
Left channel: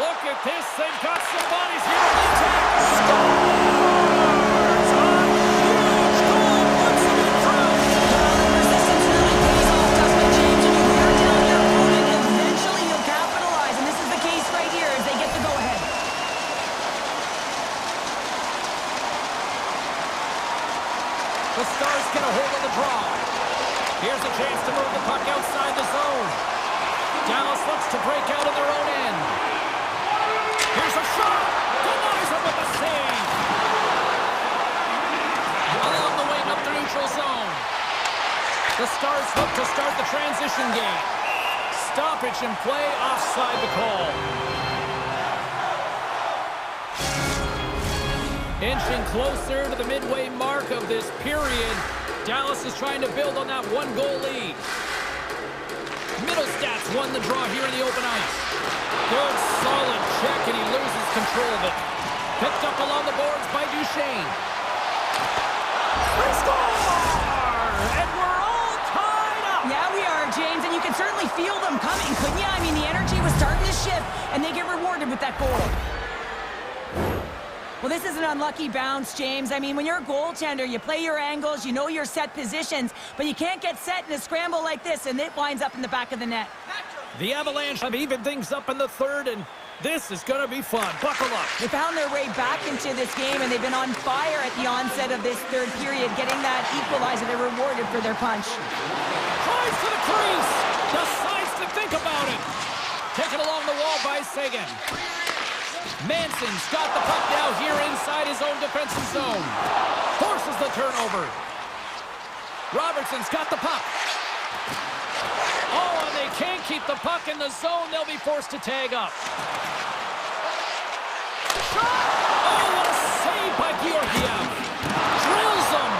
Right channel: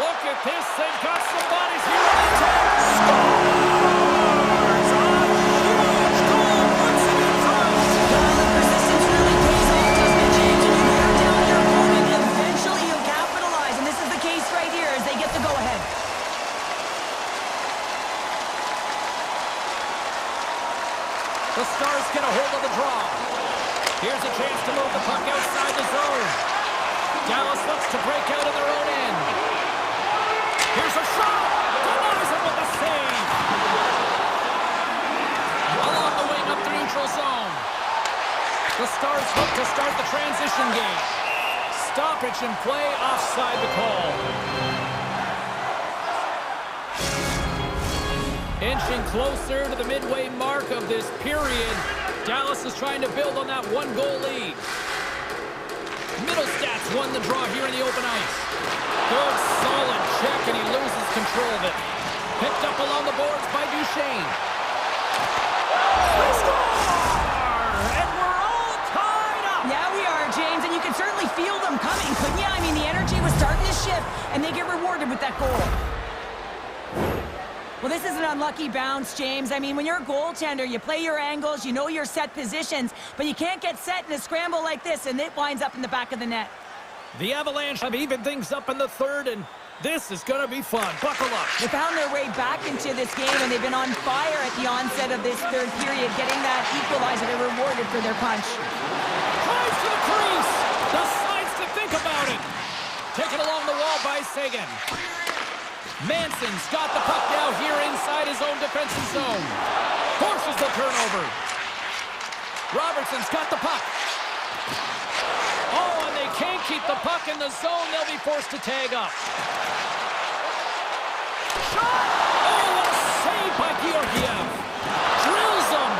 Look at this. They've got some bodies here on the attack. Scores! A huge goal puts them in front. Well, the persistence really pays off, doesn't it, James? And you wear down your opponent, eventually you'll capitalize. And this is the case right here as they get the go-ahead. The Stars get a hold of the draw. Here's a chance to move the puck outside the zone. Dallas looks to break out of their own end. Here's a shot. Denies him with a save. Along the wing up the neutral zone. The Stars look to start the transition game. Stoppage in play, offside the call. Inching closer to the midway mark of this period. Dallas is trying to build on that one-goal lead. Middlestats won the draw here in the open ice. Good, solid check, and he loses control of it. Picked up along the boards by Duchesne. They score! And we're all tied up! Yeah, we are, James, and you can certainly feel them coming, couldn't you? I mean, the energy was starting to shift, and they get rewarded with that goal. Well, this is an unlucky bounce, James. I mean, when you're a goaltender, you play your angles, you know your set positions, but you can't get set in a scramble like this, and it winds up in the back of the net. The Avalanche have evened things up in the third, and this is going to be fun. Buckle up. They found their way back into this game, and they've been on fire at the onset of this third period, getting that equalizer. They're rewarded for their punch. Drives to the crease. Decides to think about it. Taken along the wall by Seguin. Manson's got the puck now here inside his own defensive zone. Forces the turnover. Robertson's got the puck. Oh, and they can't keep the puck in the zone. They'll be forced to tag up. Shot! Oh, what a save by Georgiev. Drills him.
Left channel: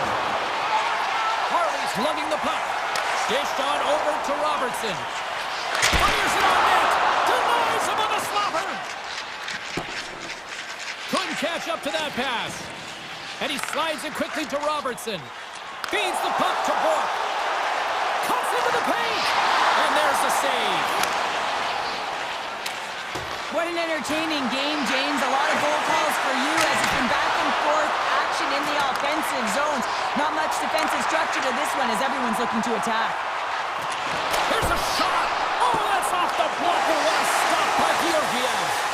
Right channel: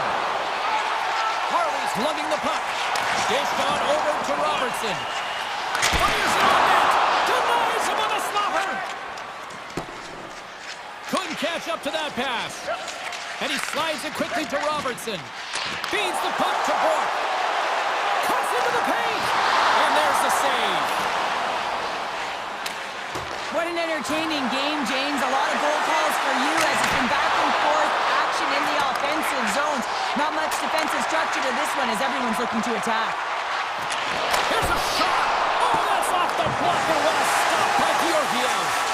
Harley's lugging the puck. Dished on over to Robertson. Fires it on net. Denies him with a slapper. Couldn't catch up to that pass. And he slides it quickly to Robertson. Feeds the puck to Bork. Cuts into the paint. And there's the save. What an entertaining game, James. A lot of goal calls for you as it's been back and forth action in the offensive zones. Not much defensive structure to this one as everyone's looking to attack. Here's a shot. Oh, that's off the blocker. What a stop by Georgiev.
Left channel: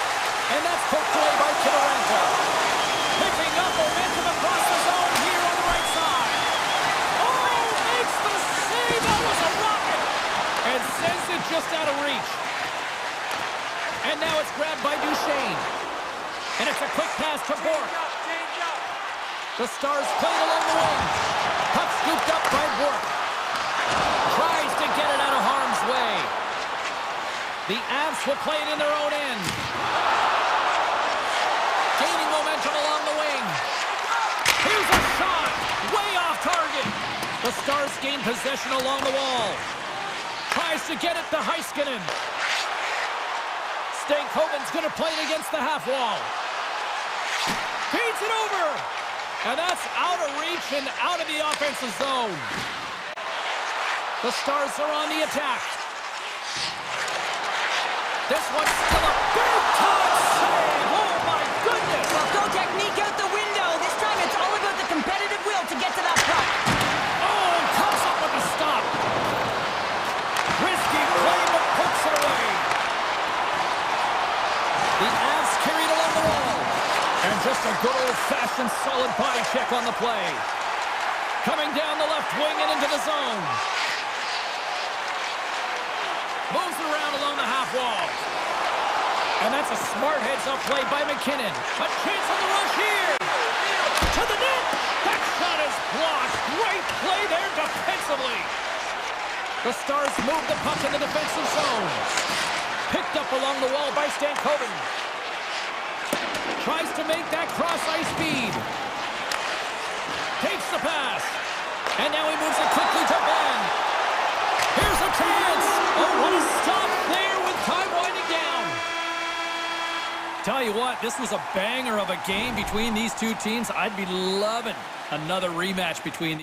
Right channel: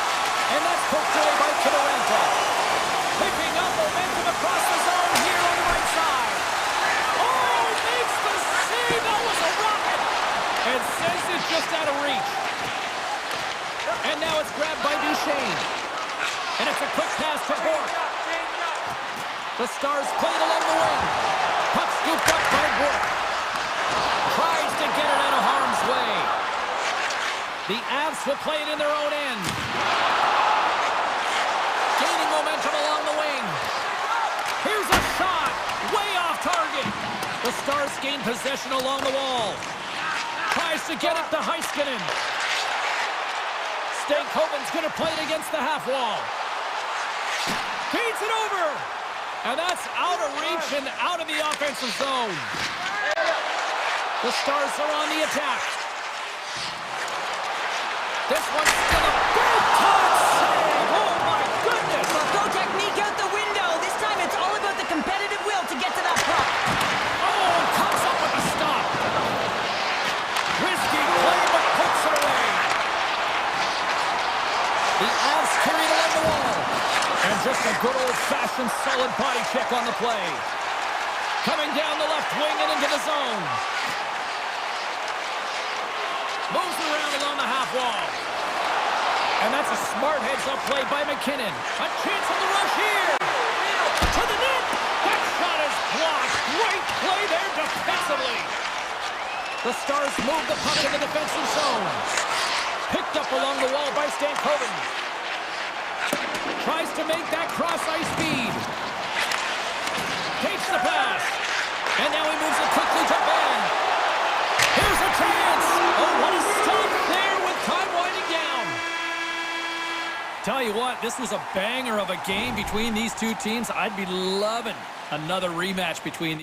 And that's poked away by Kidorenko. Picking up momentum across the zone here on the right side. Oh, makes the save. That was a rocket. And sends it just out of reach. And now it's grabbed by Duchesne. And it's a quick pass to Bork. The Stars played along the wing. Puck scooped up by Bork. Tries to get it out of harm's way. The Avs will play it in their own end. Gaining momentum along the wing. Here's a shot. Way off target. The Stars gain possession along the wall. Tries to get it to Heiskanen. Stankoven's going to play it against the half wall. Feeds it over. And that's out of reach and out of the offensive zone. The Stars are on the attack. This one's still a big-time save. Oh, my goodness. Well, go technique out the window. This time it's all about the competitive will to get to that puck. Oh, comes up with a stop. Risky play, but pokes it away. The Avs carried along the wall. And just a good old-fashioned solid body check on the play. Coming down the left wing and into the zone. Moves it around along the half wall. And that's a smart heads-up play by McKinnon. A chance on the rush here. To the net. That shot is blocked. Great play there defensively. The Stars move the puck in the defensive zone. Picked up along the wall by Stankoven. Tries to make that cross-ice feed. Takes the pass. And now he moves it quickly to Ben. Here's a chance. Oh, what a stop there with time winding down. Tell you what, this was a banger of a game between these two teams. I'd be loving another rematch between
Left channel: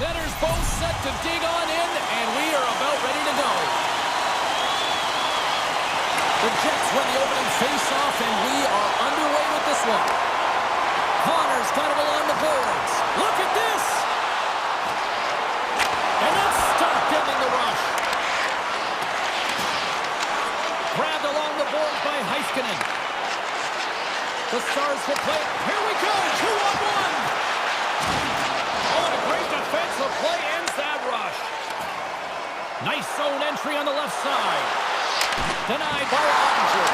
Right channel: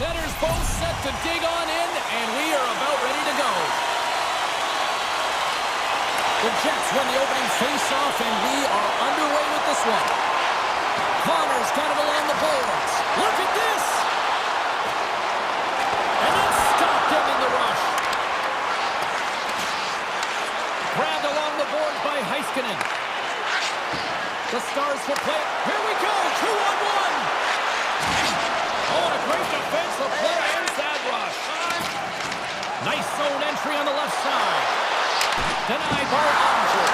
Centers both set to dig on in, and we are about ready to go. The Jets win the opening face-off, and we are underway with this one. Connor's got it along the boards. Look at this! And then stopped ending the rush. Grabbed along the boards by Heiskanen. The Stars will play it. Here we go, 2-on-1. Oh, and a great defensive play ends that rush. Nice zone entry on the left side. Denied by Ottinger.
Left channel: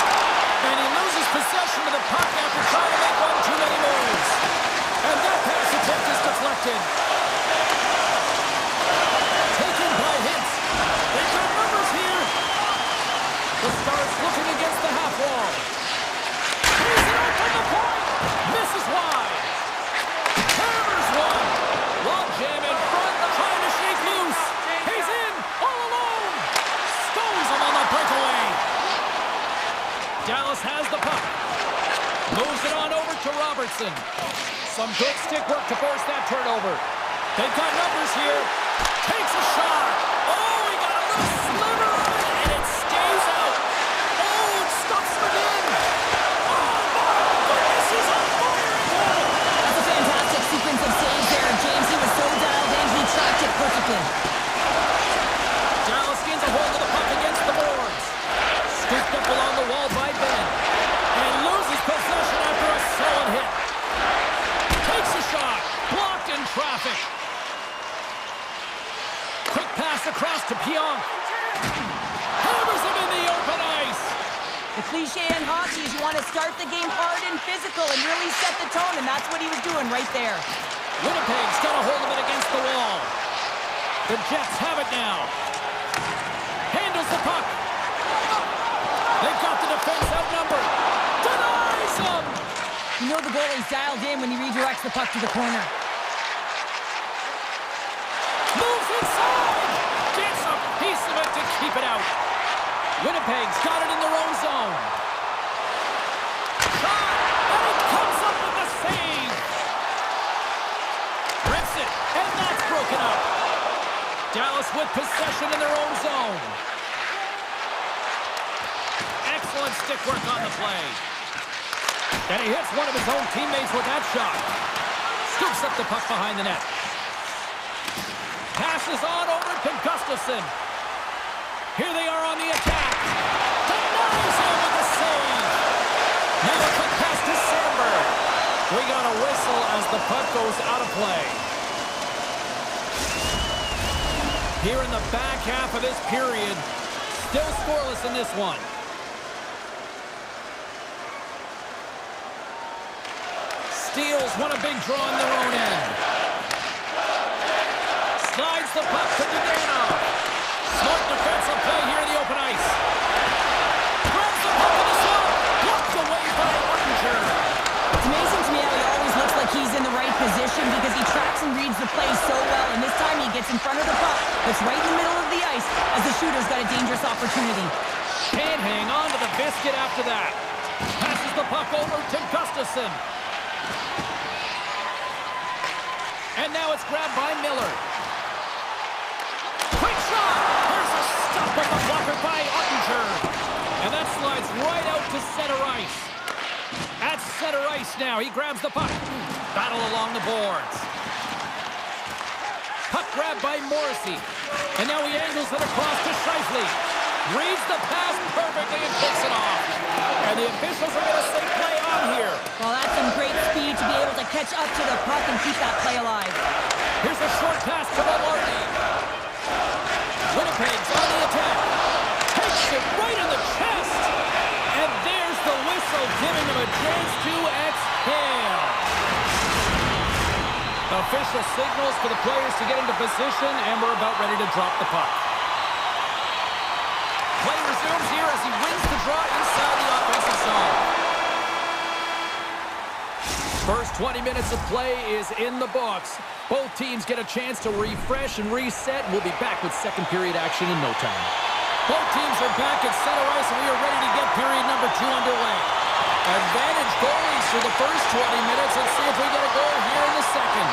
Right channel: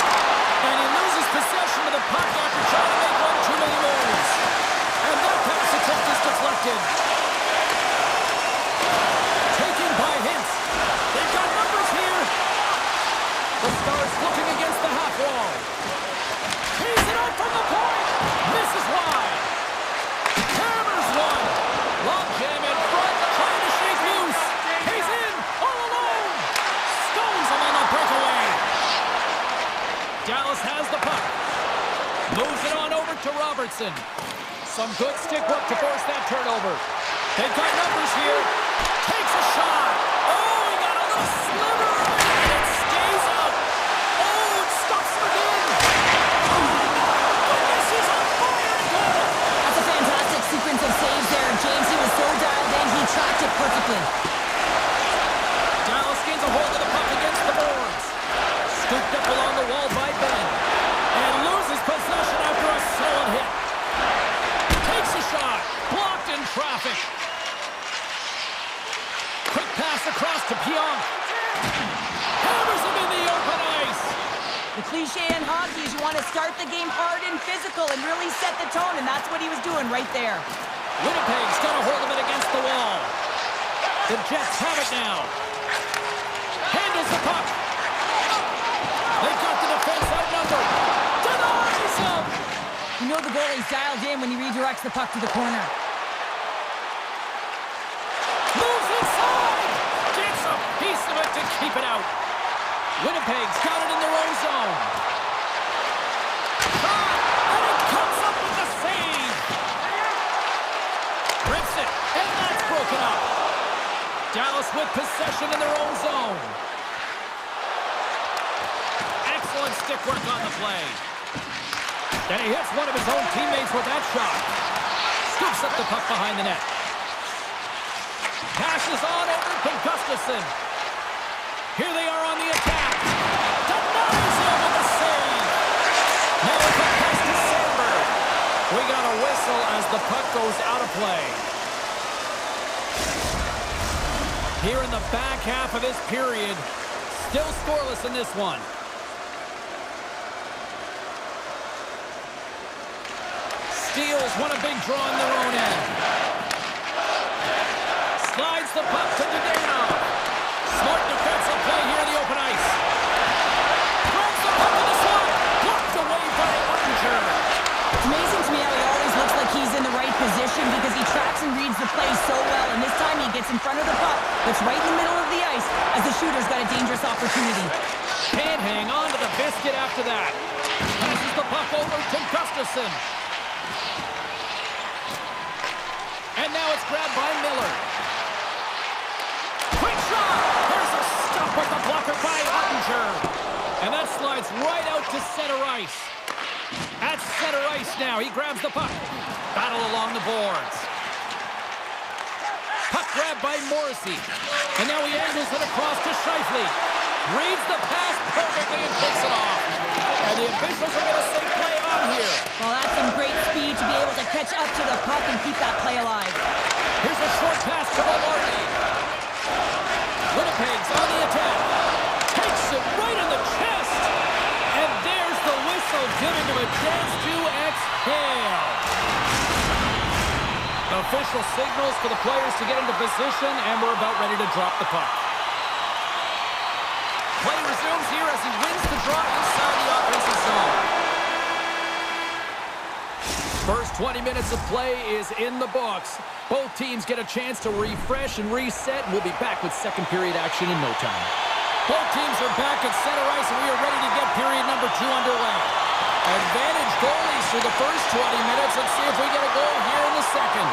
And he loses possession of the puck after trying to make one too many moves. And that pass attempt is deflected. Taken by Hintz. They've got numbers here. The Stars looking against the half wall. He's it out from the point. Misses wide. Hammers one. Long jam in front, trying to shake loose. He's in, all alone. Stones him on the breakaway. Dallas has the puck. Moves it on over to Robertson. Some good stick work to force that turnover. They've got numbers here. Takes a shot. Oh, he got a little sliver of it, and it stays out. Oh, it stops him again. Oh, my goodness, he's on fire in goal. That's a fantastic sequence of saves there, James. He was so dialed in, he tracked it perfectly. Dallas gains a hold of the puck against the boards. Scooped up along the wall by Ben. And loses possession after a solid hit. Takes a shot. Blocked in traffic. Quick pass across to Pionk. Hammers him in the open ice. The cliche in hockey is you want to start the game hard and physical and really set the tone, and that's what he was doing right there. Winnipeg's got a hold of it against the wall. The Jets have it now. Handles the puck. They've got the defense outnumbered. Denies him! You know the goalie's dialed in when he redirects the puck to the corner. Moves inside! Gets a piece of it to keep it out. Winnipeg's got it in their own zone. Shot! And he comes up with the save! Rips it, and that's broken up. Dallas with possession in their own zone. Excellent stick work on the play. And he hits one of his own teammates with that shot. Scoops up the puck behind the net. Passes on over to Gustafsson. Here they are on the attack. Denies him with the save. Now a quick pass to Sandberg. We got a whistle as the puck goes out of play. Here in the back half of this period, still scoreless in this one. Steals won a big draw in their own end. Slides the puck to Dadano. Smart defensive play here in the open ice. Throws the puck in the slot. Blocked away by Ottinger. It's amazing to me how he always looks like he's in the right position because he tracks and reads the play so well, and this time he gets in front of the puck, that's right in the middle of the ice, as the shooter's got a dangerous opportunity. Can't hang on to the biscuit after that. Passes the puck over to Gustafsson. And now it's grabbed by Miller. Quick shot! There's a stop with the blocker by Ottinger. And that slides right out to center ice. At center ice now, he grabs the puck. Battle along the boards. Puck grabbed by Morrissey. And now he angles it across to Scheifele. Reads the pass perfectly and picks it off. And the officials are going to say play on here. Well, that's some great speed to be able to catch up to the puck and keep that play alive. Here's a short pass to Maloney. Winnipeg's on the attack. Takes it right in the chest. And there's the whistle, giving them a chance to exhale. Official signals for the players to get into position, and we're about ready to drop the puck. Play resumes here as he wins the draw inside the offensive zone. First 20 minutes of play is in the books. Both teams get a chance to refresh and reset, and we'll be back with second period action in no time. Both teams are back at center ice, and we are ready to get period number 2 underway. Advantage goalies for the first 20 minutes. Let's see if we get a goal here in the second.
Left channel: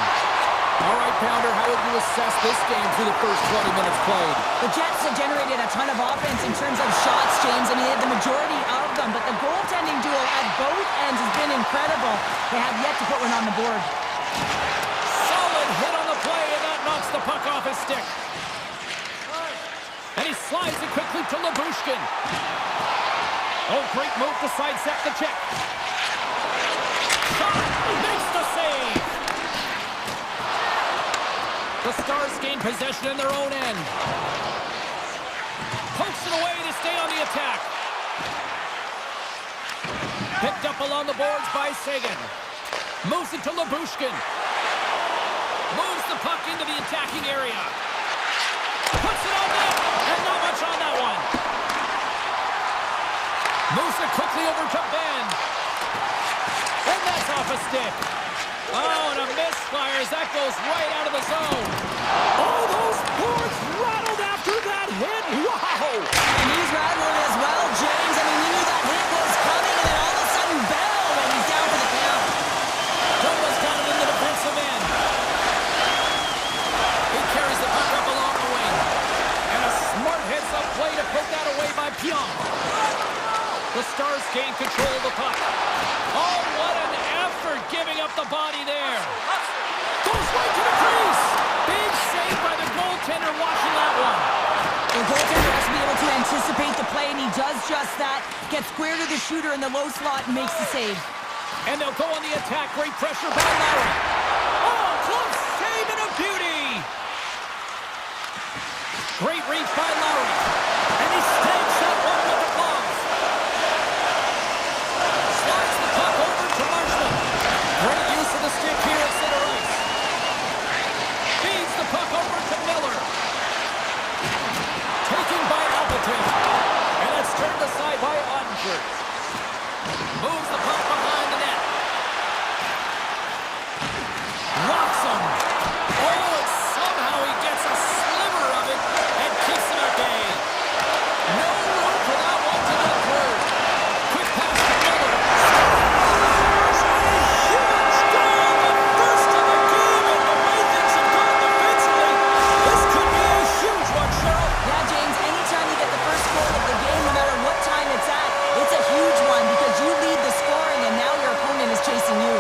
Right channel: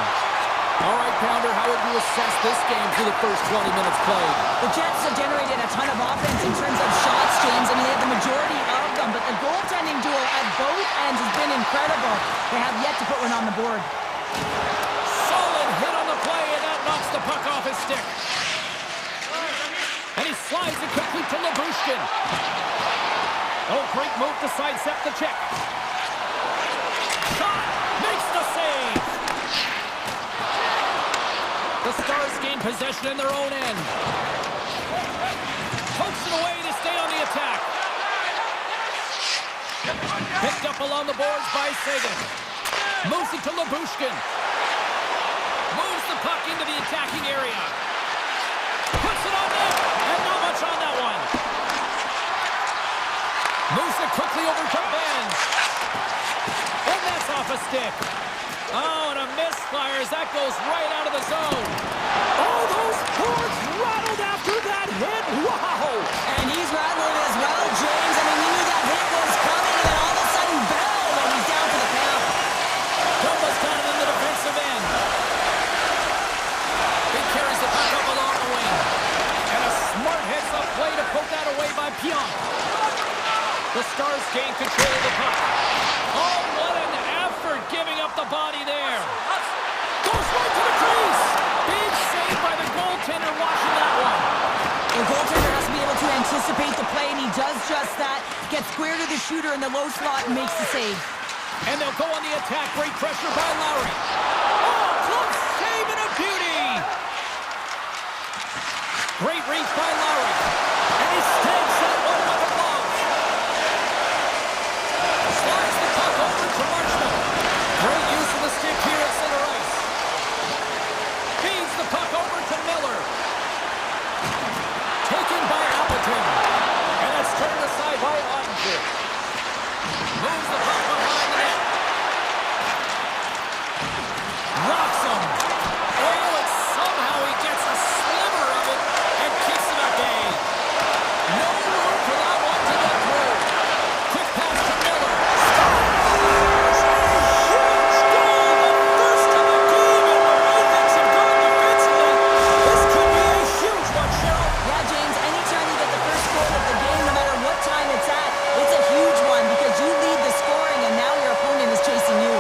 All right, Pounder, how would you assess this game through the first 20 minutes played? The Jets have generated a ton of offense in terms of shots, James. I mean, they have the majority of them, but the goaltending duel at both ends has been incredible. They have yet to put one on the board. Solid hit on the play, and that knocks the puck off his stick. And he slides it quickly to Labushkin. Oh, great move to sidestep the check. Shot! Makes the save! The Stars gain possession in their own end. Pokes it away to stay on the attack. Picked up along the boards by Sagan. Moves it to Labushkin. Moves the puck into the attacking area. Puts it on net, and not much on that one. Moves it quickly over to Ben. And that's off a stick. Oh, and a misfire as that goes right out of the zone. Oh, those boards rattled after that hit. Wow! And he's rattling as well, James. I mean, we knew that hit was coming, and then all of a sudden, Bell, and he's down for the count. Dumba's got it in the defensive end. He carries the puck up along the wing. And a smart heads-up play to poke that away by Pionk. The Stars gain control of the puck. Oh, what an effort giving up the body there. Goes right to the crease. Big save by the goaltender watching that one. The goaltender has to be able to anticipate the play, and he does just that. Gets square to the shooter in the low slot and makes the save. And they'll go on the attack. Great pressure by Lowry. Oh, close save and a beauty. Great reach by Lowry. And he snags that one with the gloves. Slides the puck over to Marshman. Great use of the stick here at center ice. Feeds the puck over to Miller. Taken by Appleton. And that's turned aside by Ottinger. Moves the puck behind the net. Rocks him. Oh, and somehow he gets a sliver of it and kicks him at bay. No room for that one to get through. Quick pass to Miller. Scores! A huge goal! The first of the game, and the way things have gone defensively, this could be a huge one, Cheryl. Yeah, James, anytime you get the first goal of the game, no matter what time it's at, it's a huge one because you lead the scoring, and now your opponent is chasing you.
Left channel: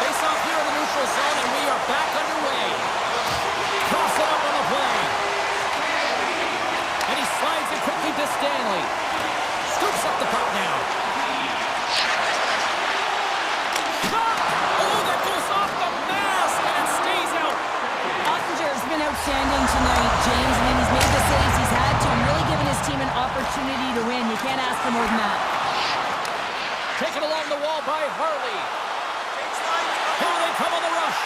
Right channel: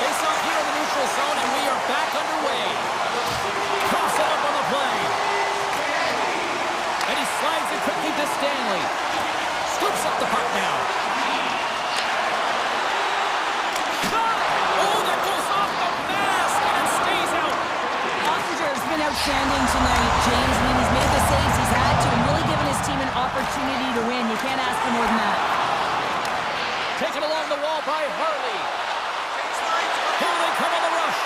Face off here in the neutral zone, and we are back underway. Cross it up on the play. And he slides it quickly to Stanley. Scoops up the puck now. Shot! Oh, that goes off the mask, and it stays out. Ottinger has been outstanding tonight, James. I mean, he's made the saves he's had to and really given his team an opportunity to win. You can't ask for more than that. Taken along the wall by Harley. Here they come on the rush.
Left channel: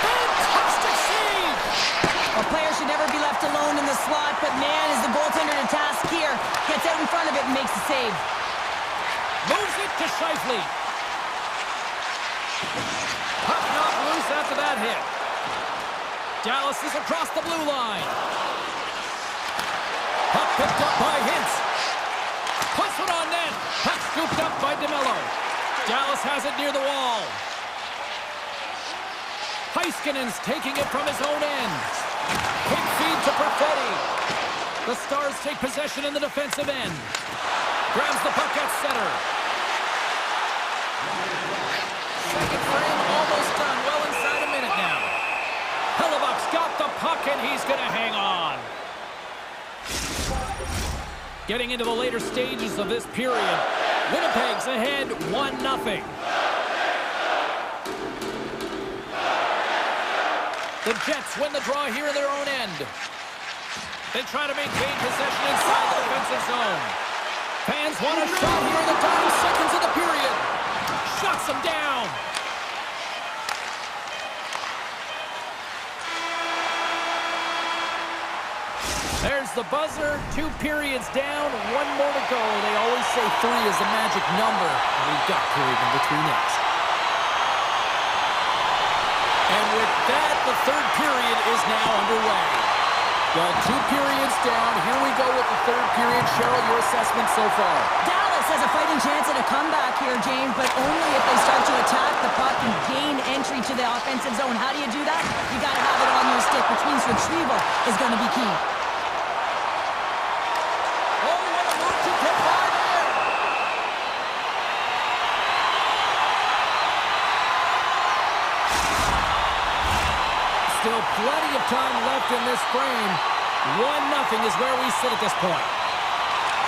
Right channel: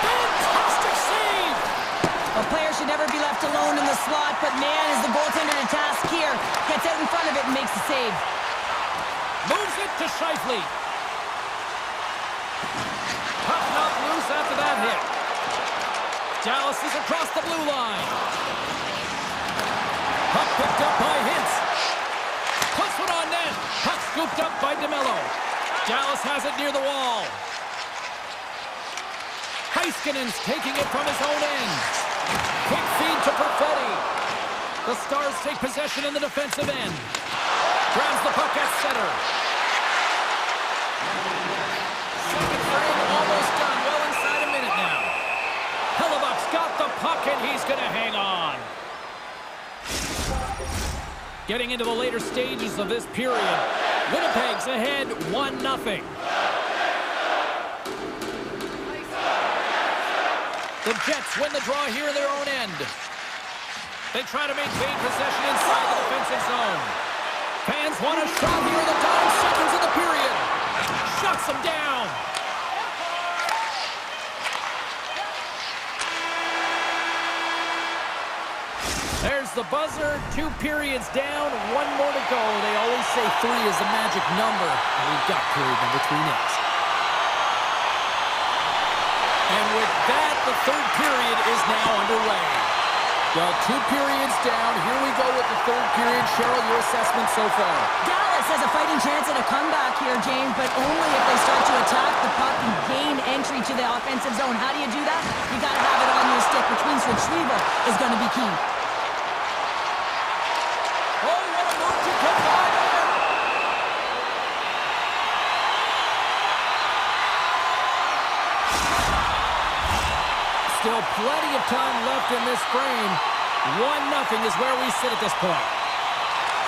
Fantastic save! A player should never be left alone in the slot, but man, is the goaltender to task here. Gets out in front of it and makes the save. Moves it to Scheifele. Puck knocked loose after that hit. Dallas is across the blue line. Puck picked up by Hintz. Puts it on net. Puck scooped up by DeMello. Dallas has it near the wall. Heiskanen's taking it from his own end. Quick feed to Perfetti. The Stars take possession in the defensive end. Grabs the puck at center. Second frame almost done. Well inside a minute now. Hellebuck's got the puck and he's going to hang on. Getting into the later stages of this period. Winnipeg's ahead 1-0. The Jets win the draw here in their own end. They try to maintain possession inside the defensive zone. Fans want a shot here in the dying seconds of the period. Shuts them down. There's the buzzer. 2 periods down, 1 more to go. They always say 3 is the magic number. And we've got period number 3 next. And with that, the third period is now underway. Well, 2 periods down. Here we go with the 3rd period. Cheryl, your assessment so far? Dallas has a fighting chance at a comeback here, James, but only if they start to attack the puck and gain entry to the offensive zone. How do you do that? You got to have it on your stick, which means retrieval is going to be key. Oh, what a move to get by there! Still plenty of time left in this frame. 1-0 is where we sit at this point.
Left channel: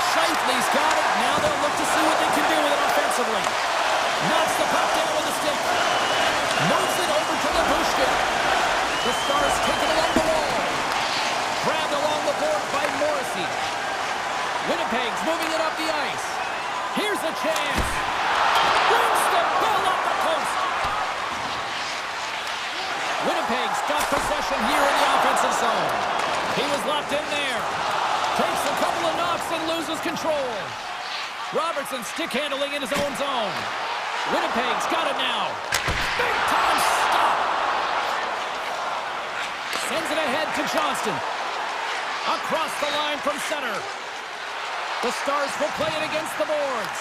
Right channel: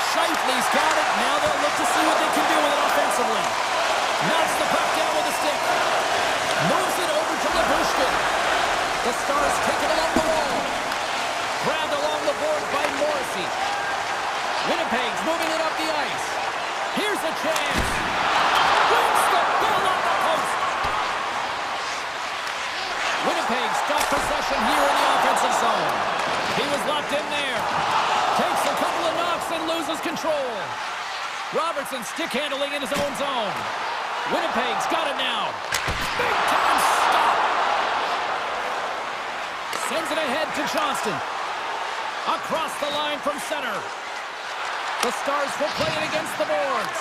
Shifley's got it. Now they'll look to see what they can do with it offensively. Knocks the puck down with a stick. Moves it over to Labushkin. The Stars take it along the wall. Grabbed along the board by Morrissey. Winnipeg's moving it up the ice. Here's a chance. Brings the ball off the post. Winnipeg's got possession here in the offensive zone. He was locked in there. Takes a couple of knocks and loses control. Robertson stick handling in his own zone. Winnipeg's got it now. Big time stop. Sends it ahead to Johnston. Across the line from center. The Stars will play it against the boards.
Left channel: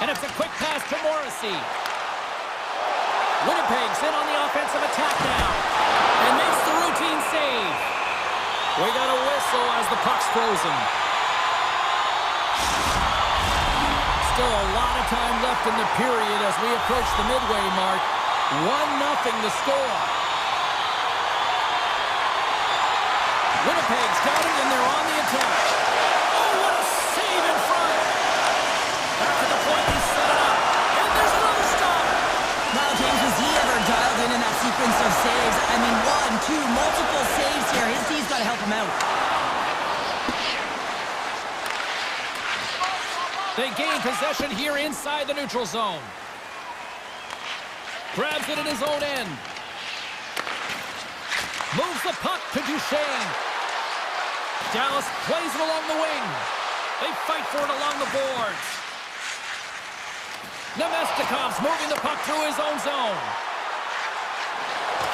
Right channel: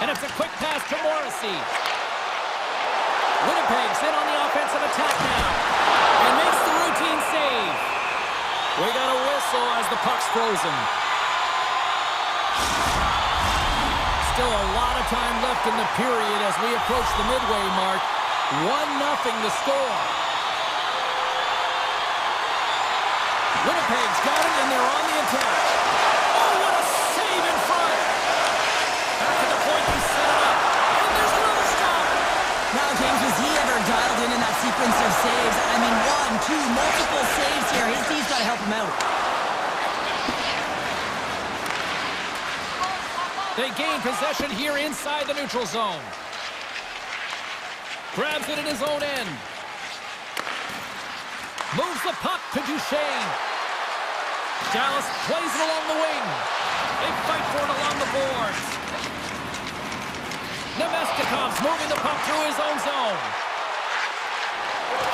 And it's a quick pass to Morrissey. Winnipeg's in on the offensive attack now. And makes the routine save. We got a whistle as the puck's frozen. Still a lot of time left in the period as we approach the midway mark. 1-0 the score. Winnipeg's got it and they're on the attack. Oh, what a save in front. Back at the point, he set it up. And there's another stop. Wow, James, was he ever dialed in that sequence of saves? I mean, 1, 2, multiple saves here. His team's got to help him out. They gain possession here inside the neutral zone. Grabs it in his own end. Moves the puck to Duchesne. Dallas plays it along the wing. They fight for it along the boards. Nemestikov's moving the puck through his own zone.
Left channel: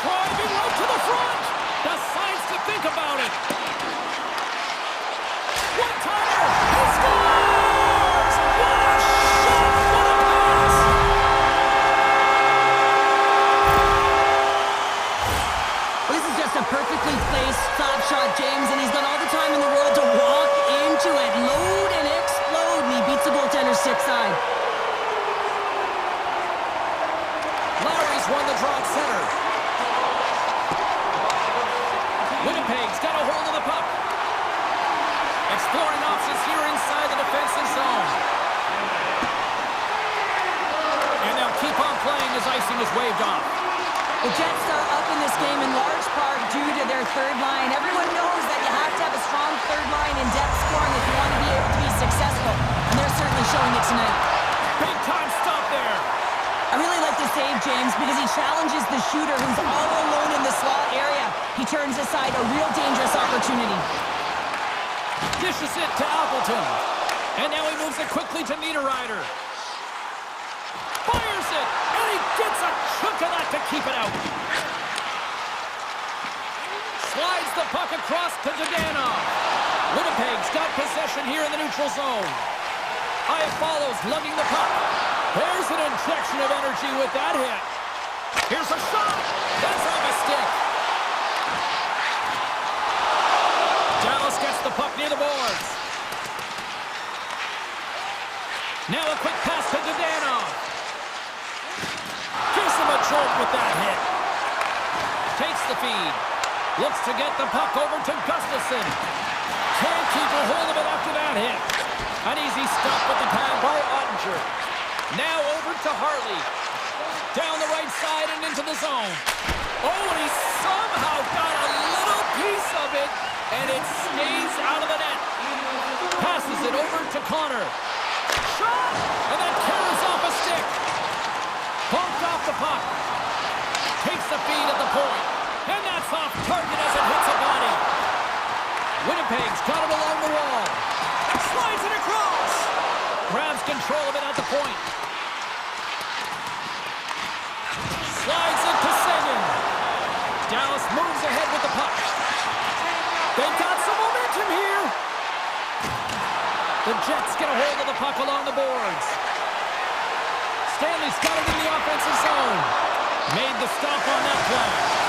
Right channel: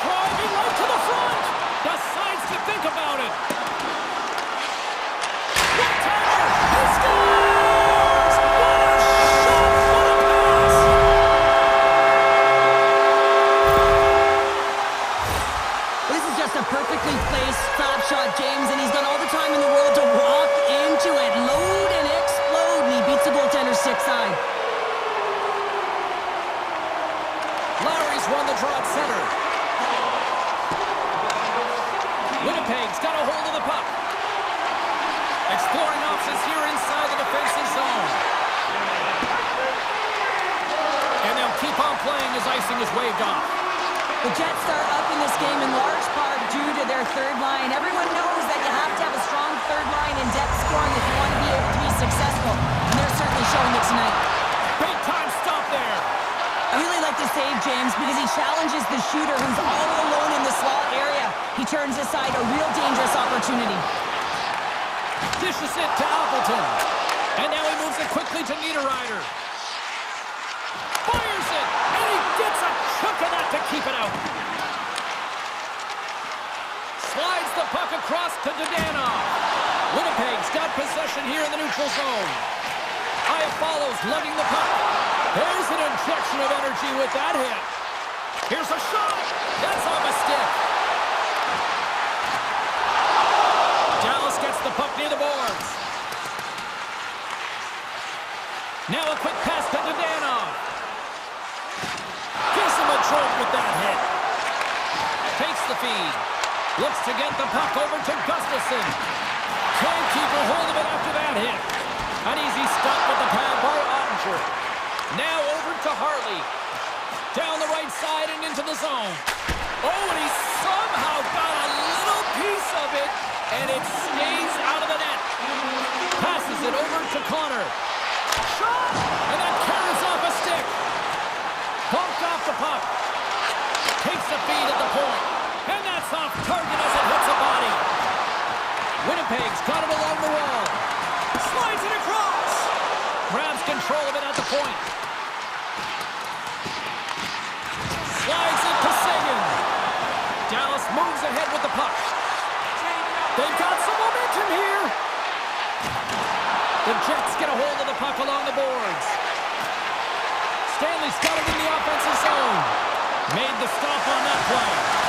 Driving right to the front. Decides to think about it. One-timer. He scores! What a shot! What a pass! Well, this is just a perfectly placed stop shot, James, and he's got all the time in the world to walk into it, load and explode, and he beats the goaltender stick side. Lowry's won the draw at center. Winnipeg's got a hold of the puck. Exploring options here inside the defensive zone. And they'll keep on playing as icing is waved off. The Jets are up in this game in large part due to their third line. Everyone knows that you have to have a strong third line in depth scoring if you want to be able to be successful. And they're certainly showing it tonight. Big time stop there. I really like the save, James, because he challenges the shooter who's all alone in the slot area. He turns aside a real dangerous opportunity. Dishes it to Appleton. And now he moves it quickly to Niederreiter. Fires it, and he gets a chunk of that to keep it out. Slides the puck across to Dadonov. Winnipeg's got possession here in the neutral zone. Aya follows, lugging the puck. There's an injection of energy with that hit. Here's a shot. That's off a stick. Dallas gets the puck near the boards. Now a quick pass to Dadonov. Gives him a jolt with that hit. Takes the feed. Looks to get the puck over to Gustafsson. Can't keep a hold of it after that hit. An easy stop with the pad by Ottinger. Now over to Harley. Down the right side and into the zone. Oh, and he somehow got a little piece of it, and it stays out of the net. Passes it over to Connor. Shot! And that carries off a stick. Bumped off the puck. Takes the feed at the point. And that's off target as it hits a body. Winnipeg's got it along the wall. Slides it across. Grabs control of it at the point. Slides it to Sagan. Dallas moves ahead with the puck. They've got some momentum here. The Jets get a hold of the puck along the boards. Stanley's got it in the offensive zone. Made the stop on that play.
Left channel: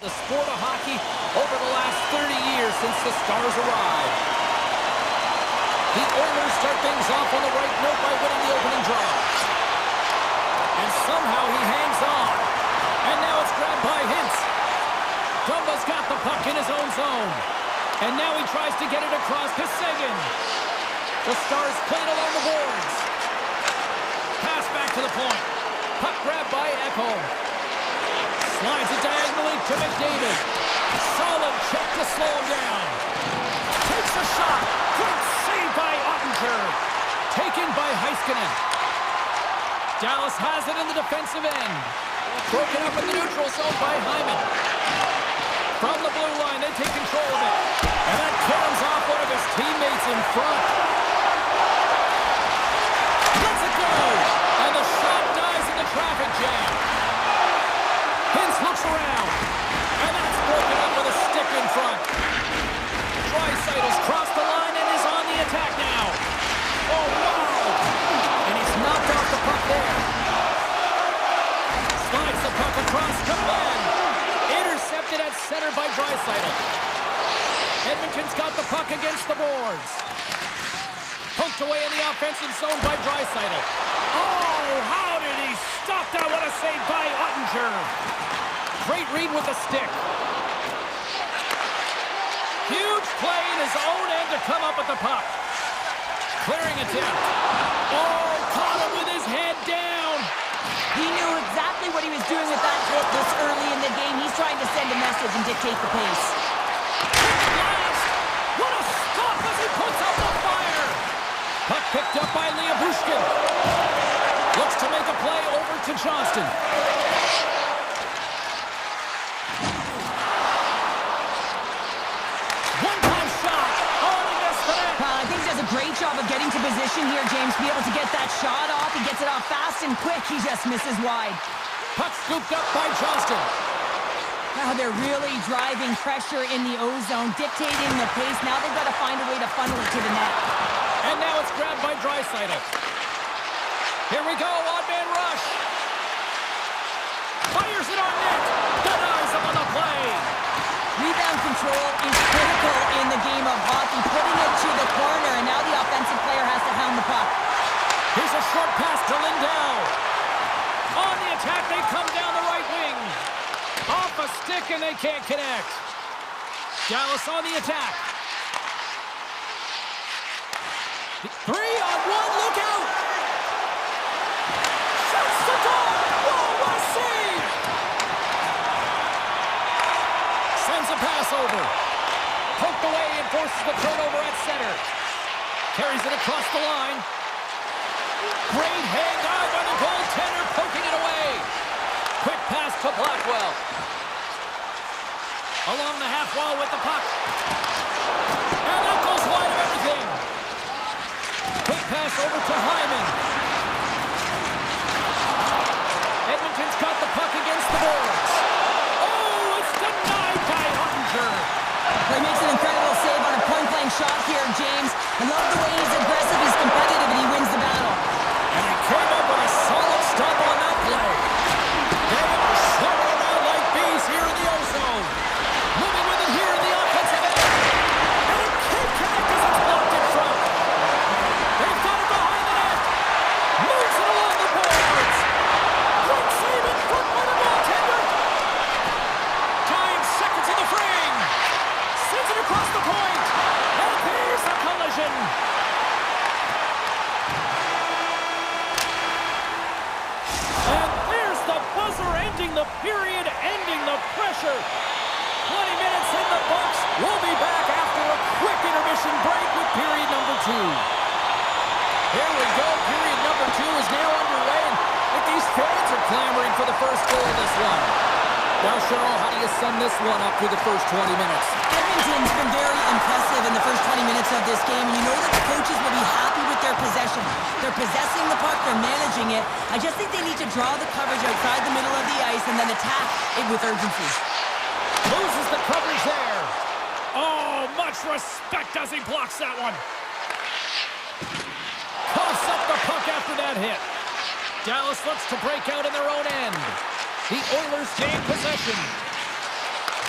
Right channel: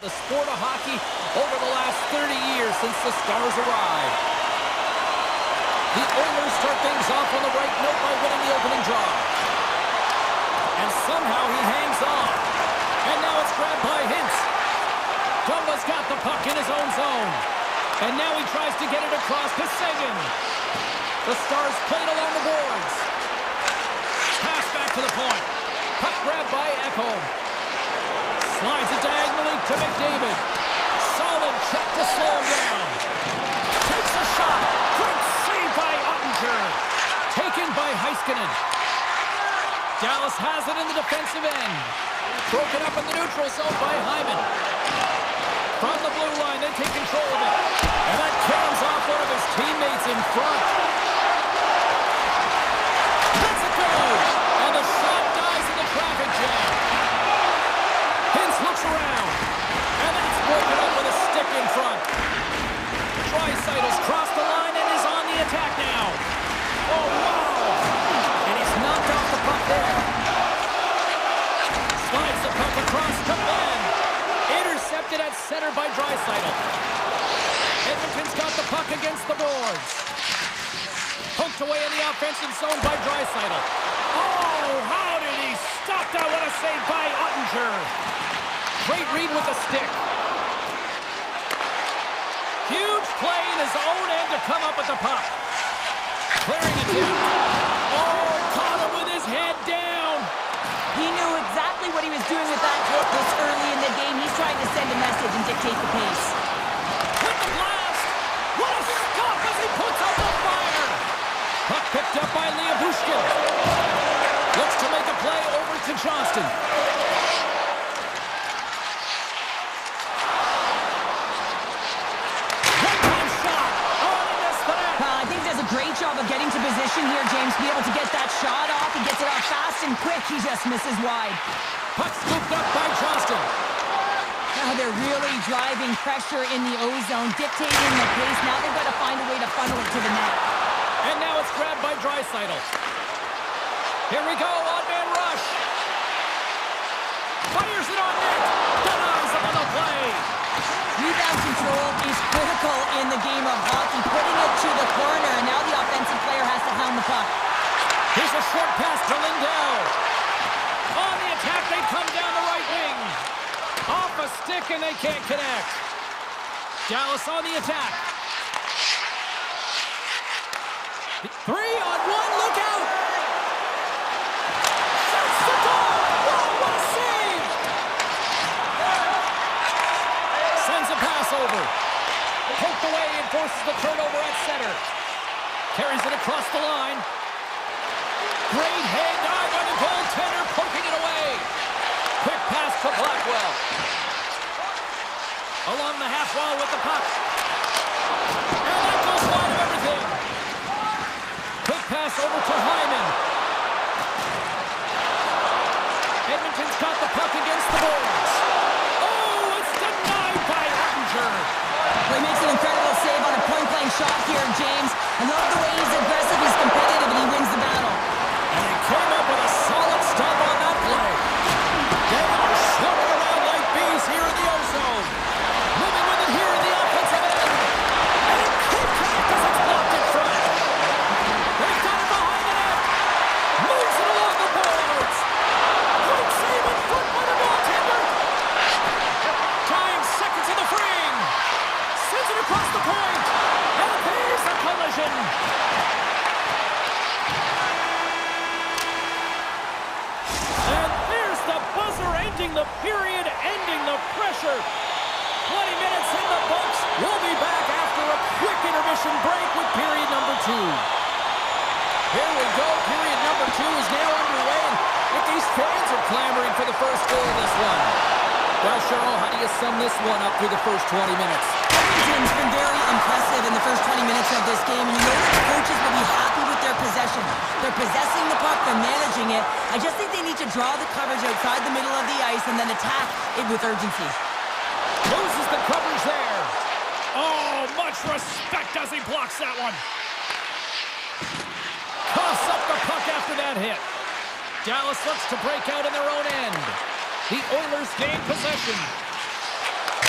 The sport of hockey over the last 30 years since the Stars arrived. The Oilers start things off on the right note by winning the opening draw. And somehow he hangs on. And now it's grabbed by Hintz. Dumba's got the puck in his own zone. And now he tries to get it across to Seguin. The Stars played along the boards. Pass back to the point. Puck grabbed by Echo. Slides it diagonally to McDavid. Solid check to slow him down. Takes a shot. Great save by Ottinger. Taken by Heiskanen. Dallas has it in the defensive end. Broken up in the neutral zone by Hyman. From the blue line, they take control of it. And that caroms off one of his teammates in front. Lets it go. And the shot dies in the traffic jam. Hintz looks around. And that's broken up with a stick in front. Draisaitl's crossed the line and is on the attack now. Oh, wow. And he's knocked off the puck there. Slides the puck across to Ben. Intercepted at center by Draisaitl. Edmonton's got the puck against the boards. Poked away in the offensive zone by Draisaitl. Oh, how did he stop that? What a save by Ottinger. Great read with the stick. Huge play in his own end to come up with the puck. Clearing attempt. Oh, caught him with his head down. He knew exactly what he was doing with that hit this early in the game. He's trying to send a message and dictate the pace. Hit the blast. What a stop as he puts out the fire. Puck picked up by Bushkin. Looks to make a play over to Johnston. One-time shot. Oh, he missed the net. I think he does a great job of getting to position here, James, to be able to get that shot off. He gets it off fast and quick. He just misses wide. Puck scooped up by Johnston. Now they're really driving pressure in the O-zone, dictating the pace. Now they've got to find a way to funnel it to the net. And now it's grabbed by Draisaitl. Here we go, odd-man rush. Fires it on net. Denies him on the play. Rebound control is critical in the game of hockey, putting it to the corner, and now the offensive player has to hound the puck. Here's a short pass to Lindell. On the attack, they come down the right wing. Off a stick, and they can't connect. Dallas on the attack. 3-on-1, look out! Shoots the goal! Whoa, what a save! Sends a pass over. Poked away and forces the turnover at center. Carries it across the line. Great hang dive by the goaltender, poking it away. Quick pass to Blackwell. Along the half wall with the puck. And that goes wide of everything. Quick pass over to Hyman. Edmonton's got the puck against the boards. Oh, it's denied by Ottinger. Well, he makes an incredible save on a point-blank shot here, James. I love the way he's aggressive, he's competitive, and he wins the battle. And he came up with a solid stop on that play. They are swimming around like bees here in the O-zone. Moving with it here in the offensive end. And it can't connect as it's blocked in front. They've got it behind the net. Moves it along the boards. Great save in front by the goaltender. Time seconds in the frame. Sends it across the point. And there's a collision. And there's the buzzer ending the period, ending the pressure. 20 minutes in the books. We'll be back after a quick intermission break with period number 2. Here we go. Period number 2 is now underway. And I think these fans are clamoring for the first goal of this one. Well, Cheryl, how do you sum this one up through the first 20 minutes? Edmonton's been very impressive in the first 20 minutes of this game, and you know that the coaches will be happy with their possession. They're possessing the puck, they're managing it. I just think they need to draw the coverage outside the middle of the ice and then attack it with urgency. Loses the coverage there. Oh, much respect as he blocks that one. Coughs up the puck after that hit. Dallas looks to break out in their own end. The Oilers gain possession.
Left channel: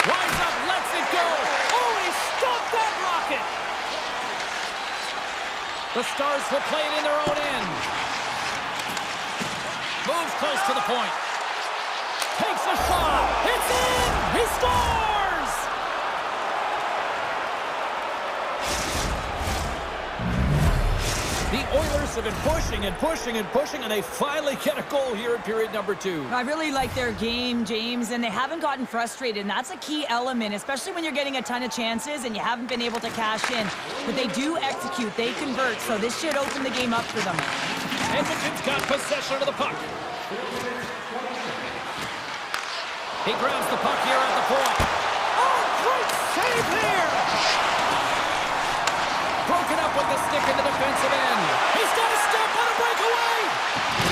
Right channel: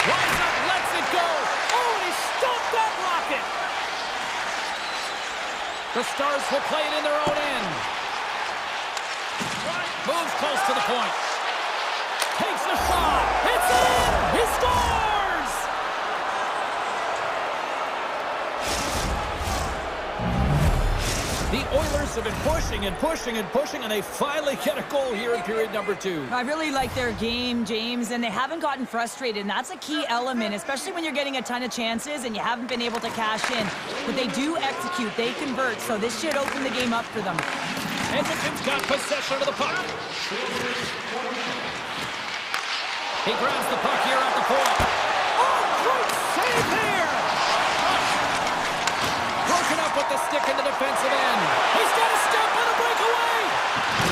Rise up, lets it go. Oh, and he stopped that rocket. The Stars will play it in their own end. Moves close to the point. Takes a shot. It's in! He scores! The Oilers have been pushing and pushing and pushing, and they finally get a goal here in period number 2. I really like their game, James, and they haven't gotten frustrated, and that's a key element, especially when you're getting a ton of chances and you haven't been able to cash in. But they do execute, they convert, so this should open the game up for them. Edmonton's got possession of the puck. He grabs the puck here at the point. Oh, great save here! Broken up with the stick in the defensive end. He's got a step on a breakaway.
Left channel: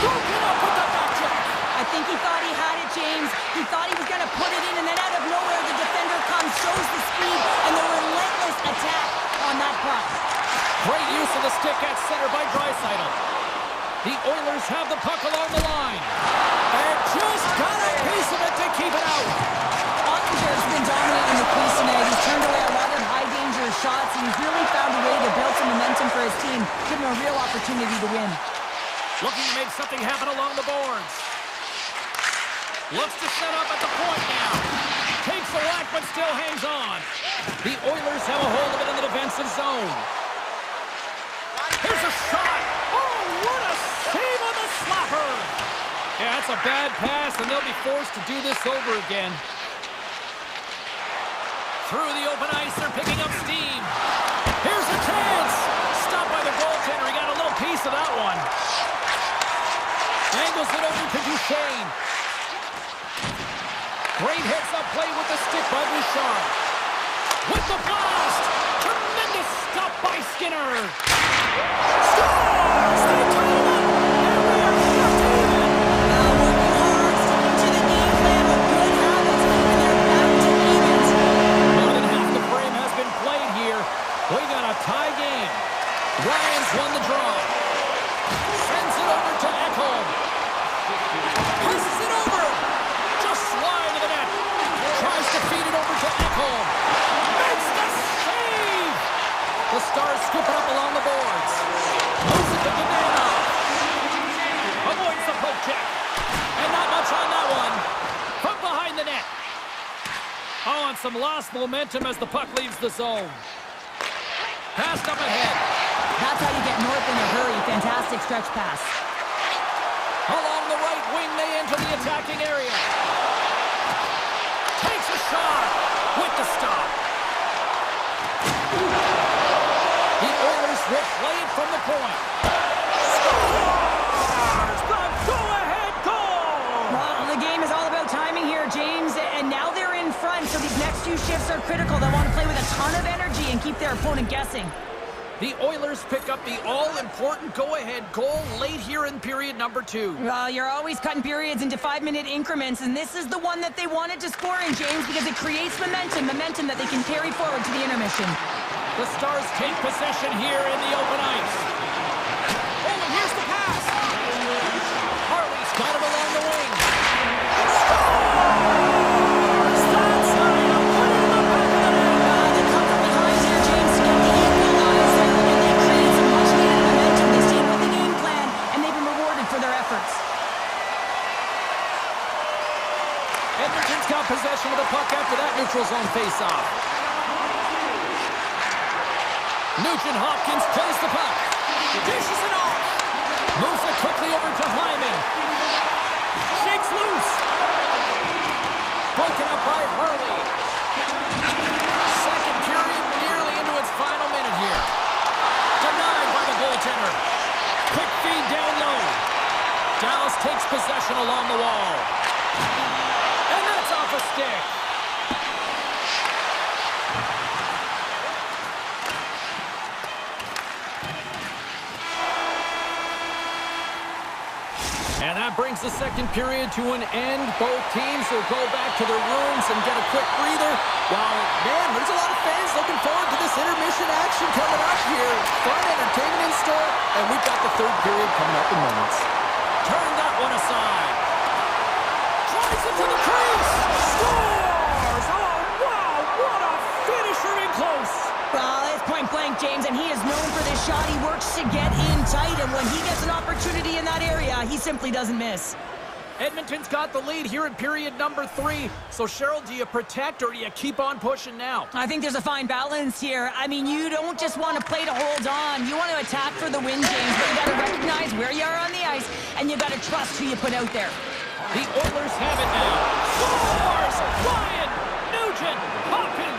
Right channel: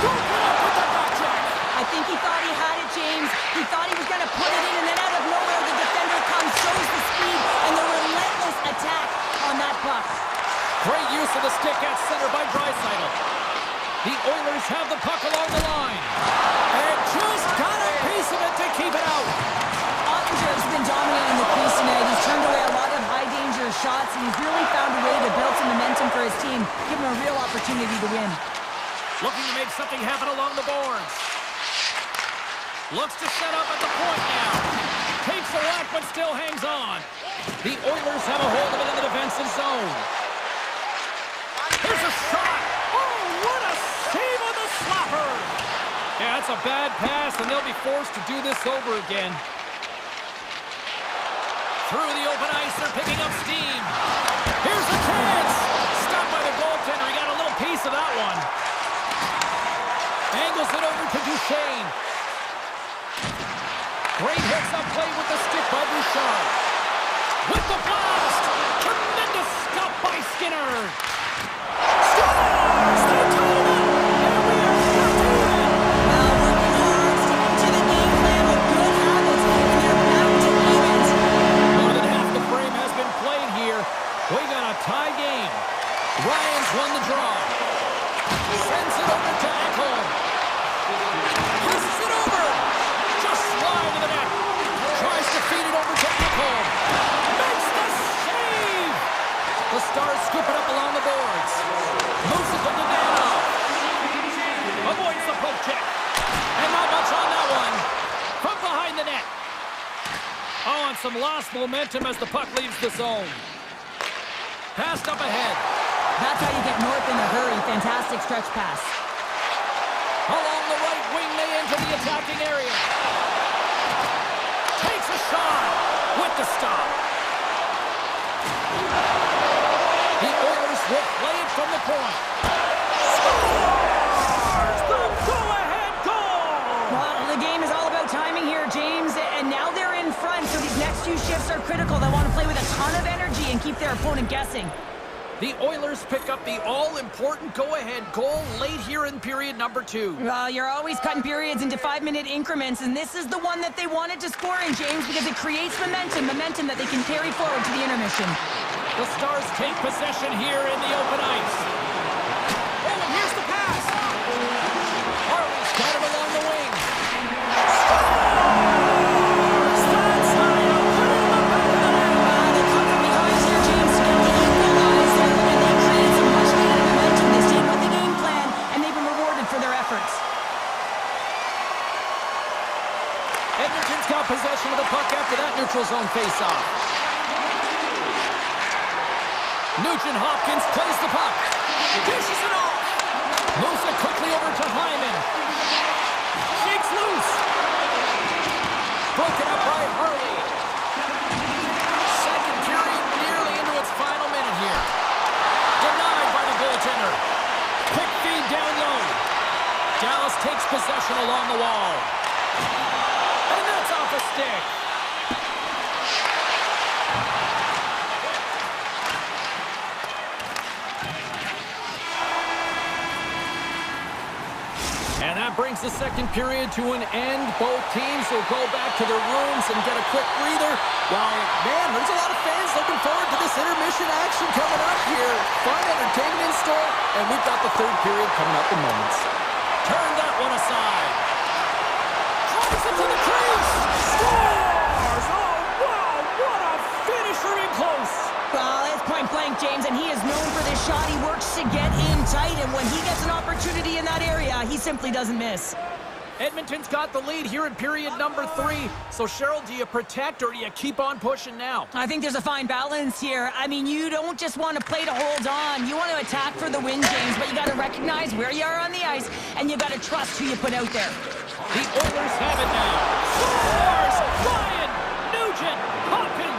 Broken up with the back check. I think he thought he had it, James. He thought he was going to put it in, and then out of nowhere, the defender comes, shows the speed, and the relentless attack on that puck. Great use of the stick at center by Draisaitl. The Oilers have the puck along the line. And just got a piece of it to keep it out. Ottinger's been dominating the crease tonight. He's turned away a lot of high-danger shots, and he's really found a way to build some momentum for his team, give him a real opportunity to win. Looking to make something happen along the boards. Looks to set up at the point now. Takes a whack, but still hangs on. The Oilers have a hold of it in the defensive zone. Here's a shot. Oh, what a save on the slapper. Yeah, that's a bad pass, and they'll be forced to do this over again. Through the open ice, they're picking up steam. Here's a chance. Stopped by the goaltender. He got a little piece of that one. Angles it over to Duchesne. Great heads-up play with the stick by Bouchard. With the blast. Tremendous stop by Skinner. Scores! They tie it up. And we are shut even. Now working hard, sticking to the game plan with good habits, and they're back to evens. More than half the frame has been played here. We got a tie game. Ryan's won the draw. Sends it over to Ekholm. Passes it over. Just slide to the net. Tries to feed it over to Ekholm. Makes the save. The Stars scoop it up along the boards. Moves it to Dadonov. Avoids the poke check. And not much on that one. From behind the net. Oh, and some lost momentum as the puck leaves the zone. Passed up ahead. That's how you get north in a hurry. Fantastic stretch pass. Along the right wing, they enter the attacking area. Takes a shot with the stop. The Oilers will play it from the point. Scores! The go-ahead goal! Well, the game is all about timing here, James, and now they're in front, so these next few shifts are critical. They want to play with a ton of energy and keep their opponent guessing. The Oilers pick up the all-important go-ahead goal late here in period number 2. Well, you're always cutting periods into 5-minute increments, and this is the one that they wanted to score in, James, because it creates momentum that they can carry forward to the intermission. The Stars take possession here in the open ice. Oh, and here's the pass. Harley's got it along the wing. Scores! That's how you put it in the back of the net. They come from behind here, James, to get the equalizer, and they created some much-needed momentum. They stayed with the game plan, and they've been rewarded for their efforts. Edmonton's got possession of the puck after that neutral zone face-off. Nugent-Hopkins plays the puck. Dishes it off. Moves it quickly over to Hyman. Shakes loose. Broken up by Hurley. Second period nearly into its final minute here. Denied by the goaltender. Quick feed down low. Dallas takes possession along the wall. And that's off a stick. And that brings the second period to an end. Both teams will go back to their rooms and get a quick breather. While, man, there's a lot of fans looking forward to this intermission action coming up here. Fun entertainment in store, and we've got the third period coming up in moments. Turn that one aside. Drives it to the crease. Scores! Oh, pressure in close. Well, it's point blank, James, and he is known for this shot. He works to get in tight, and when he gets an opportunity in that area, he simply doesn't miss. Edmonton's got the lead here in period number 3. So, Cheryl, do you protect or do you keep on pushing now? I think there's a fine balance here. I mean, you don't just want to play to hold on. You want to attack for the win, James, but you got to recognize where you are on the ice, and you got to trust who you put out there. The Oilers have it now. Scores! Ryan, Nugent, Hopkins.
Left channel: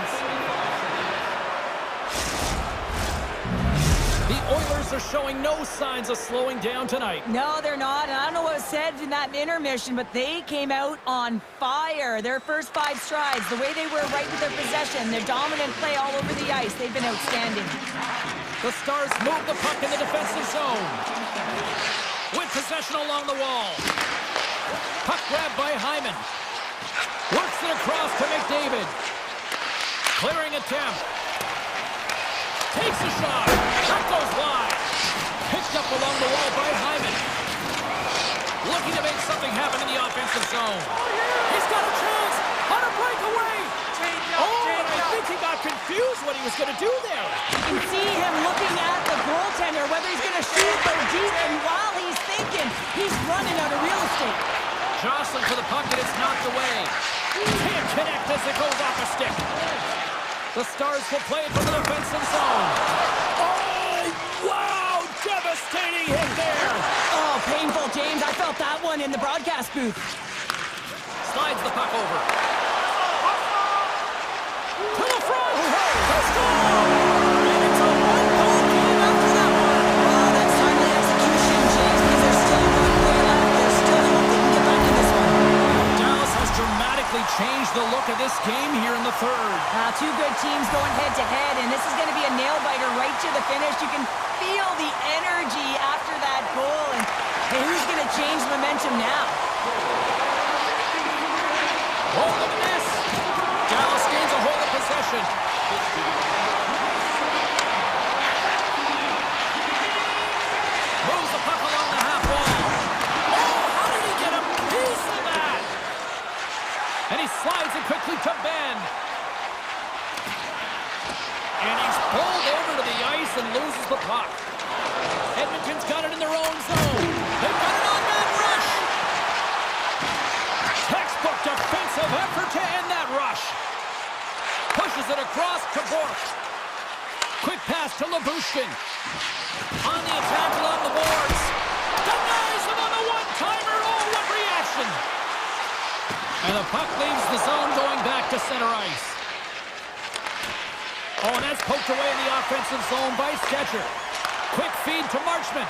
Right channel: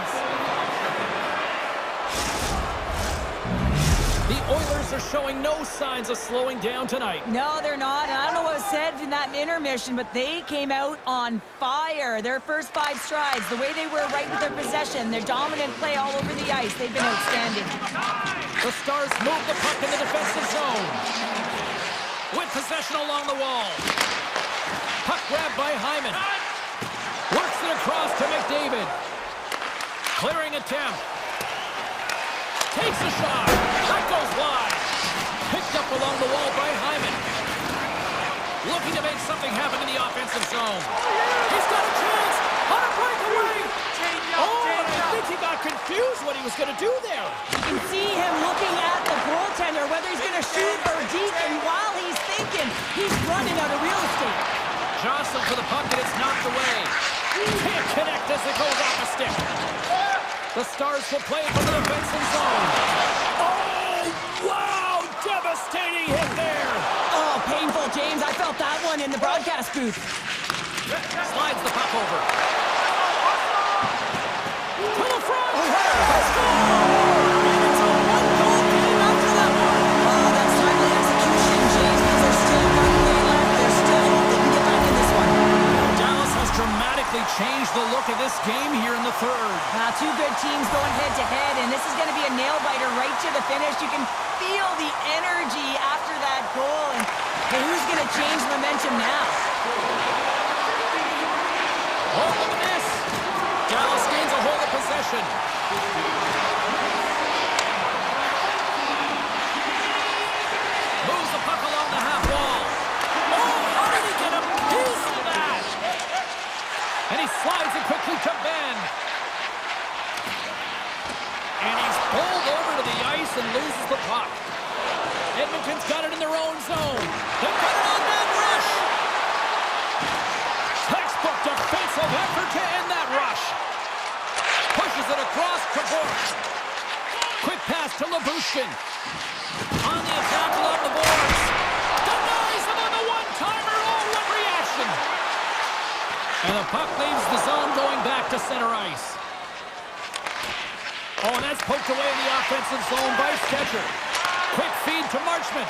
The Oilers are showing no signs of slowing down tonight. No, they're not. And I don't know what was said in that intermission, but they came out on fire. Their first 5 strides, the way they were right with their possession, their dominant play all over the ice, they've been outstanding. The Stars move the puck in the defensive zone. With possession along the wall. Puck grabbed by Hyman. Works it across to McDavid. Clearing attempt. Takes a shot. That goes wide. Picked up along the wall by Hyman. Looking to make something happen in the offensive zone. He's got a chance on a breakaway. And I think he got confused what he was going to do there. You can see him looking at the goaltender, whether he's going to shoot or deep, and while he's thinking, he's running out of real estate. Jostling for the puck, and it's knocked away. Can't connect as it goes off a stick. The Stars will play it from the defensive zone. Oh, wow! Devastating hit there. Oh, painful, James. I felt that one in the broadcast booth. Slides the puck over. To the front! Let's go! And it's a one-goal game after that one. Oh, that's timely execution, James, because there's still 1 play left. There's still hope they can get back in this one. Dallas has dramatically changed the look of this game here in the 3rd. 2 good teams going head-to-head, and this is going to be a nail-biter right to the finish. You can feel the energy after that goal, and hey, who's going to change momentum now? Oh, look at this! Dallas gains a hold of possession. Moves the puck along the half wall. Oh, how did he get a piece of that? And he slides it quickly to Ben. And he's pulled over to the ice and loses the puck. Edmonton's got it in their own zone. They've got an on-man rush. Textbook defensive effort to end that rush. Pushes it across to Bork. Quick pass to Labushkin. On the attack along the boards. Denies him on the one-timer. Oh, what reaction. And the puck leaves the zone going back to center ice. Oh, and that's poked away in the offensive zone by Sketcher. Quick feed to Marchment.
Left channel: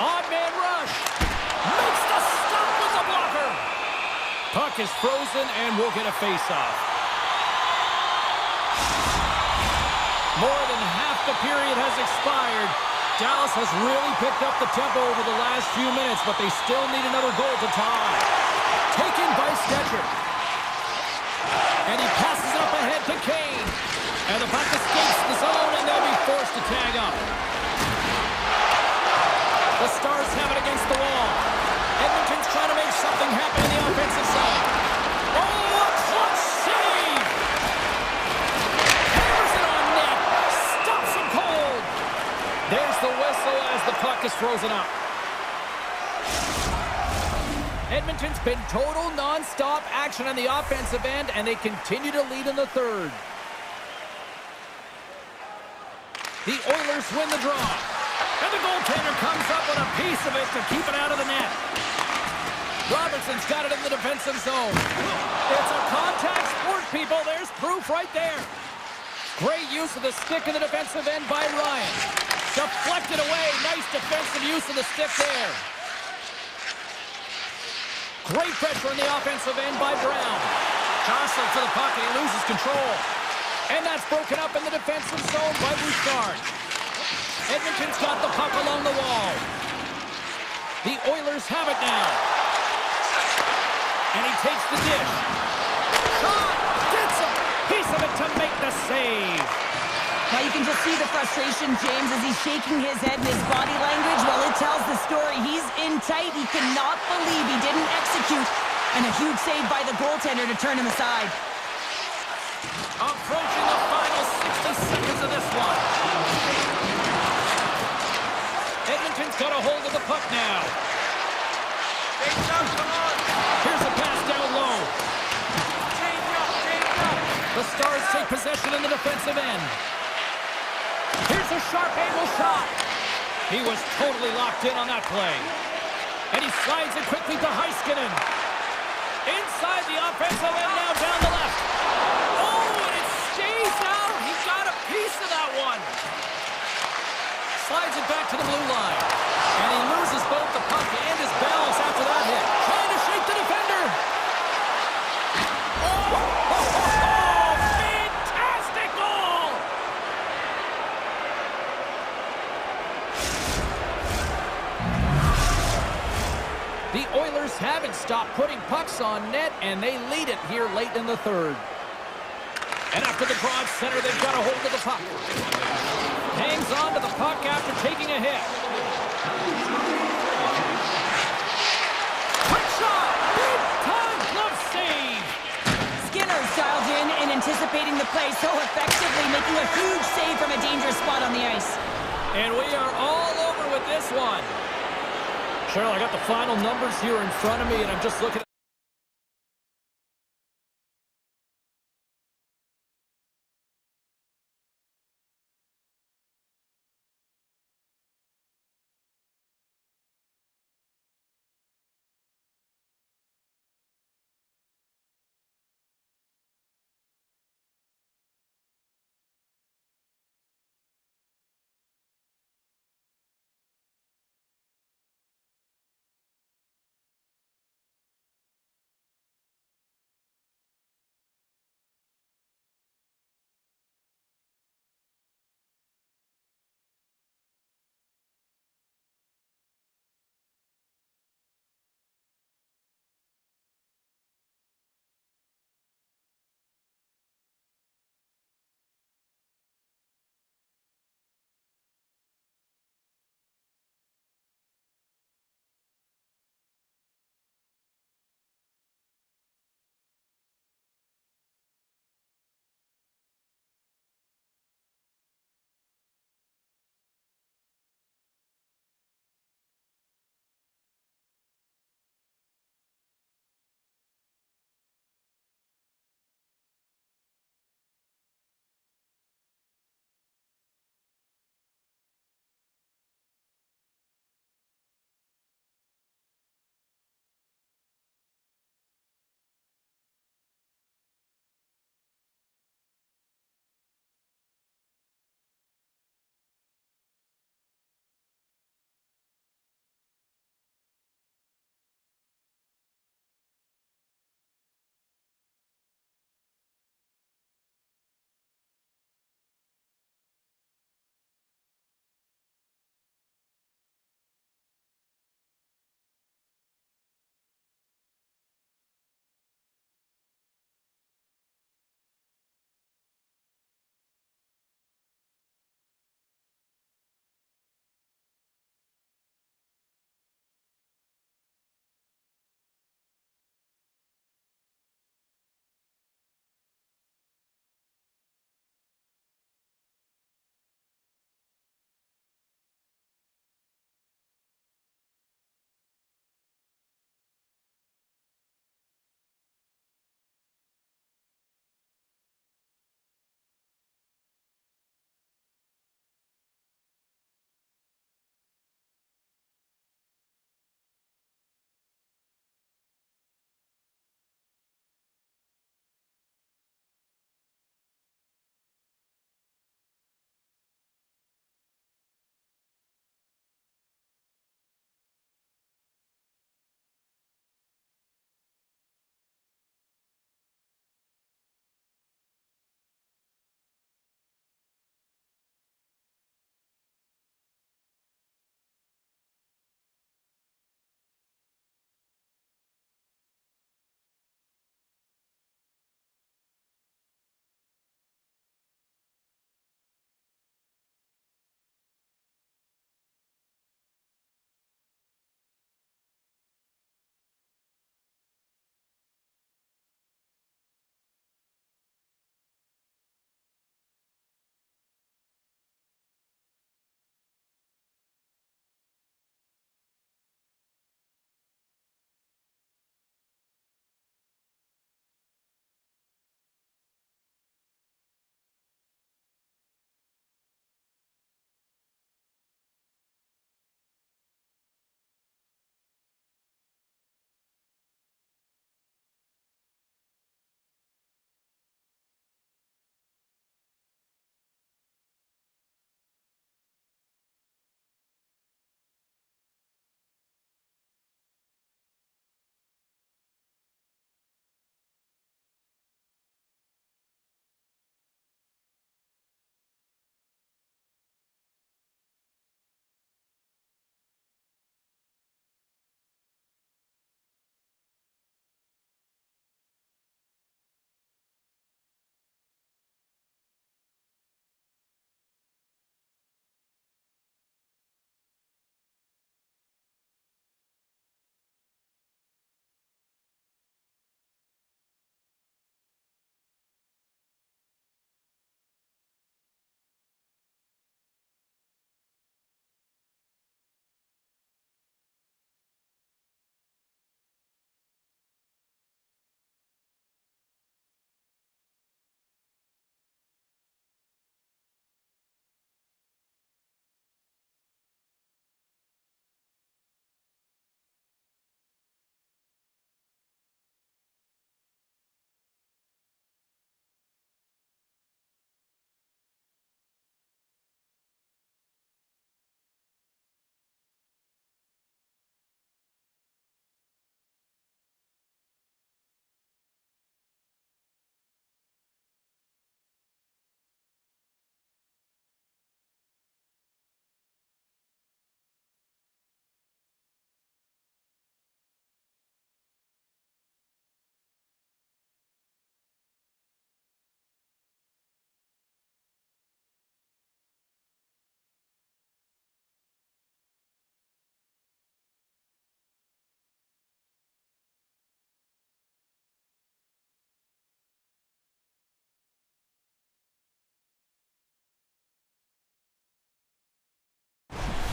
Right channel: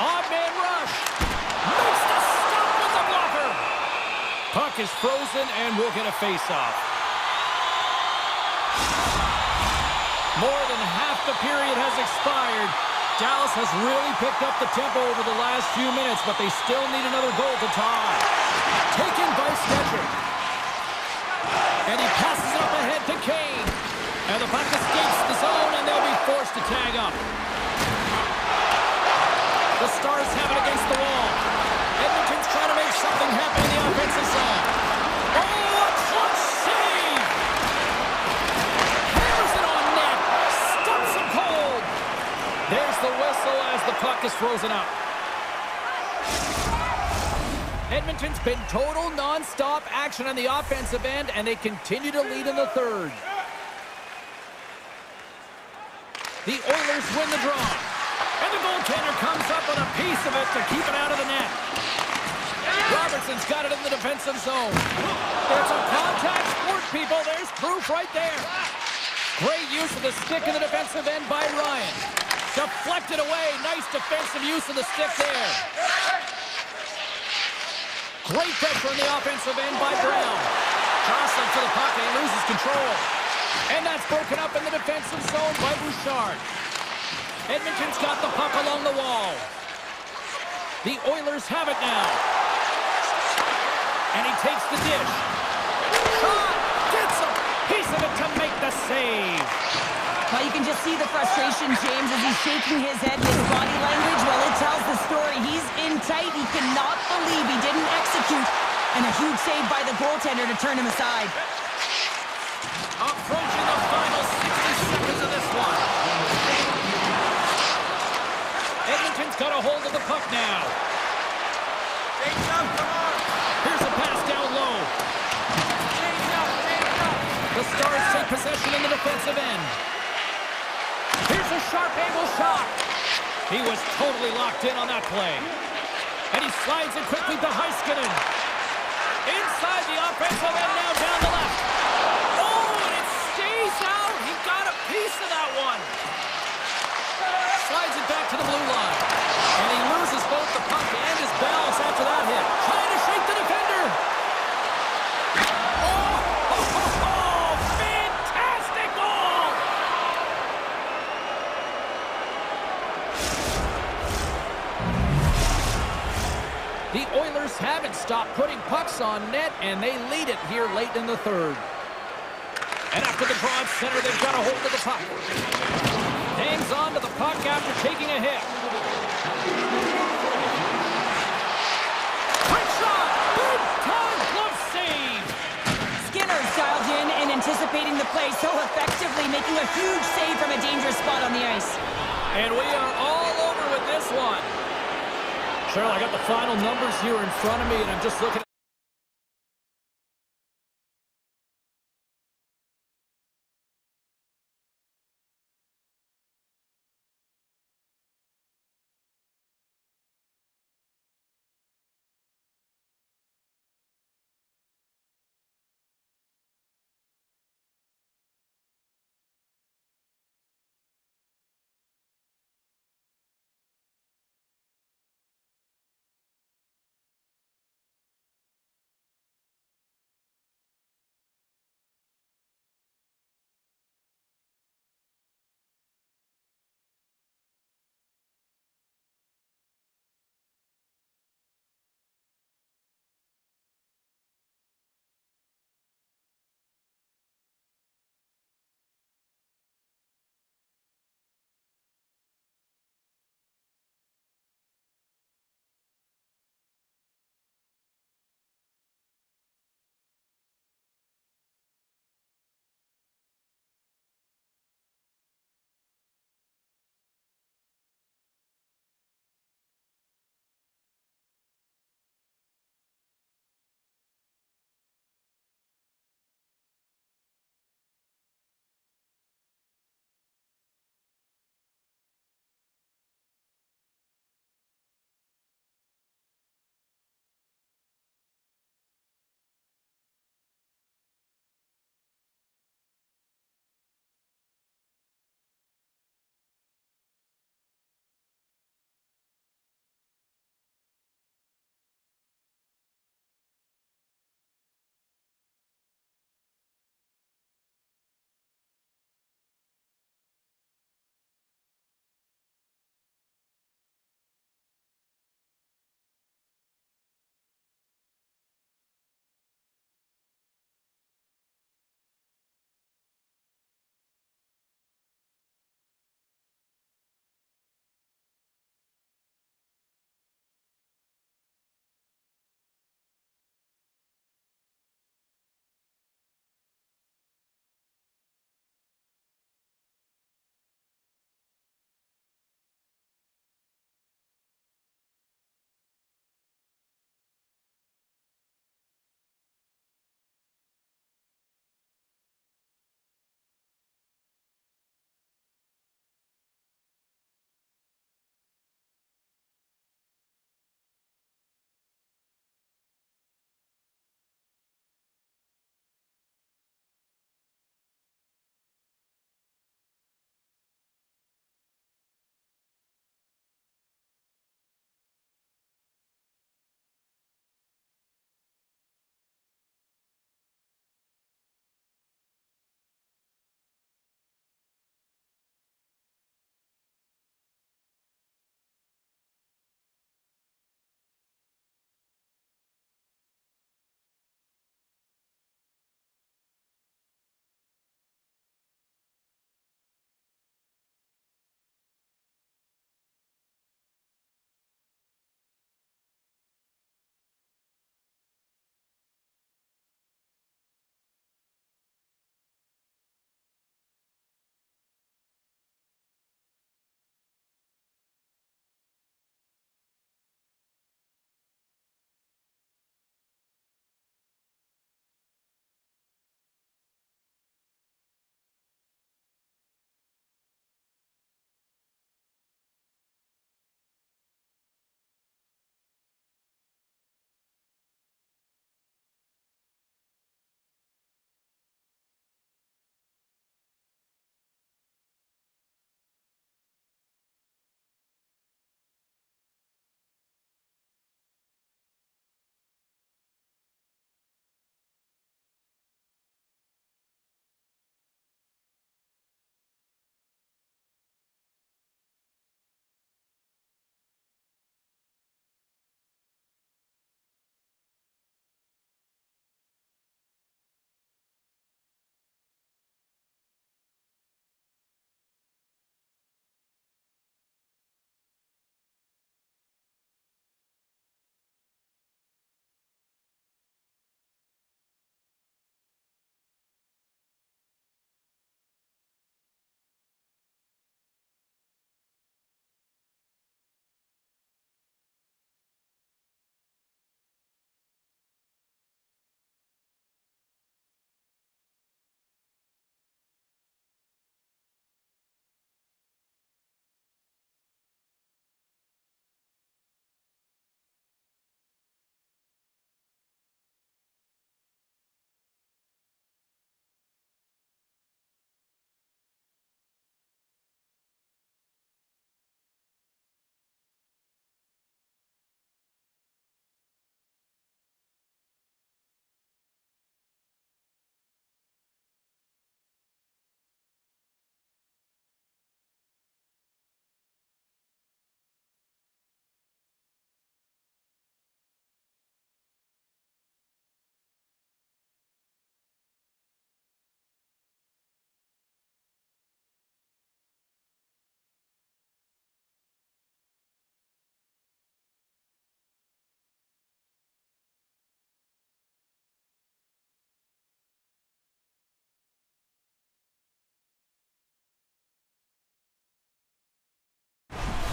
Odd-man rush. Makes the stop with the blocker. Puck is frozen and we'll get a face-off. More than half the period has expired. Dallas has really picked up the tempo over the last few minutes, but they still need another goal to tie. Taken by Sketcher. And he passes it up ahead to Kane. And the puck escapes the zone, and they'll be forced to tag up. The Stars have it against the wall. Edmonton's trying to make something happen in the offensive zone. Oh, a clutch save! Hammers it on net. Stops him cold. There's the whistle as the puck is frozen up. Edmonton's been total non-stop action on the offensive end, and they continue to lead in the 3rd. The Oilers win the draw. And the goaltender comes up with a piece of it to keep it out of the net. Robertson's got it in the defensive zone. It's a contact sport, people. There's proof right there. Great use of the stick in the defensive end by Ryan. Deflected away. Nice defensive use of the stick there. Great pressure on the offensive end by Brown. Jostling for the puck, and he loses control. And that's broken up in the defensive zone by Bouchard. Edmonton's got the puck along the wall. The Oilers have it now. And he takes the dish. Shot! Gets a piece of it to make the save. Well, you can just see the frustration, James, as he's shaking his head and his body language. Well, it tells the story. He's in tight. He cannot believe he didn't execute. And a huge save by the goaltender to turn him aside. Approaching the final 60 seconds of this one. Edmonton's got a hold of the puck now. Change up, come on. Here's a pass down low. Change up, change up. The Stars take possession in the defensive end. Here's a sharp angle shot. He was totally locked in on that play. And he slides it quickly to Heiskanen. Inside the offensive end, now down the left. Oh, and it stays out. He got a piece of that one. Slides it back to the blue line. And he loses both the puck and his balance after that hit. Trying to shake the defender. Oh, fantastic goal! The Oilers haven't stopped putting pucks on net, and they lead it here late in the third. And after the draw at center, they've got a hold of the puck. Hangs on to the puck after taking a hit. Quick shot! Big time glove save! Skinner's dialed in and anticipating the play so effectively, making a huge save from a dangerous spot on the ice. And we are all over with this one. Cheryl, I got the final numbers here in front of me, and I'm just looking at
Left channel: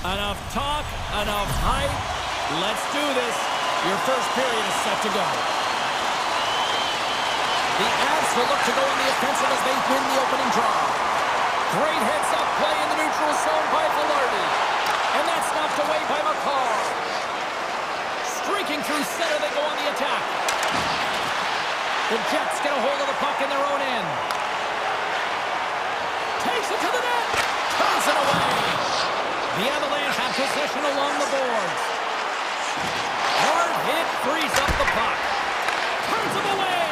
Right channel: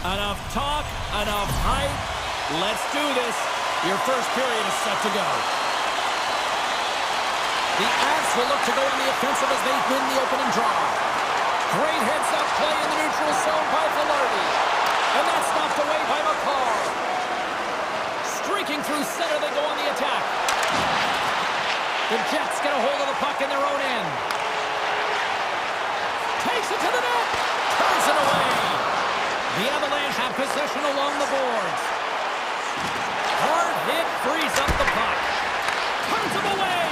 Enough talk, enough hype. Let's do this. Your first period is set to go. The Avs will look to go on the offensive as they win the opening draw. Great heads-up play in the neutral zone by Velarde. And that's knocked away by McCarr. Streaking through center, they go on the attack. The Jets get a hold of the puck in their own end. Takes it to the net. Turns it away. The Avalanche have possession along the boards. Hard hit frees up the puck. Turns him away.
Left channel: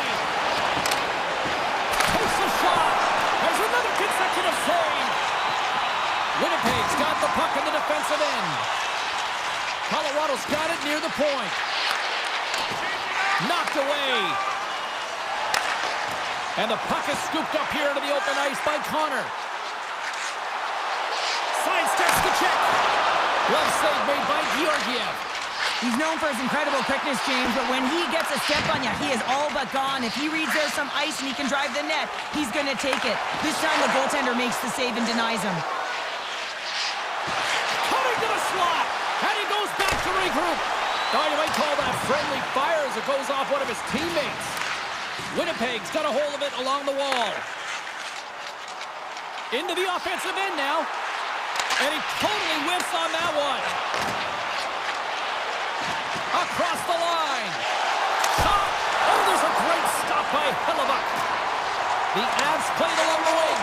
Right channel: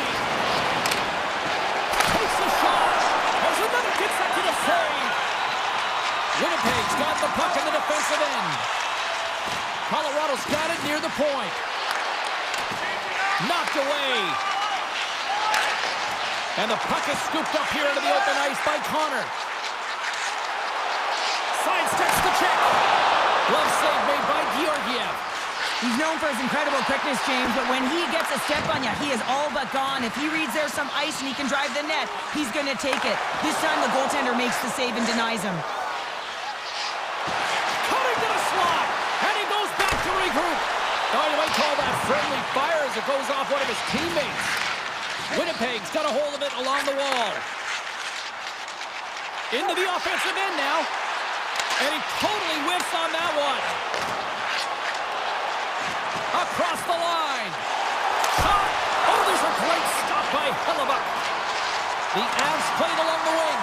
Takes a shot. There's another consecutive save. Winnipeg's got the puck in the defensive end. Colorado's got it near the point. Knocked away. And the puck is scooped up here into the open ice by Connor. Sidesteps the check. Glove save made by Georgiev. He's known for his incredible quickness, James, but when he gets a step on you, he is all but gone. If he reads there's some ice and he can drive the net, he's going to take it. This time the goaltender makes the save and denies him. Cutting to the slot, and he goes back to regroup. Oh, you might call that friendly fire as it goes off one of his teammates. Winnipeg's got a hold of it along the wall. Into the offensive end now. And he totally whiffs on that one. Across the line. Shot. Oh, there's a great stop by Hellebuck. The Avs played along the wing.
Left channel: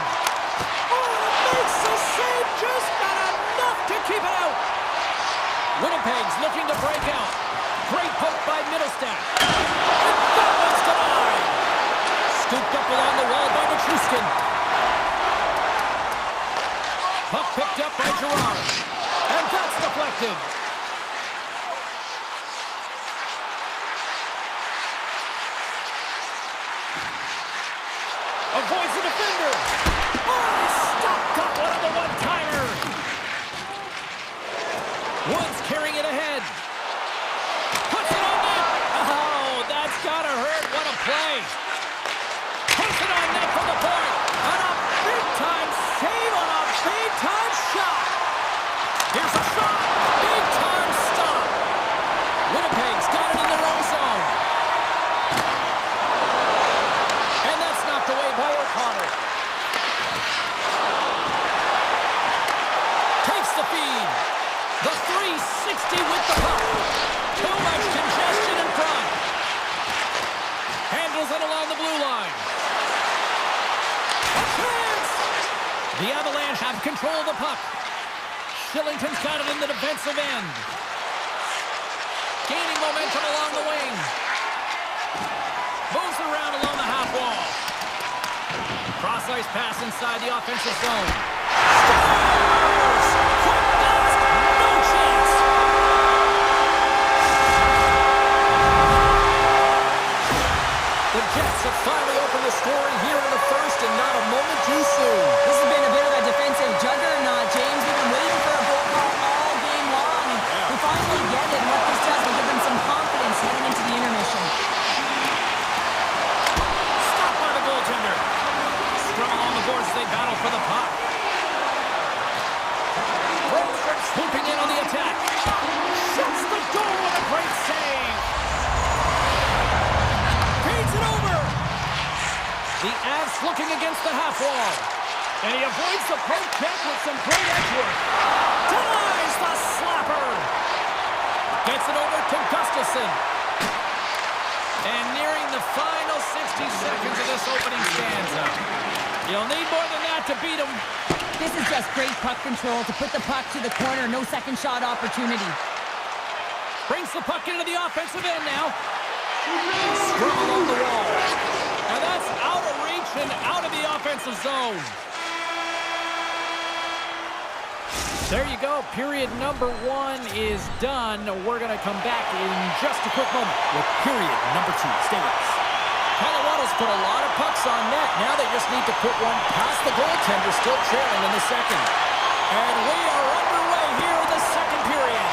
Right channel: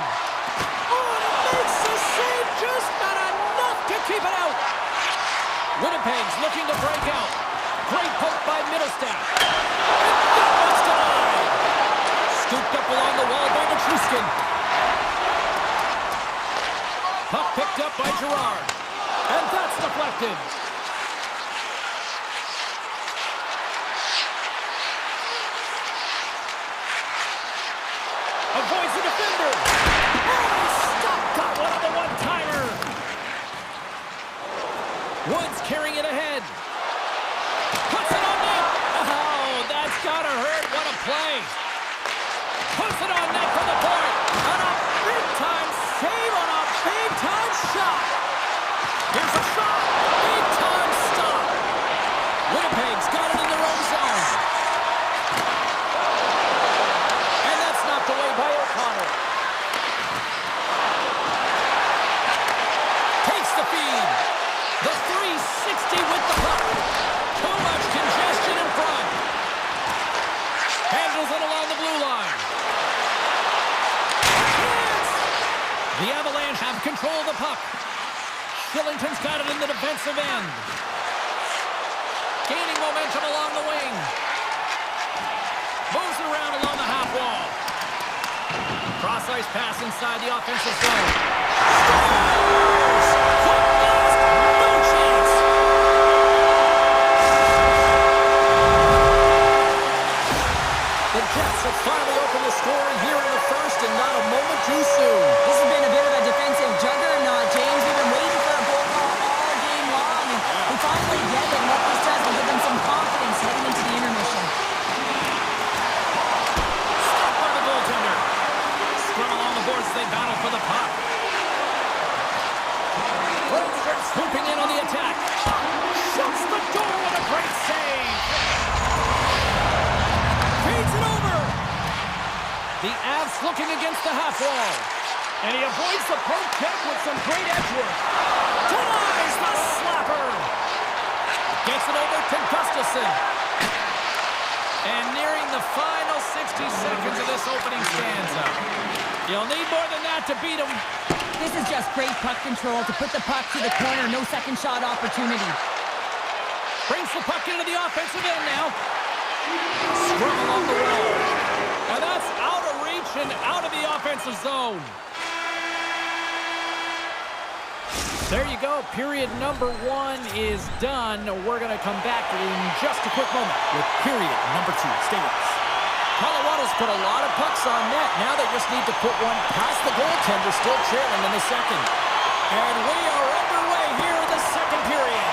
Oh, and it makes the save. Just not enough to keep it out. Winnipeg's looking to break out. Great poke by Middlestat. And that one's denied. Scooped up along the wall by Nichushkin. Puck picked up by Girard. And that's deflected. Avoids the defender. Oh, stop! Got one on the one-timer. Woods carrying it ahead. Puts it on net. Oh, that's gotta hurt. What a play. Puts it on net for the point. And a big-time save on a big-time shot. Here's a shot. Big-time stop. Winnipeg's got it in their own zone. And that's knocked away by O'Connor. Takes the feed. The 360 with the puck. Too much congestion in front. Handles it along the blue line. A chance! The Avalanche have control of the puck. Shillington's got it in the defensive end. Gaining momentum along the wing. Moves around along the half wall. Cross-ice pass inside the offensive zone. Scores! Quick blast! No chance! The Jets have finally opened the scoring here in the first, and not a moment too soon. This has been a bit of a defensive juggernaut, James. We've been waiting for a goal call all game long, and we finally get it. And what this does will give them some confidence heading into the intermission. Stopped by the goaltender. Scrum along the boards as they battle for the puck. Brandstrom swooping in on the attack. Shuts the door with a great save. Feeds it over. The Avs looking against the half wall. And he avoids the poke check with some great edge work. Denies the slapper. Gets it over to Gustafsson. And nearing the final 60 seconds of this opening stanza. You'll need more than that to beat him. This is just great puck control to put the puck to the corner. No second shot opportunity. Brings the puck into the offensive end now. Scrum along the wall. And that's out of reach and out of the offensive zone. There you go. Period number 1 is done. We're going to come back in just a quick moment with period number 2. Stay with us. Colorado's put a lot of pucks on net. Now they just need to put one past the goaltender, still trailing in the second. And we are underway here in the second period.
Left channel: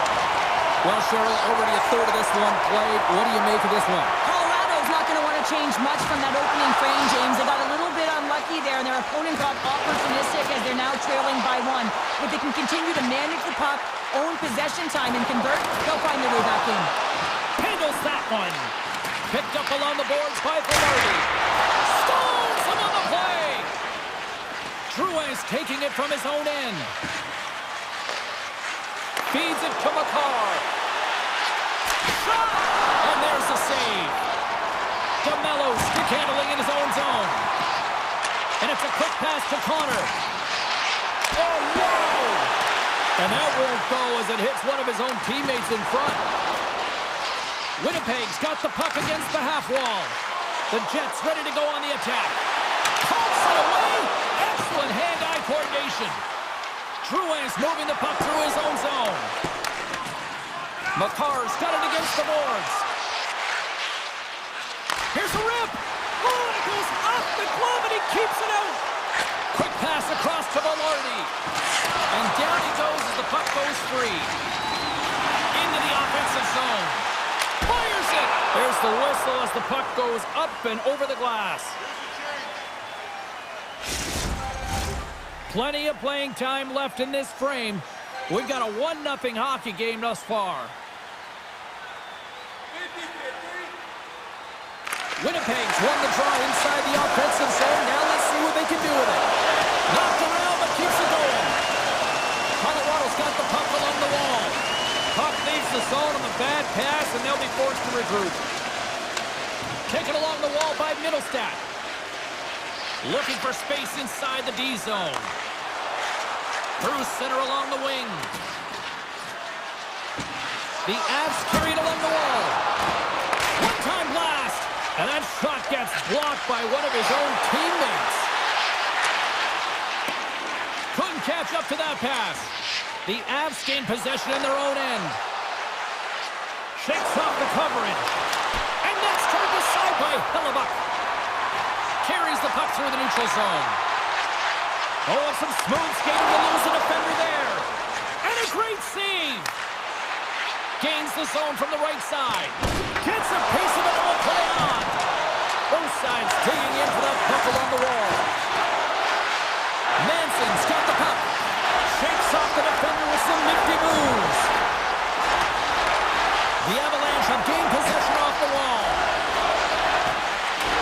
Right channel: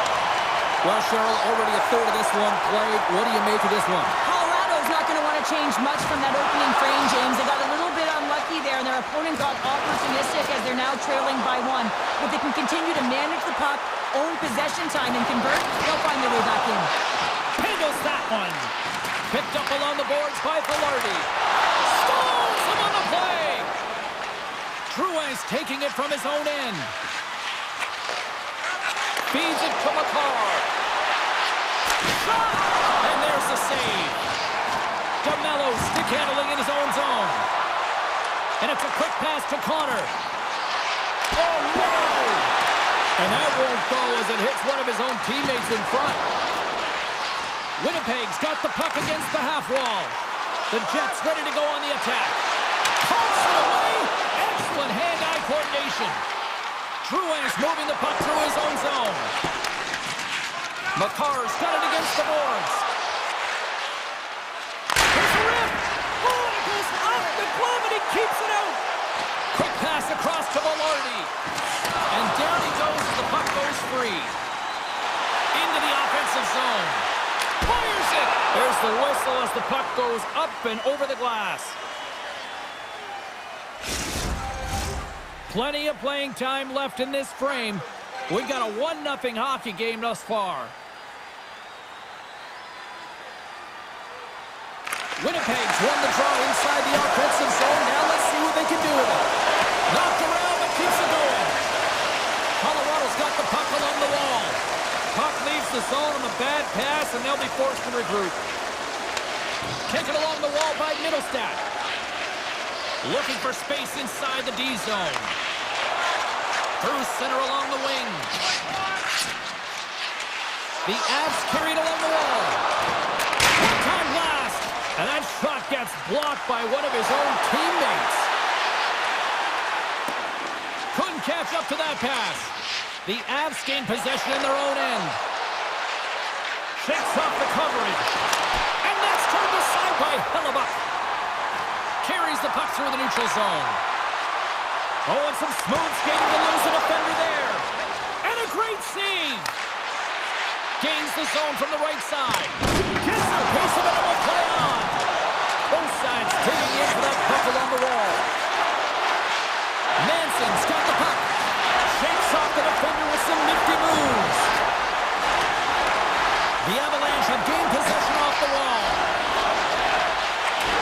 Well, Cheryl, already a third of this one played. What do you make of this one? Colorado Colorado's not going to want to change much from that opening frame, James. They got a little bit unlucky there, and their opponent got opportunistic as they're now trailing by 1. If they can continue to manage the puck, own possession time, and convert, they'll find their way back in. Handles that one. Picked up along the boards by Velarde. Stalls him on the play. Truex taking it from his own end. Feeds it to McCarr. Shot! And there's the save. DeMello stick handling in his own zone. And it's a quick pass to Connor. Oh, wow! And that won't go as it hits one of his own teammates in front. Winnipeg's got the puck against the half wall. The Jets ready to go on the attack. Pulls it away. Excellent hand-eye coordination. Truex moving the puck through his own zone. McCarr's got it against the boards. Here's a rip. Oh, and it goes off the glove, and he keeps it out. Quick pass across to Velarde. And down he goes as the puck goes free. Into the offensive zone. Fires it. There's the whistle as the puck goes up and over the glass. Plenty of playing time left in this frame. We've got a 1-0 hockey game thus far. Winnipeg's won the draw inside the offensive zone. Now let's see what they can do with it. Knocked around, but keeps it going. Colorado's got the puck along the wall. Puck leaves the zone on the bad pass, and they'll be forced to regroup. Taken along the wall by Middlestat. Looking for space inside the D zone. Through center along the wing. The Avs carried along the wall. One-time blast. And that shot gets blocked by one of his own teammates. Couldn't catch up to that pass. The Avs gain possession in their own end. Shakes off the coverage. And that's turned aside by Hellebuck. Carries the puck through the neutral zone. Oh, and some smooth skating to lose a defender there. And a great save. Gains the zone from the right side. Gets a piece of it and will play on. Both sides digging in for that puck along the wall. Manson's got the puck. Shakes off the defender with some nifty moves. The Avalanche have gained possession off the wall.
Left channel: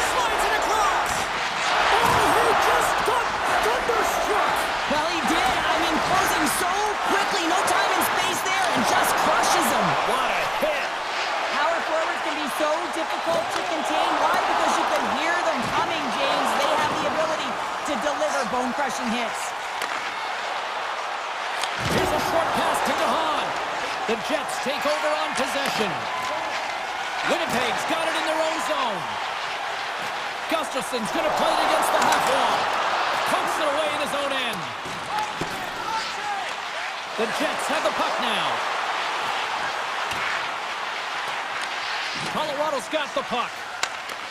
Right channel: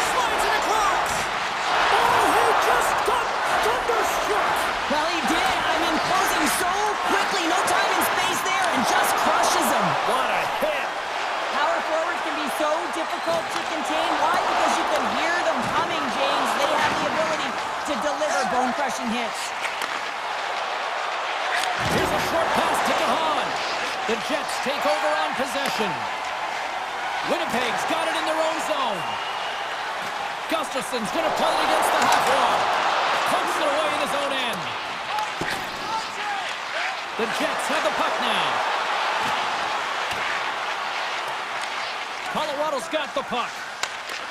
Slides it across. Oh, he just got thunderstruck. Well, he did. I mean, closing so quickly. No time and space there, and just crushes him. What a hit. Power forwards can be so difficult to contain. Why? Because you can hear them coming, James. They have the ability to deliver bone-crushing hits. Here's a short pass to DeHaan. The Jets take over on possession. Winnipeg's got it in their own zone. Gustafson's going to play it against the half wall. Pokes it away in his own end. The Jets have the puck now. Colorado's got the puck.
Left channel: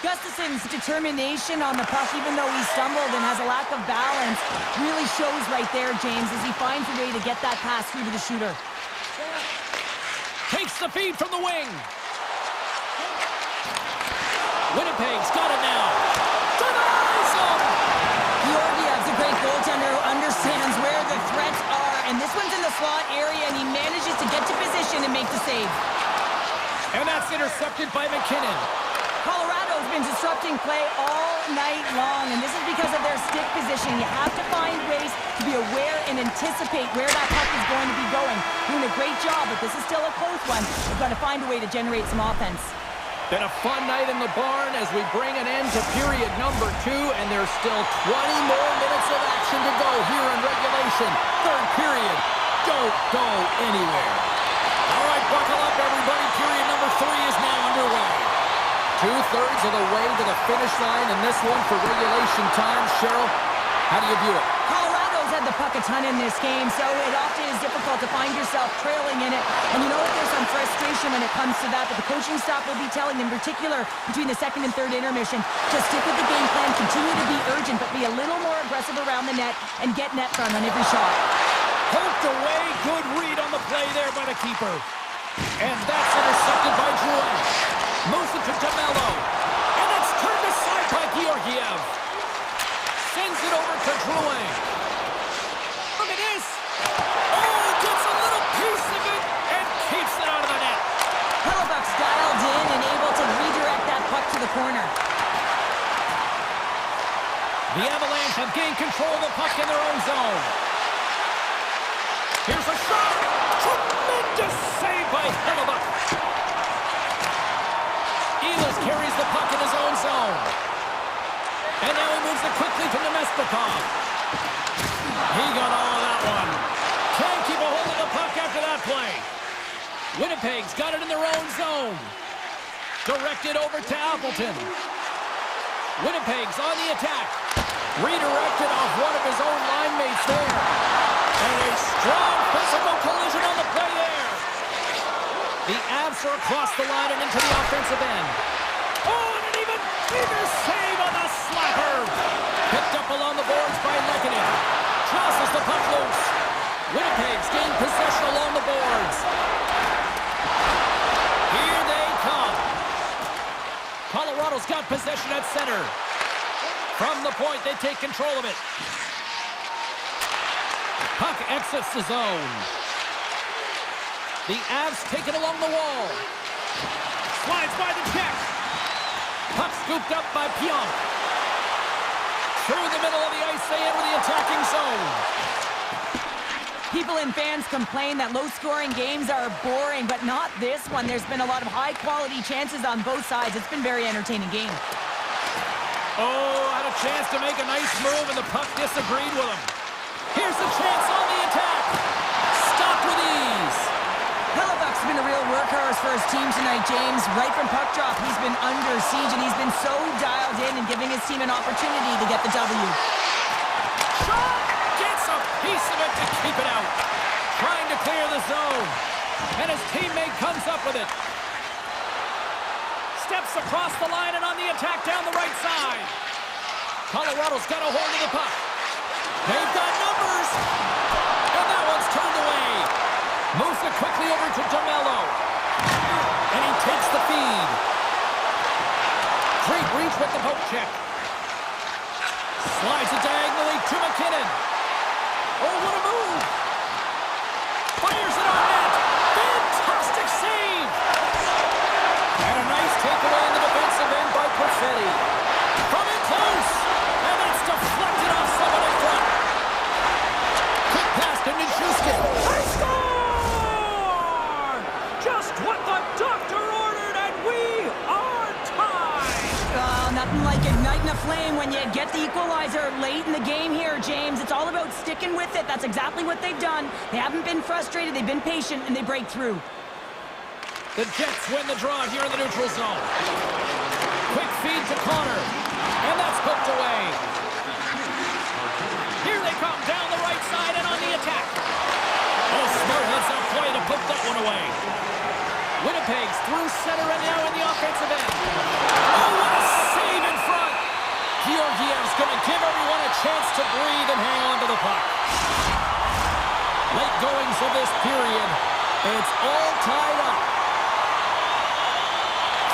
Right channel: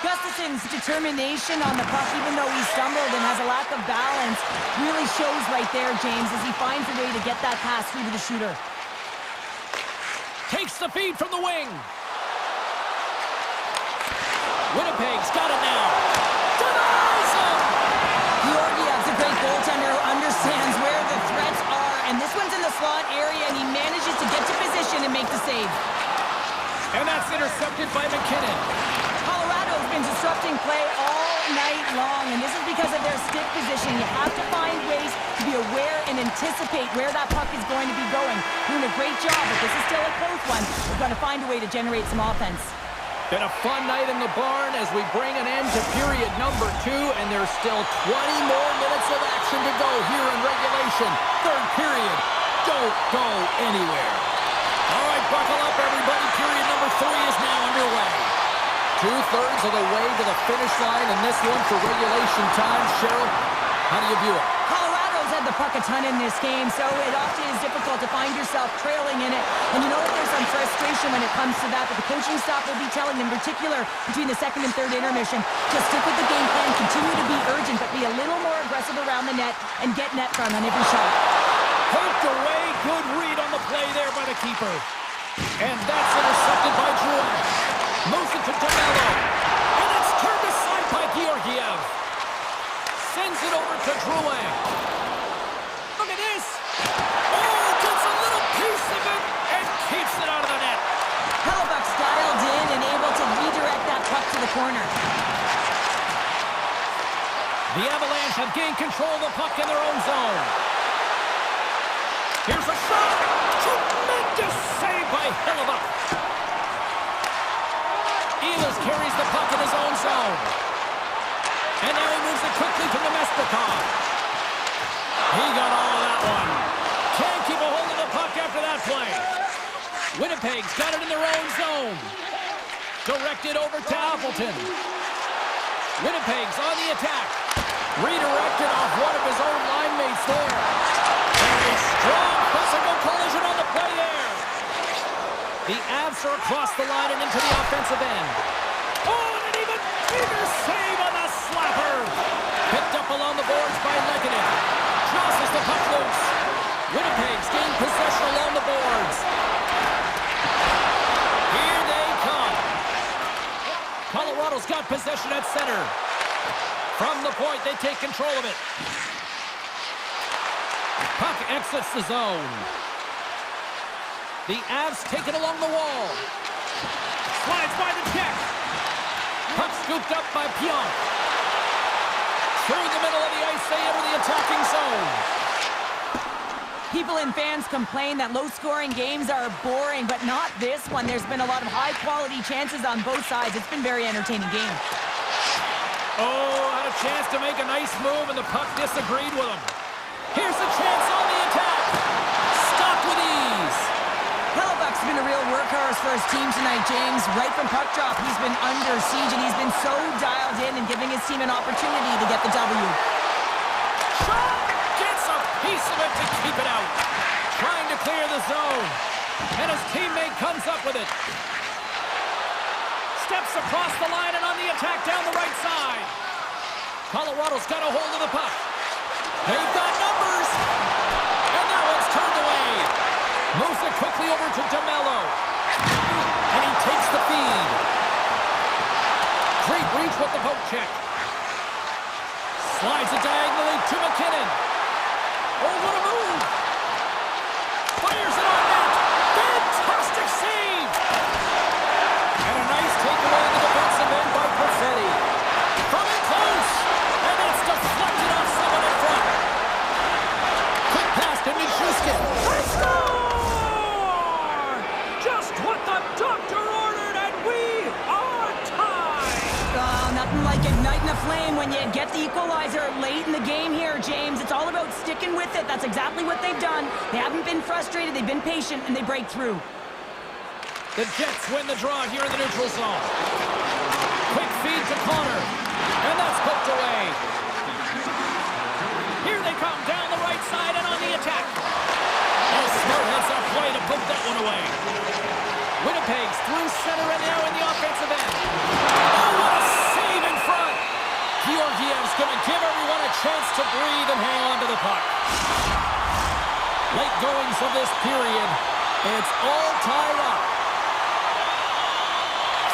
Gustafson's determination on the puck, even though he stumbled and has a lack of balance, really shows right there, James, as he finds a way to get that pass through to the shooter. Takes the feed from the wing. Winnipeg's got it now. Denies him! Georgiev's a great goaltender who understands where the threats are, and this one's in the slot area, and he manages to get to position and make the save. And that's intercepted by McKinnon. Colorado's been disrupting play all night long, and this is because of their stick position. You have to find ways to be aware and anticipate where that puck is going to be going. Doing a great job, but this is still a close one. We're going to find a way to generate some offense. Been a fun night in the barn as we bring an end to period number 2, and there's still 20 more minutes of action to go here in regulation. Third period. Don't go anywhere. All right, buckle up, everybody. Period number 3 is now underway. 2/3 of the way to the finish line in this one for regulation time. Cheryl, how do you view it? Colorado's had the puck a ton in this game, so it often is difficult to find yourself trailing in it. And you know what? There's some frustration when it comes to that, but the coaching staff will be telling, in particular, between the second and third intermission, to stick with the game plan, continue to be urgent, but be a little more aggressive around the net and get net front on every shot. Poked away. Good read on the play there by the keeper. And that's intercepted by Drouin. Moves it to DeMello. Georgiev. Sends it over to Drouin. Look at this. Oh, gets a little piece of it and keeps it out of the net. Hellebuck's dialed in and able to redirect that puck to the corner. The Avalanche have gained control of the puck in their own zone. Here's a shot. Tremendous save by Hellebuck. Ehlers carries the puck in his own zone. And now he moves it quickly to Nemestikov. He got all of that one. Can't keep a hold of the puck after that play. Winnipeg's got it in their own zone. Directed over to Appleton. Winnipeg's on the attack. Redirected off one of his own line mates there. And a strong physical collision on the play there. The Avs are across the line and into the offensive end. Oh, and an even bigger save on the slapper. Picked up along the boards by Lehkonen. Tosses the puck loose. Winnipeg's gained possession along the boards. Here they come. Colorado's got possession at center. From the point, they take control of it. Puck exits the zone. The Avs take it along the wall. Slides by the check. Puck scooped up by Pionk. Through the middle of the ice, they enter the attacking zone. People and fans complain that low-scoring games are boring, but not this one. There's been a lot of high-quality chances on both sides. It's been a very entertaining game. Oh, had a chance to make a nice move, and the puck disagreed with him. Here's a chance on the attack. Stopped with ease. Hellebuck's been a real workhorse for his team tonight, James. Right from puck drop, he's been under siege, and he's been so dialed in and giving his team an opportunity to get the W. Shot! Gets a piece of it to keep it out. Trying to clear the zone. And his teammate comes up with it. Steps across the line and on the attack down the right side. Colorado's got a hold of the puck. They've got numbers. And that one's turned away. Moves it quickly over to DeMello. And he takes the feed. Great reach with the poke check. Slides it diagonally to McKinnon. Oh, what a move. Fires it on net. Fantastic save. And a nice takeaway in the defensive end by Perfetti. From in close. And it's deflected off someone in front. Quick pass to Nichushkin. They score! Just what the doctor ordered, and we are tied. Oh, nothing like igniting a flame when you get the equalizer late in the game here, James. It's all about sticking with it. That's exactly what they've done. They haven't been frustrated. They've been patient, and they break through. The Jets win the draw here in the neutral zone. Quick feed to Connor. And that's poked away. Here they come down the right side and on the attack. Oh, smart heads-up play to poke that one away. Winnipeg's through center and now in the offensive end. Oh, what a save in front. Georgiev's going to give everyone a chance to breathe and hang on to the puck. Late goings of this period. It's all tied up.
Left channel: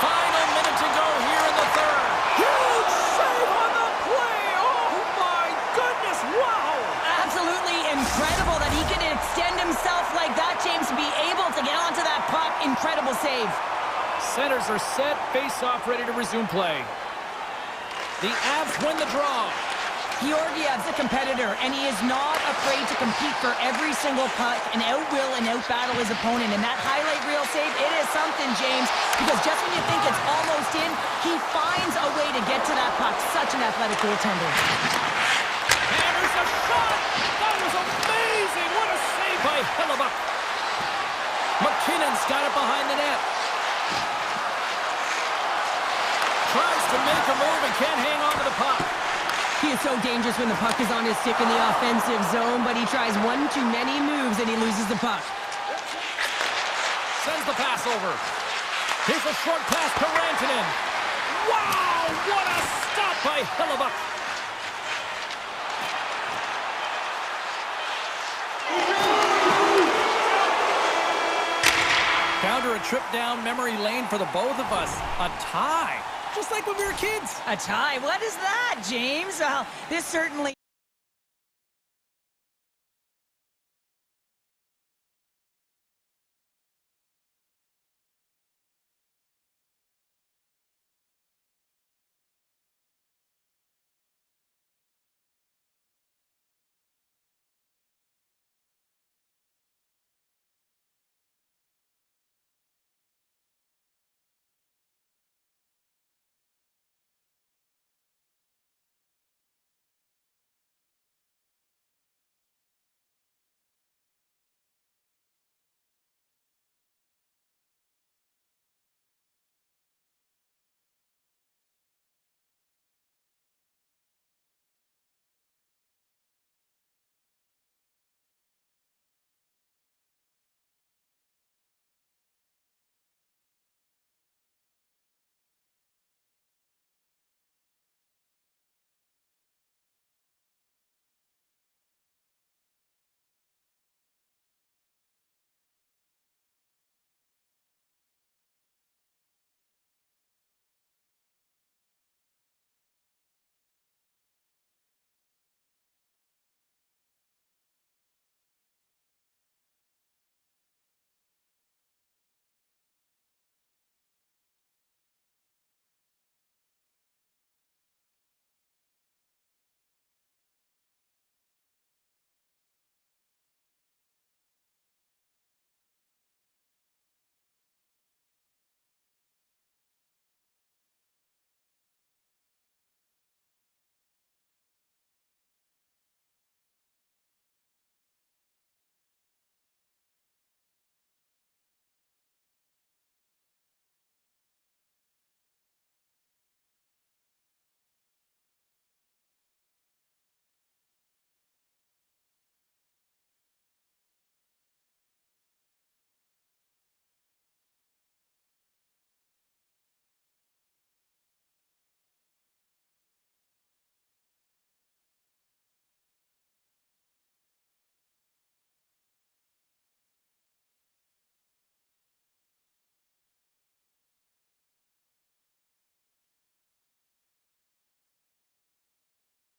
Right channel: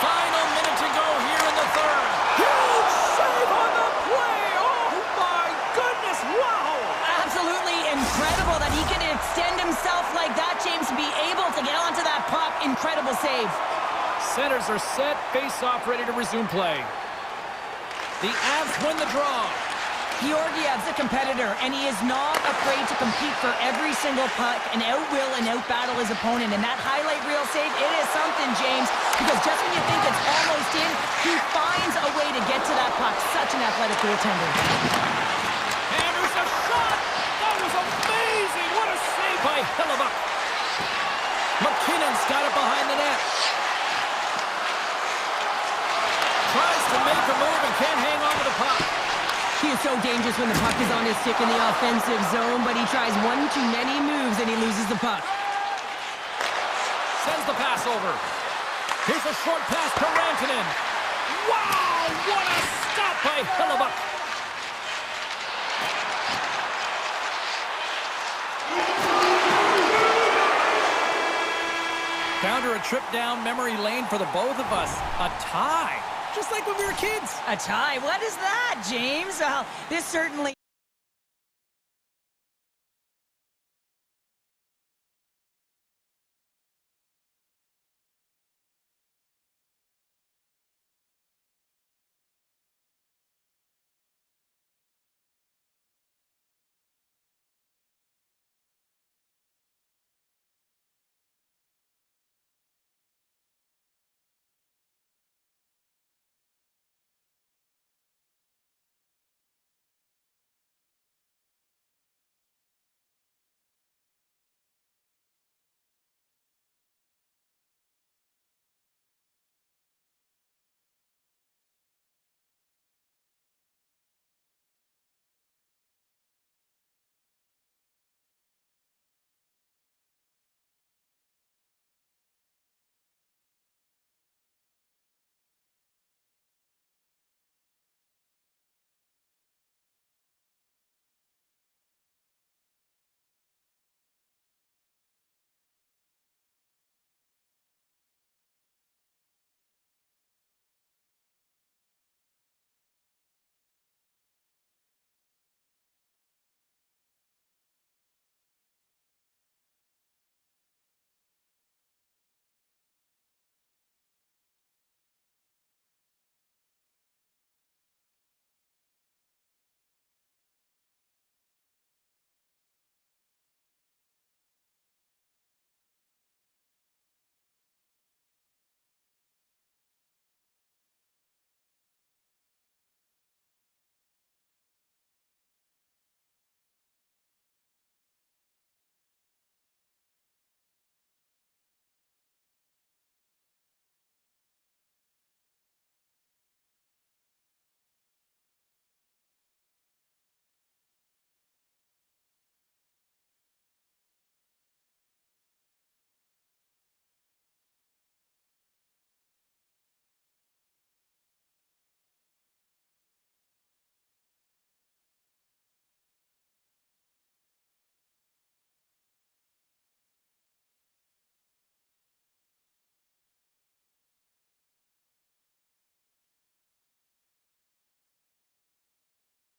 Final minute to go here in the third. Huge save on the play. Oh, my goodness. Wow. Absolutely incredible that he can extend himself like that, James, to be able to get onto that puck. Incredible save. Centers are set. Face-off ready to resume play. The Avs win the draw. Georgiev's a competitor, and he is not afraid to compete for every single puck and outwill and outbattle his opponent. And that highlight reel save, it is something, James, because just when you think it's almost in, he finds a way to get to that puck. Such an athletic goaltender. Hammers a shot! That was amazing! What a save by Hellebuck! McKinnon's got it behind the net. Tries to make a move and can't hang on to the puck. He is so dangerous when the puck is on his stick in the offensive zone, but he tries one too many moves and he loses the puck. Sends the pass over. Here's a short pass to Rantanen. Wow! What a stop by Hellebuck! Down to a trip down memory lane for the both of us. A tie. just like when we were kids. A tie? What is that, James? Well, this certainly...